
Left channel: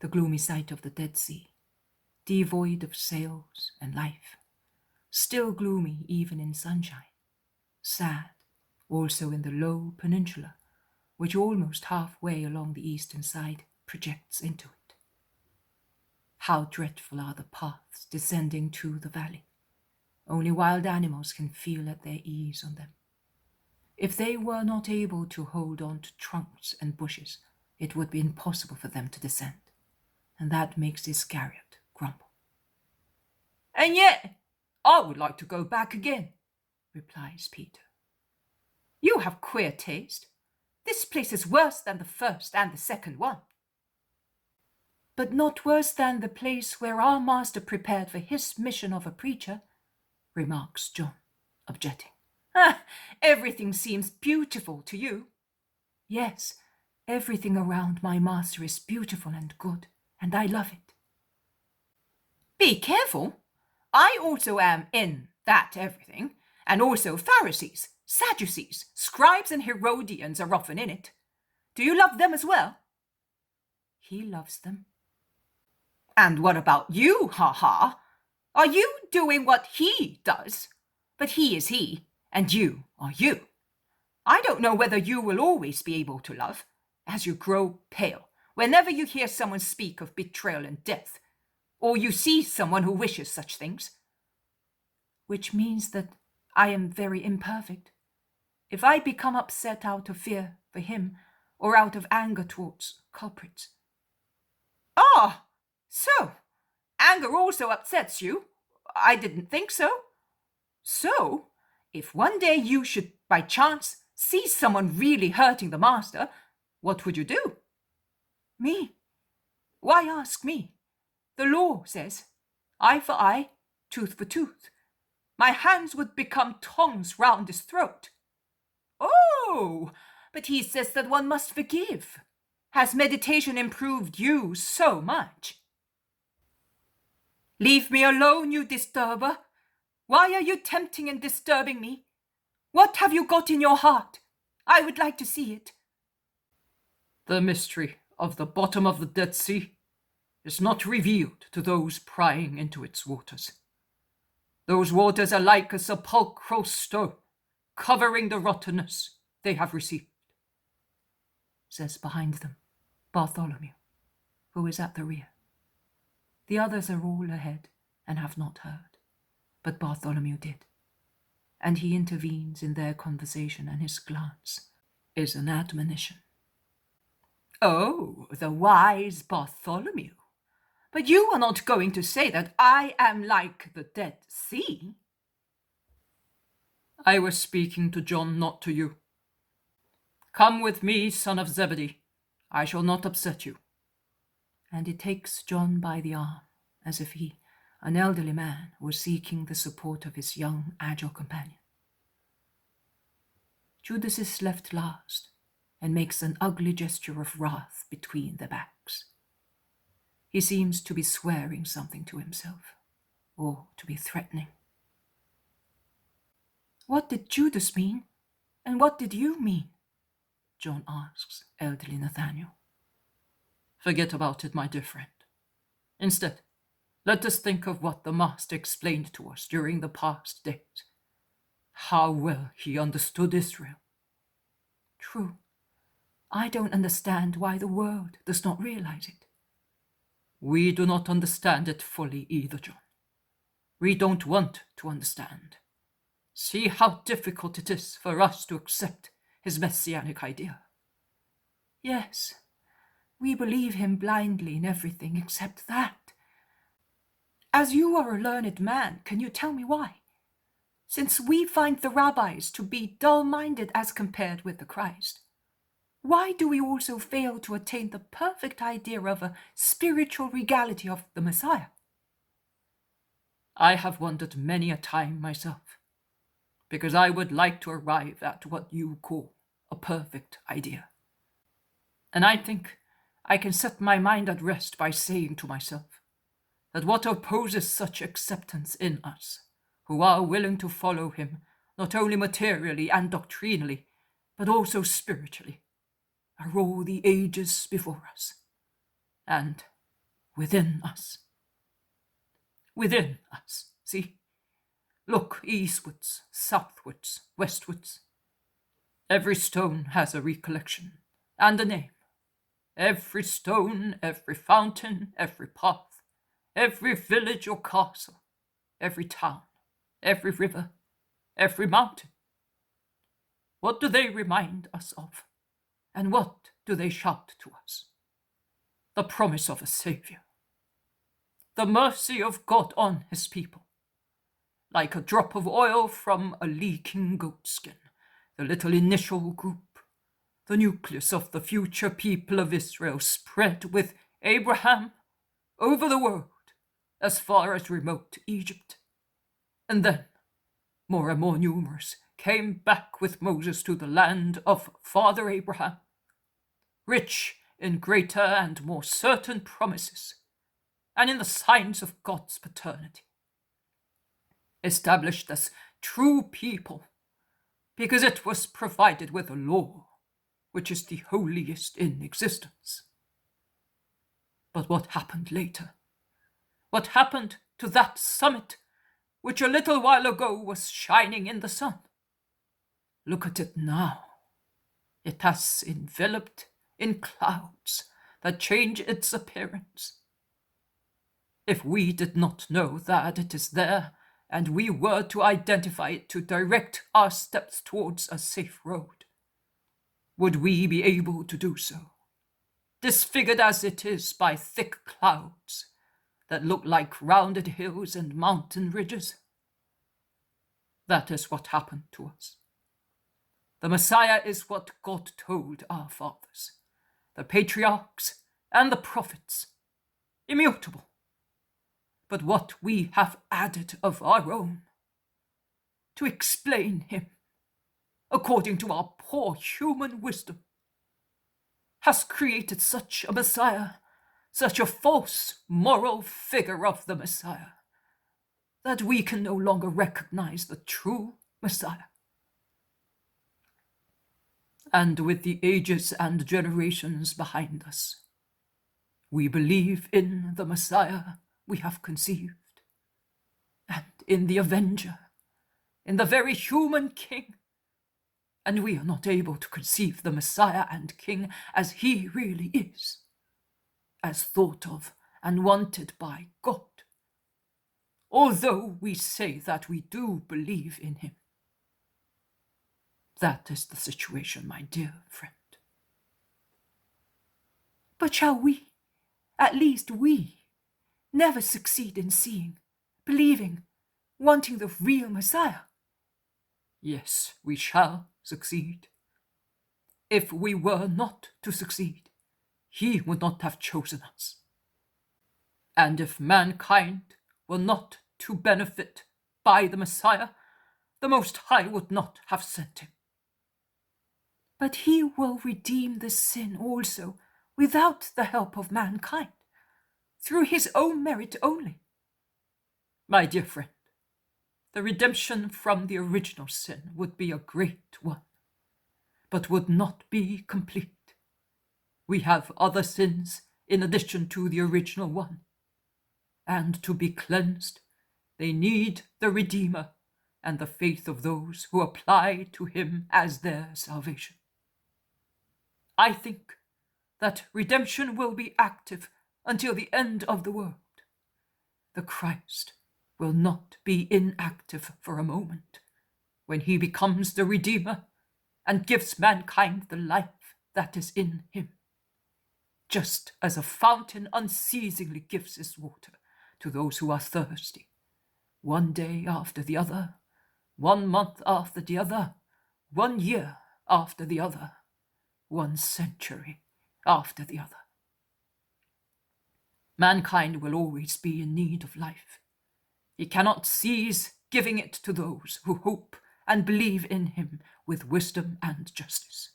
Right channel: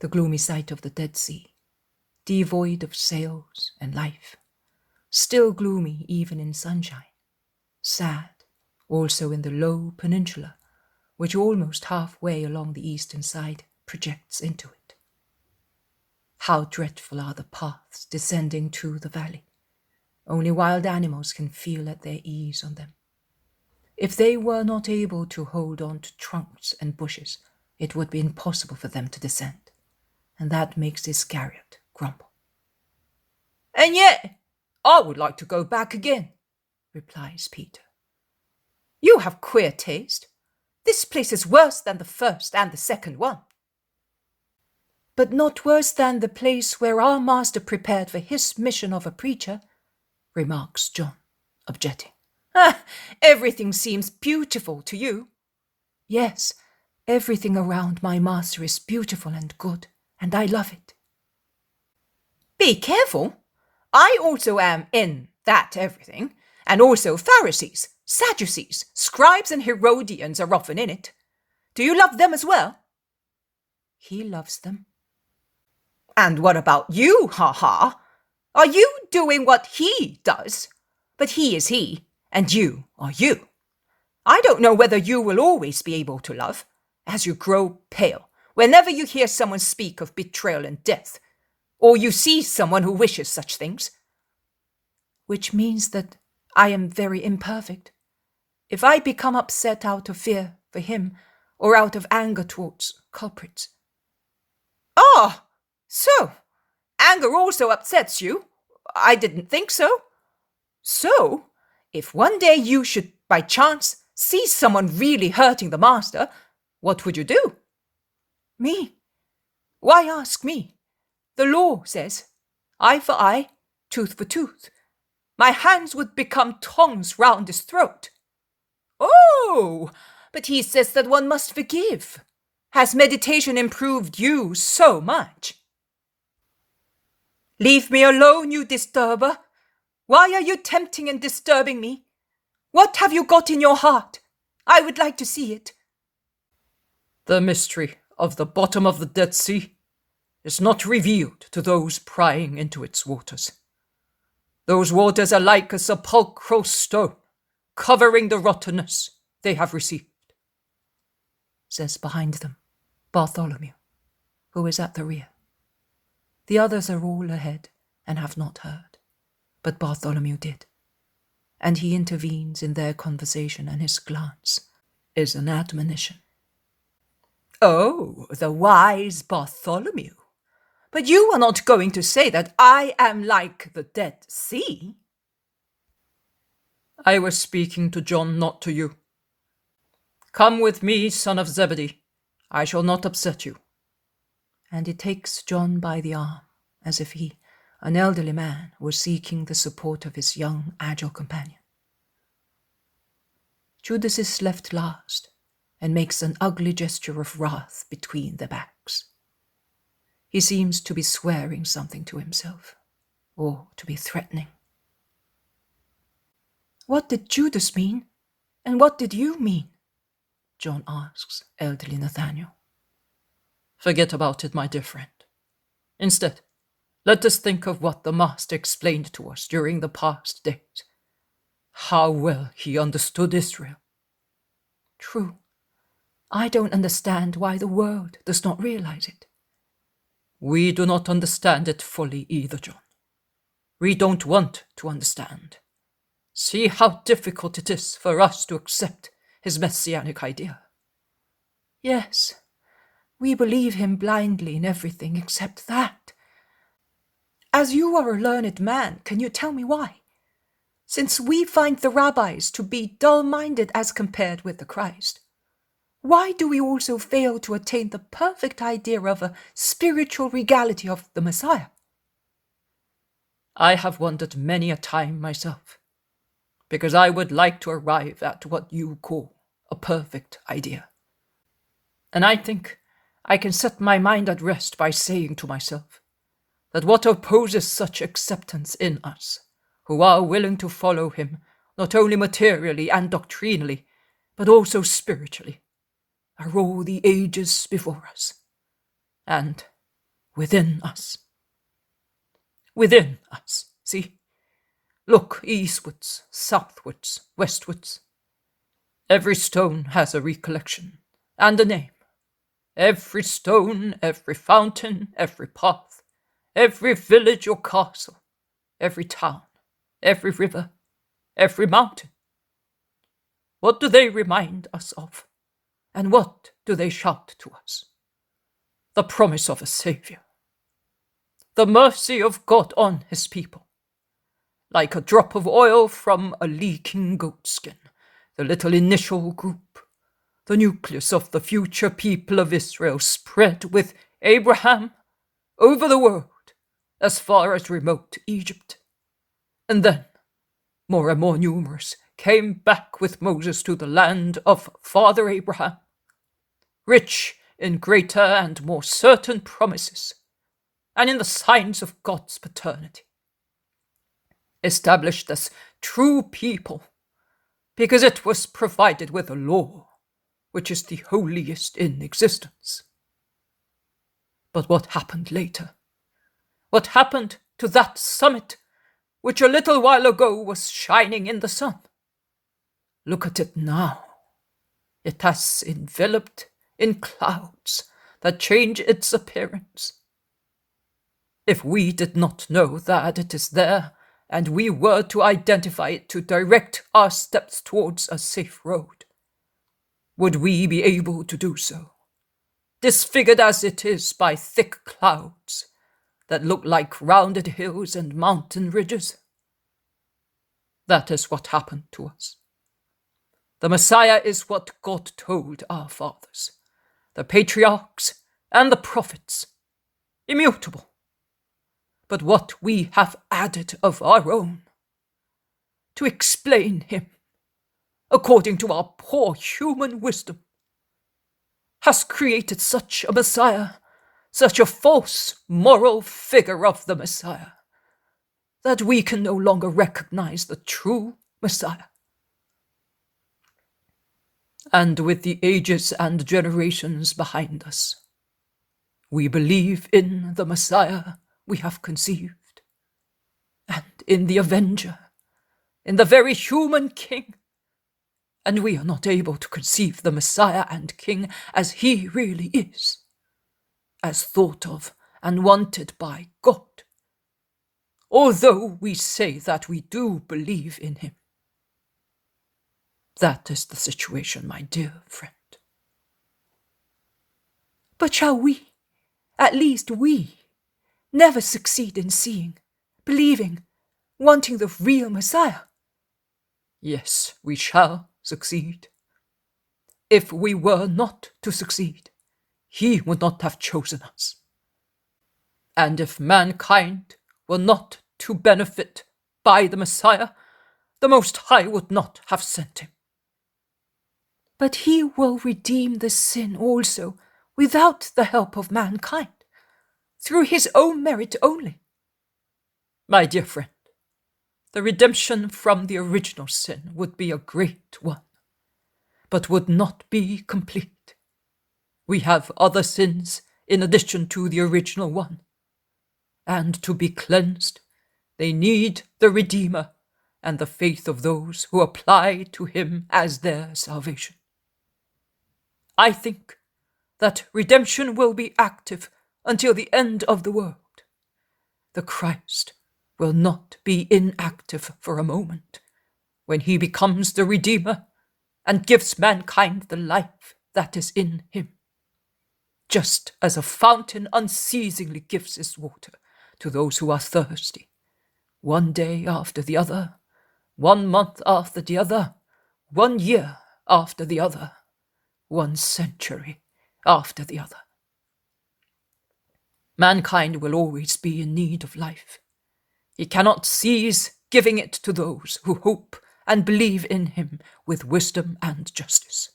the gloomy sight of the Dead Sea, devoid of sails and life, still gloomy even in sunshine, sad also in the low peninsula, which almost halfway along the eastern side projects into it. How dreadful are the paths descending to the valley. Only wild animals can feel at their ease on them. If they were not able to hold on to trunks and bushes, it would be impossible for them to descend, and that makes Iscariot grumble. And yet, I would like to go back again, replies Peter. You have queer taste. This place is worse than the first and the second one. But not worse than the place where our master prepared for his mission of a preacher, remarks John, objecting. Everything seems beautiful to you. Yes, everything around my master is beautiful and good, and I love it. Be careful. I also am in that everything, and also Pharisees, Sadducees, scribes and Herodians are often in it. Do you love them as well? He loves them. And what about you, ha-ha? Are you doing what he does? But he is he, and you are you. I don't know whether you will always be able to love, as you grow pale, whenever you hear someone speak of betrayal and death, or you see someone who wishes such things. Which means that I am very imperfect. If I become upset out of fear for him, or out of anger towards culprits. Ah, so anger also upsets you? I didn't think so. So, if one day you should by chance see someone really hurting the master, what would you do? Me? Why ask me? The law says, eye for eye, tooth for tooth. My hands would become tongs round his throat. Oh, but he says that one must forgive. Has meditation improved you so much? Leave me alone, you disturber. Why are you tempting and disturbing me? What have you got in your heart? I would like to see it. The mystery of the bottom of the Dead Sea is not revealed to those prying into its waters. Those waters are like a sepulchral stone, covering the rottenness they have received, says behind them Bartholomew, who is at the rear. The others are all ahead and have not heard, but Bartholomew did, and he intervenes in their conversation, and his glance is an admonition. Oh, the wise Bartholomew. But you are not going to say that I am like the Dead Sea? I was speaking to John, not to you. Come with me, son of Zebedee. I shall not upset you. And he takes John by the arm, as if he, an elderly man, were seeking the support of his young, agile companion. Judas is left last, and makes an ugly gesture of wrath between their backs. He seems to be swearing something to himself, or to be threatening. What did Judas mean, and what did you mean? John asks elderly Nathaniel. Forget about it, my dear friend. Instead, let us think of what the Master explained to us during the past days. How well he understood Israel. True. I don't understand why the world does not realize it. We do not understand it fully either, John. We don't want to understand. See how difficult it is for us to accept his messianic idea. Yes, we believe him blindly in everything except that. As you are a learned man, can you tell me why? Since we find the rabbis to be dull-minded as compared with the Christ, why do we also fail to attain the perfect idea of a spiritual regality of the Messiah? I have wondered many a time myself, because I would like to arrive at what you call a perfect idea. And I think I can set my mind at rest by saying to myself, that what opposes such acceptance in us, who are willing to follow him not only materially and doctrinally, but also spiritually, are all the ages before us, and within us. Within us, see? Look eastwards, southwards, westwards. Every stone has a recollection and a name. Every stone, every fountain, every path, every village or castle, every town, every river, every mountain. What do they remind us of? And what do they shout to us? The promise of a Saviour. The mercy of God on his people. Like a drop of oil from a leaking goatskin, the little initial group, the nucleus of the future people of Israel, spread with Abraham over the world as far as remote Egypt. And then, more and more numerous, came back with Moses to the land of Father Abraham, rich in greater and more certain promises, and in the signs of God's paternity. Established as true people, because it was provided with a law, which is the holiest in existence. But what happened later? What happened to that summit, which a little while ago was shining in the sun? Look at it now. It has enveloped in clouds that change its appearance. If we did not know that it is there, and we were to identify it to direct our steps towards a safe road, would we be able to do so, disfigured as it is by thick clouds that look like rounded hills and mountain ridges? That is what happened to us. The Messiah is what God told our fathers, the patriarchs and the prophets, immutable. But what we have added of our own, to explain him, according to our poor human wisdom, has created such a Messiah, such a false moral figure of the Messiah, that we can no longer recognize the true Messiah. And with the ages and generations behind us, we believe in the Messiah we have conceived, and in the Avenger, in the very human King, and we are not able to conceive the Messiah and King as he really is, as thought of and wanted by God, although we say that we do believe in him. That is the situation, my dear friend. But shall we, at least we, never succeed in seeing, believing, wanting the real Messiah? Yes, we shall succeed. If we were not to succeed, he would not have chosen us. And if mankind were not to benefit by the Messiah, the Most High would not have sent him. But he will redeem the sin also without the help of mankind, through his own merit only. My dear friend, the redemption from the original sin would be a great one, but would not be complete. We have other sins in addition to the original one, and to be cleansed, they need the Redeemer and the faith of those who apply to him as their salvation. I think that redemption will be active until the end of the world. The Christ will not be inactive for a moment when he becomes the Redeemer and gives mankind the life that is in him, just as a fountain unceasingly gives its water to those who are thirsty, one day after the other, 1 month after the other, 1 year after the other, 1 century after the other. Mankind will always be in need of life. He cannot cease giving it to those who hope and believe in him with wisdom and justice.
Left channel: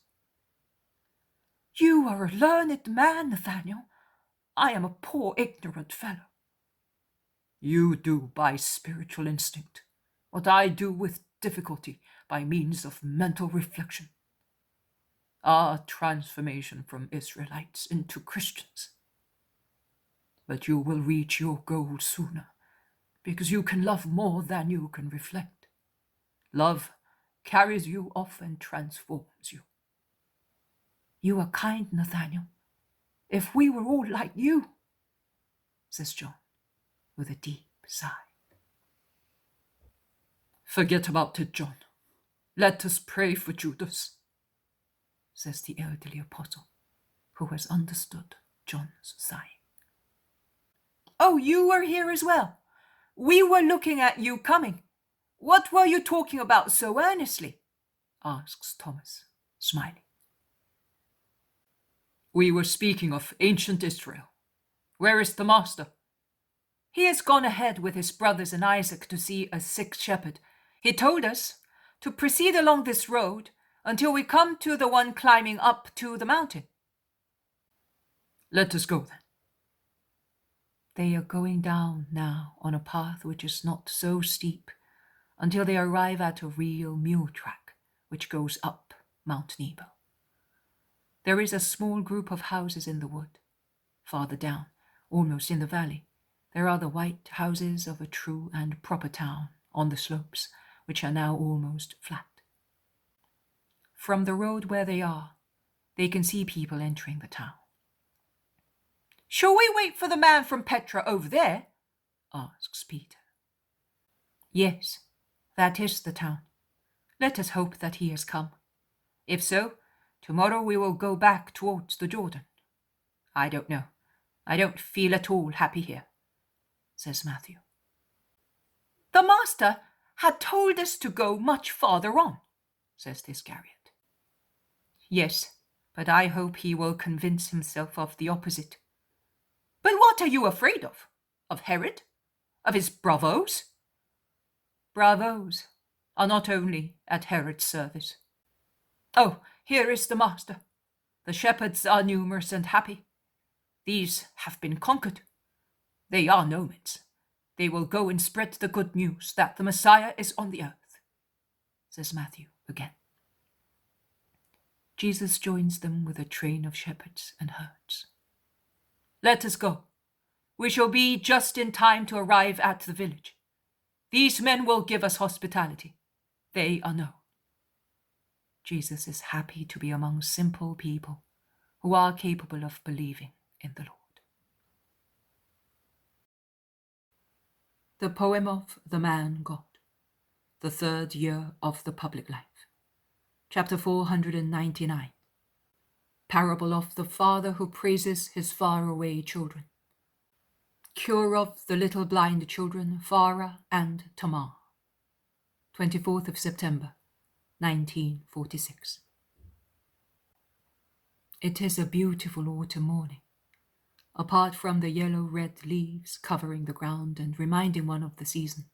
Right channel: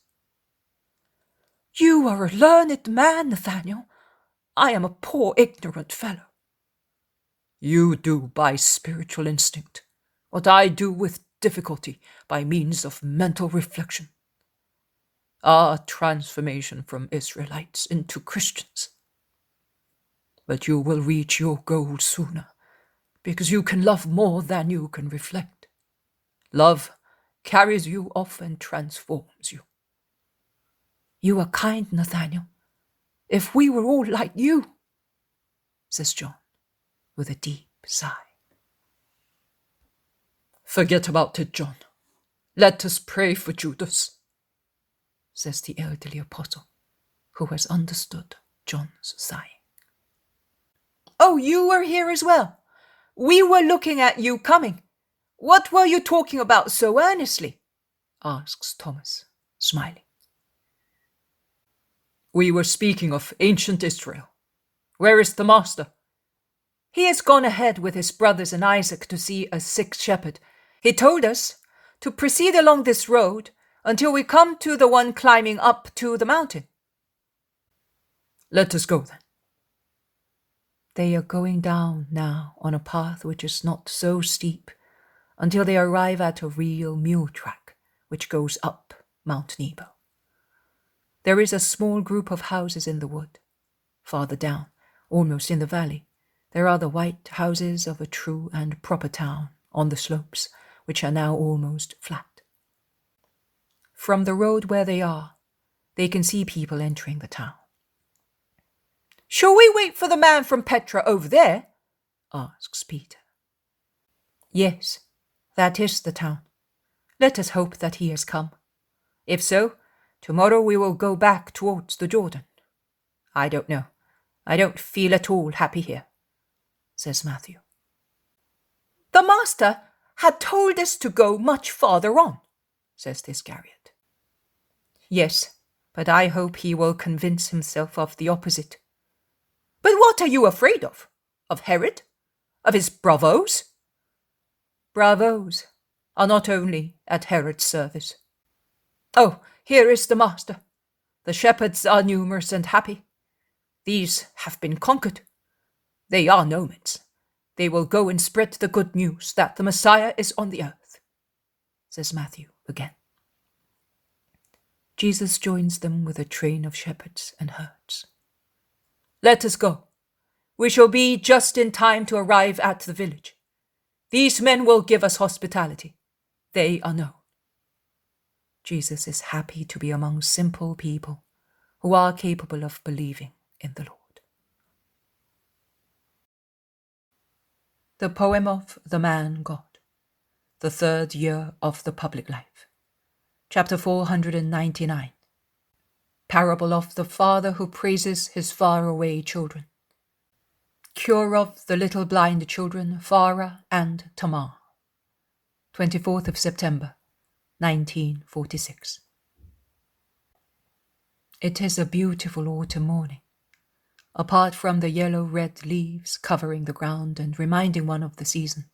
You are a learned man, Nathaniel. I am a poor ignorant fellow. You do by spiritual instinct what I do with difficulty by means of mental reflection. Our transformation from Israelites into Christians. But you will reach your goal sooner, because you can love more than you can reflect. Love carries you off and transforms you. You are kind, Nathaniel. If we were all like you, says John, with a deep sigh. Forget about it, John. Let us pray for Judas, says the elderly apostle, who has understood John's sighing. Oh, you were here as well. We were looking at you coming. What were you talking about so earnestly? Asks Thomas, smiling. We were speaking of ancient Israel. Where is the master? He has gone ahead with his brothers and Isaac to see a sick shepherd. He told us to proceed along this road until we come to the one climbing up to the mountain. Let us go then. They are going down now on a path which is not so steep until they arrive at a real mule track which goes up Mount Nebo. There is a small group of houses in the wood. Farther down, almost in the valley, there are the white houses of a true and proper town on the slopes, which are now almost flat. From the road where they are, they can see people entering the town. Shall we wait for the man from Petra over there? Asks Peter. Yes, that is the town. Let us hope that he has come. If so, tomorrow we will go back towards the Jordan. I don't know. I don't feel at all happy here, says Matthew. The master had told us to go much farther on, says Iscariot. Yes, but I hope he will convince himself of the opposite. But what are you afraid of? Of Herod? Of his bravos? Bravos are not only at Herod's service. Oh, here is the master. The shepherds are numerous and happy. These have been conquered. They are nomads. They will go and spread the good news that the Messiah is on the earth, says Matthew again. Jesus joins them with a train of shepherds and herds. Let us go. We shall be just in time to arrive at the village. These men will give us hospitality. They are known. Jesus is happy to be among simple people who are capable of believing in the Lord. The poem of the man God, the third year of the public life. Chapter 499. Parable of the father who praises his far-away children. Cure of the little blind children Farah and Tamar. 24th of September, 1946. It is a beautiful autumn morning. Apart from the yellow-red leaves covering the ground and reminding one of the season,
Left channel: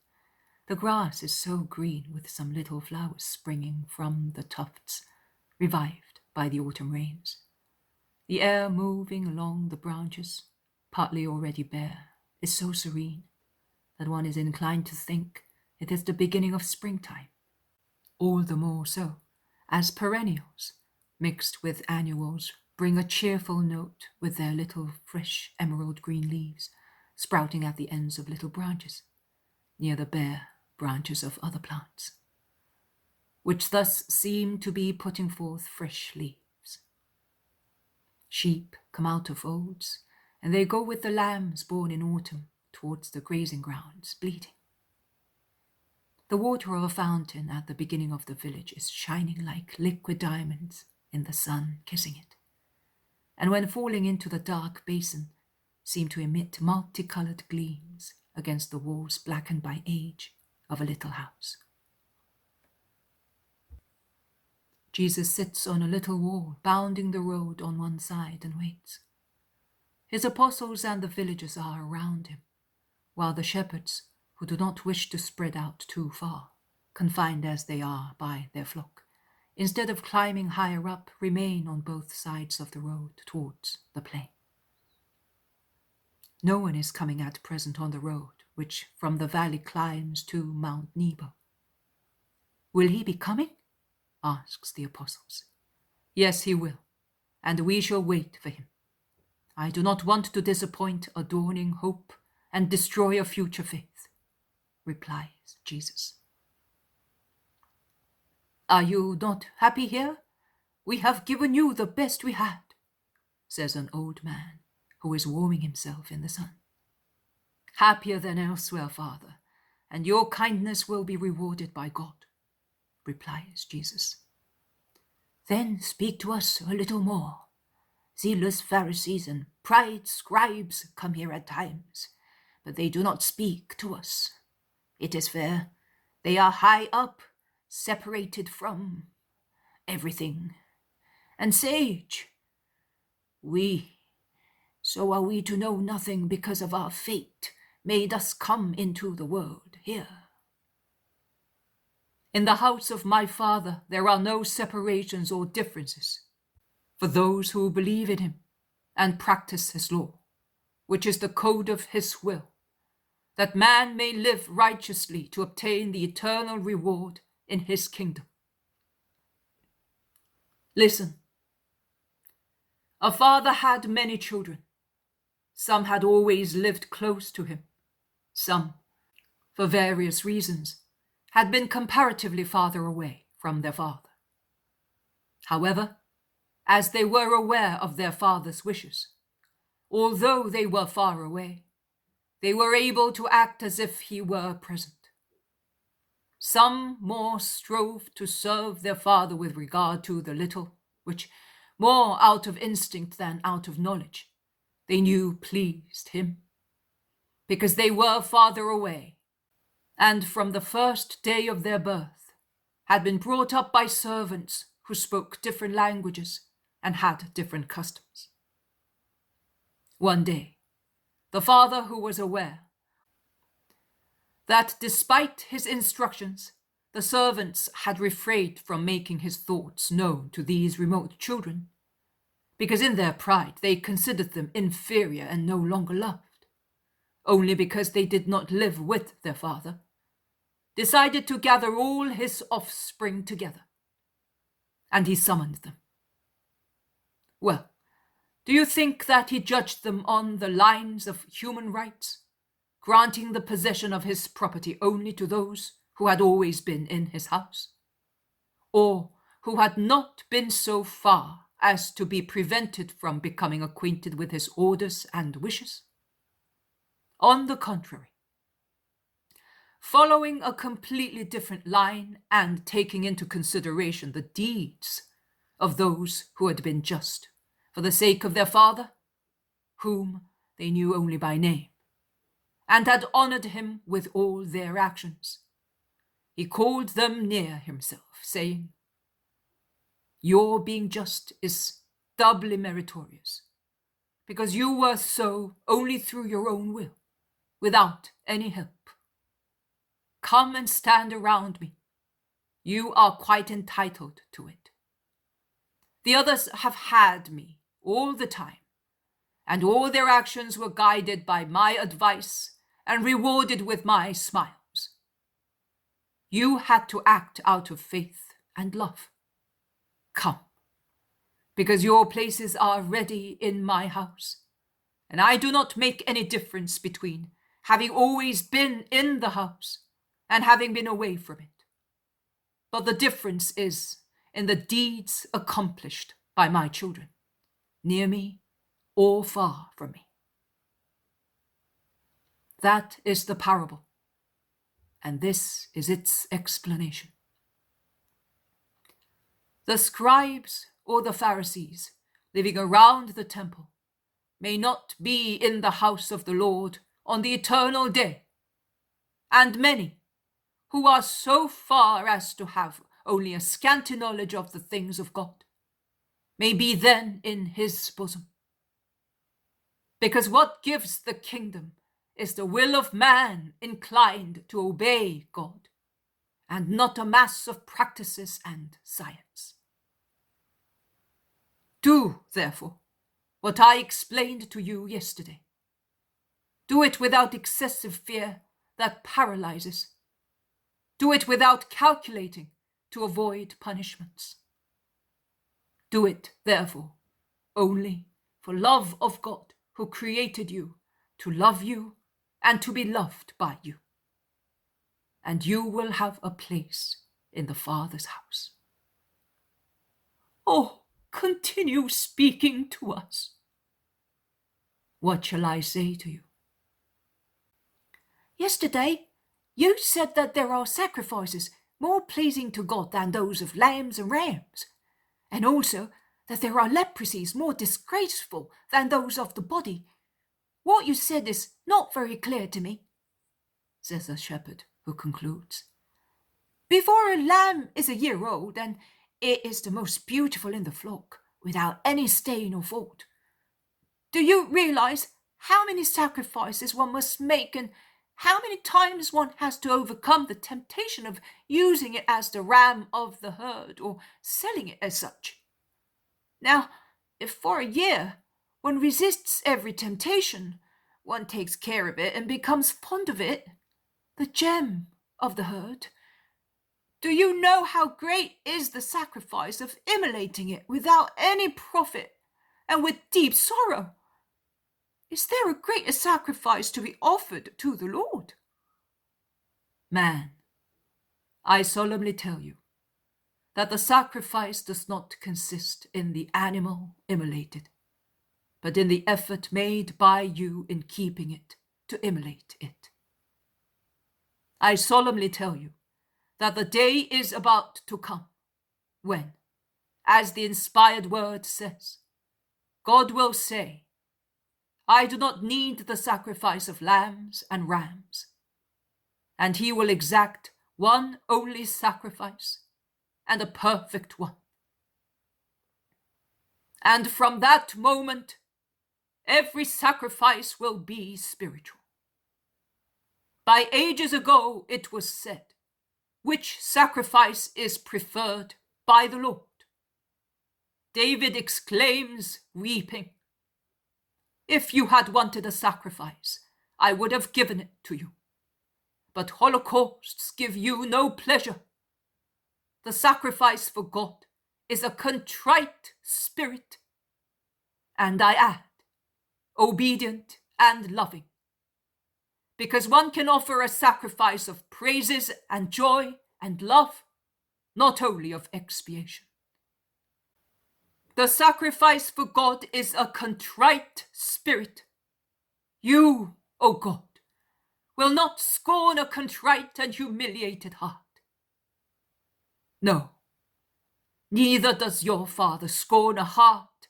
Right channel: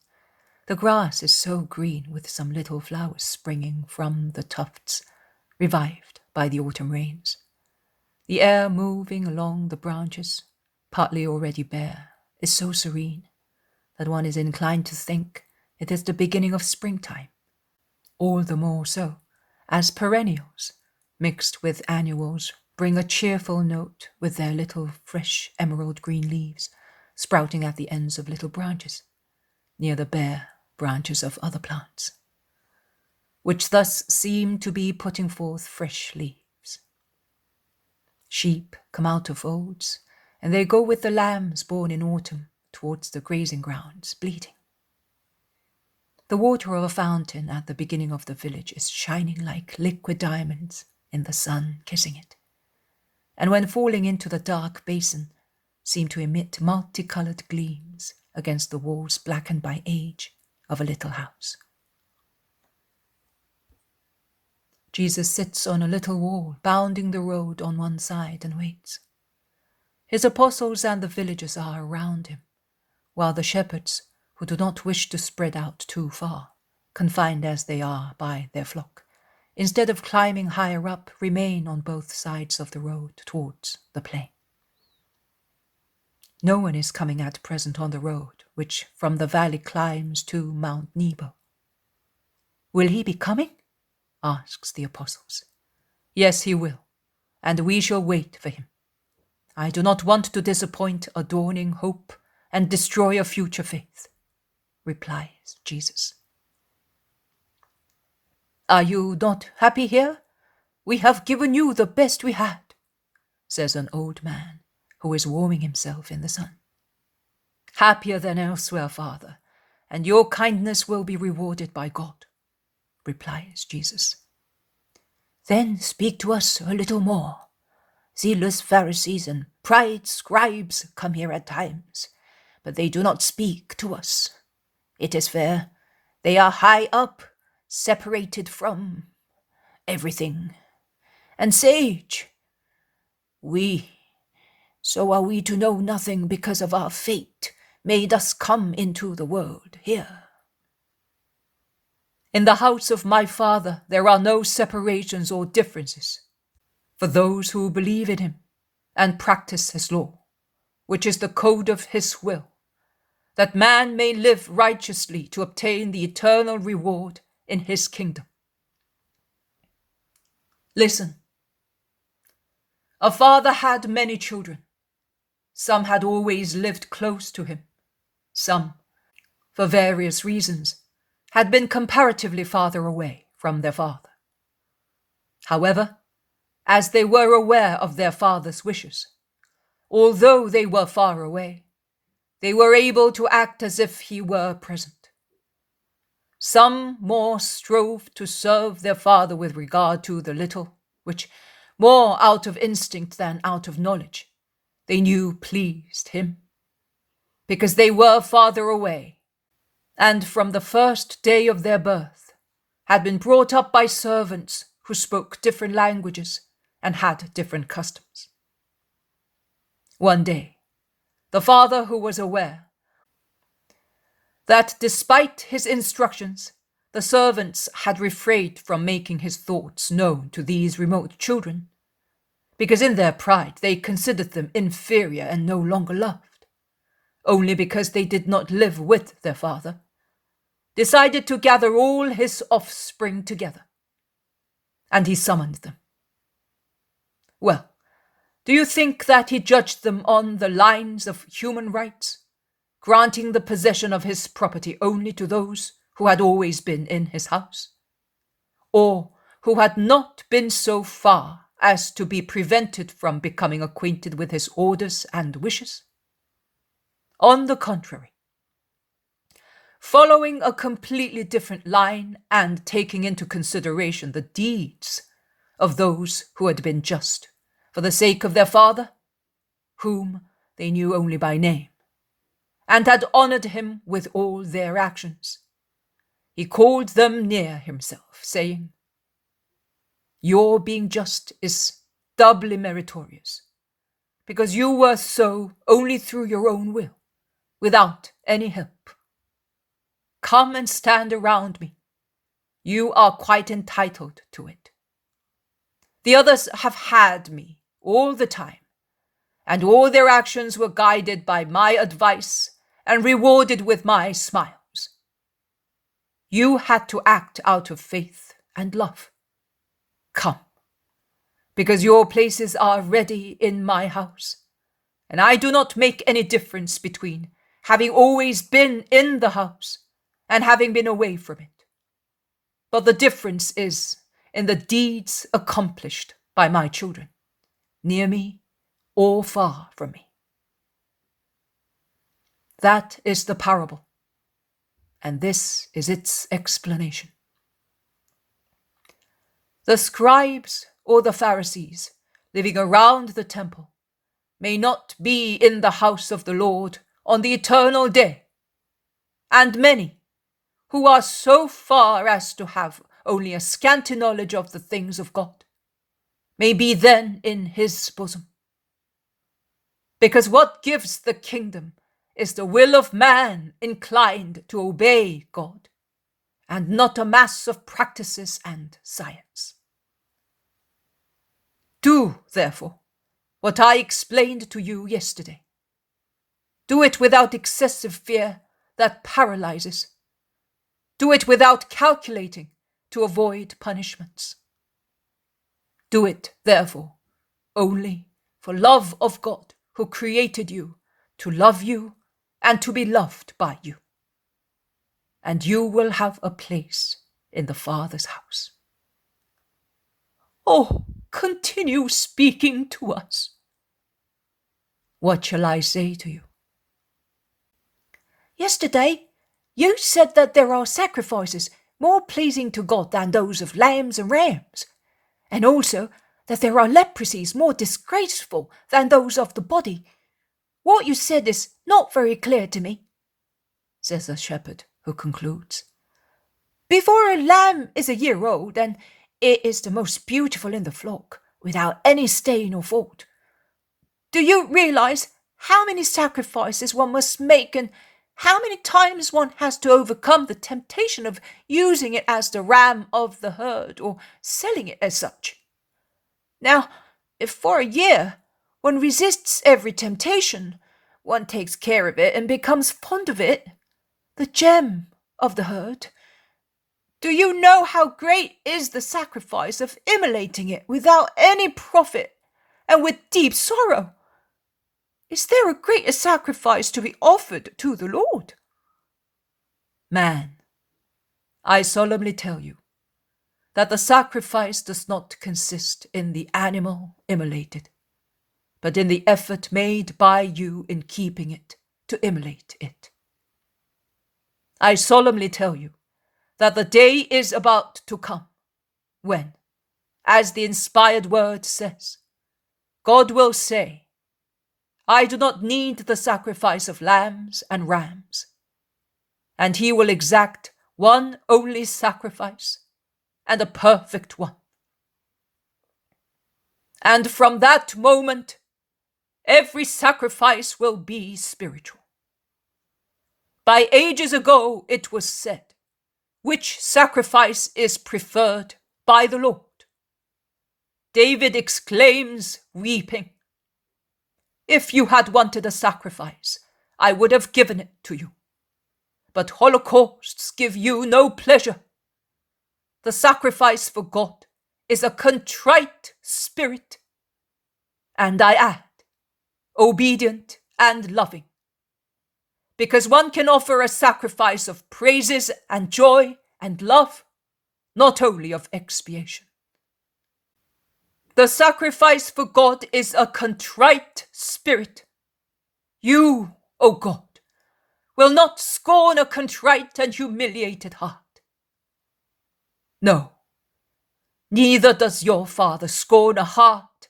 the grass is so green with some little flowers springing from the tufts, revived by the autumn rains. The air moving along the branches, partly already bare, is so serene that one is inclined to think it is the beginning of springtime. All the more so, as perennials, mixed with annuals, bring a cheerful note with their little fresh emerald green leaves sprouting at the ends of little branches, near the bare branches of other plants, which thus seem to be putting forth fresh leaves. Sheep come out of folds, and they go with the lambs born in autumn towards the grazing grounds, bleating. The water of a fountain at the beginning of the village is shining like liquid diamonds in the sun kissing it, and when falling into the dark basin, seem to emit multicolored gleams against the walls blackened by age of a little house. Jesus sits on a little wall, bounding the road on one side, and waits. His apostles and the villagers are around him, while the shepherds, who do not wish to spread out too far, confined as they are by their flock, instead of climbing higher up, remain on both sides of the road towards the plain. No one is coming at present on the road which from the valley climbs to Mount Nebo. Will he be coming? Asks the apostles. Yes, he will, and we shall wait for him. I do not want to disappoint a dawning hope and destroy a future faith, replies Jesus. Are you not happy here? We have given you the best we had, says an old man who is warming himself in the sun. Happier than elsewhere, Father, and your kindness will be rewarded by God, replies Jesus. Then speak to us a little more. Zealous Pharisees and pride scribes come here at times, but they do not speak to us. It is fair. They are high up, separated from everything. And sage, so are we to know nothing because of our fate made us come into the world here. In the house of my Father there are no separations or differences for those who believe in him and practice his law, which is the code of his will, that man may live righteously to obtain the eternal reward in his kingdom. Listen. A father had many children. Some had always lived close to him. Some, for various reasons, had been comparatively farther away from their father. However, as they were aware of their father's wishes, although they were far away, they were able to act as if he were present. Some more strove to serve their father with regard to the little, which, more out of instinct than out of knowledge, they knew pleased him, because they were farther away, and from the first day of their birth had been brought up by servants who spoke different languages and had different customs. One day, the father, who was aware that despite his instructions, the servants had refrained from making his thoughts known to these remote children, because in their pride they considered them inferior and no longer loved, only because they did not live with their father, decided to gather all his offspring together. And he summoned them. Well, do you think that he judged them on the lines of human rights, granting the possession of his property only to those who had always been in his house, or who had not been so far as to be prevented from becoming acquainted with his orders and wishes? On the contrary, following a completely different line and taking into consideration the deeds of those who had been just for the sake of their father, whom they knew only by name, and had honored him with all their actions, he called them near himself, saying, "Your being just is doubly meritorious, because you were so only through your own will, without any help. Come and stand around me. You are quite entitled to it. The others have had me all the time, and all their actions were guided by my advice and rewarded with my smiles. You had to act out of faith and love. Come, because your places are ready in my house, and I do not make any difference between having always been in the house and having been away from it. But the difference is in the deeds accomplished by my children, near me or far from me." That is the parable, and this is its explanation. The scribes or the Pharisees living around the temple may not be in the house of the Lord on the eternal day, and many who are so far as to have only a scanty knowledge of the things of God may be then in his bosom. Because what gives the kingdom is the will of man inclined to obey God, and not a mass of practices and science. Do, therefore, what I explained to you yesterday. Do it without excessive fear that paralyzes. Do it without calculating to avoid punishments. Do it, therefore, only for love of God, who created you to love you and to be loved by you. And you will have a place in the Father's house. Oh, continue speaking to us. What shall I say to you? Yesterday, you said that there are sacrifices more pleasing to God than those of lambs and rams, and also that there are leprosies more disgraceful than those of the body. What you said is not very clear to me, says the shepherd, who concludes. Before a lamb is a year old, and it is the most beautiful in the flock, without any stain or fault. Do you realize how many sacrifices one must make and how many times one has to overcome the temptation of using it as the ram of the herd or selling it as such? Now, if for a year one resists every temptation, one takes care of it and becomes fond of it, the gem of the herd, do you know how great is the sacrifice of immolating it without any profit and with deep sorrow? Is there a greater sacrifice to be offered to the Lord? Man, I solemnly tell you that the sacrifice does not consist in the animal immolated, but in the effort made by you in keeping it to immolate it. I solemnly tell you that the day is about to come when, as the inspired word says, God will say, I do not need the sacrifice of lambs and rams, and he will exact one only sacrifice, and a perfect one. And from that moment, every sacrifice will be spiritual. By ages ago it was said, which sacrifice is preferred by the Lord? David exclaims, weeping, if you had wanted a sacrifice, I would have given it to you. But holocausts give you no pleasure. The sacrifice for God is a contrite spirit, and I add, obedient and loving, because one can offer a sacrifice of praises and joy and love, not only of expiation. The sacrifice for God is a contrite spirit. You, O God, will not scorn a contrite and humiliated heart. No, neither does your Father scorn a heart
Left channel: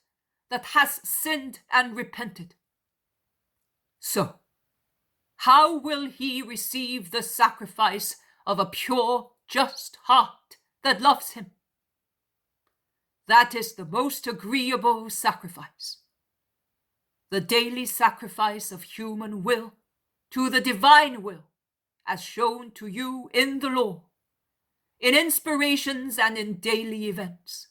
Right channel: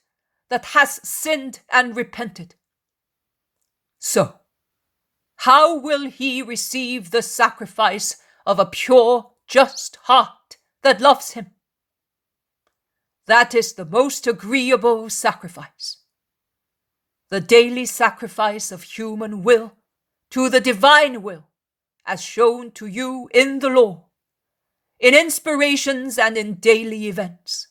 that has sinned and repented. So, how will he receive the sacrifice of a pure, just heart that loves him? That is the most agreeable sacrifice. The daily sacrifice of human will to the divine will, as shown to you in the law, in inspirations and in daily events.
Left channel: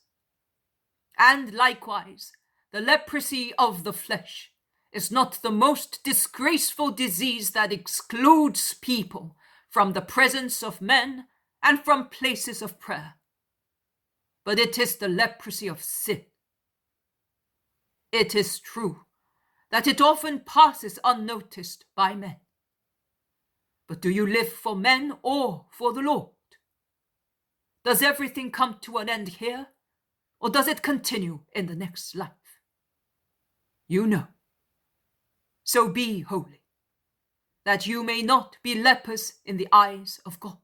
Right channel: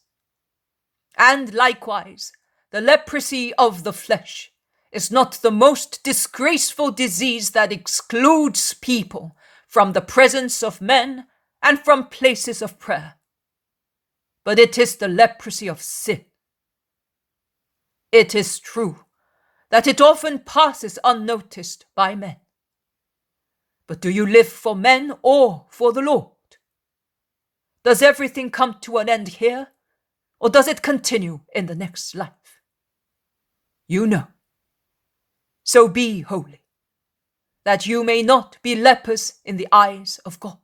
And likewise, the leprosy of the flesh is not the most disgraceful disease that excludes people from the presence of men and from places of prayer, but it is the leprosy of sin. It is true that it often passes unnoticed by men. But do you live for men or for the Lord? Does everything come to an end here, or does it continue in the next life? You know. So be holy, that you may not be lepers in the eyes of God,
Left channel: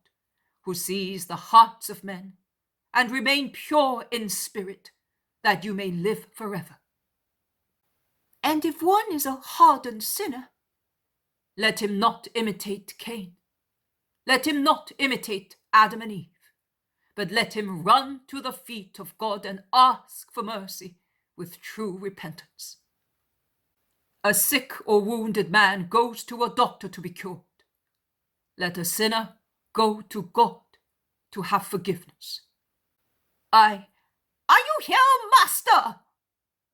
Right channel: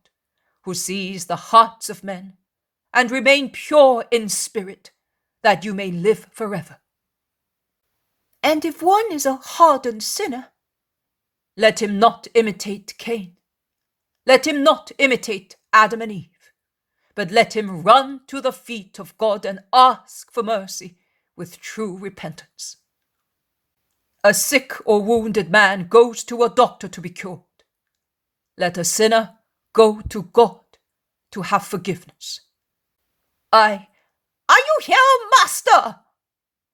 who sees the hearts of men, and remain pure in spirit, that you may live forever. And if one is a hardened sinner, let him not imitate Cain. Let him not imitate Adam and Eve, but let him run to the feet of God and ask for mercy with true repentance. A sick or wounded man goes to a doctor to be cured. Let a sinner go to God to have forgiveness. Are you here, master?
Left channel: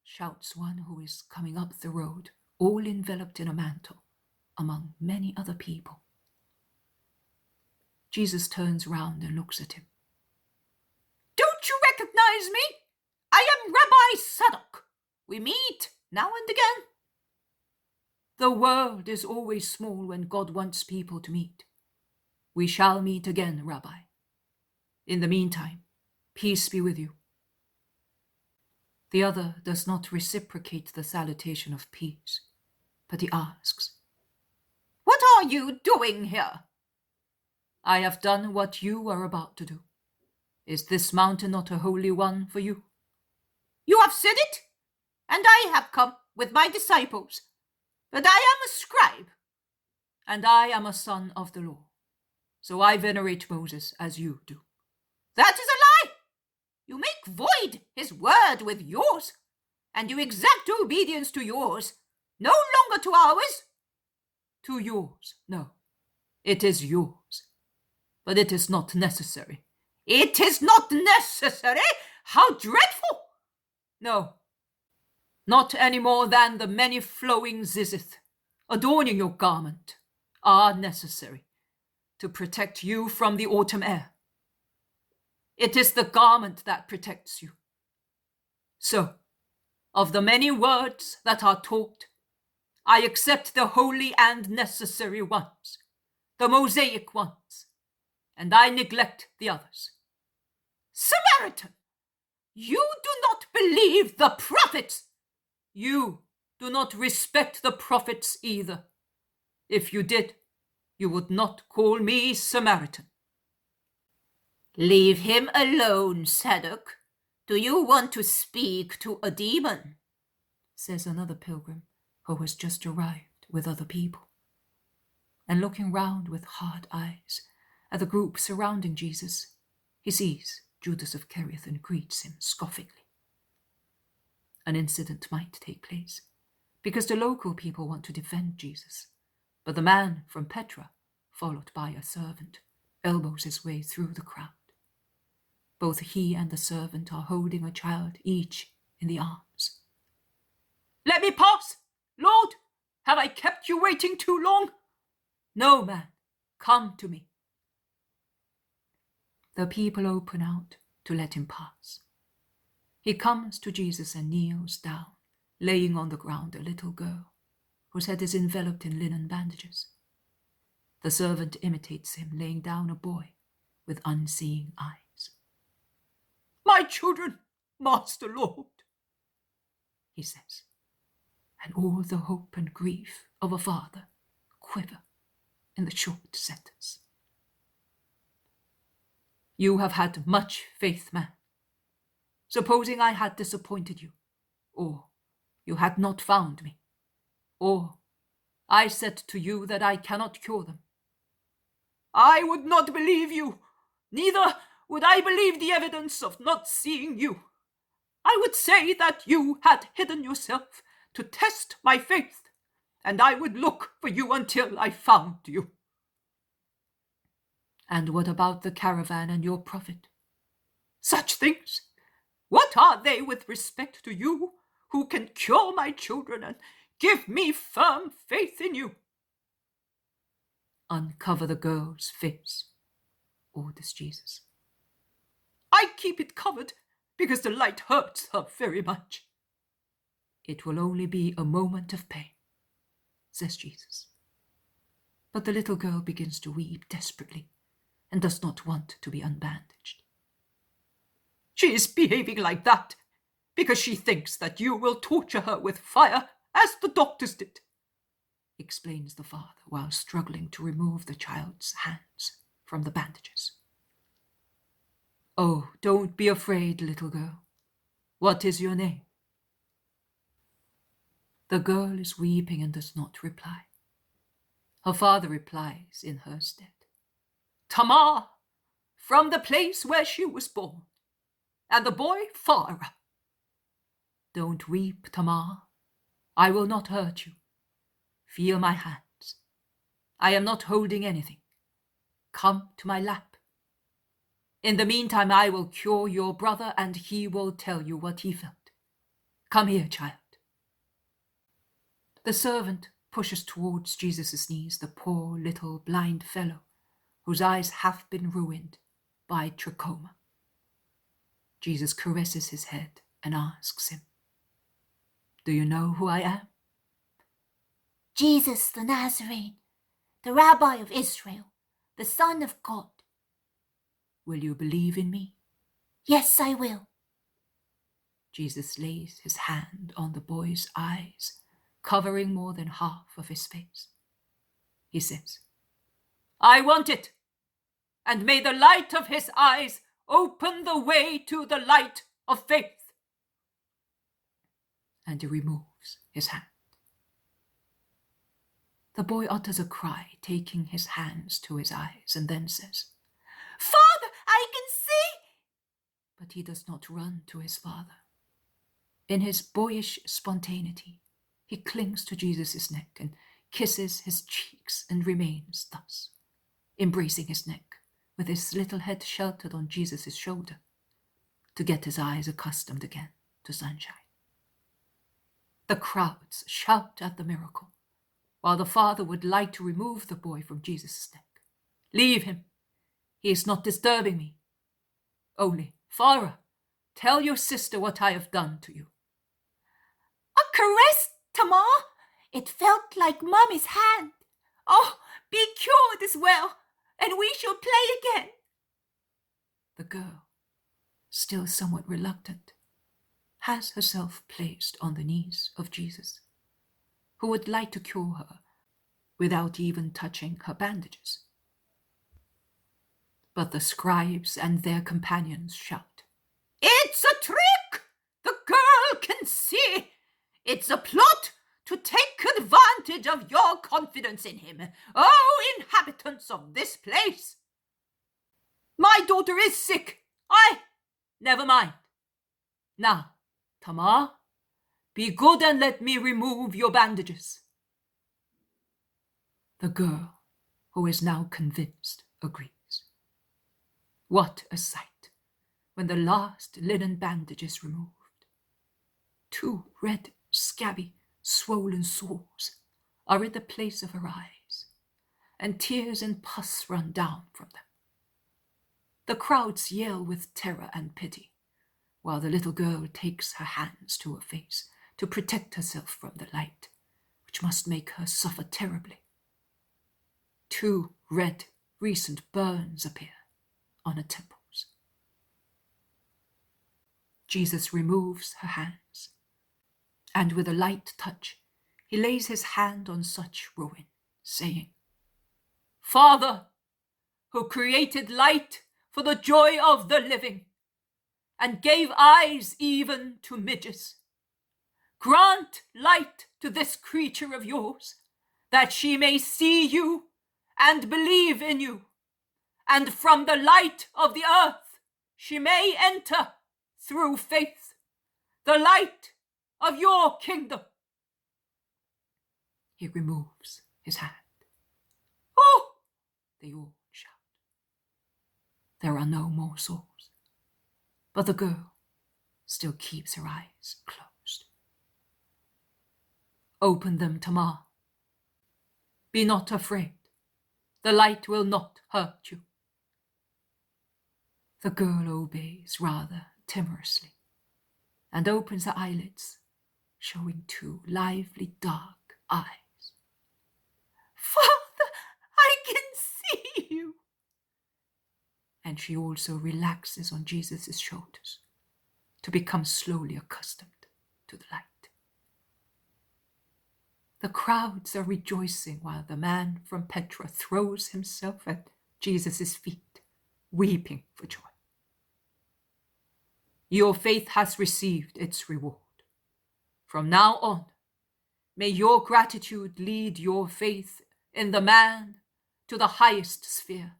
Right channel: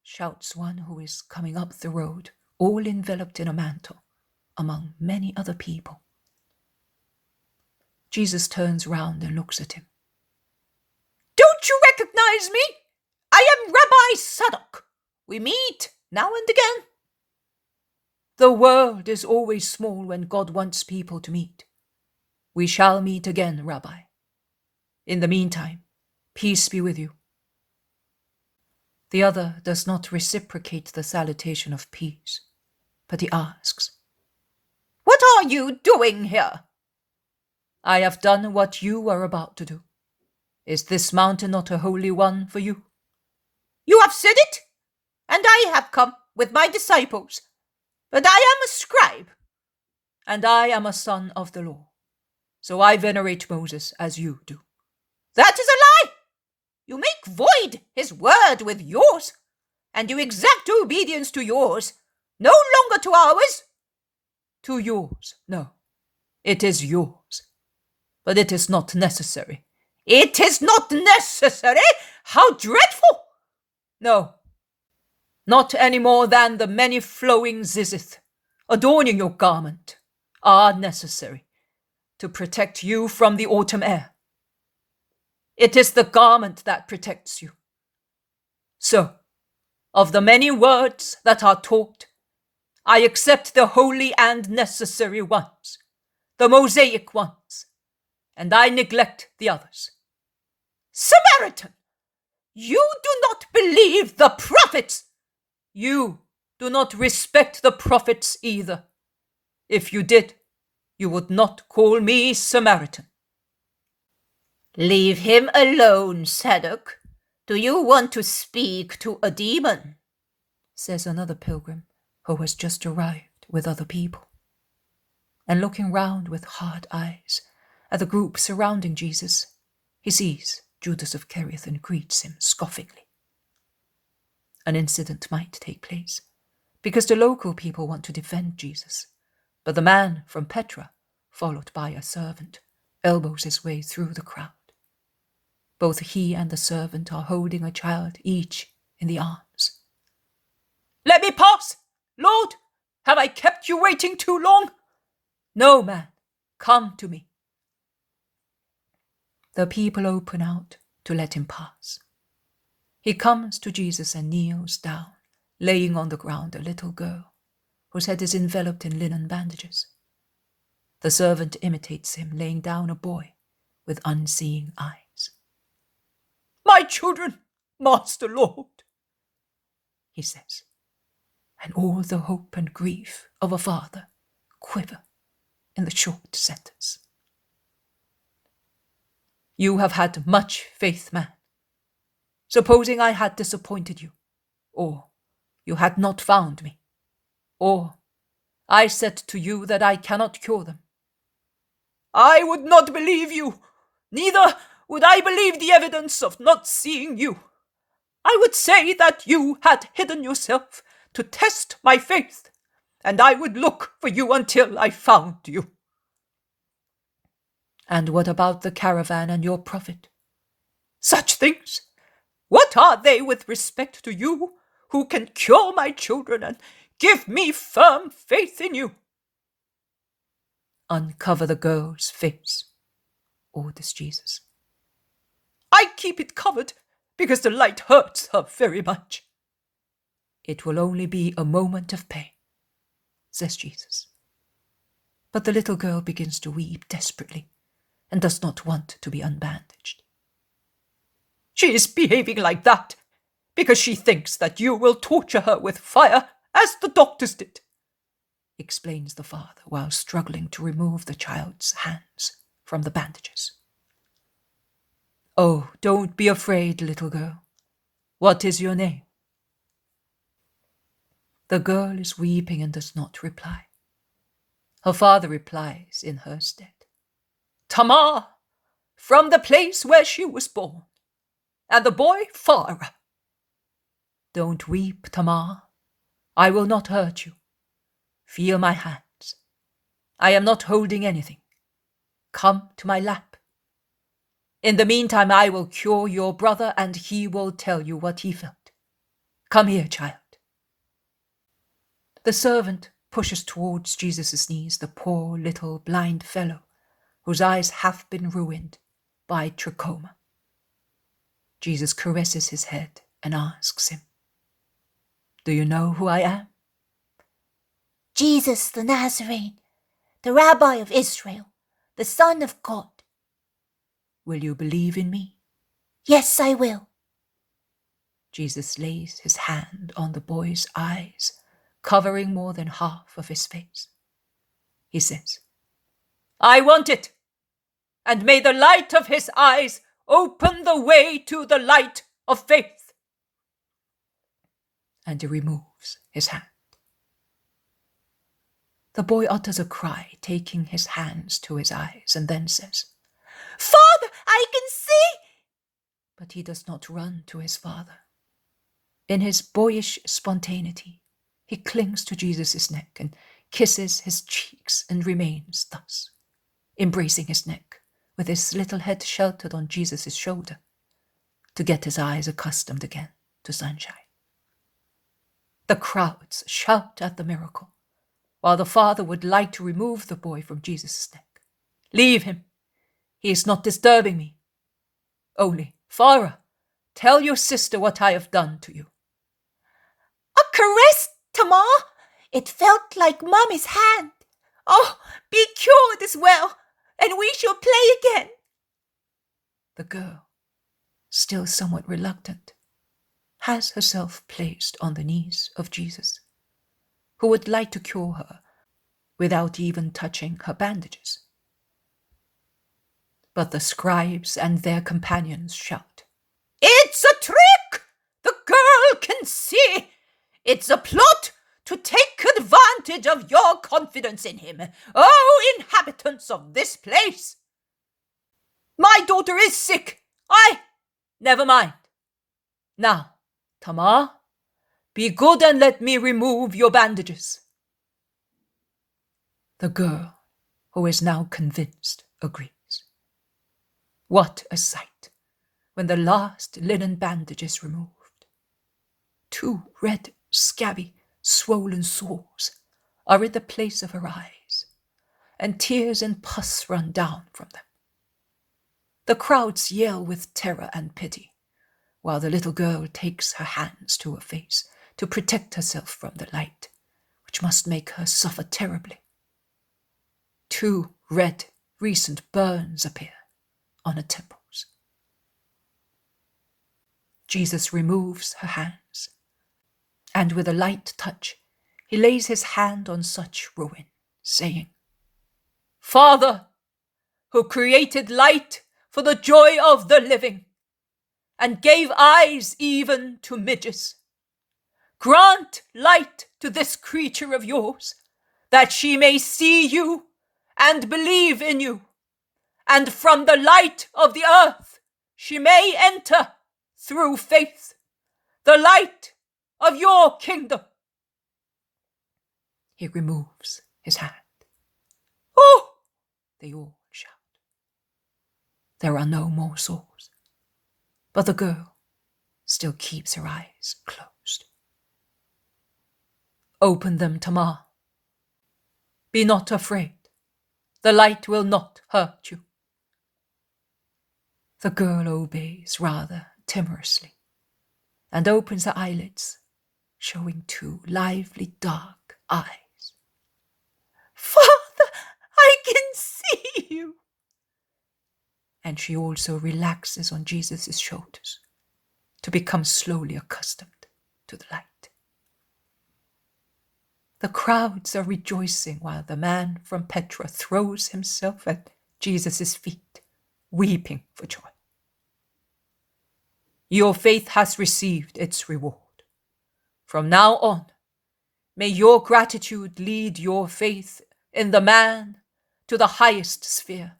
Shouts one who is coming up the road, all enveloped in a mantle. among many other people. Jesus turns round and looks at him. Don't you recognize me? I am Rabbi Sadok. We meet now and again. The world is always small when God wants people to meet. We shall meet again, Rabbi. In the meantime, peace be with you. The other does not reciprocate the salutation of peace, but he asks, What are you doing here? I have done what you are about to do. Is this mountain not a holy one for you? You have said it, and I have come with my disciples. But I am a scribe. And I am a son of the law. So I venerate Moses as you do. That is a lie. You make void his word with yours, and you exact obedience to yours, no longer to ours. To yours, no. It is yours. But it is not necessary. It is not necessary? How dreadful! No. Not any more than the many flowing zizith, adorning your garment, are necessary to protect you from the autumn air. It is the garment that protects you. So, of the many words that are taught, I accept the holy and necessary ones, the Mosaic ones, and I neglect the others. Samaritan, you do not believe the prophets. You do not respect the prophets either. If you did, you would not call me Samaritan. Leave him alone, Sadok. Do you want to speak to a demon? Says another pilgrim who has just arrived with other people. And looking round with hard eyes at the group surrounding Jesus, he sees Judas of Kerioth and greets him scoffingly. An incident might take place, because the local people want to defend Jesus, but the man from Petra, followed by a servant, elbows his way through the crowd. Both he and the servant are holding a child, each in the arms. Let me pass! Lord, have I kept you waiting too long? No, man, come to me. The people open out to let him pass. He comes to Jesus and kneels down, laying on the ground a little girl, whose head is enveloped in linen bandages. The servant imitates him, laying down a boy with unseeing eyes. My children, Master Lord, he says, and all the hope and grief of a father quiver in the short sentence. You have had much faith, man. Supposing I had disappointed you, or you had not found me, or I said to you that I cannot cure them. I would not believe you, neither would I believe the evidence of not seeing you. I would say that you had hidden yourself to test my faith, and I would look for you until I found you. And what about the caravan and your prophet? Such things? What are they with respect to you, who can cure my children and give me firm faith in you? Uncover the girl's face, orders Jesus. I keep it covered because the light hurts her very much. It will only be a moment of pain, says Jesus. But the little girl begins to weep desperately and does not want to be unbandaged. She is behaving like that because she thinks that you will torture her with fire as the doctors did, explains the father while struggling to remove the child's hands from the bandages. Oh, don't be afraid, little girl. What is your name? The girl is weeping and does not reply. Her father replies in her stead. Tamar, from the place where she was born, and the boy Farah. Don't weep, Tamar. I will not hurt you. Feel my hands. I am not holding anything. Come to my lap. In the meantime, I will cure your brother, and he will tell you what he felt. Come here, child. The servant pushes towards Jesus' knees the poor little blind fellow whose eyes have been ruined by trachoma. Jesus caresses his head and asks him, "Do you know who I am?" Jesus the Nazarene, the Rabbi of Israel, the Son of God. "Will you believe in me?" Yes, I will. Jesus lays his hand on the boy's eyes, covering more than half of his face. He says, "I want it, and may the light of his eyes open the way to the light of faith." And he removes his hand. The boy utters a cry, taking his hands to his eyes, and then says, "Father, I can see!" But he does not run to his father. In his boyish spontaneity, he clings to Jesus' neck and kisses his cheeks and remains thus, embracing his neck, with his little head sheltered on Jesus' shoulder, to get his eyes accustomed again to sunshine. The crowds shout at the miracle, while the father would like to remove the boy from Jesus' neck. "Leave him. He is not disturbing me. Only, Farah, tell your sister what I have done to you." "A caress, Tamar! It felt like Mummy's hand. Oh, be cured as well, and we shall play again." The girl, still somewhat reluctant, has herself placed on the knees of Jesus, who would like to cure her without even touching her bandages. But the scribes and their companions shout, "It's a trick! The girl can see! It's a plot to take advantage of your confidence in him, oh inhabitants of this place! My daughter is sick! Never mind. Now, Tamar, be good and let me remove your bandages." The girl, who is now convinced, agrees. What a sight when the last linen bandage is removed. 2 red, scabby, swollen sores are in the place of her eyes, and tears and pus run down from them. The crowds yell with terror and pity, while the little girl takes her hands to her face to protect herself from the light, which must make her suffer terribly. 2 red, recent burns appear on her temples. Jesus removes her hands, and with a light touch, he lays his hand on such ruin, saying, "Father, who created light for the joy of the living, and gave eyes even to midges, grant light to this creature of yours, that she may see you and believe in you, and from the light of the earth she may enter through faith the light of your kingdom." He removes his hand. "Oh!" they all shout. There are no more sores, but the girl still keeps her eyes closed. "Open them, Tamar. Be not afraid. The light will not hurt you." The girl obeys rather timorously and opens her eyelids, showing 2 lively dark eyes. "Father, I can see you." And she also relaxes on Jesus' shoulders to become slowly accustomed to the light. The crowds are rejoicing while the man from Petra throws himself at Jesus' feet, weeping for joy. "Your faith has received its reward. From now on, may your gratitude lead your faith in the man to the highest sphere,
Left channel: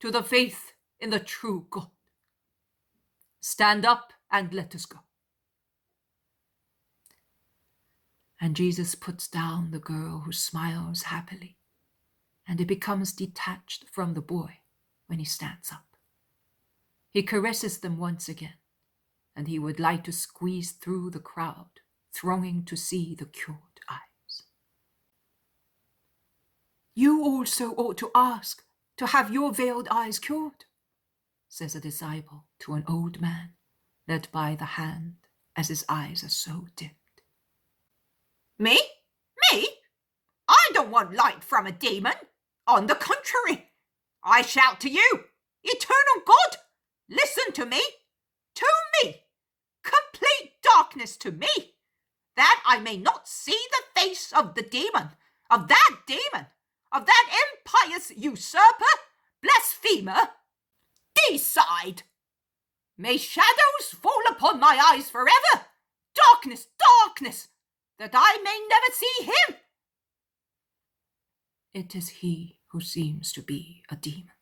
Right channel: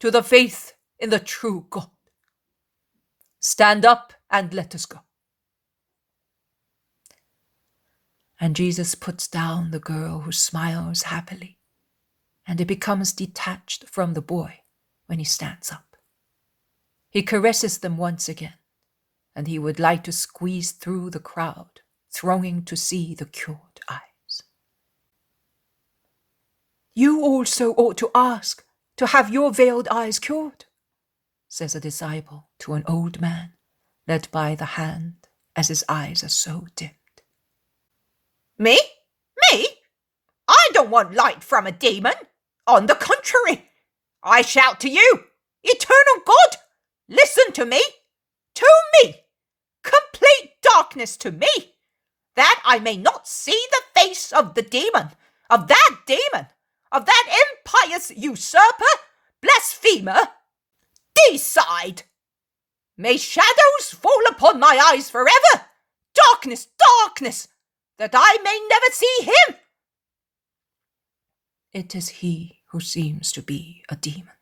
to the faith in the true God. Stand up and let us go." And Jesus puts down the girl, who smiles happily, and it becomes detached from the boy when he stands up. He caresses them once again, and he would like to squeeze through the crowd, thronging to see the cured eyes. You also ought to ask to have your veiled eyes cured, says a disciple to an old man, led by the hand as his eyes are so dimmed. Me? Me? I don't want light from a demon. On the contrary, I shout to you, eternal God, listen to me, complete darkness to me, that I may not see the face of the demon, of that impious usurper, blasphemer. Decide. May shadows fall upon my eyes forever, darkness, that I may never see him. It is he who seems to be a demon.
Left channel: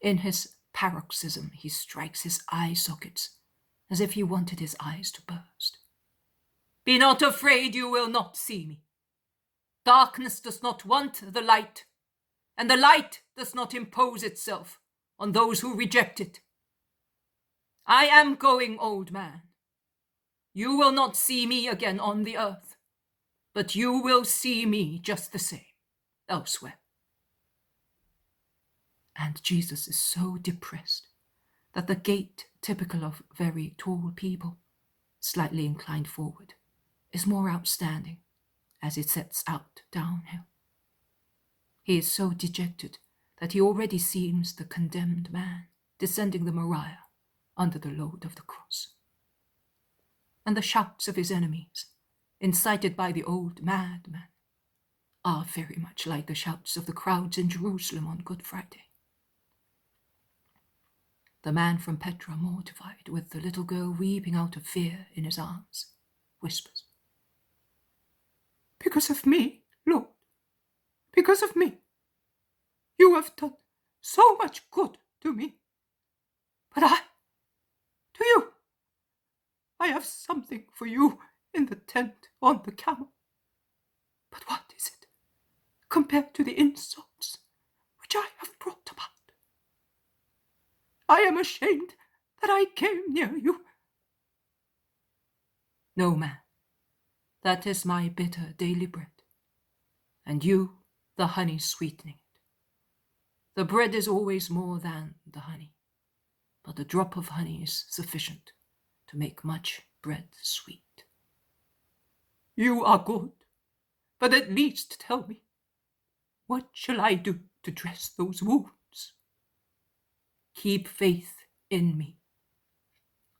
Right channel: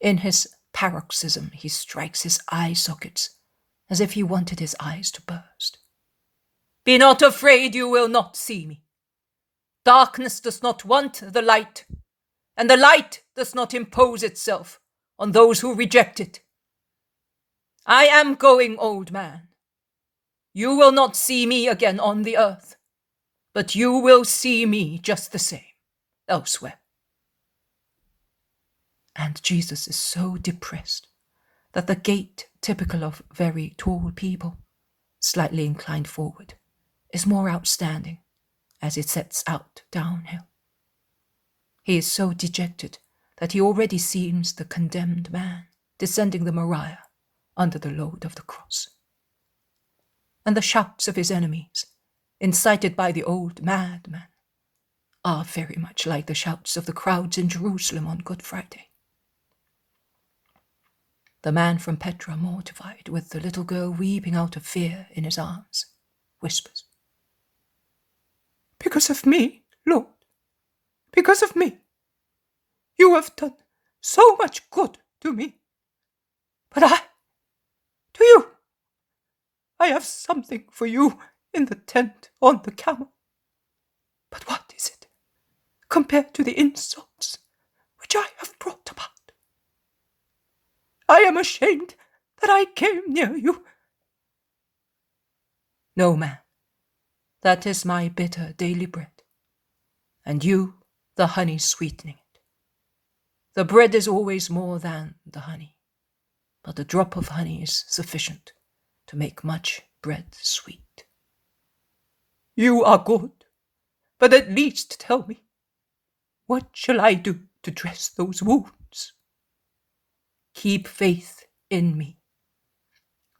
In his paroxysm, he strikes his eye sockets as if he wanted his eyes to burst. Be not afraid, you will not see me. Darkness does not want the light, and the light does not impose itself on those who reject it. I am going, old man. You will not see me again on the earth, but you will see me just the same elsewhere. And Jesus is so depressed that the gait typical of very tall people, slightly inclined forward, is more outstanding as it sets out downhill. He is so dejected that he already seems the condemned man descending the Moriah under the load of the cross. And the shouts of his enemies, incited by the old madman, are very much like the shouts of the crowds in Jerusalem on Good Friday. The man from Petra, mortified, with the little girl weeping out of fear in his arms, whispers, because of me, Lord, because of me. You have done so much good to me. But to you, I have something for you in the tent on the camel. But what is it compared to the insults which I have brought about? I am ashamed that I came near you. No, man, that is my bitter daily bread, and you the honey sweetening it. The bread is always more than the honey, but a drop of honey is sufficient to make much bread sweet. You are good, but at least tell me, what shall I do to dress those wounds? Keep faith in me,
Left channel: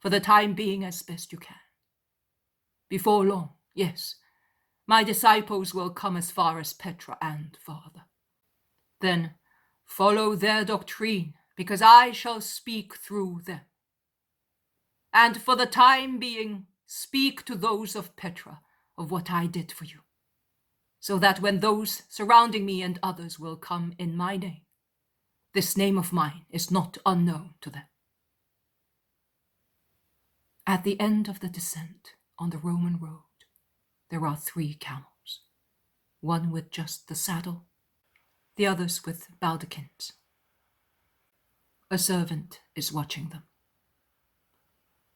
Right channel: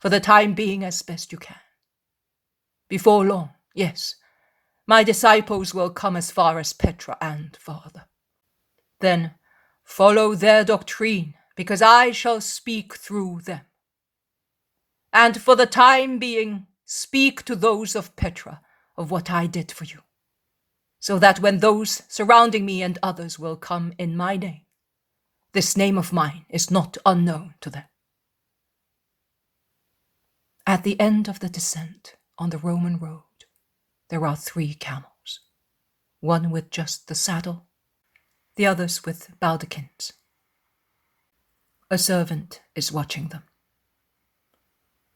for the time being as best you can. Before long, yes, my disciples will come as far as Petra and farther. Then follow their doctrine, because I shall speak through them. And for the time being, speak to those of Petra of what I did for you, so that when those surrounding me and others will come in my name, this name of mine is not unknown to them. At the end of the descent on the Roman road, there are 3 camels, one with just the saddle, the others with baldachins. A servant is watching them.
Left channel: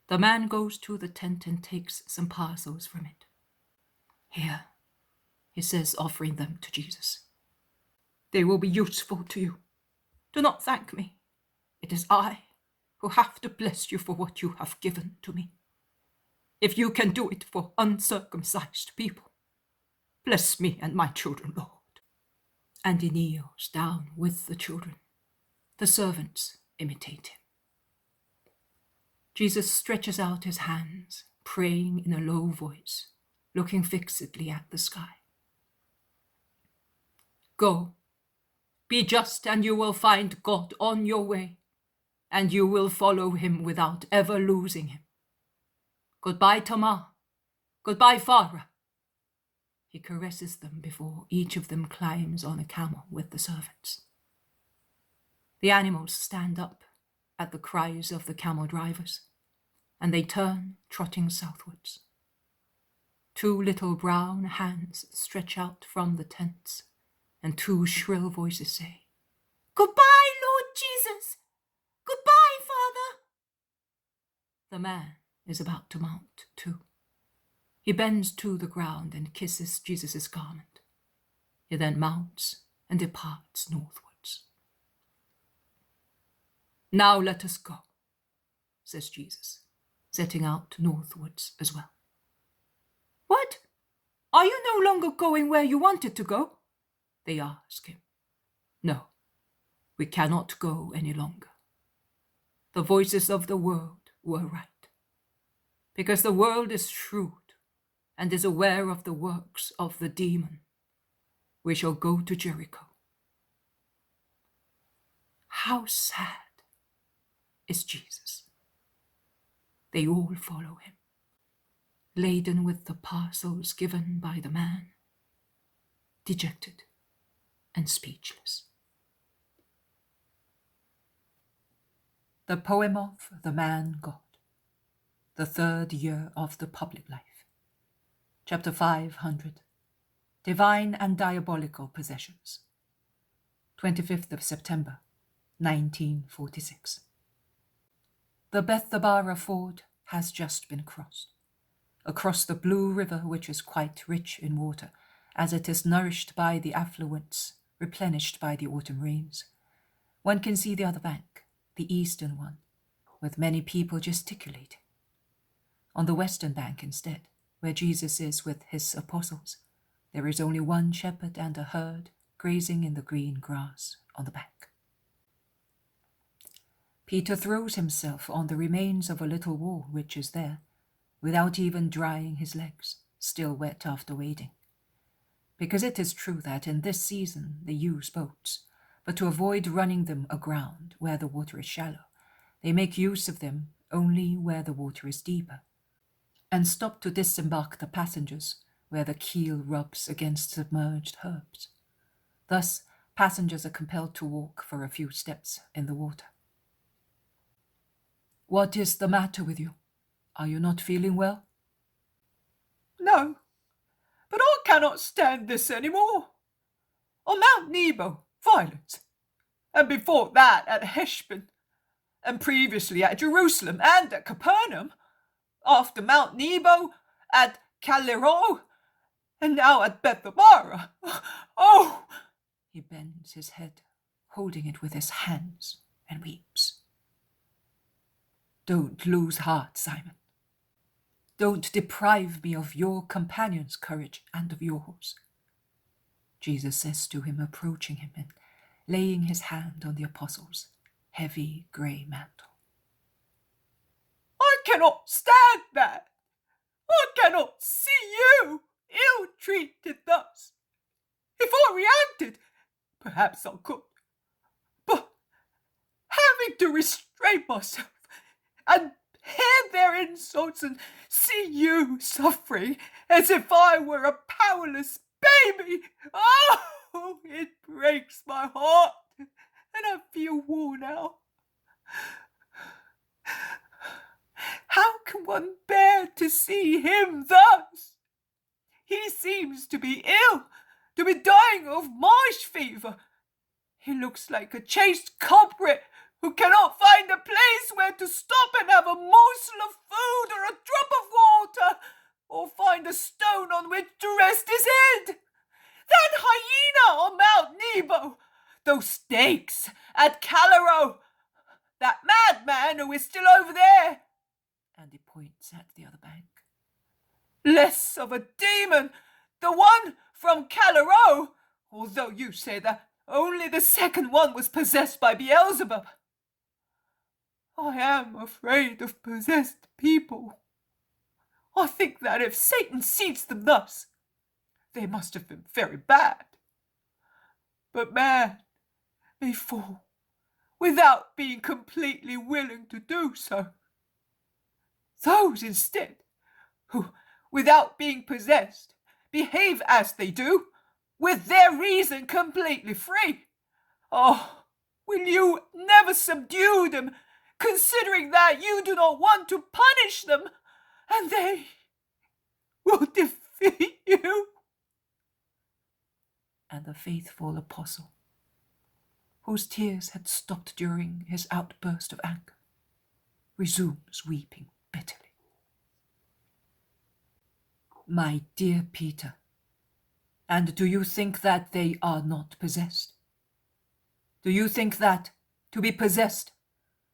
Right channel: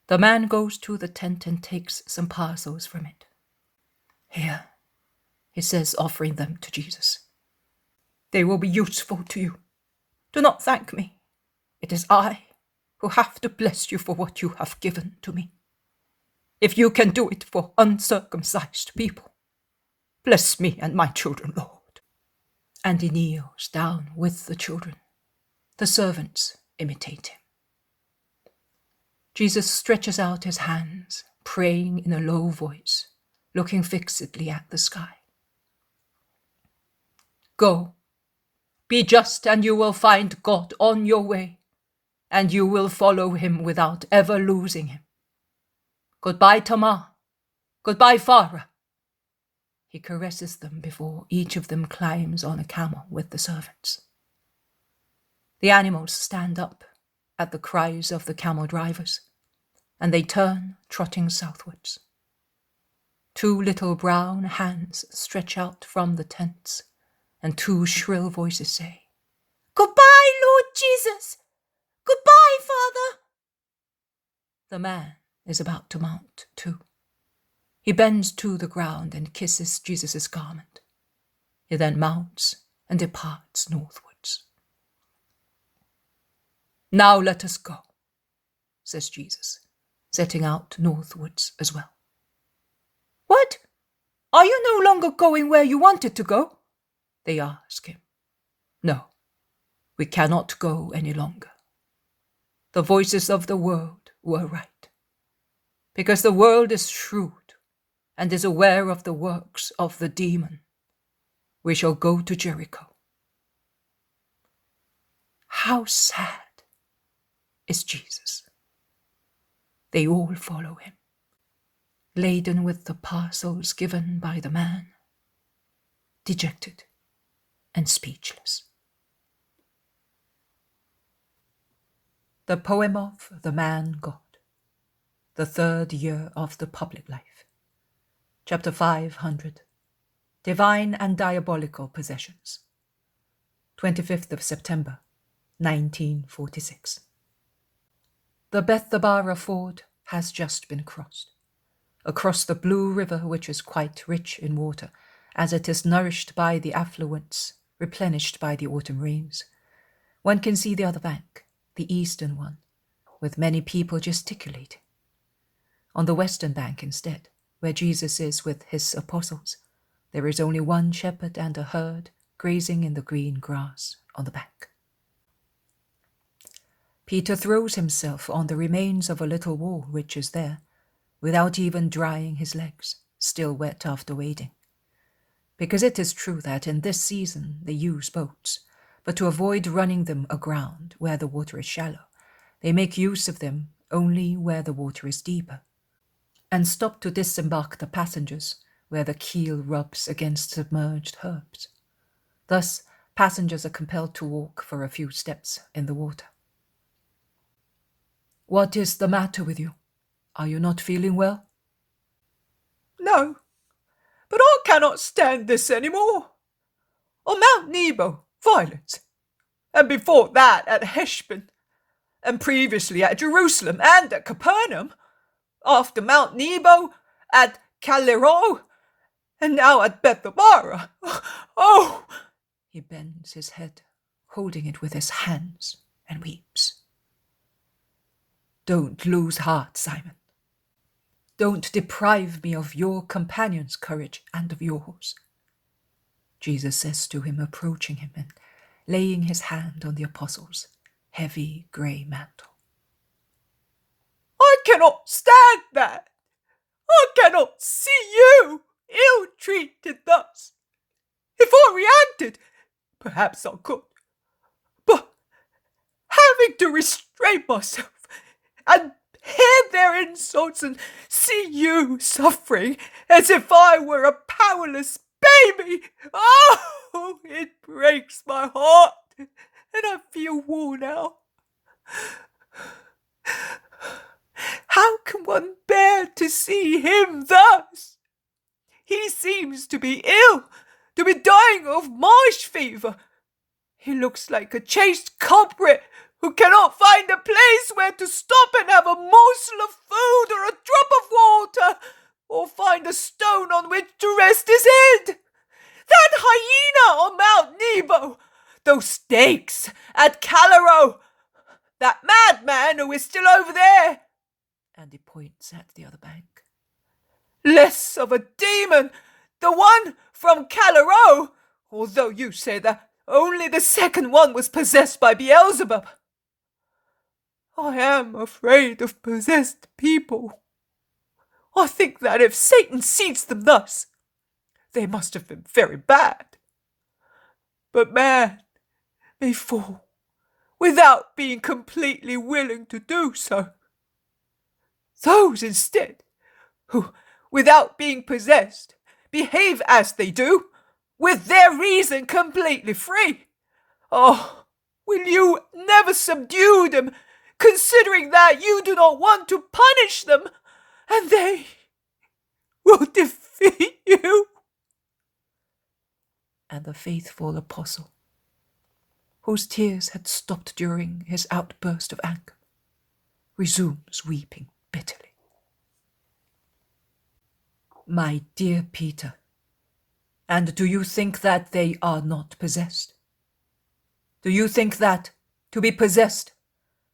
The man goes to the tent and takes some parcels from it. Here, he says, offering them to Jesus. They will be useful to you. Do not thank me. It is I who have to bless you for what you have given to me. If you can do it for uncircumcised people, bless me and my children, Lord. And he kneels down with the children. The servants imitate him. Jesus stretches out his hands, praying in a low voice, looking fixedly at the sky. Go, be just, and you will find God on your way, and you will follow him without ever losing him. Goodbye, Tamar. Goodbye, Farah. He caresses them before each of them climbs on a camel with the servants. The animals stand up at the cries of the camel drivers, and they turn, trotting southwards. 2 little brown hands stretch out from the tents, and 2 shrill voices say, Goodbye, Lord Jesus! Goodbye, Father! The man is about to mount too. He bends to the ground and kisses Jesus' garment. He then mounts and departs northwards. Now let us go, says Jesus, setting out northwards as well. What? Are you no longer going where you wanted to go? They ask him. No, we cannot go any longer. The voices of the world were right, because the world is shrewd and is aware of the works of the demon. We shall go to Jericho. How sad is Jesus. They all follow him, laden with the parcels given by the man, dejected and speechless. The poem of the Man God, the third year of the public life. Chapter 500, Divine and Diabolical Possessions. 25th of September, 1946. The Bethabara ford has just been crossed, across the blue river which is quite rich in water, as it is nourished by the affluents, replenished by the autumn rains. One can see the other bank, the eastern one, with many people gesticulating. On the western bank instead, where Jesus is with his apostles, there is only one shepherd and a herd grazing in the green grass on the bank. Peter throws himself on the remains of a little wall which is there, without even drying his legs, still wet after wading. Because it is true that in this season they use boats, but to avoid running them aground where the water is shallow, they make use of them only where the water is deeper, and stop to disembark the passengers where the keel rubs against submerged herbs. Thus, passengers are compelled to walk for a few steps in the water. What is the matter with you? Are you not feeling well? No, but I cannot stand this any more. On Mount Nebo, violence, and before that at Heshbon, and previously at Jerusalem and at Capernaum, after Mount Nebo at Galileans, and now at Bethabara. Oh! He bends his head, holding it with his hands, and weeps. Don't lose heart, Simon. Don't deprive me of your companion's courage and of yours. Jesus says to him, approaching him and laying his hand on the apostle's heavy grey mantle. I cannot stand that. I cannot see you ill-treated thus. If I reacted, perhaps I could. But having to restrain myself and hear their insults and see you suffering as if I were a powerless baby, oh, it breaks my heart, and I feel worn out. How can one bear to see him thus? He seems to be ill, to be dying of marsh fever. He looks like a chased culprit who cannot find a place where to stop and have a morsel of food or a drop of water, or find a stone on which to rest his head. That hyena on Mount Nebo, those snakes at Galileans, that madman who is still over there. And he points at the other bank. Less of a demon, the one from Galileans, although you say that only the second one was possessed by Beelzebub. I am afraid of possessed people. I think that if Satan seized them thus, they must have been very bad. But man may fall without being completely willing to do so. Those instead, who, without being possessed, behave as they do, with their reason completely free. Oh, will you never subdue them, considering that you do not want to punish them, and they will defeat you? And the faithful apostle, whose tears had stopped during his outburst of anger, resumes weeping bitterly. My dear Peter, And do you think that they are not possessed? Do you think that, to be possessed,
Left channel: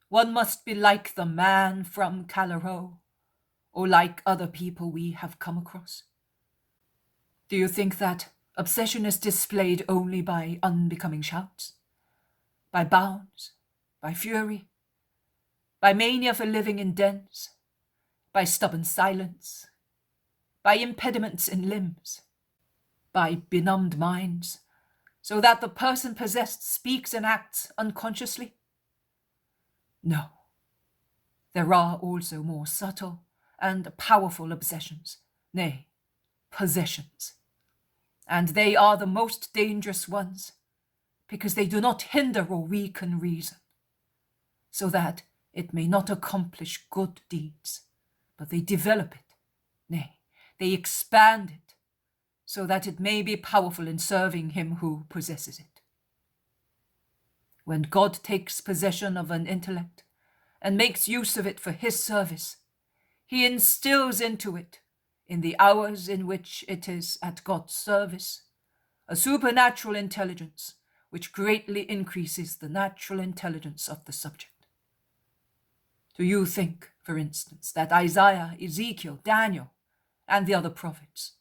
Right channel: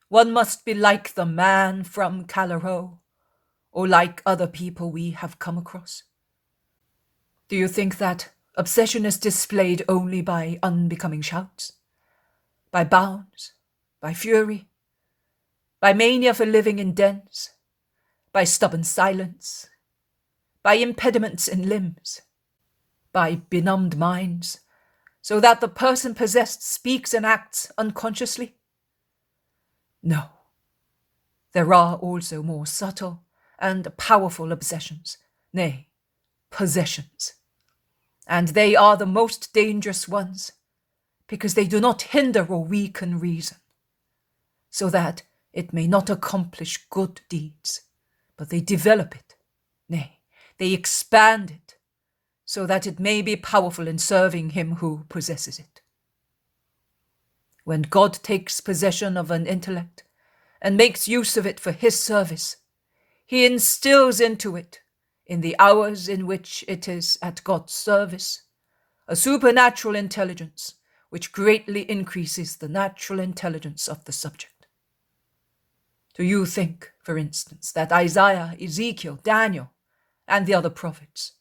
one must be like the man from Calero, or like other people we have come across? Do you think that obsession is displayed only by unbecoming shouts, by bounds, by fury, by mania for living in dens, by stubborn silence, by impediments in limbs, by benumbed minds, so that the person possessed speaks and acts unconsciously? No. There are also more subtle and powerful obsessions, nay, possessions. And they are the most dangerous ones, because they do not hinder or weaken reason, so that it may not accomplish good deeds, but they develop it, nay, they expand it, so that it may be powerful in serving him who possesses it. When God takes possession of an intellect and makes use of it for his service, he instills into it, in the hours in which it is at God's service, a supernatural intelligence which greatly increases the natural intelligence of the subject. Do you think, for instance, that Isaiah, Ezekiel, Daniel, and the other prophets,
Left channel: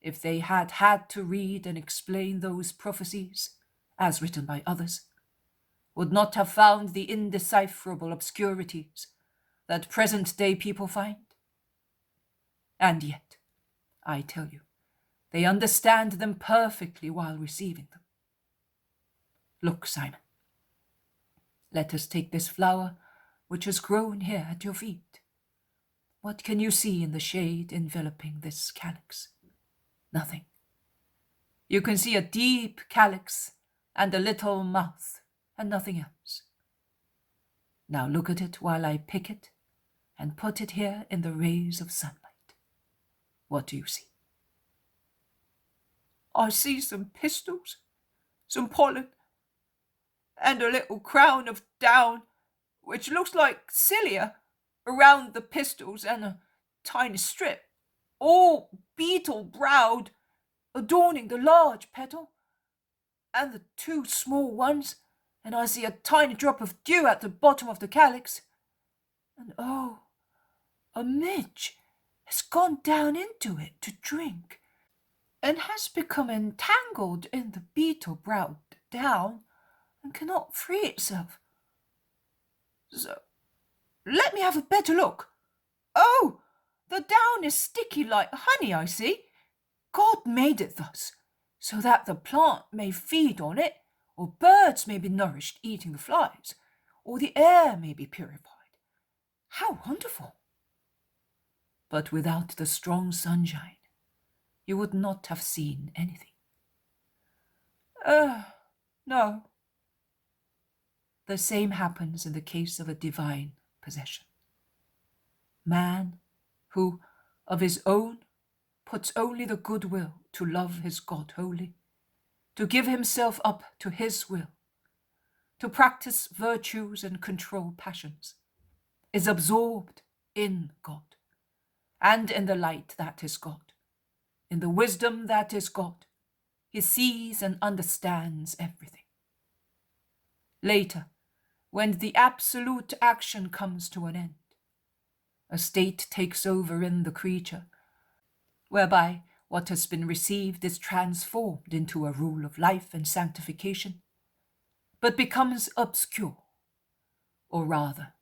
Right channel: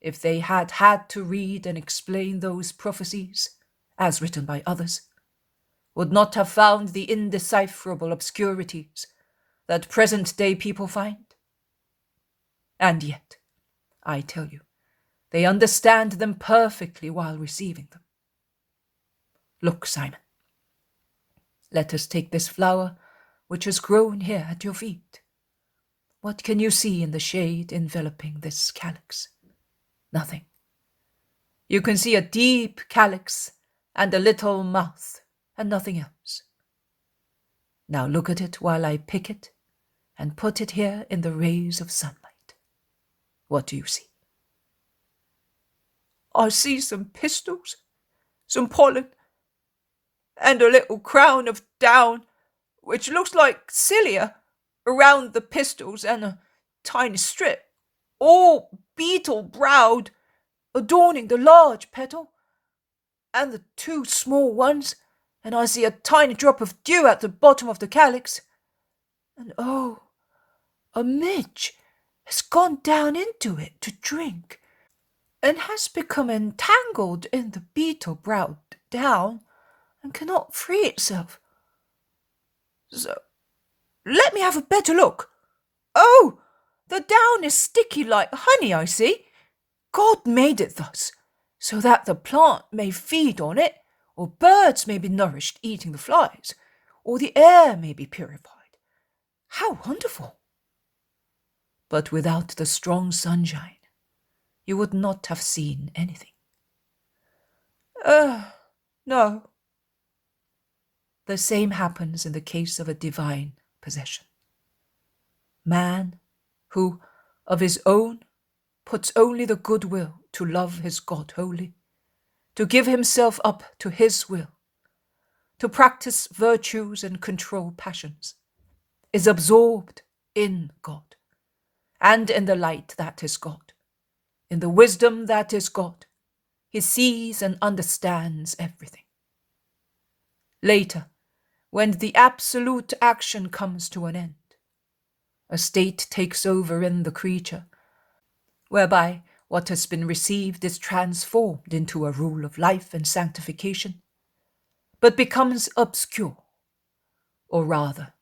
if they had had to read and explain those prophecies, as written by others, would not have found the indecipherable obscurities that present-day people find? And yet, I tell you, they understand them perfectly while receiving them. Look, Simon, let us take this flower which has grown here at your feet. What can you see in the shade enveloping this calyx? Nothing. You can see a deep calyx and a little mouth, and nothing else. Now look at it while I pick it and put it here in the rays of sunlight. What do you see? I see some pistils, some pollen, and a little crown of down, which looks like cilia, around the pistils, and a tiny strip, all beetle-browed, adorning the large petal, and the two small ones, and I see a tiny drop of dew at the bottom of the calyx. And oh, a midge has gone down into it to drink, and has become entangled in the beetle-browed down, and cannot free itself. So, let me have a better look. Oh, the down is sticky like honey, I see. God made it thus, so that the plant may feed on it, or birds may be nourished eating the flies, or the air may be purified. How wonderful! But without the strong sunshine, you would not have seen anything. No. The same happens in the case of a divine possession. Man, who, of his own, puts only the goodwill to love his God wholly, to give himself up to his will, to practice virtues and control passions, is absorbed in God, and in the light that is God, in the wisdom that is God. He sees and understands everything. Later, when the absolute action comes to an end, a state takes over in the creature, whereby what has been received is transformed into a rule of life and sanctification, but becomes obscure, or rather,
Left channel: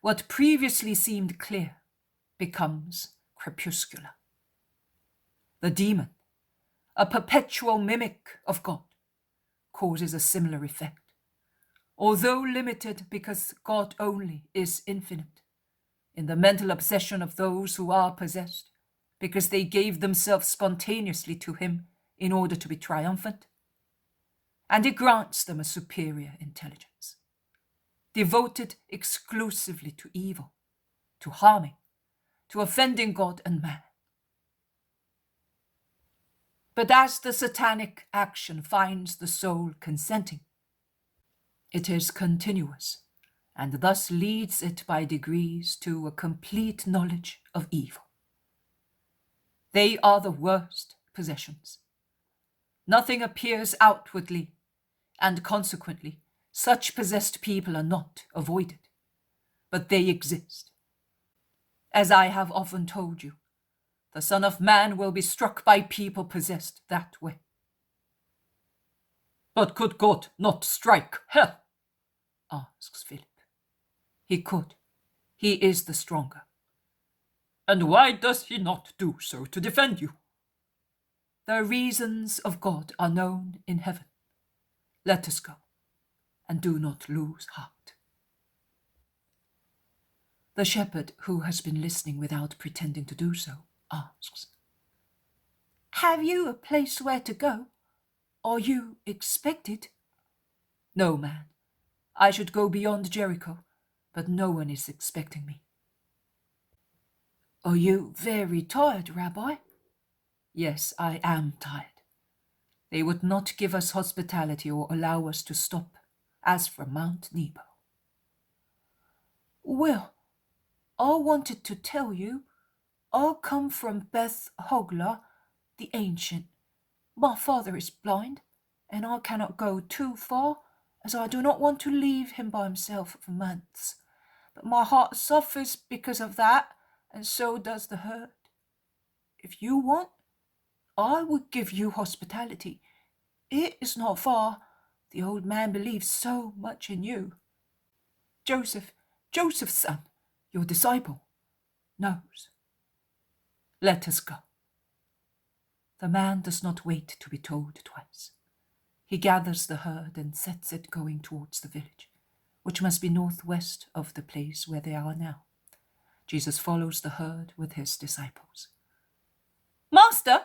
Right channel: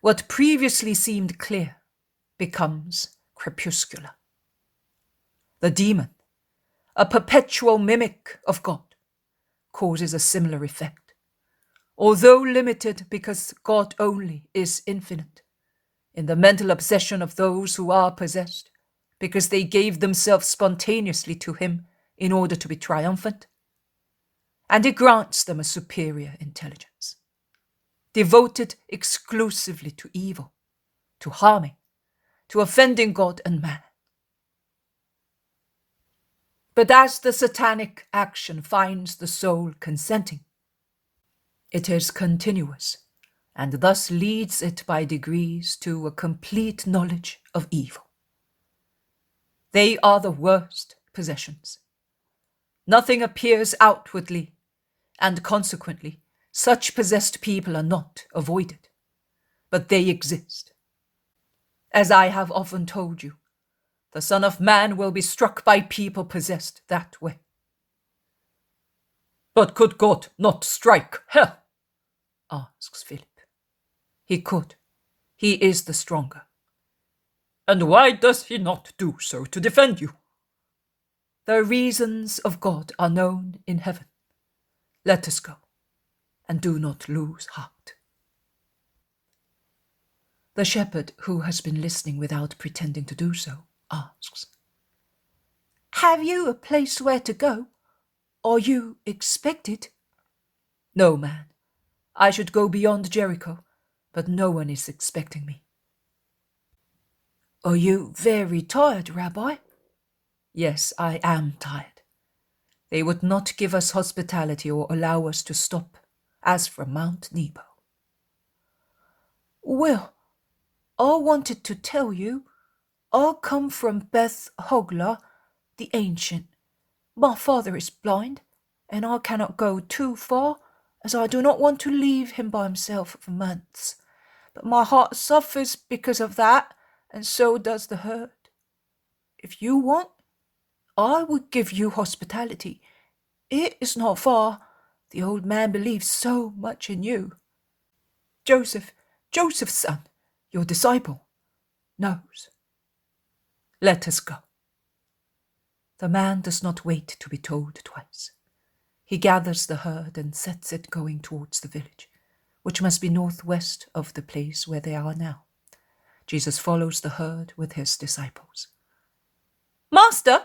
what previously seemed clear becomes crepuscular. The demon, a perpetual mimic of God, causes a similar effect, although limited because God only is infinite, in the mental obsession of those who are possessed, because they gave themselves spontaneously to him in order to be triumphant, and it grants them a superior intelligence, devoted exclusively to evil, to harming, to offending God and man. But as the satanic action finds the soul consenting, it is continuous, and thus leads it by degrees to a complete knowledge of evil. They are the worst possessions, Nothing appears outwardly, and consequently, such possessed people are not avoided, but they exist. As I have often told you, the Son of Man will be struck by people possessed that way. But could God not strike her? Asks Philip. He could. He is the stronger. And why does he not do so to defend you? The reasons of God are known in heaven. Let us go, and do not lose heart. The shepherd, who has been listening without pretending to do so, asks, Have you a place where to go? Are you expected? No, man. I should go beyond Jericho, but no one is expecting me. Are you very tired, Rabbi? Yes, I am tired. They would not give us hospitality or allow us to stop, as from Mount Nebo. Well, I wanted to tell you, I come from En-Rogel, the ancient. My father is blind, and I cannot go too far, as I do not want to leave him by himself for months. But my heart suffers because of that, and so does the herd. If you want, I would give you hospitality. It is not far. The old man believes so much in you. Joseph's son, your disciple, knows. Let us go. The man does not wait to be told twice. He gathers the herd and sets it going towards the village, which must be northwest of the place where they are now. Jesus follows the herd with his disciples. Master,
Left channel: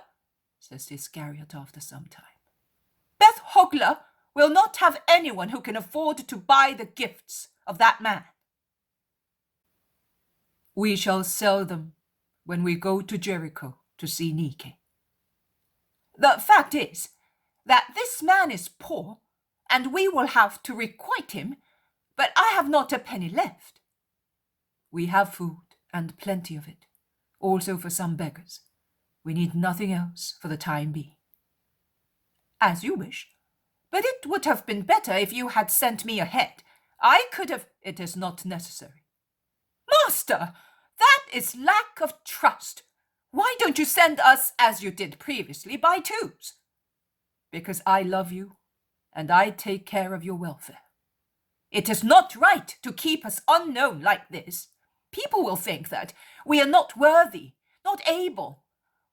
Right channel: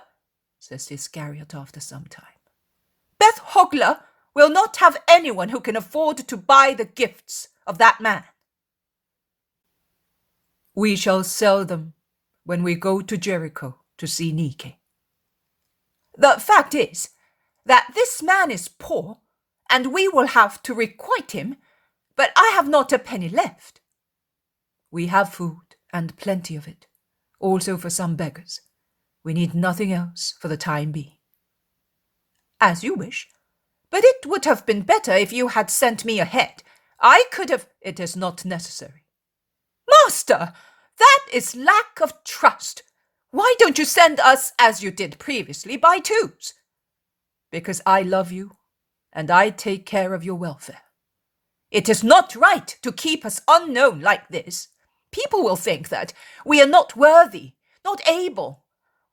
says Iscariot after some time, En-Rogel will not have anyone who can afford to buy the gifts of that man. We shall sell them when we go to Jericho to see Nike. The fact is that this man is poor, and we will have to requite him, but I have not a penny left. We have food, and plenty of it, also for some beggars. We need nothing else for the time being. As you wish, but it would have been better if you had sent me ahead. I could have... It is not necessary. Master, that is lack of trust. Why don't you send us, as you did previously, by twos? Because I love you, and I take care of your welfare. It is not right to keep us unknown like this. People will think that we are not worthy, not able.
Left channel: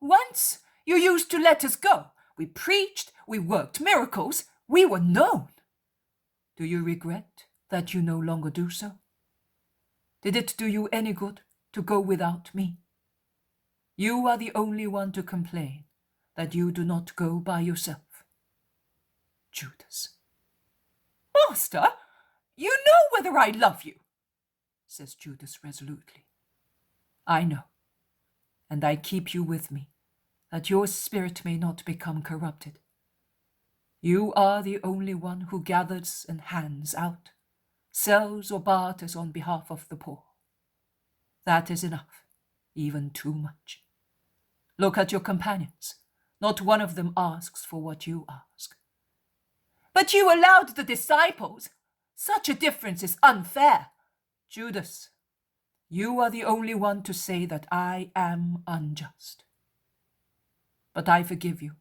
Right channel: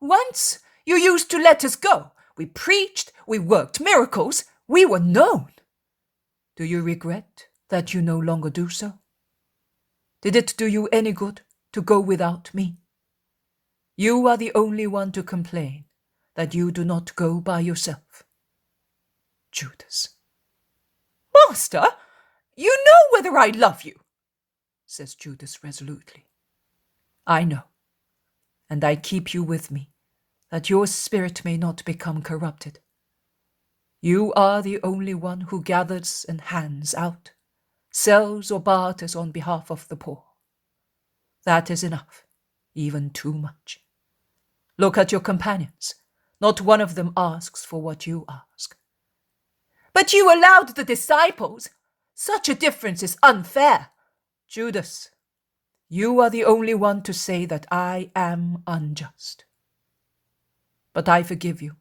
Once you used to let us go. We preached, we worked miracles, we were known. Do you regret that you no longer do so? Did it do you any good to go without me? You are the only one to complain that you do not go by yourself. Judas. Master, you know whether I love you, says Judas resolutely. I know, and I keep you with me, that your spirit may not become corrupted. You are the only one who gathers and hands out, sells or barters on behalf of the poor. That is enough, even too much. Look at your companions. Not one of them asks for what you ask. But you allowed the disciples. Such a difference is unfair. Judas, you are the only one to say that I am unjust. But I forgive you.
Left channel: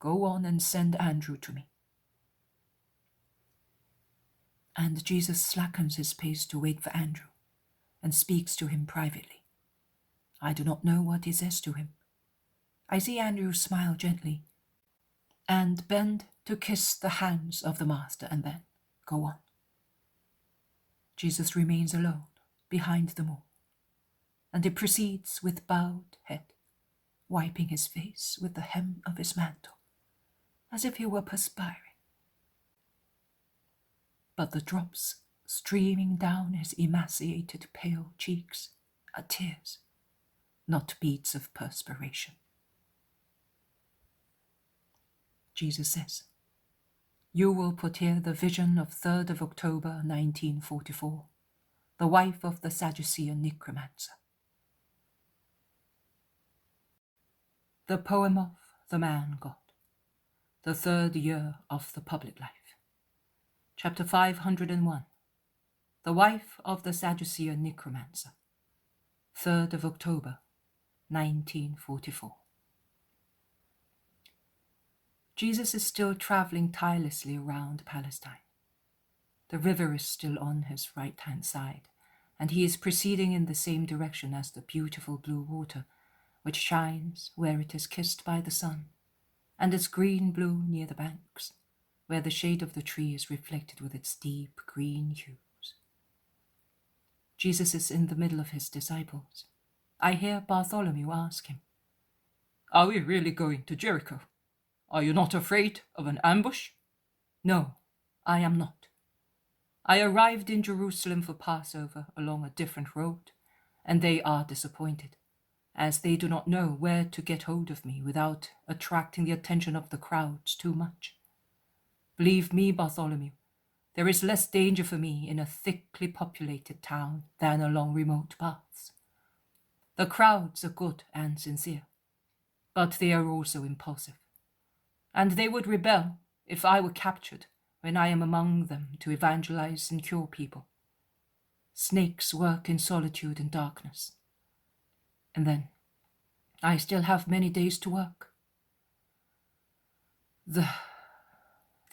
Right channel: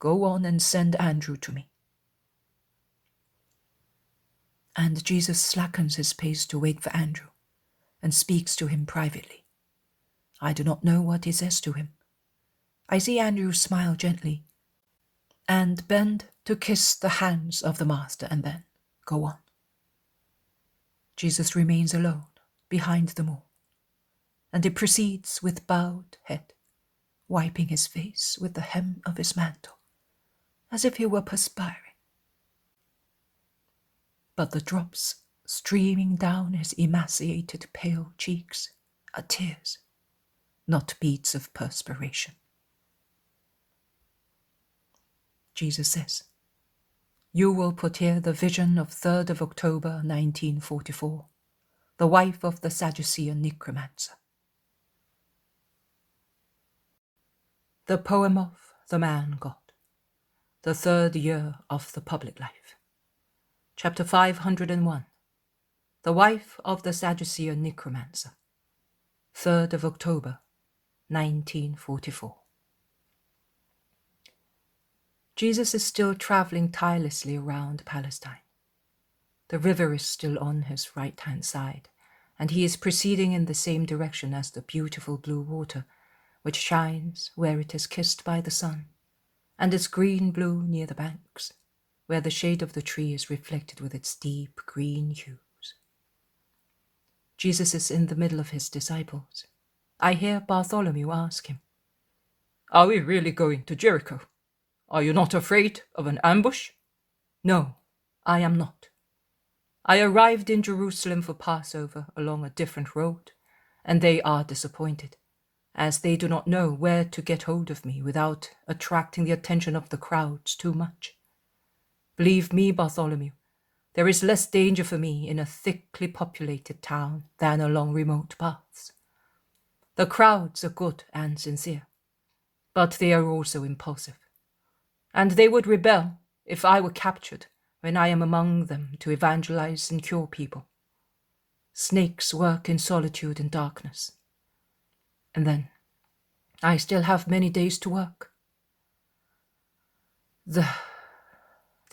Go on and send Andrew to me. And Jesus slackens his pace to wait for Andrew and speaks to him privately. I do not know what he says to him. I see Andrew smile gently and bend to kiss the hands of the master and then go on. Jesus remains alone behind them all, and he proceeds with bowed head, wiping his face with the hem of his mantle, as if he were perspiring. But the drops streaming down his emaciated pale cheeks are tears, not beads of perspiration. Jesus says, You will put here the vision of 3rd of October 1944, the wife of the Sadducean necromancer. The poem of the man God. the 3rd year of the public life. Chapter 501. The wife of the Sadducean necromancer. 3rd of October, 1944. Jesus is still traveling tirelessly around Palestine. The river is still on his right-hand side, and he is proceeding in the same direction as the beautiful blue water, which shines where it is kissed by the sun, and is green-blue near the banks, where the shade of the tree is reflected with its deep green hues. Jesus is in the middle of his disciples. I hear Bartholomew ask him, "Are we really going to Jericho? Are you not afraid of an ambush?" "No, I am not. I arrived in Jerusalem for Passover along a different road, and they are disappointed, as they do not know where to get hold of me without attracting the attention of the crowds too much. Believe me, Bartholomew, there is less danger for me in a thickly populated town than along remote paths. The crowds are good and sincere, but they are also impulsive, and they would rebel if I were captured when I am among them to evangelize and cure people. Snakes work in solitude and darkness. And then, I still have many days to work. The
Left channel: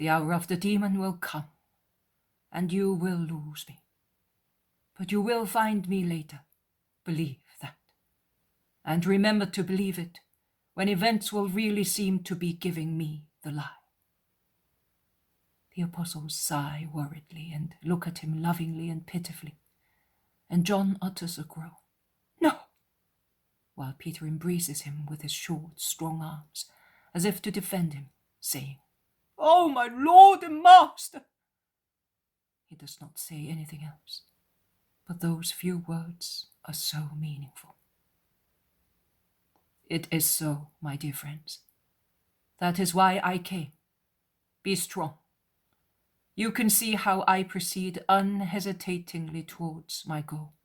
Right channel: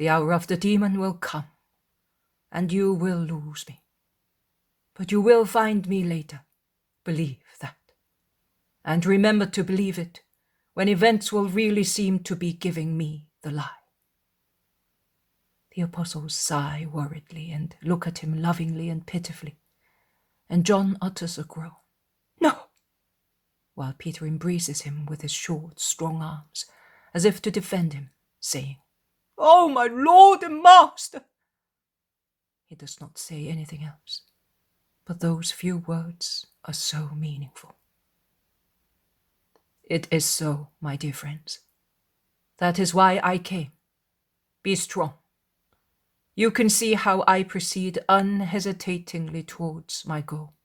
hour of the demon will come, and you will lose me. But you will find me later. Believe that. And remember to believe it when events will really seem to be giving me the lie." The apostles sigh worriedly and look at him lovingly and pitifully, and John utters a groan, "No," while Peter embraces him with his short, strong arms, as if to defend him, saying, "Oh, my Lord and Master!" He does not say anything else, but those few words are so meaningful. It is so, my dear friends. That is why I came. Be strong. You can see how I proceed unhesitatingly towards my goal,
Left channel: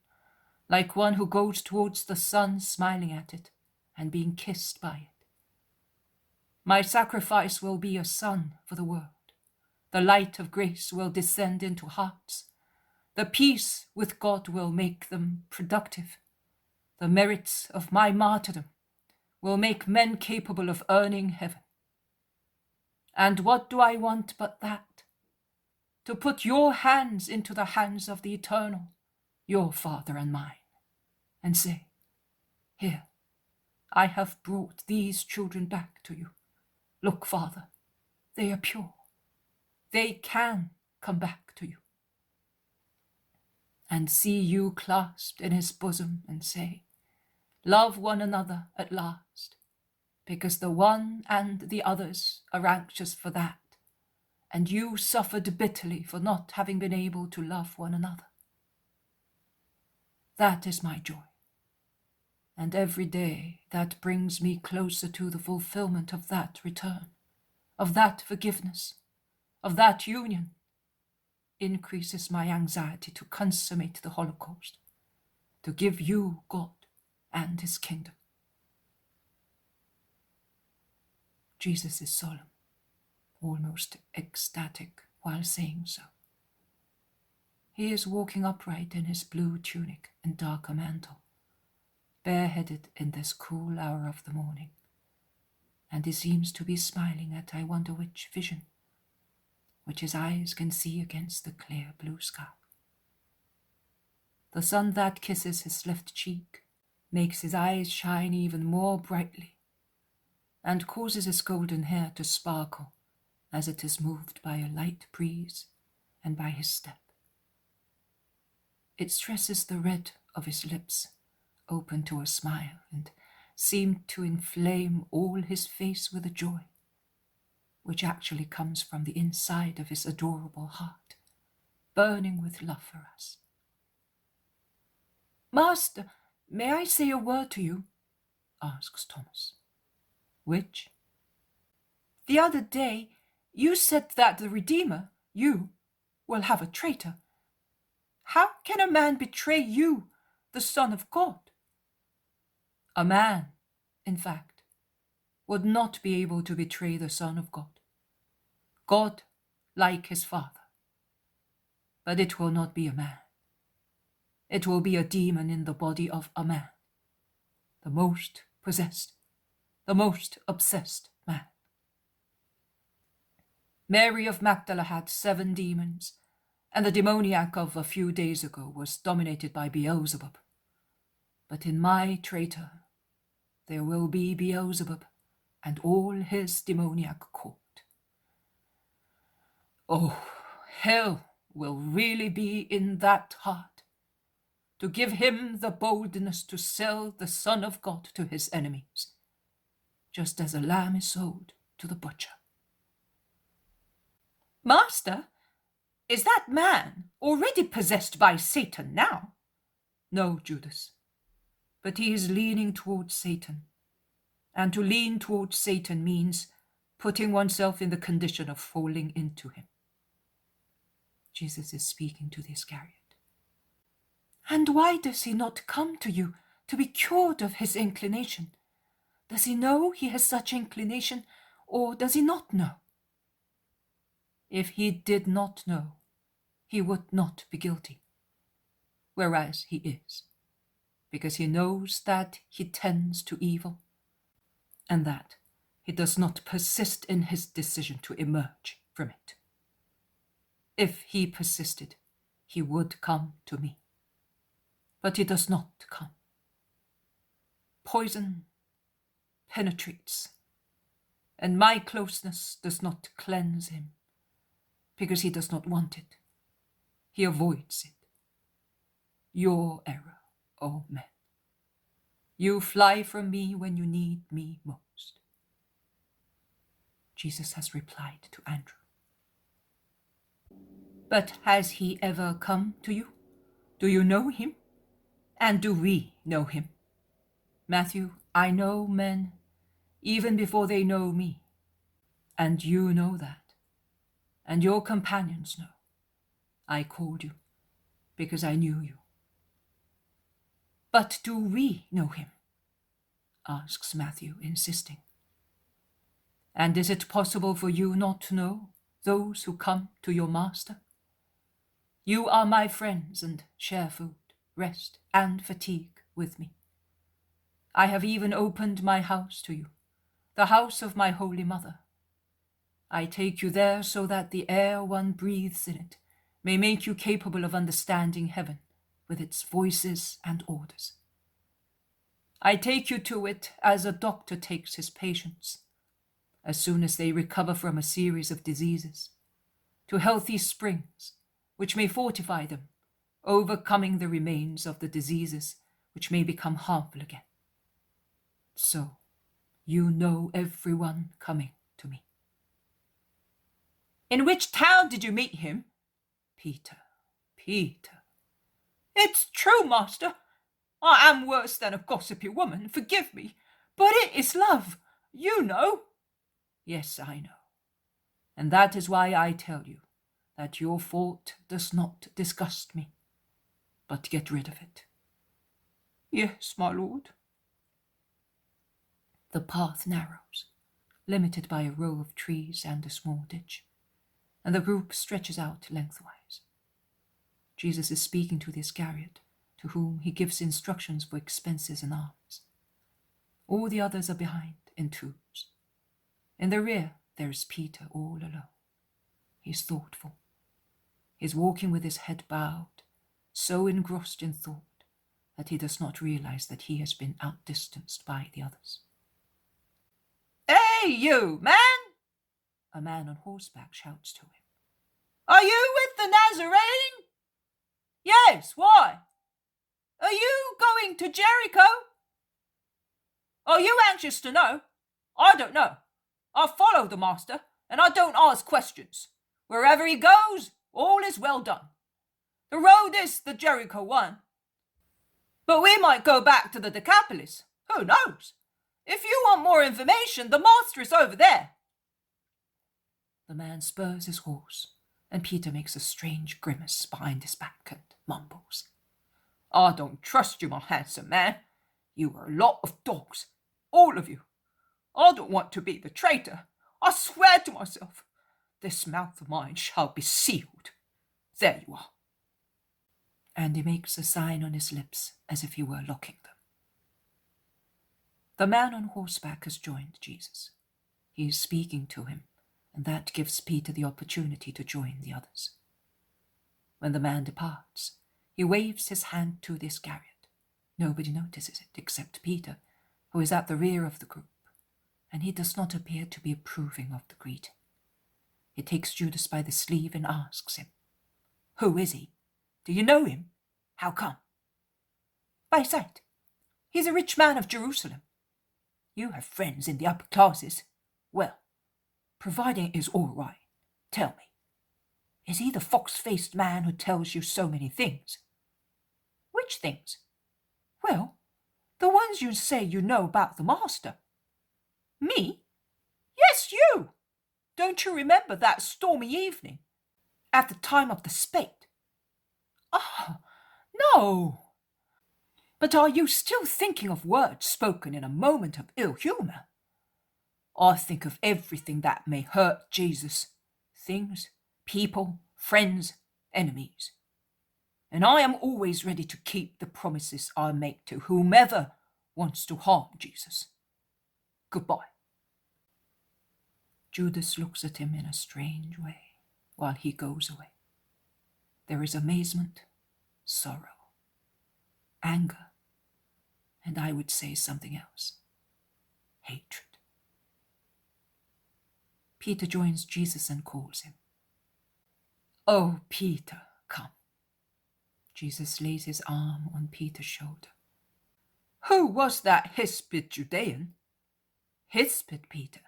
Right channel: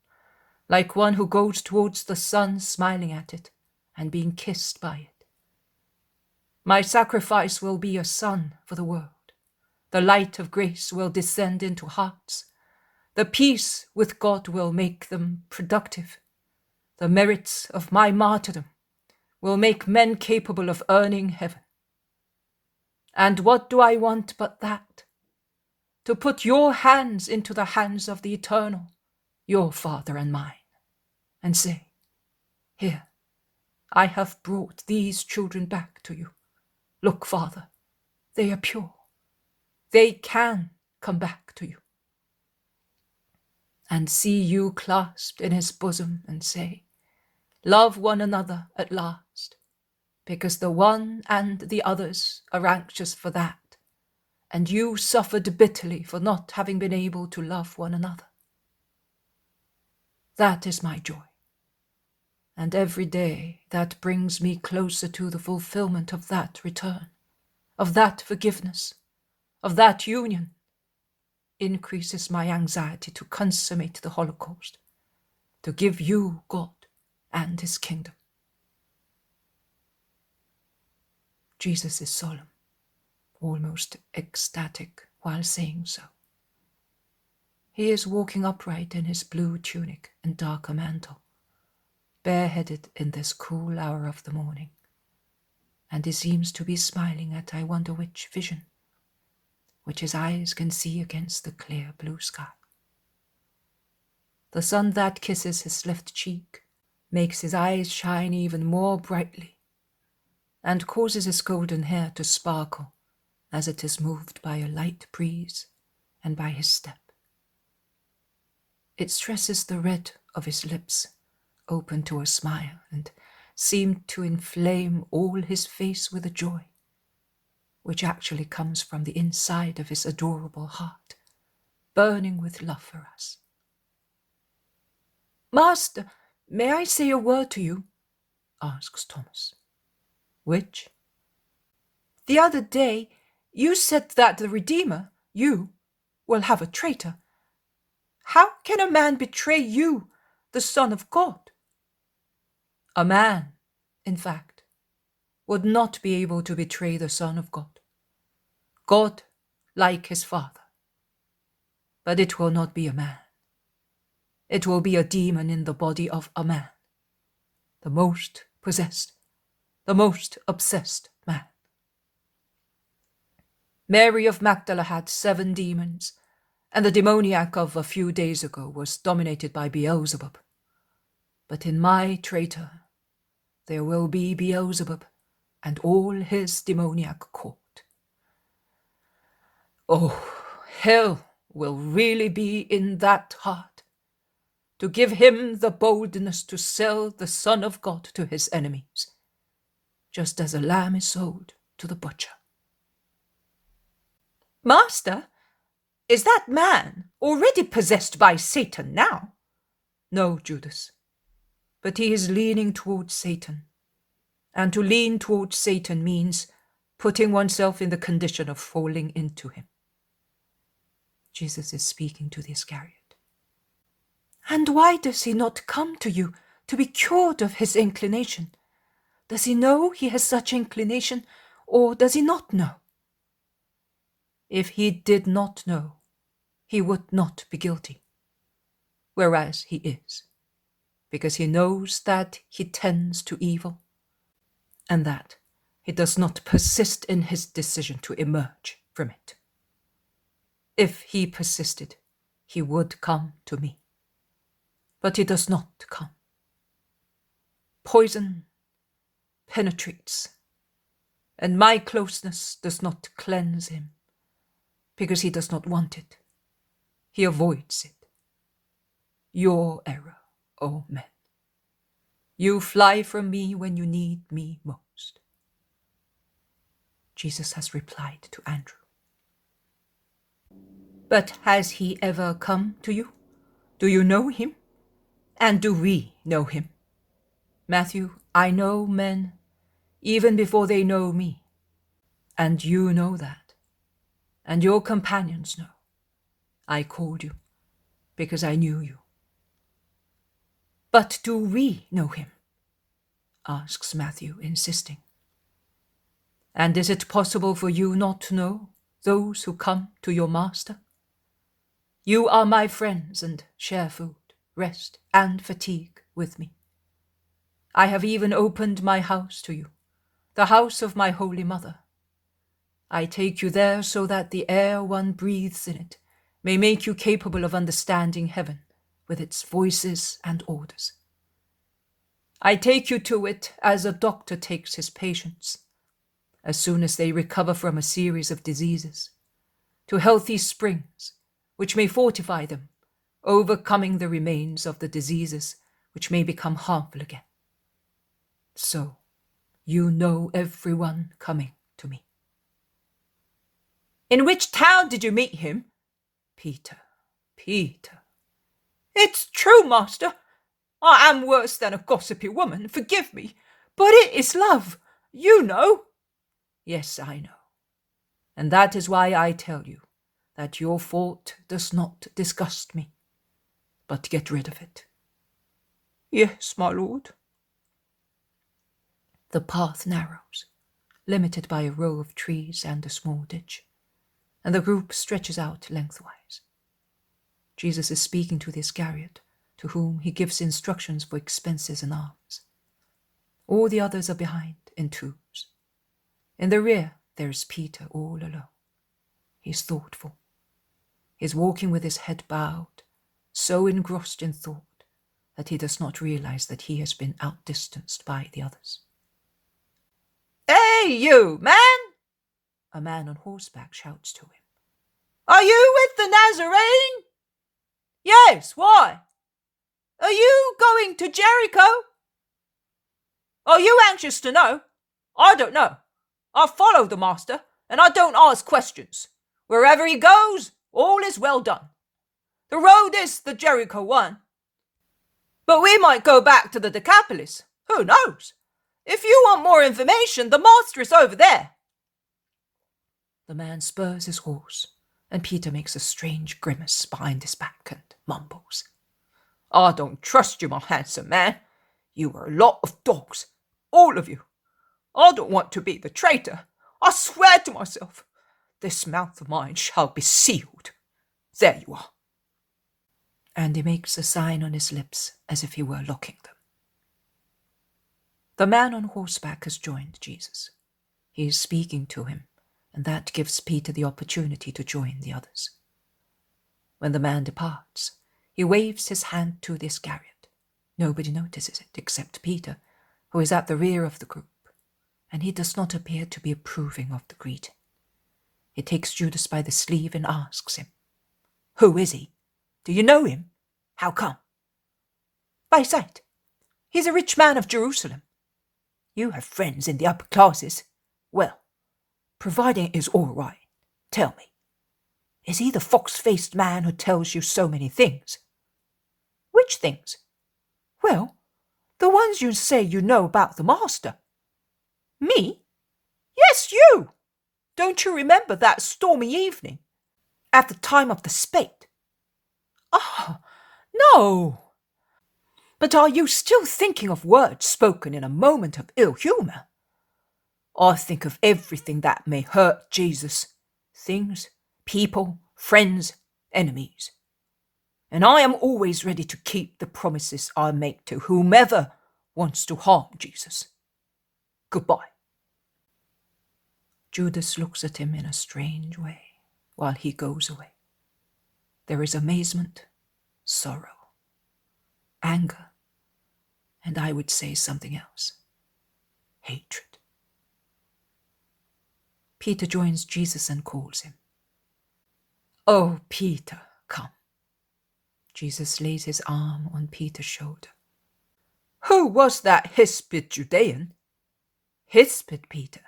like one who goes towards the sun smiling at it and being kissed by it. My sacrifice will be a sun for the world. The light of grace will descend into hearts. The peace with God will make them productive. The merits of my martyrdom will make men capable of earning heaven. And what do I want but that? To put your hands into the hands of the Eternal, your Father and mine, and say, "Here, I have brought these children back to you. Look, Father, they are pure. They can come back to you." And see you clasped in his bosom and say, "Love one another at last, because the one and the others are anxious for that, and you suffered bitterly for not having been able to love one another." That is my joy, and every day that brings me closer to the fulfillment of that return, of that forgiveness, of that union, increases my anxiety to consummate the Holocaust, to give you God and his kingdom. Jesus is solemn, almost ecstatic while saying so. He is walking upright in his blue tunic and darker mantle, bareheaded in this cool hour of the morning, and he seems to be smiling at I wonder which vision, which his eyes can see against the clear blue sky. The sun that kisses his left cheek makes his eyes shine even more brightly, and causes his golden hair to sparkle as it is moved by a light breeze and by his step. It stresses the red of his lips, open to a smile, and seemed to inflame all his face with a joy, which actually comes from the inside of his adorable heart, burning with love for us. "Master, may I say a word to you?" asks Thomas. "Which?" "The other day, you said that the Redeemer, you, will have a traitor. How can a man betray you, the Son of God?" A man, in fact, would not be able to betray the Son of God. God like his Father. But it will not be a man. It will be a demon in the body of a man, the most possessed, the most obsessed man. Mary of Magdala had 7 demons, and the demoniac of a few days ago was dominated by Beelzebub. But in my traitor there will be Beelzebub and all his demoniac court. Oh, hell will really be in that heart, to give him the boldness to sell the Son of God to his enemies, just as a lamb is sold to the butcher. Master, is that man already possessed by Satan now? No, Judas, but he is leaning towards Satan. And to lean towards Satan means putting oneself in the condition of falling into him. Jesus is speaking to the Iscariot. And why does he not come to you to be cured of his inclination? Does he know he has such inclination, or does he not know? If he did not know, he would not be guilty, whereas he is, because he knows that he tends to evil, and that he does not persist in his decision to emerge from it. If he persisted, he would come to me, but he does not come. Poison penetrates, and my closeness does not cleanse him, because he does not want it. He avoids it. Your error, O men. You fly from me when you need me most. Jesus has replied to Andrew. But has he ever come to you? Do you know him? And do we know him? Matthew, I know men even before they know me. And you know that. And your companions know. I called you because I knew you. But do we know him? Asks Matthew, insisting. And is it possible for you not to know those who come to your master? You are my friends and share food, rest, and fatigue with me. I have even opened my house to you, the house of my holy mother. I take you there so that the air one breathes in it may make you capable of understanding heaven with its voices and orders. I take you to it as a doctor takes his patients, as soon as they recover from a series of diseases, to healthy springs which may fortify them, overcoming the remains of the diseases which may become harmful again. So, you know everyone coming to me. In which town did you meet him? Peter. It's true, master. I am worse than a gossipy woman, forgive me, but it is love, you know. Yes, I know. And that is why I tell you that your fault does not disgust me, but get rid of it. Yes, my lord. The path narrows, limited by a row of trees and a small ditch, and the group stretches out lengthwise. Jesus is speaking to the Iscariot, to whom he gives instructions for expenses and arms. All the others are behind in twos. In the rear, there is Peter all alone. He's thoughtful. He's walking with his head bowed, so engrossed in thought that he does not realize that he has been outdistanced by the others. Hey, you, man! A man on horseback shouts to him. Are you with the Nazarene? Yes, why? Are you going to Jericho? Are you anxious to know? I don't know. I follow the master, and I don't ask questions. Wherever he goes, all is well done. The road is the Jericho one. But we might go back to the Decapolis. Who knows? If you want more information, the master is over there. The man spurs his horse, and Peter makes a strange grimace behind his back and mumbles. I don't trust you, my handsome man. You are a lot of dogs, all of you. I don't want to be the traitor. I swear to myself. this mouth of mine shall be sealed. There you are. And he makes a sign on his lips as if he were locking them. The man on horseback has joined Jesus. He is speaking to him, and that gives Peter the opportunity to join the others. When the man departs, he waves his hand to the Iscariot. Nobody notices it except Peter, who is at the rear of the group, and he does not appear to be approving of the greeting. He takes Judas by the sleeve and asks him, "Who is he? Do you know him? How come?" "By sight. He's a rich man of Jerusalem. You have friends in the upper classes. Well, providing it is all right, tell me, is he the fox-faced man who tells you so many things?" "Which things?" "Well, the ones you say you know about the master." "Me?" "Yes, you! Don't you remember that stormy evening, at the time of the spate?" "Ah, no! But are you still thinking of words spoken in a moment of ill humour?" "I think of everything that may hurt Jesus, things, people, friends, enemies. And I am always ready to keep the promises I make to whomever wants to harm Jesus. Goodbye." Judas looks at him in a strange way while he goes away. There is amazement, sorrow, anger, and I would say something else, hatred. Peter joins Jesus and calls him. "Oh, Peter, come." Jesus lays his arm on Peter's shoulder. "Who was that hispid Judean?" "Hispid, Peter?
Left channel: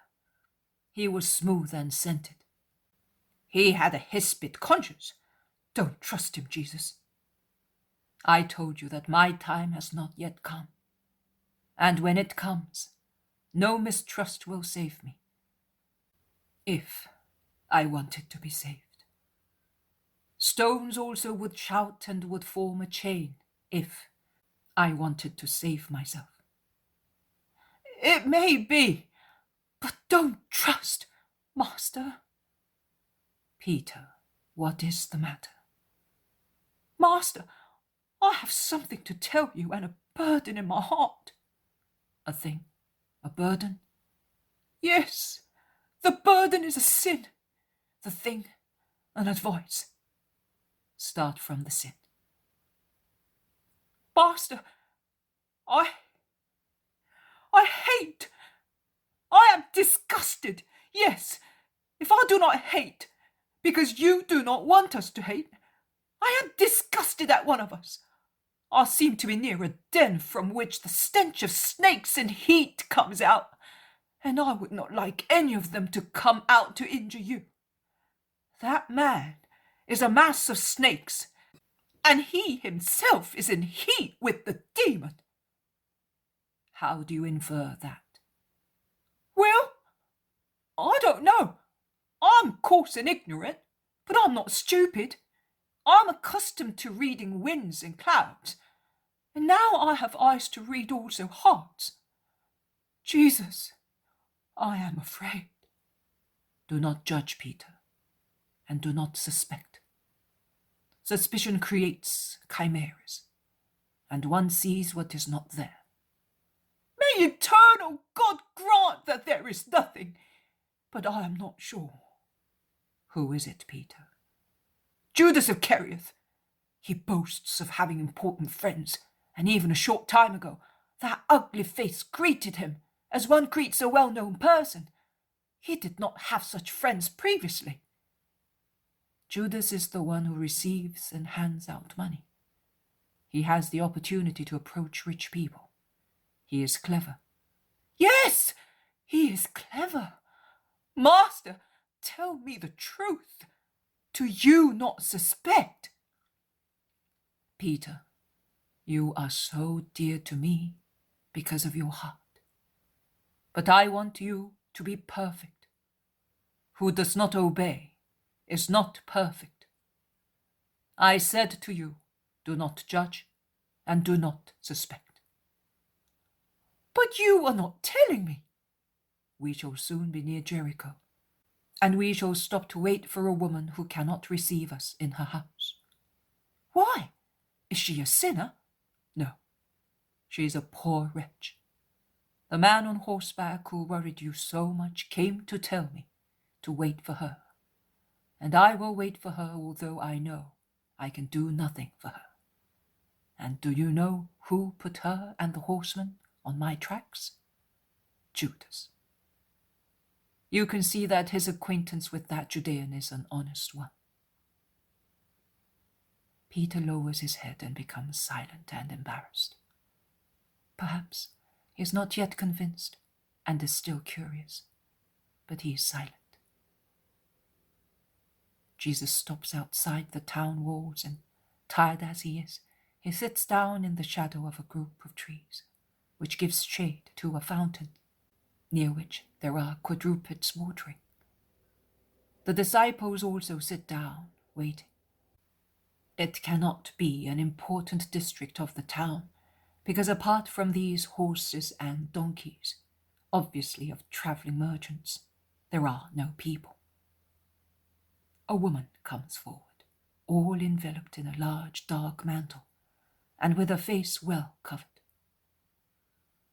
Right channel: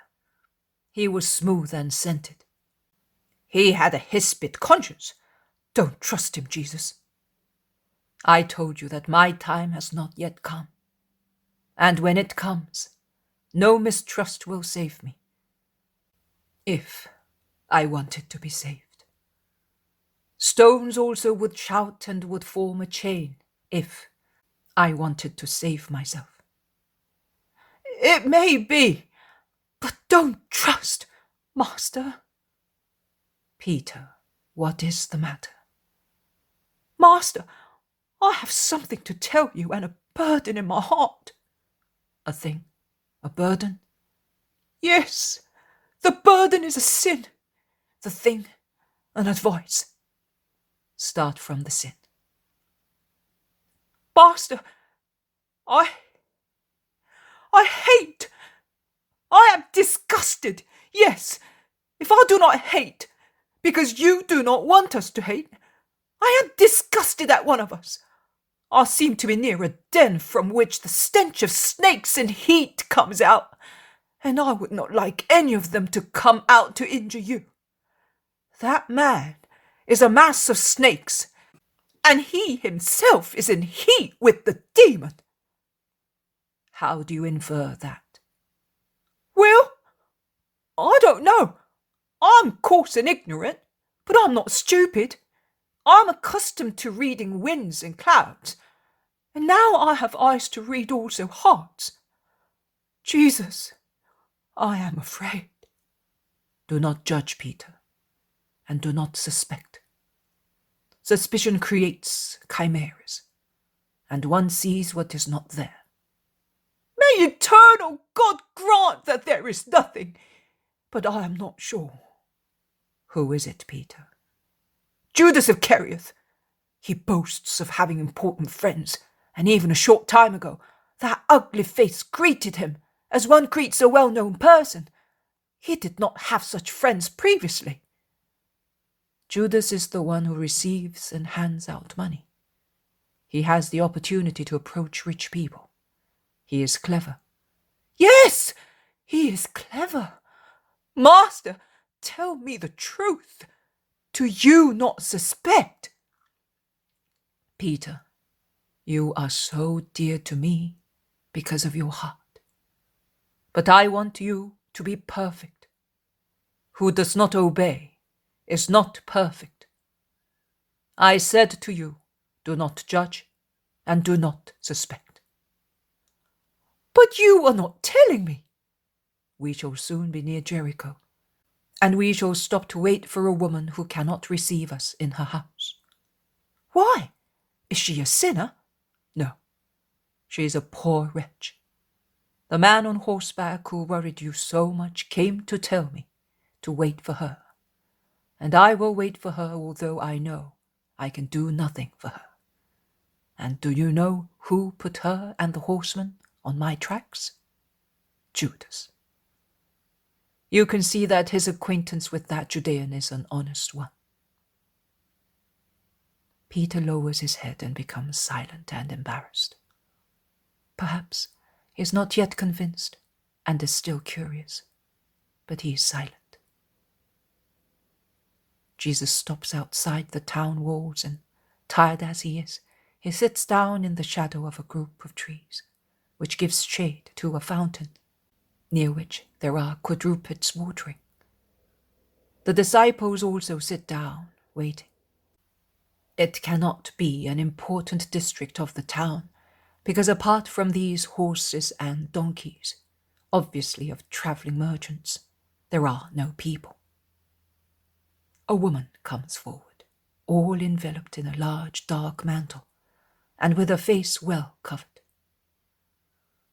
He was smooth and scented." "He had a hispid conscience. Don't trust him, Jesus." "I told you that my time has not yet come. And when it comes, no mistrust will save me. If I wanted to be saved. Stones also would shout and would form a chain if I wanted to save myself." "It may be, but don't trust, Master." "Peter, what is the matter?" "Master, I have something to tell you and a burden in my heart." "A thing? A burden?" "Yes, the burden is a sin, the thing an advice." "Start from the sin." "Master, I hate. I am disgusted. Yes, if I do not hate, because you do not want us to hate, I am disgusted at one of us. I seem to be near a den from which the stench of snakes and heat comes out, and I would not like any of them to come out to injure you. That man is a mass of snakes, and he himself is in heat with the demon." "How do you infer that?" "Well, I don't know. I'm coarse and ignorant, but I'm not stupid. I'm accustomed to reading winds and clouds, and now I have eyes to read also hearts. Jesus, I am afraid." "Do not judge, Peter, and do not suspect. Suspicion creates chimeras, and one sees what is not there." "May eternal God grant that there is nothing, but I am not sure." "Who is it, Peter?" "Judas Iscariot. He boasts of having important friends, and even a short time ago, that ugly face greeted him as one greets a well-known person. He did not have such friends previously." "Judas is the one who receives and hands out money. He has the opportunity to approach rich people. He is clever." "Yes, he is clever. Master, tell me the truth. Do you not suspect?" "Peter, you are so dear to me because of your heart. But I want you to be perfect. Who does not obey is not perfect. I said to you, do not judge and do not suspect." "But you are not telling me." "We shall soon be near Jericho, and we shall stop to wait for a woman who cannot receive us in her house. Why? Is she a sinner? No, she is a poor wretch. The man on horseback who worried you so much came to tell me to wait for her, and I will wait for her although I know I can do nothing for her. And do you know who put her and the horseman on my tracks? Judas. You can see that his acquaintance with that Judean is an honest one. Peter lowers his head and becomes silent and embarrassed. Perhaps he is not yet convinced and is still curious, but he is silent. Jesus stops outside the town walls and, tired as he is, he sits down in the shadow of a group of trees, which gives shade to a fountain, near which there are quadrupeds watering. The disciples also sit down, waiting. It cannot be an important district of the town, because apart from these horses and donkeys, obviously of travelling merchants, there are no people. A woman comes forward, all enveloped in a large dark mantle, and with her face well covered.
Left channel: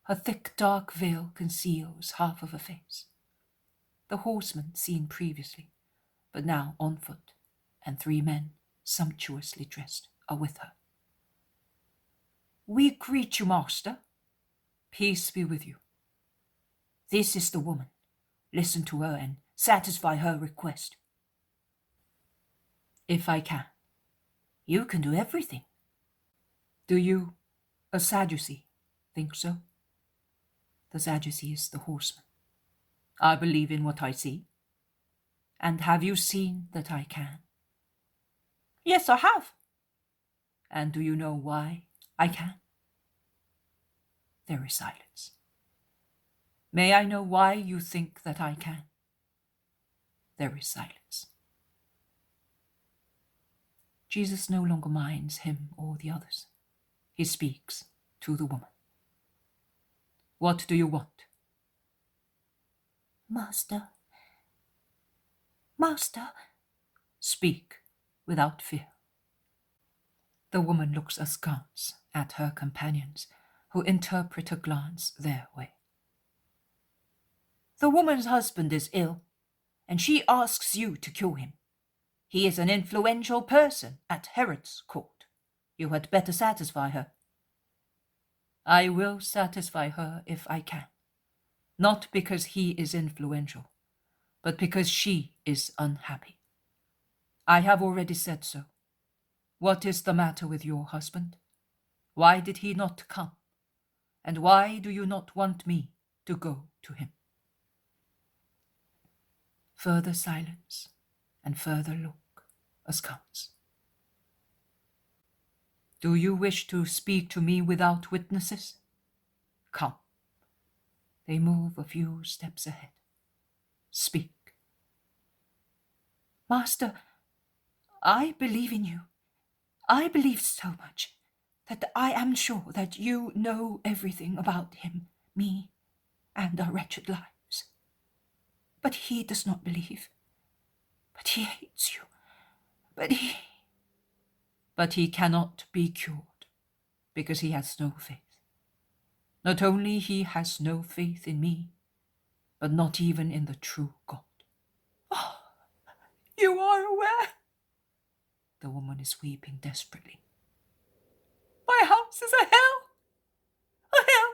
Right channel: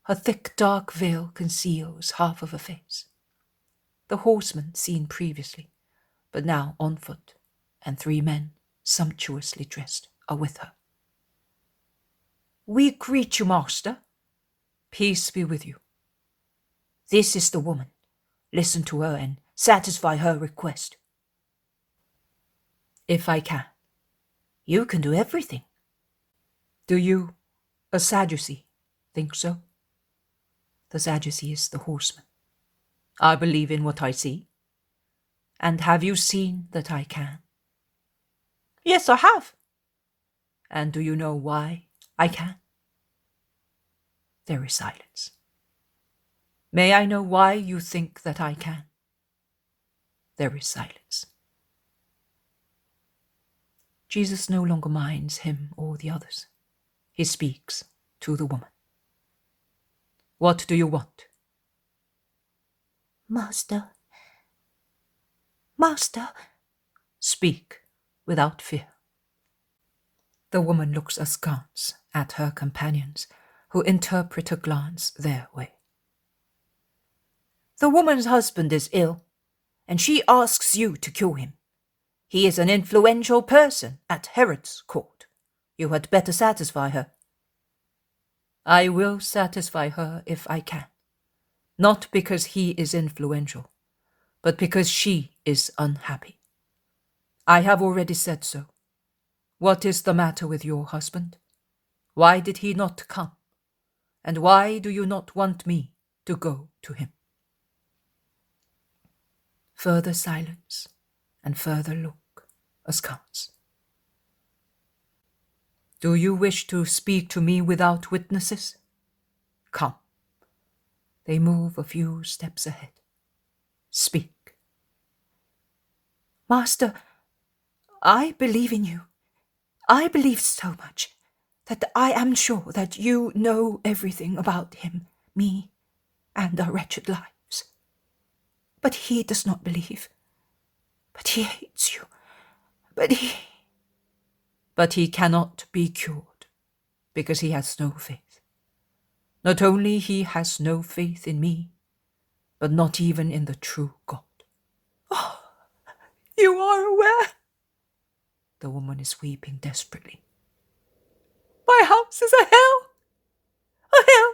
Her thick dark veil conceals half of her face. The horseman seen previously, but now on foot, and 3 men, sumptuously dressed, are with her. We greet you, master. Peace be with you. This is the woman. Listen to her and satisfy her request. If I can. You can do everything. Do you, a Sadducee, think so? The Sadducee is the horseman. I believe in what I see. And have you seen that I can? Yes, I have. And do you know why I can? There is silence. May I know why you think that I can? There is silence. Jesus no longer minds him or the others. He speaks to the woman. What do you want? Master. Speak without fear. The woman looks askance at her companions, who interpret her glance their way. The woman's husband is ill, and she asks you to cure him. He is an influential person at Herod's court. You had better satisfy her. I will satisfy her if I can, not because he is influential, but because she is unhappy. I have already said so. What is the matter with your husband? Why did he not come? And why do you not want me to go to him? Further silence and further look, askance. Do you wish to speak to me without witnesses? Come. They move a few steps ahead. Speak. Master, I believe in you. I believe so much that I am sure that you know everything about him, me, and our wretched lives. But he does not believe. But he hates you. But he cannot be cured, because he has no faith. Not only he has no faith in me, but not even in the true God. Oh, you are aware? The woman is weeping desperately. My house is a hell. A hell.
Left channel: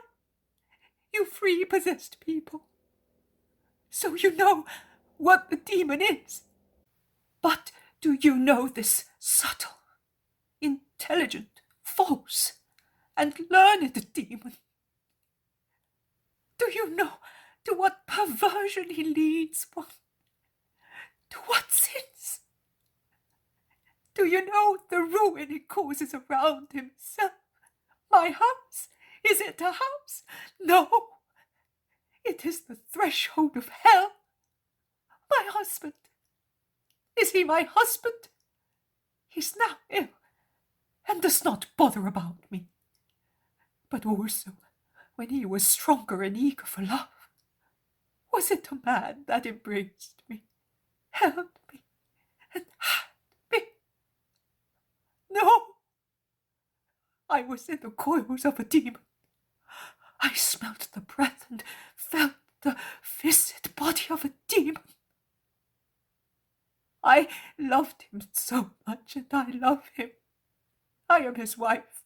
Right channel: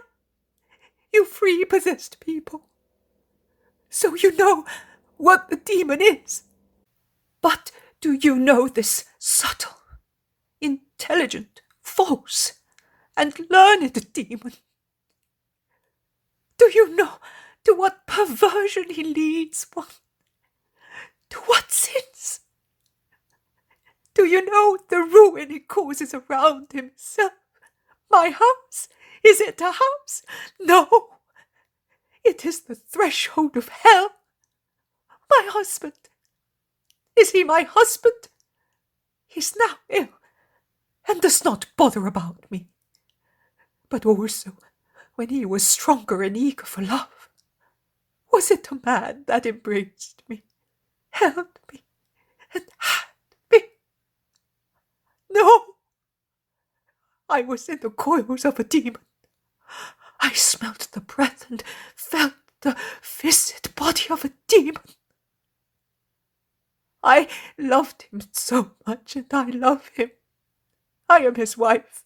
You free possessed people. So you know what the demon is. But do you know this subtle, intelligent, false, and learned demon? Do you know to what perversion he leads one? To what sins? Do you know the ruin he causes around himself? My house? Is it a house? No. It is the threshold of hell. My husband. Is he my husband? He's now ill, and does not bother about me. But also, when he was stronger and eager for love, was it a man that embraced me? held me and had me. No, I was in the coils of a demon. I smelt the breath and felt the viscid body of a demon. I loved him so much, and I love him. I am his wife,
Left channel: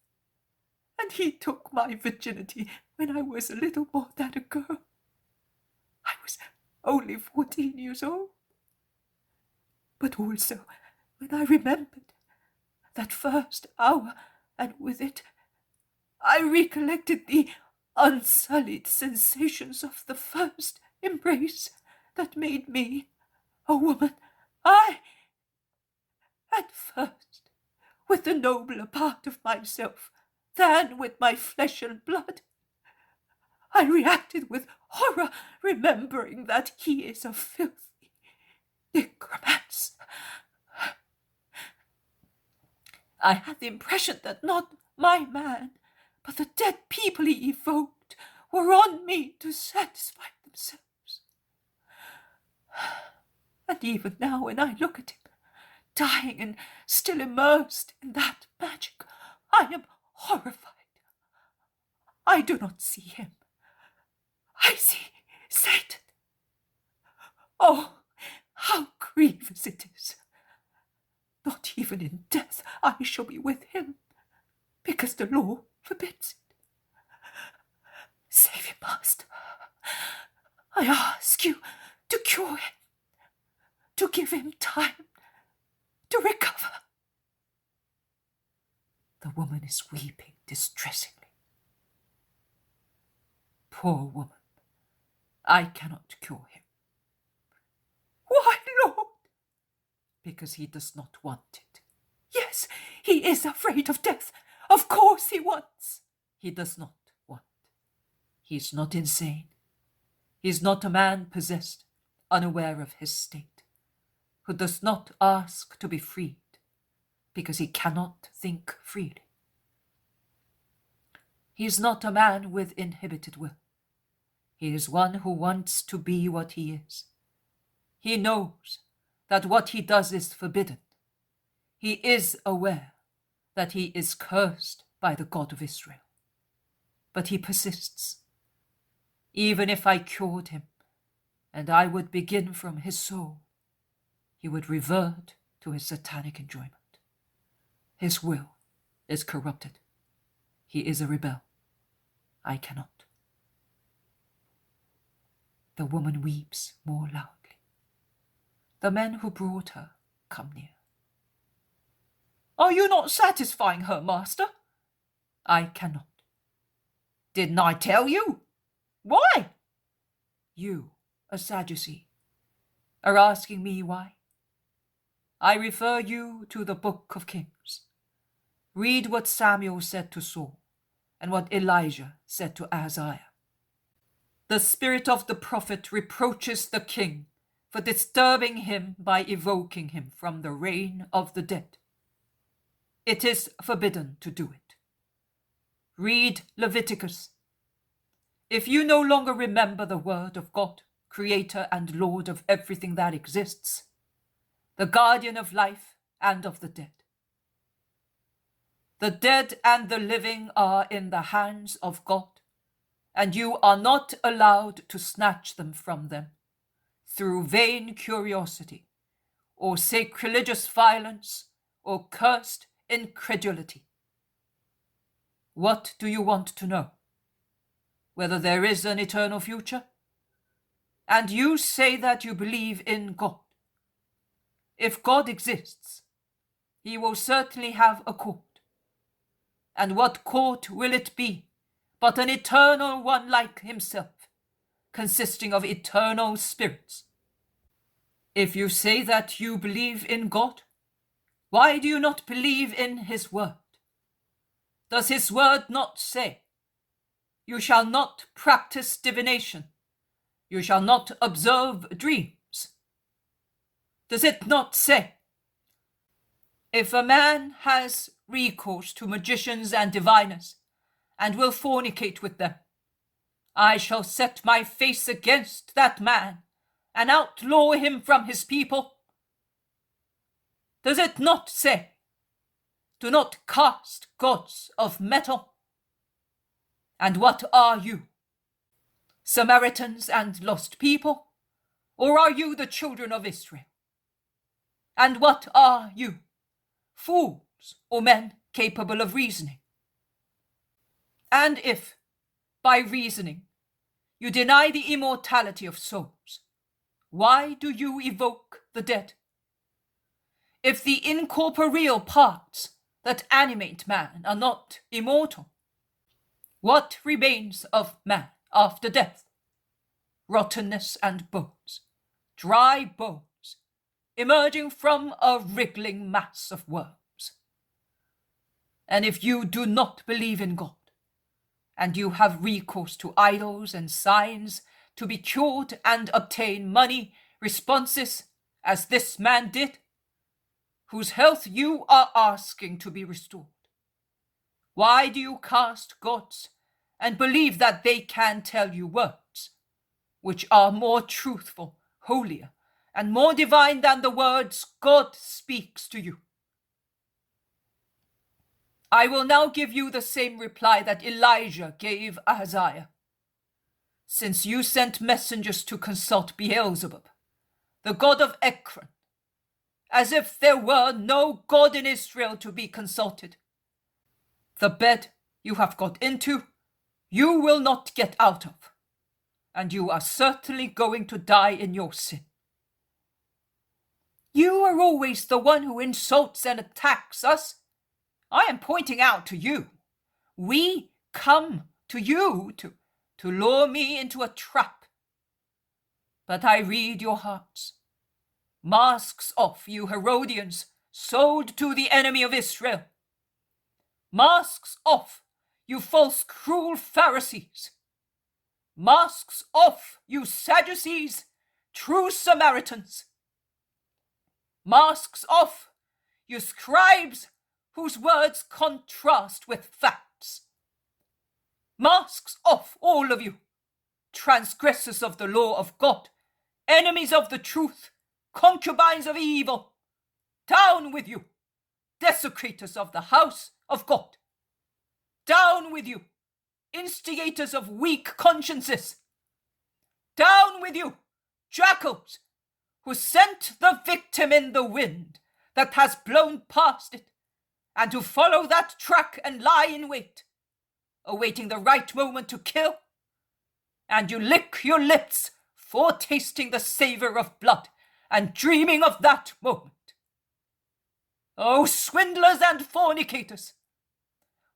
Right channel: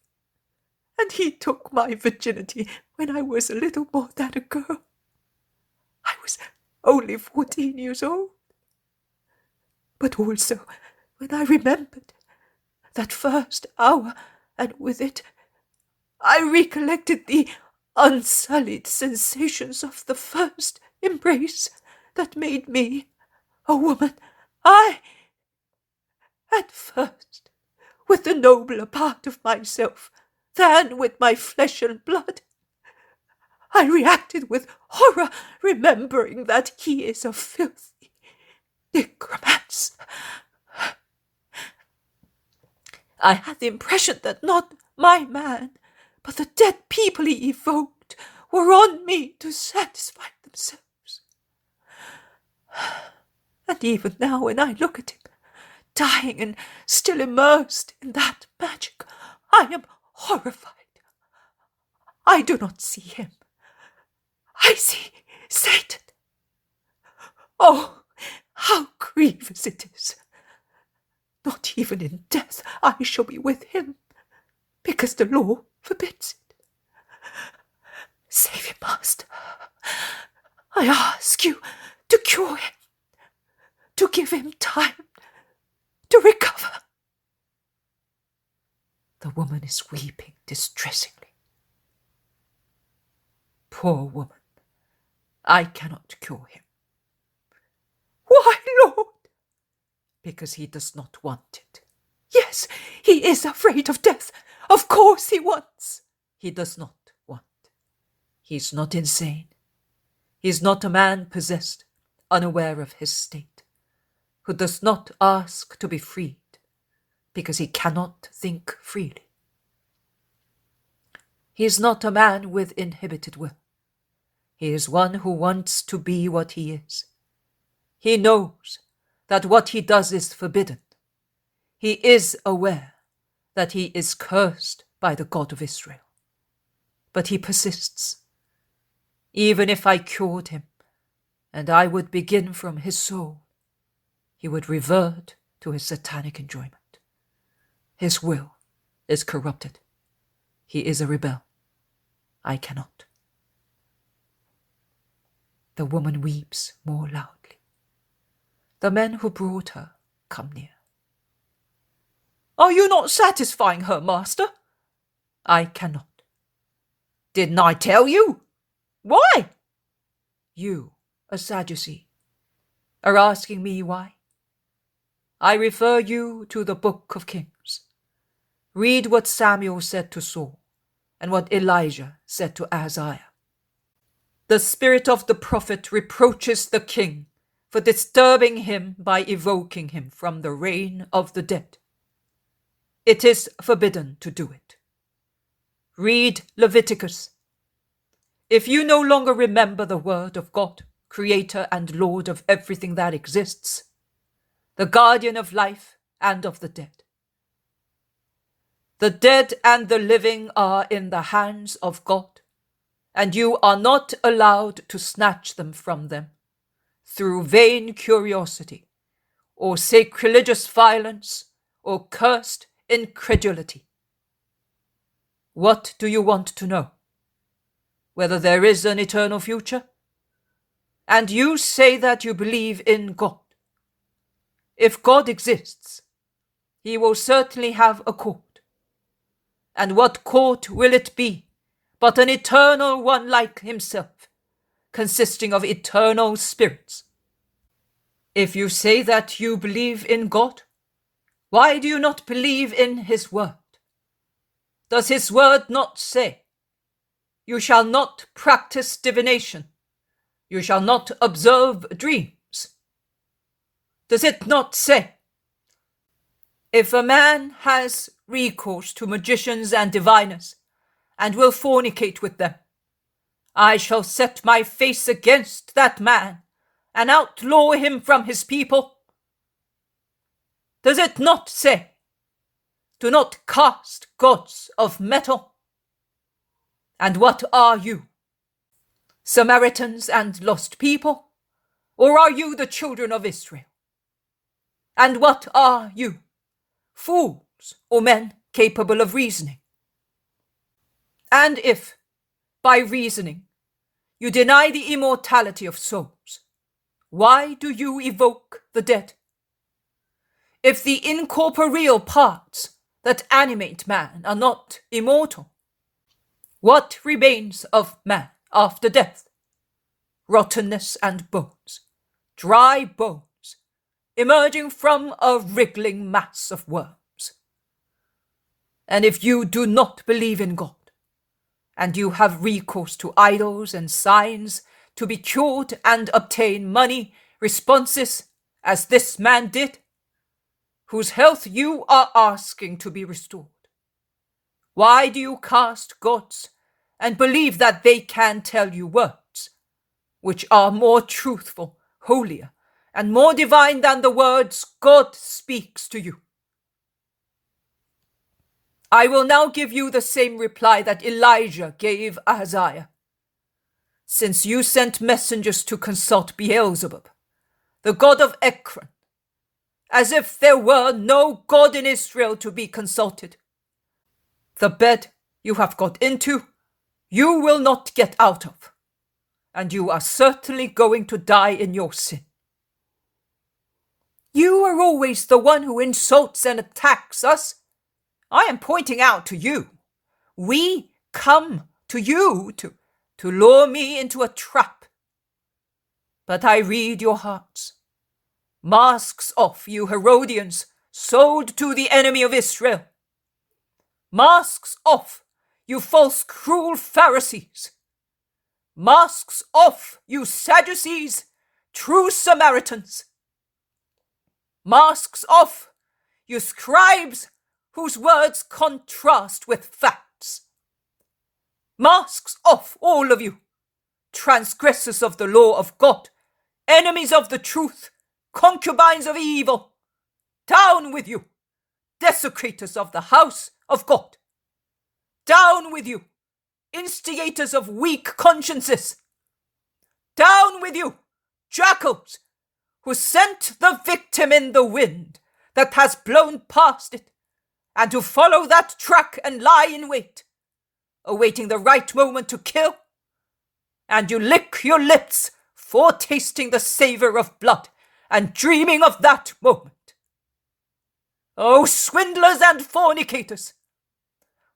and he took my virginity when I was a little more than a girl. I was only 14 years old. But also, when I remembered that first hour, and with it, I recollected the unsullied sensations of the first embrace that made me a woman. At first, with the nobler part of myself than with my flesh and blood, I reacted with horror, remembering that he is a filthy necromancer. I had the impression that not my man, but the dead people he evoked were on me to satisfy themselves. And even now, when I look at him, dying and still immersed in that magic, I am horrified. I do not see him. I see Satan. Oh, how grievous it is! Not even in death I shall be with him, because the law forbids it. Save him, Master. I ask you to cure him, to give him time to recover. The woman is weeping distressingly. Poor woman, I cannot cure him. Why, Lord? Because he does not want it. Yes, he is afraid of death. Of course he wants. He does not want. He is not insane. He is not a man possessed, unaware of his state, who does not ask to be freed, because he cannot think freely. He is not a man with inhibited will. He is one who wants to be what he is. He knows that what he does is forbidden. He is aware that he is cursed by the God of Israel. But he persists. Even if I cured him, and I would begin from his soul, he would revert to his satanic enjoyment. His will is corrupted. He is a rebel. I cannot. The woman weeps more loudly. The men who brought her come near. Are you not satisfying her, Master? I cannot. Didn't I tell you? Why? You, a Sadducee, are asking me why? I refer you to the Book of Kings. Read what Samuel said to Saul and what Elijah said to Ahaziah. The spirit of the prophet reproaches the king for disturbing him by evoking him from the reign of the dead. It is forbidden to do it. Read Leviticus. If you no longer remember the word of God, creator and Lord of everything that exists, the guardian of life and of the dead. The dead and the living are in the hands of God, and you are not allowed to snatch them from them through vain curiosity, or sacrilegious violence, or cursed incredulity. What do you want to know? Whether there is an eternal future? And you say that you believe in God. If God exists, he will certainly have a court. And what court will it be but an eternal one like himself, consisting of eternal spirits? If you say that you believe in God, why do you not believe in his word? Does his word not say, you shall not practice divination, you shall not observe dreams? Does it not say, if a man has recourse to magicians and diviners, and will fornicate with them, I shall set my face against that man, and outlaw him from his people? Does it not say, do not cast gods of metal? And what are you? Samaritans and lost people? Or are you the children of Israel? And what are you? Fools or men capable of reasoning? And if, by reasoning, you deny the immortality of souls, why do you evoke the dead? If the incorporeal parts that animate man are not immortal, what remains of man after death? Rottenness and bones, dry bones, emerging from a wriggling mass of worms. And if you do not believe in God, and you have recourse to idols and signs to be cured and obtain money responses, as this man did, whose health you are asking to be restored, why do you cast gods and believe that they can tell you words, which are more truthful, holier, and more divine than the words God speaks to you? I will now give you the same reply that Elijah gave Ahaziah. Since you sent messengers to consult Beelzebub, the god of Ekron, as if there were no God in Israel to be consulted, the bed you have got into, you will not get out of, and you are certainly going to die in your sin. You are always the one who insults and attacks us. I am pointing out to you. We come to you to lure me into a trap. But I read your hearts. Masks off, you Herodians, sold to the enemy of Israel. Masks off, you false, cruel Pharisees. Masks off, you Sadducees, true Samaritans. Masks off, you scribes, whose words contrast with facts. Masks off, all of you, transgressors of the law of God, enemies of the truth, concubines of evil. Down with you, desecrators of the house of God. Down with you, instigators of weak consciences. Down with you, jackals, who sent the victim in the wind that has blown past it, and who follow that track and lie in wait, awaiting the right moment to kill. And you lick your lips, foretasting the savour of blood, and dreaming of that moment. O swindlers and fornicators,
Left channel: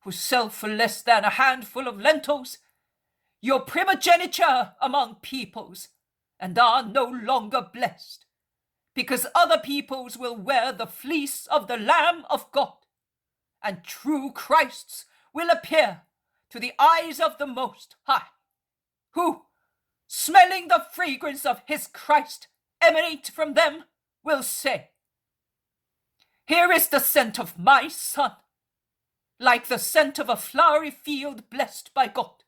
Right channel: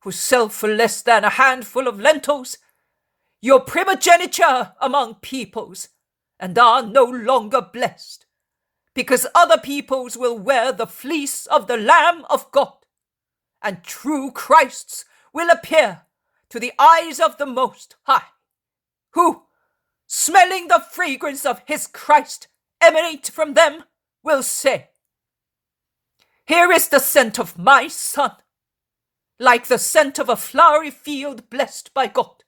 who sell for less than a handful of lentils your primogeniture among peoples, and are no longer blessed, because other peoples will wear the fleece of the Lamb of God, and true Christs will appear to the eyes of the Most High, who, smelling the fragrance of his Christ emanate from them, will say, here is the scent of my Son, like the scent of a flowery field blessed by God.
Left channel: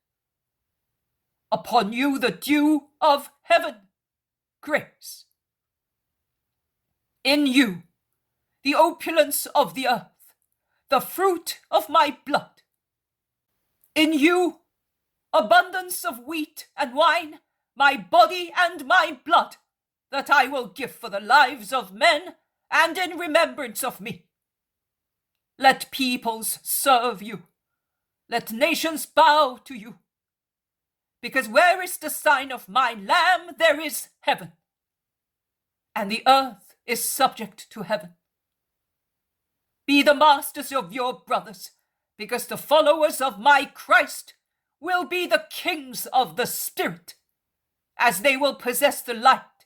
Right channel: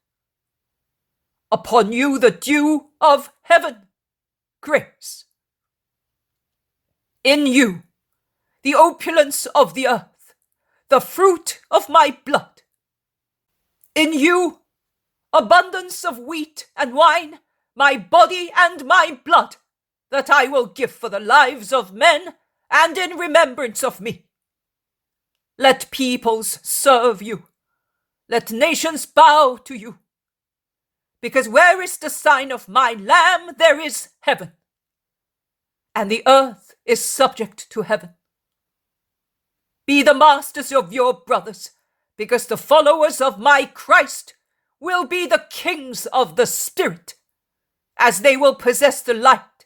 Upon you the dew of heaven, grace. In you, the opulence of the earth, the fruit of my blood. In you, abundance of wheat and wine, my body and my blood, that I will give for the lives of men and in remembrance of me. Let peoples serve you. Let nations bow to you. Because where is the sign of my Lamb, there is heaven, and the earth is subject to heaven. Be the masters of your brothers, because the followers of my Christ will be the kings of the Spirit, as they will possess the light,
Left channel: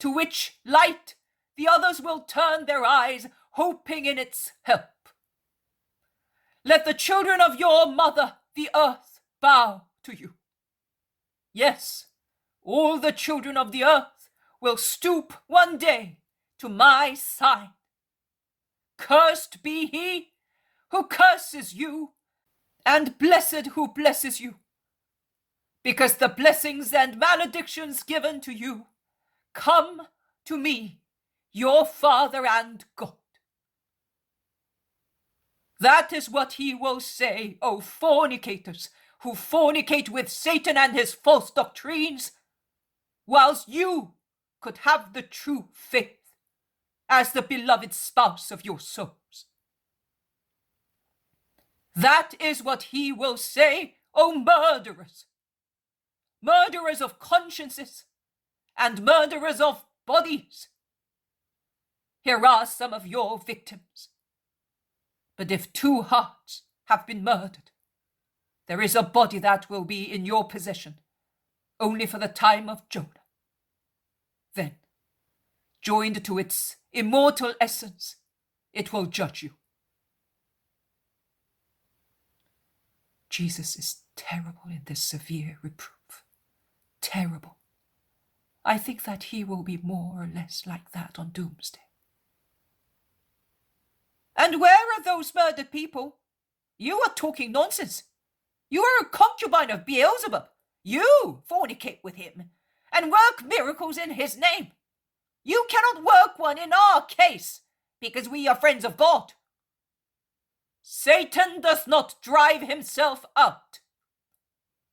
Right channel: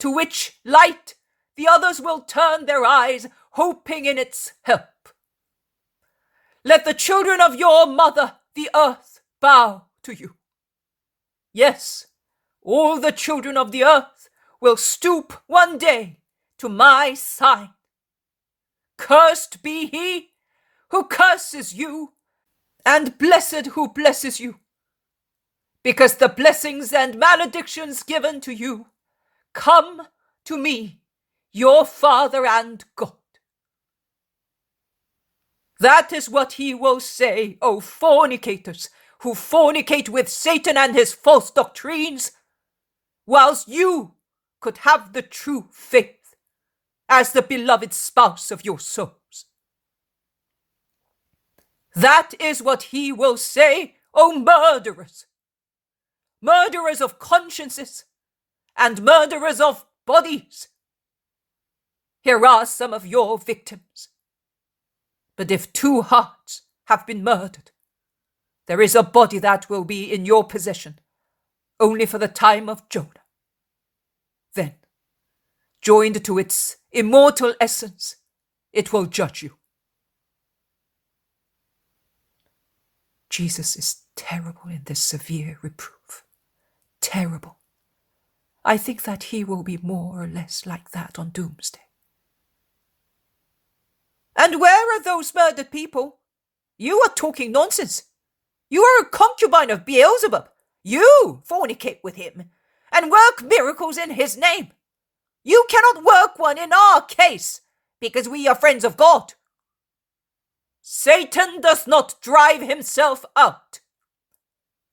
to which light the others will turn their eyes, hoping in its help. Let the children of your mother, the earth, bow to you. Yes, all the children of the earth will stoop one day to my sign. Cursed be he who curses you, and blessed who blesses you, because the blessings and maledictions given to you come to me your Father and God. That is what he will say, O fornicators, who fornicate with Satan and his false doctrines, whilst you could have the true faith as the beloved spouse of your souls. That is what he will say, O murderers, murderers of consciences and murderers of bodies. Here are some of your victims. But if 2 hearts have been murdered, there is a body that will be in your possession only for the time of Jonah. Then, joined to its immortal essence, it will judge you. Jesus is terrible in this severe reproof. Terrible. I think that he will be more or less like that on doomsday. And where are those murdered people? You are talking nonsense. You are a concubine of Beelzebub. You fornicate with him and work miracles in his name. You cannot work one in our case because we are friends of God. Satan does not drive himself out.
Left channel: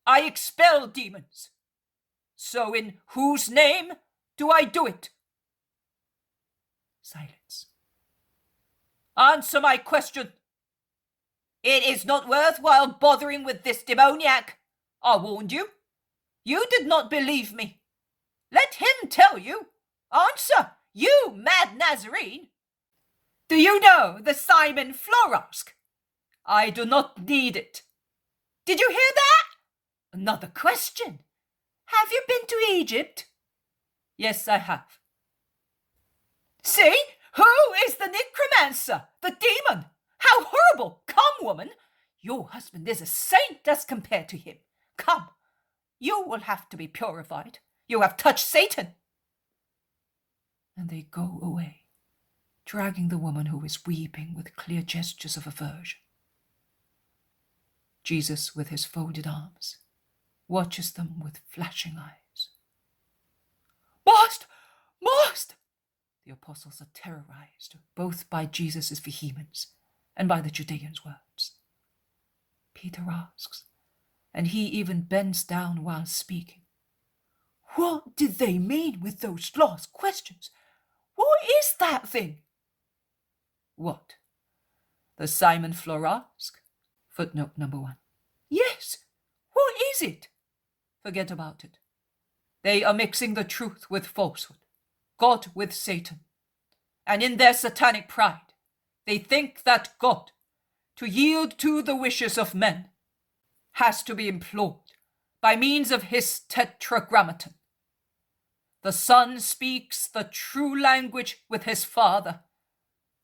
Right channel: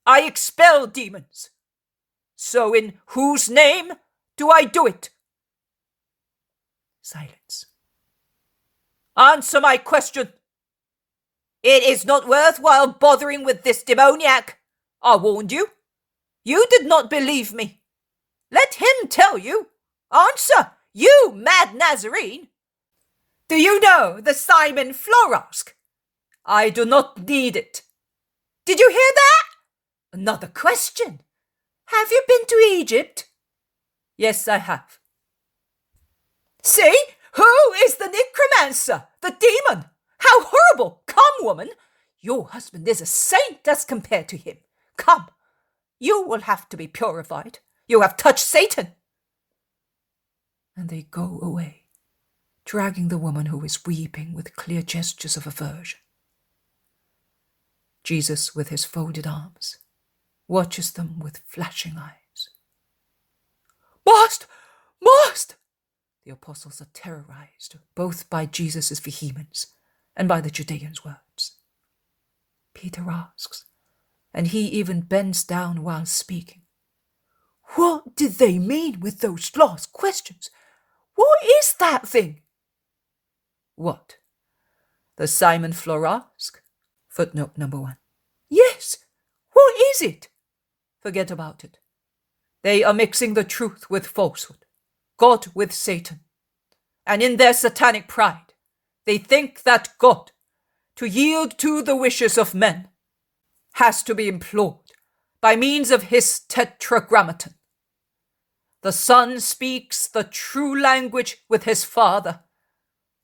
I expel demons. So in whose name do I do it? Silence. Answer my question. It is not worthwhile bothering with this demoniac. I warned you. You did not believe me. Let him tell you. Answer, you mad Nazarene. Do you know the Simon Florask? I do not need it. Did you hear that? Another question. Have you been to Egypt? Yes, I have. See? Who is the necromancer? The demon? How horrible! Come, woman. Your husband is a saint as compared to him. Come. You will have to be purified. You have touched Satan. And they go away, dragging the woman who is weeping with clear gestures of aversion. Jesus, with his folded arms, watches them with flashing eyes. Master! Master! The apostles are terrorized, both by Jesus' vehemence and by the Judean's words. Peter asks, and he even bends down while speaking, what did they mean with those last questions? What is that thing? What? The Simon Florask? Footnote number 1. Yes. What is it? Forget about it. They are mixing the truth with falsehood, God with Satan. And in their satanic pride, they think that God, to yield to the wishes of men, has to be implored by means of his tetragrammaton. The Son speaks the true language with his Father,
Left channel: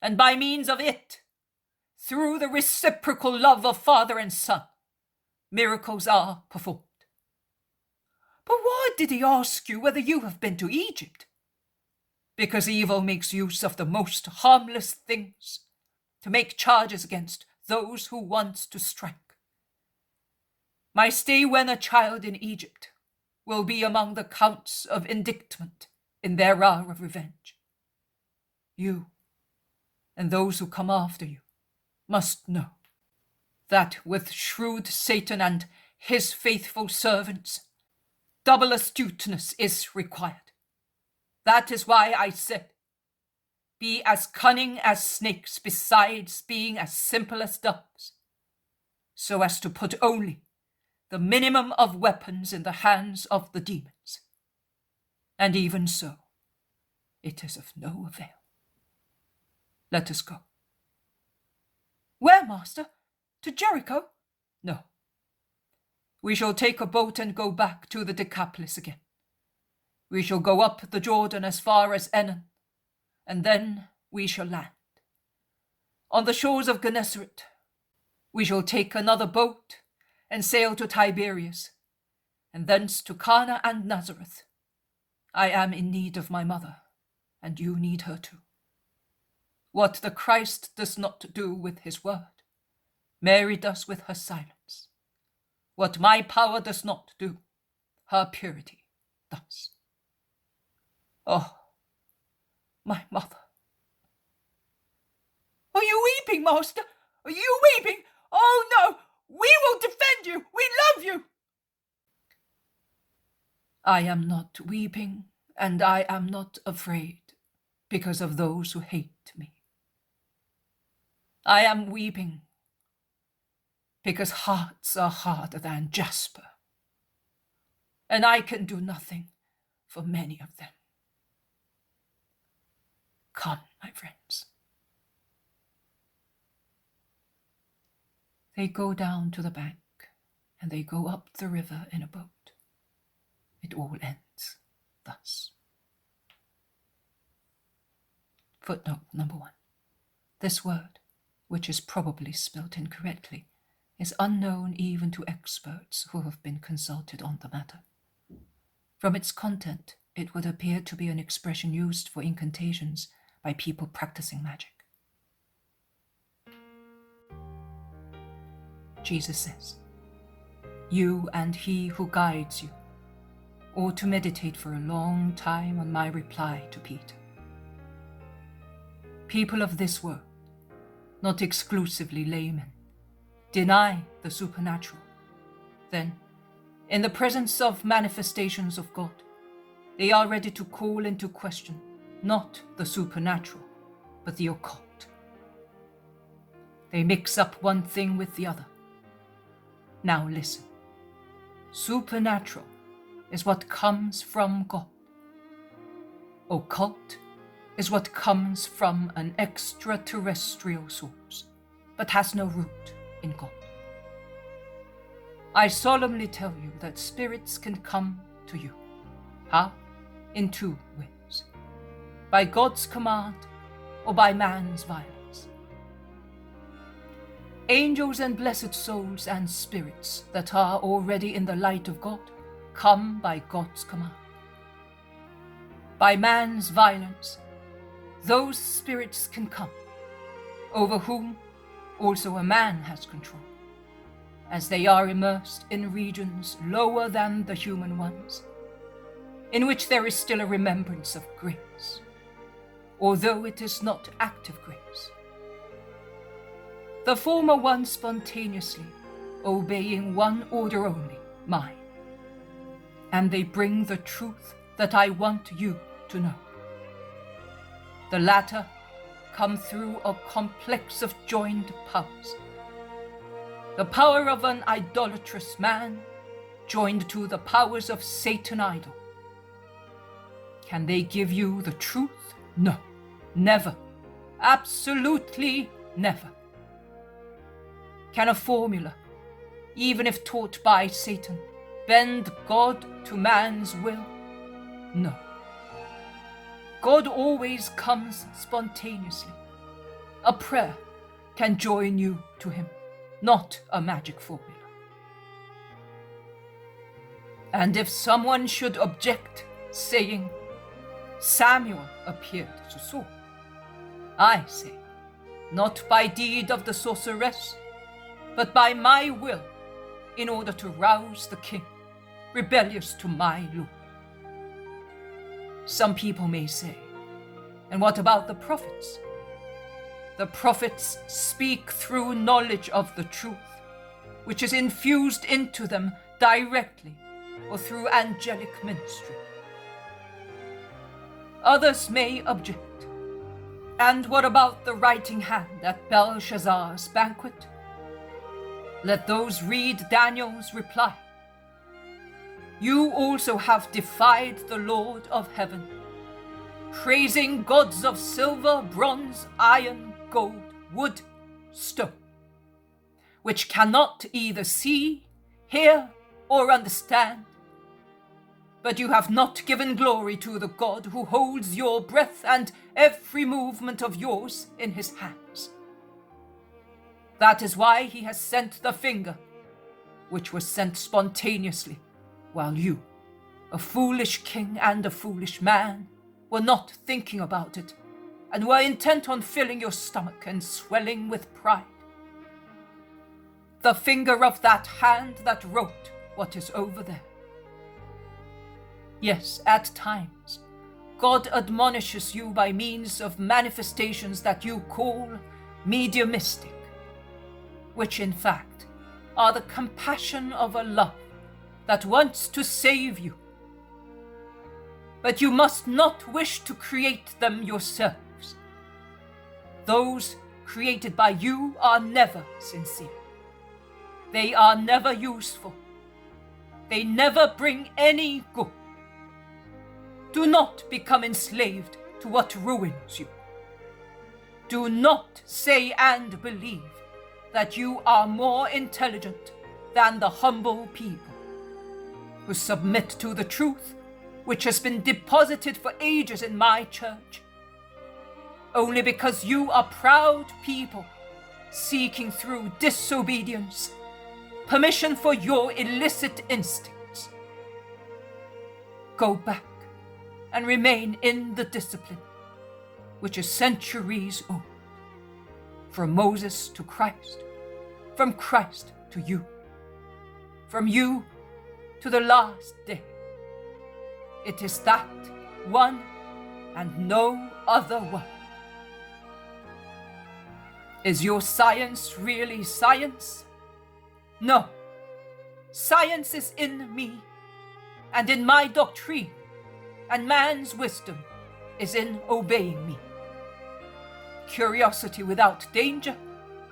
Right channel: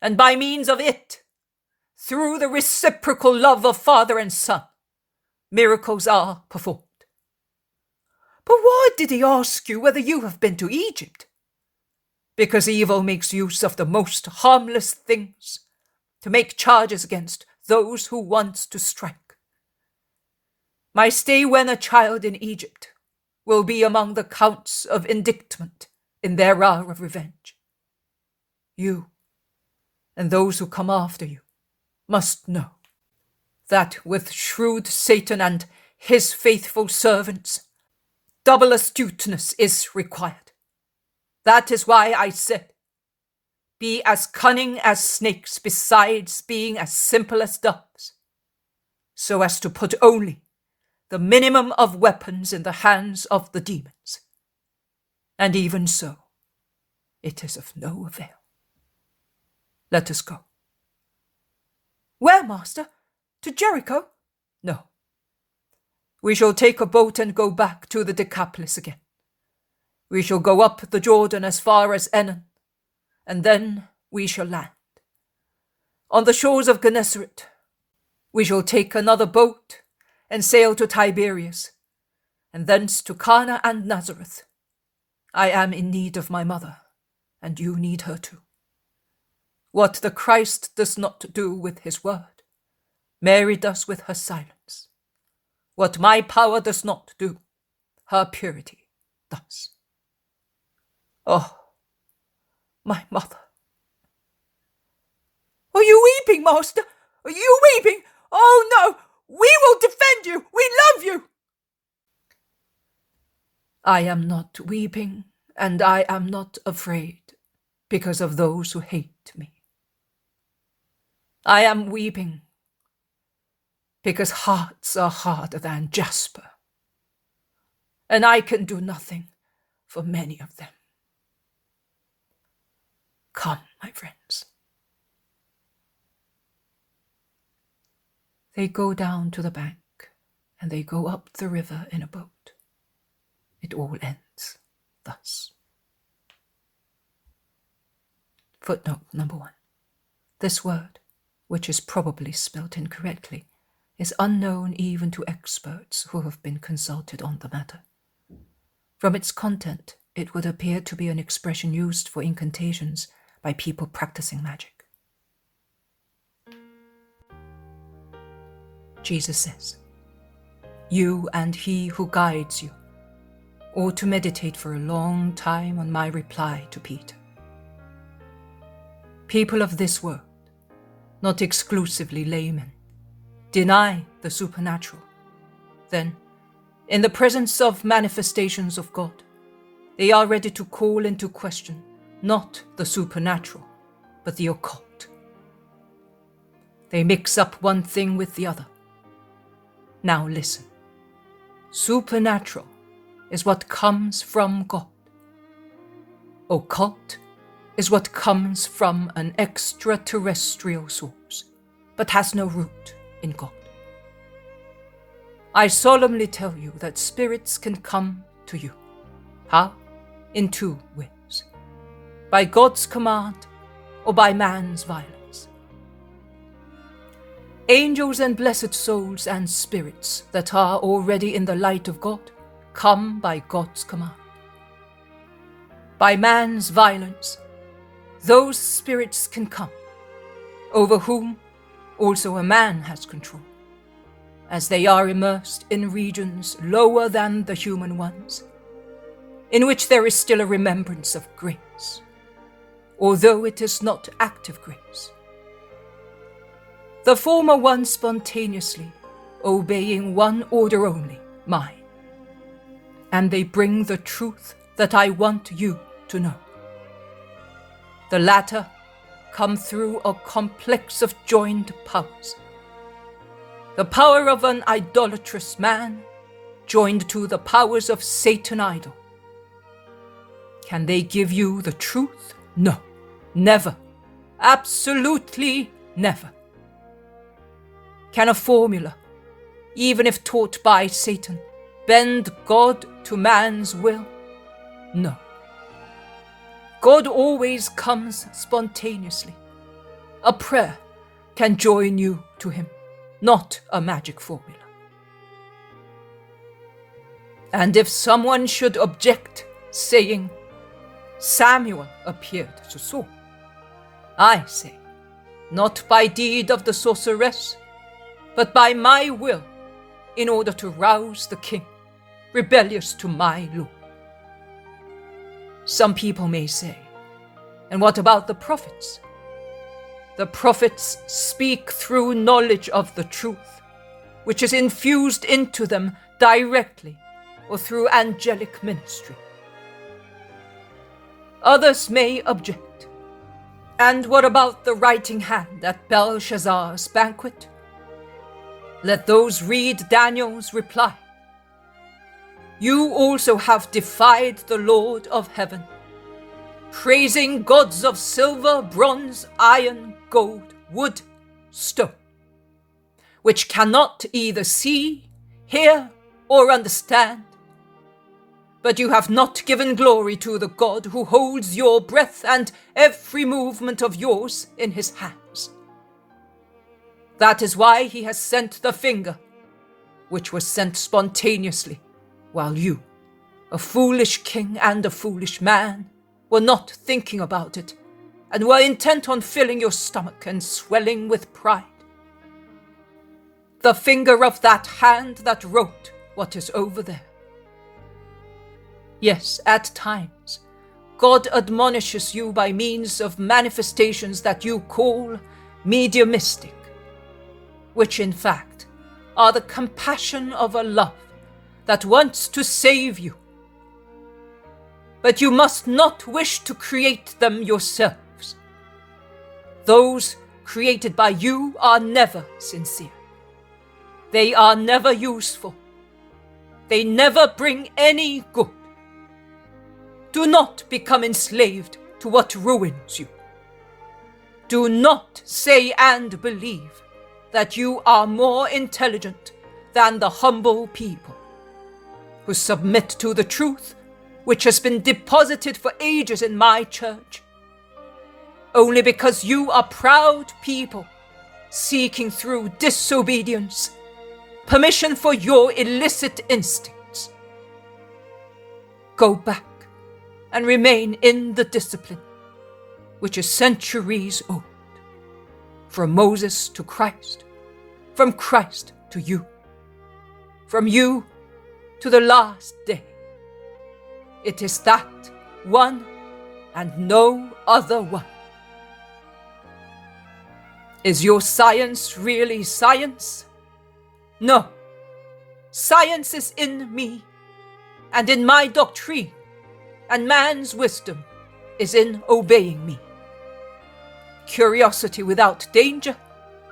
and by means of it, through the reciprocal love of Father and Son, miracles are performed. But why did he ask you whether you have been to Egypt? Because evil makes use of the most harmless things to make charges against those who want to strike. My stay when a child in Egypt will be among the counts of indictment in their hour of revenge. You, and those who come after you, must know that with shrewd Satan and his faithful servants, double astuteness is required. That is why I said, be as cunning as snakes besides being as simple as doves, so as to put only the minimum of weapons in the hands of the demons. And even so, it is of no avail. Let us go. Where, Master? To Jericho? No. We shall take a boat and go back to the Decapolis again. We shall go up the Jordan as far as Enon, and then we shall land. On the shores of Gennesaret, we shall take another boat and sail to Tiberias, and thence to Cana and Nazareth. I am in need of my mother, and you need her too. What the Christ does not do with his word, Mary does with her silence. What my power does not do, her purity does. Oh, my mother. Are you weeping, master? Are you weeping? Oh no! We will defend you! We love you! I am not weeping, and I am not afraid, because of those who hate me. I am weeping because hearts are harder than jasper, and I can do nothing for many of them. Come, my friends. They go down to the bank, and they go up the river in a boat. It all ends thus. Footnote number 1. This word, which is probably spelt incorrectly, is unknown even to experts who have been consulted on the matter. From its content, it would appear to be an expression used for incantations by people practicing magic. Jesus says, "You and he who guides you ought to meditate for a long time on my reply to Peter. People of this world, not exclusively laymen, deny the supernatural. Then, in the presence of manifestations of God, they are ready to call into question not the supernatural, but the occult. They mix up one thing with the other. Now listen. Supernatural is what comes from God. Occult is what comes from an extraterrestrial source, but has no root in God. I solemnly tell you that spirits can come to you. How? In two ways. By God's command or by man's violence. Angels and blessed souls and spirits that are already in the light of God come by God's command. By man's violence, those spirits can come, over whom also a man has control, as they are immersed in regions lower than the human ones, in which there is still a remembrance of grace, although it is not active grace. The former one spontaneously, obeying one order only, mine, and they bring the truth that I want you to know. The latter come through a complex of joined powers. The power of an idolatrous man joined to the powers of Satan idol. Can they give you the truth? No, never. Absolutely never. Can a formula, even if taught by Satan, bend God to man's will? No. God always comes spontaneously. A prayer can join you to him, not a magic formula. And if someone should object, saying, Samuel appeared to Saul, I say, not by deed of the sorceress, but by my will, in order to rouse the king, rebellious to my law. Some people may say, and what about the prophets? The prophets speak through knowledge of the truth, which is infused into them directly or through angelic ministry. Others may object. And what about the writing hand at Belshazzar's banquet? Let those read Daniel's reply. You also have defied the Lord of heaven, praising gods of silver, bronze, iron, gold, wood, stone, which cannot either see, hear, or understand. But you have not given glory to the God who holds your breath and every movement of yours in his hands. That is why he has sent the finger, which was sent spontaneously, while you, a foolish king and a foolish man, were not thinking about it, and were intent on filling your stomach and swelling with pride. The finger of that hand that wrote what is over there. Yes, at times, God admonishes you by means of manifestations that you call mediumistic, which in fact are the compassion of a love that wants to save you. But you must not wish to create them yourselves. Those created by you are never sincere. They are never useful. They never bring any good. Do not become enslaved to what ruins you. Do not say and believe that you are more intelligent than the humble people who submit to the truth which has been deposited for ages in my church, only because you are proud people seeking through disobedience permission for your illicit instincts. Go back and remain in the discipline which is centuries old, from Moses to Christ, from Christ to you, from you to the last day. It is that one and no other one. Is your science really science? No. Science is in me, and in my doctrine, and man's wisdom is in obeying me. Curiosity without danger?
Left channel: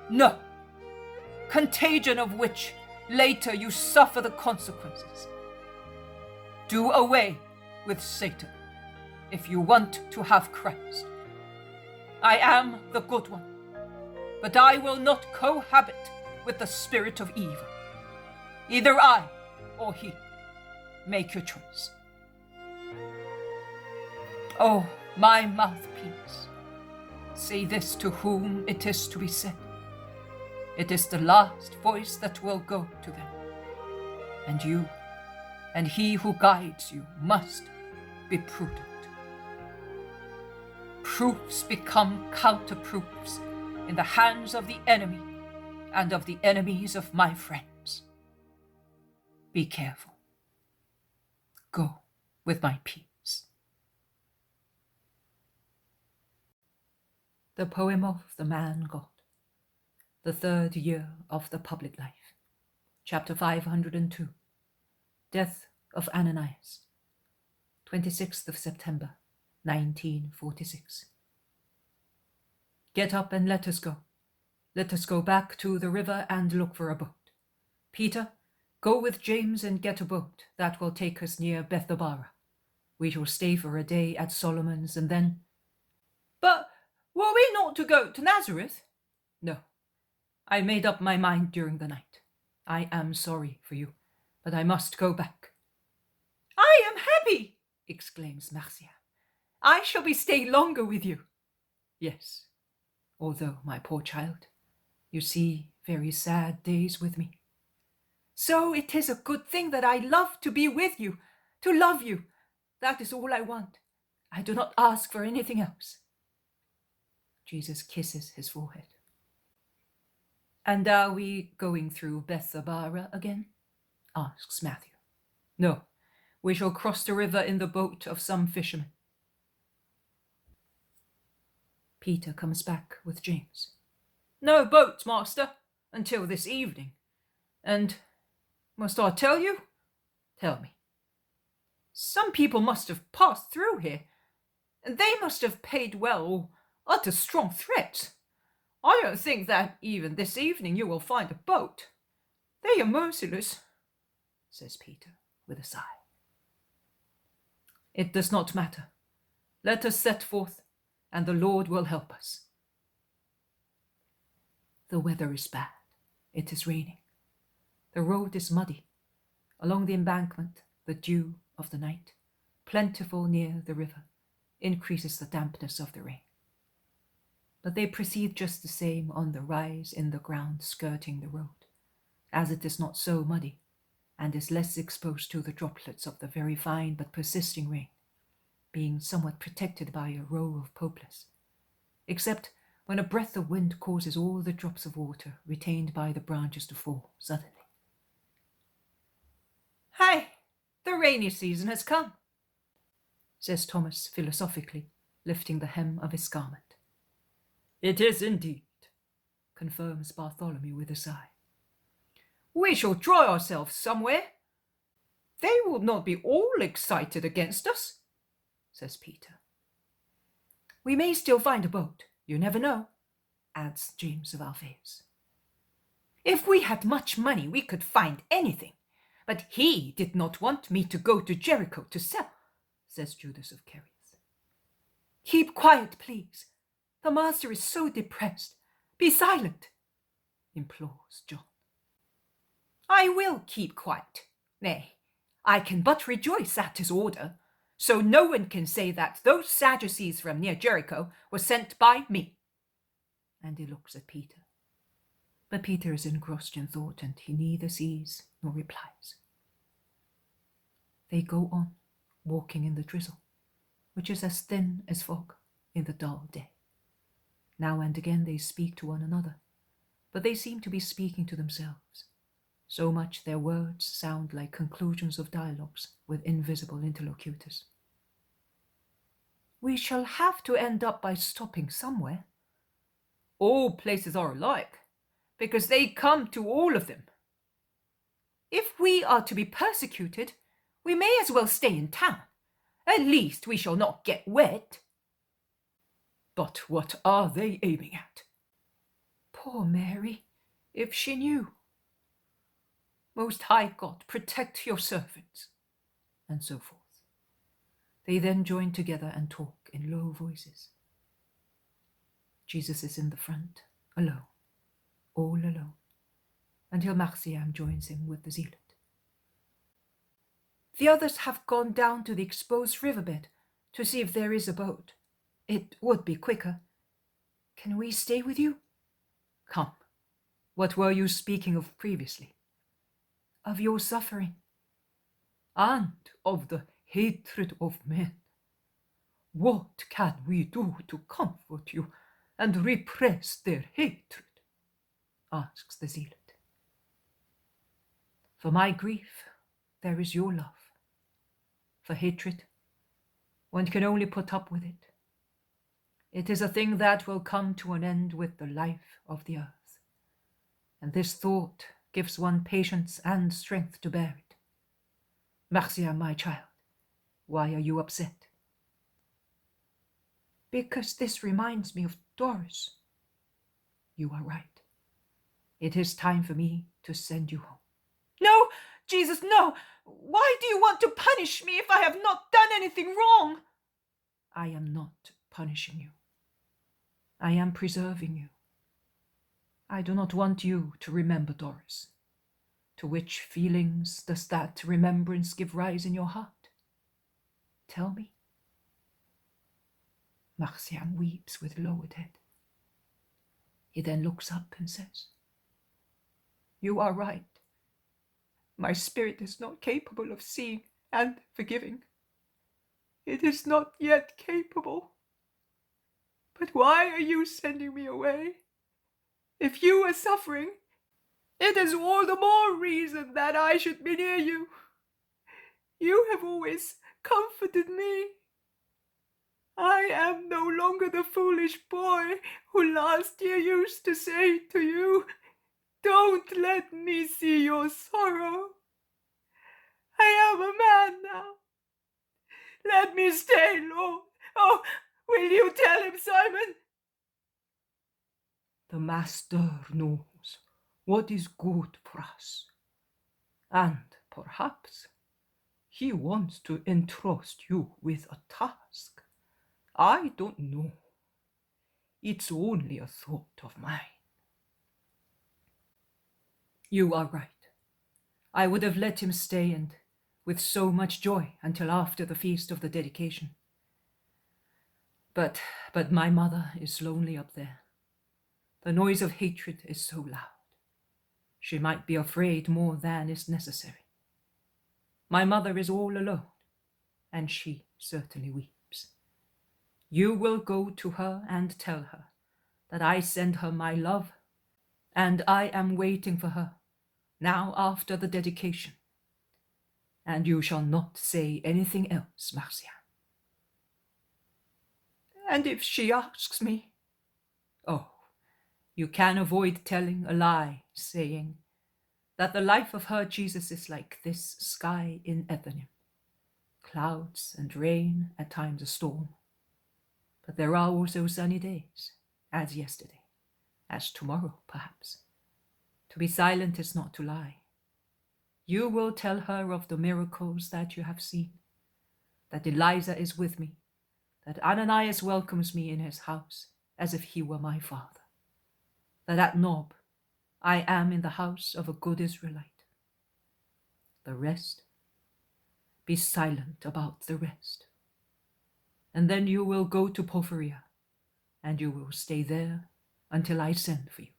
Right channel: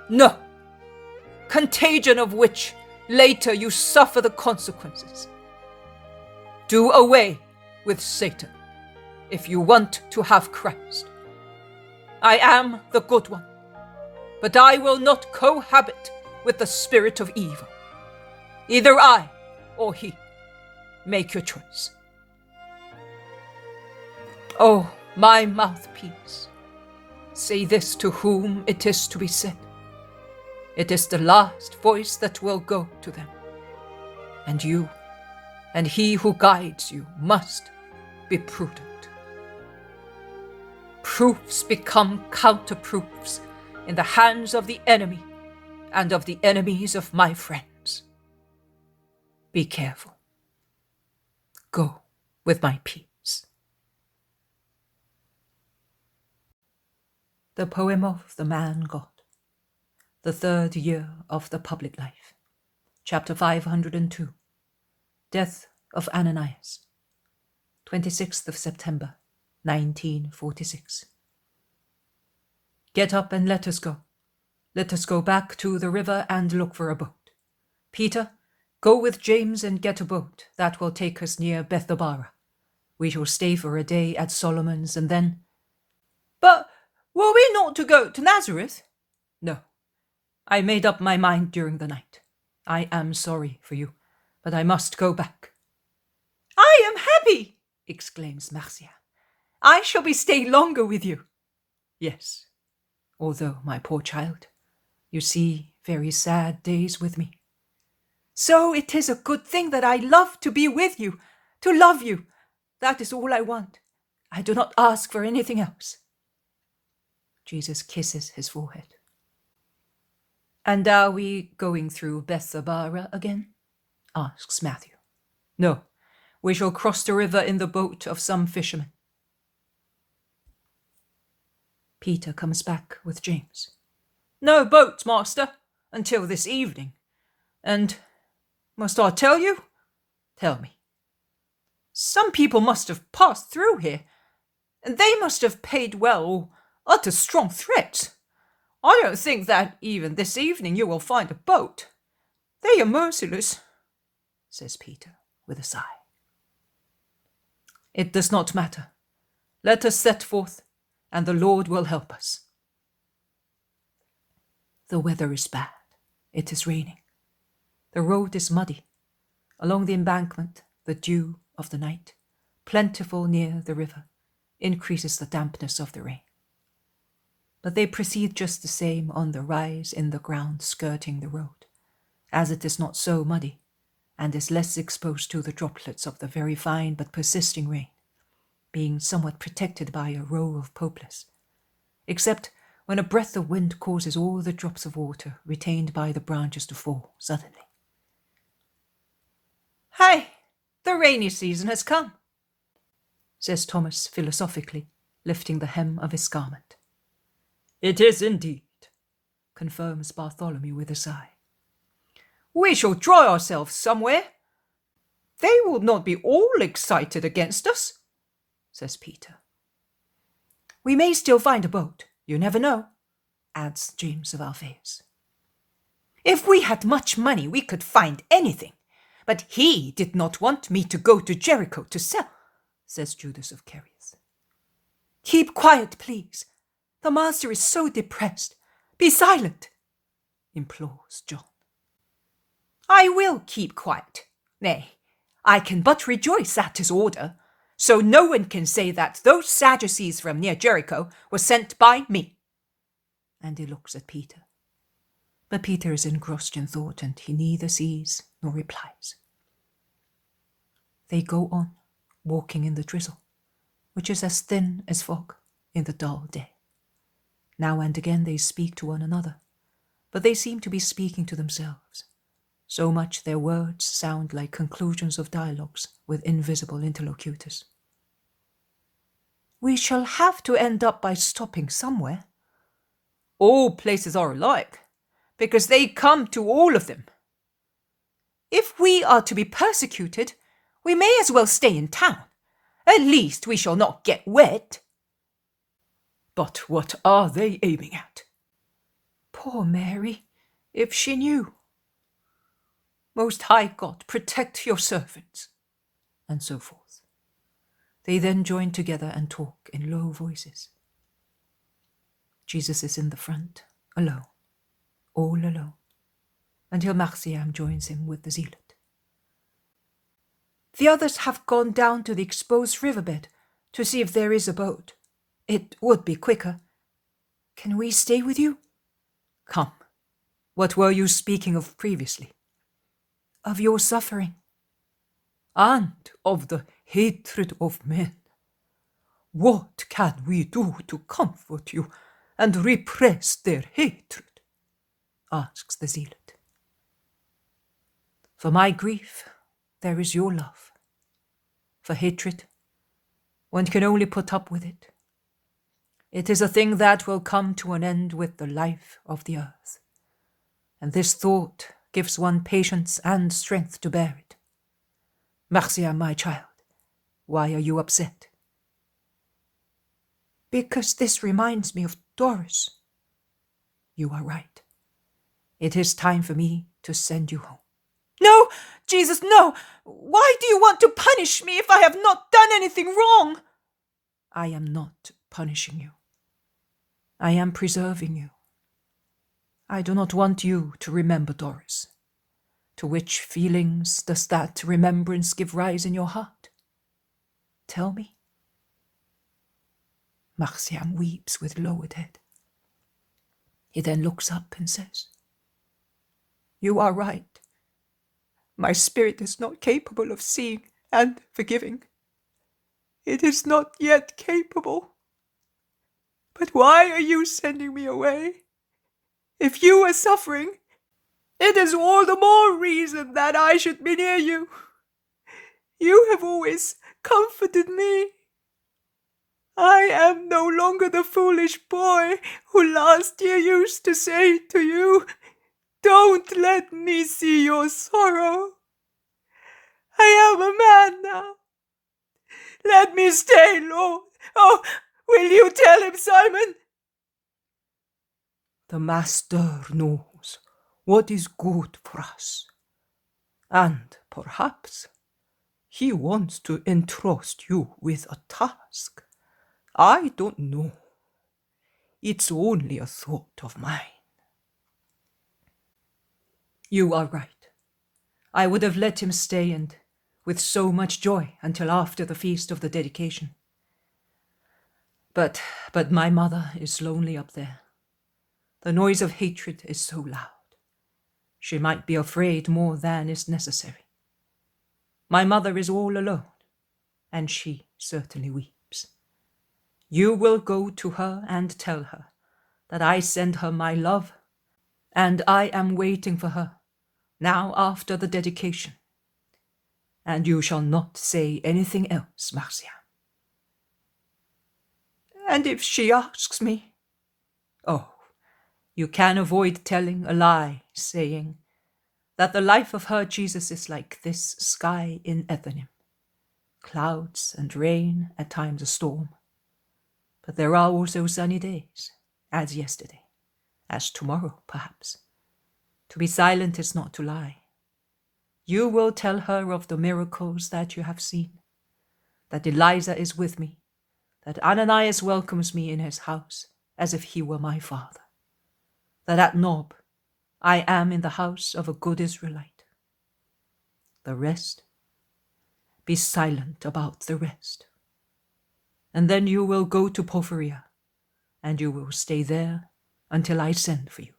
No. Contagion of which later you suffer the consequences. Do away with Satan if you want to have Christ. I am the good one, but I will not cohabit with the spirit of evil. Either I or he. Make your choice. Oh, my mouthpiece, say this to whom it is to be said. It is the last voice that will go to them. And you, and he who guides you, must be prudent. Proofs become counterproofs in the hands of the enemy and of the enemies of my friends. Be careful. Go with my peace. The Poem of the Man God, the 3rd year of the public life, chapter 502, Death of Ananias, 26th of September, 1946. Get up and let us go. Let us go back to the river and look for a boat. Peter, go with James and get a boat that will take us near Bethabara. We shall stay for a day at Solomon's and then... But were we not to go to Nazareth? No. I made up my mind during the night. I am sorry for you, but I must go back. I am happy, exclaims Marcia. I shall be staying longer with you. Yes, although, my poor child, you see very sad days with me. So it is a good thing that I love to be with you, to love you. That is all I want. I do not ask for anything else. Jesus kisses his forehead. And are we going through Bethabara again? Asks Matthew. No, we shall cross the river in the boat of some fishermen. Peter comes back with James. No boat, master, until this evening. And must I tell you? Tell me. Some people must have passed through here, and they must have paid well or uttered strong threats. I don't think that even this evening you will find a boat. They are merciless, says Peter with a sigh. It does not matter. Let us set forth, and the Lord will help us. The weather is bad. It is raining. The road is muddy. Along the embankment, the dew of the night, plentiful near the river, increases the dampness of the rain. But they proceed just the same on the rise in the ground skirting the road, as it is not so muddy, and is less exposed to the droplets of the very fine but persisting rain, being somewhat protected by a row of poplars, except when a breath of wind causes all the drops of water retained by the branches to fall suddenly. Hey, the rainy season has come. says Thomas philosophically, lifting the hem of his garment. It is indeed, confirms Bartholomew with a sigh. We shall dry ourselves somewhere. They will not be all excited against us, says Peter. We may still find a boat, you never know, adds James of Alphaeus. If we had much money, we could find anything. But he did not want me to go to Jericho to sell, says Judas of Carius. Keep quiet, please. The master is so depressed. Be silent, implores John. I will keep quiet. Nay, I can but rejoice at his order, so no one can say that those Sadducees from near Jericho were sent by me. And he looks at Peter. But Peter is engrossed in thought, and he neither sees nor replies. They go on, walking in the drizzle, which is as thin as fog in the dull day. Now and again they speak to one another, but they seem to be speaking to themselves. So much their words sound like conclusions of dialogues with invisible interlocutors. We shall have to end up by stopping somewhere. All places are alike, because they come to all of them. If we are to be persecuted, we may as well stay in town. At least we shall not get wet. But what are they aiming at? Poor Mary, if she knew. Most High God, protect your servants, and so forth. They then join together and talk in low voices. Jesus is in the front, alone, all alone, until Marciam joins him with the zealot. The others have gone down to the exposed riverbed to see if there is a boat. It would be quicker. Can we stay with you? Come. What were you speaking of previously? Of your suffering. And of the hatred of men. What can we do to comfort you and repress their hatred? Asks the zealot. For my grief, there is your love. For hatred, one can only put up with it. It is a thing that will come to an end with the life of the earth. And this thought gives one patience and strength to bear it. Marcia, my child, why are you upset? Because this reminds me of Doris. You are right. It is time for me to send you home. No, Jesus, no! Why do you want to punish me if I have not done anything wrong? I am not punishing you. I am preserving you. I do not want you to remember Doris. To which feelings does that remembrance give rise in your heart? Tell me. Marciam weeps with lowered head. He then looks up and says, You are right. My spirit is not capable of seeing and forgiving. It is not yet capable. But why are you sending me away? If you are suffering, it is all the more reason that I should be near you. You have always comforted me. I am no longer the foolish boy who last year used to say to you, Don't let me see your sorrow. I am a man now. Let me stay, Lord. Oh, will you tell him, Simon? The Master knows what is good for us. And perhaps he wants to entrust you with a task. I don't know. It's only a thought of mine. You are right. I would have let him stay and with so much joy until after the feast of the dedication. But my mother is lonely up there. The noise of hatred is so loud. She might be afraid more than is necessary. My mother is all alone, and she certainly weeps. You will go to her and tell her that I send her my love, and I am waiting for her, now after the dedication. And you shall not say anything else, Marcia. And if she asks me? Oh, you can avoid telling a lie, saying that the life of her Jesus is like this sky in Bethany. Clouds and rain, at times a storm. But there are also sunny days, as yesterday, as tomorrow, perhaps. To be silent is not to lie. You will tell her of the miracles that you have seen, that Eliza is with me, that Ananias welcomes me in his house as if he were my father, that at Nob I am in the house of a good Israelite. The rest, be silent about the rest. And then you will go to Porphyria, and you will stay there until I send for you.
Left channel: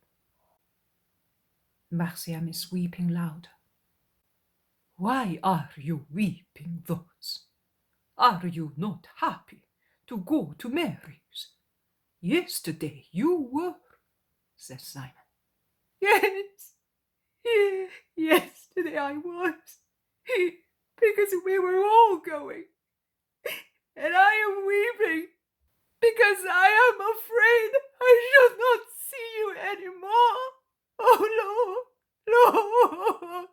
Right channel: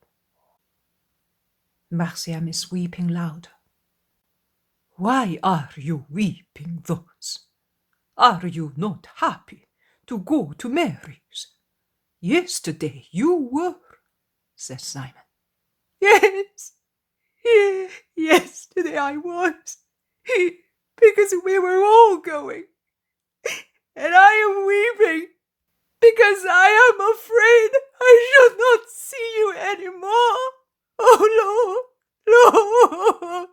Marciam is weeping louder. Why are you weeping thus? Are you not happy to go to Mary's? Yesterday you were, says Simon. Yes, yesterday I was, because we were all going. And I am weeping, because I am afraid I shall not see you any more. Oh, Lord,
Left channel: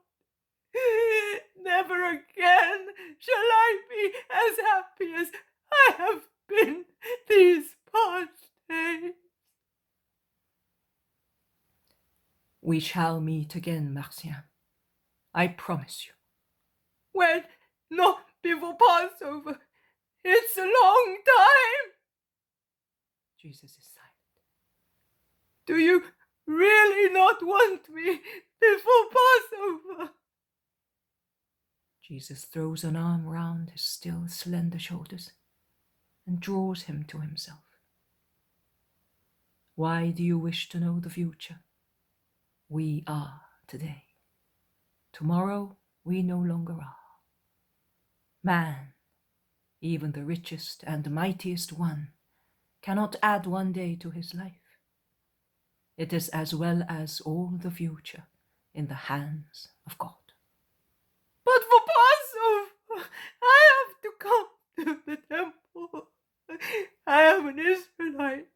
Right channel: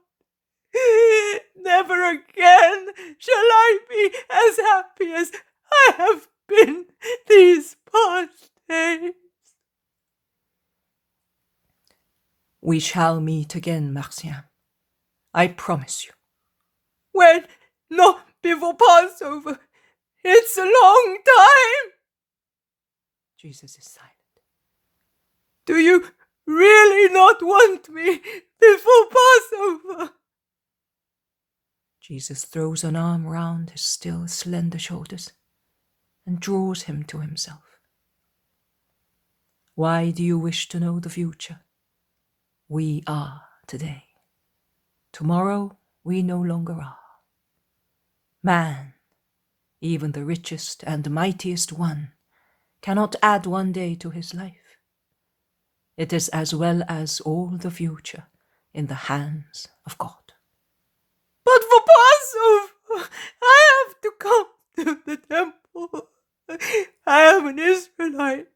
never again shall I be as happy as I have been these past days. We shall meet again, Marciam. I promise you. When? Not before Passover. It's a long time. Jesus is silent. Do you really not want me before Passover? Jesus throws an arm round his still slender shoulders and draws him to himself. Why do you wish to know the future? We are today. Tomorrow we no longer are. Man, even the richest and mightiest one, cannot add one day to his life. It is as well as all the future in the hands of God. But for Passover, I have to come to the temple. I am an Israelite.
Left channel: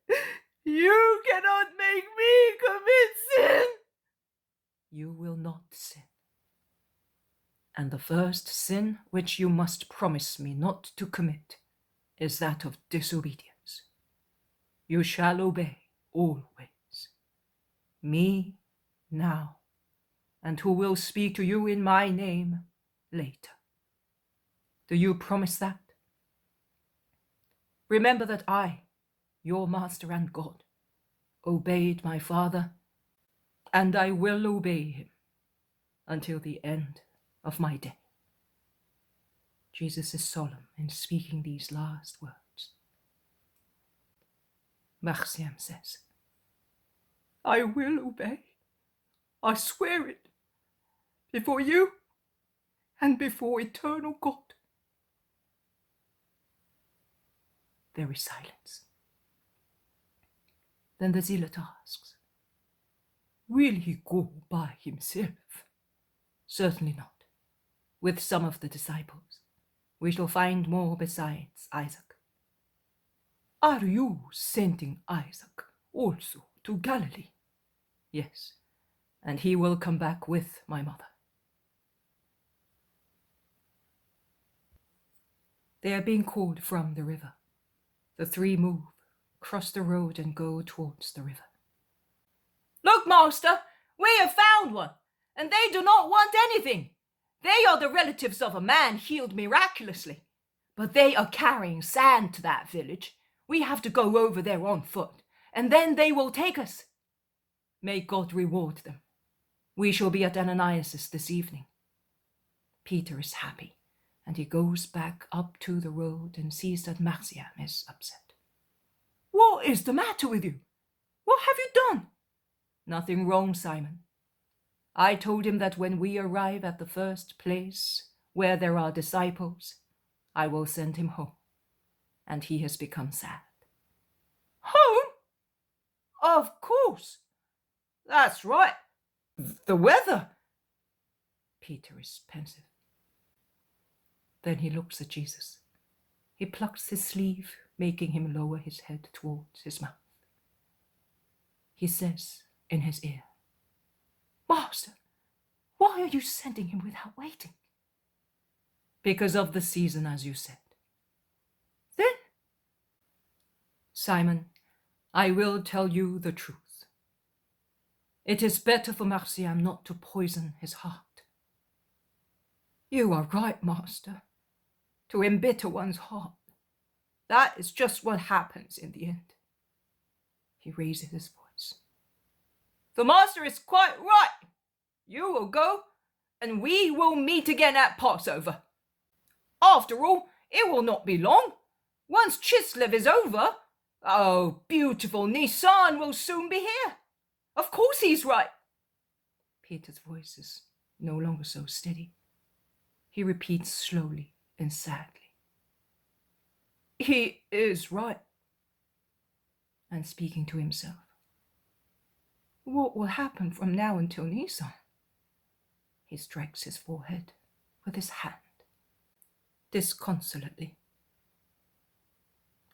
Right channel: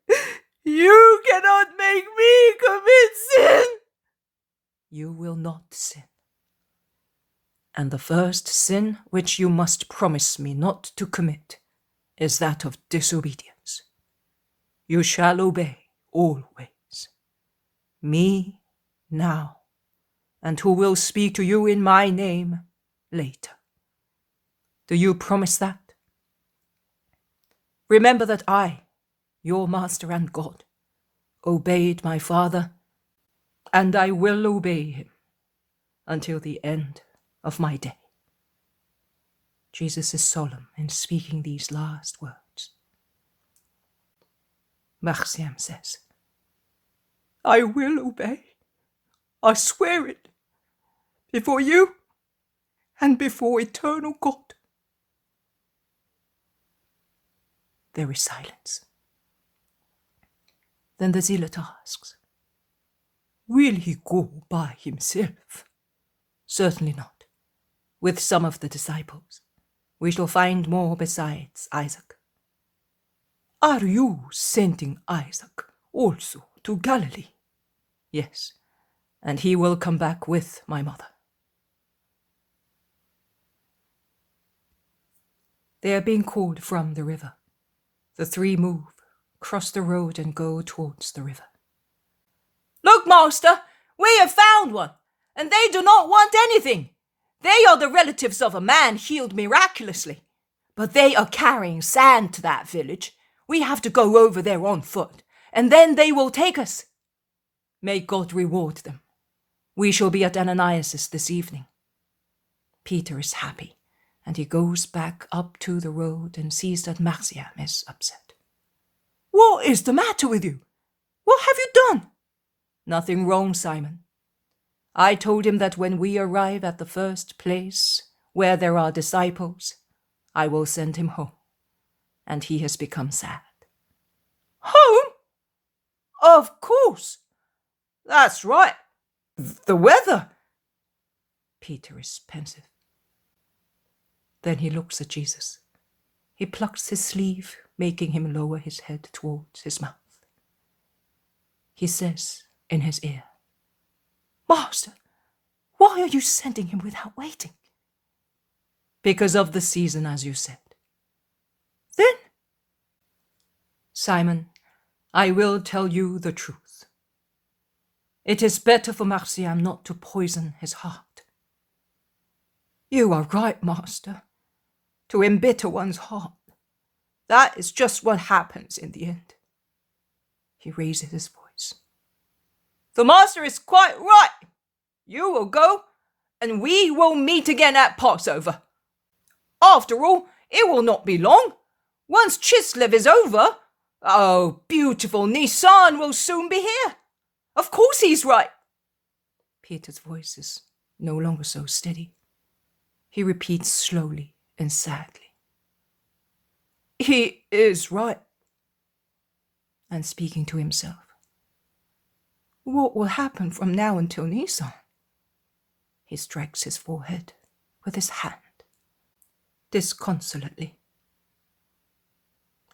You cannot make me commit sin. You will not sin. And the first sin which you must promise me not to commit is that of disobedience. You shall obey always. Me now, and who will speak to you in my name later. Do you promise that? Remember that I, your master and God, obeyed my Father, and I will obey him until the end of my day. Jesus is solemn in speaking these last words. Marciam says, I will obey. I swear it. Before you and before eternal God. There is silence. Then the zealot asks, will he go by himself? Certainly not. With some of the disciples. We shall find more besides Isaac. Are you sending Isaac also to Galilee? Yes, and he will come back with my mother. They are being called from the river. The three move, cross the road, and go towards the river. Look, master, we have found one, and they do not want anything. They are the relatives of a man healed miraculously, but they are carrying sand to that village. We have to go over there on foot, and then they will take us. May God reward them. We shall be at Ananias' this evening. Peter is happy, and he goes back up to the road and sees that Marciam is upset. What is the matter with you? What have you done? Nothing wrong, Simon. I told him that when we arrive at the first place where there are disciples, I will send him home. And he has become sad. Home? Of course. That's right. The weather. Peter is pensive. Then he looks at Jesus. He plucks his sleeve making him lower his head towards his mouth. He says in his ear, "Master, why are you sending him without waiting?" "Because of the season, as you said." "Then—" "Simon, I will tell you the truth. It is better for Marciam not to poison his heart." "You are right, Master. To embitter one's heart. That is just what happens in the end." He raises his voice. "The Master is quite right. You will go, and we will meet again at Passover. After all, it will not be long. Once Chislev is over, oh, beautiful Nisan will soon be here. Of course he's right." Peter's voice is no longer so steady. He repeats slowly and sadly, "He is right." And speaking to himself, "What will happen from now until Nisan?" He strikes his forehead with his hand, disconsolately.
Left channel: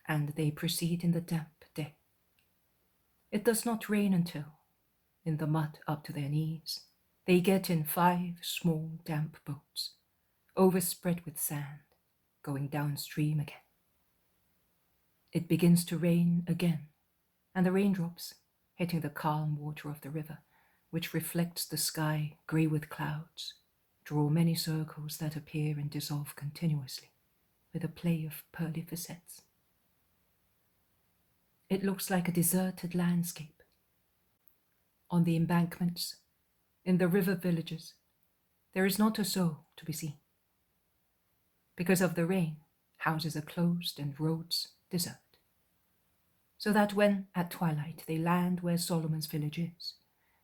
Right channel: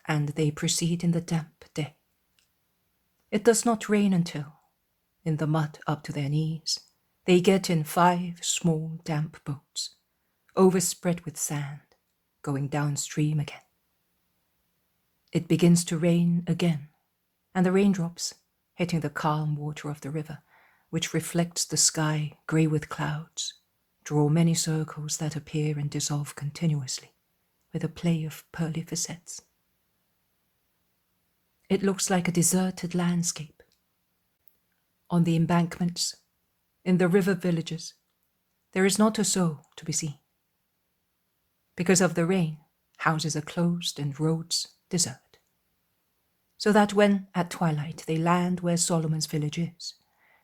And they proceed in the damp day. It does not rain until, in the mud up to their knees, they get in 5 small damp boats, overspread with sand, going downstream again. It begins to rain again, and the raindrops, hitting the calm water of the river, which reflects the sky grey with clouds, draw many circles that appear and dissolve continuously, with a play of pearly facets. It looks like a deserted landscape. On the embankments, in the river villages, there is not a soul to be seen. Because of the rain, houses are closed and roads desert. So that when, at twilight, they land where Solomon's village is,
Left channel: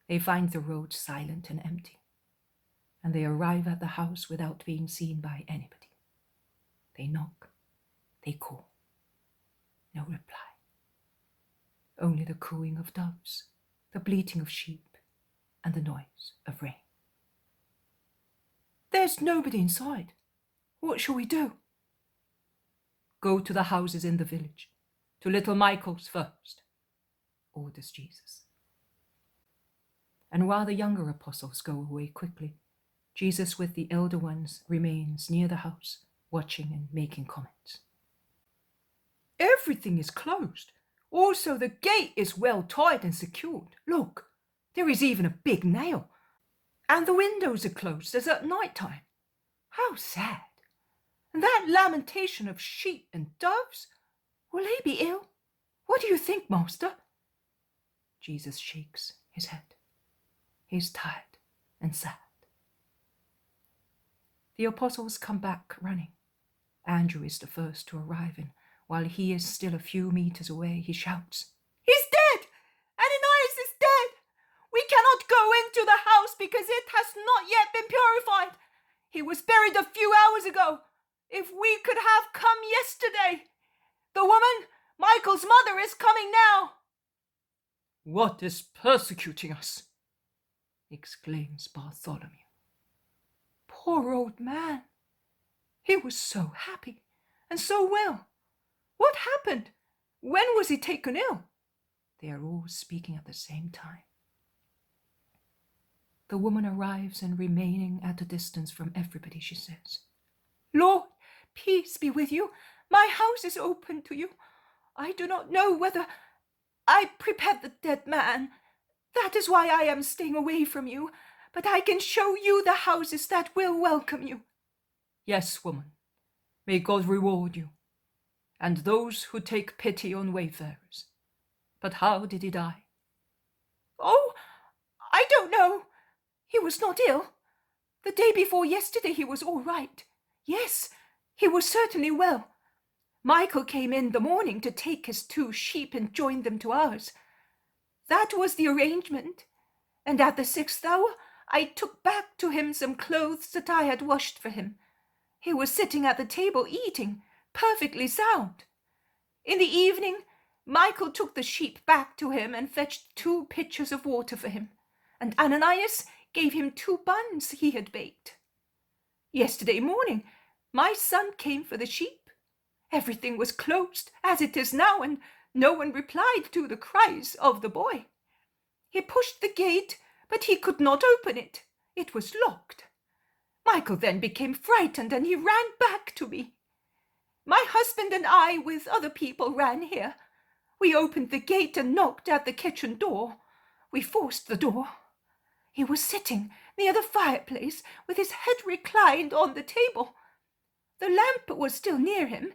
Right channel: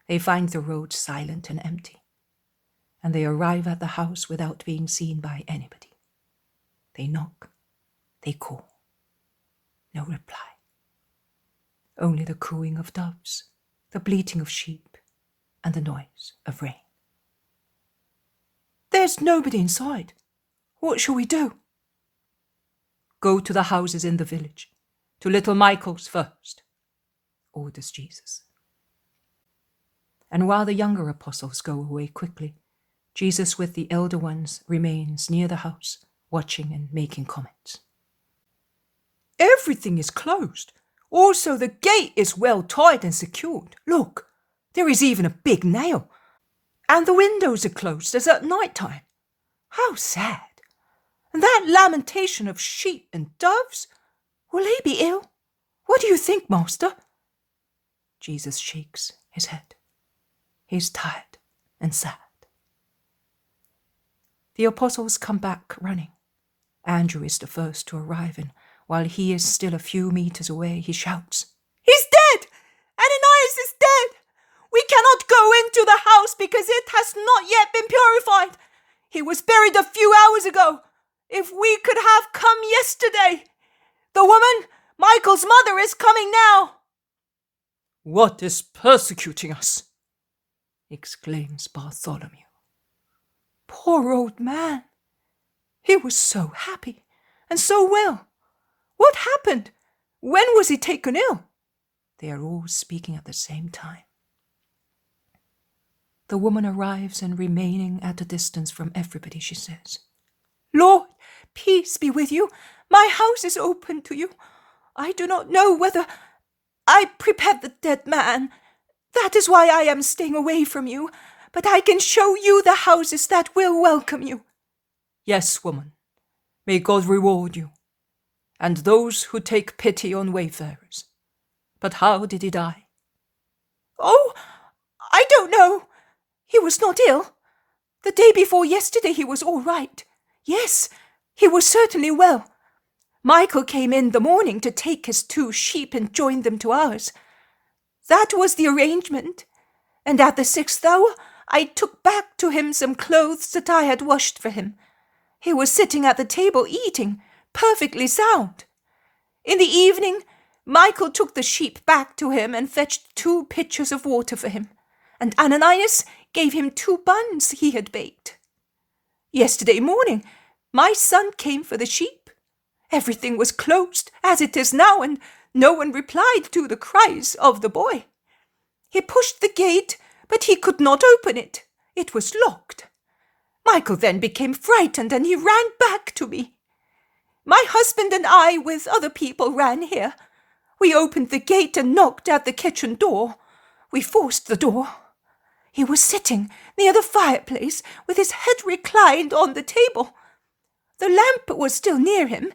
they find the road silent and empty, and they arrive at the house without being seen by anybody. They knock, they call. No reply. Only the cooing of doves, the bleating of sheep, and the noise of rain. "There's nobody inside. What shall we do?" "Go to the houses in the village, to little Michael's first," orders Jesus. And while the younger apostles go away quickly, Jesus with the elder ones remains near the house, watching and making comments. "Everything is closed. Also, the gate is well tied and secured. Look, there is even a big nail. And the windows are closed as at night time. How sad. And that lamentation of sheep and doves, will they be ill? What do you think, Master?" Jesus shakes his head. He's tired and sad. The apostles come back running. Andrew is the first to arrive, and while he is still a few meters away, he shouts, "He's dead! Ananias is dead! We cannot go into the house because it has not yet been purified. He was buried a few hours ago. If we could have come yesterday! The woman, Michael's mother, is coming now." "What is persecuting us?" exclaims Bartholomew. "Poor old man. He was so happy and so well. What happened? When was he taken ill?" They are all speaking at the same time. The woman arrives, and remaining at a distance from everybody, she says, "Lord, peace be with you. My house is open to you. I do not know whether I prepared the dead man. That is why I am staying away from you. But I can show you the houses that will welcome you." "Yes, woman. May God reward you, and those who take pity on wayfarers. But how did he die?" "Oh, I don't know. He was not ill. The day before yesterday he was all right. Yes, he was certainly well. Michael came in the morning to take his 2 sheep and join them to ours. That was the arrangement. And at the 6th hour, I took back to him some clothes that I had washed for him. He was sitting at the table eating, perfectly sound. In the evening, Michael took the sheep back to him and fetched 2 pitchers of water for him, and Ananias gave him 2 buns he had baked. Yesterday morning, my son came for the sheep. Everything was closed, as it is now, and no one replied to the cries of the boy. He pushed the gate, but he could not open it. It was locked. Michael then became frightened, and he ran back to me. My husband and I, with other people, ran here. We opened the gate and knocked at the kitchen door. We forced the door. He was sitting near the fireplace, with his head reclined on the table. The lamp was still near him,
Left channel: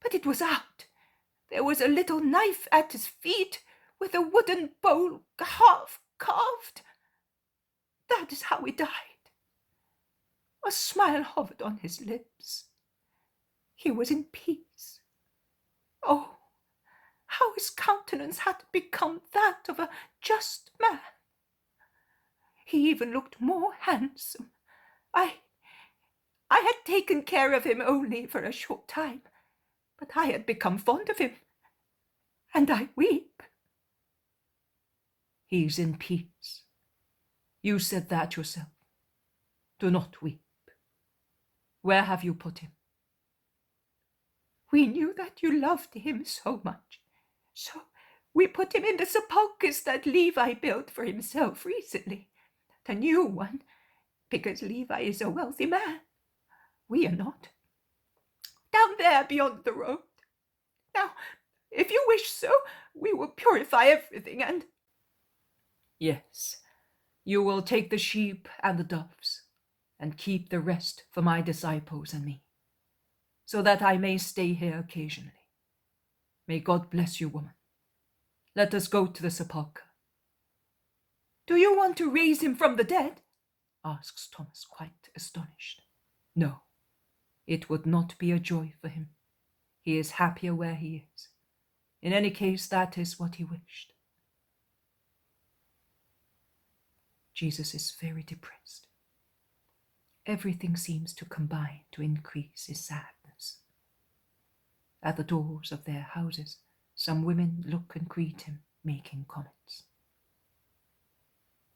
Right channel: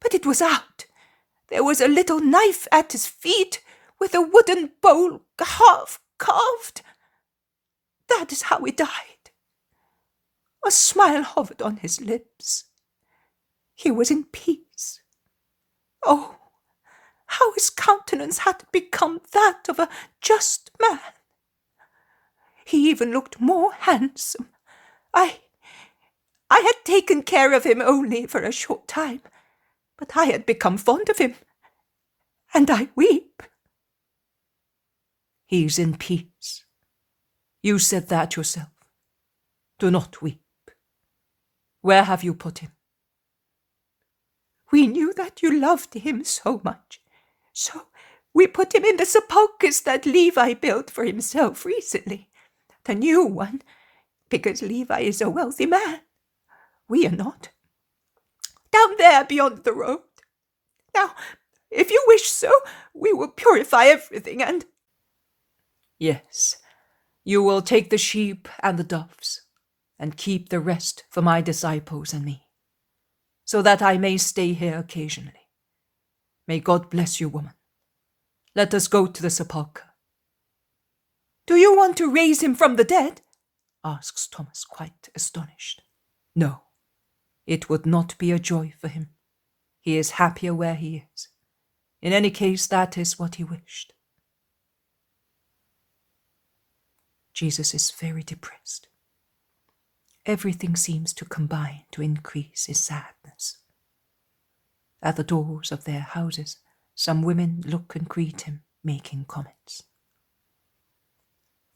but it was out. There was a little knife at his feet, with a wooden bowl half carved. That is how he died. A smile hovered on his lips. He was in peace. Oh, how his countenance had become that of a just man. He even looked more handsome. I had taken care of him only for a short time, but I had become fond of him, and I weep. He's in peace. You said that yourself. Do not weep. Where have you put him? We knew that you loved him so much, so we put him in the sepulchres that Levi built for himself recently, the new one, because Levi is a wealthy man. We are not. Down there beyond the road. Now, if you wish so, we will purify everything and... Yes, you will take the sheep and the doves, and keep the rest for my disciples and me, so that I may stay here occasionally. May God bless you, woman. Let us go to the sepulchre. Do you want to raise him from the dead? Asks Thomas, quite astonished. No, it would not be a joy for him. He is happier where he is. In any case, that is what he wished. Jesus is very depressed. Everything seems to combine to increase his sadness. At the doors of their houses, some women look and greet him, making comments.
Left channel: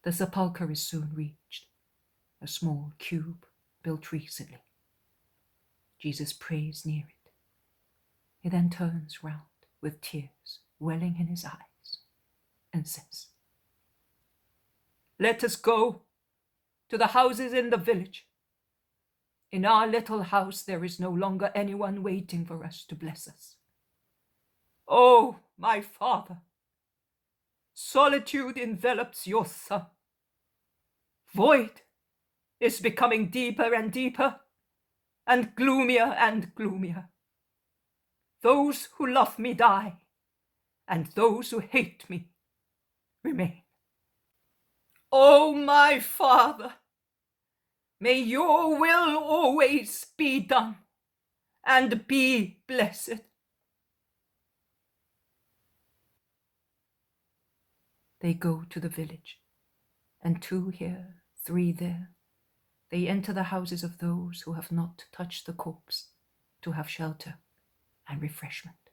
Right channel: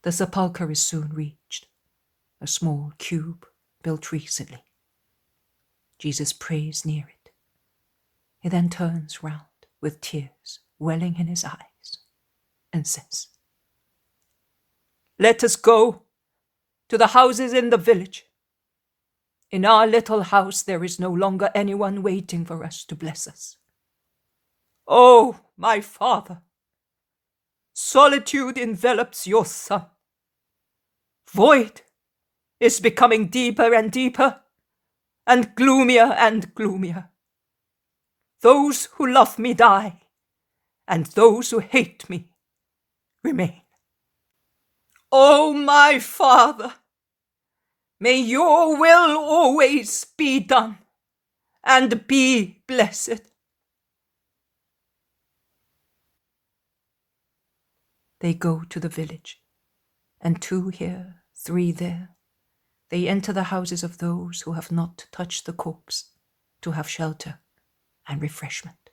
The sepulchre is soon reached, a small cube built recently. Jesus prays near it. He then turns round with tears welling in his eyes and says, "Let us go to the houses in the village. In our little house there is no longer anyone waiting for us to bless us. Oh, my Father, solitude envelops your Son. Void is becoming deeper and deeper, and gloomier. Those who love me die, and those who hate me remain. Oh, my Father, may your will always be done, and be blessed." They go to the village, and 2 here, 3 there. They enter the houses of those who have not touched the corpse, to have shelter and refreshment.